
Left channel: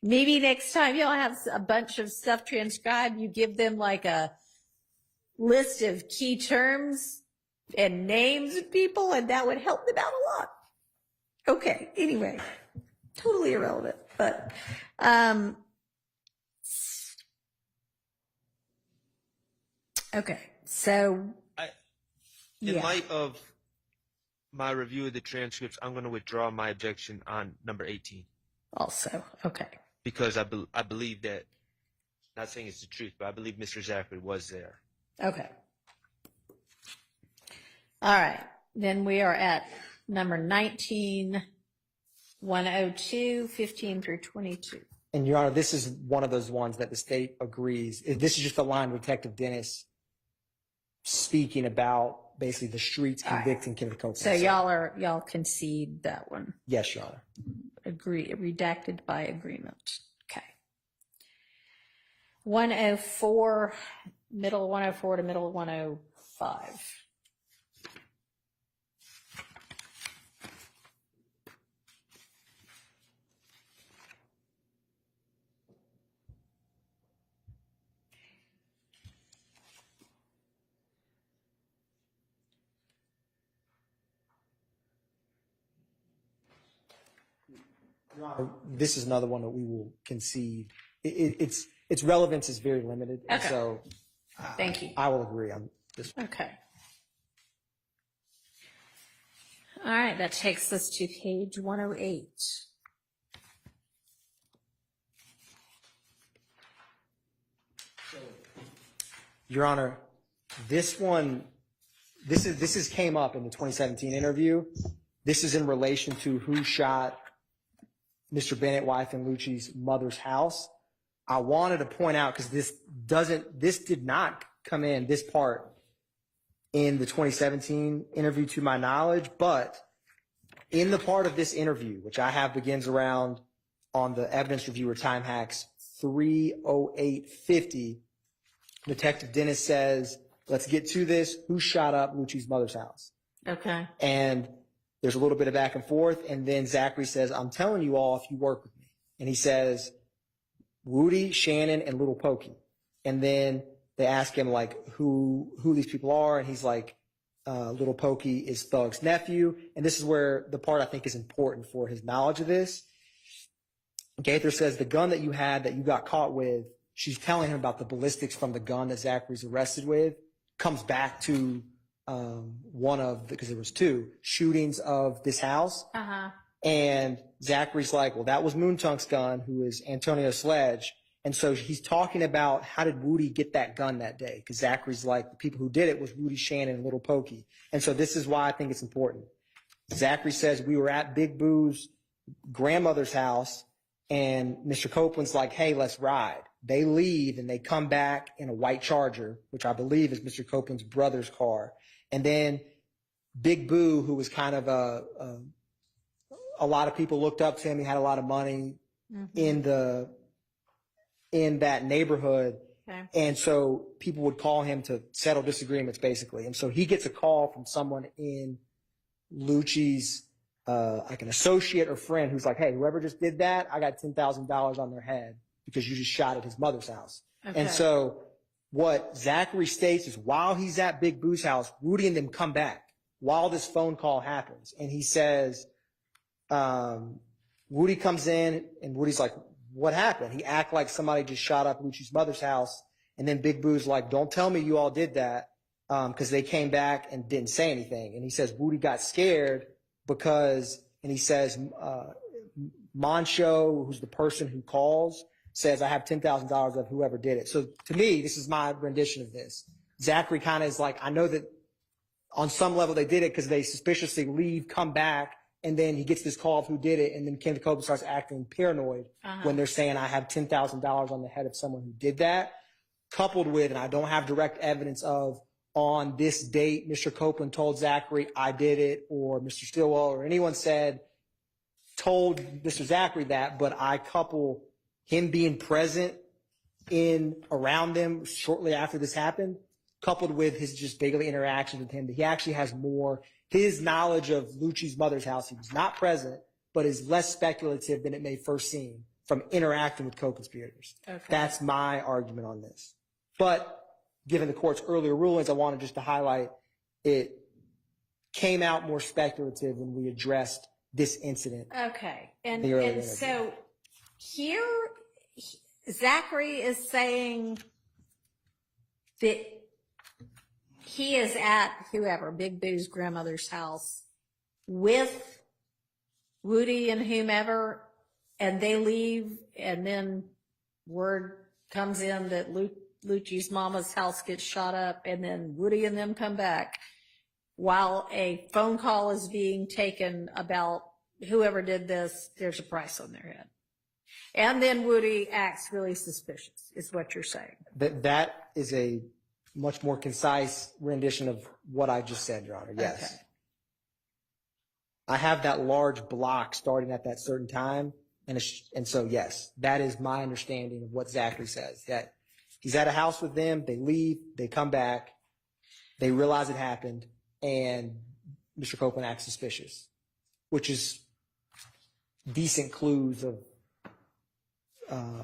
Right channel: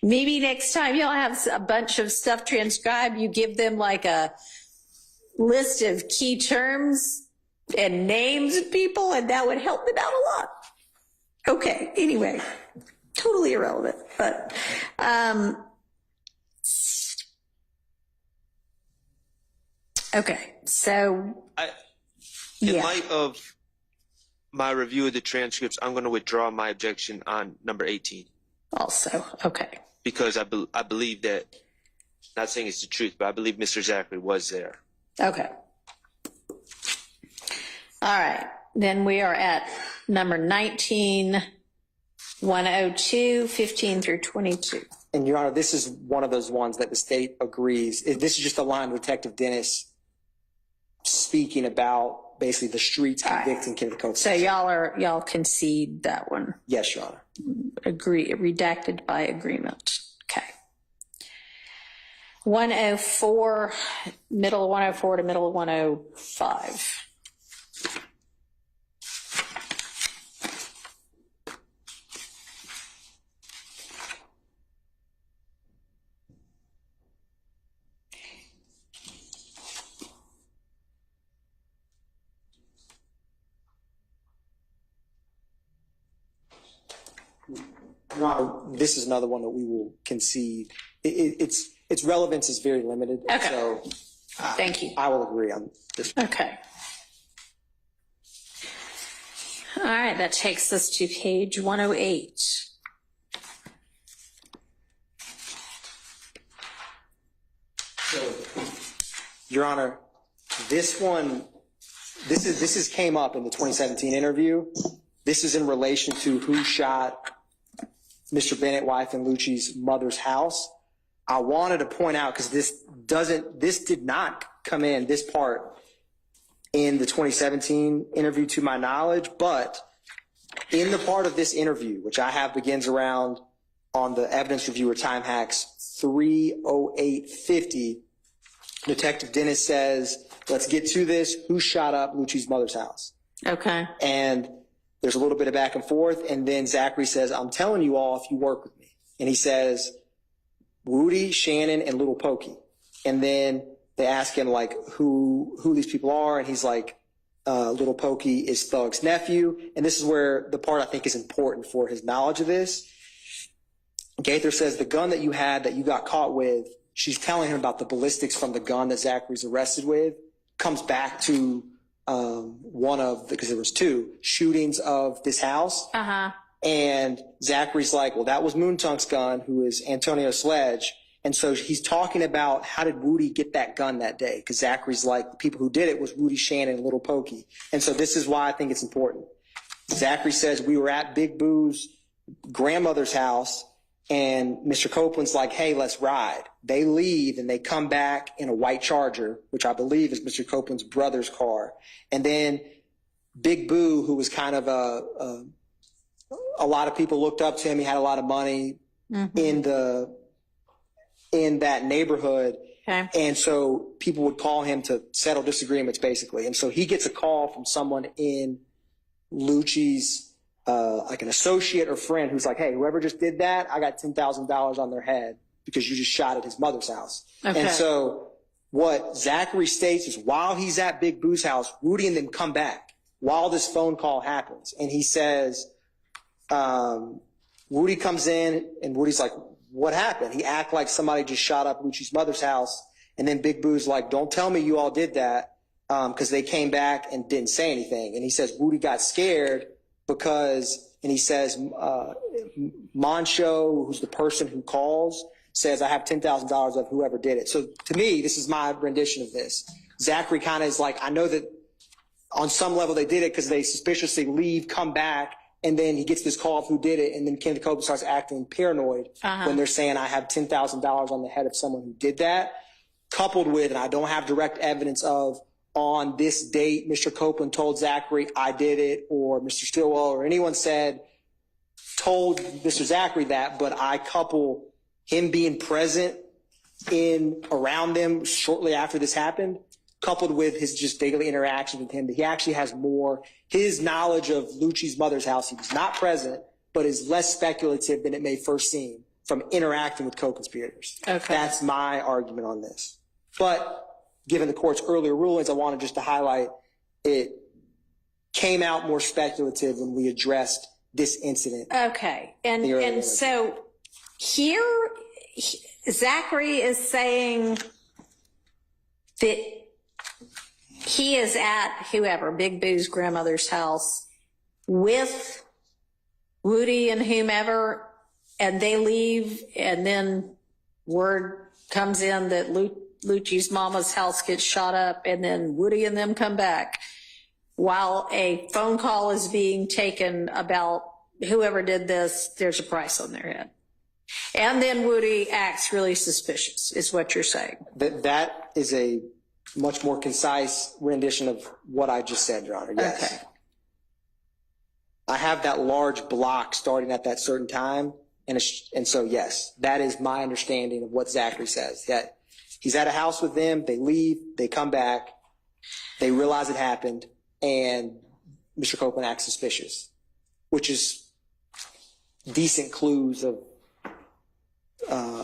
Maybe next time y'all have a bunch of stuff transcribed, you give them like a list of key terms and names of people, and that would help them out a lot. Okay, anyway, totally irrelevant, but okay, so In yeah. light of my review of the transcripts, I'm going to withdraw my objection on number 18 Also, okay. because I believe that, not saying it's the truth, but I believe Mr. Zachary was there. Okay. All right. Then we are at number 19, 102, 15 through 22. And Your Honor, this is one of those ones that the state agrees. This is just a line with Detective Dennis speaking about basically the streets convicting Kenneth Copeland. So y'all concede that one. Yes, Your Honor. Agree, redacted by agreement. Okay. 104, middle of 104 to middle of 105. Your Honor, this is another one that we will concede. Its relevance is very limited. Okay. So Thank you. I will agree on this. Okay. All right, that takes us to page 108. Your Honor, this one, this is came up in the 2017 interview. This is in relation to who shot Mr. Bennett, wife, and Lucci's mother's house. I wanted to point out, because this did not come in, this part, in the 2017 interview to my knowledge, but in the part of this interview, which I have begins around on the evidence reviewer time hacks 30850, Detective Dennis says, let's get to this. Who shot up Lucci's mother's house? Okay. And there's a little bit of back and forth. And then Zachary says, I'm telling you all if you work with me. And he says, Woody, Shannon, and Little Pokey. And then they ask him like who these people are, and he's like, Little Pokey is Thug's nephew. And this is where the part I think is important for his knowledge of this. Gaither says the gun that you had that you got caught with, she's telling him about the ballistics from the gun that Zachary's arrested with, comes back to one of, because there was two, shootings of this house. Uh-huh. And Zachary's like, well, that was Moontunk's gun, who is Antonio Sledge. And so he's talking about how did Woody get that gun that day? Because Zachary's like, the people who did it was Woody, Shannon, and Little Pokey. And so this is why I think it's important. Zachary says, we were at Big Boo's grandmother's house, and Mr. Copeland's like, hey, let's ride. They leave, and they come back in a white Charger, which I believe is Mr. Copeland's brother's car. And then Big Boo, who was kind of a lot of people looked up to him. He had a lot of money in that neighborhood. Okay. And so people would call him to settle disagreements, basically. And so he gets a call from someone in Lucci's, like an associate or friend, who's like, hey, whoever just did that, I got $10,000 on their head because you just shot at his mother's house. Okay. And so what Zachary states is while he's at Big Boo's house, Woody and them come back while this phone call happens. And he says, Woody comes in, and Woody's like, what happened? He act like somebody just shot up Lucci's mother's house. And then Big Boo's like, don't tell me you all did that, because they came back and didn't say anything. And he says Woody got scared because, and he says, Moncho, who's the person who calls, says, I have $10,000 of whoever did it. So to me, this is my rendition of this. Zachary kind of is like, I know that on some level they did it because they suspiciously leave, come back, and then he gets this call of who did it, and then Kenneth Copeland starts acting paranoid when they're saying, I have $10,000 on the head of someone who did that, coupled with, and I don't have direct evidence of, on this date, Mr. Copeland told Zachary, I did it, or Mr. Stillwell or anyone told Mr. Zachary that, but I couple him being present around them shortly after this happened, coupled with his just daily interactions with him, that he actually has more, his knowledge of Lucci's mother's house, he was not present, but is less speculative than it may first seem from interacting with co-conspirators. Okay. That's my argument on this. But given the court's earlier rulings, I wanted just to highlight it came out more speculative when we addressed this incident. Okay. And so here, Zachary is saying that he is at whoever, Big Boo's grandmother's house with Woody and whomever, and they leave, and then word comes in that Lucci's mama's house gets shot up, and then Woody and them come back while a phone call is being taken about whoever did this, there's a price on their head. And then Woody acts really suspicious, is what you're saying. That is a much more concise rendition of what I just said, Your Honor. Yes. Okay. I have that large block starting at that certain time. And so, yes, that is my understanding of what Zachary says. That he's at a house with them, they leave, they come back, they realize it happened, and Mr. Copeland acts suspicious, which is decent clues of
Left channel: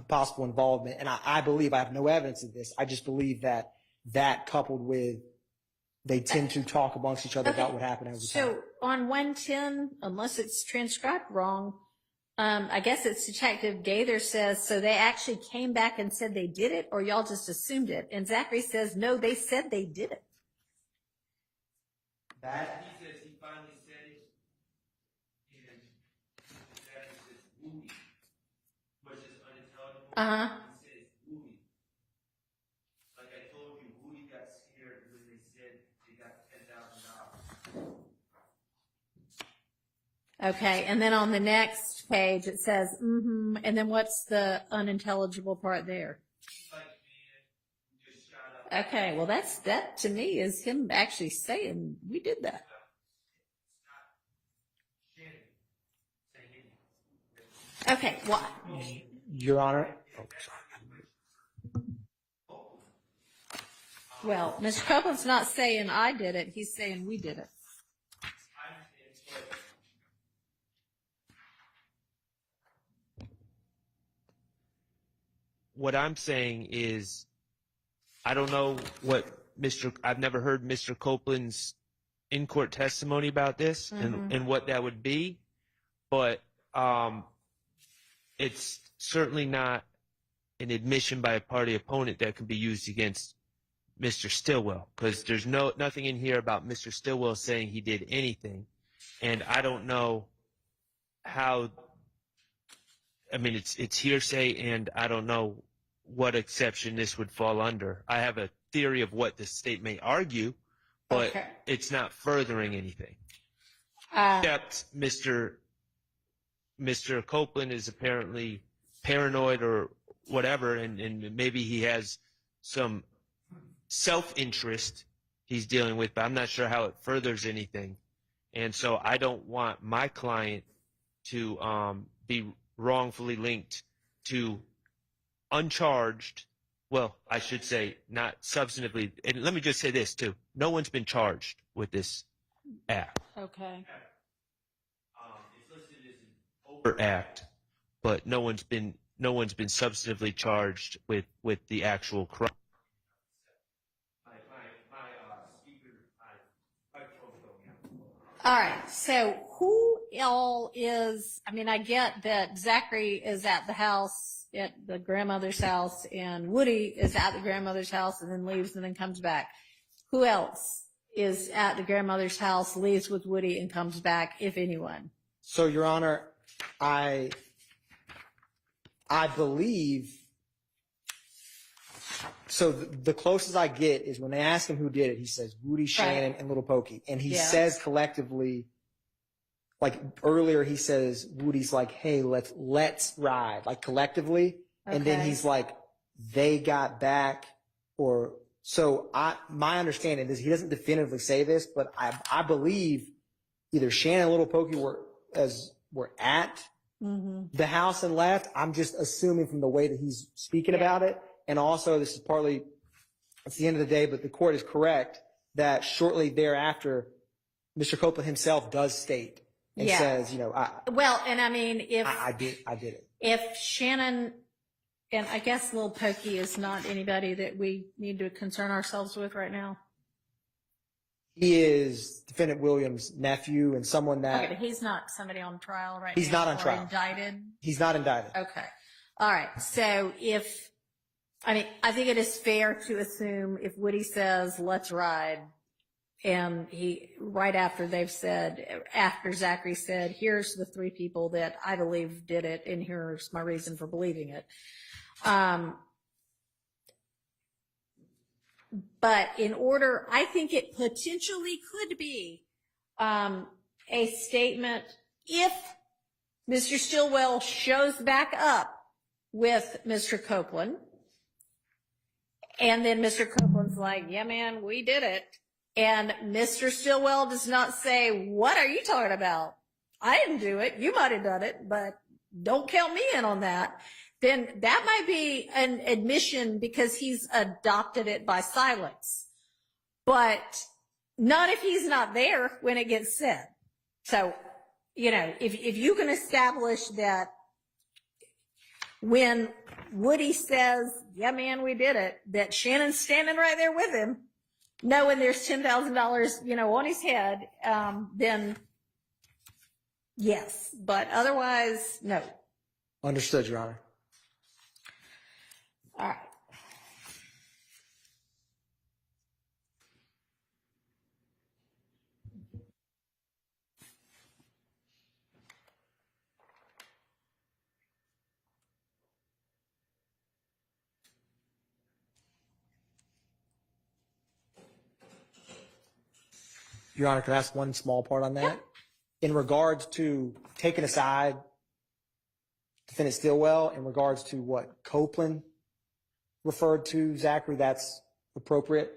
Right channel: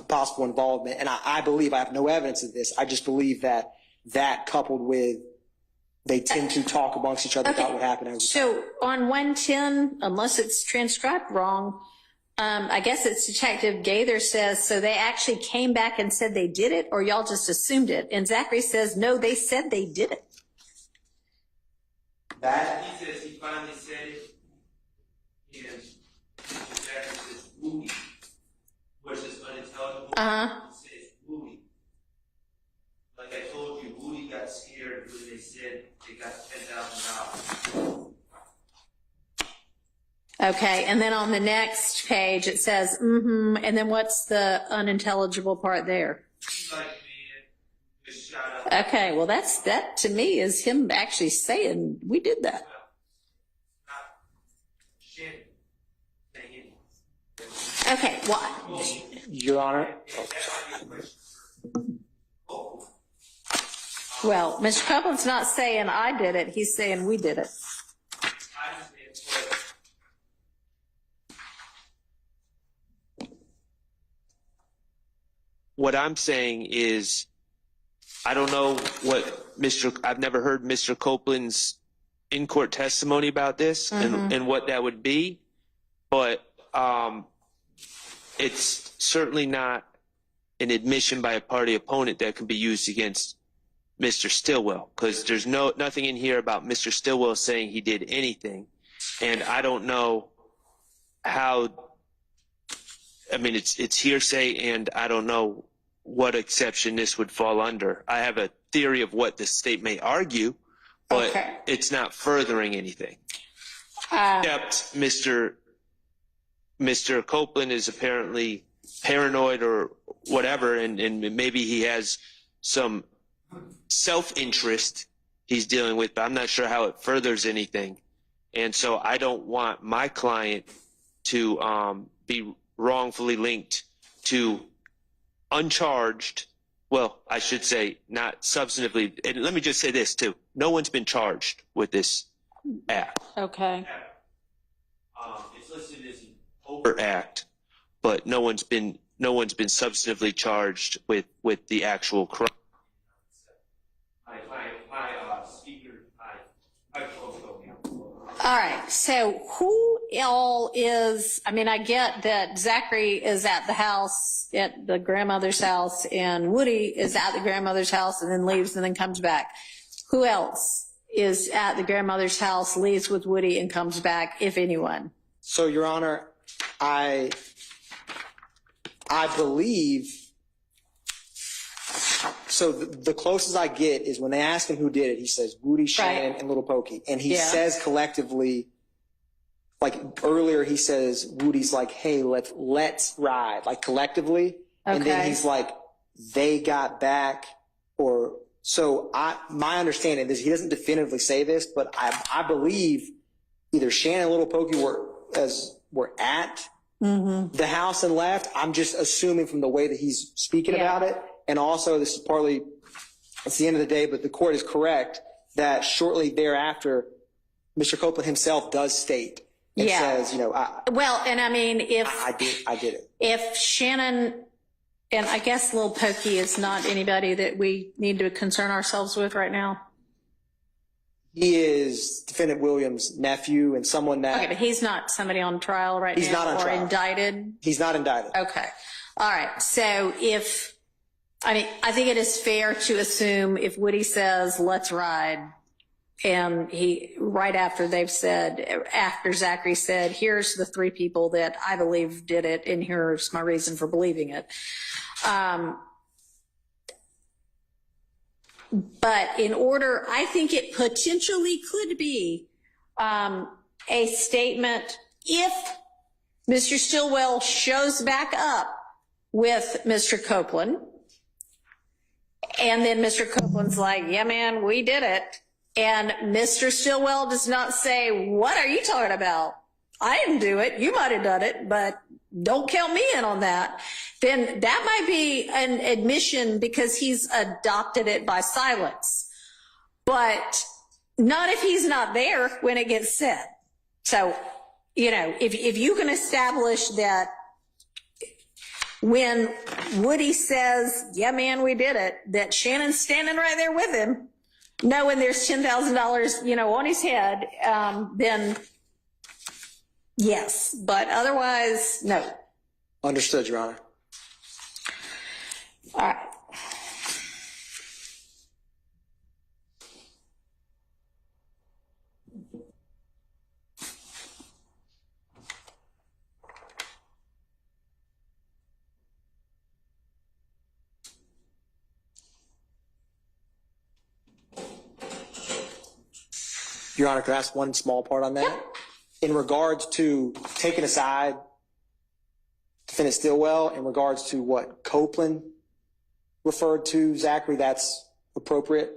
possible involvement. And I believe, I have no evidence of this, I just believe that coupled with they tend to talk amongst each other about what happened every time. So on 110, unless it's transcribed wrong, I guess it's Detective Gaither says, so they actually came back and said they did it, or y'all just assumed it? And Zachary says, no, they said they did it. That he says he finally said it, and Mr. Jackson says Woody, which is unintelligible. He says Woody. Like I told you, Woody got scared when they said they got $10,000. Okay, and then on the next page it says, and then what's the unintelligible part there? He's like, man, just shot up. Okay, well that to me is him actually saying we did that. Okay, well, Your Honor. well, Mr. Copeland's not saying I did it, he's saying we did it. What I'm saying is I don't know what I've never heard Mr. Copeland's in-court testimony about this and what that would be, but it's certainly not an admission by a party opponent that can be used against Mr. Stillwell, because there's nothing in here about Mr. Stillwell saying he did anything, and I don't know how. I mean, it's hearsay, and I don't know what exception this would fall under. I have a theory of what the state may argue, but it's not furthering anything. Except Mr. Copeland is apparently paranoid or whatever, and maybe he has some self-interest he's dealing with, but I'm not sure how it furthers anything. And so I don't want my client to be wrongfully linked to uncharged, well, I should say not substantively, and let me just say this too, no one's been charged with this act. Okay. It's listed as an overt act, but no one's been substantively charged with the actual crime. All right, so who all is, I mean, I get that Zachary is at the house, at the grandmother's house, and Woody is at the grandmother's house and then leaves and then comes back. Who else is at the grandmother's house, leaves with Woody, and comes back, if anyone? So, Your Honor, I believe, so the closest I get is when they ask him who did it, he says Woody, Shannon, and Little Pokey. And he says collectively, like earlier he says, Woody's like, hey, let's ride, like collectively. Okay. And then he's like, they got back, or, so my understanding is he doesn't definitively say this, but I believe either Shannon and Little Pokey were at the house and left. I'm just assuming from the way that he's speaking about it. And also, this is partly, it's the end of the day, but the court is correct that shortly thereafter, Mr. Copeland himself does state and says, you know, well, and I mean, if I did it. If Shannon, and I guess Lil Pokey is not anybody that we need to concern ourselves with right now. He is Defendant Williams' nephew and someone that. Okay, but he's not somebody on trial right now. He's not on trial. Or indicted. He's not indicted. Okay, all right. So I think it is fair to assume if Woody says, let's ride, and right after Zachary said, here's the three people that I believe did it, and here's my reason for believing it. But I think it potentially could be a statement if Mr. Stillwell shows back up with Mr. Copeland, and then Mr. Copeland's like, yeah, man, we did it. And Mr. Stillwell does not say, what are you talking about? I didn't do it. You might have done it, but don't count me in on that. Then that might be an admission because he's adopted it by silence. But not if he's not there when it gets said. So, you know, if you can establish that when Woody says, yeah, man, we did it, that Shannon's standing right there with him, knowing there's $10,000, you know, on his head, then yes. But otherwise, no. Understood, Your Honor. All right. Your Honor, could I ask one small part on that? Yeah. In regards to taking aside Defendant Stillwell, in regards to what Copeland referred to Zachary, that's appropriate,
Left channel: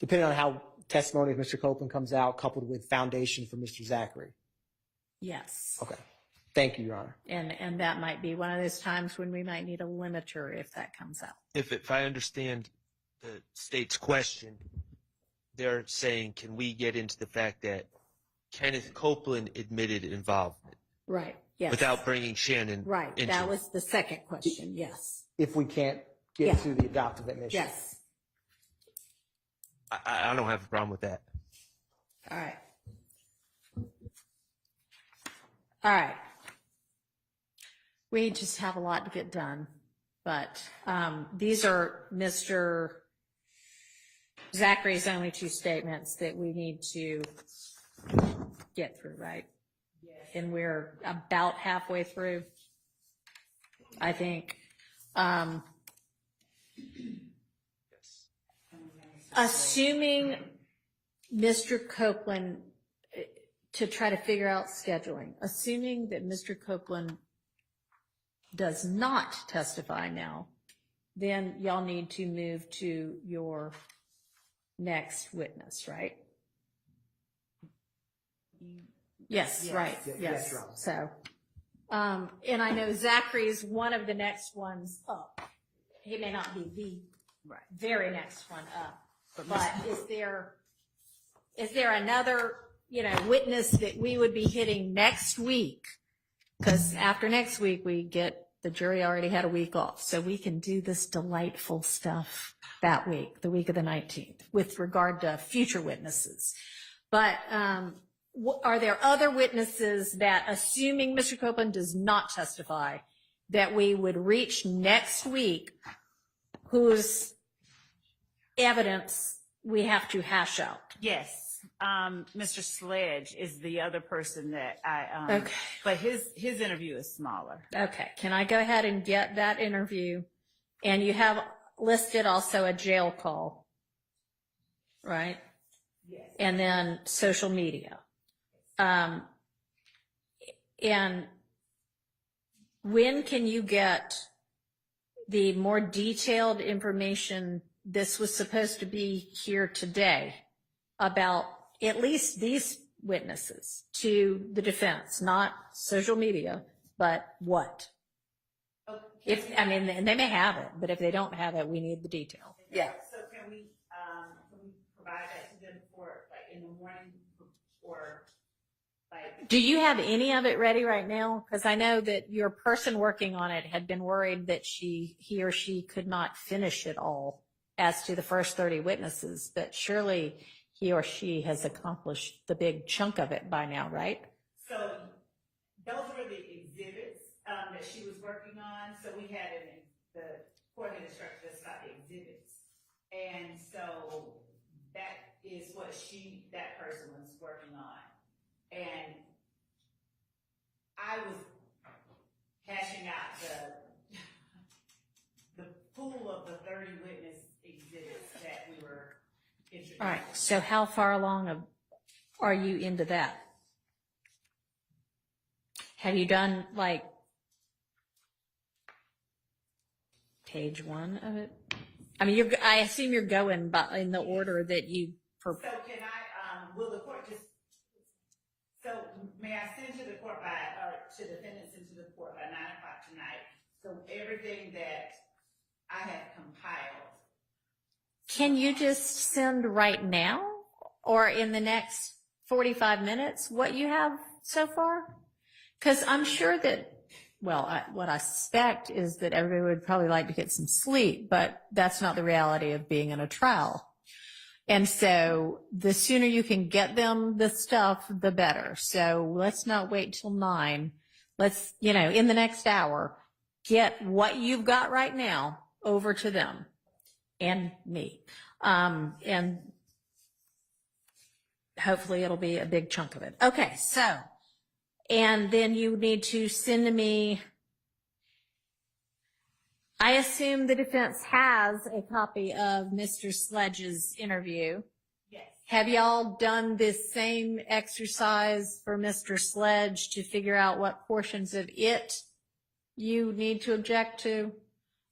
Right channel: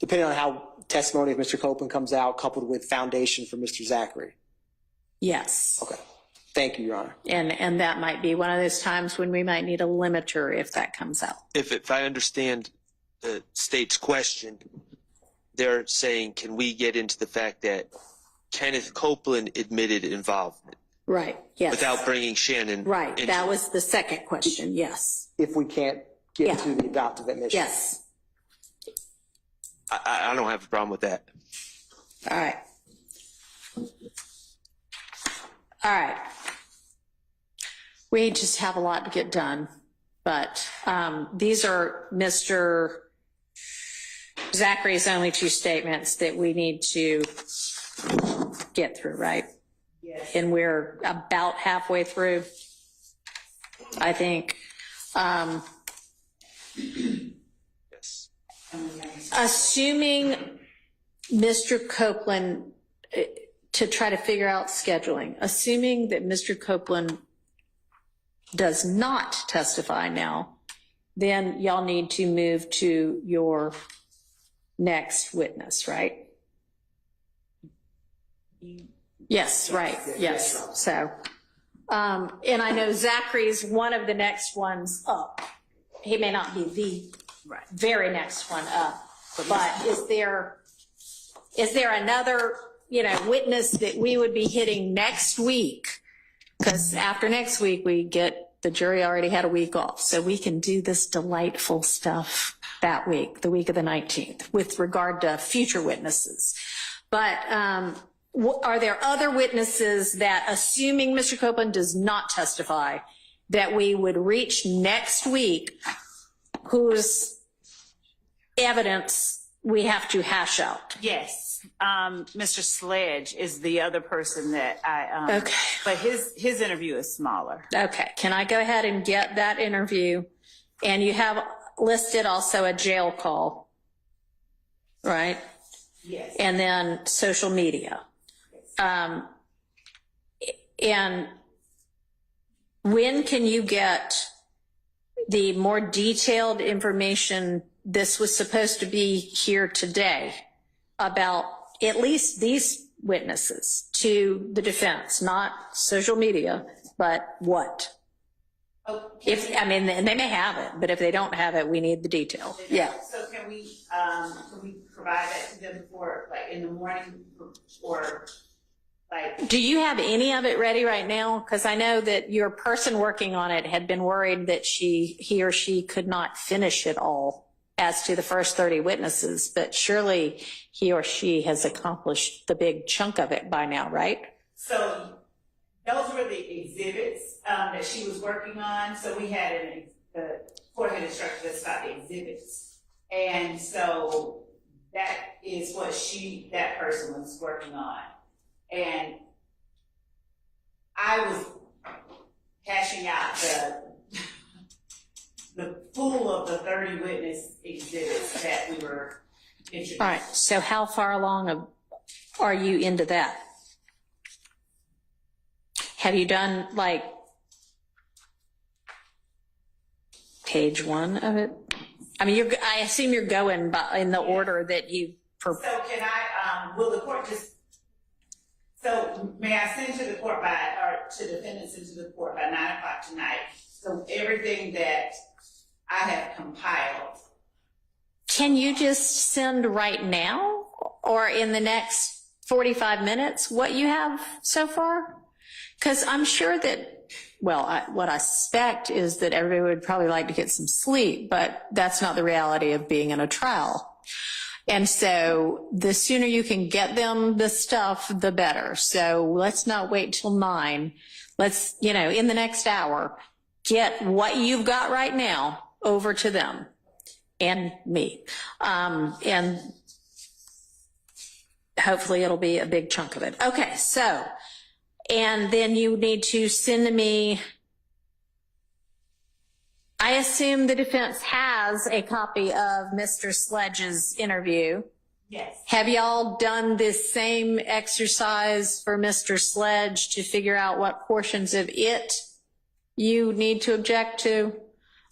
depending on how testimony of Mr. Copeland comes out, coupled with foundation for Mr. Zachary. Yes. Okay. Thank you, Your Honor. And that might be one of those times when we might need a limiter if that comes out. If I understand the state's question, they're saying, can we get into the fact that Kenneth Copeland admitted involvement? Right, yes. Without bringing Shannon Right, it. that was the second question, yes. If we can't get to the adoptive admission. Yes. I don't have a problem with that. All right. All right. We just have a lot to get done, but these are Mr. Zachary's only two statements that we need to get through, right? Yes. And we're about halfway through, I think. Yes. Assuming Mr. Copeland, to try to figure out scheduling, assuming that Mr. Copeland does not testify now, then y'all need to move to your next witness, right? Yes, right, yes. So, and I know Zachary's one of the next ones up. He may not be the very next one up, but is there another, witness that we would be hitting next week? Because after next week, the jury already had a week off, so we can do this delightful stuff that week, the week of the 19th, with regard to future witnesses. But are there other witnesses that, assuming Mr. Copeland does not testify, that we would reach next week whose evidence we have to hash out? Yes. Mr. Sledge is the other person that I, Okay. but his interview is smaller. Okay, can I go ahead and get that interview? And you have listed also a jail call, right? Yes. And then social media. And when can you get the more detailed information? This was supposed to be here today about at least these witnesses to the defense, not social media, but what? And they may have it, but if they don't have it, we need the detail. Yeah. So can we provide that to them for, in the morning, or Do you have any of it ready right now? Because I know that your person working on it had been worried that he or she could not finish it all as to the first 30 witnesses, but surely he or she has accomplished the big chunk of it by now, right? So those were the exhibits that she was working on. So we had the court had instructed us about the exhibits. And so that is what that person was working on. And I was hashing out the full of the 30 witness exhibits that we were introducing. All right, so how far along are you into that? Have you done page 1 of it? I mean, I assume you're going in the order that you. So can I, will the court so may I send to the court to defendants into the court by 9 o'clock tonight? So everything that I have compiled. Can you just send right now or in the next 45 minutes what you have so far? Because I'm sure that, what I suspect is that everybody would probably like to get some sleep, but that's not the reality of being in a trial. And so the sooner you can get them the stuff, the better. So let's not wait till 9. Let's, in the next hour, get what you've got right now over to them and me. And hopefully it'll be a big chunk of it. Okay, so, and then you need to send to me, I assume the defense has a copy of Mr. Sledge's interview. Yes. Have y'all done this same exercise for Mr. Sledge to figure out what portions of it you need to object to?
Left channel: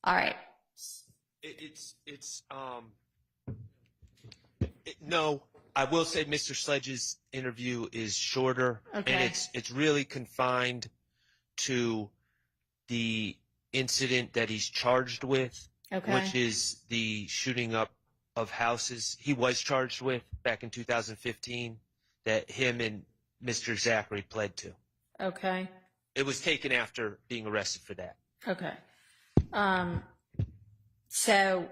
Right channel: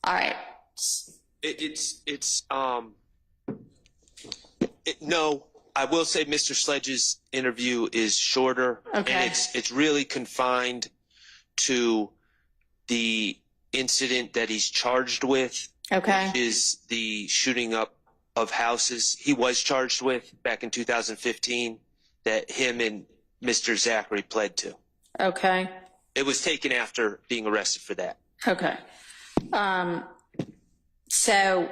All right. No, I will say Mr. Sledge's interview is shorter. Okay. And it's really confined to the incident that he's charged with. Okay. Which is the shooting up of houses he was charged with back in 2015 that him and Mr. Zachary pled to. Okay. It was taken after being arrested for that. Okay. So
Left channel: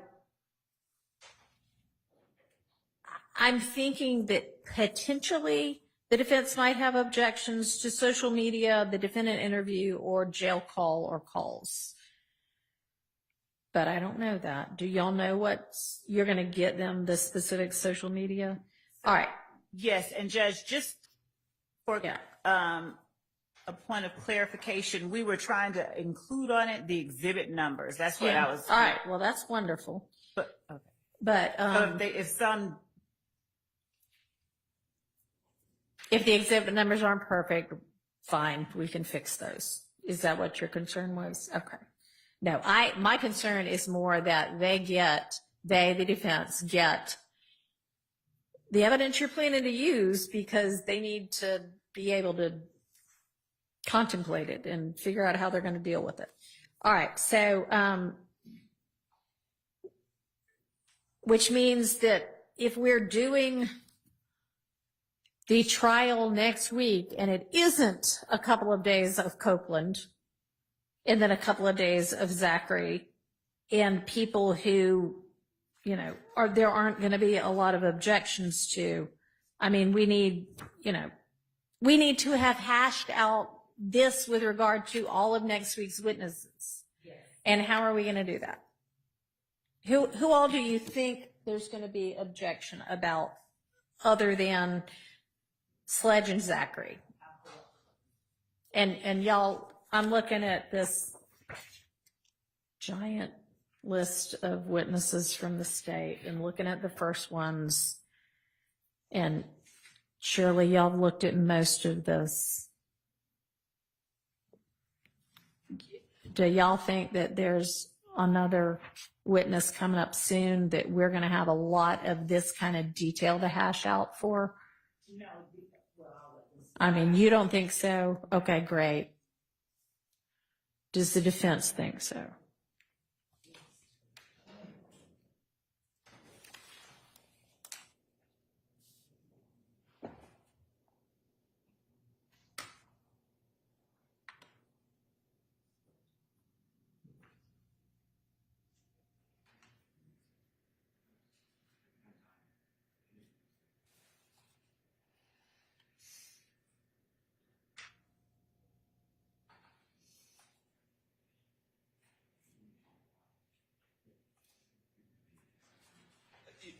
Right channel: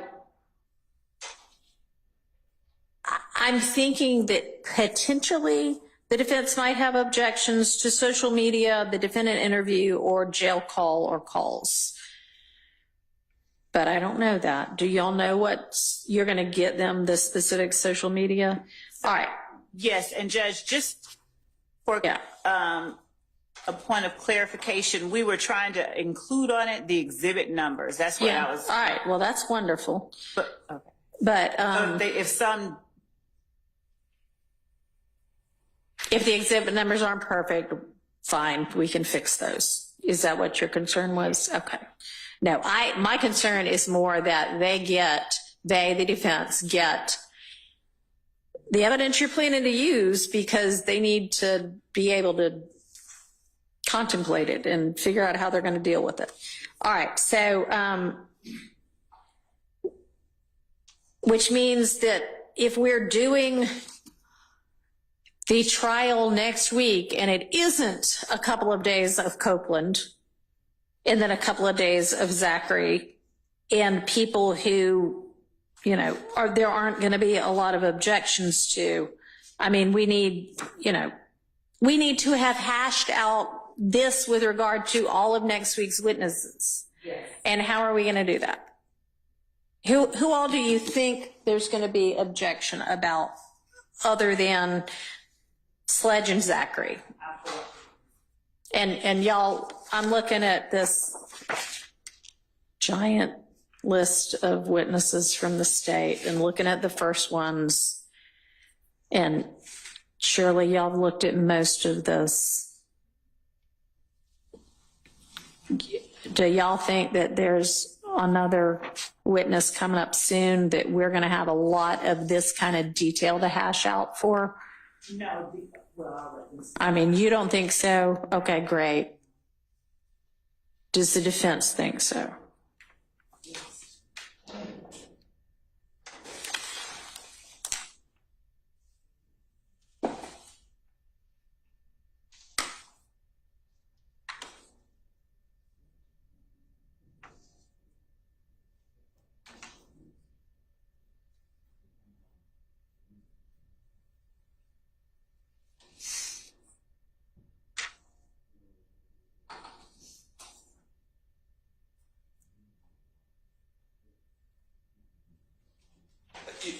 I'm thinking that potentially the defense might have objections to social media, the defendant interview, or jail call or calls. But I don't know that. Do y'all know what you're going to get them, the specific social media? All right. Yes, and Judge, just for a point of clarification, we were trying to include on it the exhibit numbers. That's what I was. All right. Well, that's wonderful. But, okay. But if the exhibit numbers aren't perfect, fine, we can fix those. Is that what your concern was? Okay. No, my concern is more that the defense get the evidence you're planning to use, because they need to be able to contemplate it and figure out how they're going to deal with it. All right. So, which means that if we're doing the trial next week and it isn't a couple of days of Copeland and then a couple of days of Zachary and people who, there aren't going to be a lot of objections to, I mean, we need to have hashed out this with regard to all of next week's witnesses. Yes. And how are we going to do that? Who all do you think there's going to be objection about other than Sledge and Zachary? And y'all, I'm looking at this giant list of witnesses from the state and looking at the first ones, and surely y'all have looked at most of this. Do y'all think that there's another witness coming up soon that we're going to have a lot of this kind of detail to hash out for? No, well, I mean, you don't think so? Okay, great. Does the defense think so?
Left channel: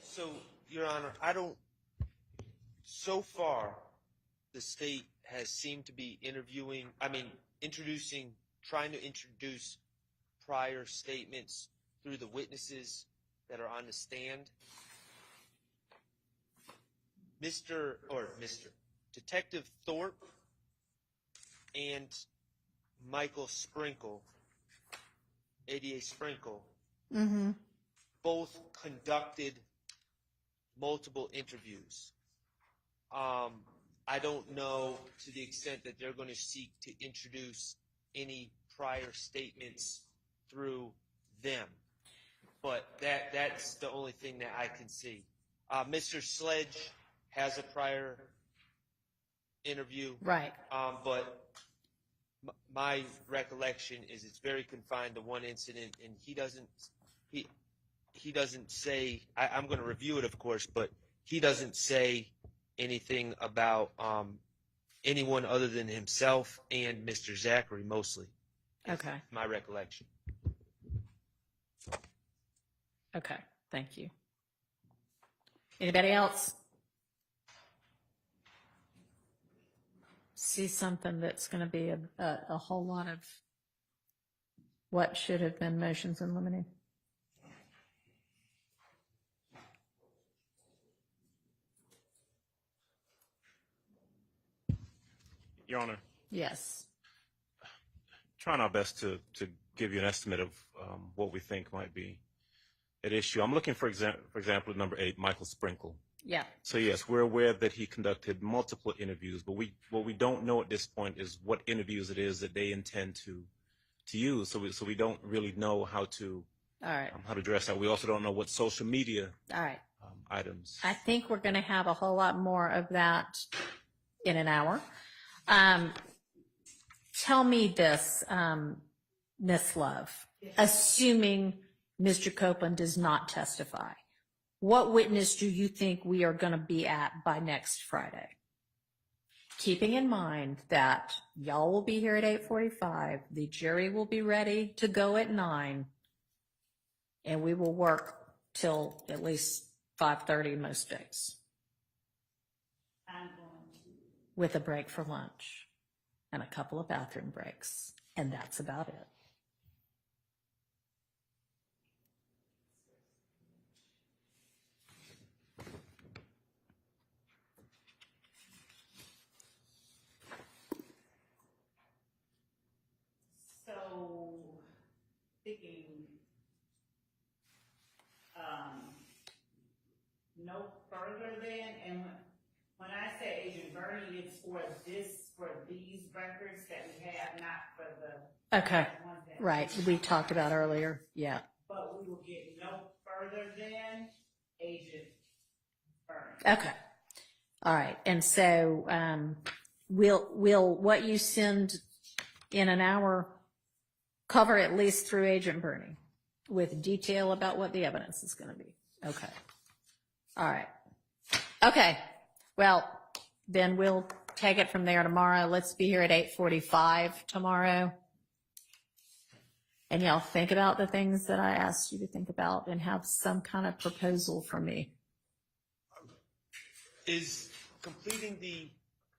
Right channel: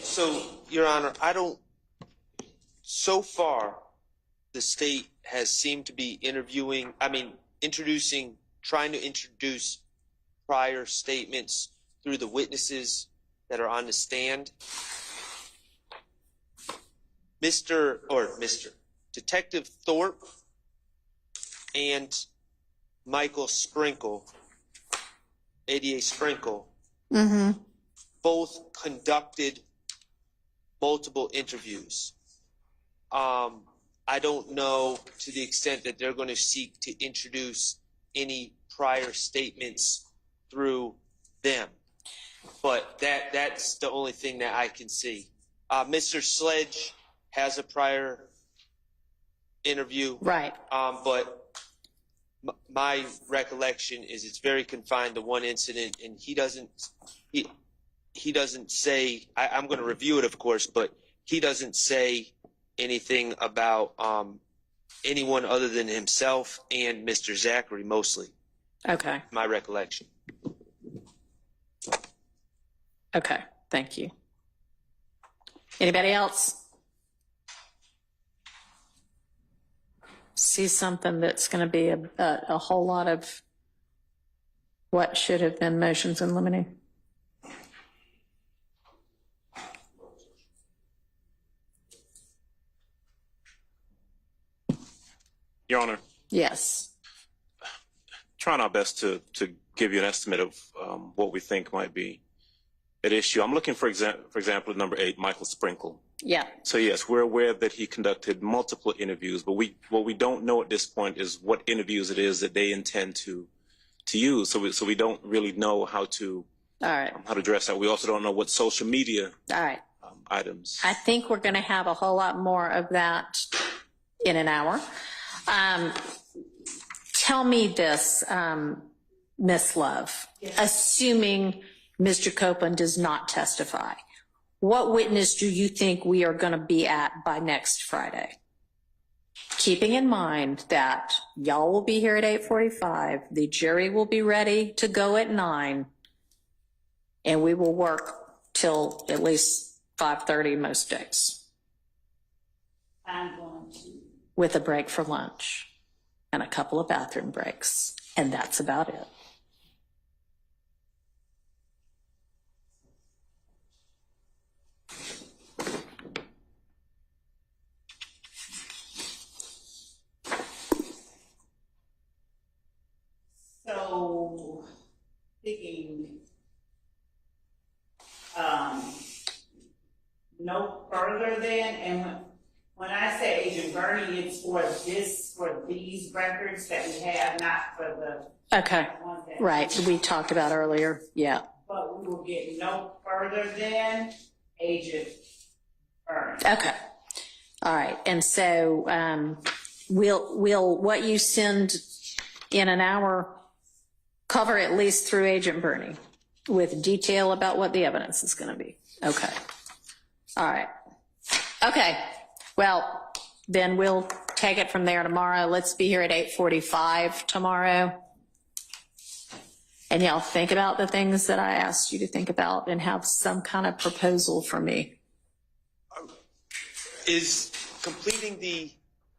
So, Your Honor, so far, the state has seemed to be trying to introduce prior statements through the witnesses that are on the stand. Detective Thorpe and Michael Sprinkle, ADA Sprinkle, both conducted multiple interviews. I don't know to the extent that they're going to seek to introduce any prior statements through them, but that's the only thing that I can see. Mr. Sledge has a prior interview, right? But my recollection is it's very confined to one incident, and he doesn't say, I'm going to review it, of course, but he doesn't say anything about anyone other than himself and Mr. Zachary, mostly. Okay. My recollection. Okay, thank you. Anybody else see something that's going to be a whole lot of what should have been motions in limine? Your Honor. Yes. Trying our best to give you an estimate of what we think might be at issue. I'm looking, for example, at number 8, Michael Sprinkle. Yeah. So yes, we're aware that he conducted multiple interviews, but what we don't know at this point is what interviews it is that they intend to use. So we don't really know how to address that. We also don't know what social media items. I think we're going to have a whole lot more of that in an hour. Tell me this, Miss Love, assuming Mr. Copeland does not testify, what witness do you think we are going to be at by next Friday? Keeping in mind that y'all will be here at 8:45, the jury will be ready to go at 9, and we will work till at least 5:30 most days, I'm going to. with a break for lunch and a couple of bathroom breaks, and that's about it. So, thinking, no further than, and when I say Agent Bernie, it's for these records that we have, not for the Okay, ones that. right, we talked about earlier, yeah. But we will get no further than Agent Bernie. Okay, all right, and so will what you send in an hour cover at least through Agent Bernie with detail about what the evidence is going to be? Okay, all right, okay, well, then we'll take it from there tomorrow. Let's be here at 8:45 tomorrow. And y'all think about the things that I asked you to think about and have some kind of proposal for me.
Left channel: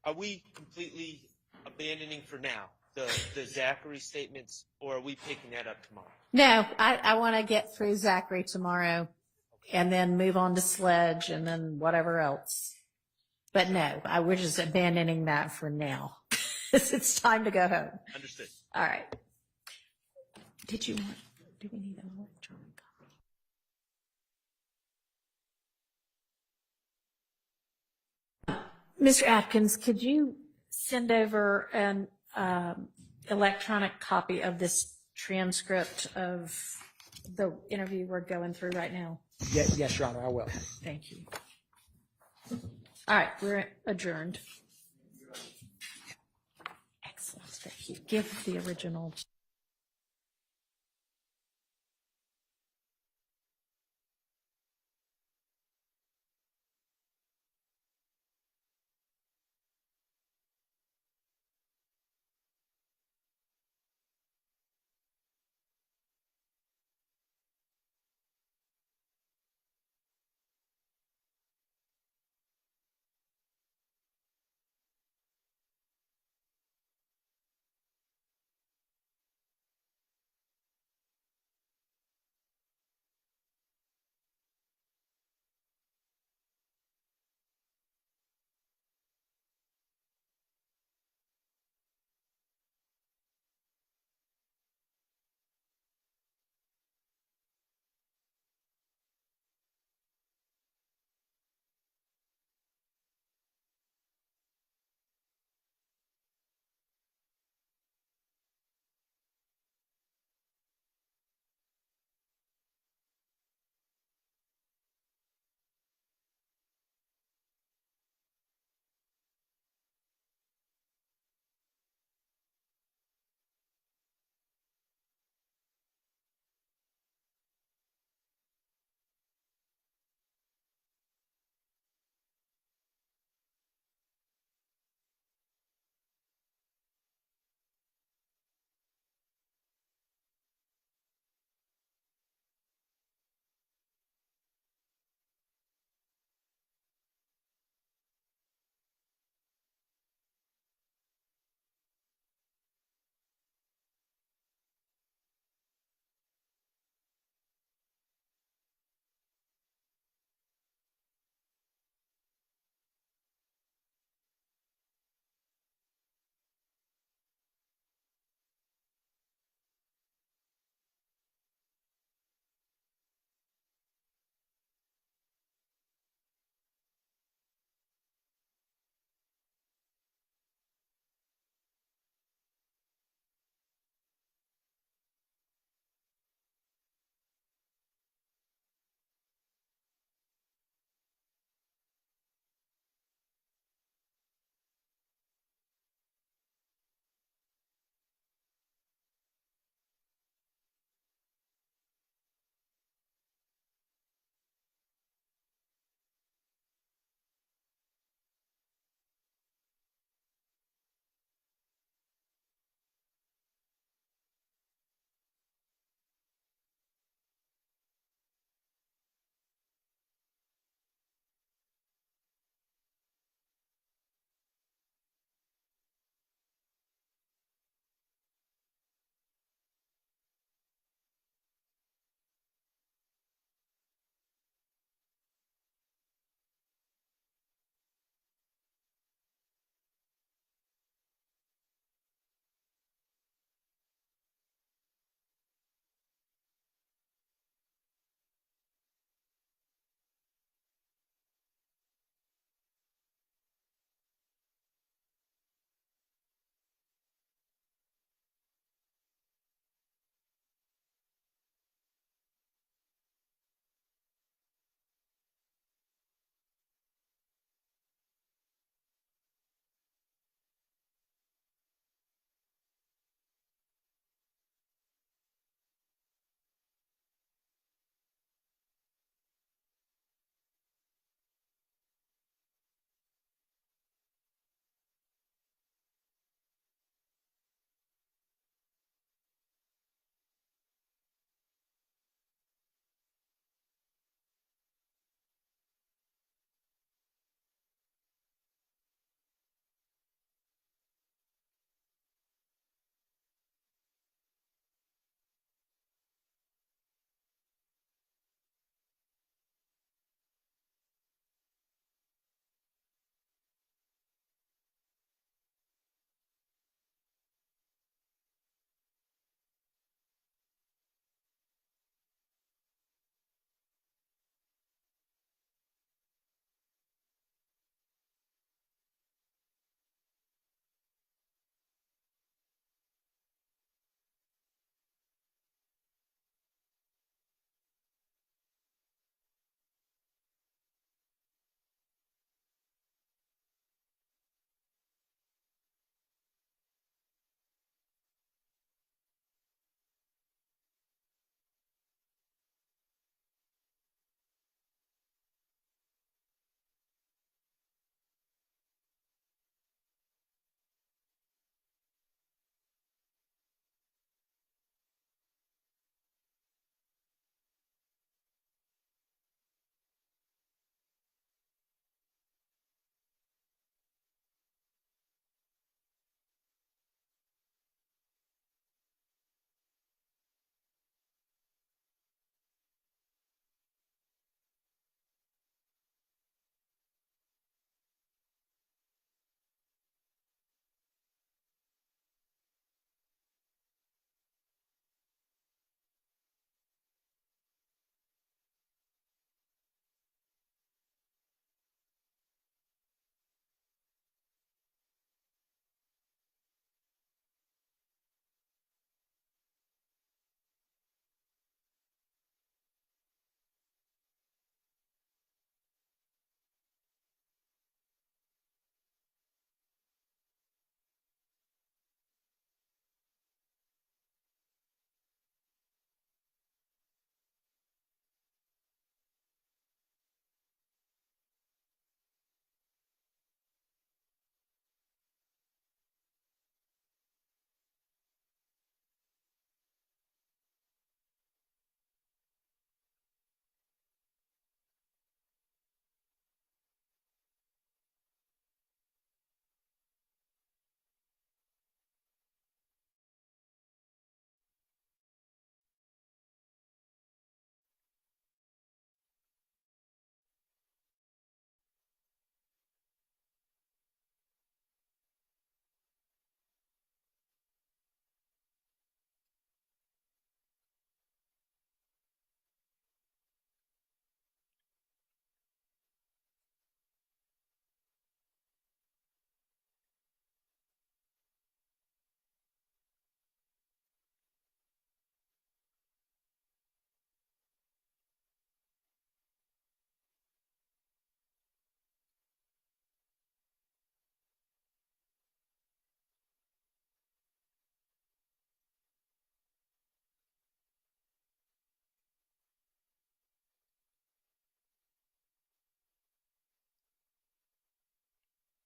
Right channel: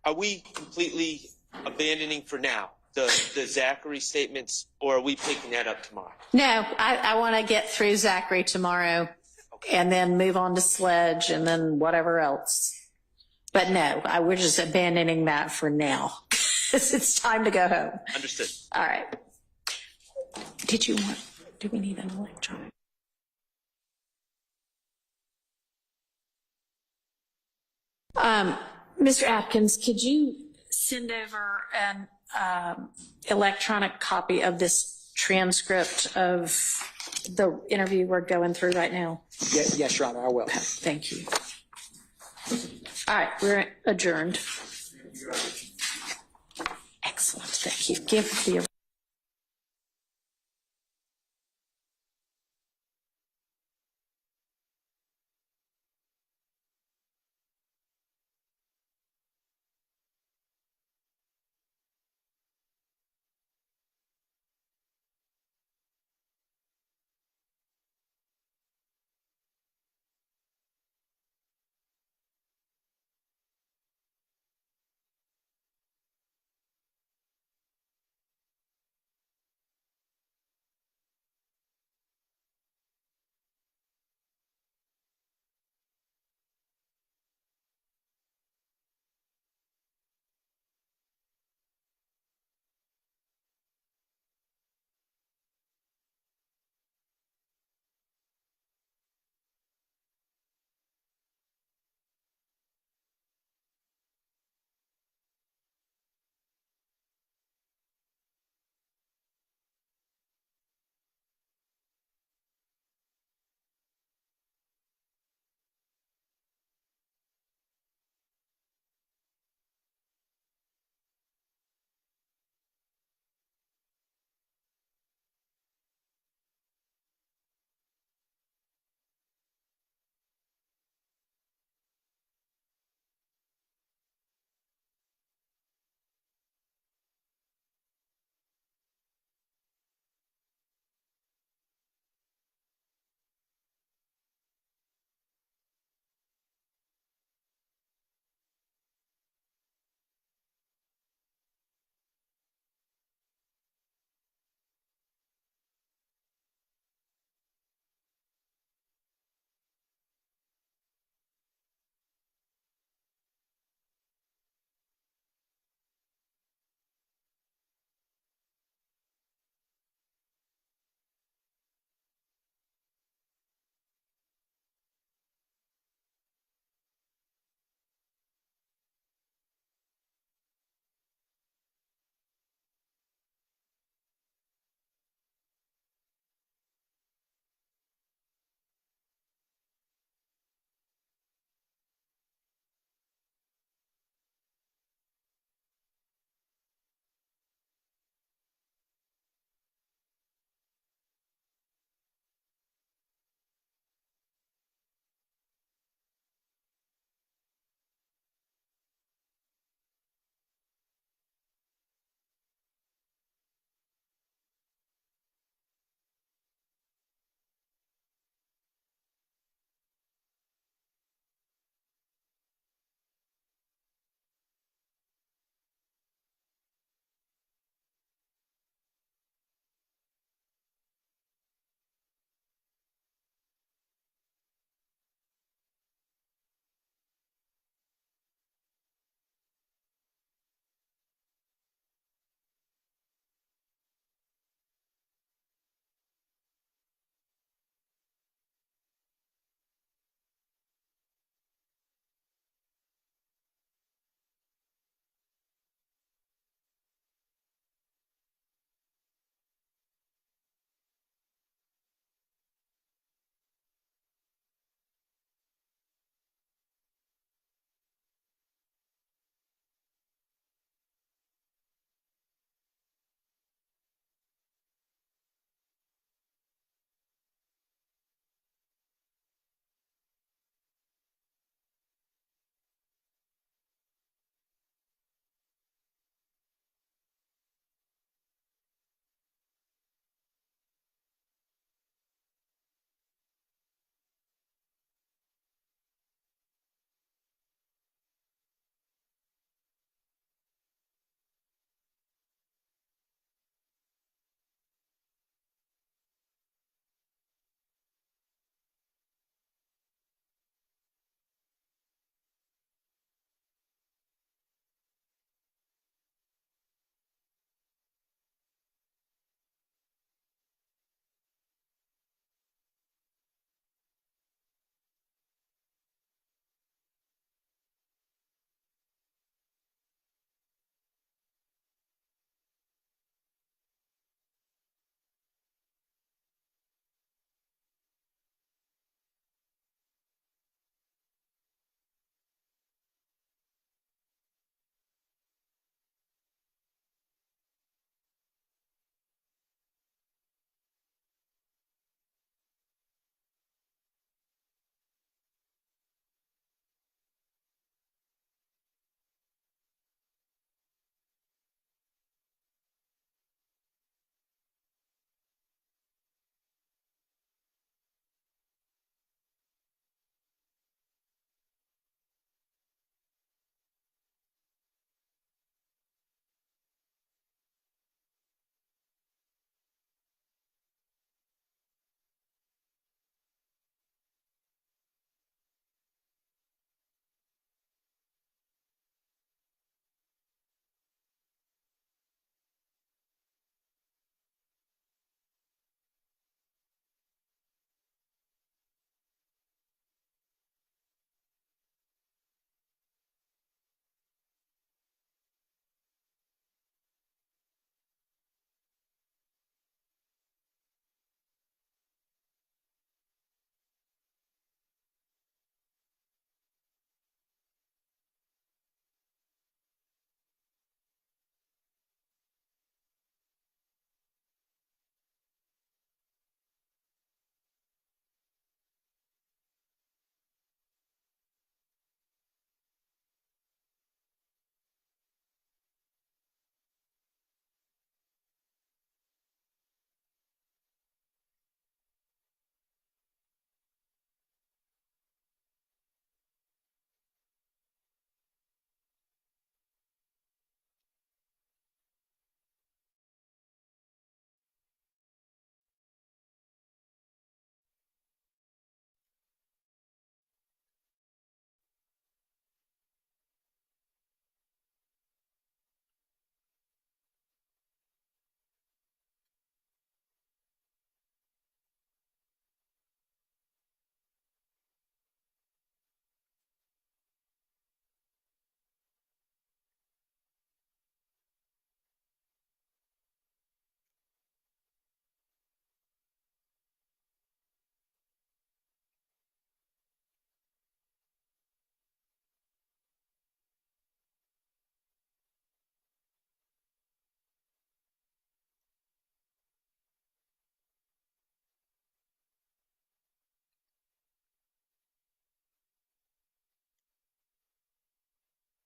Are we completely abandoning for now the Zachary statements, or are we picking that up tomorrow? No, I want to get through Zachary tomorrow and then move on to Sledge and then whatever else. But no, we're just abandoning that for now. It's time to go home. Understood. All right. Do we need an electronic? Mr. Atkins, could you send over an electronic copy of this transcript of the interview we're going through right now? Yes, Your Honor, I will. Thank you. All right, we're adjourned. Excellent, thank you. Give the original.